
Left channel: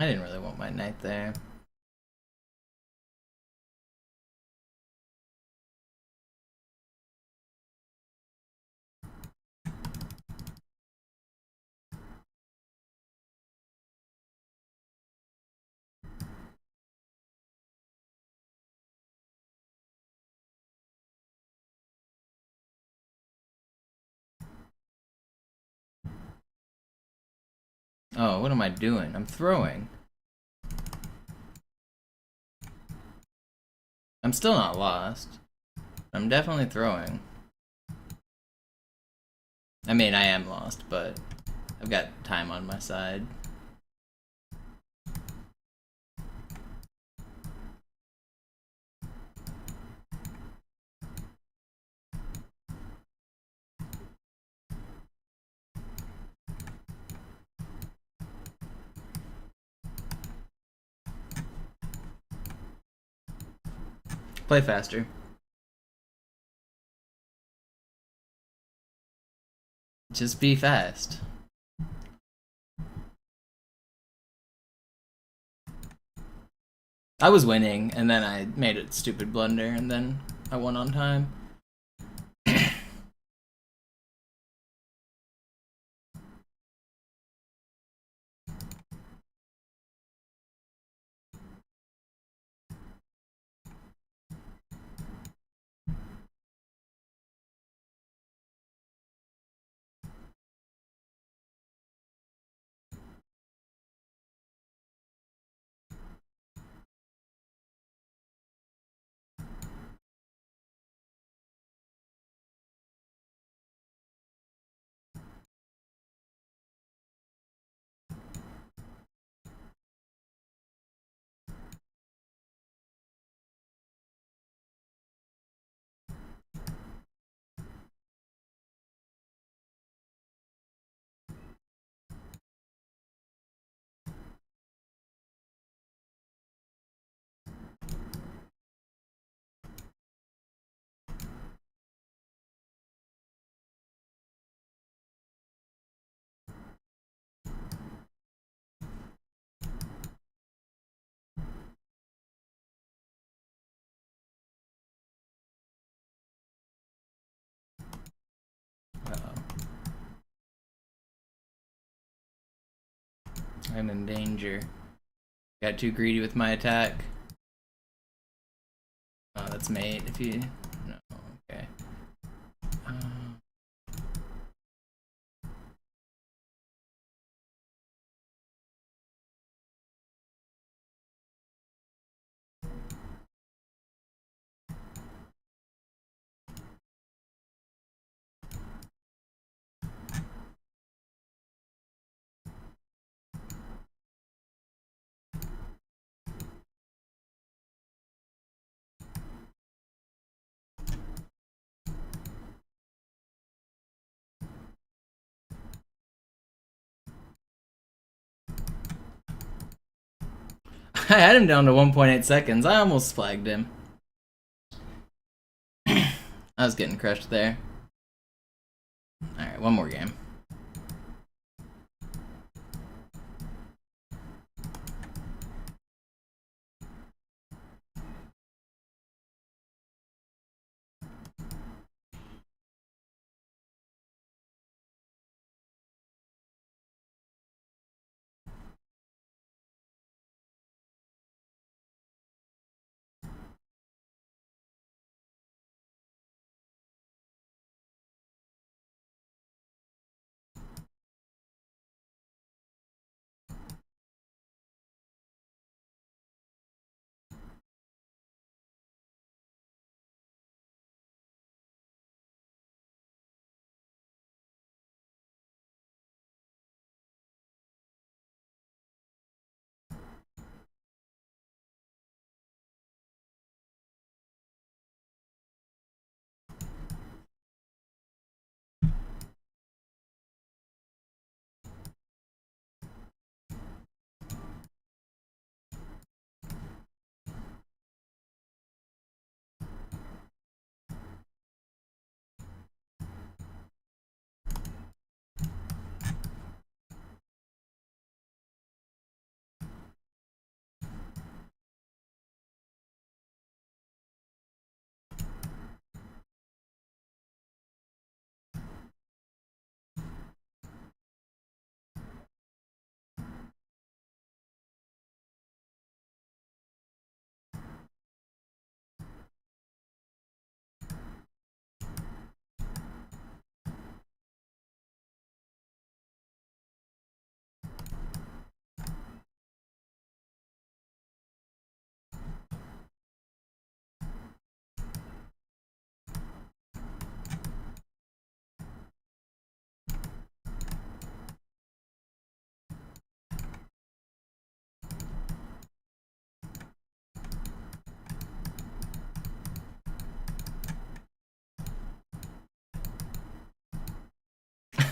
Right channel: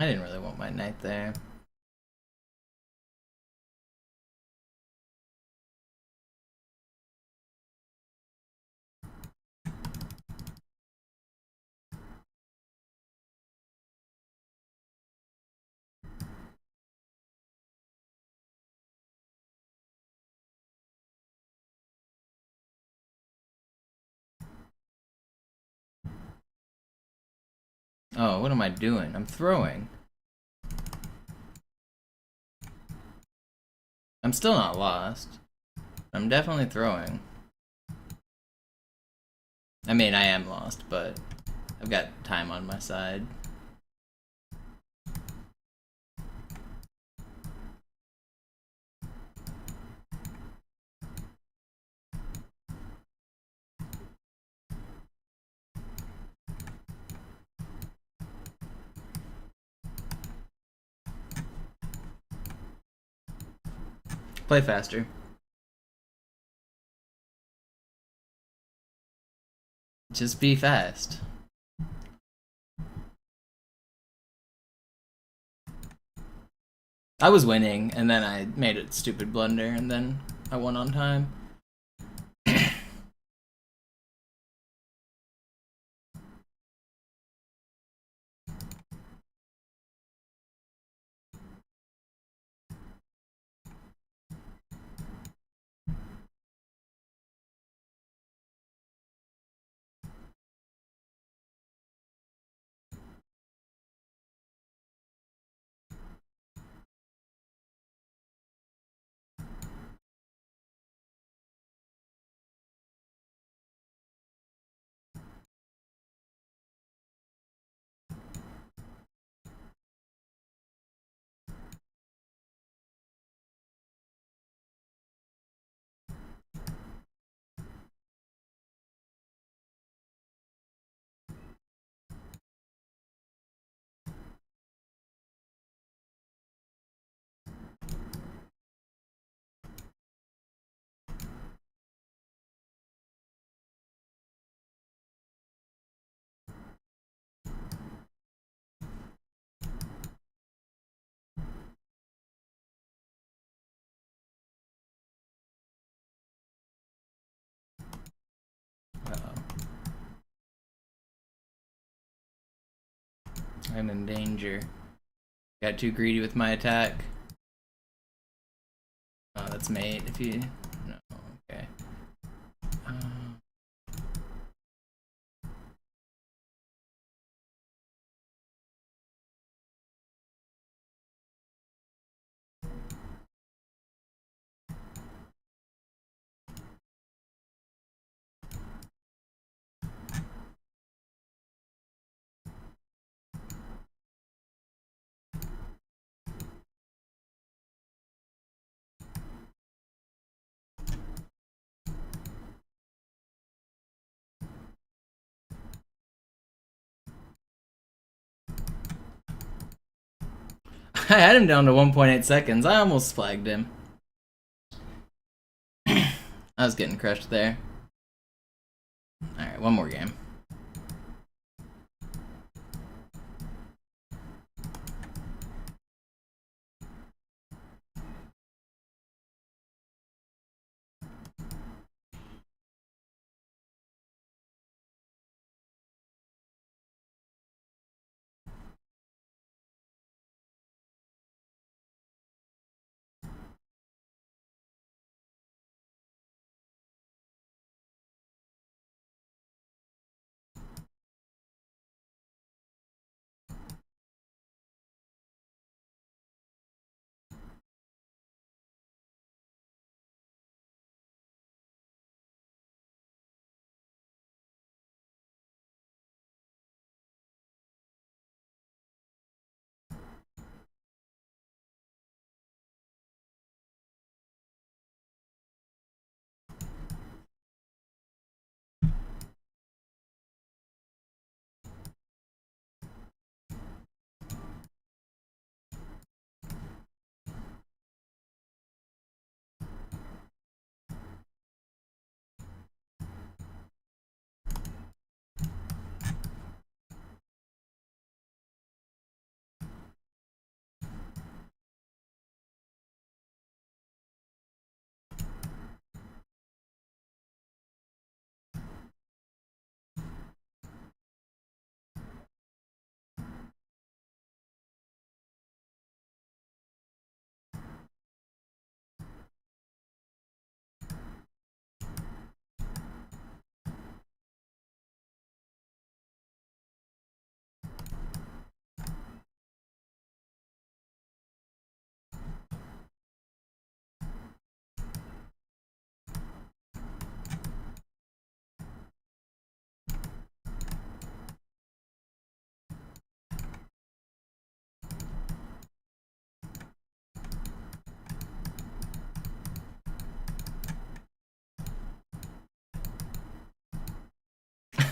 I didn't really want my knight there. Oh, what am I doing? I'm throwing. I'm still not lost. I'm definitely throwing. I mean, I am lost, but I've got time on my side. Play faster. Just be fast. I was winning, and then I made a stupid blunder, and then I won on time. I'm in danger. Got too greedy with my attack. Oh, that's mate. If you... No, okay. I had him down to 1.8 seconds. I almost flagged him. I was getting crushed there. Alright, one more game.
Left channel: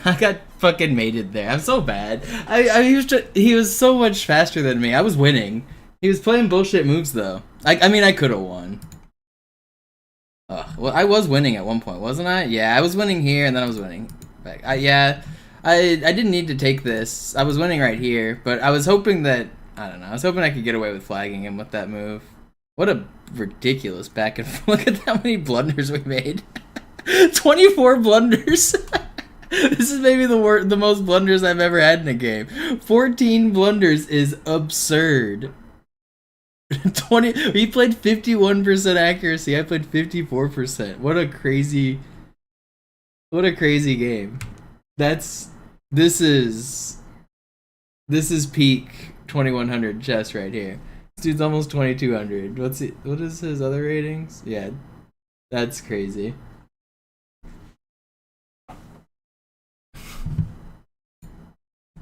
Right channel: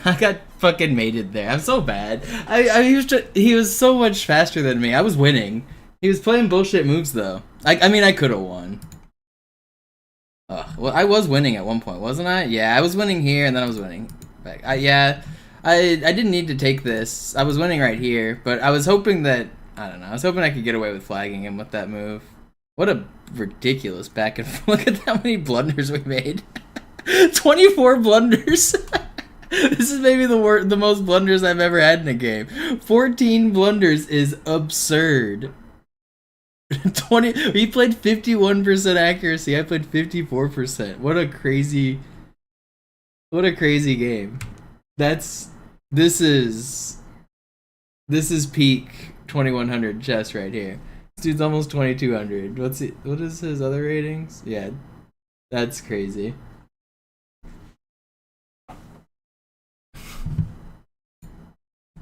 I got fucking mated there. I'm so bad. He was so much faster than me. I was winning. He was playing bullshit moves though. I mean, I could have won. Well, I was winning at one point, wasn't I? Yeah, I was winning here, and then I was winning back. I didn't need to take this. I was winning right here, but I was hoping that, I don't know, I was hoping I could get away with flagging him with that move. What a ridiculous back and forth. Look at how many blunders we made. 24 blunders. This is maybe the most blunders I've ever had in a game. 14 blunders is absurd. 20. He played 51% accuracy. I played 54%. What a crazy game. This is peak 2100 chess right here. This dude's almost 2200. What is his other ratings? Yeah, that's crazy.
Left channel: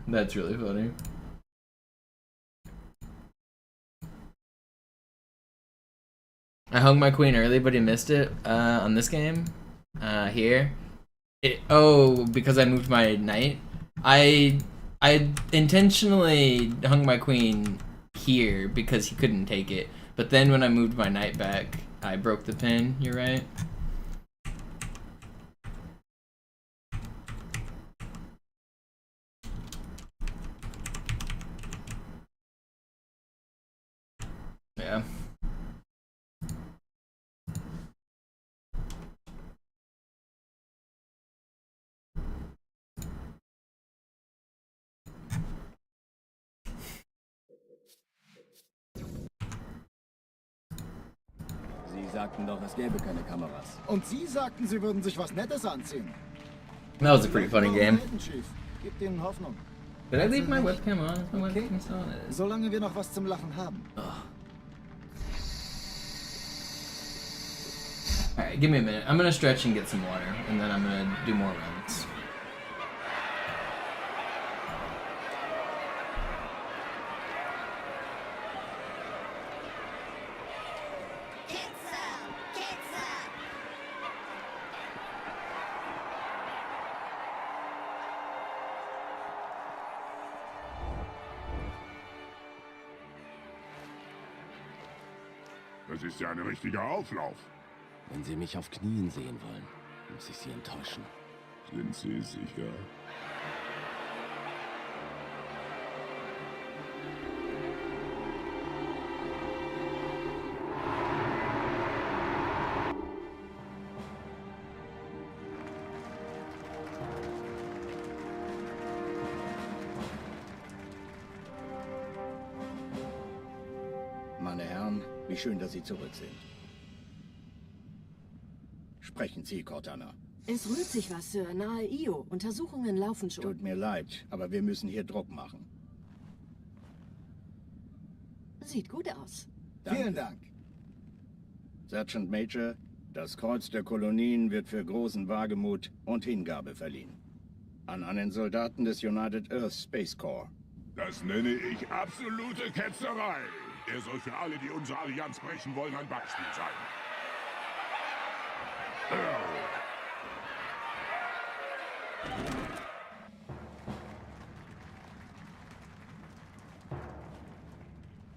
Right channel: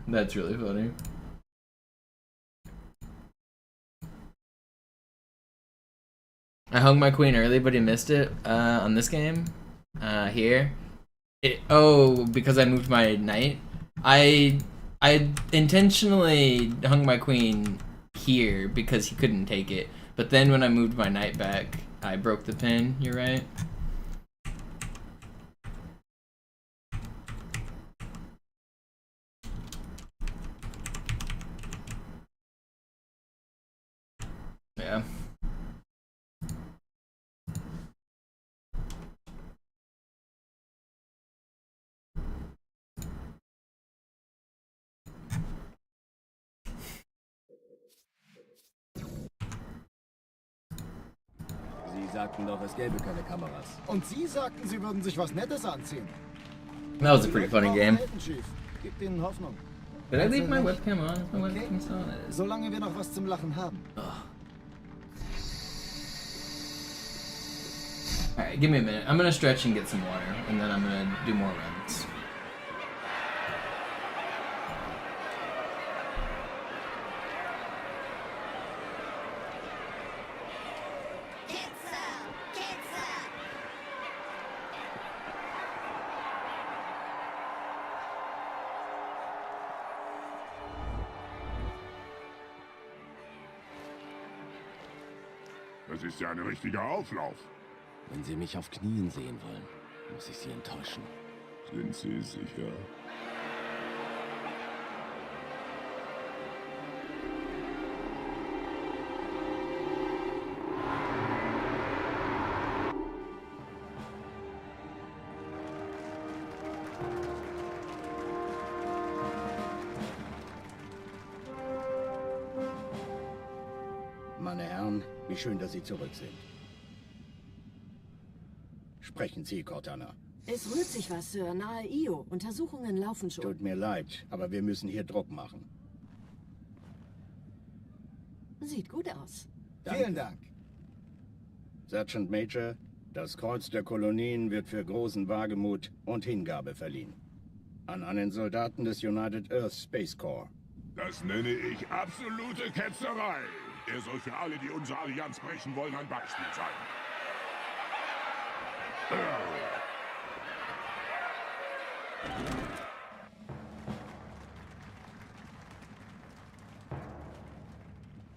That's really funny. I hung my queen early, but he missed it on this game. Here. Because I moved my knight. I intentionally hung my queen here because he couldn't take it. But then when I moved my knight back, I broke the pin. You're right. Yeah. Sie sagten doch, es gäbe keine Kameras. Und Sie sagten, Sie würden sich was Nettes anziehen. That was a pretty funny game. Gibt Ihnen Hoffnung. Did I leave my webcam on? Is my webcam still on? It is. Solange wir noch was zum Lachen haben. Alright, give me a minute. I'm gonna stretch and get some water, and then I'm gonna do more runs. Das ist ja ein richtiger Auflauf. Wenn Sie mich auf Knien sehen wollen, muss ich Sie enttäuschen. Sind Sie sicher? Meine Herren, wie schön, dass Sie zurück sind. Sprechen Sie, Cortana. Es rührt sich was, Sir, nahe Io. Untersuchungen laufen schon. Tut mir leid, aber wir müssen hier Druck machen. Sieht gut aus. Danke. Vielen Dank. Sergeant Major, das Kreuz der Kolonien wird für großen Wagemut und Hingabe verliehen. An einen Soldaten des United Earth Space Corps. Das nenne ich absolute Ketzerei. Er soll für alle, die unsere Allianz brechen wollen, ein Beispiel sein.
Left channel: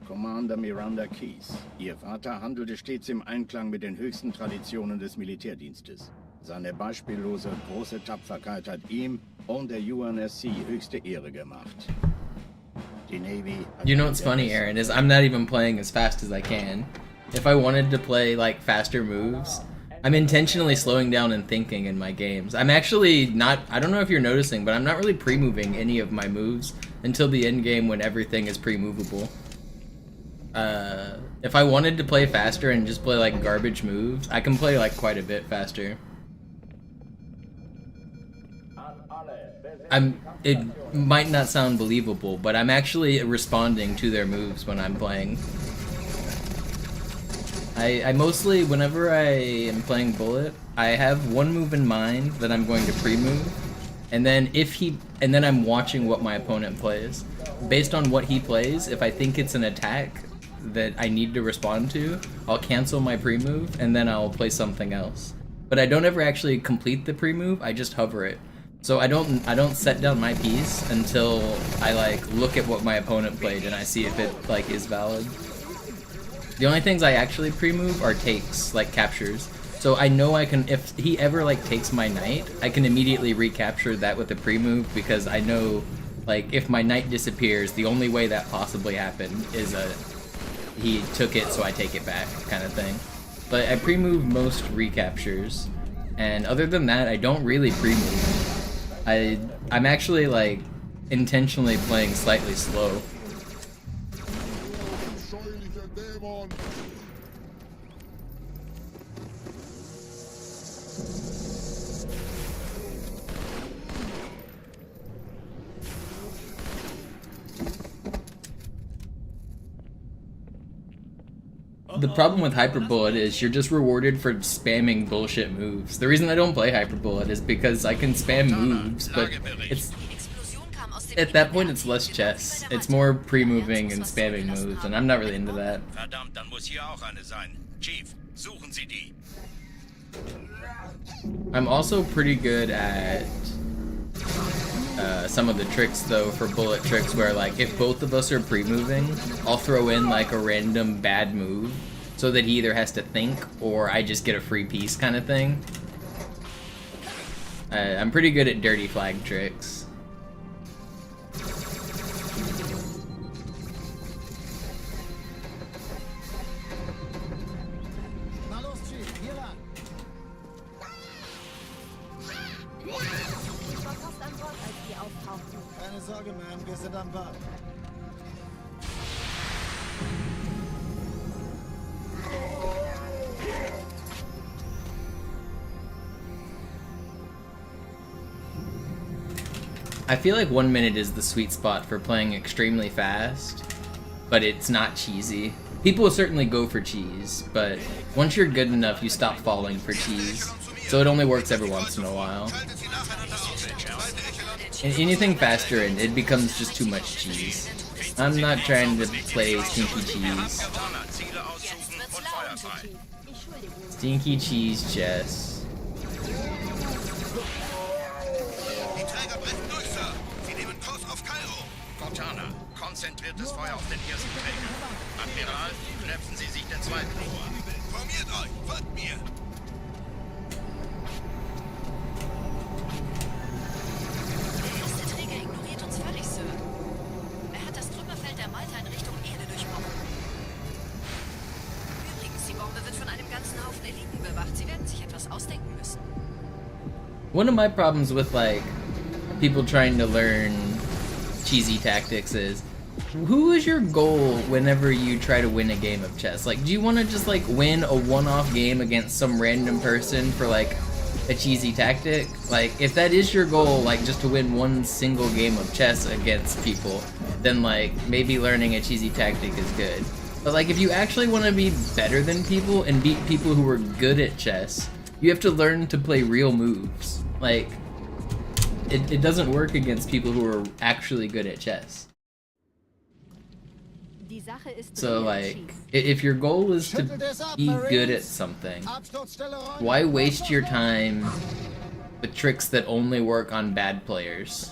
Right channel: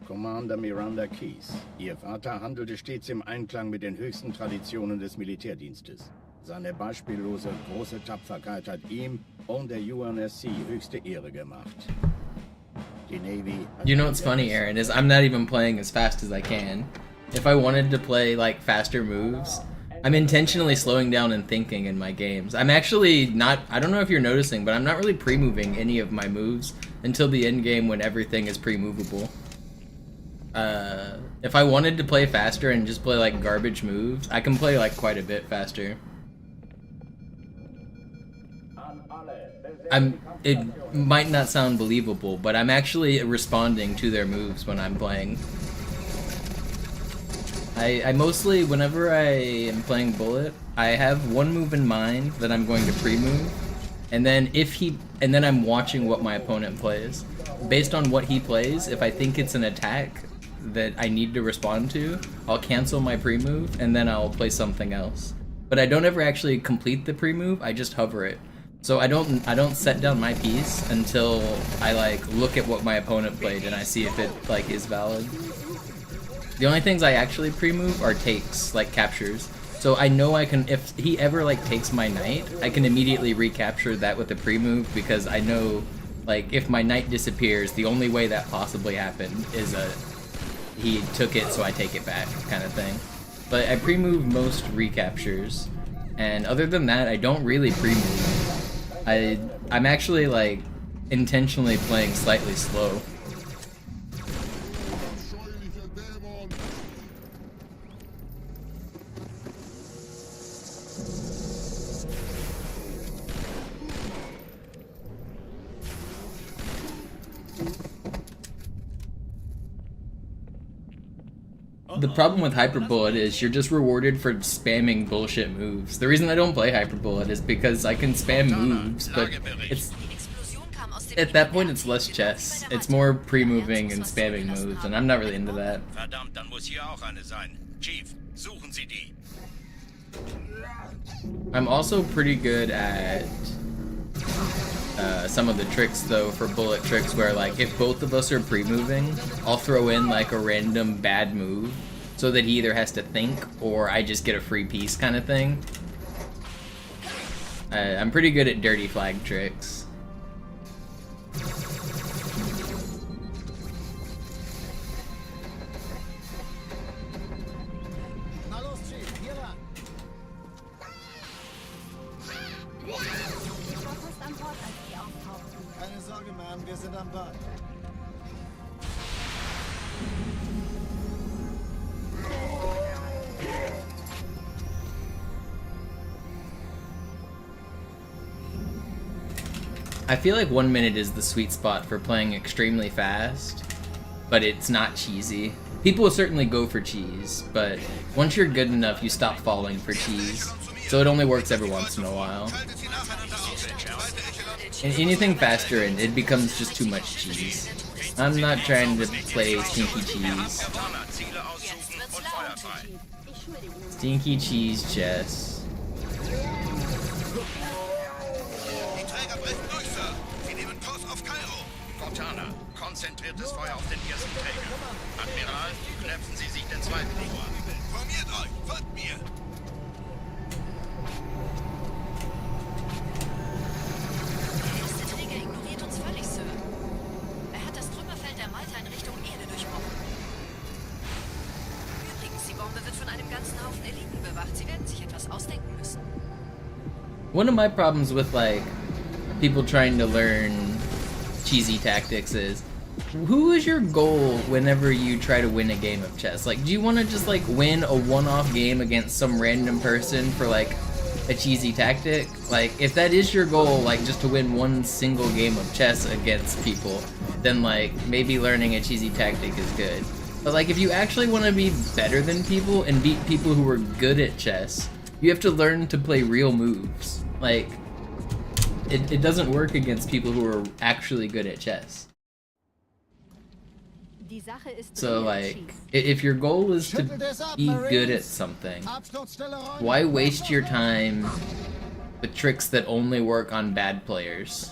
Commander Miranda Keys. Ihr Vater handelte stets im Einklang mit den höchsten Traditionen des Militärdienstes. Seine beispiellose große Tapferkeit hat ihm und der UNSC höchste Ehre gemacht. Die Navy. You know what's funny, Aaron, is I'm not even playing as fast as I can. If I wanted to play like faster moves, I'm intentionally slowing down and thinking in my games. I'm actually not, I don't know if you're noticing, but I'm not really pre-moving any of my moves until the end game when everything is pre-movable. If I wanted to play faster and just play like garbage moves, I can play like quite a bit faster. It might not sound believable, but I'm actually responding to their moves when I'm playing. I mostly, whenever I am playing Bullet, I have one move in mind that I'm going to pre-move, and then then I'm watching what my opponent plays. Based on what he plays, if I think it's an attack that I need to respond to, I'll cancel my pre-move, and then I'll play something else. But I don't ever actually complete the pre-move, I just hover it. So I don't set down my piece until I like look at what my opponent played and I see if it like is valid. The only things I actually pre-move are takes, like captures. So I know I can, if he ever like takes my knight, I can immediately recapture that with a pre-move, because I know like if my knight disappears, the only way that possibly happened is he took it so I take it back kind of thing. But I pre-move most recaptures, and other than that I don't really pre-move. I'm actually like intentionally playing slightly slow. The problem with Hyperbullet is you're just rewarded for spamming bullshit moves. The reason I don't play Hyperbullet is because I can spam moves, but it's at that point it's less chess. It's more pre-moving and spamming moves, and I'm not really into that. Verdammt, dann muss hier auch eine sein. Chief, suchen Sie die. I'm also pretty good at some of the tricks though, for bullet tricks, where like if both of us are pre-moving, I'll throw in like a random bad move so that he either has to think or I just get a free piece kind of thing. I'm pretty good at dirty flag tricks. Na los, Chief, hier lang. Ich war fast an Bord, als die auftauchten. Keine Sorge, Ma'am, wir sind am Bad. I feel like 1 minute is the sweet spot for playing extremely fast, but it's not cheesy. People will certainly go for cheese, but once you're good enough, you stop falling for cheese. So it only works every once in a while. And anything faster, and it becomes just too much cheese. I'm not trying to play stinky cheese. Stinky cheese chess. Konzentriertes Feuer auf den ersten Träger. Admiral, knöpfen Sie sich den zweiten vor. Formiert euch, folgt mir. Der erste Träger ignoriert uns völlig, Sir. Er hat das Trümmerfeld der Malta in Richtung Erde durchbrochen. Übrigens, die Bombe wird von einem ganzen Haufen Eliten bewacht. Sie werden sich etwas ausdenken müssen. One of my problems with like people trying to learn cheesy tactics is, who is your goal whenever you try to win a game of chess? Like, do you want to just like win a one-off game against some random person for like a cheesy tactic? Like, if that is your goal, like just to win one single game of chess against people, then like maybe learning a cheesy tactic is good. But like if you actually want to be better than people and beat people who are good at chess, you have to learn to play real moves. Like, it doesn't work against people who are actually good at chess. So like, if your goal is to be good at something, why waste your time with tricks that only work on bad players?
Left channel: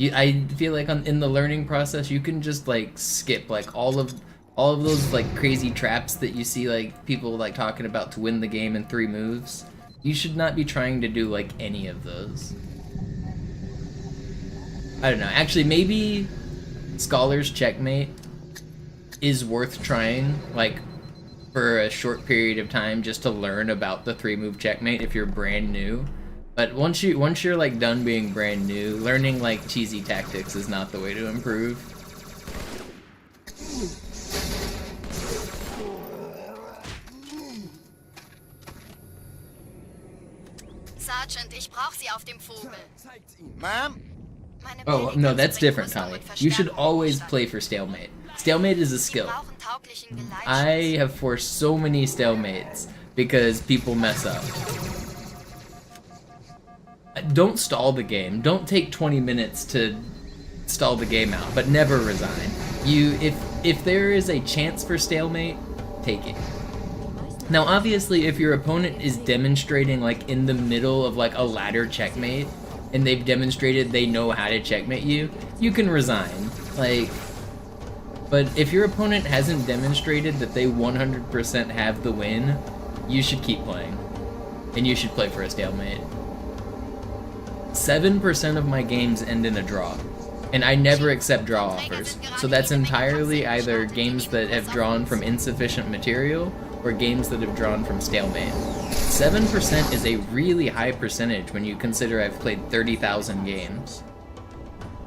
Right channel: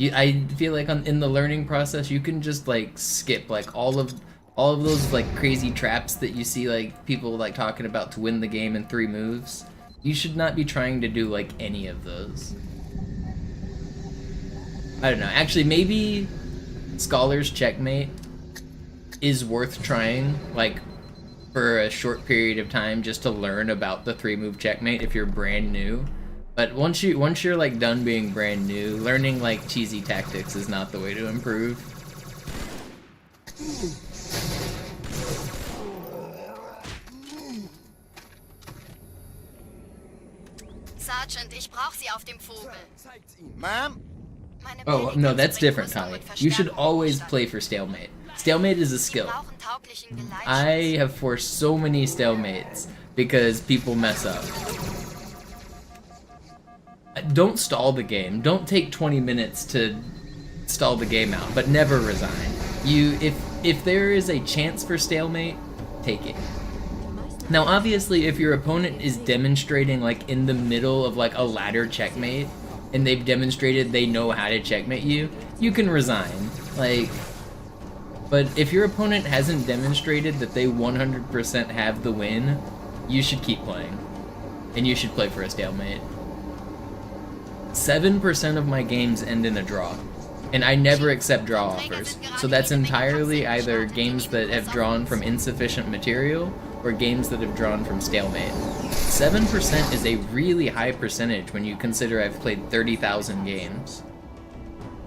I feel like in the learning process, you can just like skip like all of those like crazy traps that you see like people like talking about to win the game in 3 moves. You should not be trying to do like any of those. I don't know. Actually, maybe Scholar's Checkmate is worth trying, like, for a short period of time just to learn about the 3-move checkmate if you're brand new. But once you're like done being brand new, learning like cheesy tactics is not the way to improve. Sergeant, ich brauch Sie auf dem Vogel. Ma'am? Oh, no, that's different, Tommy. You should always play for stalemate. Stalemate is a skill. I have forced so many stalemates because people mess up. Don't stall the game. Don't take 20 minutes to stall the game out, but never resign. If there is a chance for stalemate, take it. Now, obviously, if your opponent is demonstrating like in the middle of like a ladder checkmate, and they've demonstrated they know how to checkmate you, you can resign. Like, but if your opponent hasn't demonstrated that they 100% have the win, you should keep playing. And you should play for a stalemate. 7% of my games end in a draw. And I never accept draw offers. So that's entirely either games that have drawn from insufficient material or games that have drawn from stalemate. 7% is a really high percentage when you consider I've played 30,000 games.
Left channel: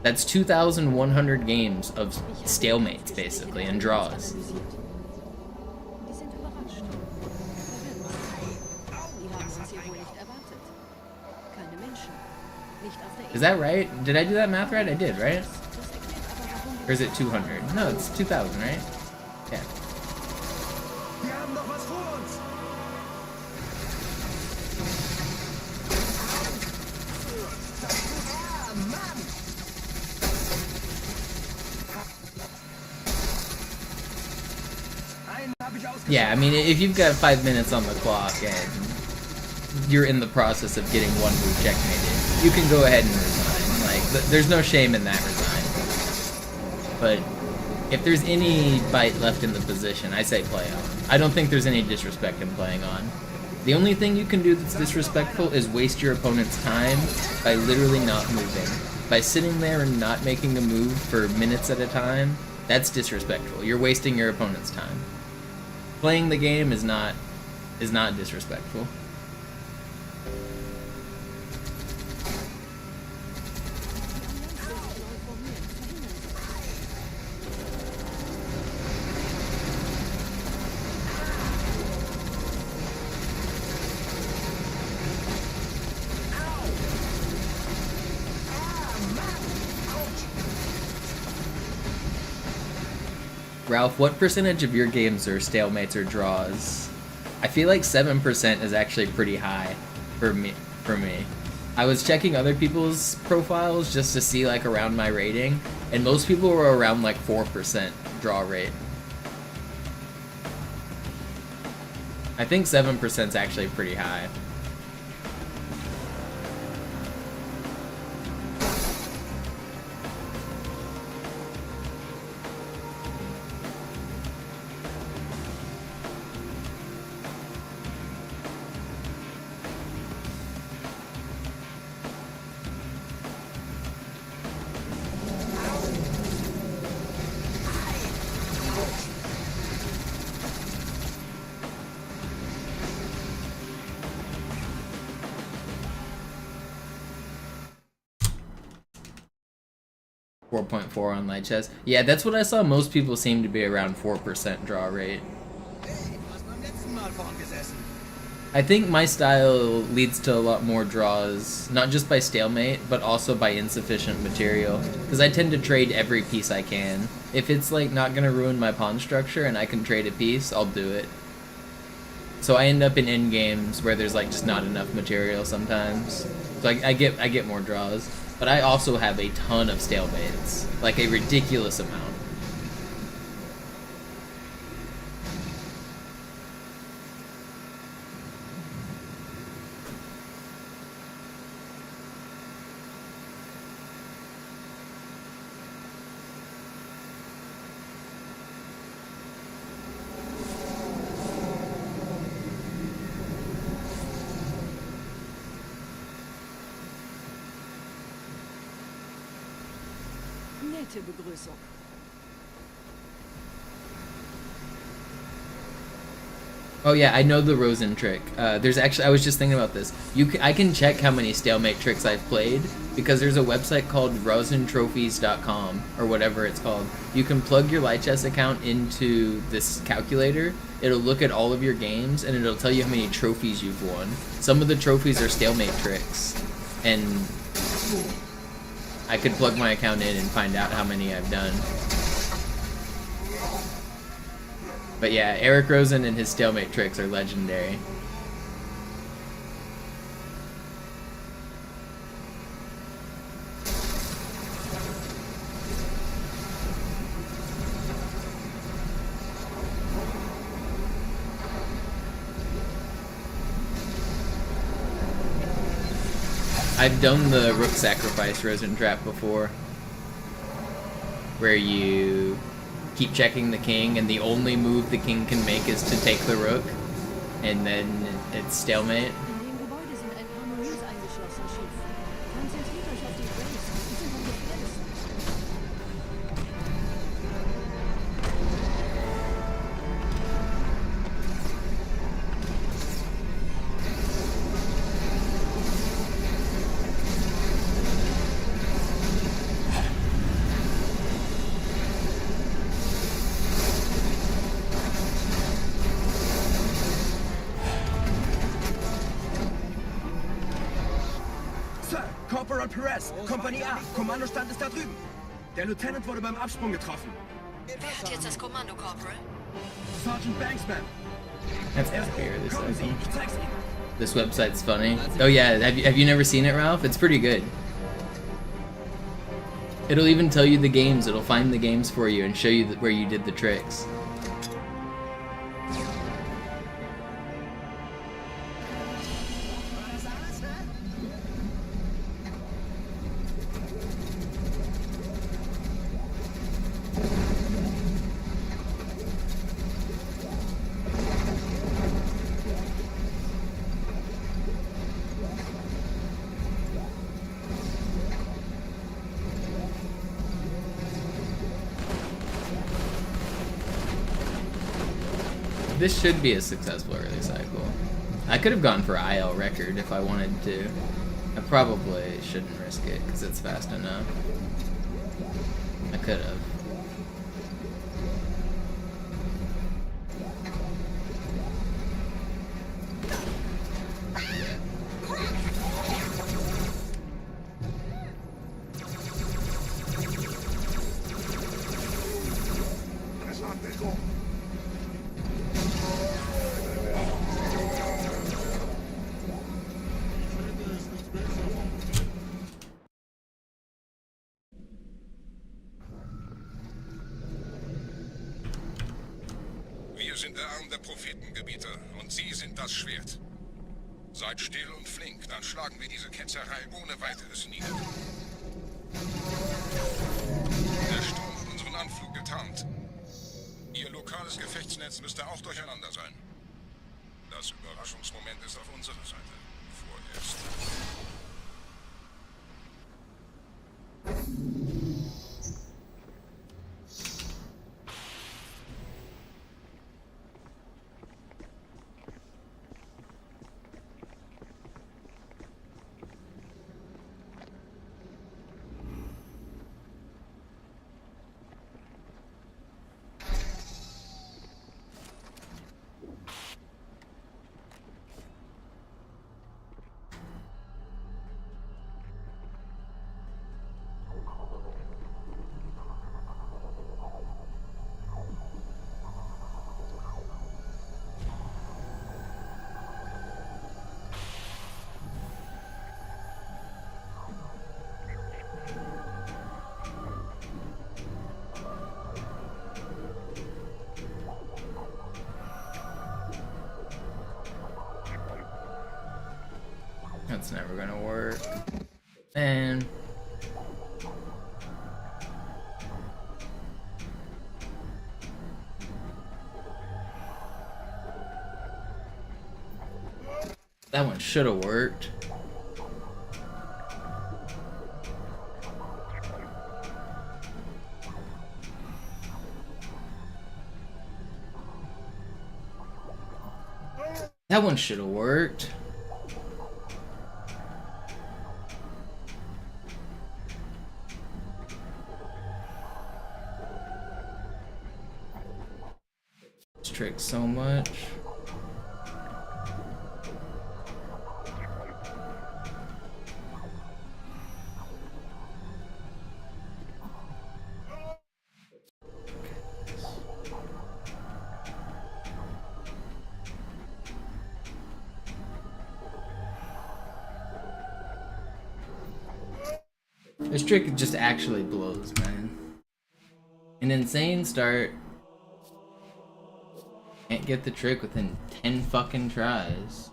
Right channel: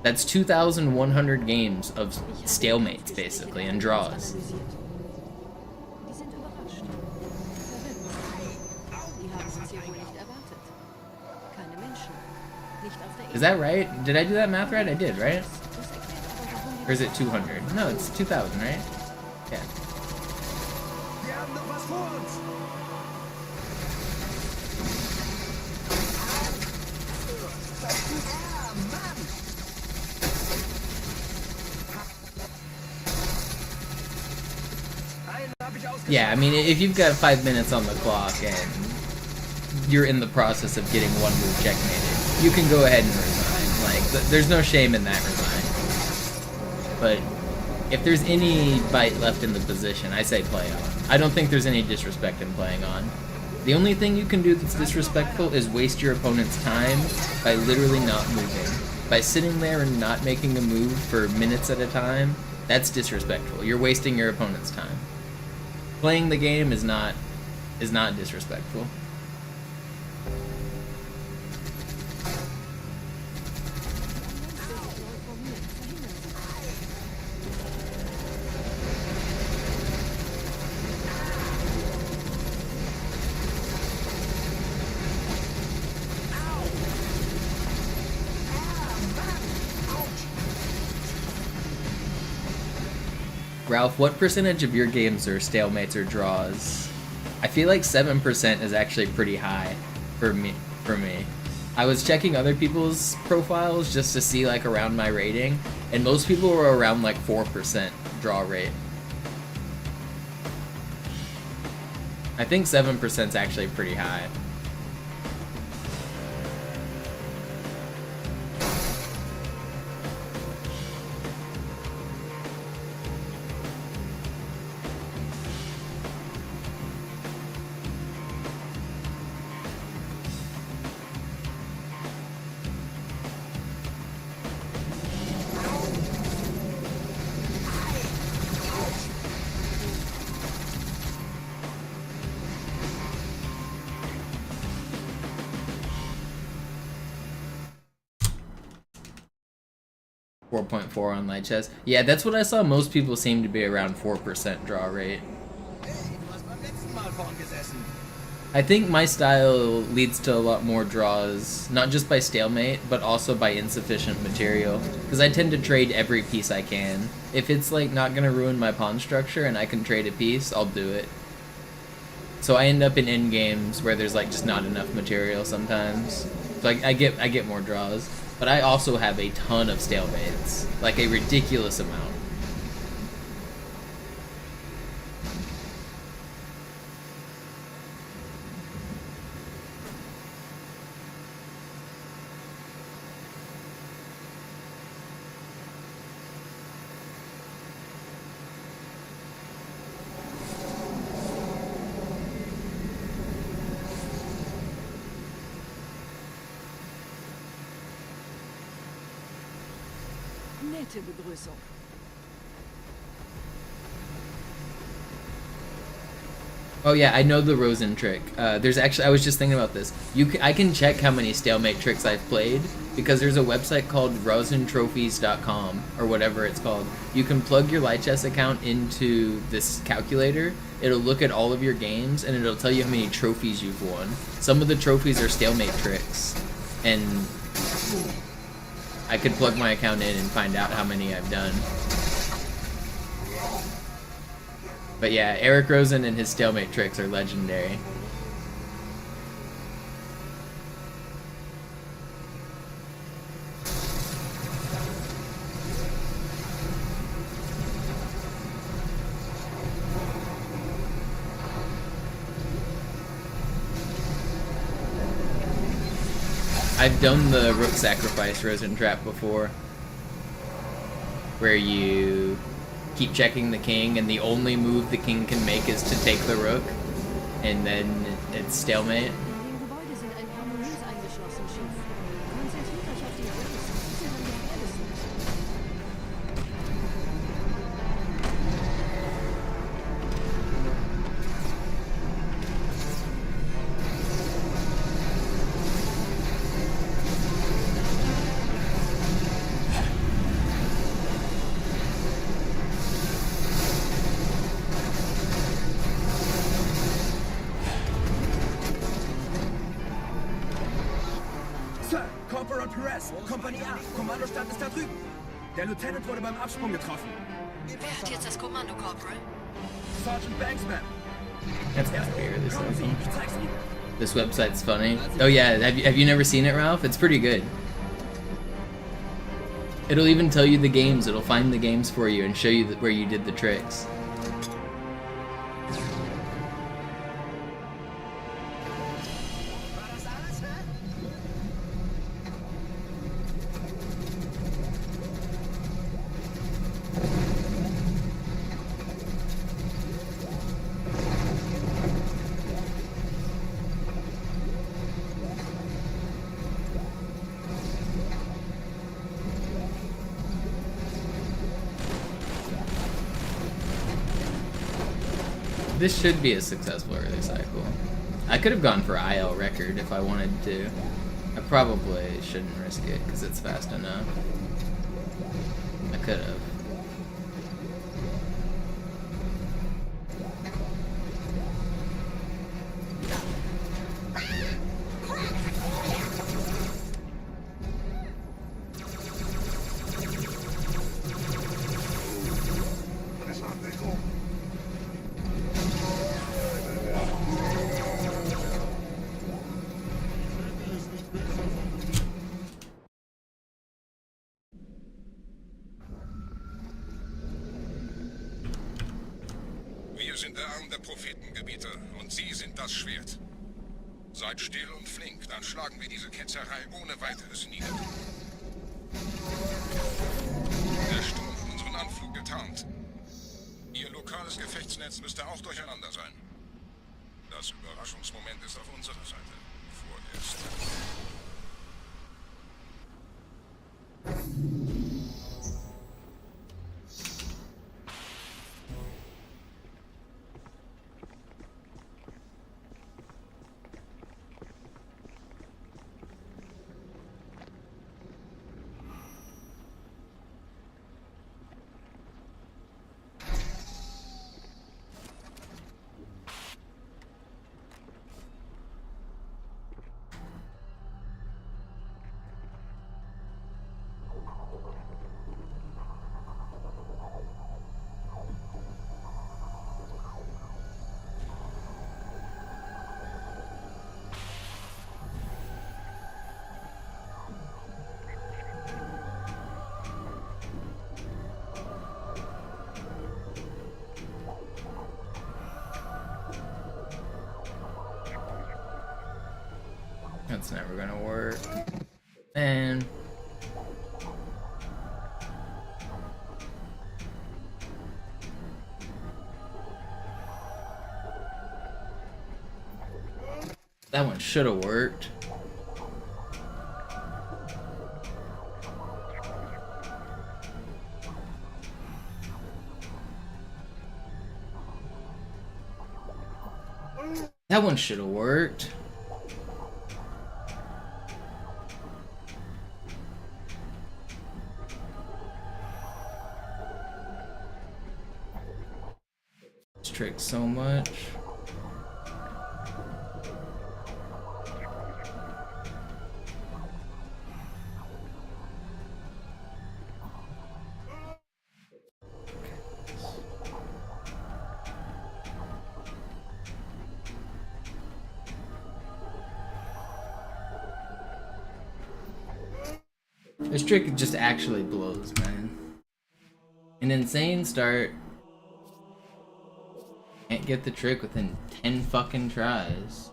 That's 2,100 games of stalemates, basically, and draws. Die sind überrascht. Verwirrt. Die haben uns hier wohl nicht erwartet. Keine Menschen. Nicht auf der Is that right? Did I do that math right? I did, right? Das erklärt aber, warum die Or is it 200? No, it's 2,000, right? Yeah. Wir haben noch was vor uns. Ah, Mann! Einen hab ich ausgeschaltet. Yeah, I mean, if you've got 5 minutes on the clock and you're in the process of getting one move checkmated, you can go ahead and resign. Like, there's no shame in that resign. But if there's any bite left in the position, I say play on. I don't think there's any disrespect in playing on. The only thing you can do that's disrespectful is waste your opponent's time by literally not moving. By sitting there and not making a move for minutes at a time, that's disrespectful. You're wasting your opponent's time. Playing the game is not disrespectful. Ralph, what percentage of your games are stalemates or draws? I feel like 7% is actually pretty high for me. I was checking other people's profiles just to see like around my rating, and most people were around like 4% draw rate. I think 7% is actually pretty high. .4 on light chess. Yeah, that's what I saw. Most people seem to be around 4% draw rate. I think my style leads to a lot more draws, not just by stalemate, but also by insufficient material. Because I tend to trade every piece I can. If it's like not gonna ruin my pawn structure and I can trade a piece, I'll do it. So I end up in end games where there's like just not enough material sometimes. So I get more draws. But I also have a ton of stalemates, like a ridiculous amount. Nette Begrüßung. Oh yeah, I know the Rosen trick. There's actually, I was just thinking about this. I can check how many stalemate tricks I've played because there's a website called rosentrophies.com or whatever it's called. You can plug your light chess account into this calculator. It'll look at all of your games and it'll tell you how many trophies you've won. Some of the trophies are stalemate tricks, and I could plug my account in and find out how many I've done. But yeah, Eric Rosen and his stalemate tricks are legendary. I've done the rook sacrifice Rosen trap before, where you keep checking the king and the only move the king can make is to take the rook. and then it's stalemate. In dem Gebäude sind ein paar Marines eingeschlossen, Chief. Konzentriert euch auf die Graves. Die sind am gefährlichsten. Sir, Corporal Perez, Kompanie A, Kommandostand ist da drüben. Der Lieutenant wurde beim Absprung getroffen. Wer hat jetzt das Kommando, Corporal? Sergeant Banksman. That's gotta be really cycle. Ich zeig's Ihnen. This website's funny. Oh yeah, have you never seen it, Ralph? It's pretty good. It'll even tell you the games. It'll find the games for you and show you where you did the tricks. This should be a successful early cycle. I could have gone for IL record if I wanted to. I probably shouldn't risk it because it's fast enough. I could have. Wir sind der Arm der Prophetengebieter und Sie sind das Schwert. Seid still und flink, dann schlagen wir diese Ketzerei ohne weiteres nieder. Der Sturm hat unseren Anflug getarnt. Ihr lokales Gefechtsnetz müsste auch durcheinander sein. Das Überraschungsmoment ist auf unserer Seite. Vorerst. That's never gonna work. And that one should have worked. That one should have worked. Trick so much. This trick just actually blows, man. An insane start. Can't get the trick within 10 fucking tries.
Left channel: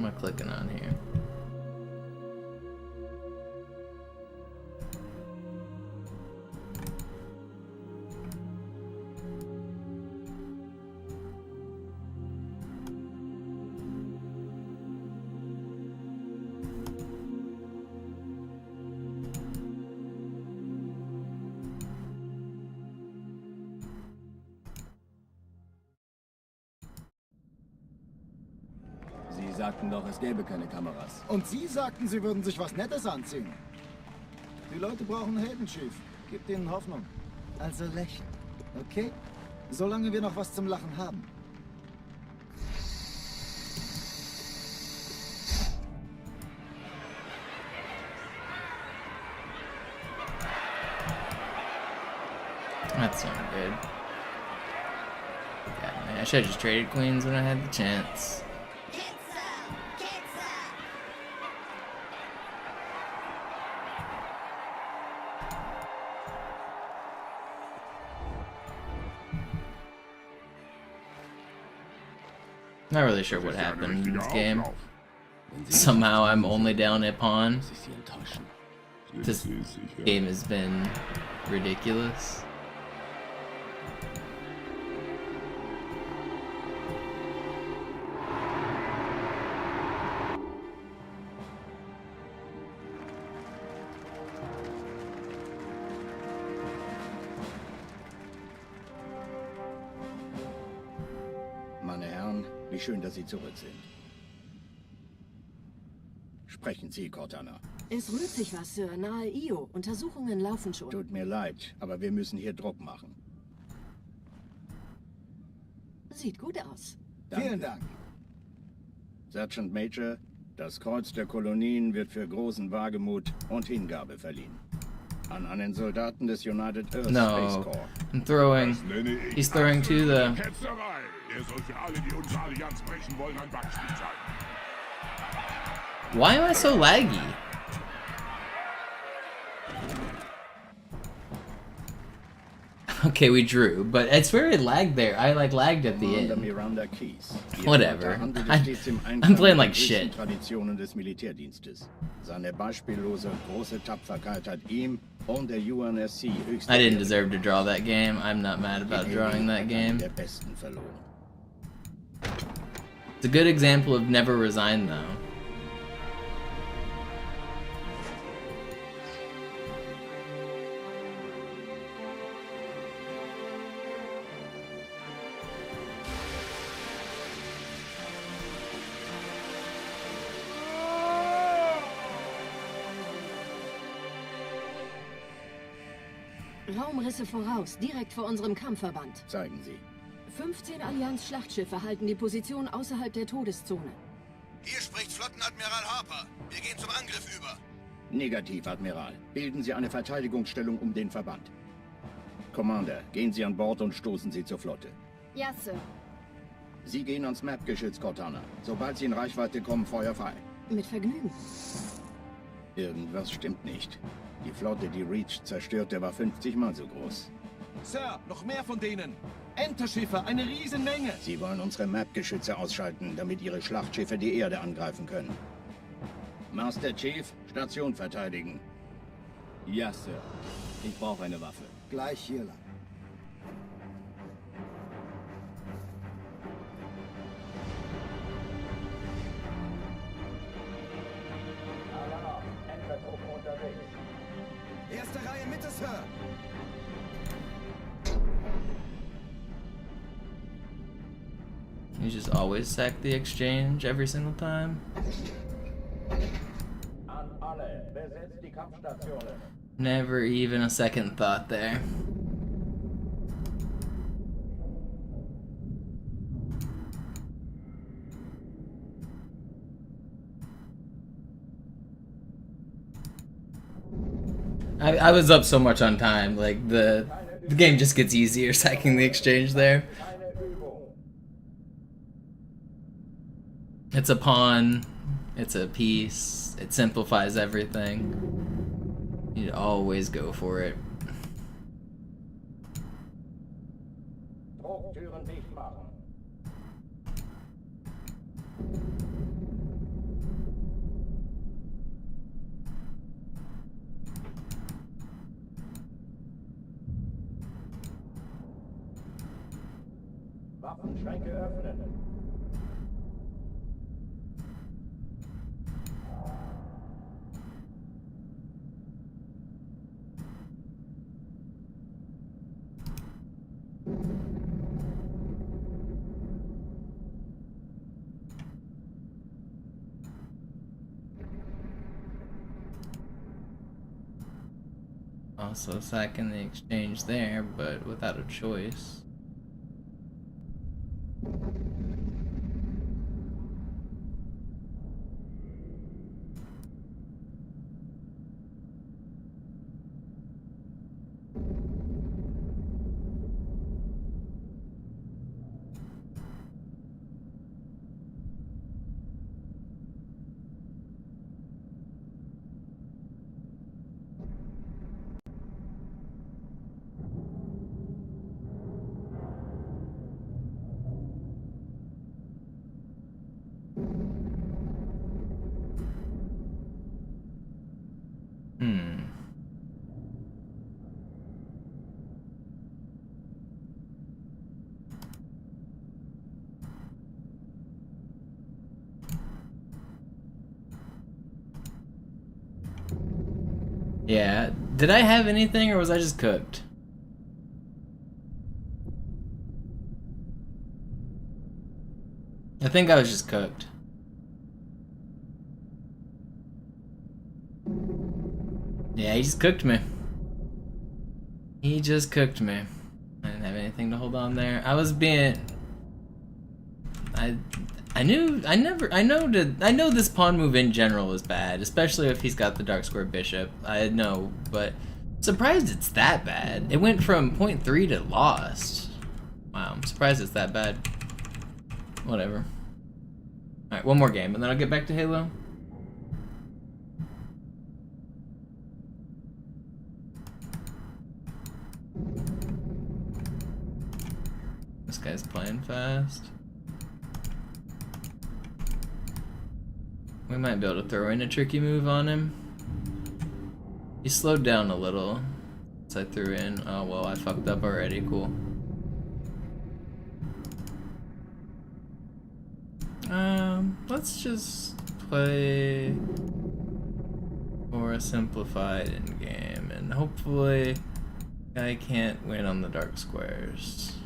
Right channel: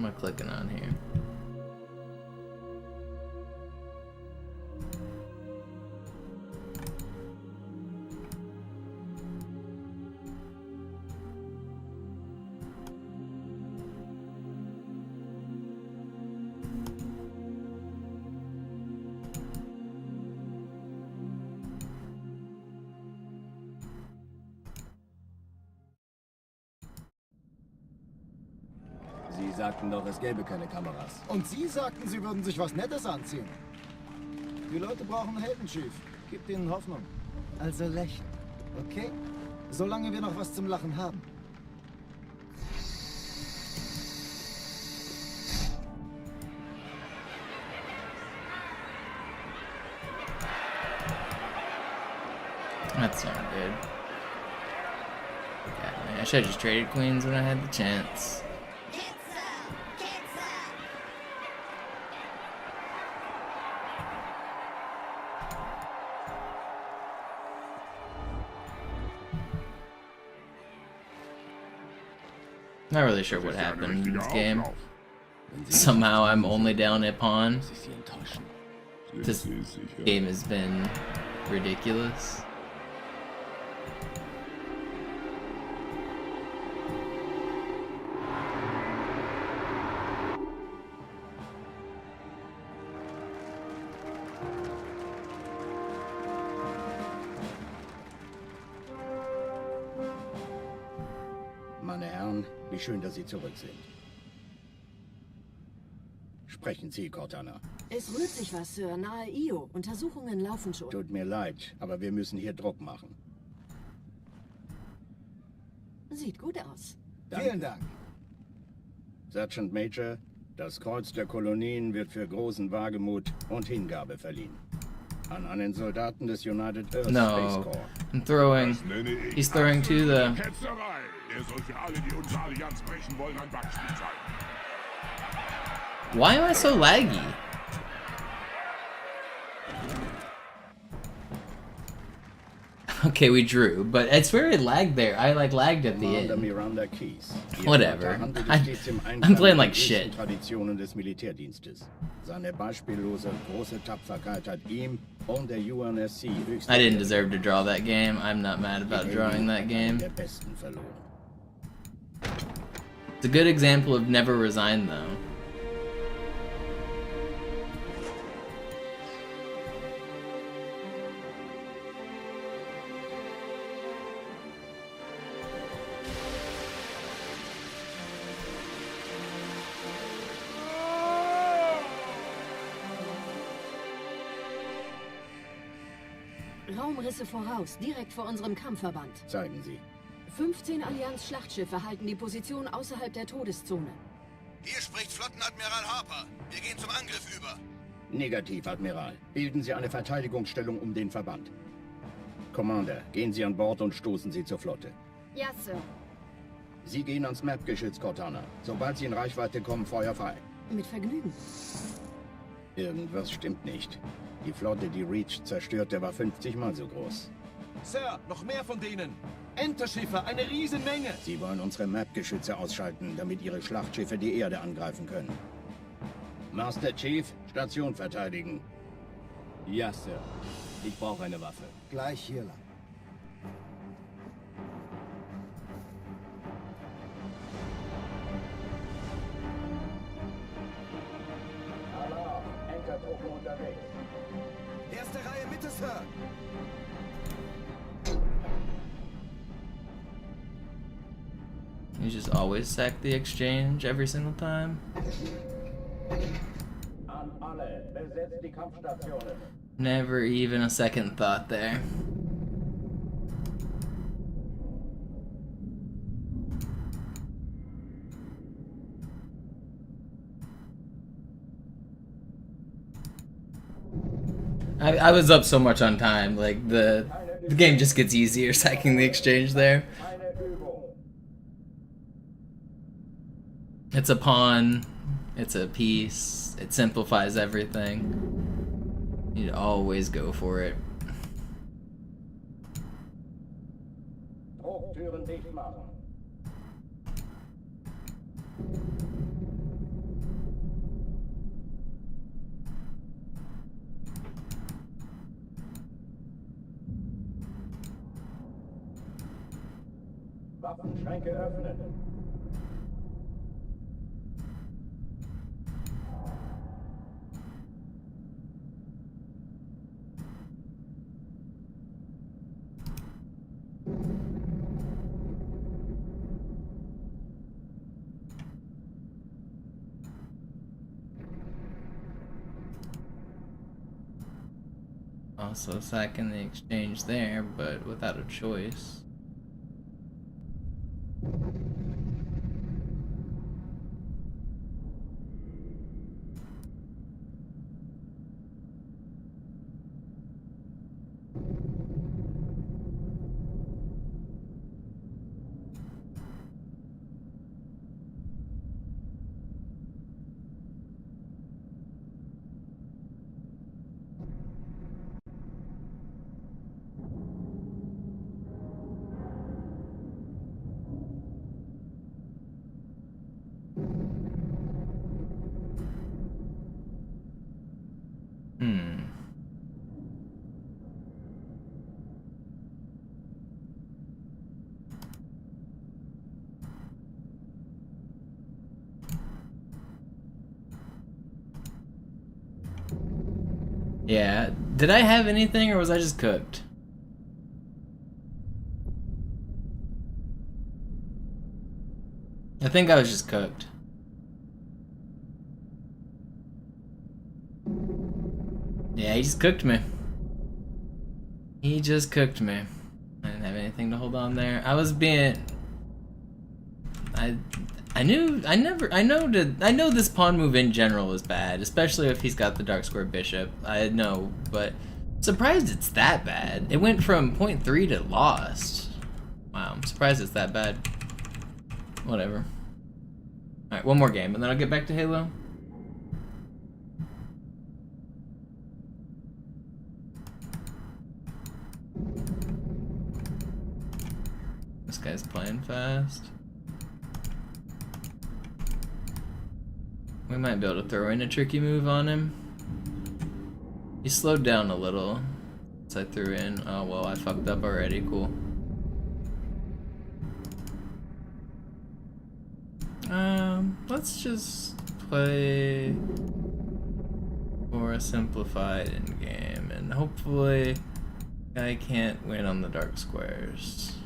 am I clicking on here? Sie sagten doch, es gäbe keine Kameras. Und Sie sagten, Sie würden sich was Nettes anziehen. Die Leute brauchen einen Helden, Chief. Gibt ihnen Hoffnung. Also lächeln, okay? Solange wir noch was zum Lachen haben. That's not good. God, man, I should have just traded queens when I had the chance. Not really sure what happened in this game. Somehow I'm only down a pawn. This game has been ridiculous. Meine Herren, wie schön, dass Sie zurück sind. Sprechen Sie, Cortana. Es rührt sich was, Sir. Nahe Io. Untersuchungen laufen schon. Tut mir leid, aber wir müssen hier Druck machen. Sieht gut aus. Danke. Vielen Dank. Sergeant Major, das Kreuz der Kolonien wird für großen Wagemut und Hingabe verliehen. An einen Soldaten des United Earth Space No, Corps. I'm throwing. He's throwing to the. Ketzerei. Er soll für alle, die unsere Allianz brechen wollen, ein Beispiel sein. Why am I so laggy? Okay, we drew, but I swear it lagged there. I like lagged at the end. Whatever. I'm playing like shit. Traditionen des Militärdienstes. Seine beispiellose große Tapferkeit hat ihm und der UNSC höchste I didn't deserve to draw that game. I'm not mad about drawing that game. der Besten verloren. It's a good example of never resign though. Raumrisse voraus, direkt vor unserem Kampfverband. Zeigen Sie. 15 Allianz-Schlachtschiffe halten die Position außerhalb der Todeszone. Hier spricht Flottenadmiral Harper. Wir gehen zum Angriff über. Negativ, Admiral. Bilden Sie eine Verteidigungsstellung um den Verband. Commander, gehen Sie an Bord und stoßen Sie zur Flotte. Ja, Sir. Sie gehen ans Map-Geschütz, Cortana. Sobald Sie in Reichweite kommen, Feuer frei. Mit Vergnügen. Irgendwas stimmt nicht. Die Flotte, die Reach zerstörte, war 50 Mal so groß. Sir, noch mehr von denen. Enterschiffe, eine Riesenmenge. Sie wollen unsere Map-Geschütze ausschalten, damit ihre Schlachtschiffe die Erde angreifen können. Master Chief, Station verteidigen. Ja, Sir. Ich brauche eine Waffe. Gleich hier lang. Alarm, Entertruppen unterwegs. Erste Reihe Mitte, Sir. You just always sack the exchange every single time. An alle, besetzt die Kampfstationen. Never even a second thought there. I was up so much on time, like the game just gets easier sacking the exchange there. It's a pawn, it's a piece, it simplifies everything. You need to always go for it. Drucktüren dicht machen. Waffenschränke öffnen. Also sacking the exchange there, but without a choice. Yeah, did I have anything or was I just cooked? I think I was just cooked. Yeah, he just cooked me. He just cooked me. I didn't have anything to hold on there. I was being... I know this pawn move in general is bad, especially if he's got the dark square bishop. I know, but surprised it's that bad. It went from 0.3 to lost. Wow, I'm surprised it's that bad. Whatever. Alright, one more game, and then I'll get back to Halo. This guy's playing fast. We might be able to throw in a tricky move on him. He slowed down a little. So I threw in. Oh well, I fucked up already. Cool. Let's just play for a simplified endgame, and hopefully I can't win on the dark squares.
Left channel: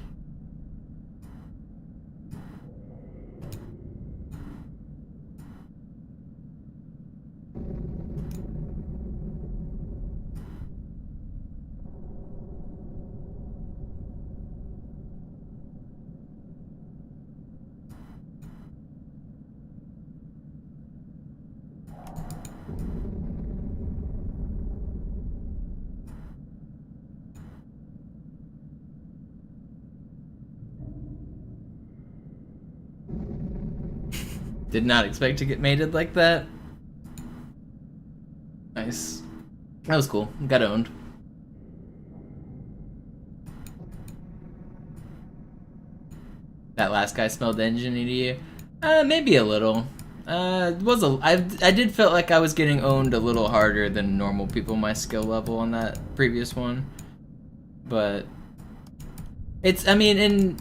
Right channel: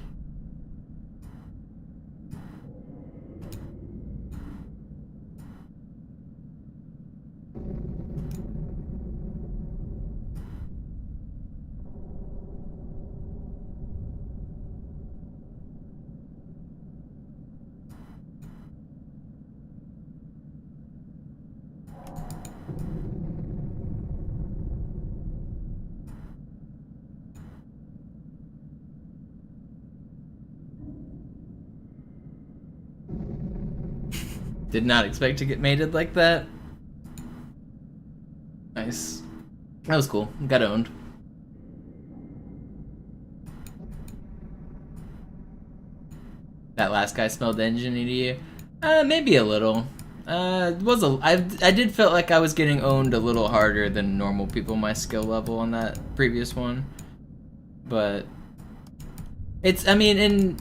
Did not expect to get mated like that. Nice. That was cool. Got owned. That last guy smelled engine to you? Maybe a little. I did feel like I was getting owned a little harder than normal people my skill level on that previous one. But it's, I mean, in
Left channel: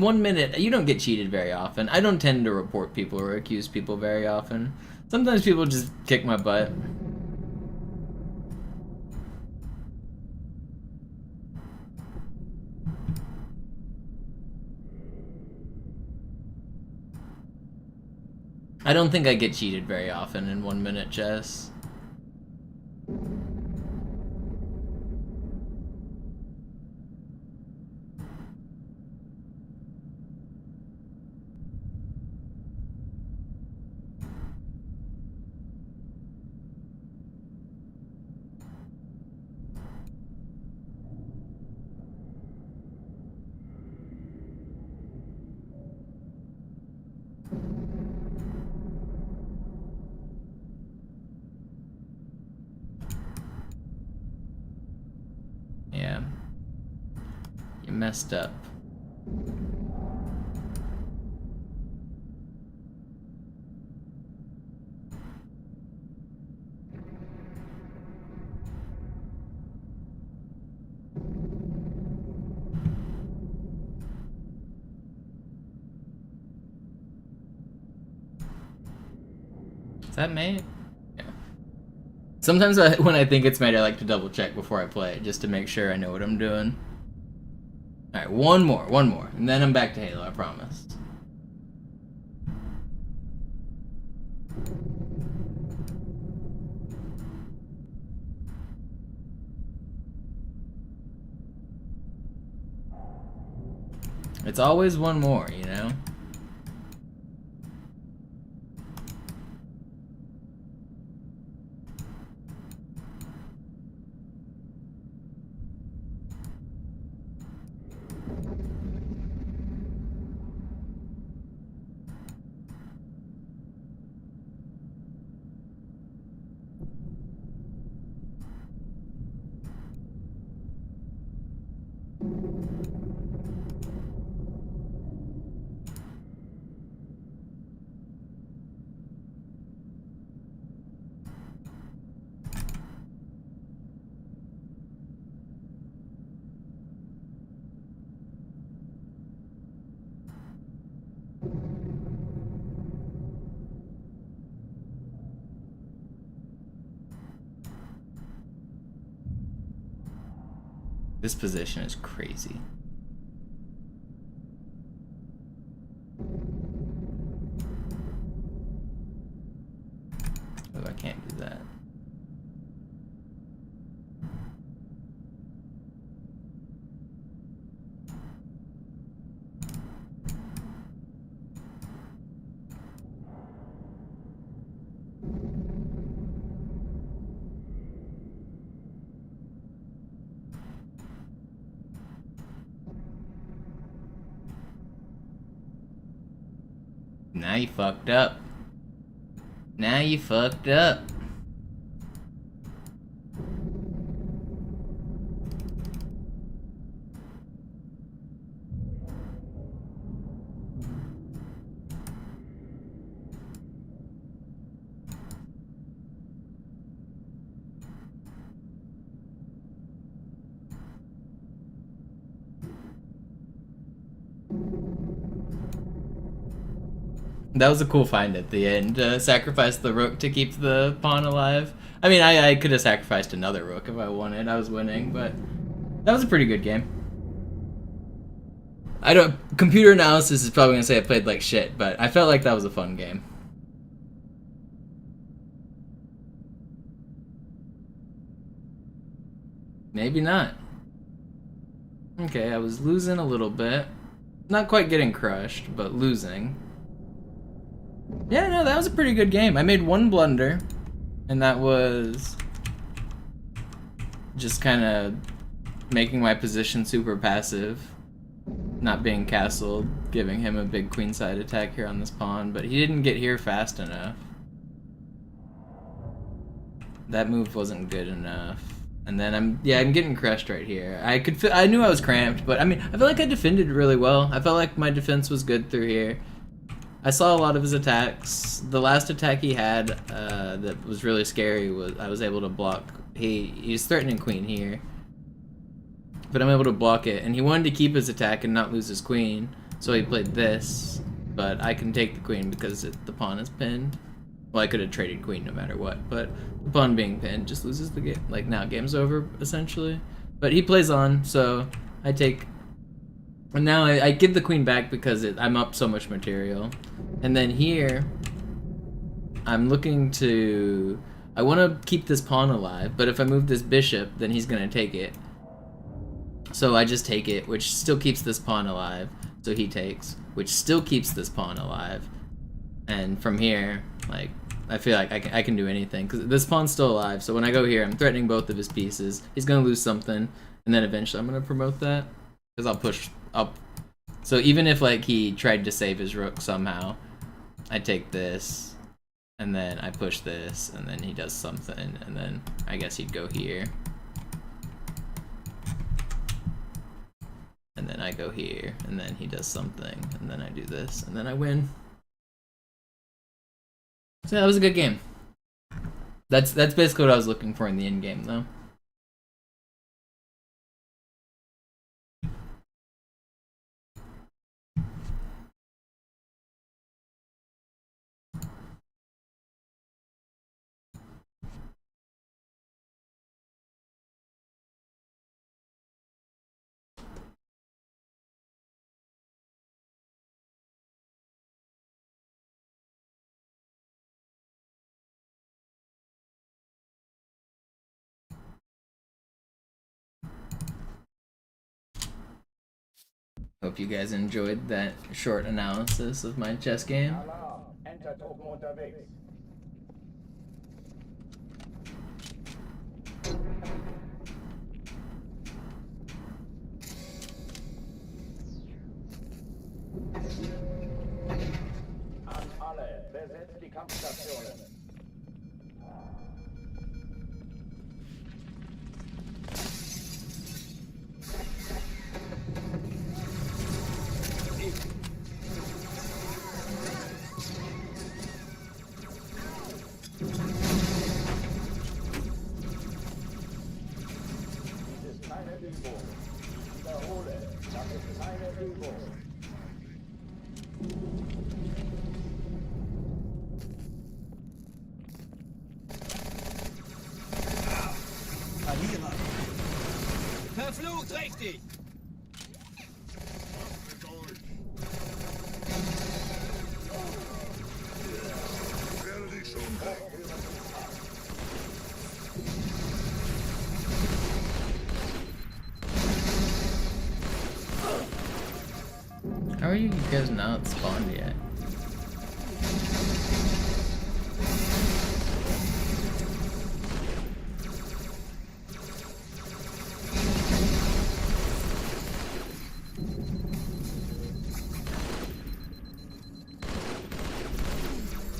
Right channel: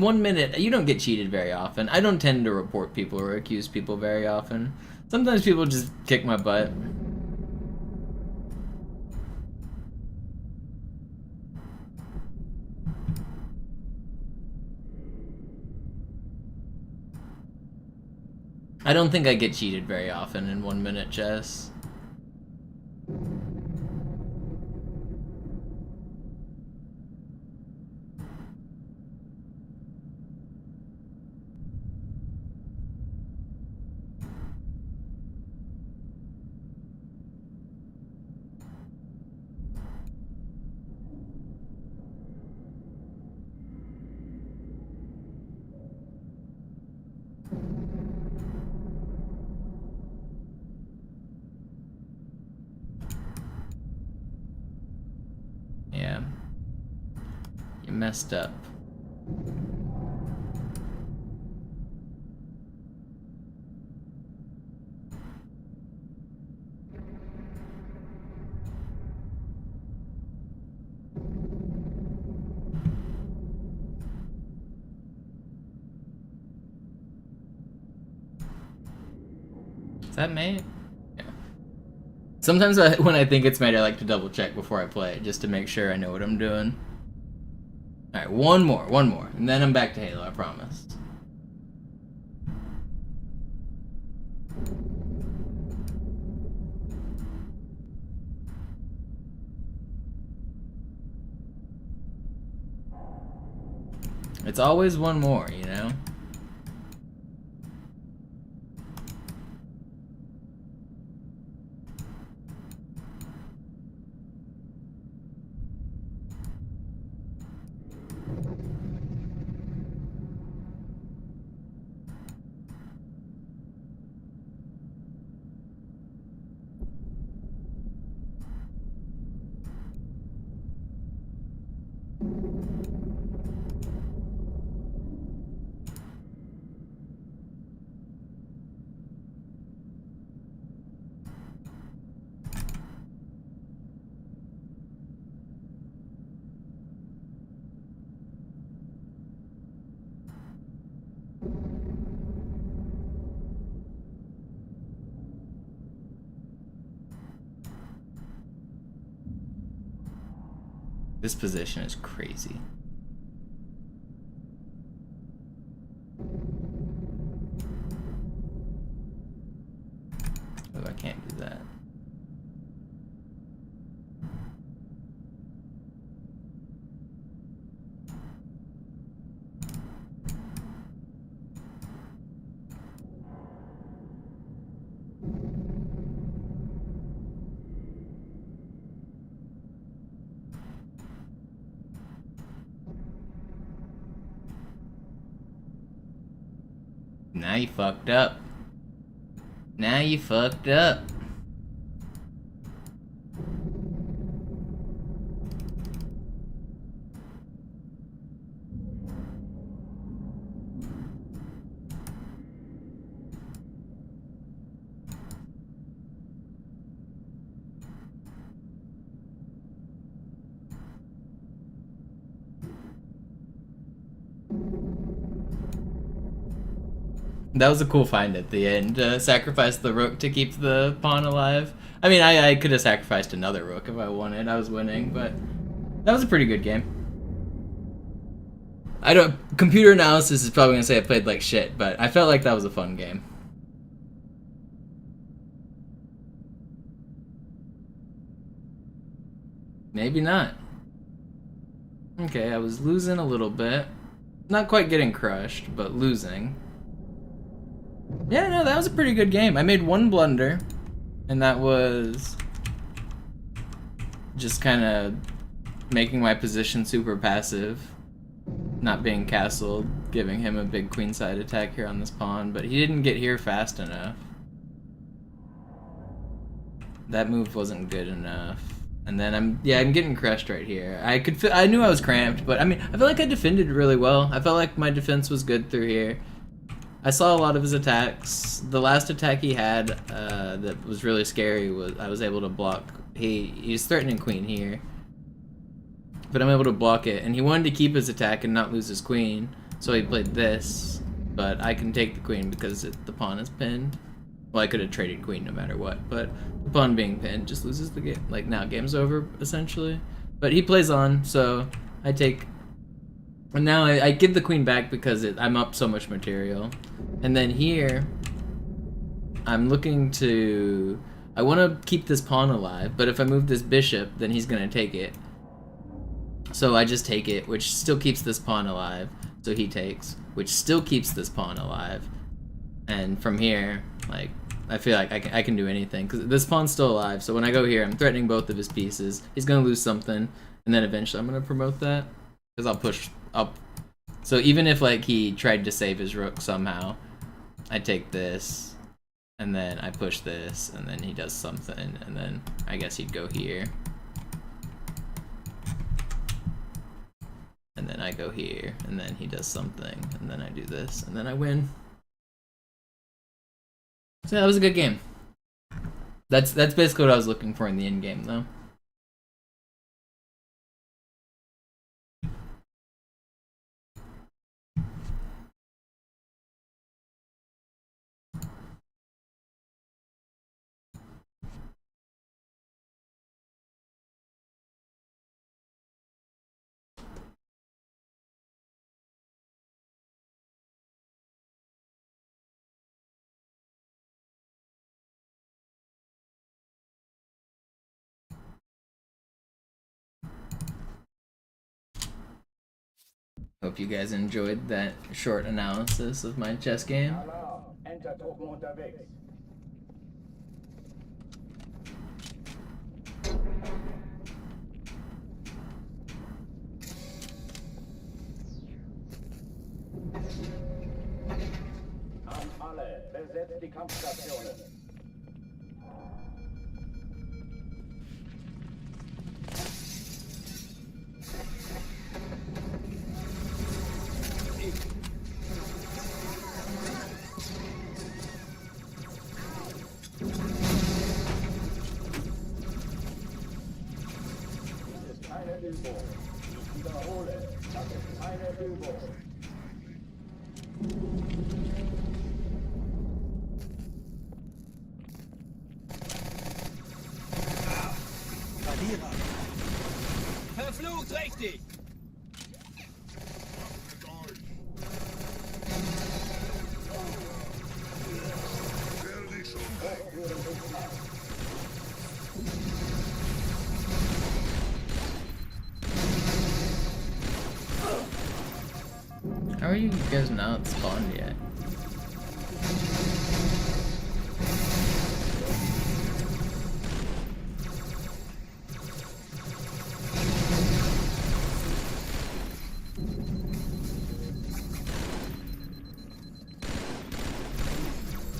1 minute, you don't get cheated very often. I don't tend to report people or accuse people very often. Sometimes people just kick my butt. I don't think I get cheated very often in 1 minute chess. Yeah. You messed up. that mate? Yeah. Sometimes when I think it's mate, I like to double check before I play, just to make sure I know what I'm doing. Alright, one more, and then I'm back to Halo, I promise. It's always one more, you know? This position is crazy. Oh, I can't do that. Now you fucked up. Now you fucked up. That was a cool find at the end. Sacrifice the rook to keep the pawn alive. I mean, I could have sacrificed another rook if I wanted. I was winning, but that was a pretty good game. I don't. Computer analysis is probably gonna say I played like shit, but I felt like that was a fun game. Maybe not. Okay, I was losing a little bit. Not quite getting crushed, but losing. Yeah, no, that was a pretty good game. I made one blunder, and that was just kind of making my position super passive, not being castled, giving him a big queenside attack here on this pawn, but he didn't get here fast enough. That move wasn't good enough. And then I'm getting crushed right here. I knew I was cramped, but I mean, I feel like I defended really well. I felt like my defense was good through here. I saw a lot of his attacks. The last attack he had that was really scary was I was able to block. He's threatening queen here, but I'm able to block it. And he wanted to keep his attack and not lose his queen, so he played this. But I can take the queen because the pawn is pinned. Well, I could have traded queen no matter what, but the pawn being pinned just loses the game. Like, now game's over, essentially. But he plays on, so I take... And now I give the queen back because I'm up so much material. And then here, I'm looking to... I want to keep this pawn alive, but if I move this bishop, then he's going to take it. So I just take it, which still keeps this pawn alive. So he takes, which still keeps this pawn alive. And from here, like, I feel like I can do anything, because this pawn's still alive, so when I go here, I'm threatening both of his pieces. He's going to lose something, and then eventually I'm going to promote that, because I'll push up. So even if, like, he tried to save his rook somehow, I take this, and then I push this, and then he does something, and then I guess he'd go here. And then I go here, and then he does something, and then I do this, and then I win. So that was a good game. That's basically what I was looking for in the end game, though. Hope you guys enjoyed that short analysis of my chess game. Alarm! Enter-Truppen unterwegs. An alle, besetzt die Kampfstationen. Übung. Ich wiederhole, das ist keine Übung. Verflucht richtig! How are you guys not spawned yet?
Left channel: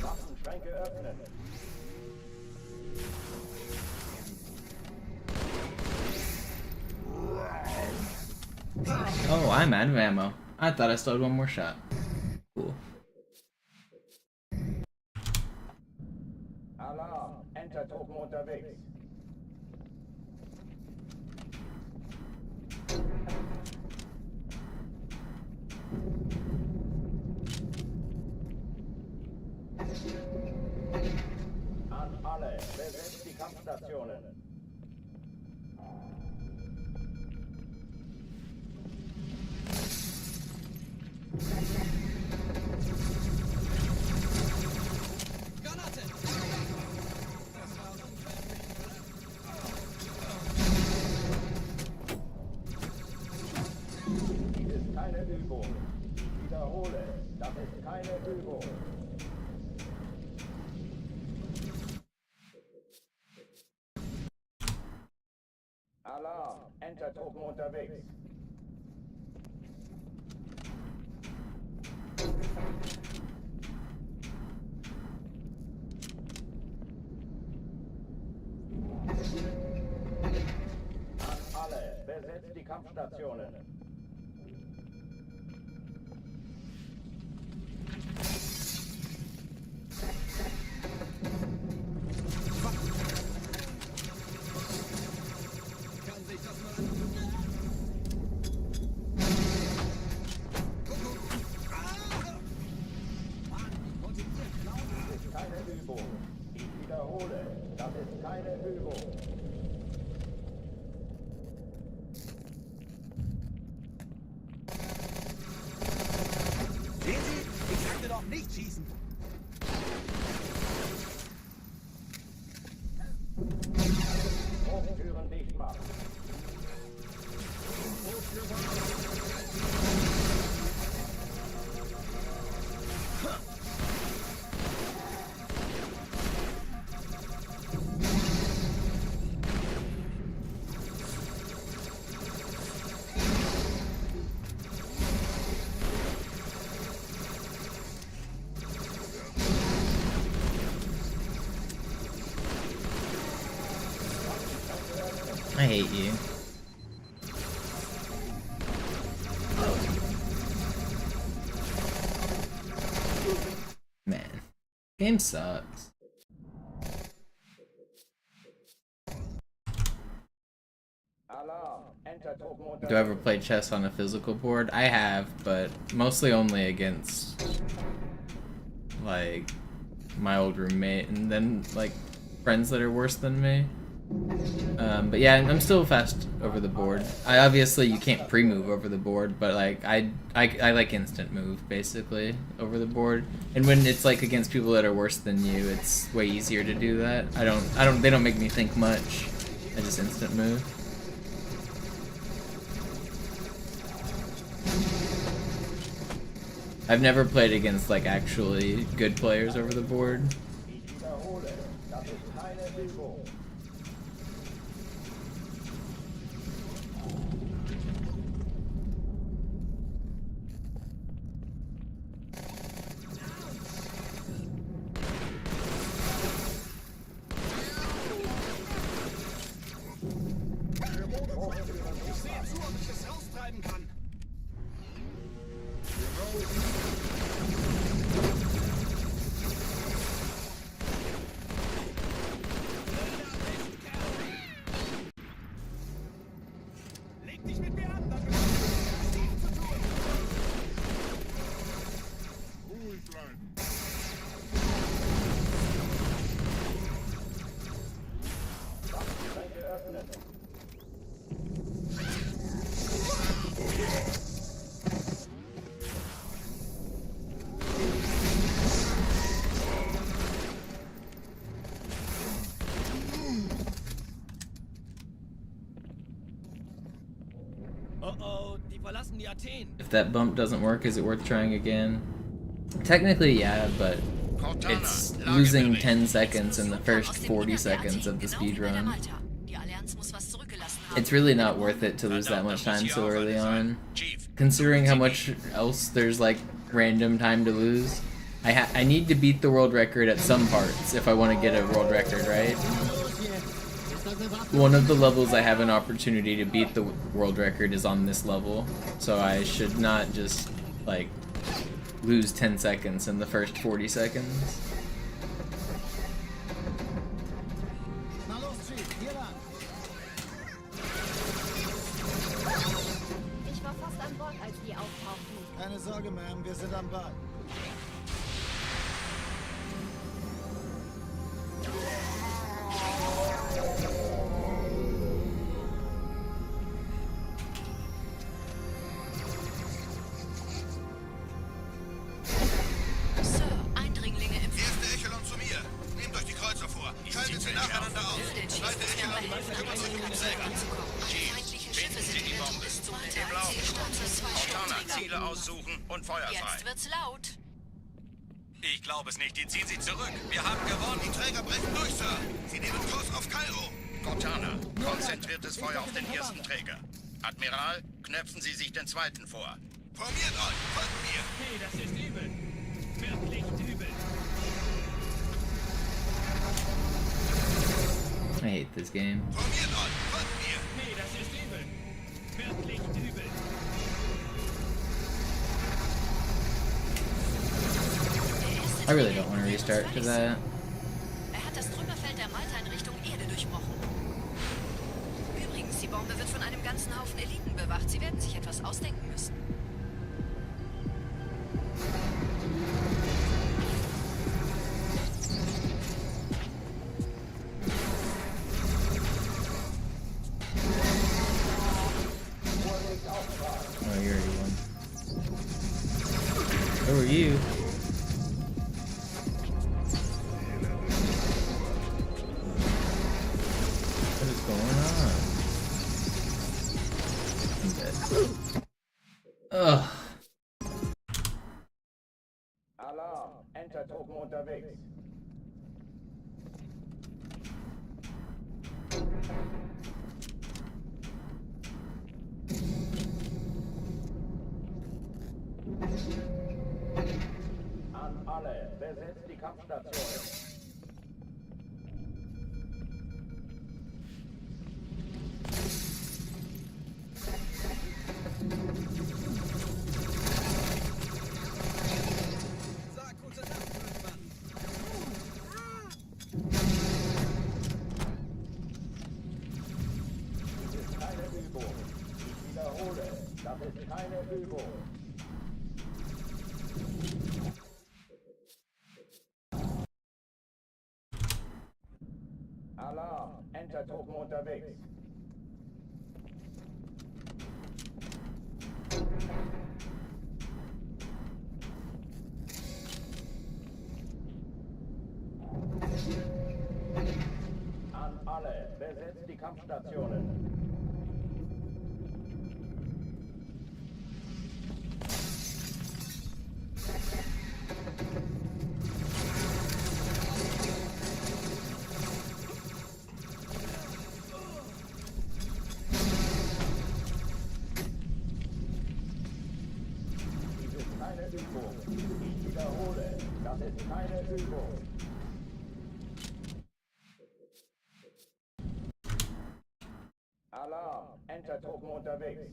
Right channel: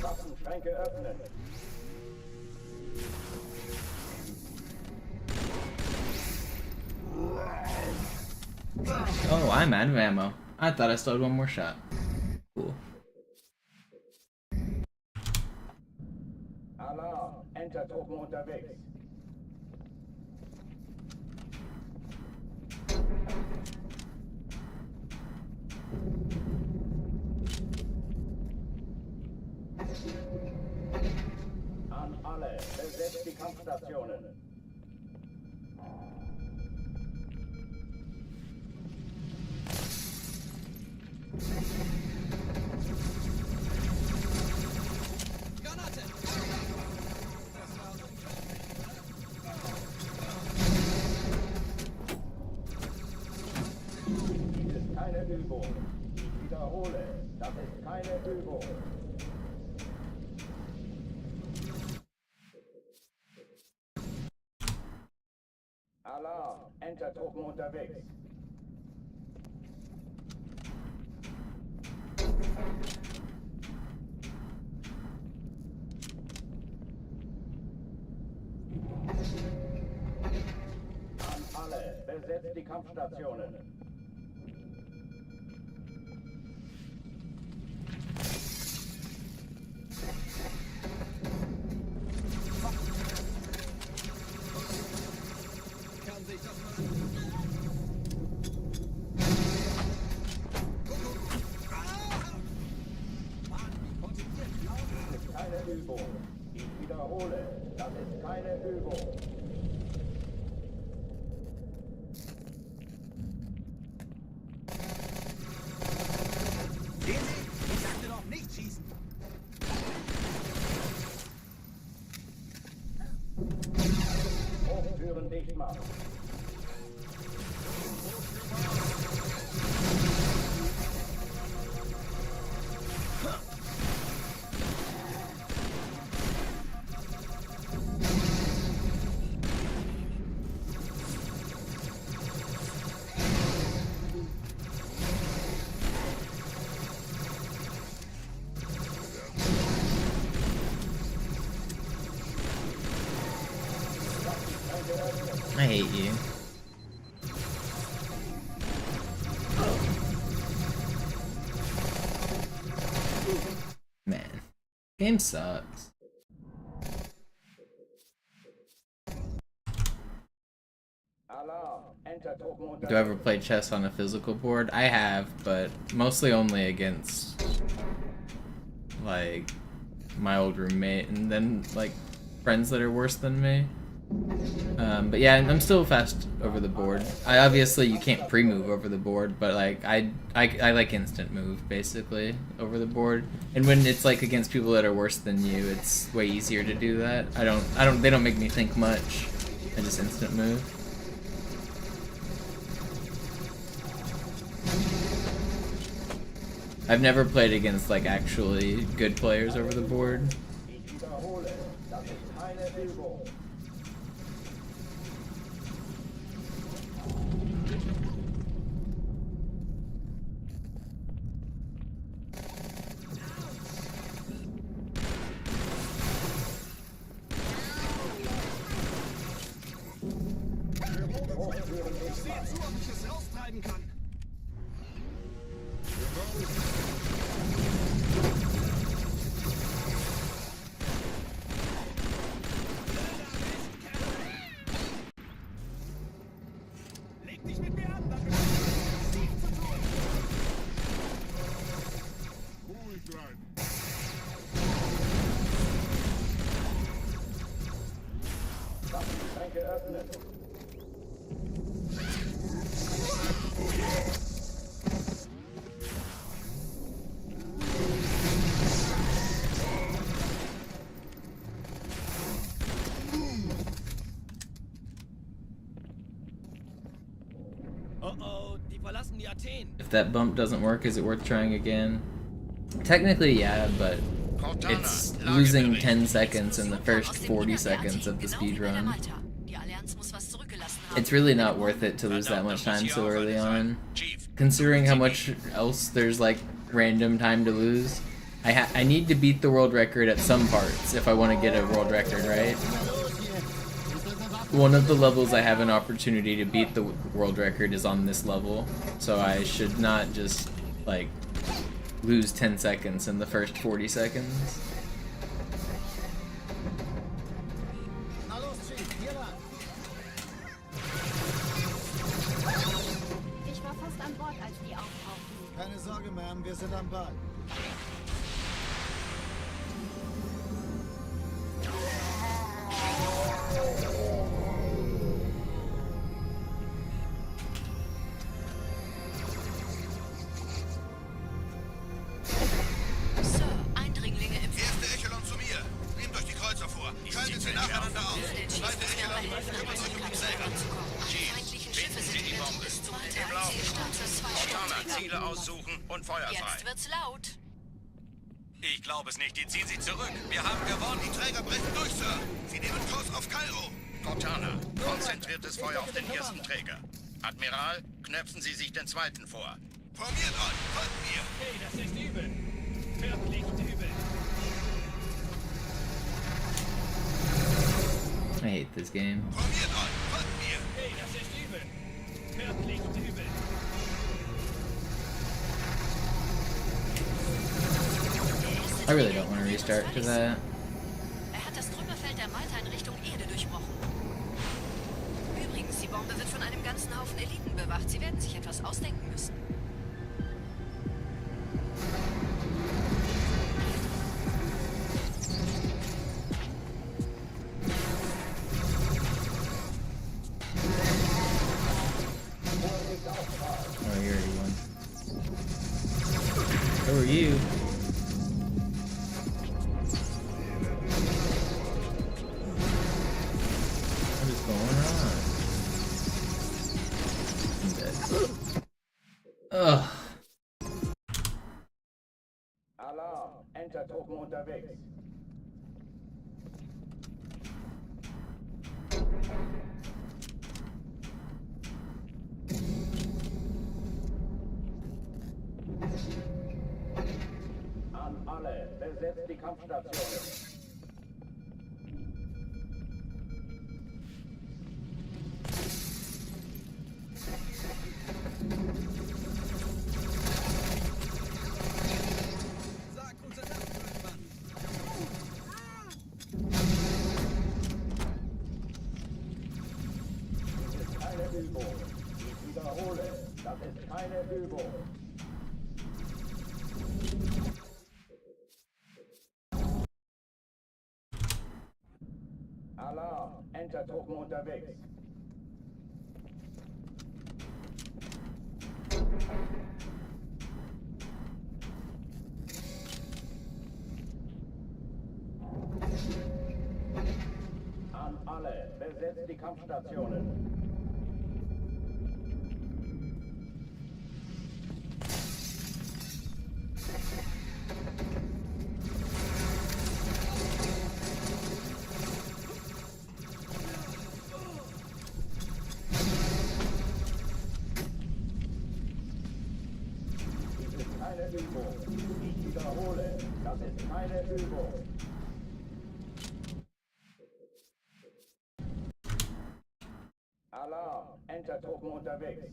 Waffenschränke öffnen. Oh, I'm out of ammo. I thought I still had one more shot. Cool. Alarm! Enter-Truppen unterwegs. An alle, besetzt die Kampfstationen. Keine Übung. Ich wiederhole, das ist keine Übung. Alarm! Enter-Truppen unterwegs. An alle, besetzt die Kampfstationen. Keine Übung. Ich wiederhole, das ist keine Übung. Hochtüren dicht machen. I hate you. Man, game sucks. Do I ever play chess on a physical board? I have, but mostly only against like my old roommate and then like friends that are worse than me. But yeah, I'm still fast over the board. Obviously you can't pre-move over the board, but like I like instant move basically over the board. And when it's like against people that are worse than you, it's way easier to do that. They don't make me think much. I just instant move. I've never played against like actually good players over the board. Ich wiederhole, das ist keine Übung. Oh, die verlassen die Athen. If that bump doesn't work, is it worth trying again? Technically, yeah, but it's losing 10 seconds in the first 40 seconds of the speed run. It's really not worth it to lose that much time so early on, considering how much else there's like random time to lose. I need to beat the world record at some parts if I want to get a world record, right? One of the levels I have an opportunity to beat the world record is on this level, so I should not just like lose 10 seconds in the first 40 seconds. Ich war fast an Bord, als die auftauchten. Keine Sorge, Ma'am, wir sind am Ball. Ziele aussuchen und Feuer frei. Jetzt wird's laut. Ich glaube es nicht, die ziehen sie zurück. Wir haben gewonnen. Die Träger brechen durch, Sir. Sie nehmen Kurs auf Kairo. Cortana, konzentriertes Feuer auf den ersten Träger. Admiral, knöpfen Sie sich den zweiten vor. Formiert euch, folgt mir. Hey, das ist übel. Wirklich übel. I hate this game. Formiert euch, folgt mir. Hey, das ist übel. Wirklich übel. I really don't want to restart to that. Hat das Trümmerfeld der Malta in Richtung Erde durchbrochen. Übrigens, die Bombe wird von einem ganzen Haufen Eliten bewacht. Sie werden sich etwas ausdenken müssen. Oh, you already won. So are you. What is going on? I'm dead. Ugh. Alarm, Entertruppen unterwegs. An alle, besetzt die Kampfstationen. Übung. Ich wiederhole, das ist keine Übung. Alarm, Entertruppen unterwegs. An alle, besetzt die Kampfstationen. Übung. Ich wiederhole, das ist keine Übung. Alarm, Entertruppen unterwegs.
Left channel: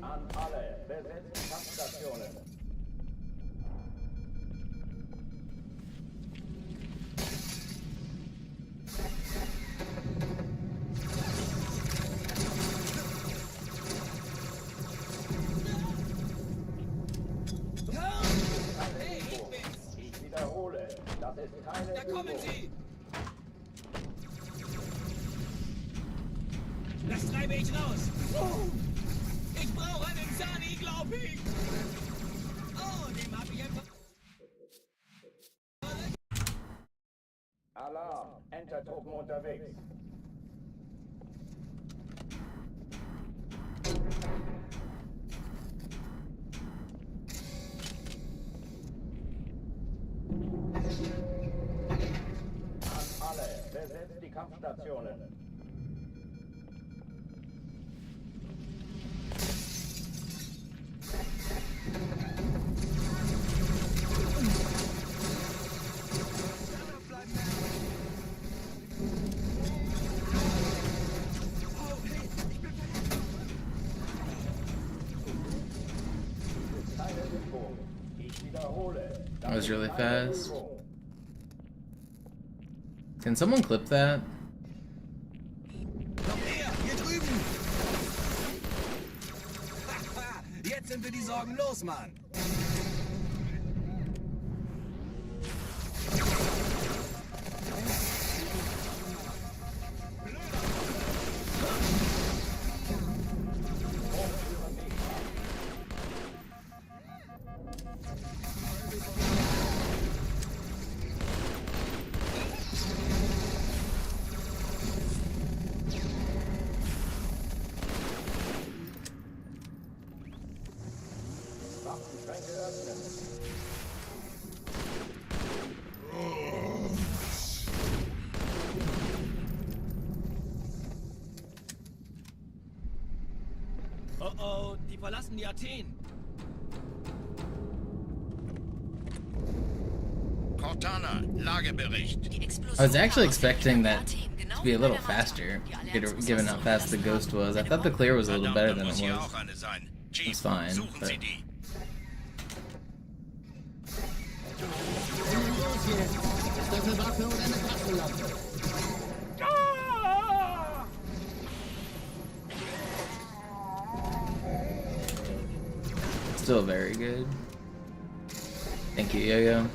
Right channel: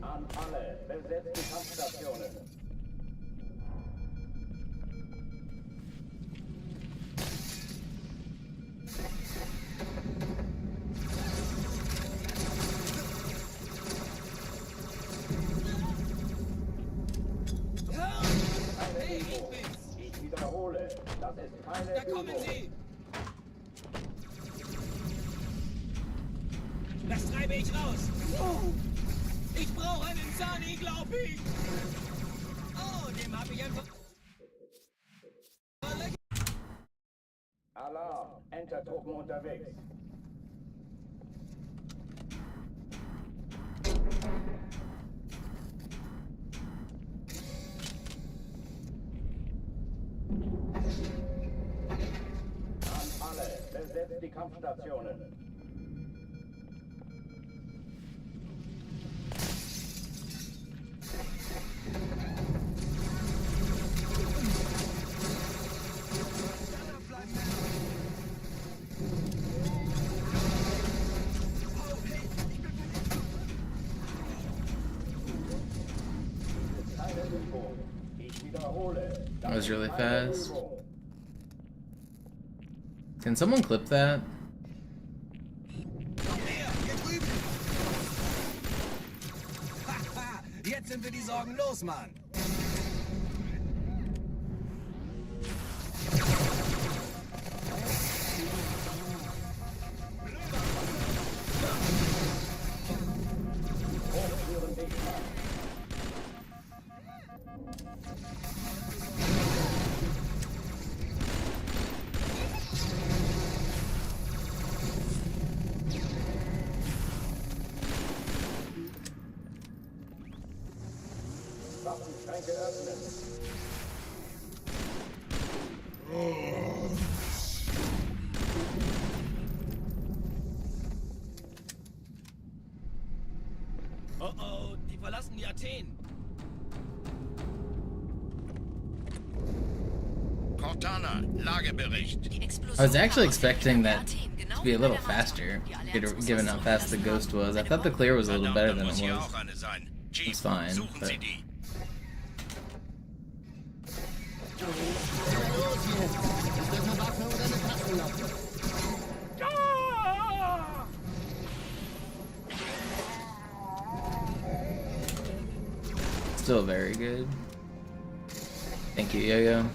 An alle, besetzt die Kampfstationen. Keine Übung. Ich wiederhole, das ist keine Übung. Das treibe ich raus. Ich brauche einen Sani, glaub ich. Oh, dem habe ich einfach... Alarm, Entertruppen unterwegs. An alle, besetzt die Kampfstationen. That was really fast. Can someone clip that? Jetzt sind wir die Sorgen los, Mann. Waffenschränke öffnen. Oh oh, die verlassen die Athen. Cortana, Lagebericht. I was actually expecting that to be a little faster, given how fast the ghost was. I thought the clear was a little better than it was. It's fine, but... Immer los jetzt! Ist das eine Waffe oder eine Taschenlampe? Still very good. Thank you, Yo-Yo.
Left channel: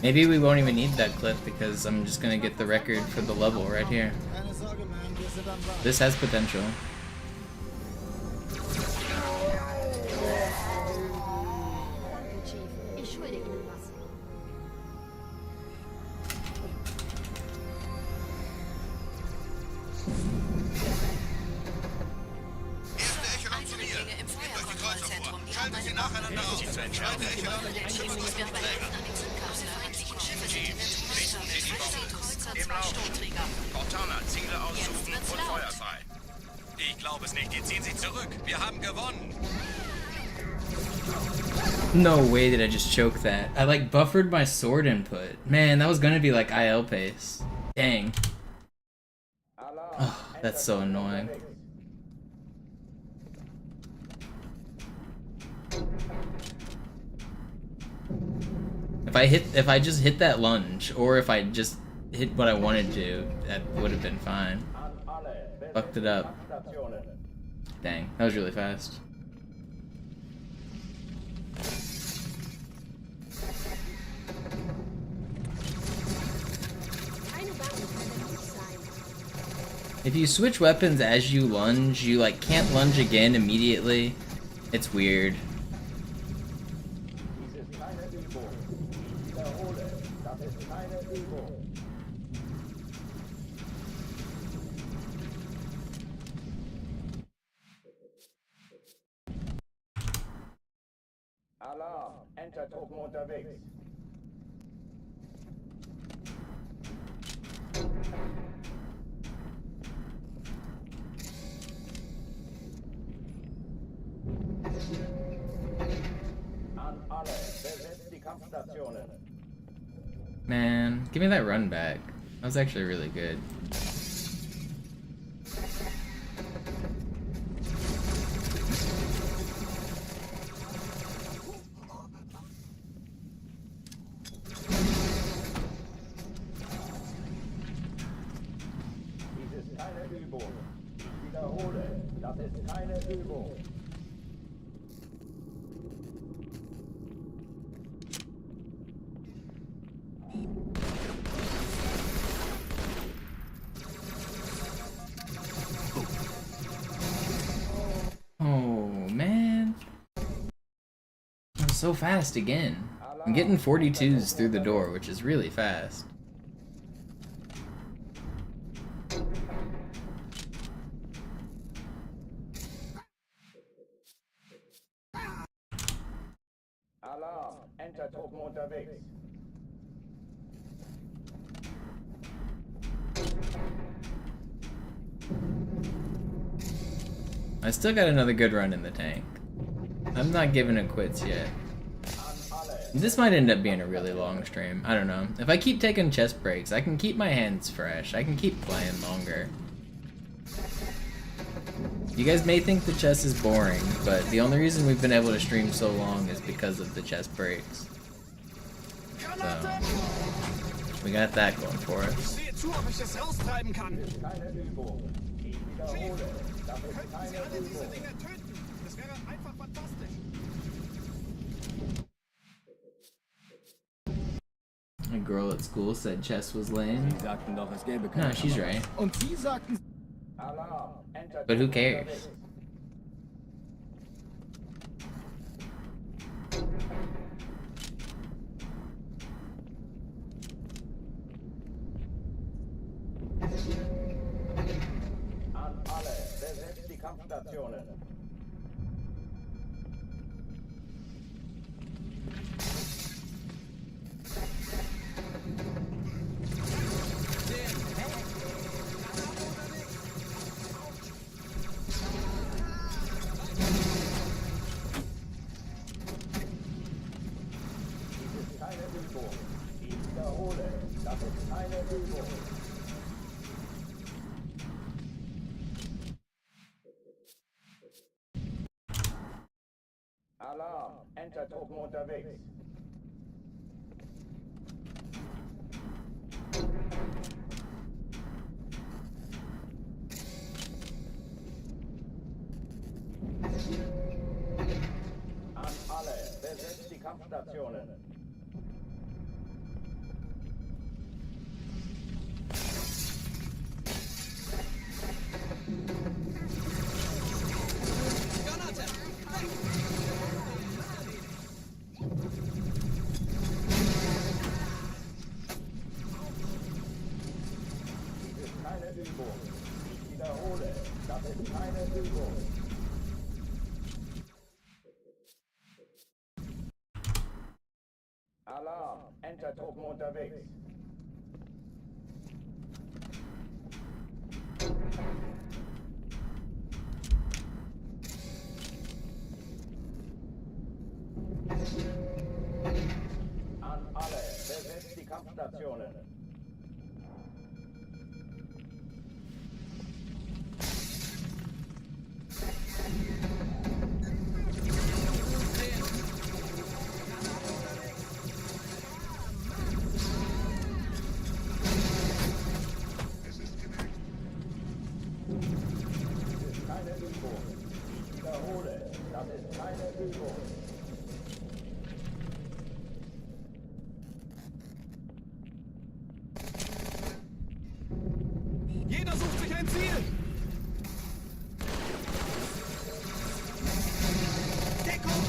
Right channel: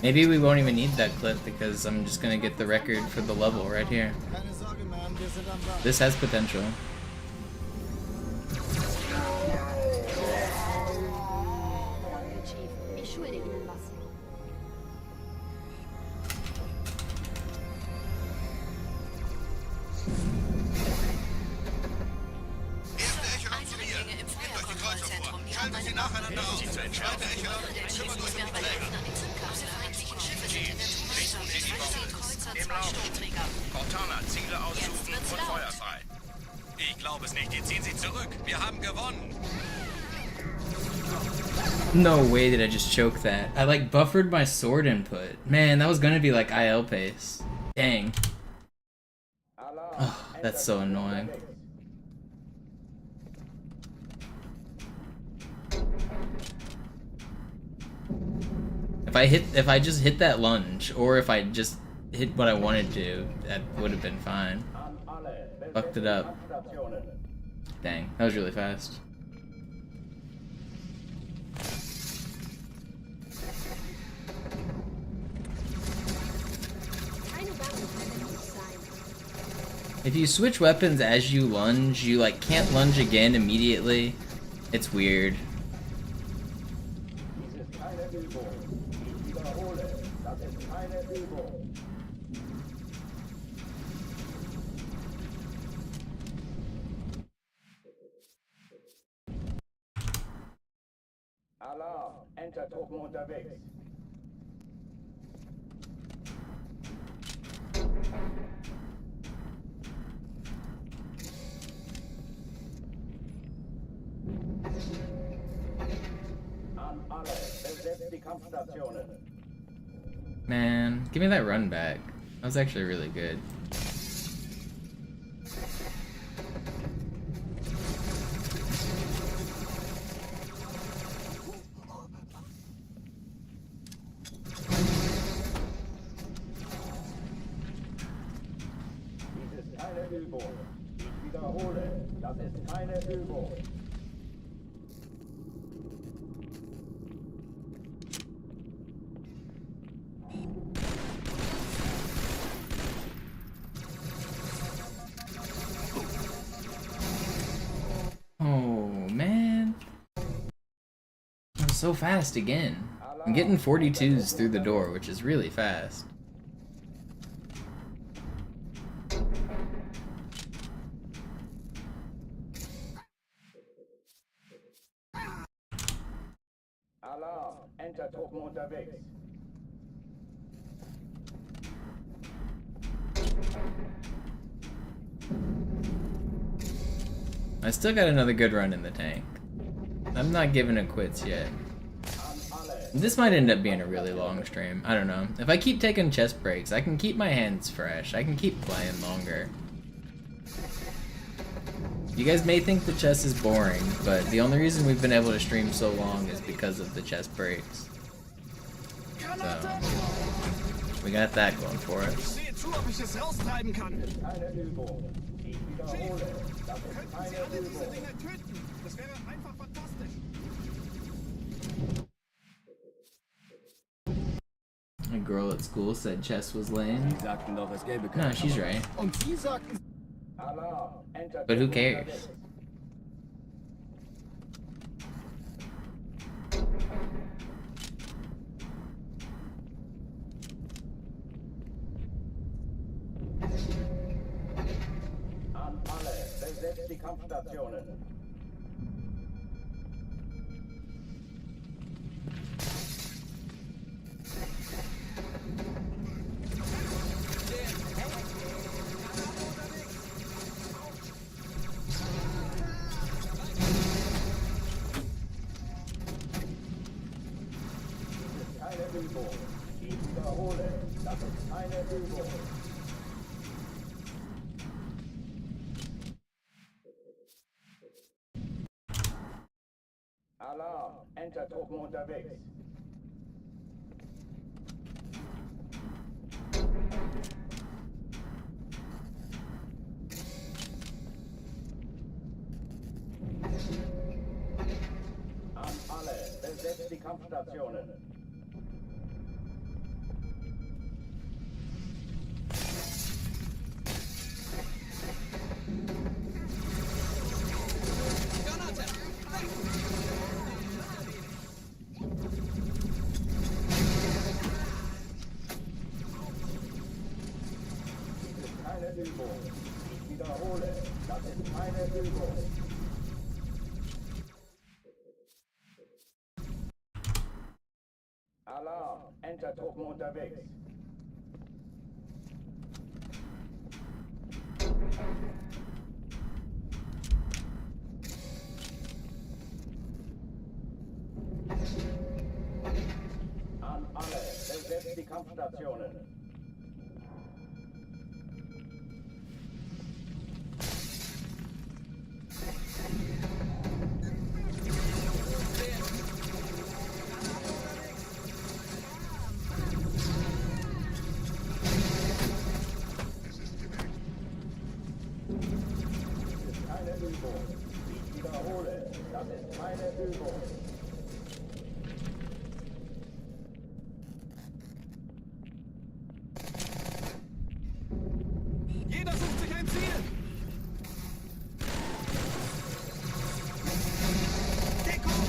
Maybe we won't even need that clip because I'm just gonna get the record for the level right here. This has potential. Danke, Chief. Ich schulde Ihnen was. Erste Echelon zu mir. Nehmt euch die Kreuzer vor. Schaltet sie nacheinander auf. Zweite Echelon, kümmert euch um den Träger. Im Lauf. Cortana, Ziele aussuchen und Feuer frei. Ich glaube es nicht. Die ziehen sich zurück. Wir haben gewonnen. No way did I just choke that. I like buffered my sword input. Man, that was gonna be like IL pace. Dang. Oh, that's so annoying. If I just hit that lunge, or if I just hit what I wanted to, that would have been fine. Fucked it up. Dang, that was really fast. If you switch weapons as you lunge, you like can't lunge again immediately. It's weird. Alarm, Enter-Truppen unterwegs. An alle, besetzt die Kampfstationen. Man, give me that run back. That was actually really good. Dies ist keine Übung. Ich wiederhole, das ist keine Übung. Oh man, I'm so fast again. I'm getting 42s through the door, which is really fast. Alarm, Enter-Truppen unterwegs. I still got another good run in the tank. I'm not giving it quits yet. This might end up being a really long stream. I don't know. If I keep taking chest breaks, I can keep my hands fresh. I can keep playing longer. You guys may think the chess is boring, but the only reason we've been able to stream so long is because of the chest breaks. So, we got that going for us. Keine Übung. Ich wiederhole, das ist keine Übung. Das wäre einfach fantastisch. A girl at school said chess was lame. Sie sagten doch, es gäbe keine No, she's right. Und Sie sagten... Alarm, Enter-Truppen But who cares? unterwegs. An alle, besetzt die Kampfstationen. Dies ist keine Übung. Ich wiederhole, das ist keine Übung. Alarm, Enter-Truppen unterwegs. An alle, besetzt die Kampfstationen. Dies ist keine Übung. Ich wiederhole, das ist keine Übung. Alarm, Enter-Truppen unterwegs. An alle, besetzt die Kampfstationen. Dies ist keine Übung. Ich wiederhole, das ist keine Übung. Jeder sucht sich ein Ziel. Deckung!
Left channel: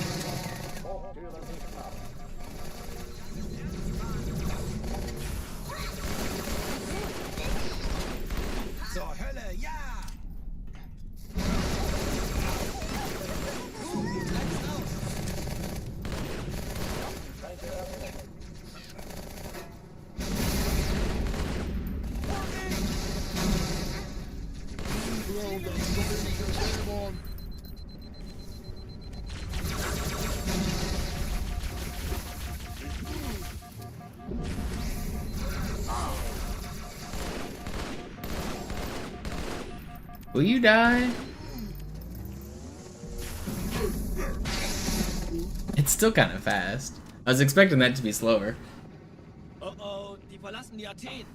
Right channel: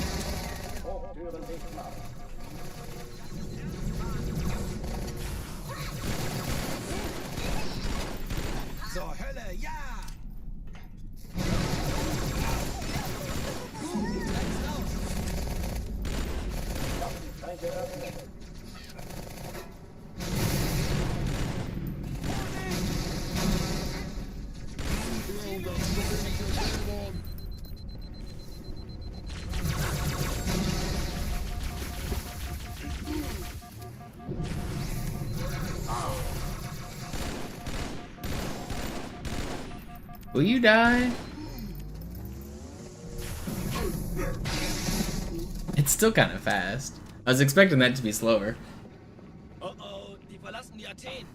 Hochtüren dicht machen. Zur Hölle, ja! Will you die? It's still kind of fast. I was expecting that to be slower. Oh oh, die verlassen die Athen.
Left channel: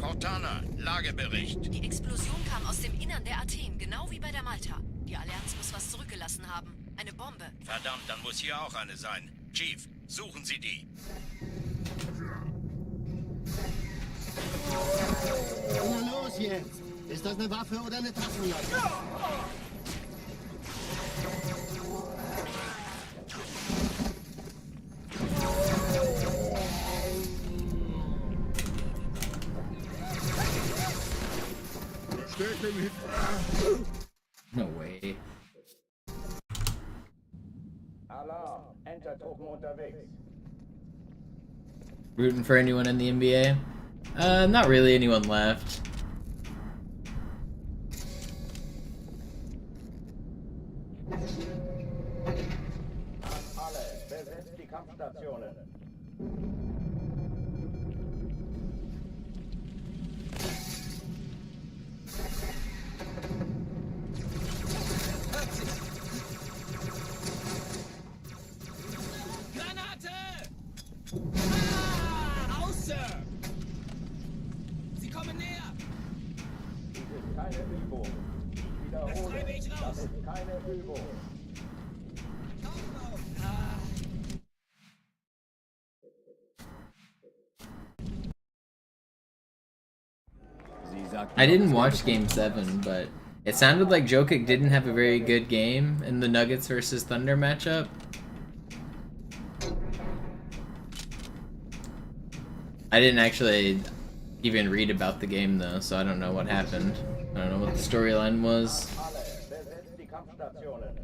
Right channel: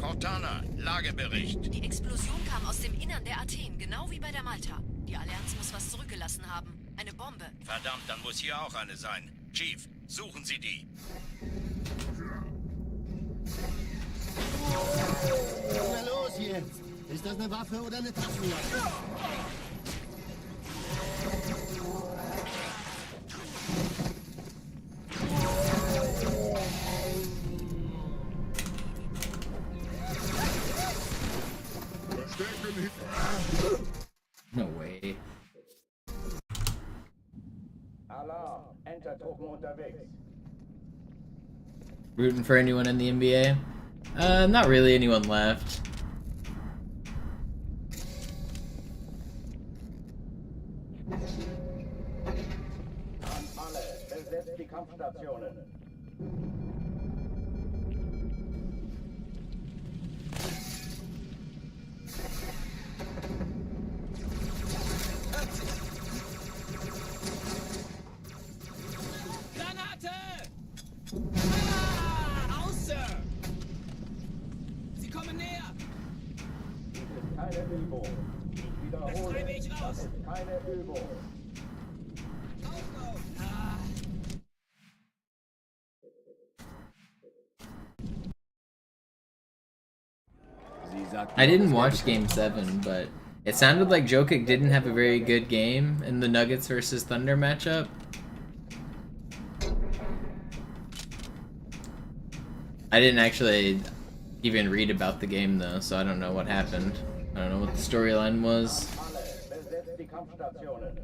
Cortana, Lagebericht. Die Explosion kam aus dem Innern der Athen, genau wie bei der Malta. Die Allianz muss was zurückgelassen haben. Eine Bombe. Verdammt, dann muss hier auch eine sein. Chief, suchen Sie die. Na los jetzt! Ist das eine Waffe oder eine Taschenlampe? No way. Alarm, Entertruppen unterwegs. Rooting for anyone in the NBA? Not really anyone left. An alle, besetzt die Kampfstationen. Granate! Ah, aus, Sir! Sie kommen näher! Dies ist keine Übung. Ich wiederhole, das ist keine Übung. I didn't watch Game 7, but it sounded like Jokic didn't have a very good game in the Nuggets versus Thunder matchup. I didn't actually even read about the game though, so I don't know what happened. I don't know what the storyline was. Alle, besetzt die Kampfstationen.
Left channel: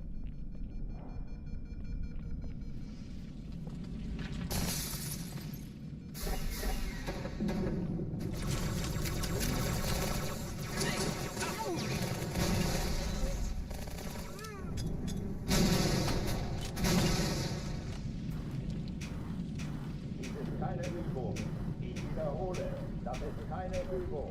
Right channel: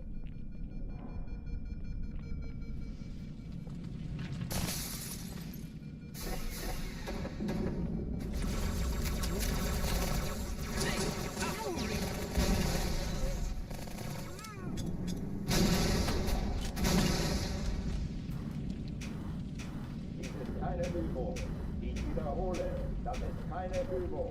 Dies ist keine Übung. Ich wiederhole, das ist keine Übung.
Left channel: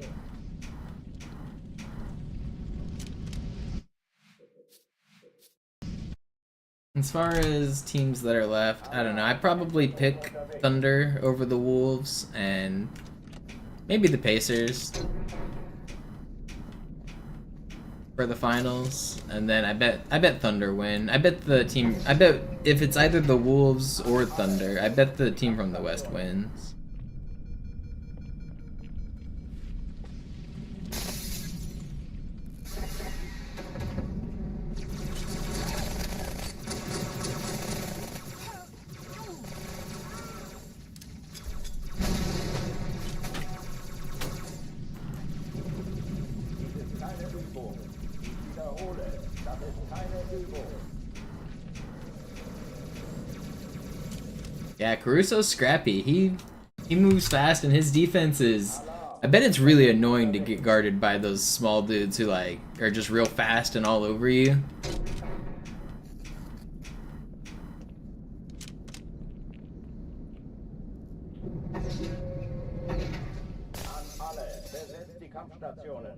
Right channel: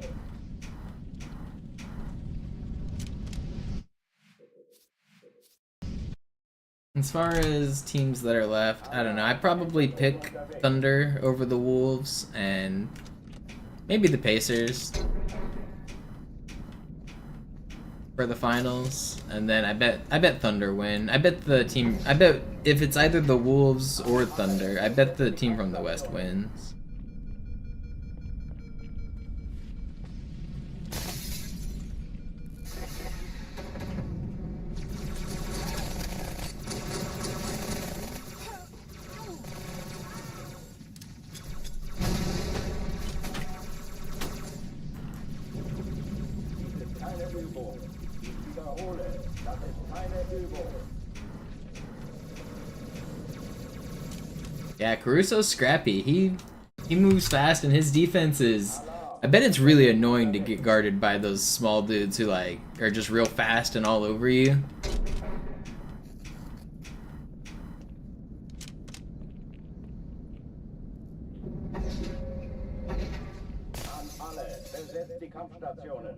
As far as teams that are left, I don't know. I'd probably pick Thunder over the Wolves and maybe the Pacers for the finals. And then I bet Thunder win. I bet if it's either the Wolves or Thunder, I bet the team from the West wins. Dies ist keine Übung. Ich wiederhole, das ist keine Übung. Yeah, Caruso's scrappy. He moves fast and his defense is... I bet it's really annoying to get guarded by those small dudes who like are just real fast and all over you. An alle, besetzt die Kampfstationen.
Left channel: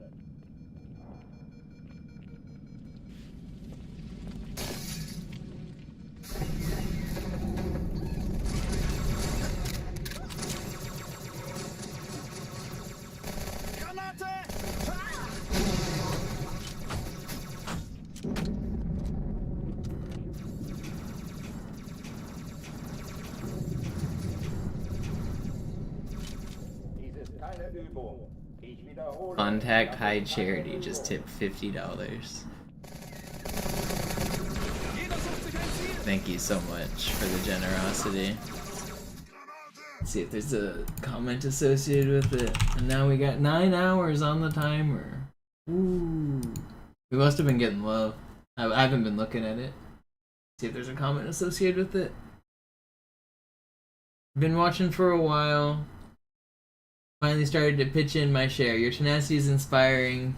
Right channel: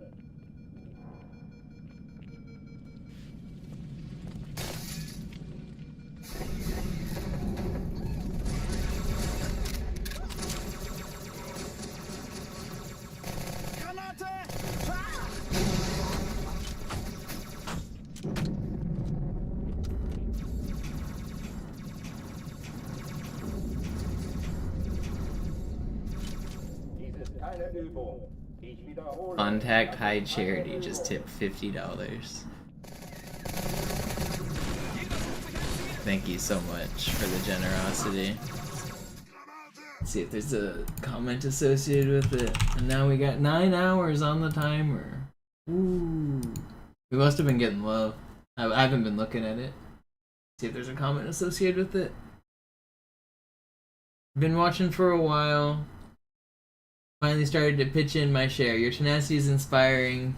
Dies ist keine Übung. Ich wiederhole. Contact High Charity just tipped $50. Thank you so much for the generosity. Let's see if there's a comment associated with it. And now we got 9 hours on the timer. Ooh. We must have been getting low. I haven't been looking at it. See if there's a comment associated with it. Been watching for a while. Finally started to pitch in my share. Your tenacity is inspiring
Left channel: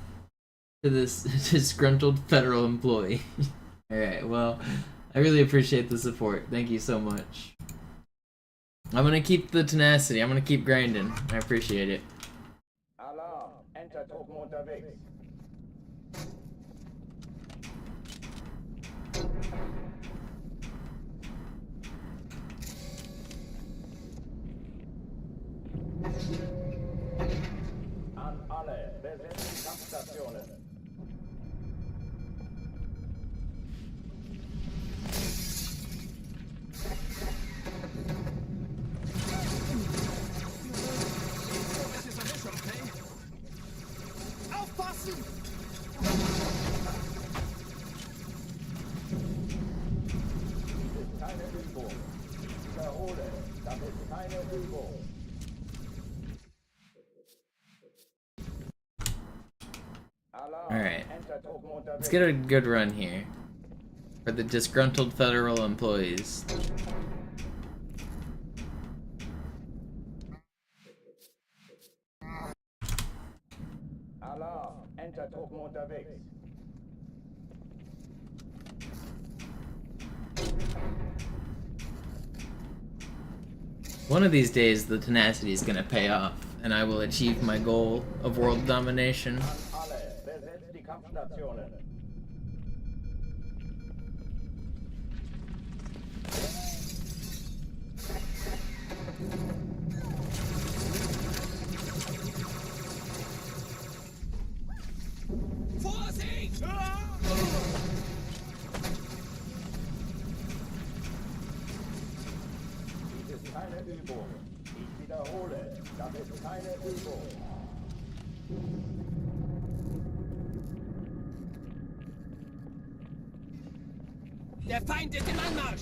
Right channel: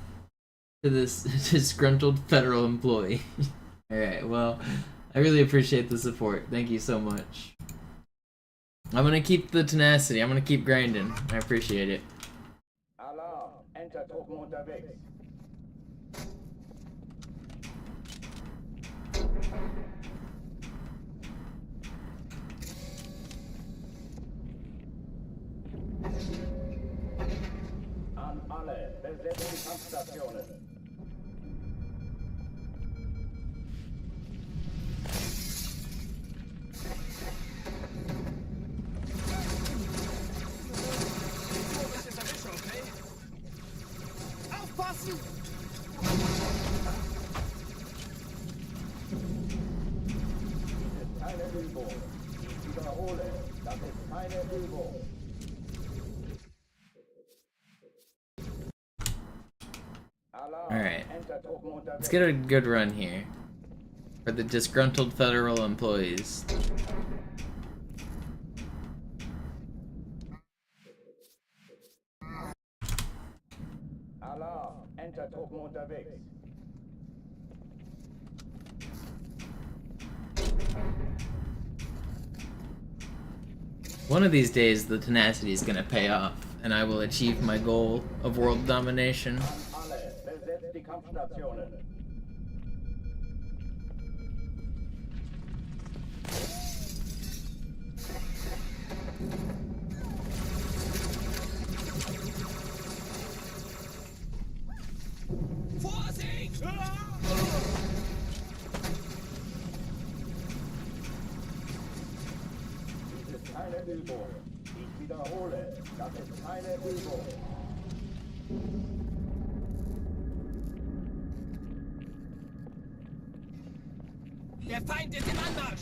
to this disgruntled federal employee. Alright, well, I really appreciate the support. Thank you so much. I'm gonna keep the tenacity. I'm gonna keep grinding. I appreciate it. Alarm! Enter-Truppen unterwegs. An alle, besetzt die Kampfstationen. Aufpassen! Dies ist keine Übung. Ich wiederhole, das ist keine Übung. Alright. Let's get a good run here. For the disgruntled federal employees. Alarm! Enter-Truppen unterwegs. One of these days, the tenacity is gonna pay off, and I will achieve my goal of world domination. An alle, besetzt die Kampfstationen. Vorsicht! Dies ist keine Übung. Ich wiederhole, das ist keine Übung. Der Feind ist im Anmarsch!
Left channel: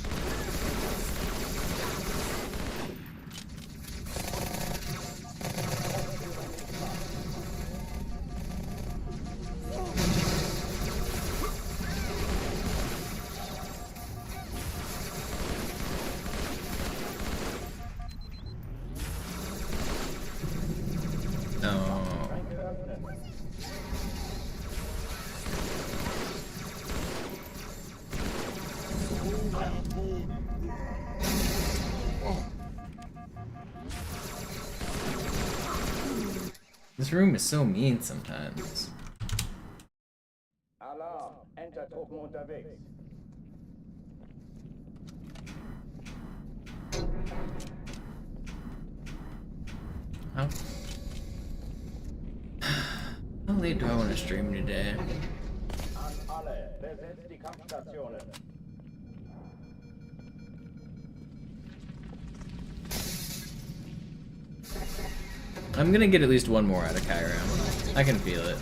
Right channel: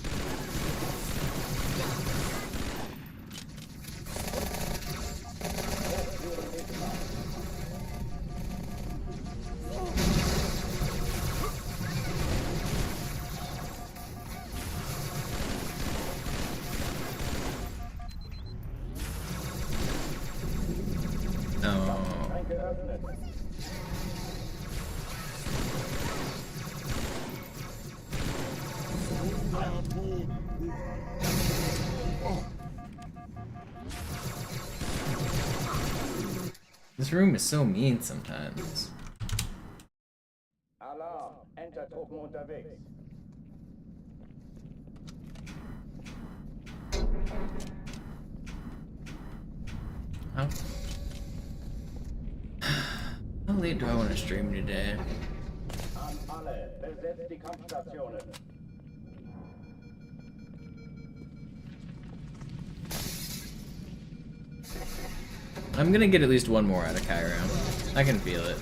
Aufführen nicht mal. No. Schränke öffnen. This room is so mean sometimes. Alarm! Enter-Truppen unterwegs. How late do I want to stream today? An alle, besetzt die Kampfstationen. I'm gonna get at least one more out of Cairo. I can feel it.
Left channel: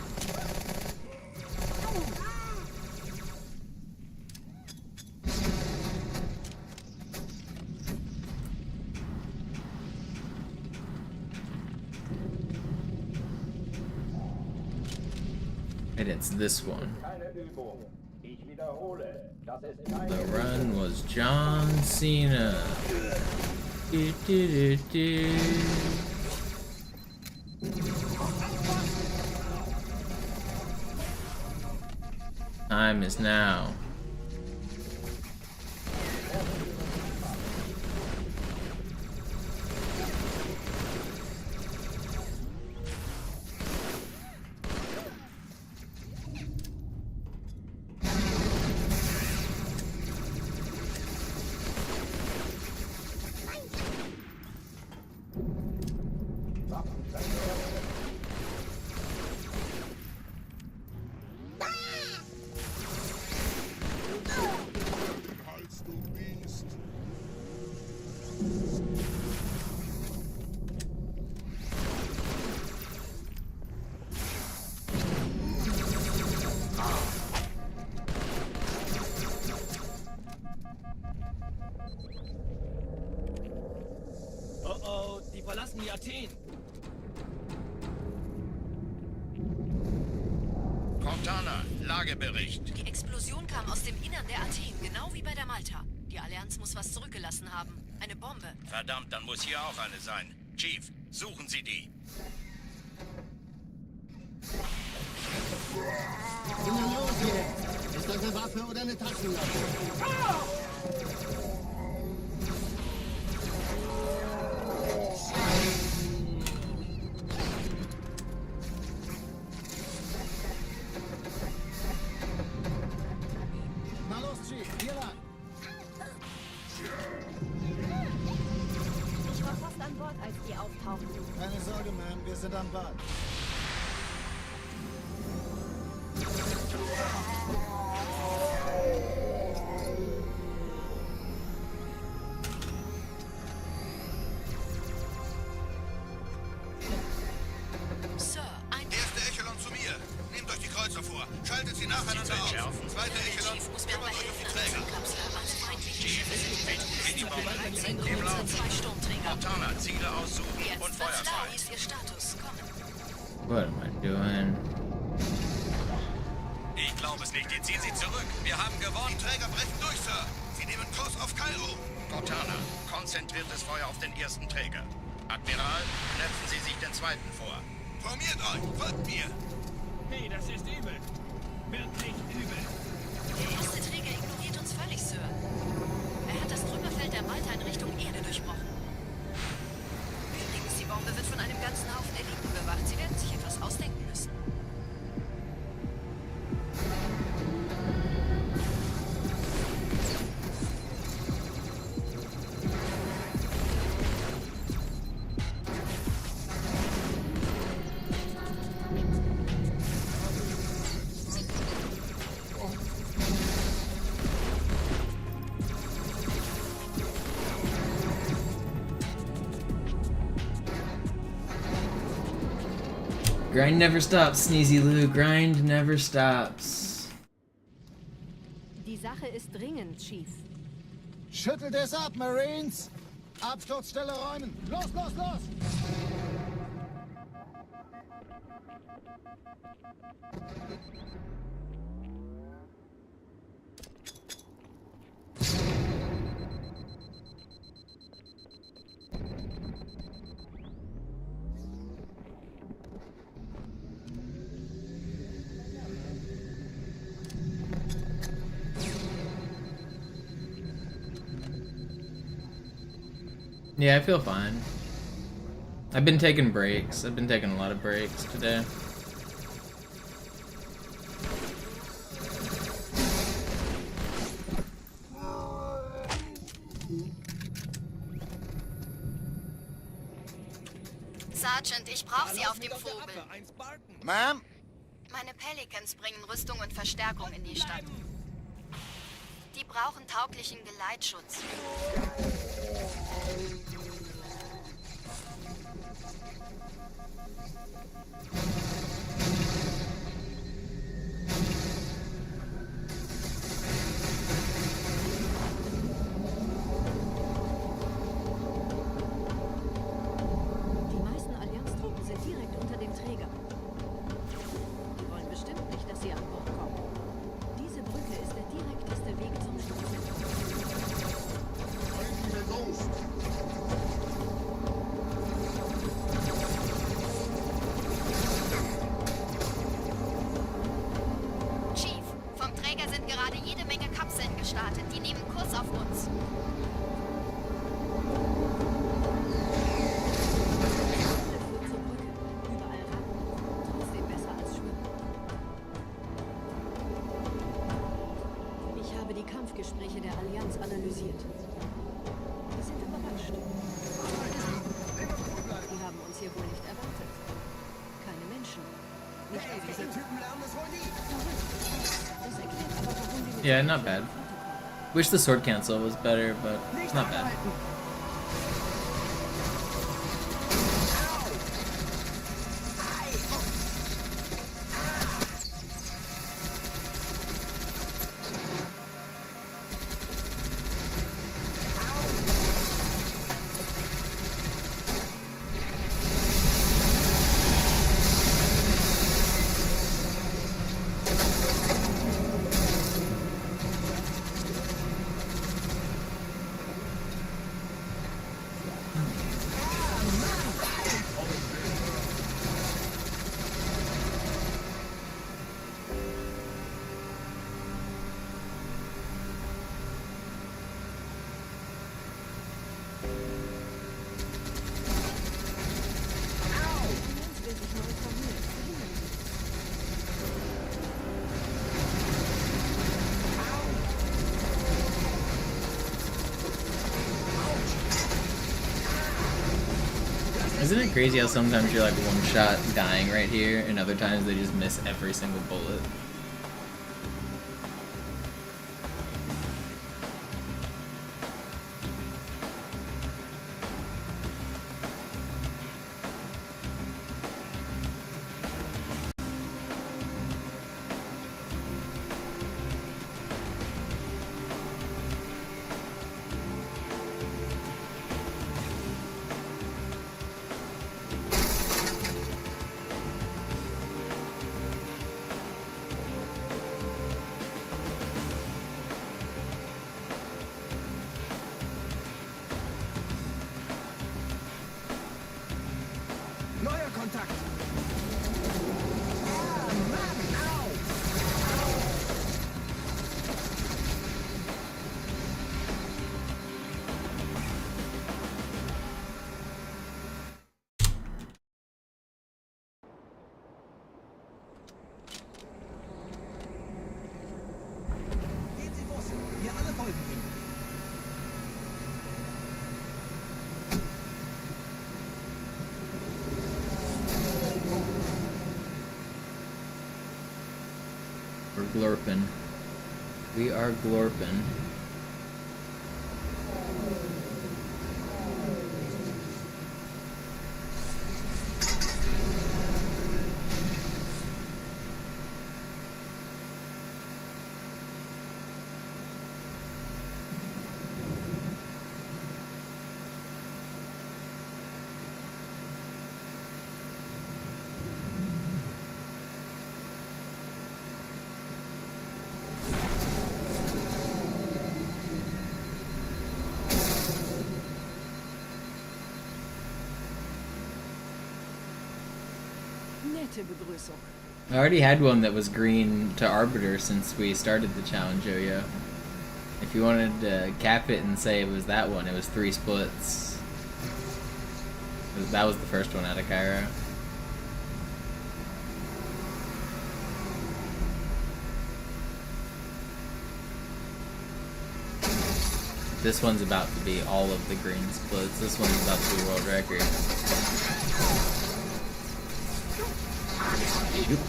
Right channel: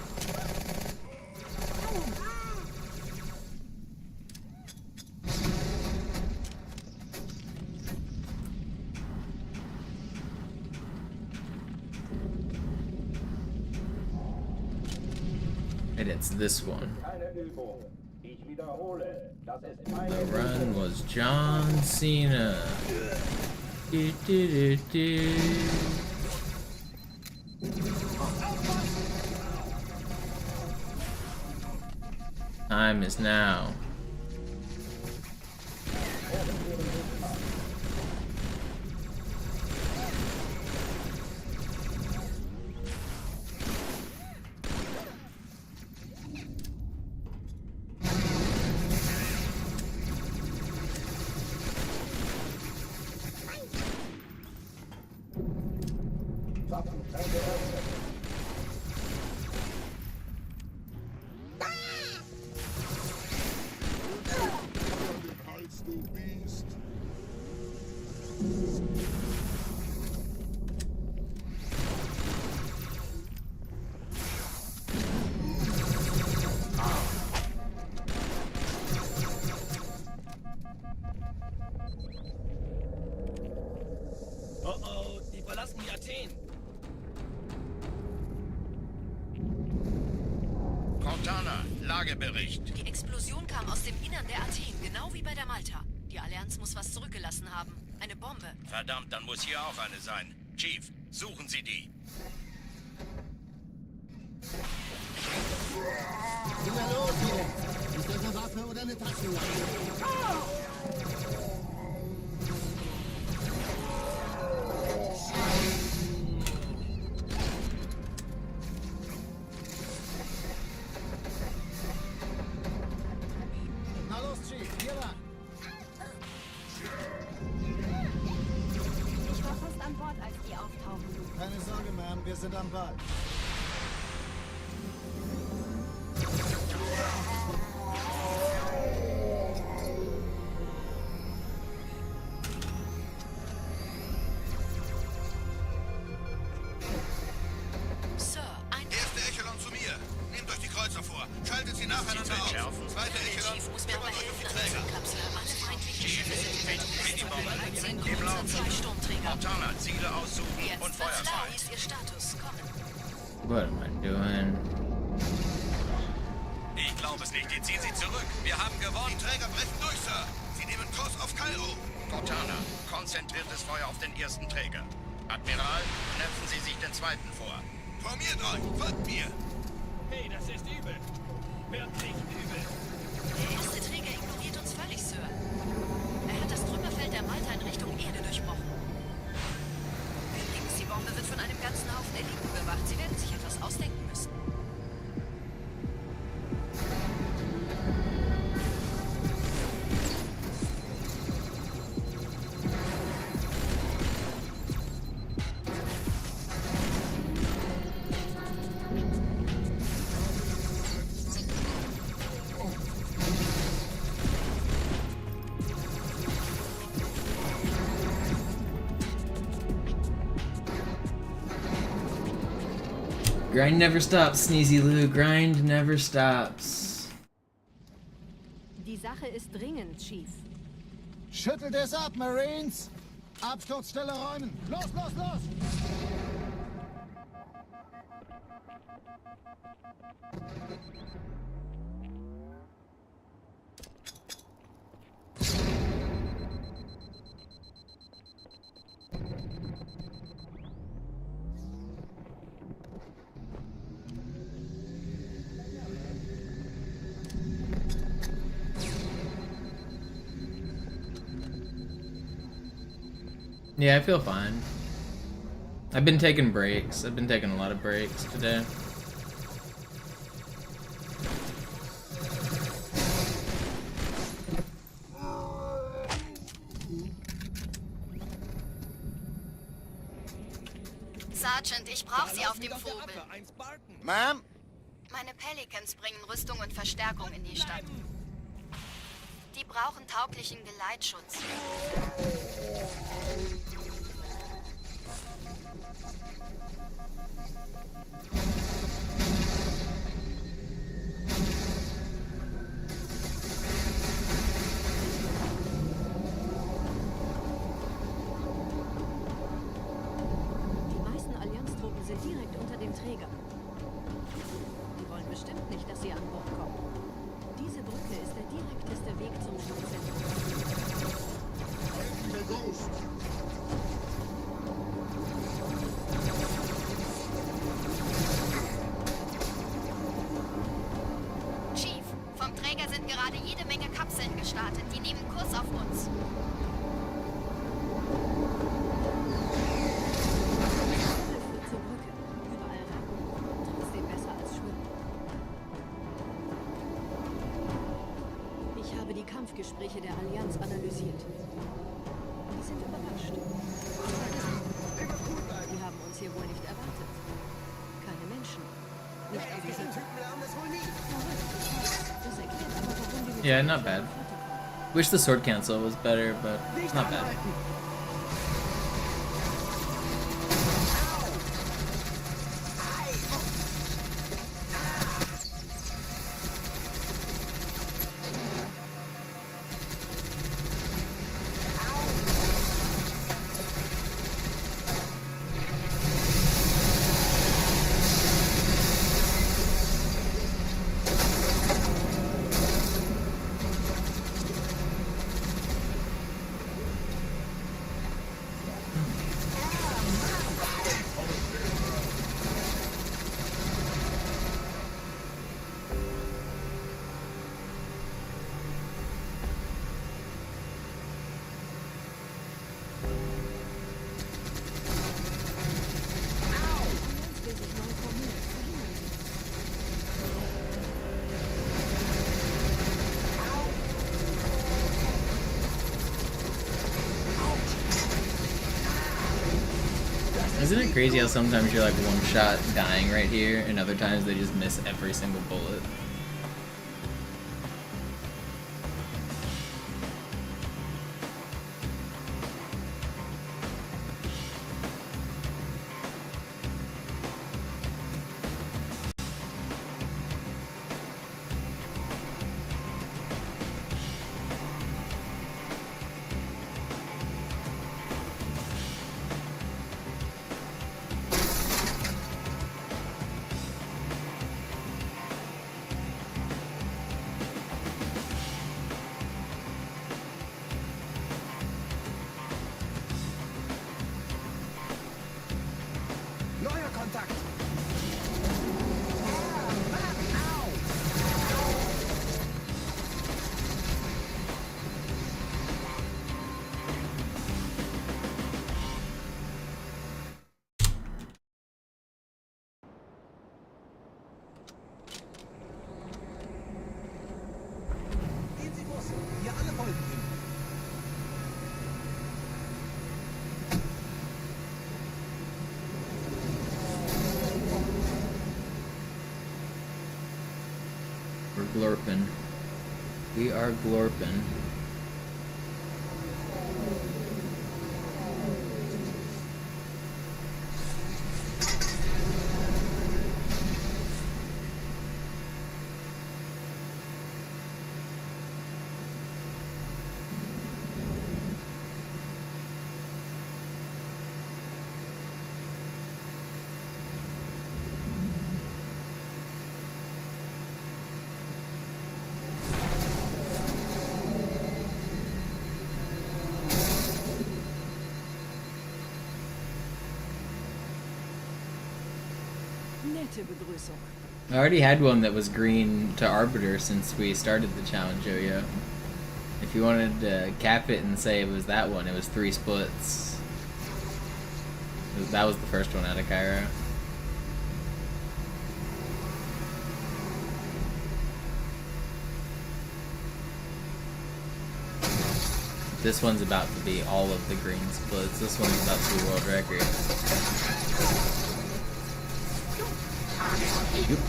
And it's this one. Keine Übung. Ich wiederhole, das ist keine The Übung. run was John Cena. Do, do, do, do. Time is now. Waffenschränke öffnen. Als du Biest. Oh oh, die verlassen die Athen. Cortana, Lagebericht. Die Explosion kam aus dem Innern der Athen, genau wie bei der Malta. Die Allianz muss was zurückgelassen haben. Eine Bombe. Verdammt, dann muss hier auch eine sein. Chief, suchen Sie die. Na los jetzt! Ist das eine Waffe oder eine Taschenlampe? Na los, Chief, hier lang. Ich war fast an Bord, als die auftauchten. Keine Sorge, Ma'am, wir sind am Ball. Sir, ein... Erste Echelon zu mir. Nehmt euch die Kreuzer vor. Schaltet sie nacheinander auf. Zweite Echelon, Chief muss mir aber kümmert euch um helfen die an der Träger. Kapsel. Alle feindlichen Schiffe sind in der Todeszone. 13 Im Kreuzer, Lauf. 2 Sturmträger. Montana, Ziele aussuchen Jetzt und wird's Feuer klar, frei. wie ist Ihr Status? Kommen. What am I doing? Ich glaube es nicht. Die ziehen sie zurück. Wir haben gewonnen. Die Träger brechen durch, Sir. Sie nehmen Kurs auf Kairo. Cortana, konzentriertes Feuer auf den ersten Träger. Admiral, knöpfen Sie sich den zweiten vor. Formiert euch. Folgt mir. Hey, das ist übel. Wirklich übel. Der erste Träger ignoriert uns völlig, Sir. Er hat das Trümmerfeld der Malta in Richtung Erde durchbrochen. Übrigens, die Bombe wird von einem ganzen Haufen Eliten bewacht. Sie werden sich etwas ausdenken müssen. Grind never stops, Sneezy Lou. Grind never stops. Die Sache ist dringend, Chief. Schüttelt es ab, Marines! Absturzstelle räumen! Los, los, los! Yeah, I feel fine. I've been taking breaks. I've been taking a lot of breaks today. Sergeant, ich brauche Sie auf dem Vogel. Ma'am? Meine Pelicans bringen Rüstung und Verstärkung in die Stadt. Die brauchen tauglichen Geleitschutz. Die meisten Allianztruppen sind direkt unter dem Träger. Die wollen bestimmt nicht, dass sie an Bord kommen. Diese Brücke ist der direkteste Weg zum Stadtzentrum. Chief, vom Träger sind gerade jede Menge Kapseln gestartet. Die nehmen Kurs auf uns. Tunnel führt zur Brücke. Überall Ratten. Trotzdem besser als Schwimmen. Ich habe die Kampfgespräche der Allianz analysiert. Die sind überrascht. Verwirrt. Die haben uns hier wohl nicht erwartet. Keine Menschen. Nicht auf der Erde. Verrückt, ich weiß. Das erklärt aber, warum die mit Yeah, der not kleinen bad. Flotte kommen. Wish the sword cancel was better, but it's not bad. Will sich neu formieren. Verhindern Sie das. Isn't it crazy how sometimes you're like one shot dying right here, and other times they just miss every single bullet? We're glorping. We are glorping. Nette Begrüßung. I already had one that was green to Arbiter since we started the challenge, Yo-Yo. If you wanted to cap it and say it was that one, it was 3 splits. That was the first one out of Cairo. This one's about to be all of the green splits. This one's about to be world record. Yep.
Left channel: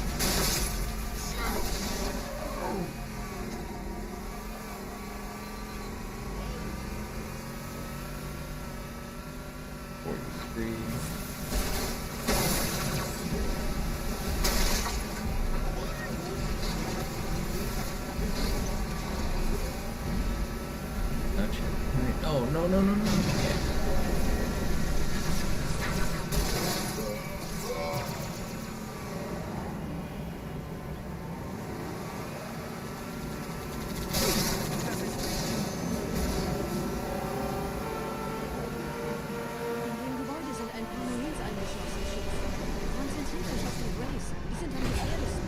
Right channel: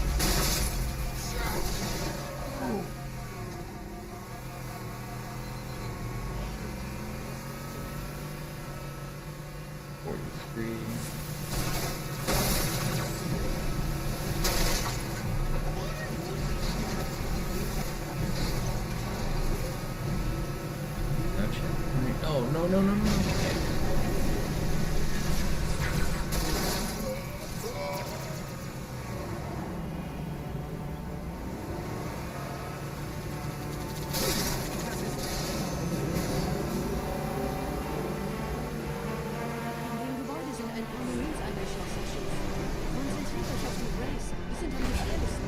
No checkpoint. Oh, no. Okay. In dem Gebäude sind ein paar Marines angeschlossen, Chief. Konzentriert euch auf die Grays. Die sind am gefährlichsten.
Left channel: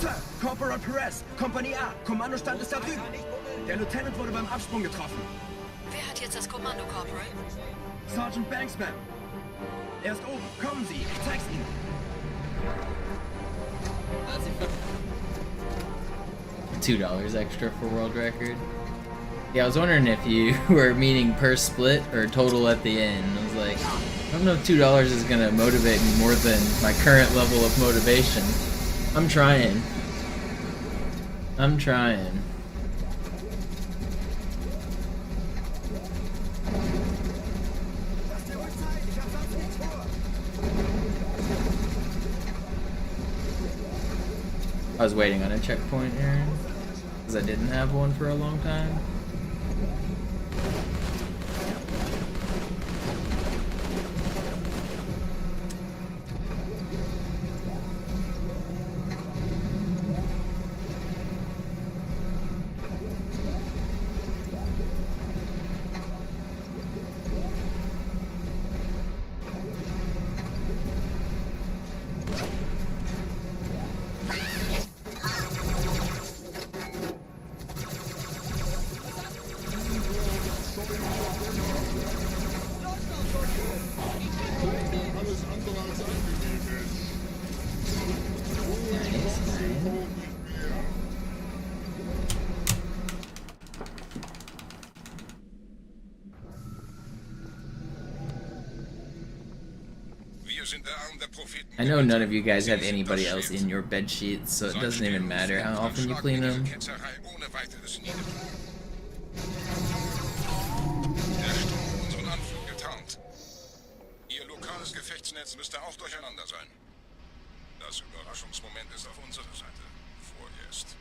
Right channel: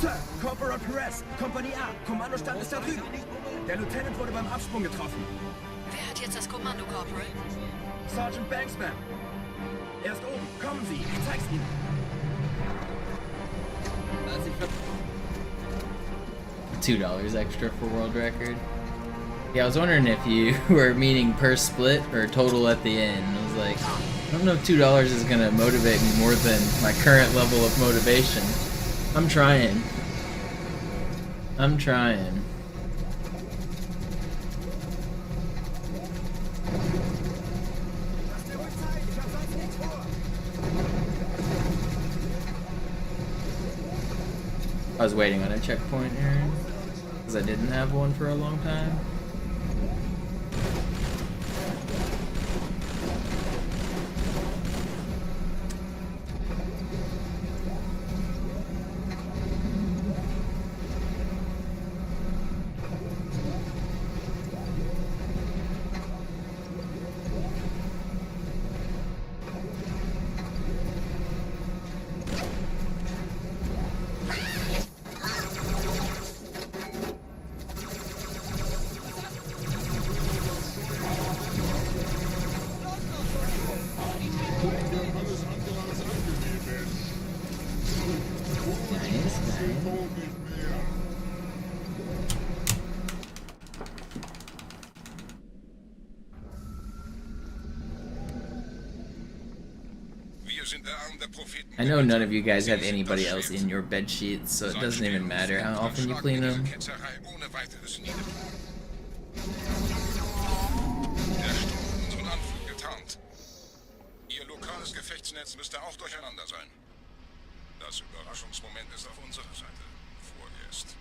Sir, Corporal Perez, Kompanie A, Kommandostand ist da drüben. Der Lieutenant wurde beim Absprung getroffen. Wer hat jetzt das Kommando, Corporal? Sergeant Banksman. Er ist oben. Kommen Sie, ich zeig's Ihnen. $2 extra for world record. Yeah, I was wondering if you were meaning per split or total at the end. I was like, I don't know if $2 is gonna motivate me more than my current level of motivation. I'm trying. I was waiting on a checkpoint, Aaron, because I didn't have one for a long time. Nice, nice. I know none of you guys have anybody else in your bed sheets, so it doesn't even matter how often you clean them. Der Sturm unseren Anflug getarnt. Ihr lokales Gefechtsnetz müsste auch durcheinander sein. Das Überraschungsmoment ist auf unserer Seite. Vorerst.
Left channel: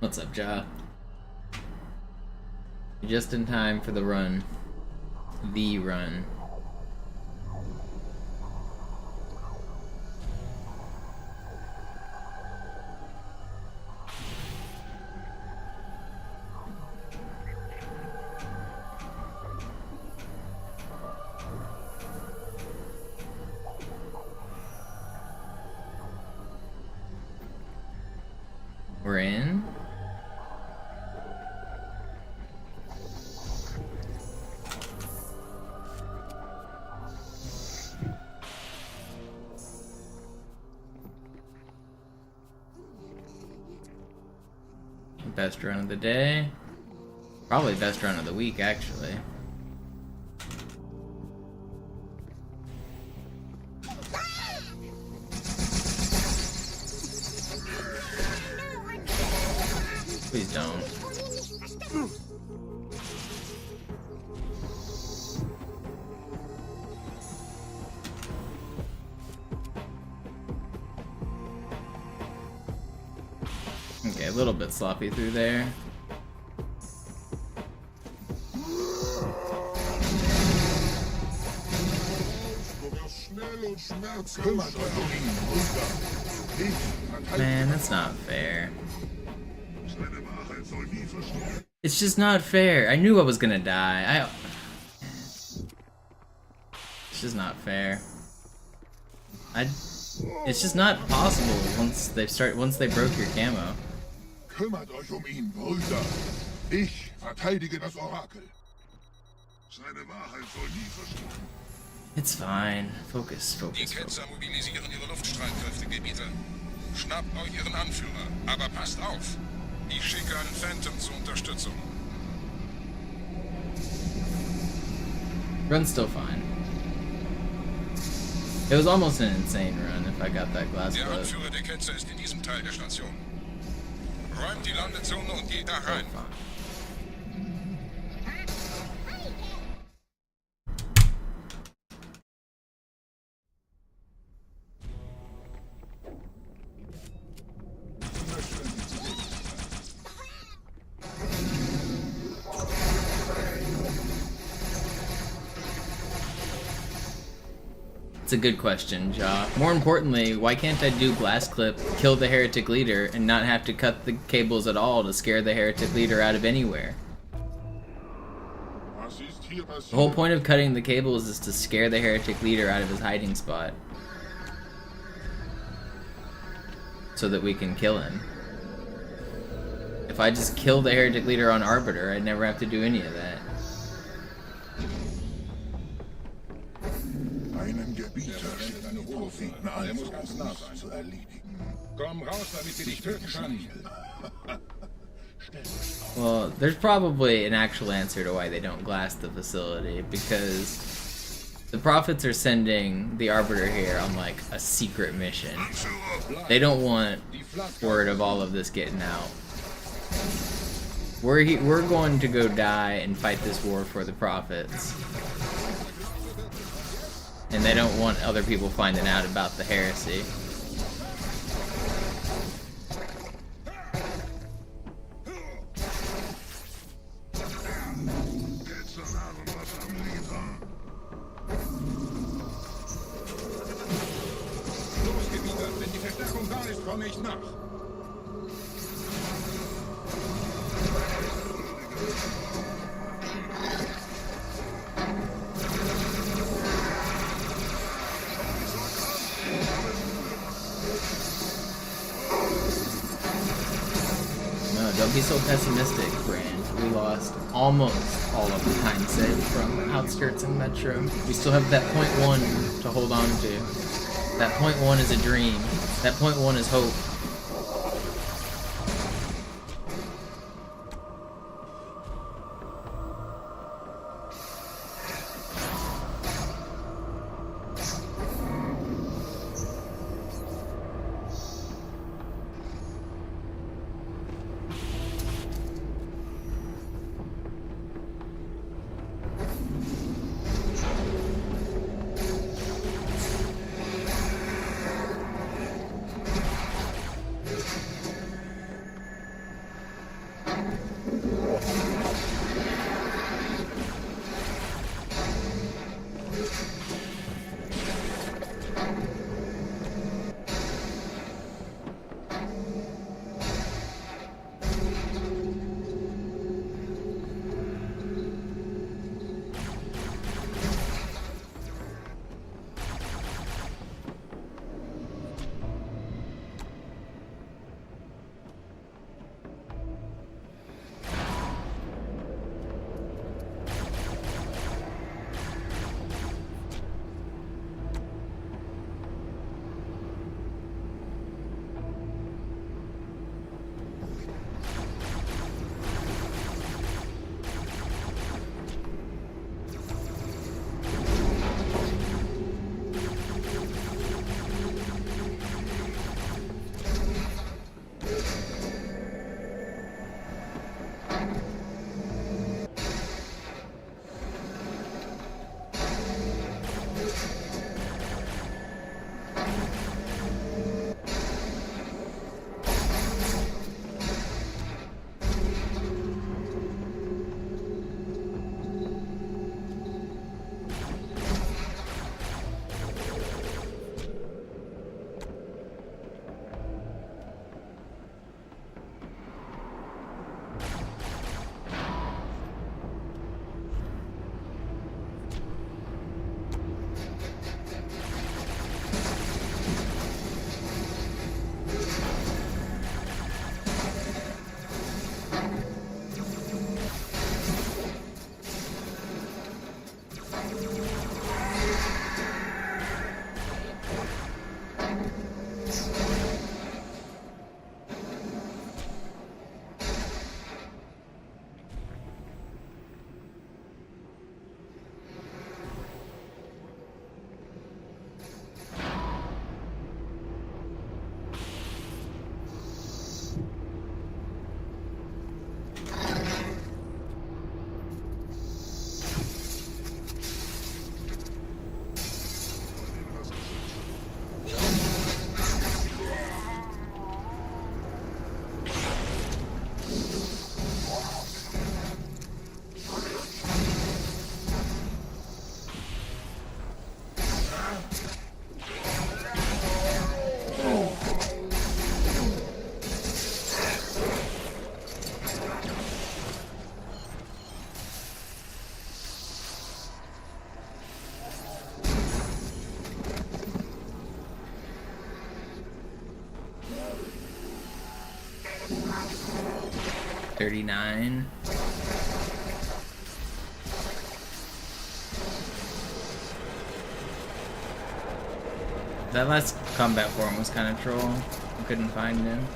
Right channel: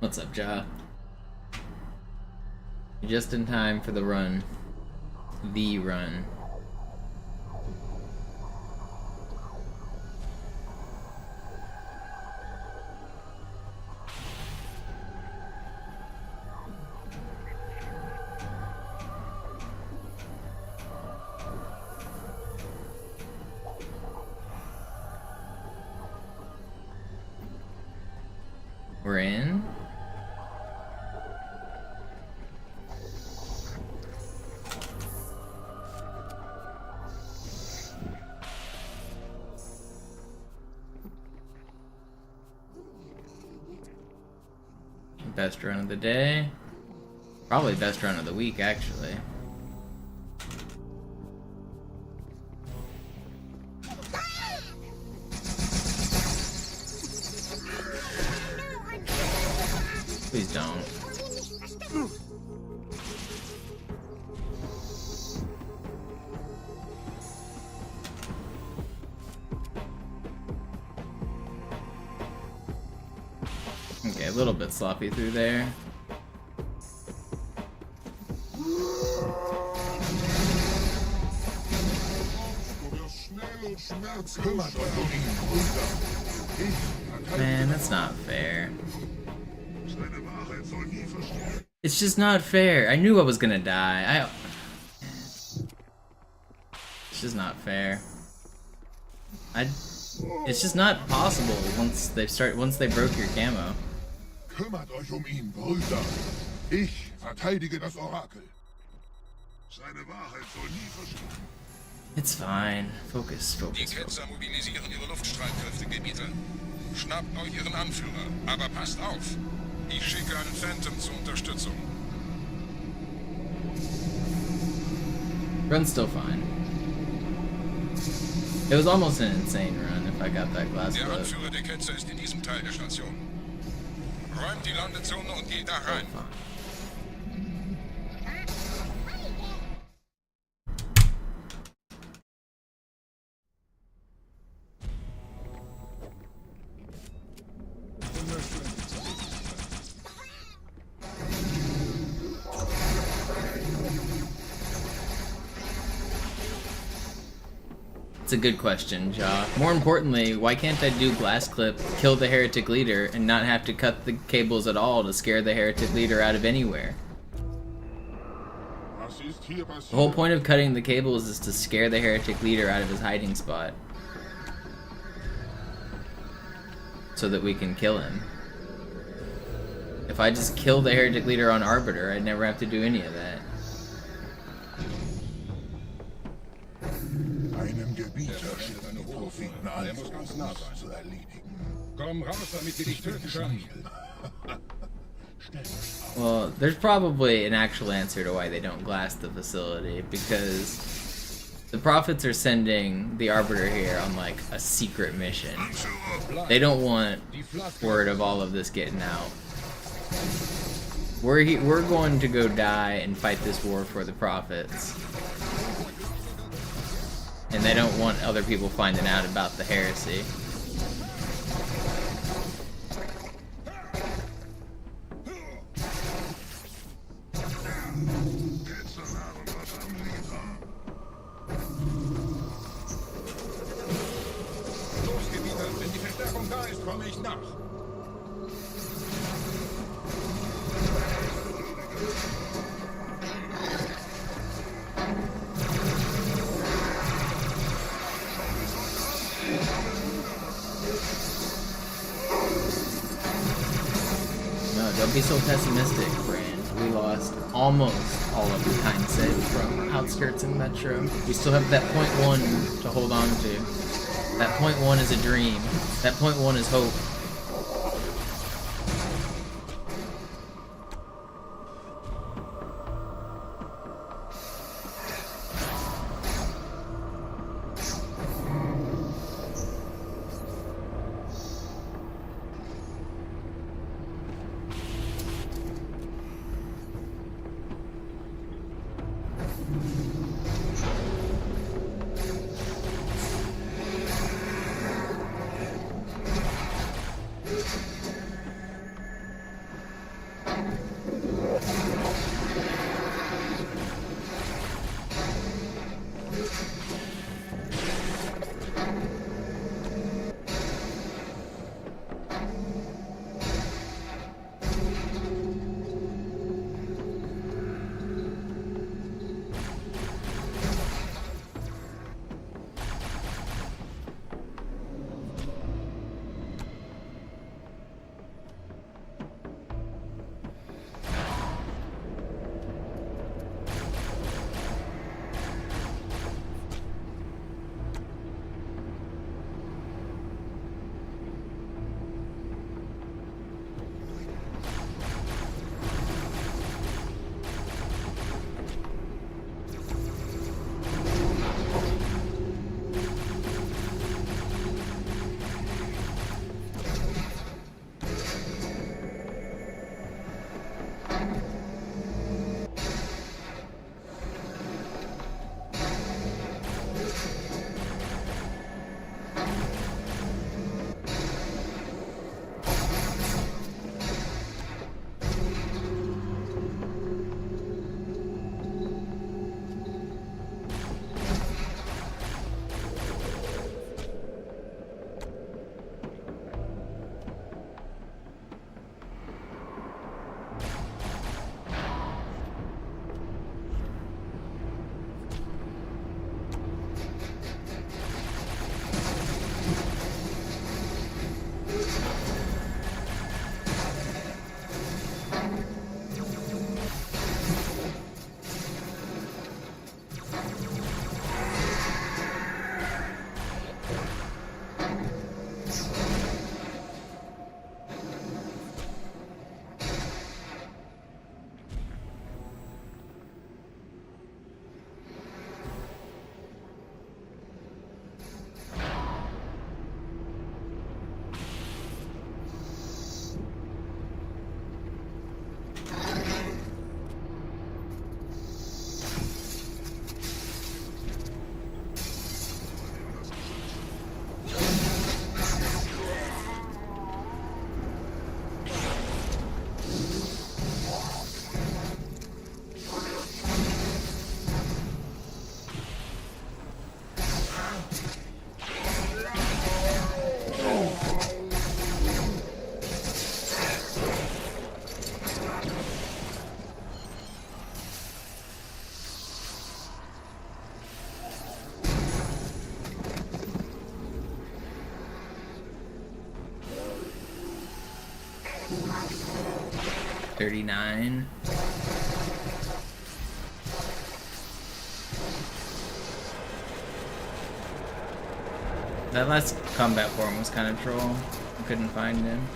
What's up, Ja? You're just in time for the run. The run. We're in. Best run of the day. Probably best run of the week, actually. Please don't. Okay, a little bit sloppy through there. Man, that's not fair. It's just not fair. I knew I was gonna die. It's just not fair. It's just not possible once they broke your camo. Kümmert euch ihn, Brüder. Ich verteidige das Orakel. Seine Wahrheit soll nie verschwinden. It's fine. Focus, focus, Die focus. Ketzer mobilisieren ihre Luftstreitkräfte, Gebieter. Schnappt euch ihren Anführer, aber passt auf. Ich schicke einen Phantom zur Unterstützung. Run's still fine. It was almost an insane run if I got that glass Der clip. Anführer der Ketzer ist in diesem Teil der Station. Räumt die Landezone und geht da rein. Fine. It's a good question, Ja. More importantly, why can't I do glass clip, kill the heretic leader, and not have to cut the cables at all to scare the heretic leader out of anywhere? The whole point of cutting the cables is to scare the heretic leader out of his hiding spot. So that we can kill him. If I just kill the heretic leader on Arbiter, I'd never have to do any of that. Einem Gebieter steht eine Propheten ein, zu erledigen. Komm raus, damit wir dich töten können. Well, there's probably an actual answer to why they don't glass the facility, because the Prophets are sending the Arbiter here on like a secret mission. They don't want word of all of this getting out. We're going to go die and fight this war for the Prophets. And they don't want other people finding out about the heresy. Komme ich nach. No, don't be so pessimistic, Brand. We lost almost all of the time saved from Outskirts and Metro. We still have that .1 to hold on to. That .1 is a dream. That .1 is hope. $39. That last combat forum was kind of troll. I couldn't find him.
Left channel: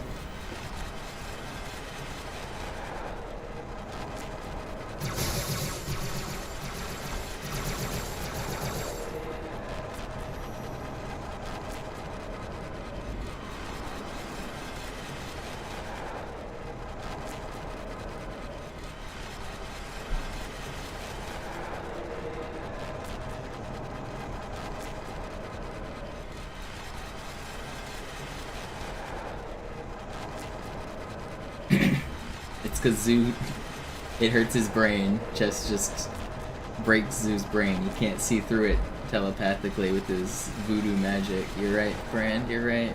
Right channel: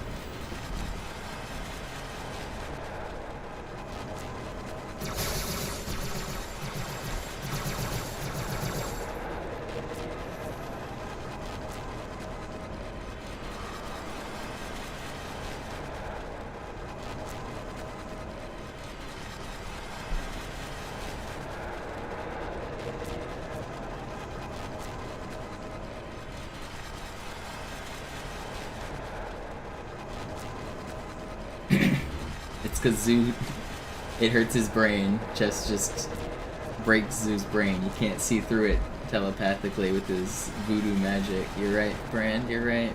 because Zoo, it hurts his brain. Chess just breaks Zoo's brain. You can't see through it telepathically with his voodoo magic. You're right, Brand, you're right.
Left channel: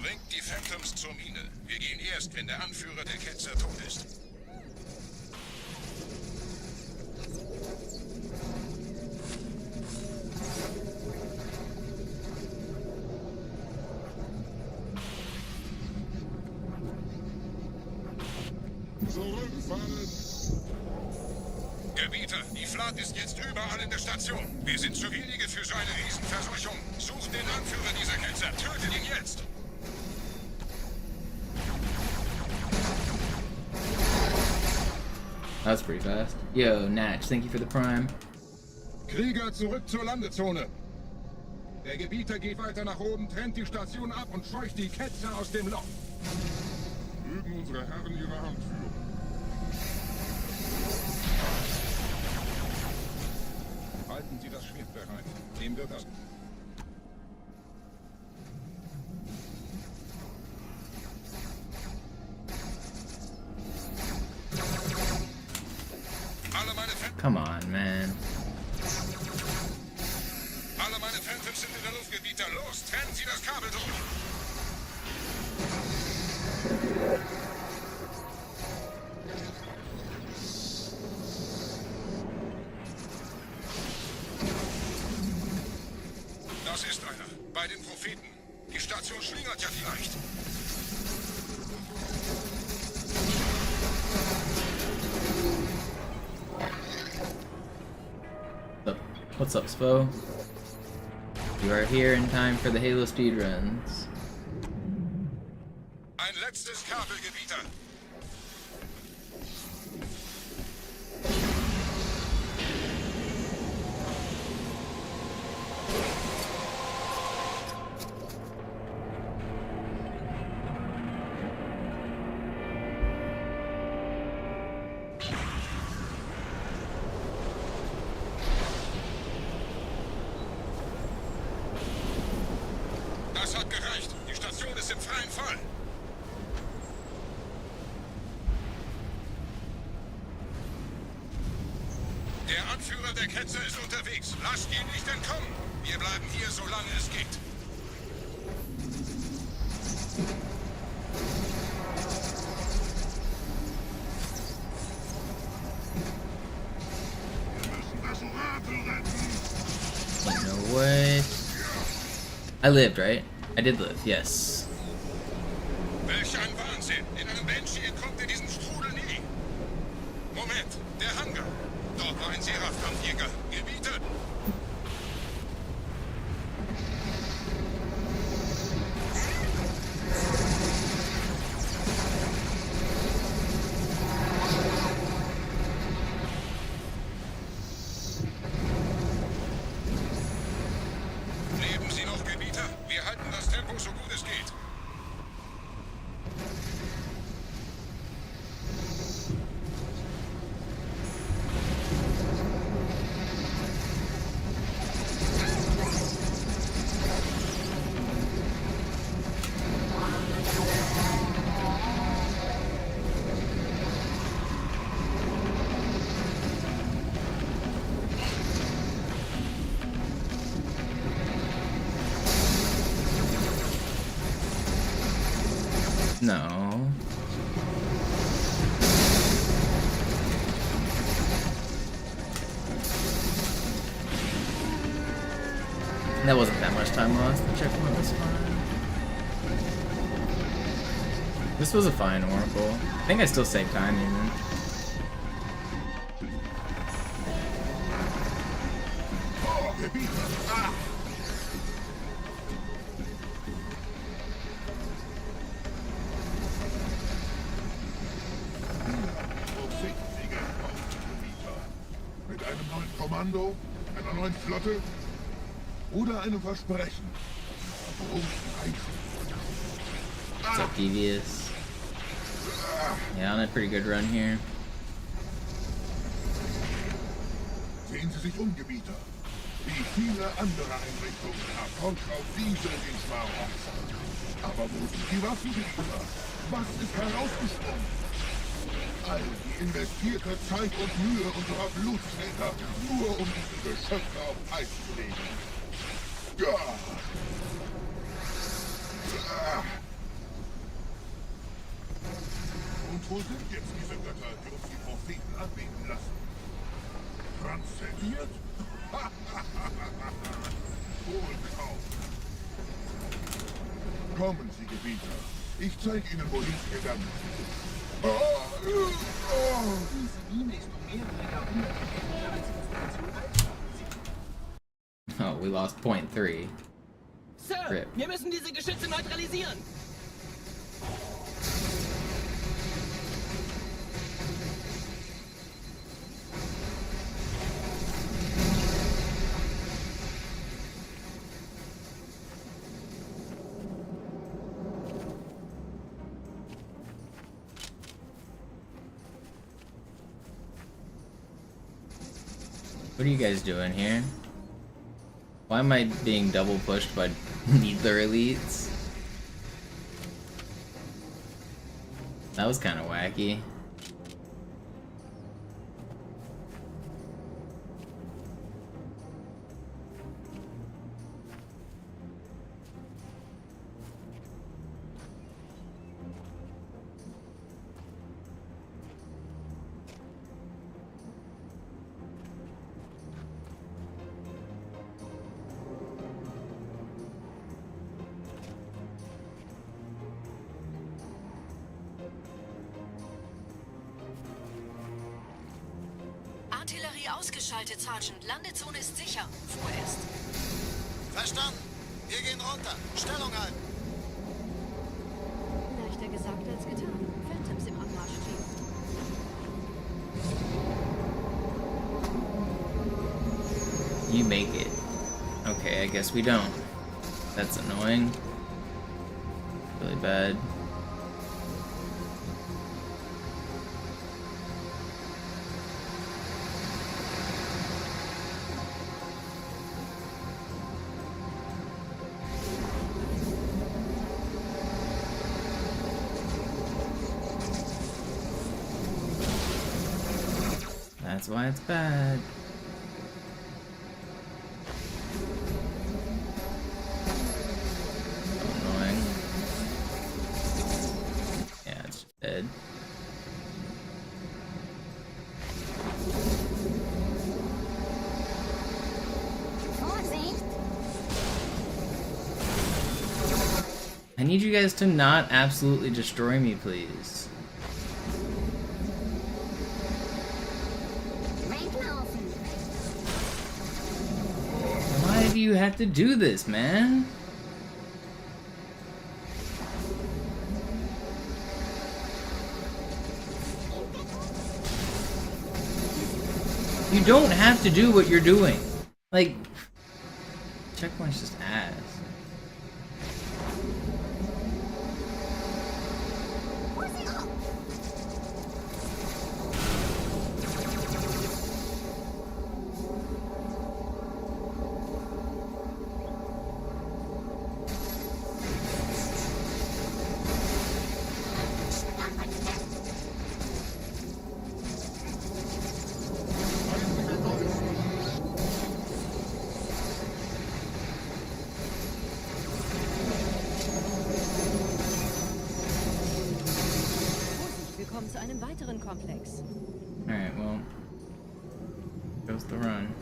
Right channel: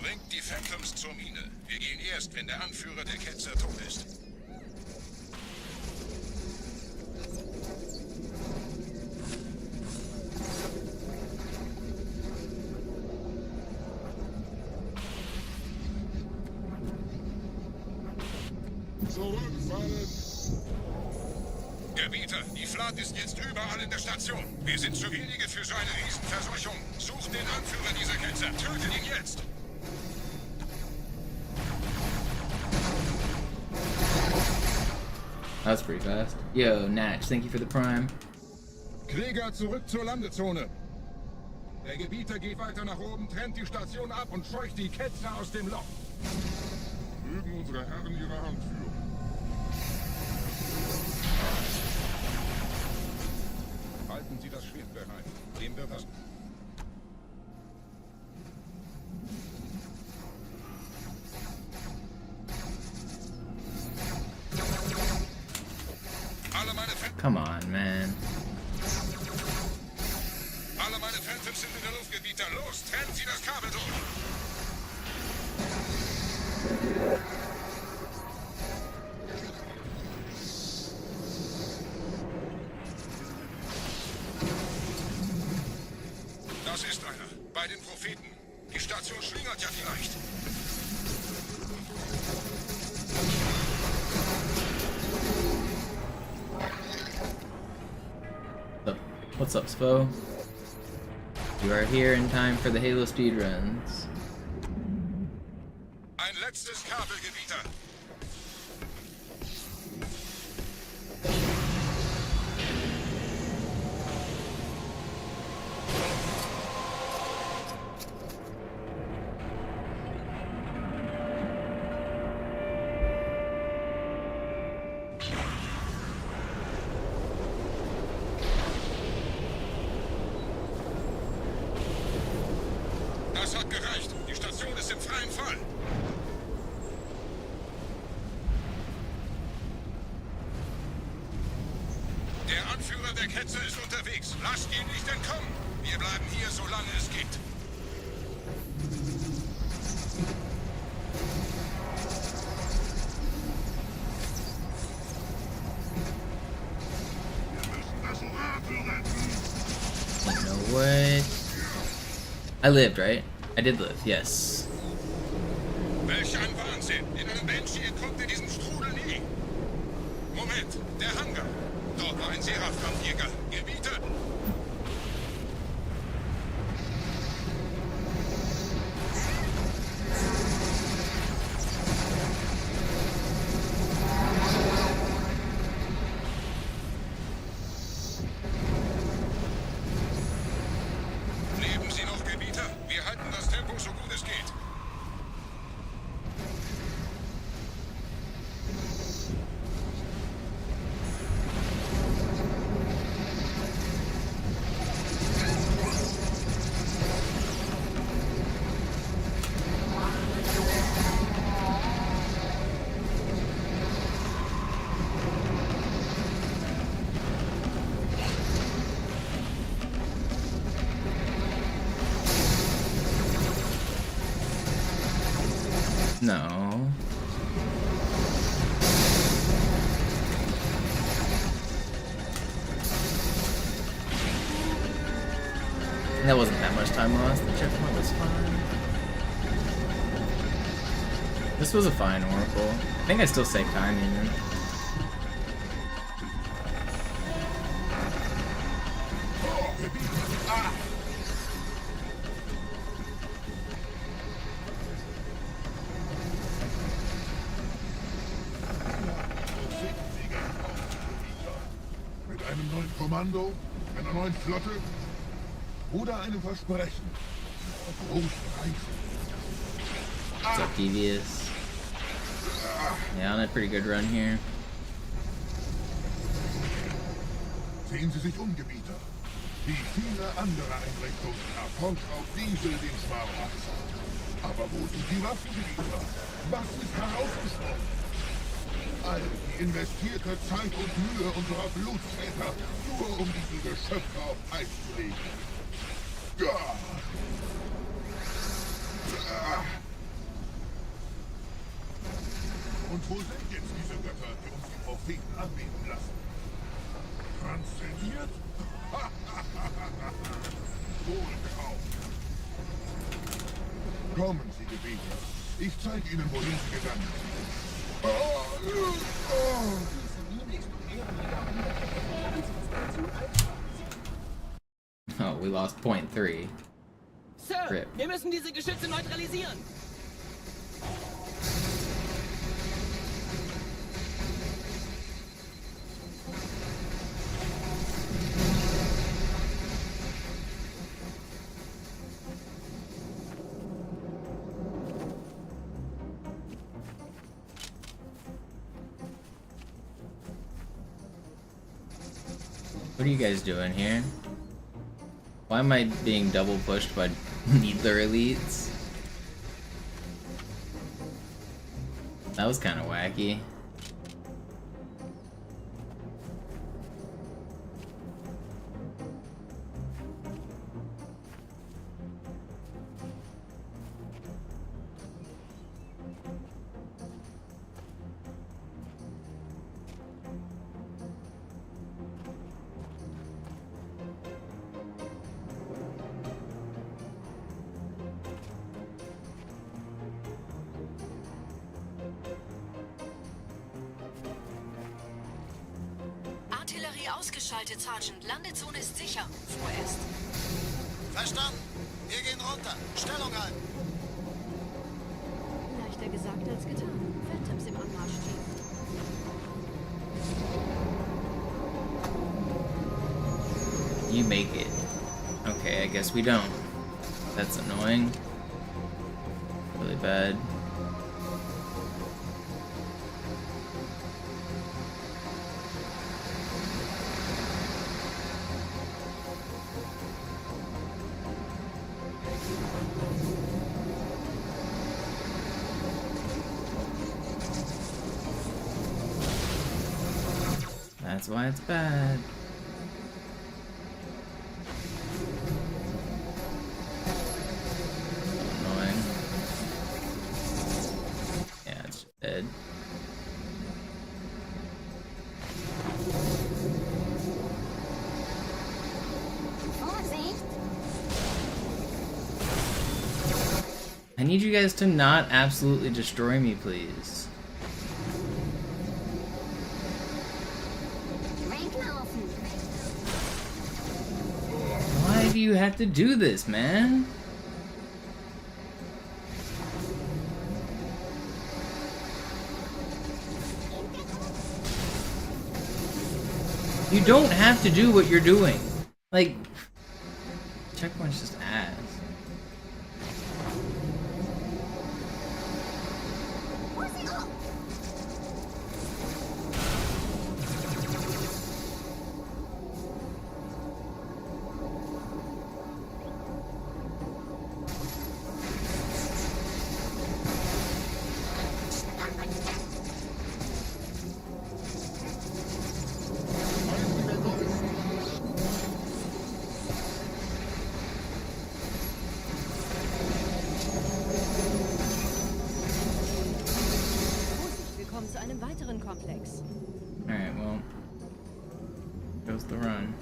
Bringt die Phantoms zur Mine. Wir gehen erst, wenn der Anführer der Ketzer tot ist. Gebieter, die Flat ist jetzt überall in der Station. Wir sind zu wenige für so eine Riesenverseuchung. Sucht den Anführer dieser Ketzer. Tötet ihn jetzt! That's pretty fast. Yo, Natch, thank you for the prime. Krieger, zurück zur Landezone. Der Gebieter geht weiter nach oben, trennt die Station ab und scheucht die Ketzer aus dem Loch. Mögen unsere Herren ihre Hand führen. Halten Sie das Schwert bereit. Dem wird das... Come on, man. Alle meine Phantoms sind in der Luft, Gebieter. Los, trennen Sie das Kabel durch. Das ist einer. Bei den Propheten. Die Station schlingert ja vielleicht. What's up, Spo? You are here in time for the Halo speedruns. Ein letztes Kabel, Gebieter. Das hat gereicht. Die Station ist im freien Fall. Der Anführer der Ketzer ist unterwegs. Lasst ihn nicht entkommen. Wir bleiben hier, solange es geht. Ain't no way. I lived, right? I did live, yes. Welch ein Wahnsinn! In einem Banshee entkommt ihr diesen Strudel nie. Moment, der Hangar. Dort war ein Seraphkampfjäger. Gebieter. Leben Sie noch, Gebieter? Wir halten das Tempo so gut es geht. No. That wasn't that much time lost. The checkpoint was fine. This was a fine Oracle. I think I still saved time even. Mit einem neuen Kommando, einer neuen Flotte oder einem Versprechen. What's up, Devious? Yeah, on a pretty good run here. Sehen Sie sich um, Gebieter. Wie viele andere Einrichtungen erfolgt auf diese Dienstwagen. Aber wo sind die Waffengebieter? Was ist herausgesprungen? All die investierte Zeit und Mühe unserer Blutsväter, nur um diese Geschöpfe auf Eis zu legen. Ja. Und wo sind jetzt diese Götter, die uns die Propheten anbeten lassen? Transzendiert? Wohl kaum. Kommen Sie, Gebieter. Ich zeige Ihnen, wohin Sie gegangen sind. Diese Mine ist um mehrere Jahrhunderte älter als unsere Zivilisation. Oh, we lost 0.3. Sir, Rip. wir müssen diese Geschütze neutralisieren. What are you guys doing here? Why am I being double pushed by neither elites? That was kind of wacky. Artillerie ausgeschaltet, Sergeant. Landezone ist sicher. Vorerst. Verstanden. Wir gehen runter. Stellung halten. Leichter gesagt als getan. Phantoms im Anmarsch, Chief. You make it. Okay, I guess we don't. That's annoying. Really bad. That's why it's bad. So annoying. Yeah, it's just dead. I need you guys to not absolutely destroy me, please. Why do you have to do this, man? You don't have to do what you're doing. Like, checkpoint's just ass. Wir kommen zu einem weiteren Komplex. Alright, well. Goes the run.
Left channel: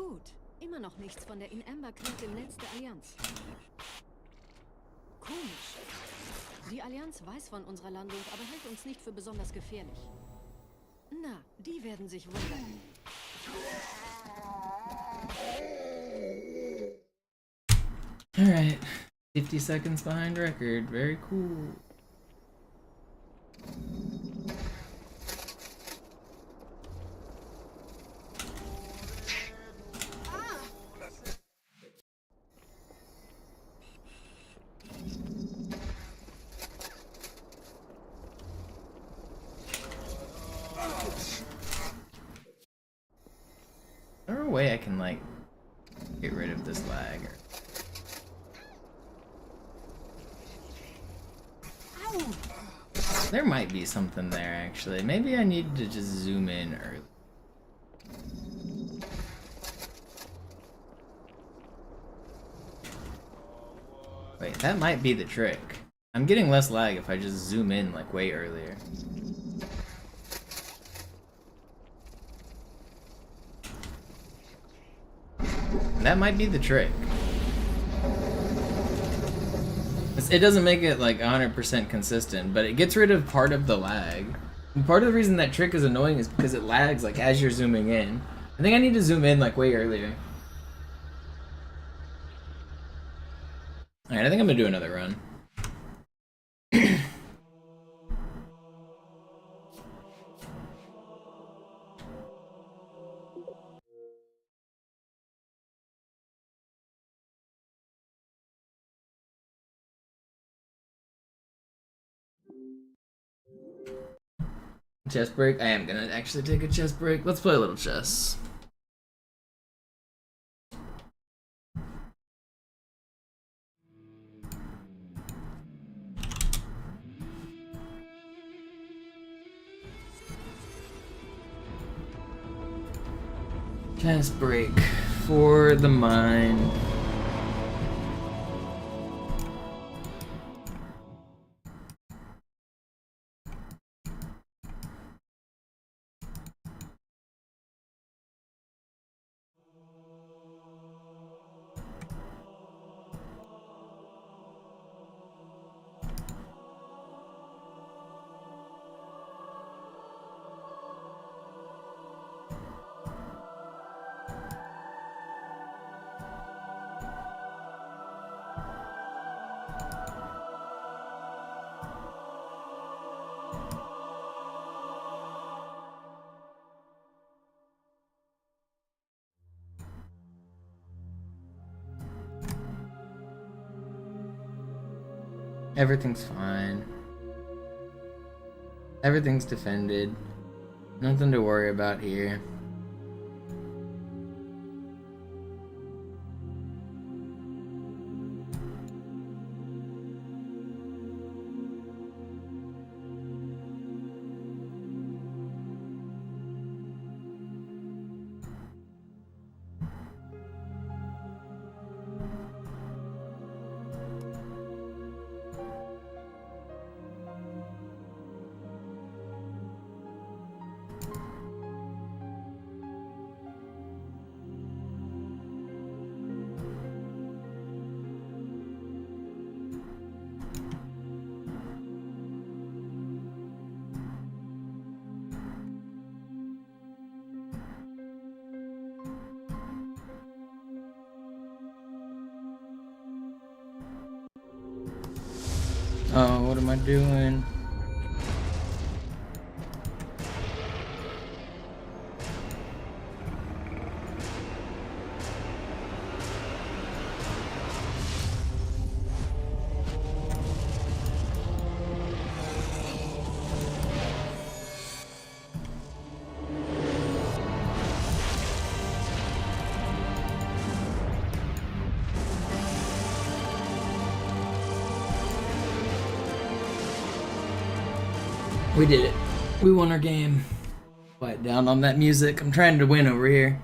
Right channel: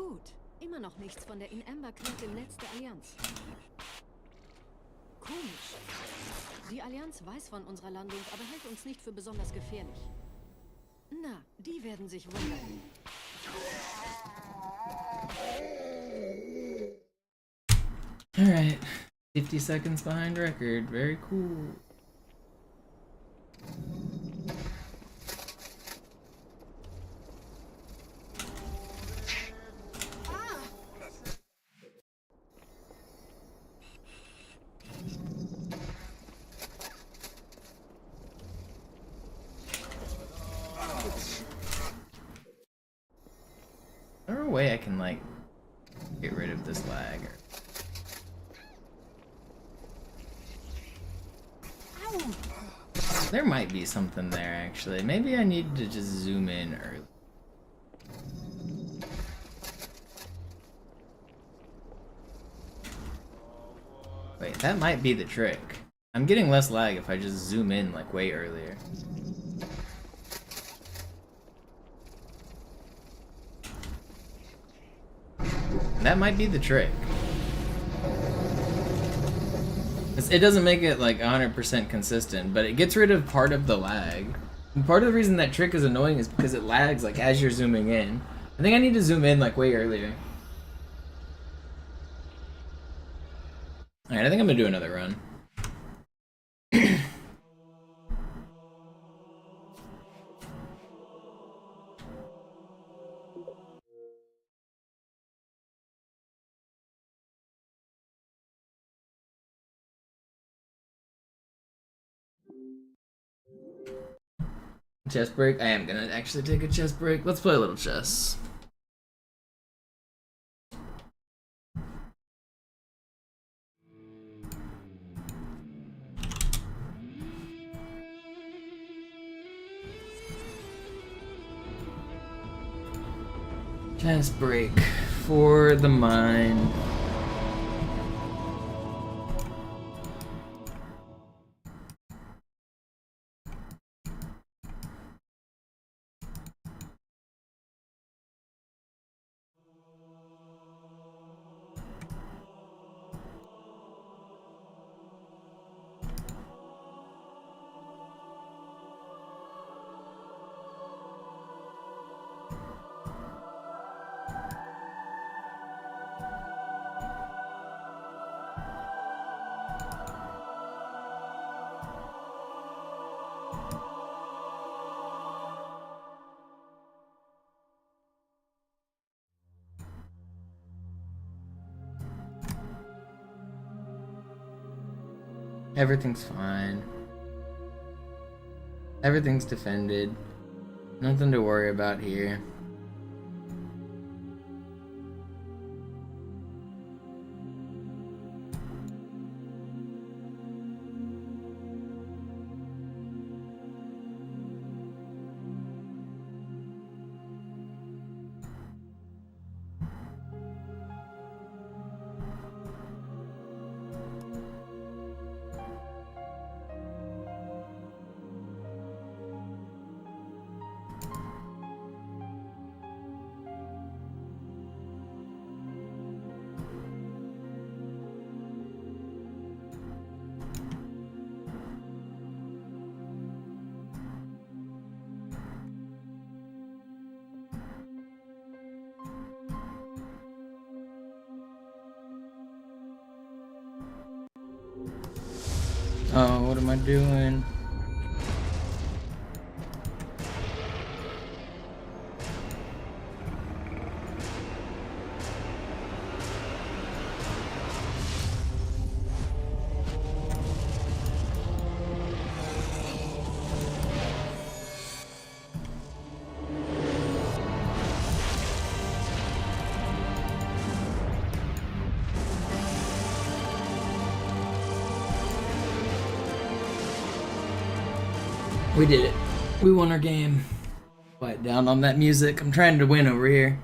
Gut. Immer noch nichts von der In-Amber-Klett im Netz der Allianz. Komisch. Die Allianz weiß von unserer Landung, aber hält uns nicht für besonders gefährlich. Na, die werden sich wundern. Alright. 50 seconds behind record. Very cool. Is there a way I can, like, get rid of this lag? Or... There might be something there, actually. Maybe I need to just zoom in early. Wait, that might be the trick. I'm getting less lag if I just zoom in, like, way earlier. That might be the trick. It doesn't make it like 100% consistent, but it gets rid of part of the lag. And part of the reason that trick is annoying is because it lags like as you're zooming in. I think I need to zoom in like way earlier. Alright, I think I'm gonna do another run. Chess break? I am gonna actually take a chess break. Let's play a little chess. Chess break for the mind. Everything's fine. Everything's defended. Nothing to worry about here. Oh, what am I doing? We did it. We won our game. Quiet down on that music. I'm trying to win over here.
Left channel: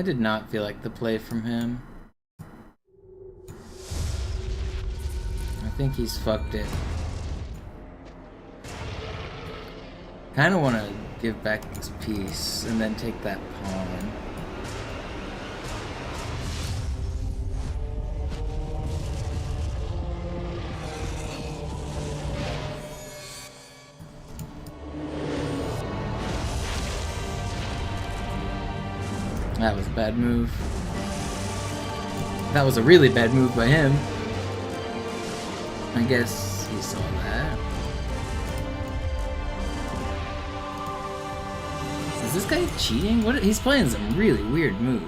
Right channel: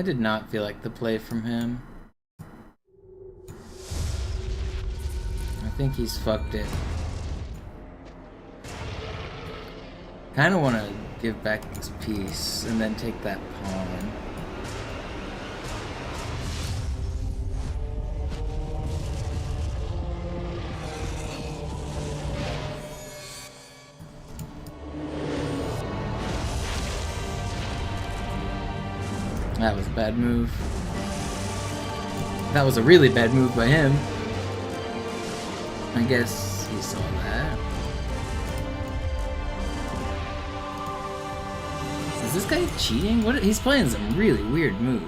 I did not feel like the play from him. I think he's fucked it. Kinda wanna give back this piece and then take that pawn. That was a bad move. That was a really bad move by him. I guess he saw that. Is this guy cheating? What? He's playing some really weird moves.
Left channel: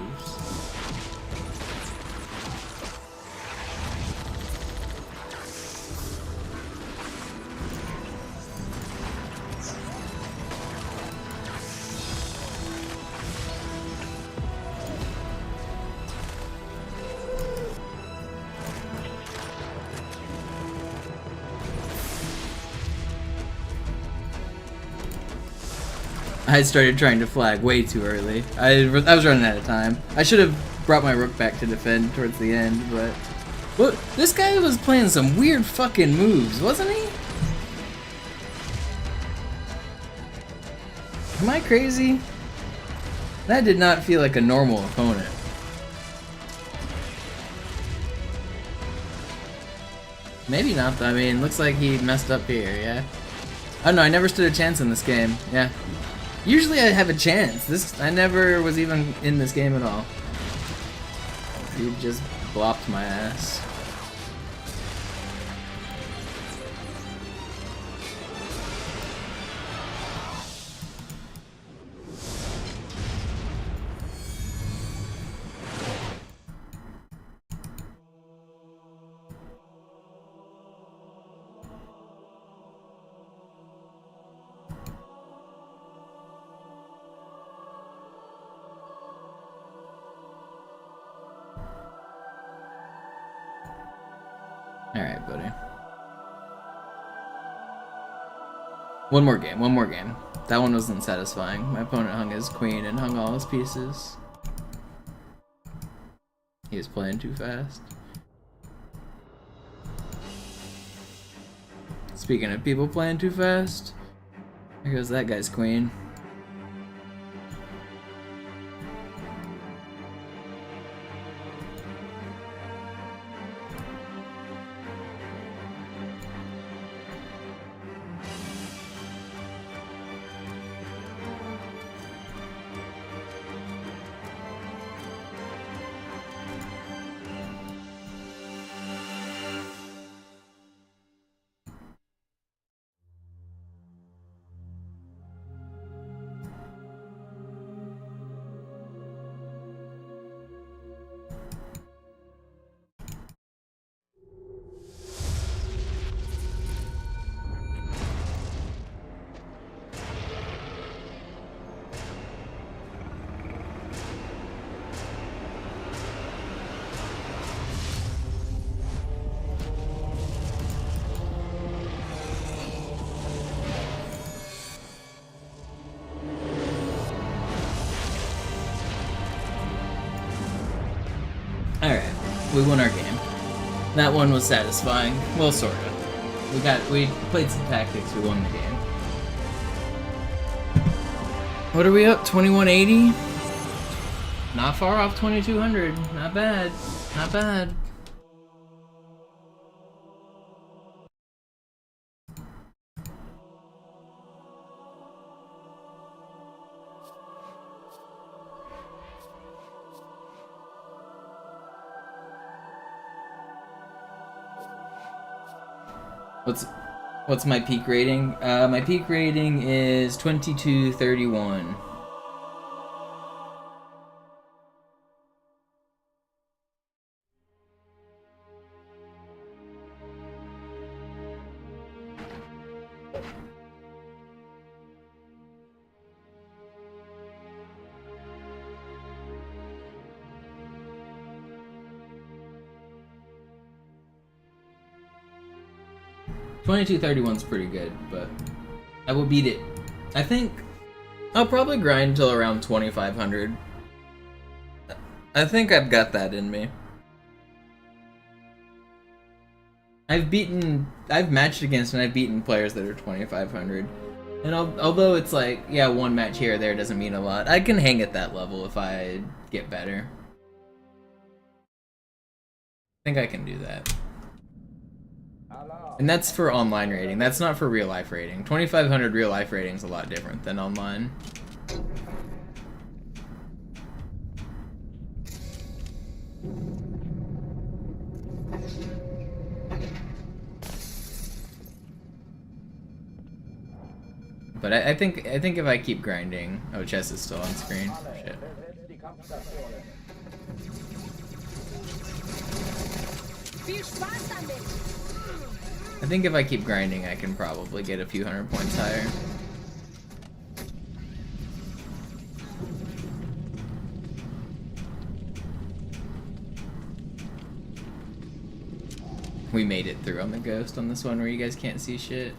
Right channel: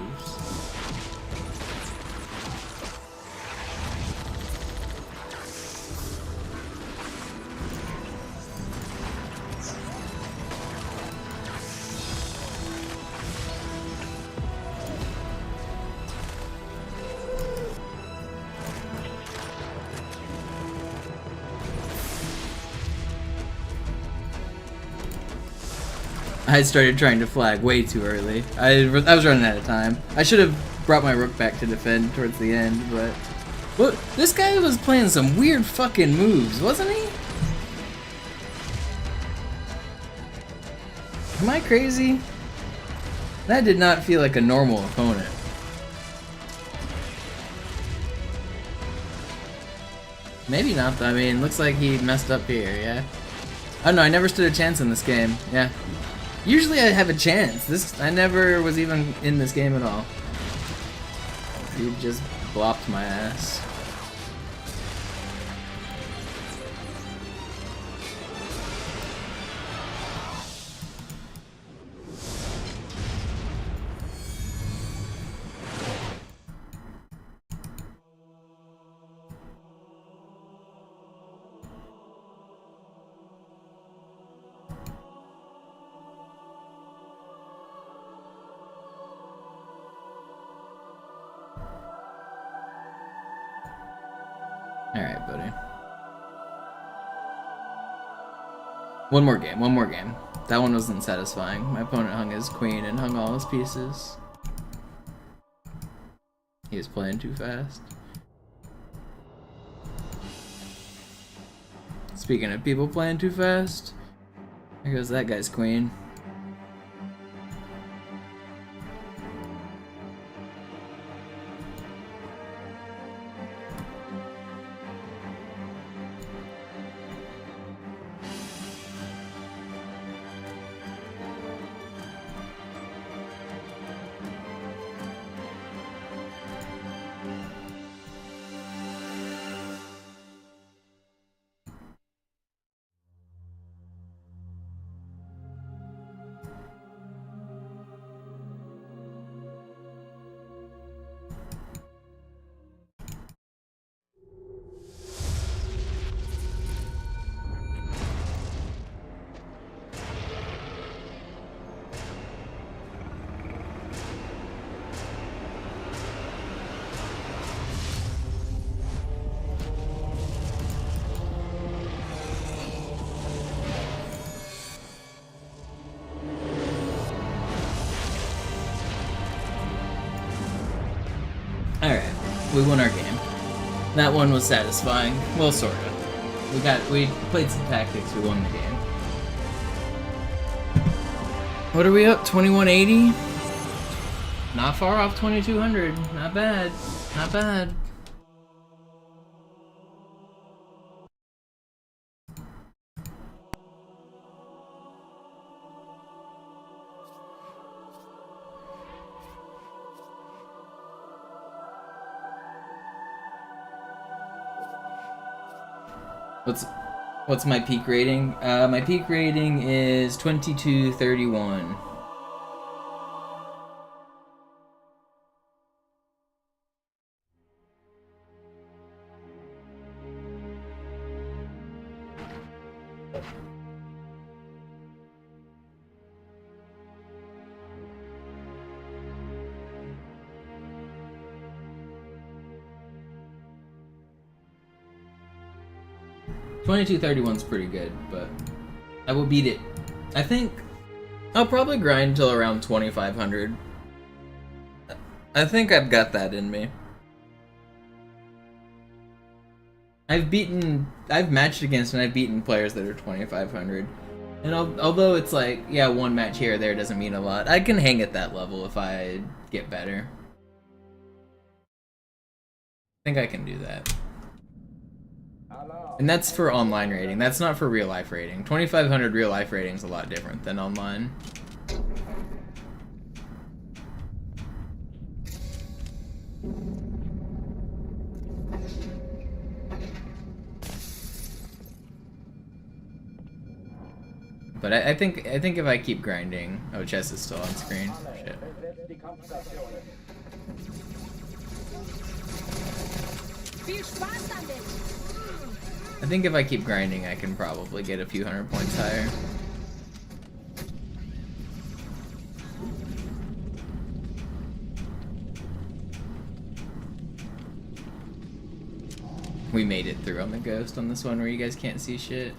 I started trying to flag way too early. I was running out of time. I should have brought my rook back to defend towards the end, but... What? This guy was playing some weird fucking moves, wasn't he? Am I crazy? That did not feel like a normal opponent. Maybe not though. I mean, looks like he messed up here, yeah? Oh no, I never stood a chance in this game, yeah. Usually I have a chance. I never was even in this game at all. He just blopped my ass. Alright, buddy. One more game. That one wasn't satisfying. My opponent hung his queen and hung all his pieces. He was playing too fast. Speaking of people playing too fast, there goes that guy's queen. Alright, we won our game. That one was satisfying. Well, sorta. We played some tactics, we won the game. What are we up? 2180? Not far off 2200. Not bad. Not bad. What's my peak rating? My peak rating is 2231. $22.31's pretty good, but I will beat it. I think I'll probably grind until around 2500. I think I've got that in me. I've matched against and I've beaten players that are 2,500. And although it's like, yeah, one match here or there doesn't mean a lot, I can hang at that level if I get better. I think I can do that. And that's for online rating. That's not for real life rating. 2,500 real life rating is a lot different than online. But I think if I keep grinding, oh, chess is still on screen. Shit. I think if I keep grinding, I can probably get a few hundred points higher. We made it through on the ghost on this one where you guys can't see shit.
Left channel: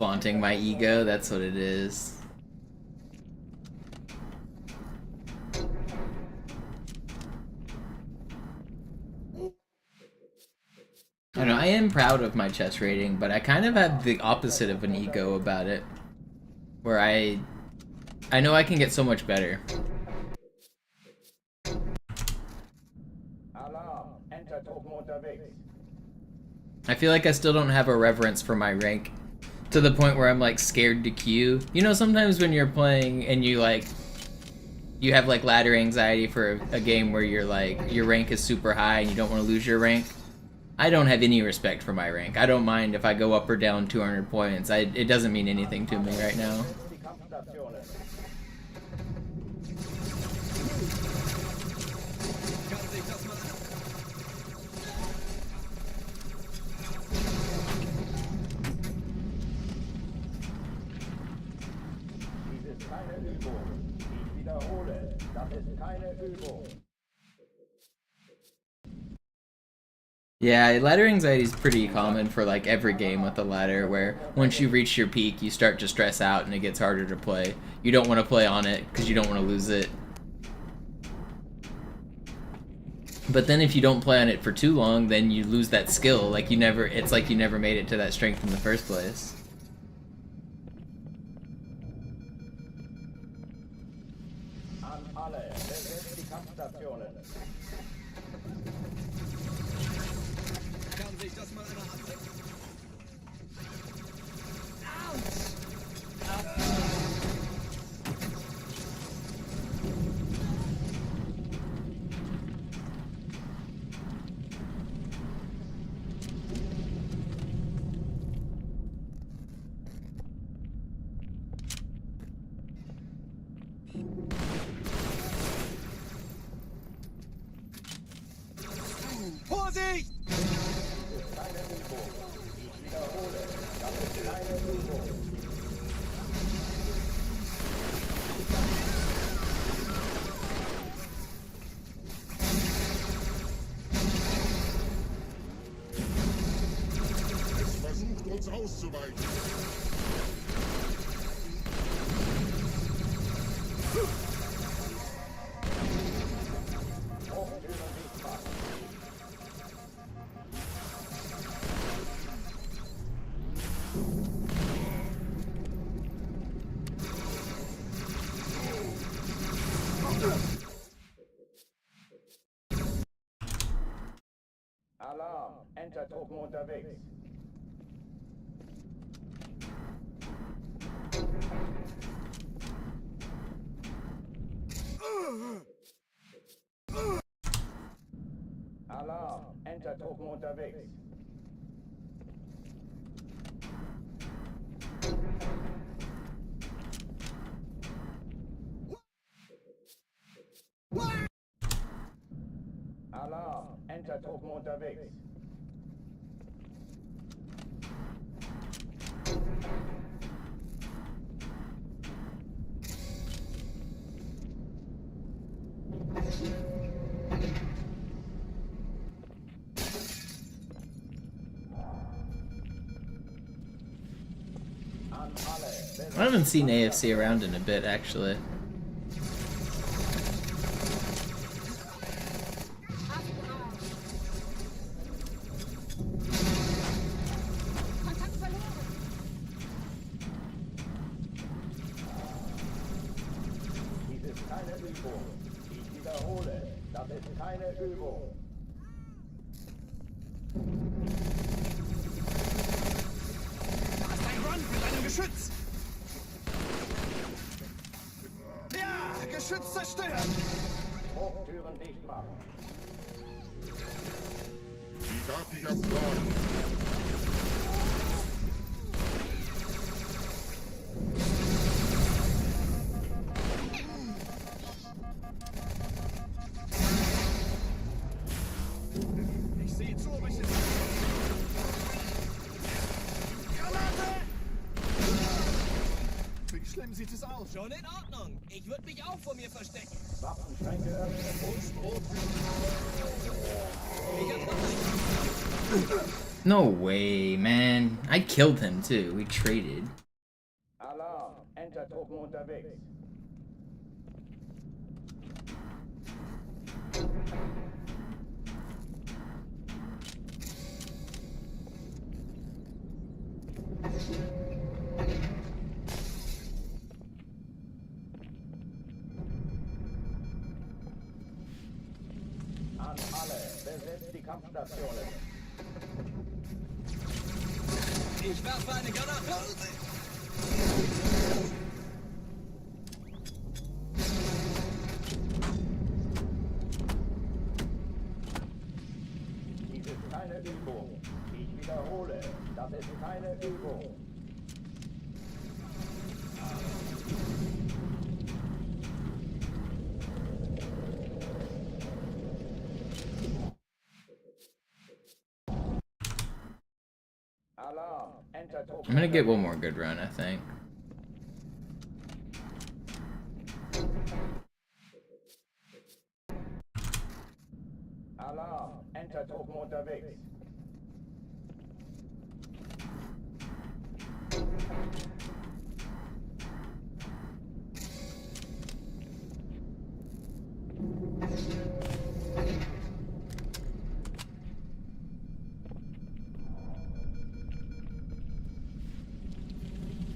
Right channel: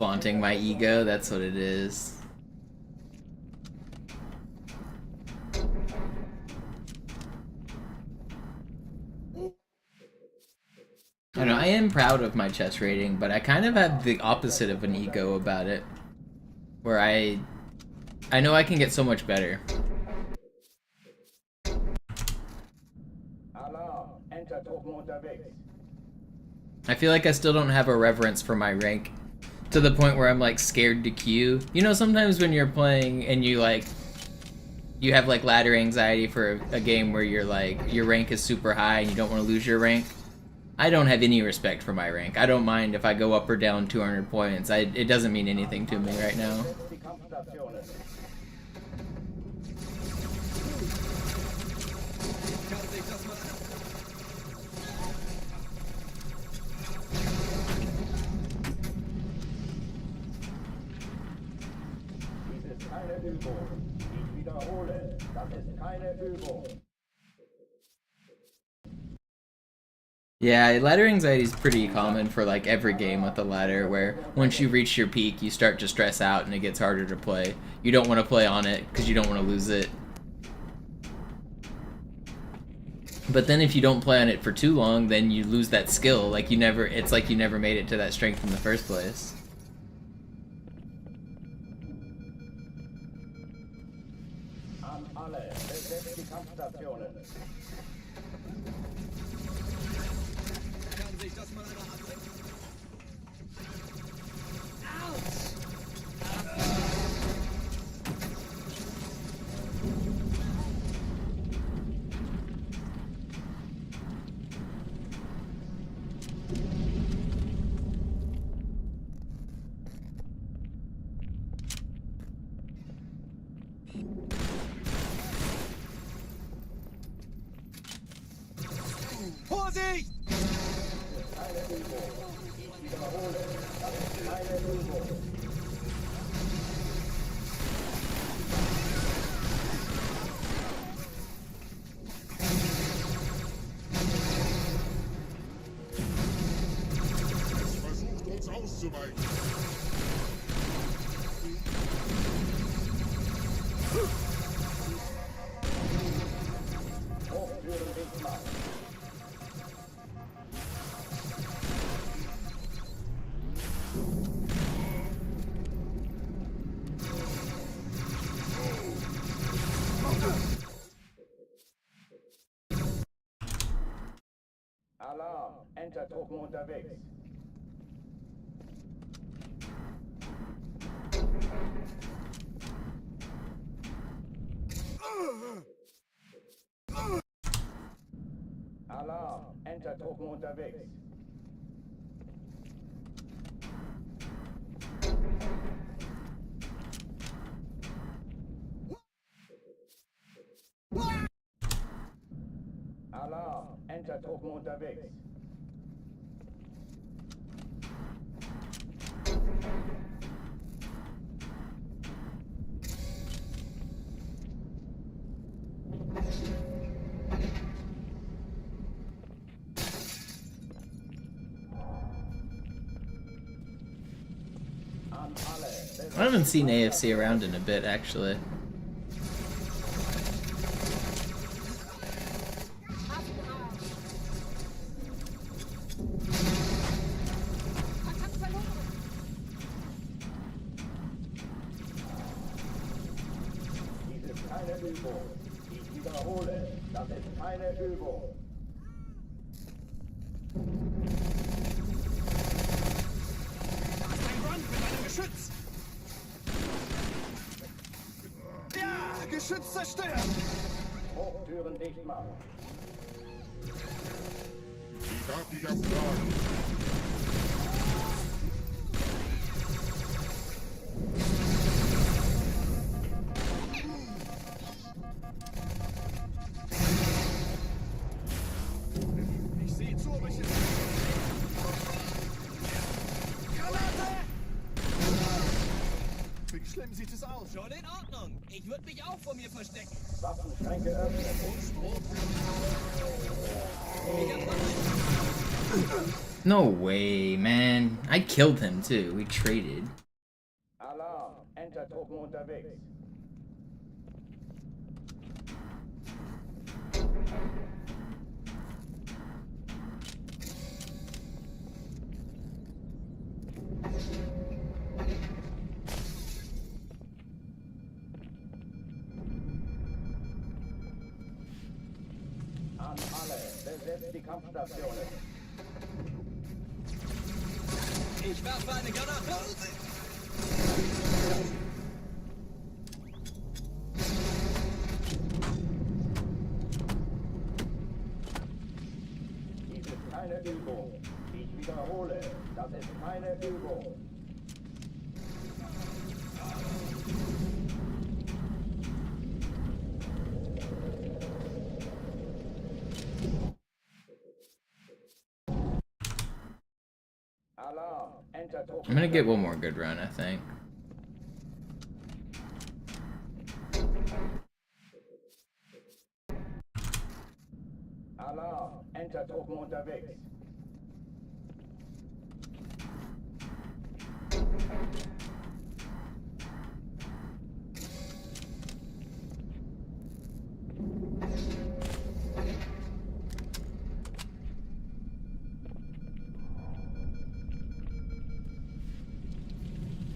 Vaunting my ego, that's what it is. I don't know, I am proud of my chess rating, but I kind of have the opposite of an ego about it. Where I know I can get so much better. I feel like I still don't have a reverence for my rank to the point where I'm like scared to queue. You know, sometimes when you're playing and you have like ladder anxiety for a game where you're like, your rank is super high and you don't want to lose your rank. I don't have any respect for my rank. I don't mind if I go up or down 200 points. It doesn't mean anything to me right now. Yeah, ladder anxiety is pretty common for like every game with the ladder, where once you reach your peak, you start to stress out and it gets harder to play. You don't want to play on it because you don't want to lose it. But then if you don't play on it for too long, then you lose that skill. Like it's like you never made it to that strength in the first place. Alarm! Enter-Truppen unterwegs. Alarm! Enter-Truppen unterwegs. Alarm! Enter-Truppen unterwegs. I haven't seen AFC around in a bit, actually. Dies ist keine Übung. Ich wiederhole, das ist keine Übung. Geschütz! Ja, Geschütz zerstört! Hochtüren dicht machen. Fertiger Plan. Ich sehe zu, welche... Granate! Wie schlimm sieht es aus? Schon in Ordnung. Ich würde mich auch vor mir verstecken. Waffenschränke öffnen. No way, man. I killed him too. We traded. Alarm. Enter-Truppen unterwegs. An alle, besetzt die Kampfstationen. Ich werfe eine Granate! Dies ist keine Übung. Ich wiederhole, das ist keine Übung. Alarm. Enter-Truppen. I'm gonna get one more good run, I think. Alarm. Enter-Truppen unterwegs.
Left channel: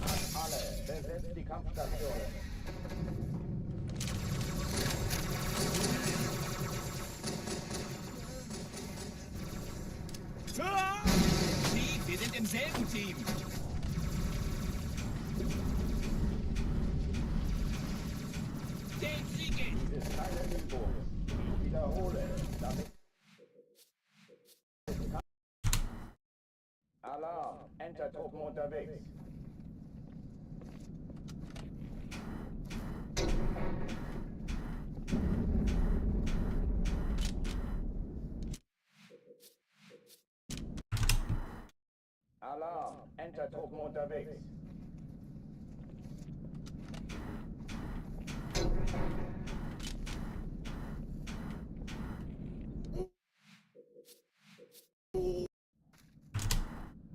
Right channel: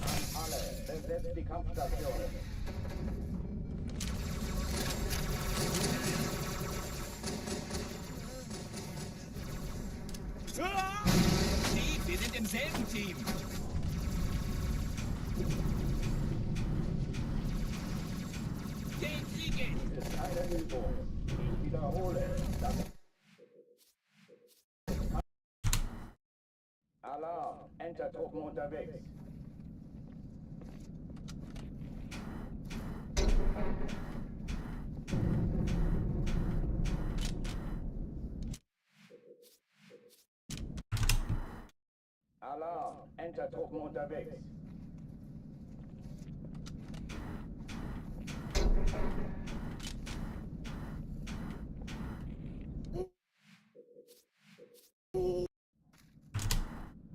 An alle, besetzt die Kampfstationen. Steve, wir sind im selben Team. Den kriege ich. Dies ist keine Übung. Ich wiederhole, das ist Alarm. Enter-Truppen unterwegs. Alarm. Enter-Truppen unterwegs.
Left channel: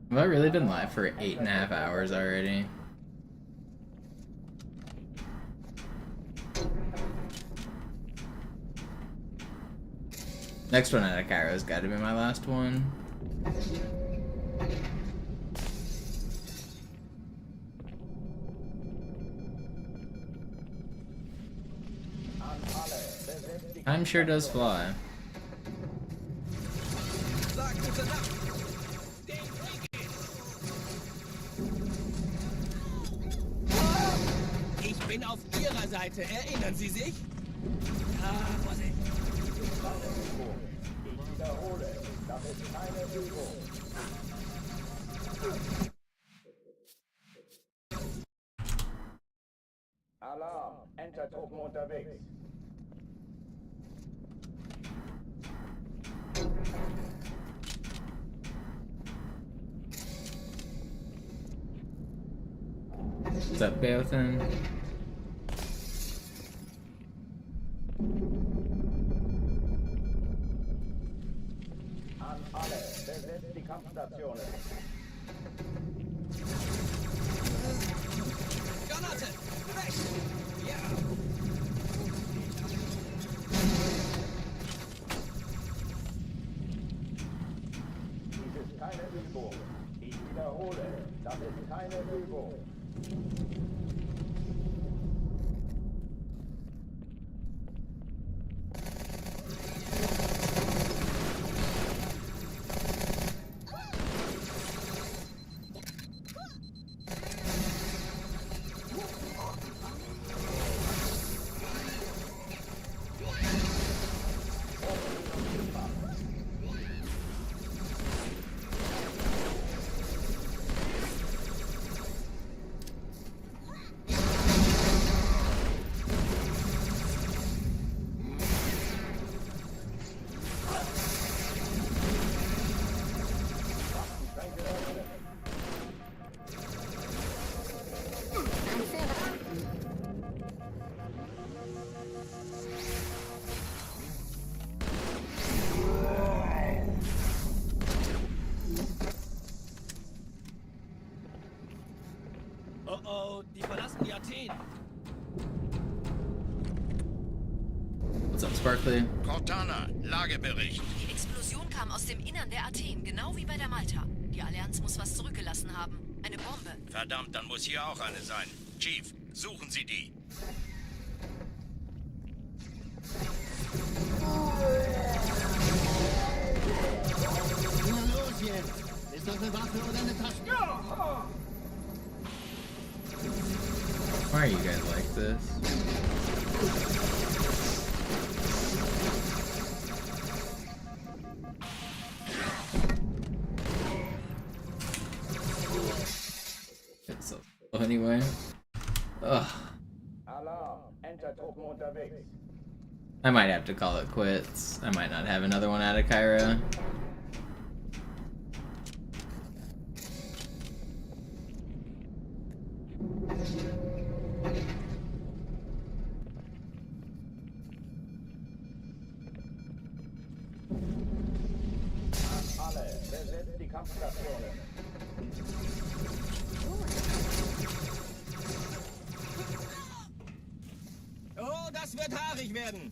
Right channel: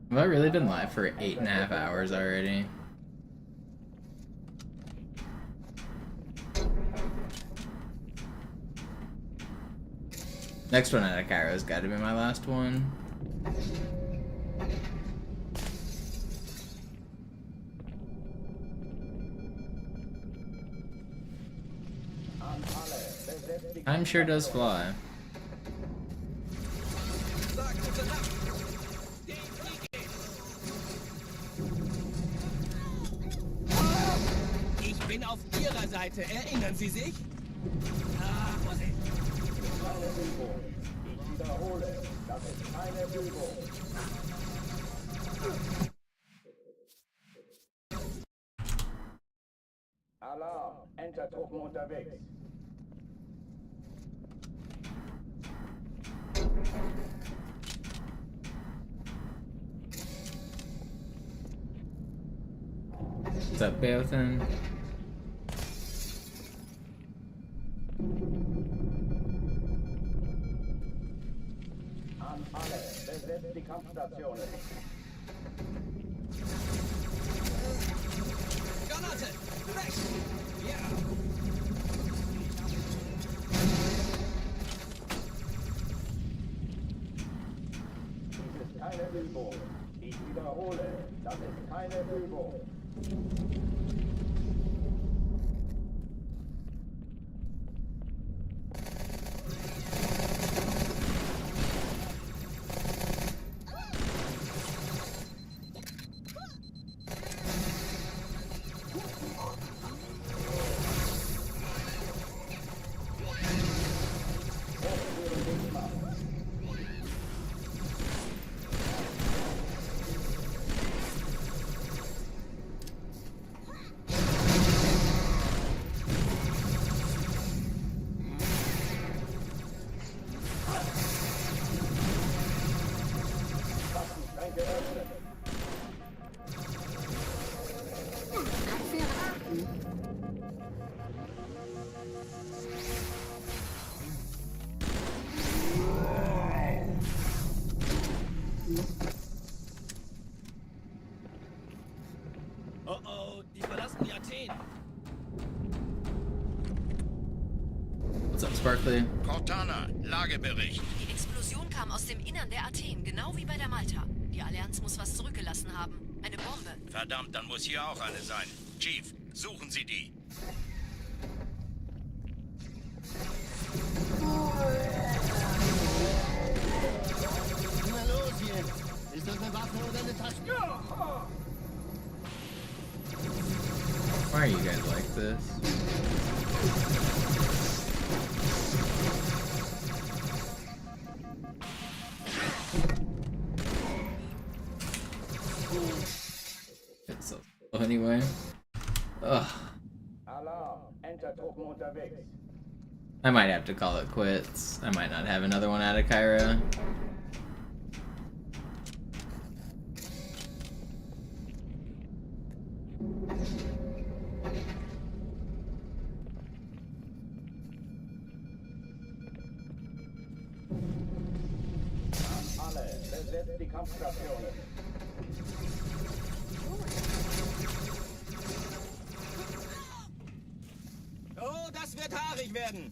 Have I really been live for 8.5 hours already? Next one out of Cairo's got to be my last one. Time sure does fly. Sag gute Nacht. Den kriege ich. Ich bin auf Ihrer Seite. Erinnern Sie sich? Ah, Vorsicht. Keine Übung. Ich wiederhole, das ist keine Übung. Alarm. Enter-Truppen unterwegs. up, Beothan? An alle, besetzt die Kampfstationen. Granate! Weg! Ja! Dies ist keine Übung. Ich wiederhole, das ist keine Übung. Oh oh, die verlassen die Athen. What's up, Sparkly? Cortana, Lagebericht. Die Explosion kam aus dem Innern der Athen, genau wie bei der Malta. Die Allianz muss was zurückgelassen haben. Eine Bombe. Verdammt, dann muss hier auch eine sein. Chief, suchen Sie die. Na los jetzt! Ist das eine Waffe oder eine Tasche? Why are you guys like this? It's so slow anyway. Ugh. Alarm, Enter-Truppen unterwegs. I might have to call it quits. I might not have another one out of Kyra. An alle, besetzt die Kampfstationen. Oh, das wird haarig werden.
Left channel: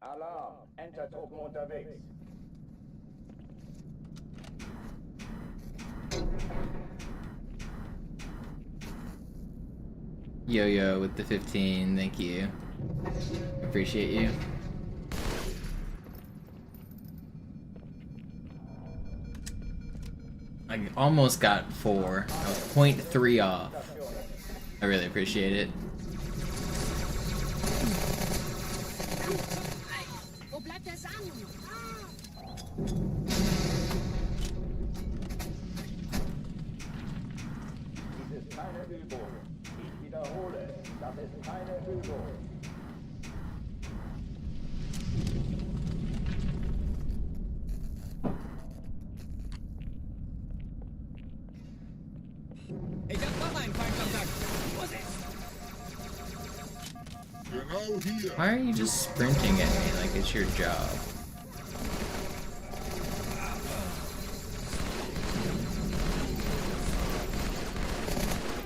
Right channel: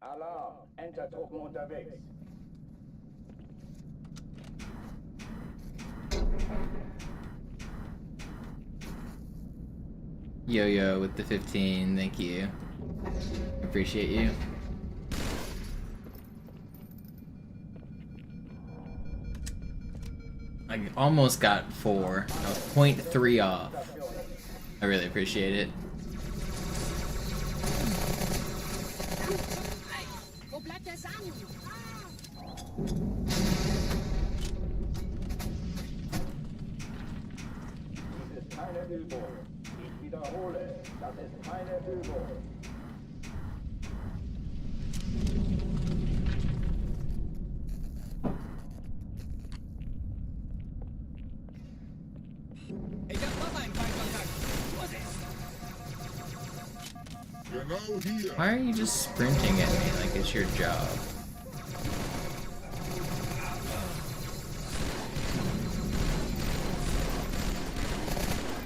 Alarm, Enter-Truppen unterwegs. Yo-Yo with the 15, thank you. Appreciate you. I almost got 4. I was 0.3 off. I really appreciate it. Wo bleibt der Samen? Dies ist keine Übung. Ich wiederhole, das ist keine Übung. Ich hab noch einen Feindkontakt. Genau hier. Why are you just sprinting at me like it's your job?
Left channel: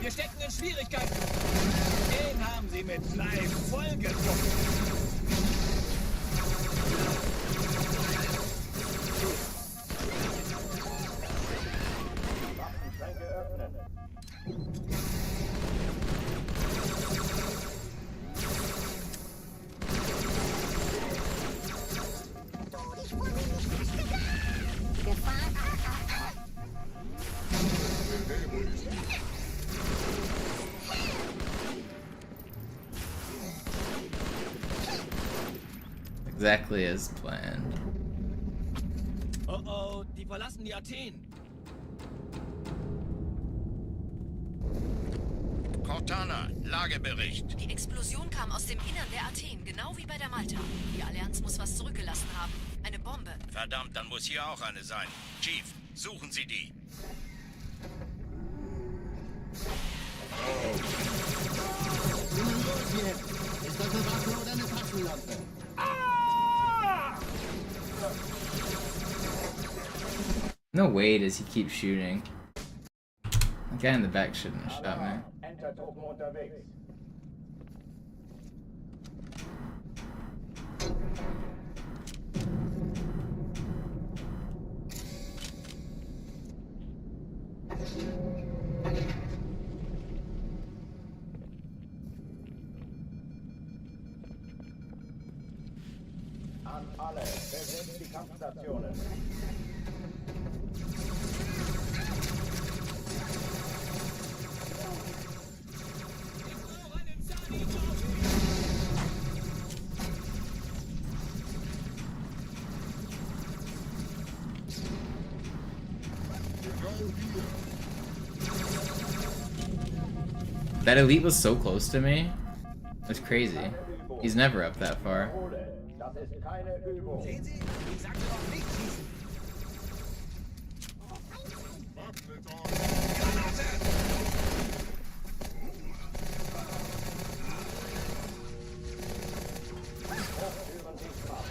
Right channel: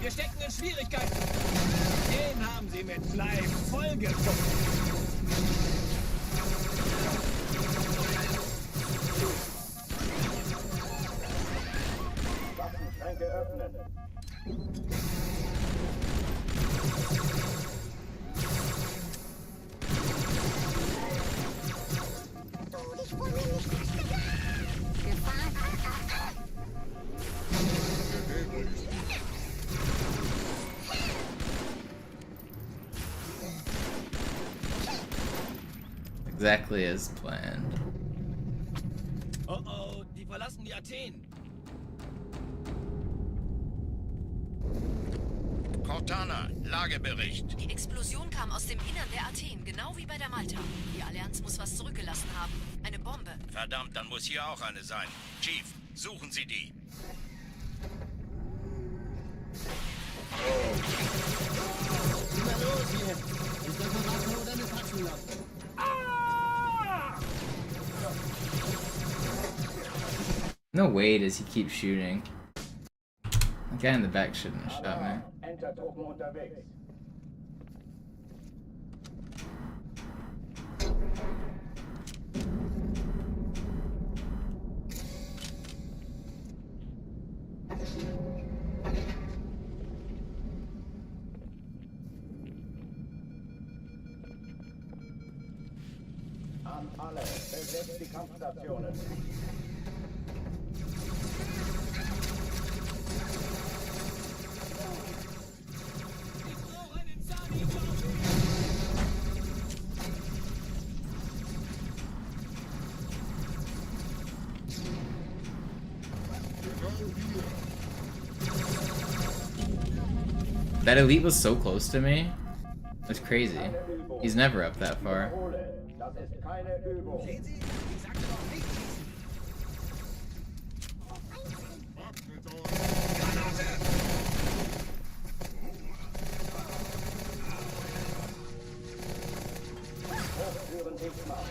Wir stecken in Schwierigkeiten. Den haben sie mit Fleisch vollgekommen. Waffenschränke öffnen. Exactly as planned. Oh oh, die verlassen die Athen. Cortana, Lagebericht. Die Explosion kam aus dem Innern der Athen, genau wie bei der Malta. Die Allianz muss was zurückgelassen haben. Eine Bombe. Verdammt, dann muss hier auch eine sein. Chief, suchen Sie die. Na los jetzt! Ist das eine Waffe oder eine Taschenlampe? No way does he keep shooting. The guy in the back shouldn't have shot me. Entertruppen unterwegs. An alle, besetzt die Kampfstationen. That elite was so close to me. That's crazy. He's never up that far. Das ist keine Übung. Sehen Sie? Ich sag doch nicht schießen. Hochtüren sichtbar.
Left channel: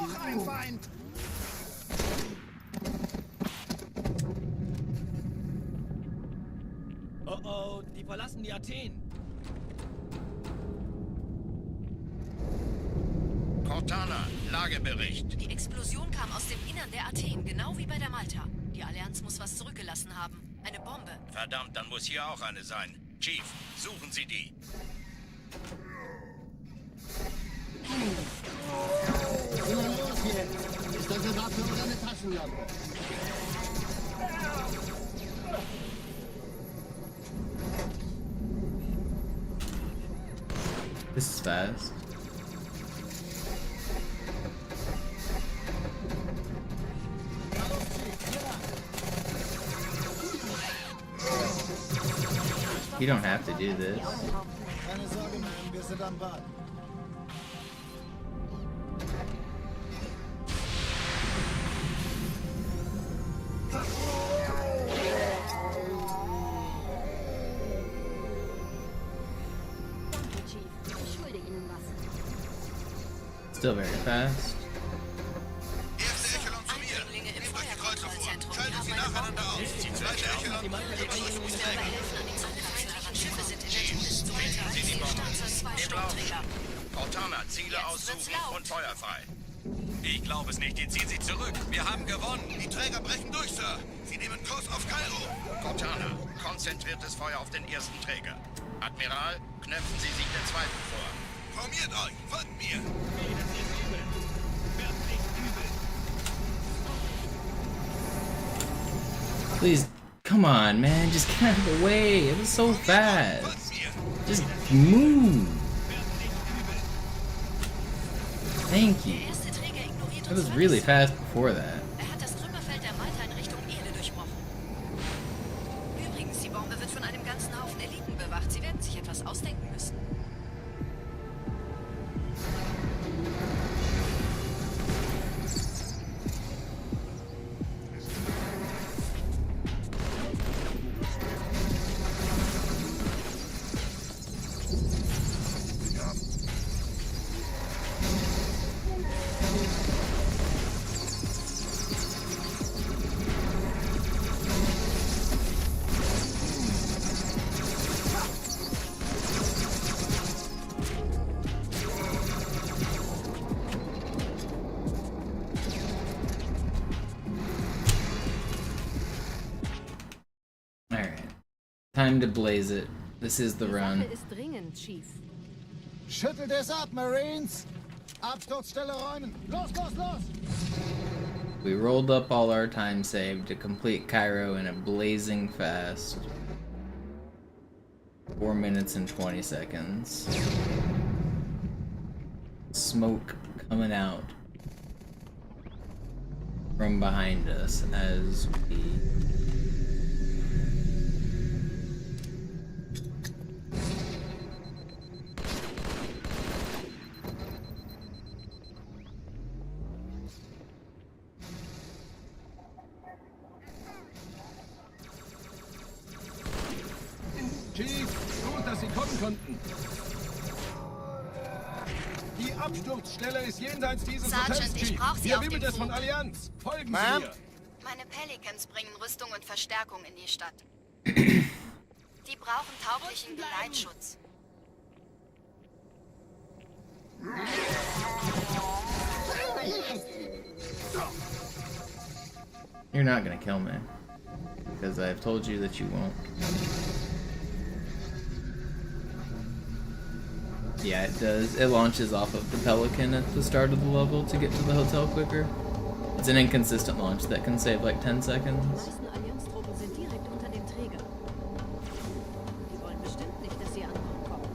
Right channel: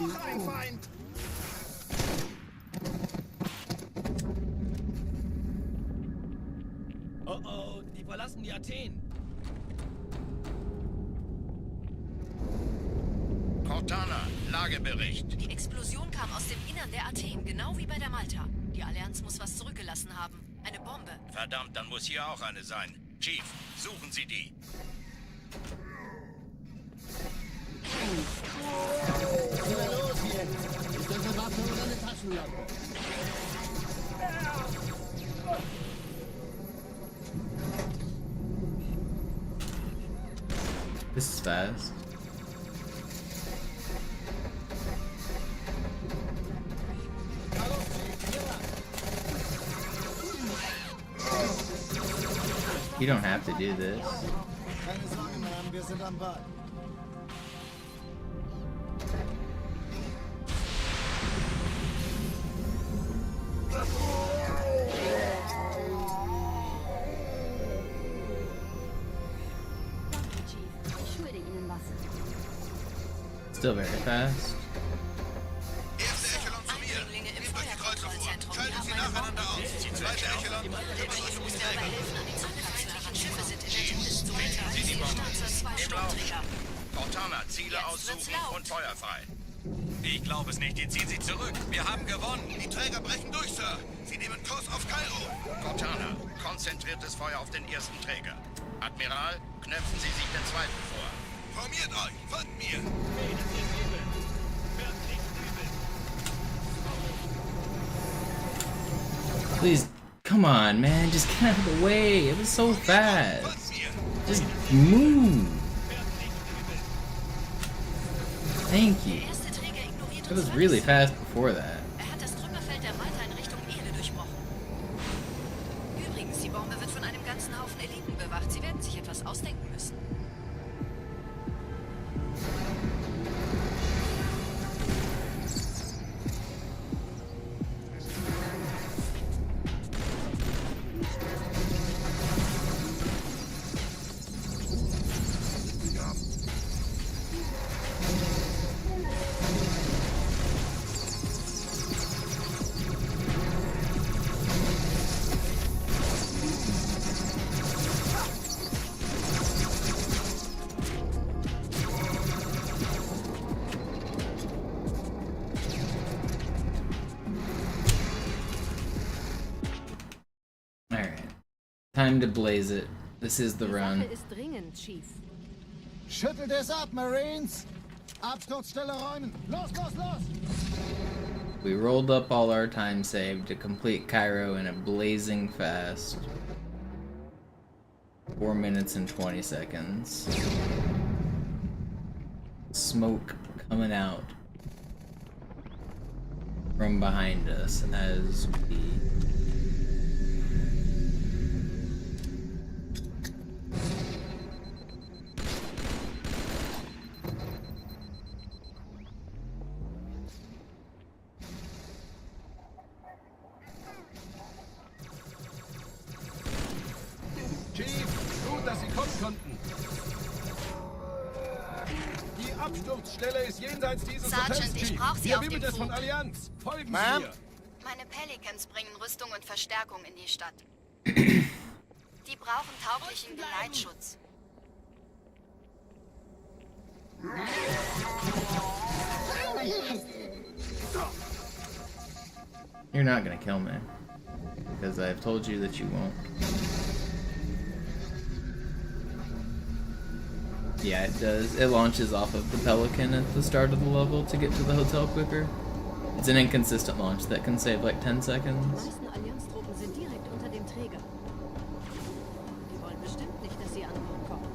Noch ein Feind! Oh oh, die verlassen die Athen. Cortana, Lagebericht. Die Explosion kam aus dem Innern der Athen, genau wie bei der Malta. Die Allianz muss was zurückgelassen haben. Eine Bombe. Verdammt, dann muss hier auch eine sein. Chief, suchen Sie die. Na los jetzt! Ist das eine Waffe oder eine Taschenlampe? This is fast. You don't have to do this. Keine Sorge, Ma'am, wir sind am Ball. Danke, Chief. Ich schulde Ihnen was. Still very fast. Erste Echelon zu mir. Nehmt euch die Kreuzer vor. Schaltet sie nacheinander aus. Zweite Echelon, kümmert euch um die Träger. Schiffe sind in der Todeszone. Zwei Sturmträger. Cortana, Ziele aussuchen und Feuer frei. Ich glaube es nicht. Den ziehen Sie zurück. Wir haben gewonnen. Die Träger brechen durch, Sir. Sie nehmen Kurs auf Kairo. Cortana, konzentriertes Feuer auf den ersten Träger. Admiral, knöpfen Sie sich den zweiten vor. Formiert euch. Folgt mir. Hey, das ist übel. Wirklich übel. Please, come on, man. Just get out of the way. It was so fast. Just move. Thank you. It was really fast before that. Er hat das Trümmerfeld der Malta in Richtung Erde durchbrochen. Übrigens, die Bombe wird von einem ganzen Haufen Eliten bewacht. Sie werden sich etwas ausdenken müssen. Time to blaze it. This is the Die run. Sache ist dringend, Chief. Schüttelt es ab, Marines! Absturzstelle räumen! Los, los, los! We rolled up all our time saved to complete Cairo in a blazing fast. 4 minutes and 20 seconds. Smoke coming out from behind us as we Chief, gut, dass Sie kommen konnten. Die Absturzstelle ist jenseits dieses Sergeant, Hotels, ich Chief. brauch Sie Hier auf dem wimmelt es von Flug. Allianz. Folgen Sie Ma'am? mir. Meine Pelicans bringen Rüstung und Verstärkung in die Stadt. Die brauchen tauglichen Geleitschutz. You're not gonna kill me. Because I've told you that you won't. Yeah, it does. It launches off of the Pelican at the start of the level to get to the hotel quicker. It's an inconsistent launch that can save like 10 Die seconds. meisten Allianztruppen sind direkt unter dem Träger. Die wollen bestimmt nicht, dass sie an Bord kommen.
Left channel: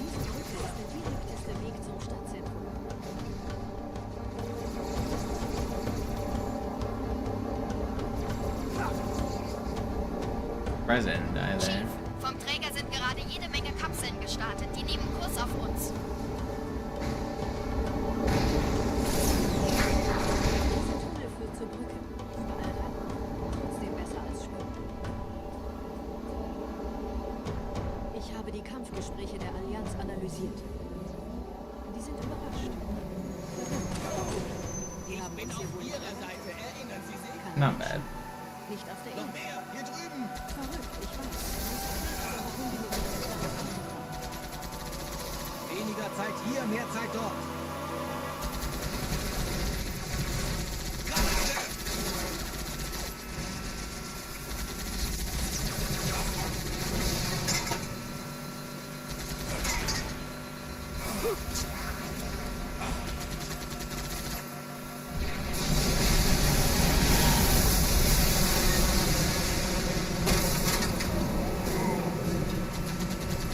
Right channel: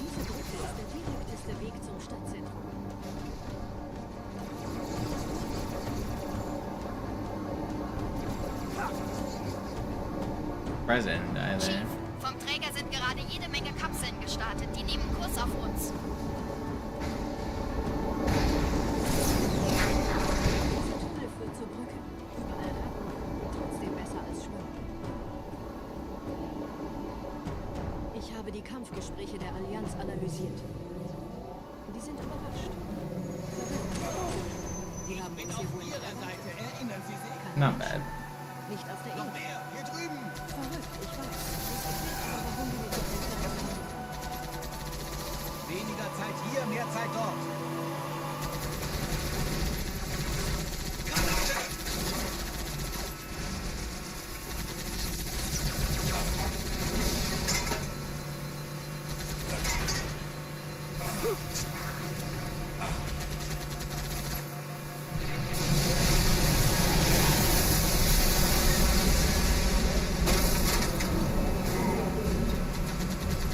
Diese Brücke ist der direkteste Weg zum Stadtzentrum. President die there. Chief, vom Träger sind gerade jede Menge Kapseln gestartet. Die nehmen Kurs auf uns. Dieser Tunnel führt zur Brücke. Überall Ratten. Trotzdem besser als Schwimmen. Ich habe die Kampfgespräche der Allianz analysiert. Die sind überrascht. Verwirrt. Die haben uns hier wohl nicht erwartet. Kein Not Mensch. bad. Nicht auf der Insel. Verrückt, ich weiß. Das erklärt aber, warum die mit so einer kleinen Flotte kommen. Weniger Zeit hier, mehr Zeit dort.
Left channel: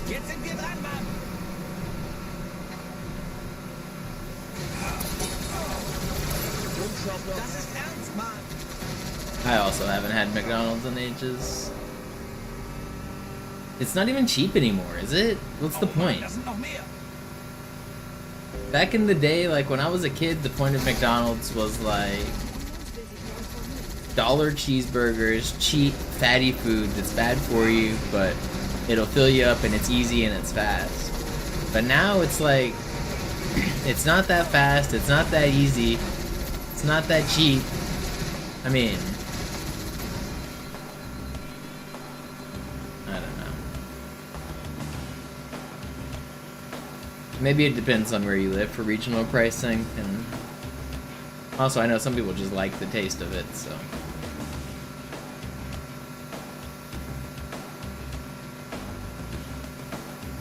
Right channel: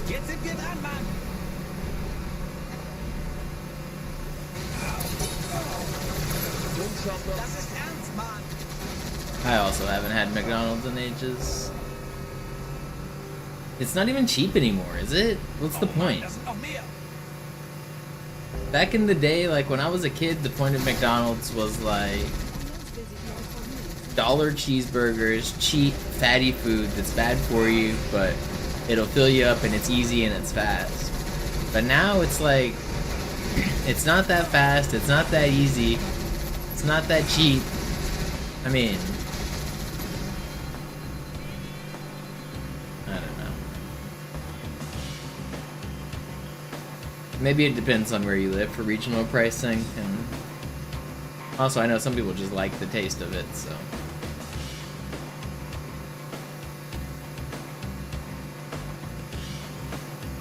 Jetzt sind wir dran, Mann. Das ist ernst, Mann. I also haven't had McDonald's in ages. It's not even cheap anymore, is it? What's the point? Das sind noch mehr. Back in the day, like when I was a kid, the point of McDonald's was like dollar cheeseburgers, cheap, fatty food that's bad for you, but it'll fill you up and it's easy and it's fast. But now it's like, it's not that fast, it's not that easy, it's not that cheap. I mean, I don't know. Maybe it depends on where you live for regional pricing, and also I know some people just like the taste of it, so.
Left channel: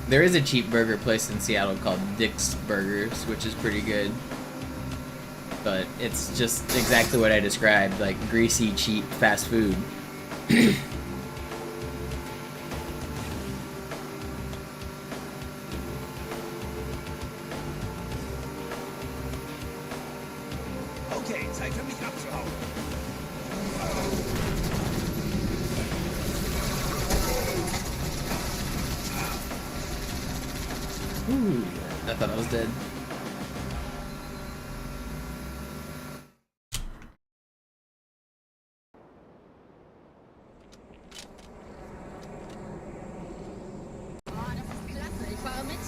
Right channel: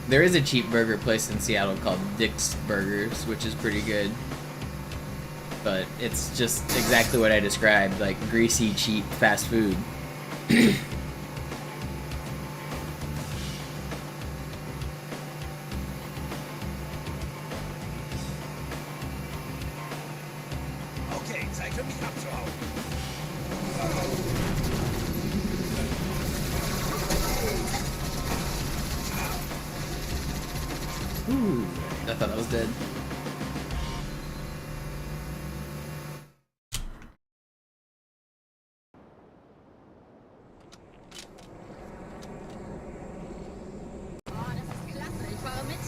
There is a cheap burger place in Seattle called Dick's Burgers, which is pretty good. But it's just exactly what I described, like greasy, cheap, fast food. Okay, Zeit für mich abzuhauen. Ooh, I thought I was dead. Ich fahre mit.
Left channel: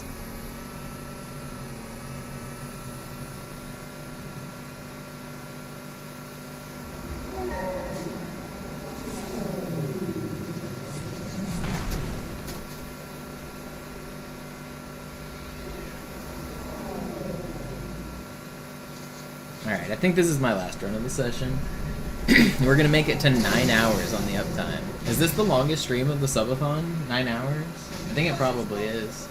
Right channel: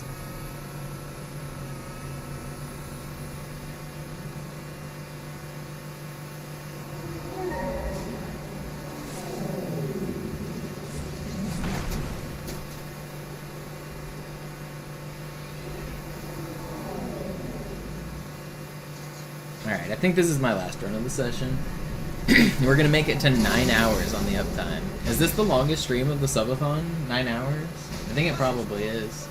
Alright, I think this is my last run of the session. We're gonna make it to 9 hours on the uptime. Is this the longest stream of the subathon? 9 hours? I think it probably is.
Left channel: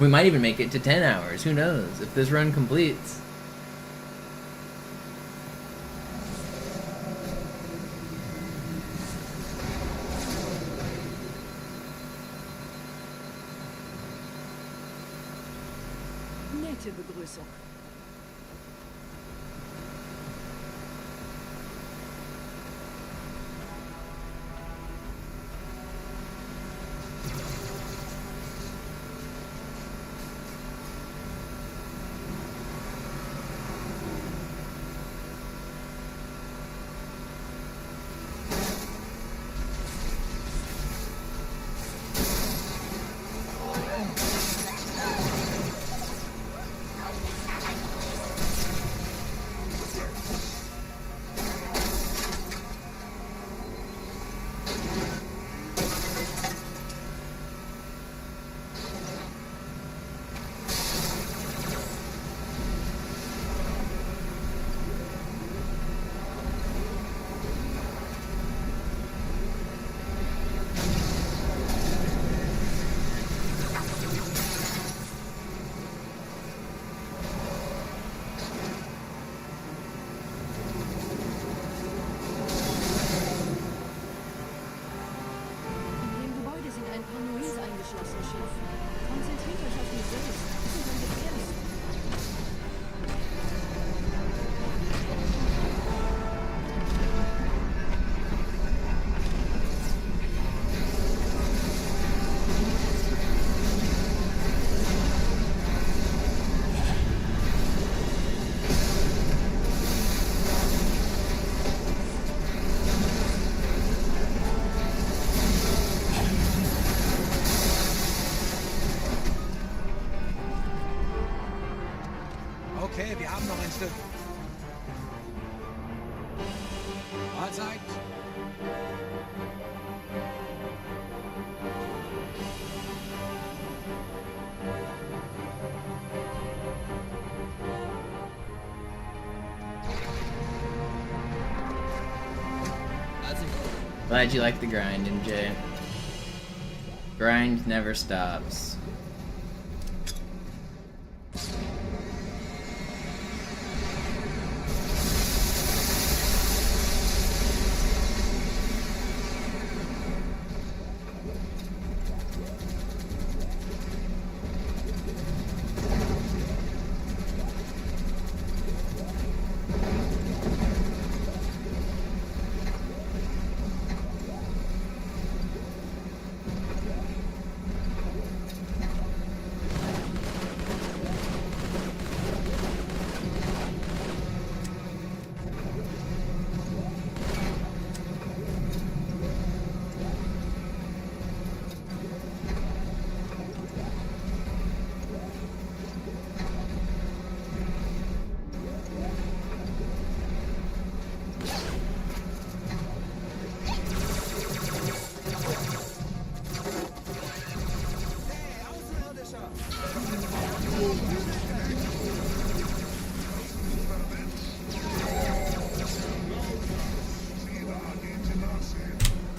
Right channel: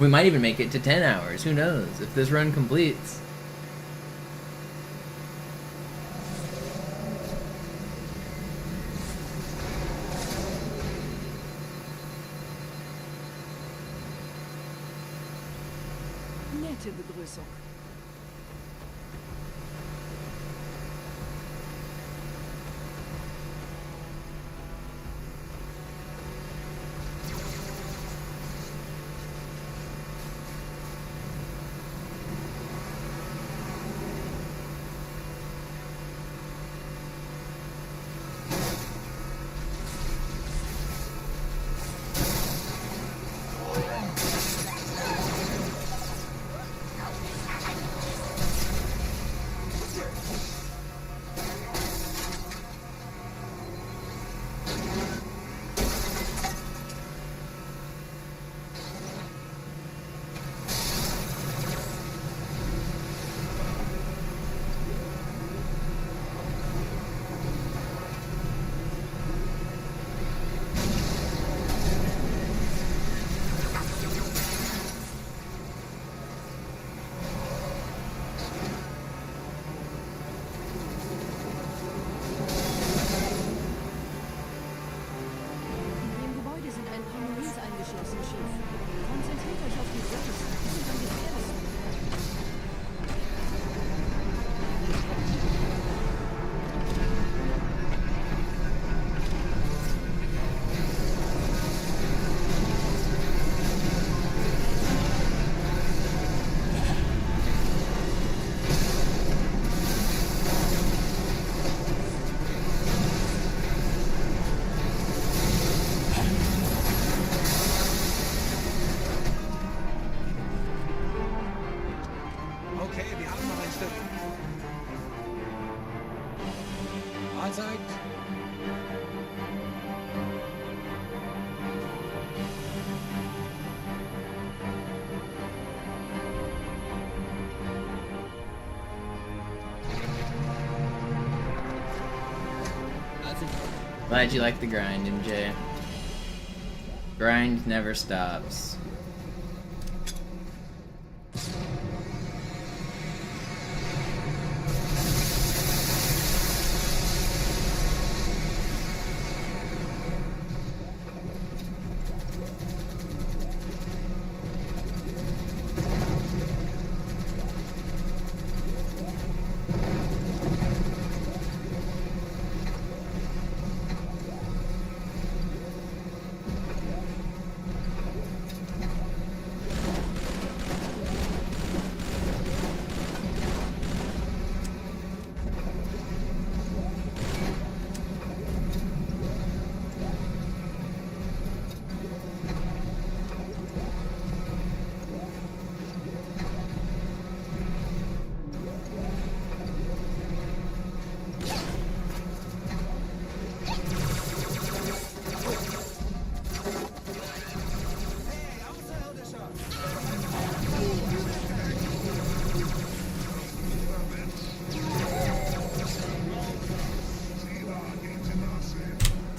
We might even make it to 10 hours. Who knows? If this run completes. Nette Begrüßung. Eingeschlossen, Chief. Konzentriert euch auf die Race. Die sind am gefährlichsten. Okay, wir haben noch ein Stück. Anzeigen. Glad you like the grind, MJ. Grind never stops.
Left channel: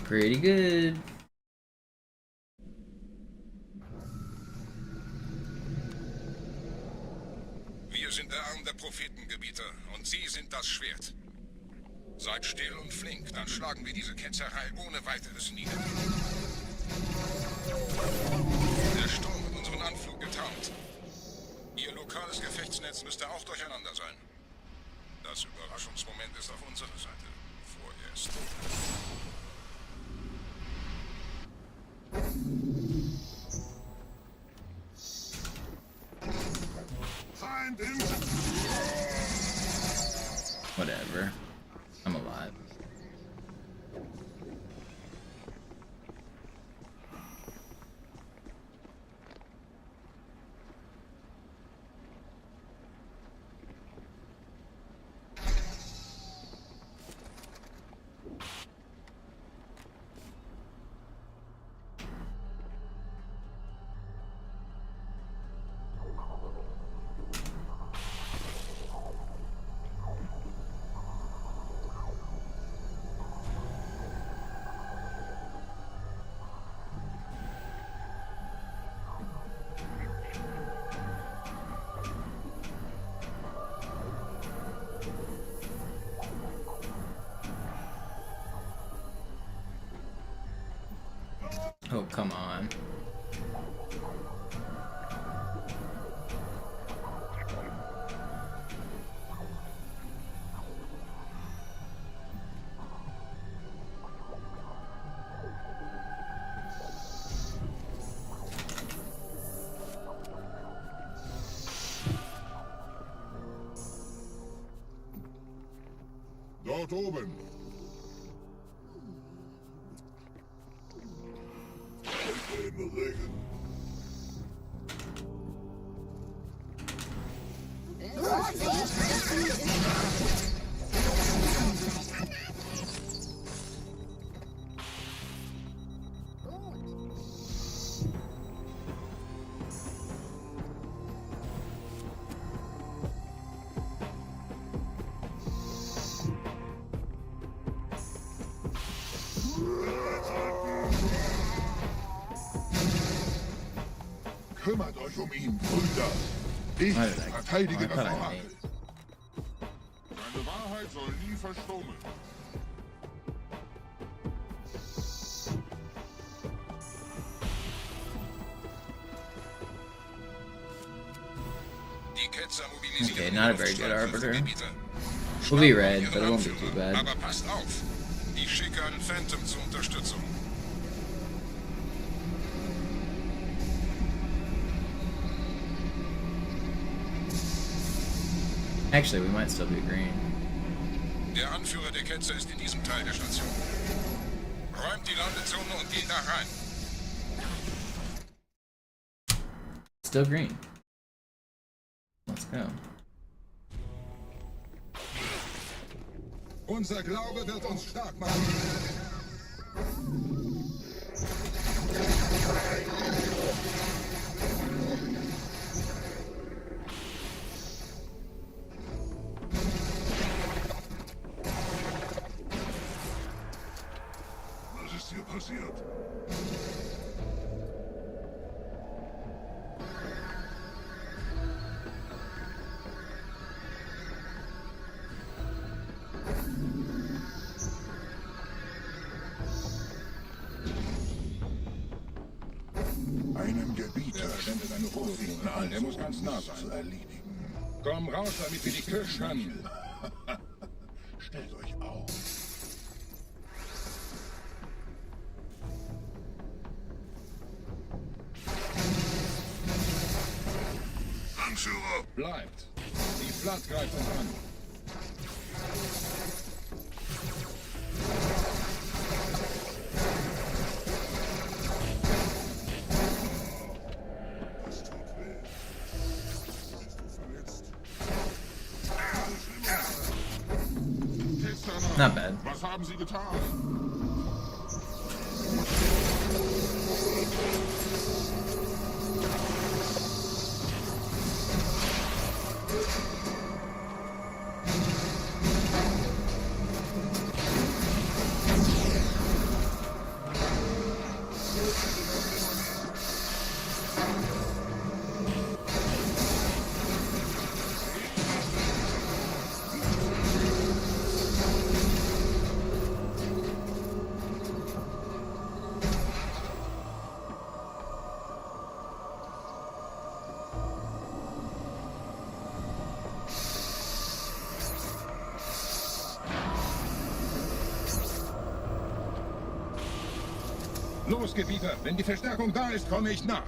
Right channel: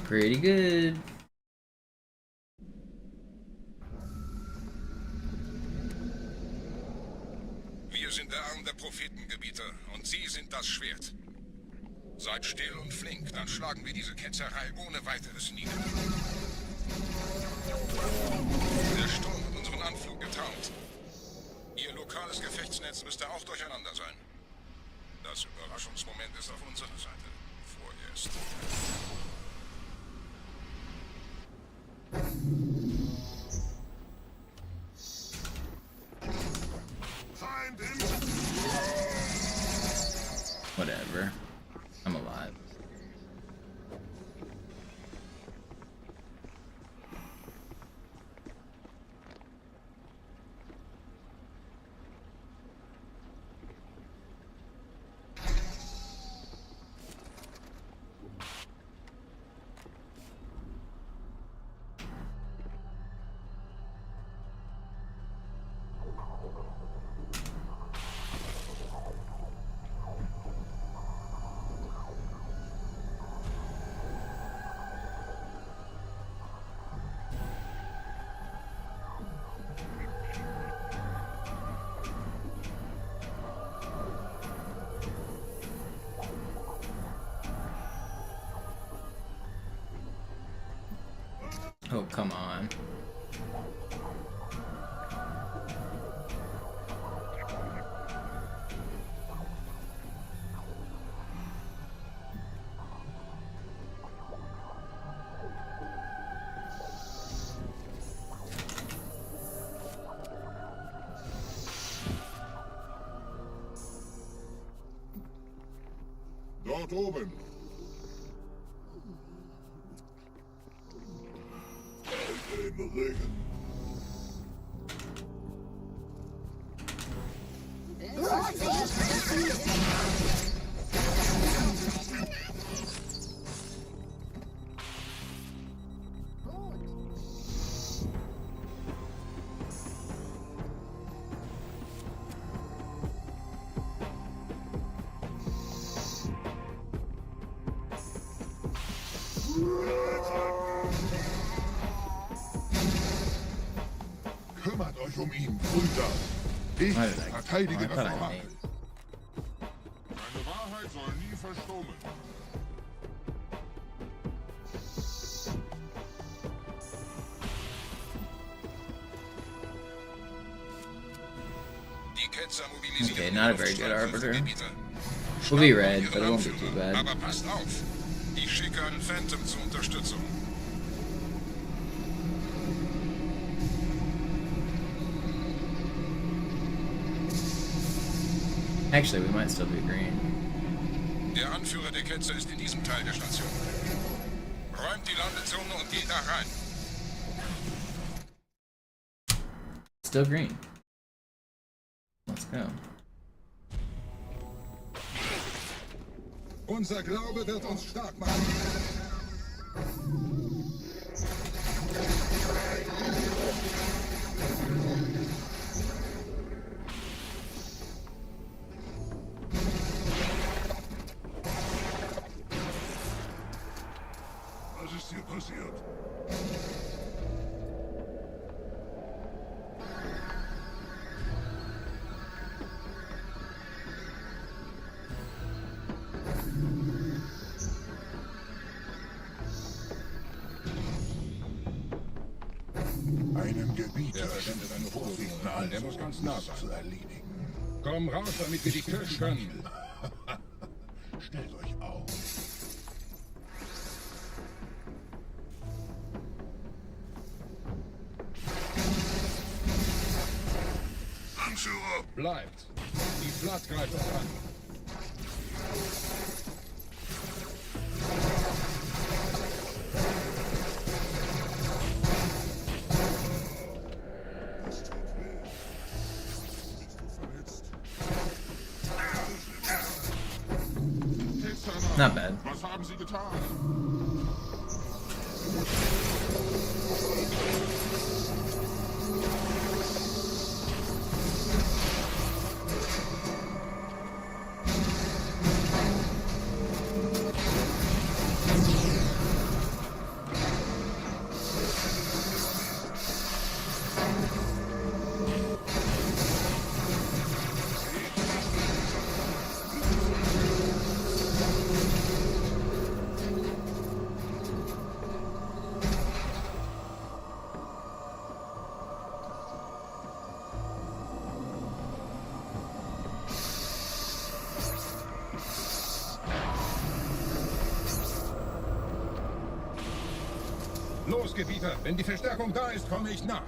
Pretty good. Wir sind der Arm der Prophetengebieter und Sie sind das Schwert. Seid still und flink, dann schlagen wir diese Ketzerei ohne weiteres nieder. Der Sturm hat unseren Anflug getarnt. Ihr lokales Gefechtsnetz müsste auch durcheinander sein. Das Überraschungsmoment ist auf unserer Seite. Vorerst. Whatever. I'm alive. Oh, come on. Dort oben. In the Regen. Kümmert euch um ihn, Brüder. Ich verteidige das Wahrheit. Deine Wahrheit soll nie verstummen. Okay, not a very good arbiter. We'll be red, but it won't be too bad. Aber passt auf. Ich schicke einen Phantom zur Unterstützung. Actually, we might still be green. Der Anführer der Ketzer ist in diesem Teil der Station. Räumt die Landezone und geht da rein. Still green. Let's go. Unser Glaube wird uns stark machen. Was ist hier passiert? Einem Gebieter sendet eine Vorsicht an. Der muss ganz nah sein. zu erledigen. Komm raus, damit wir dich töten können. Stellt euch auf. Anführer! Bleibt. Die Flat greift uns an. Not bad. Was haben Sie getan? Los, Gebieter. Wenn die Verstärkung da ist, komme ich nach.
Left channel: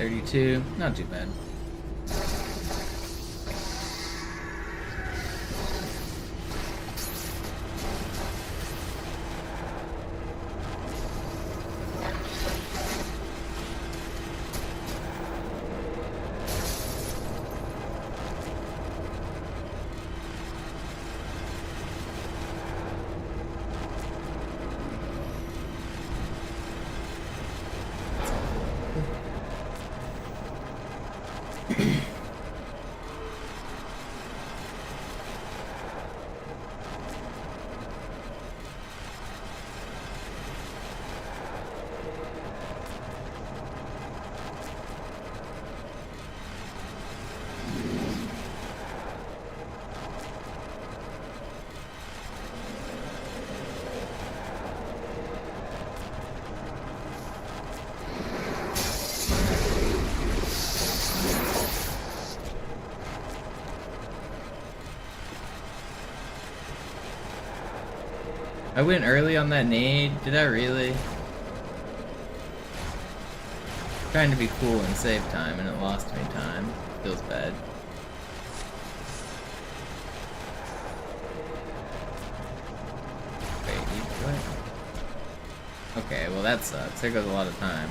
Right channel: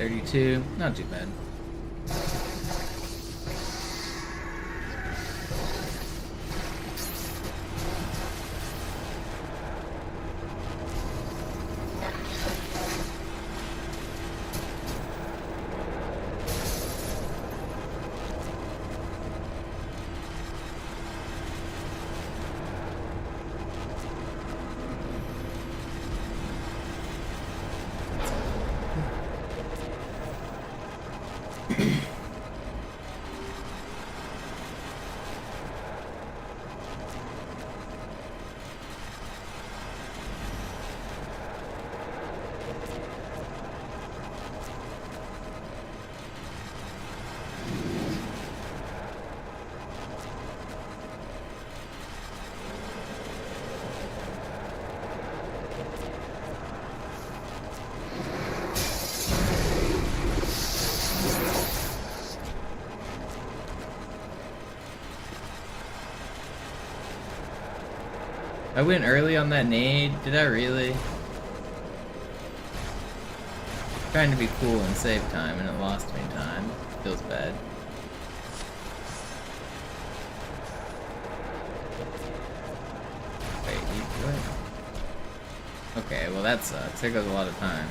32, not too bad. I went early on that nade. Did I really? Trying to be cool and save time, and it lost me time. Feels bad. Wait, you what? Okay, well that sucks. There goes a lot of time.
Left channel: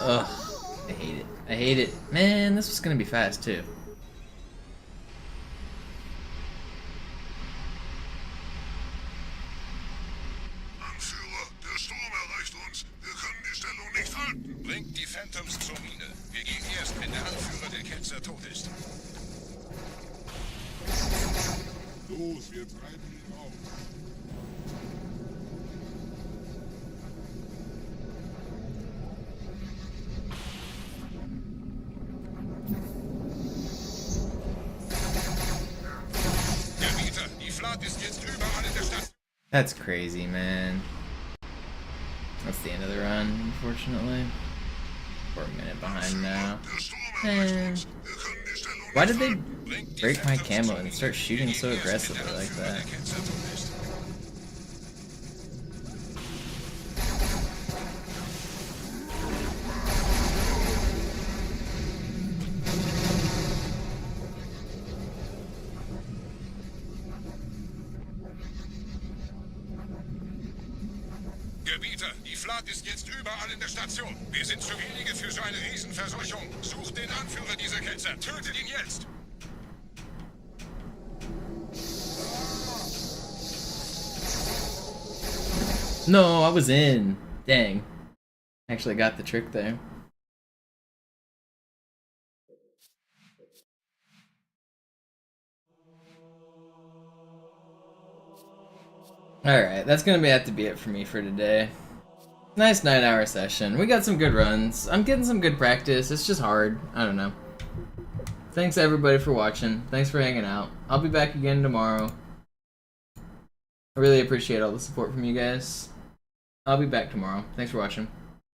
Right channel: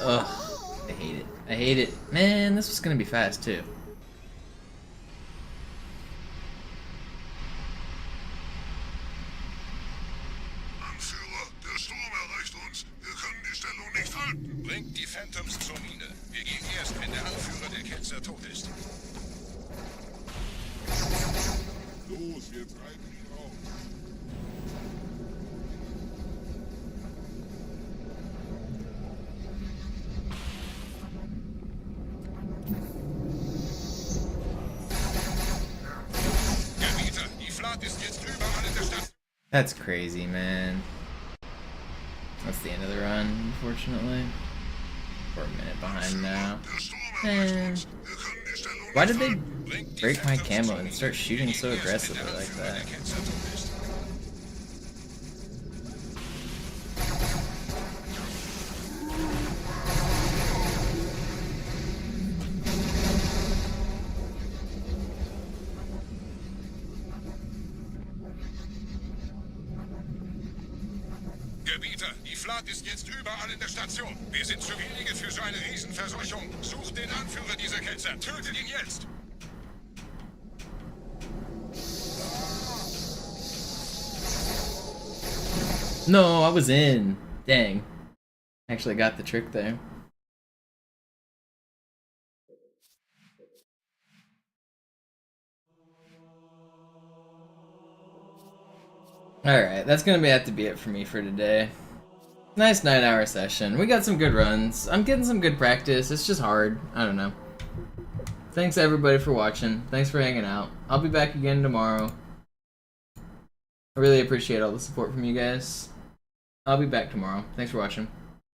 Ugh. I hate it. I hate it. Man, this was gonna be fast too. Anführer, der Sturm erreicht uns. Wir können die Stellung nicht halten. Bringt die Phantoms zur Mine. Wir gehen erst, wenn der Anführer der Ketzer tot ist. Los, wir treiben ihn auf. That's crazy, man. That's the end of the run, unfortunately. We're a minute behind now. Man. Why did they break my camo and start shooting so aggressively like that? Gebieter, die Flat ist jetzt überall in der Station. Wir sind zu wenige für so eine Riesenverseuchung. Sucht den Anführer dieser Ketzer. Tötet ihn jetzt! No, I was in. Dang. Actually got the trick there. Alright, that's gonna have to be it for me for today. Nice 9-hour session. We got some good runs. I'm getting some good practice. It's just hard. I don't know. Thanks everybody for watching. Thanks for hanging out. I'll be back again tomorrow. I really appreciate all the support from you guys. I'll be back tomorrow. Thanks for watching.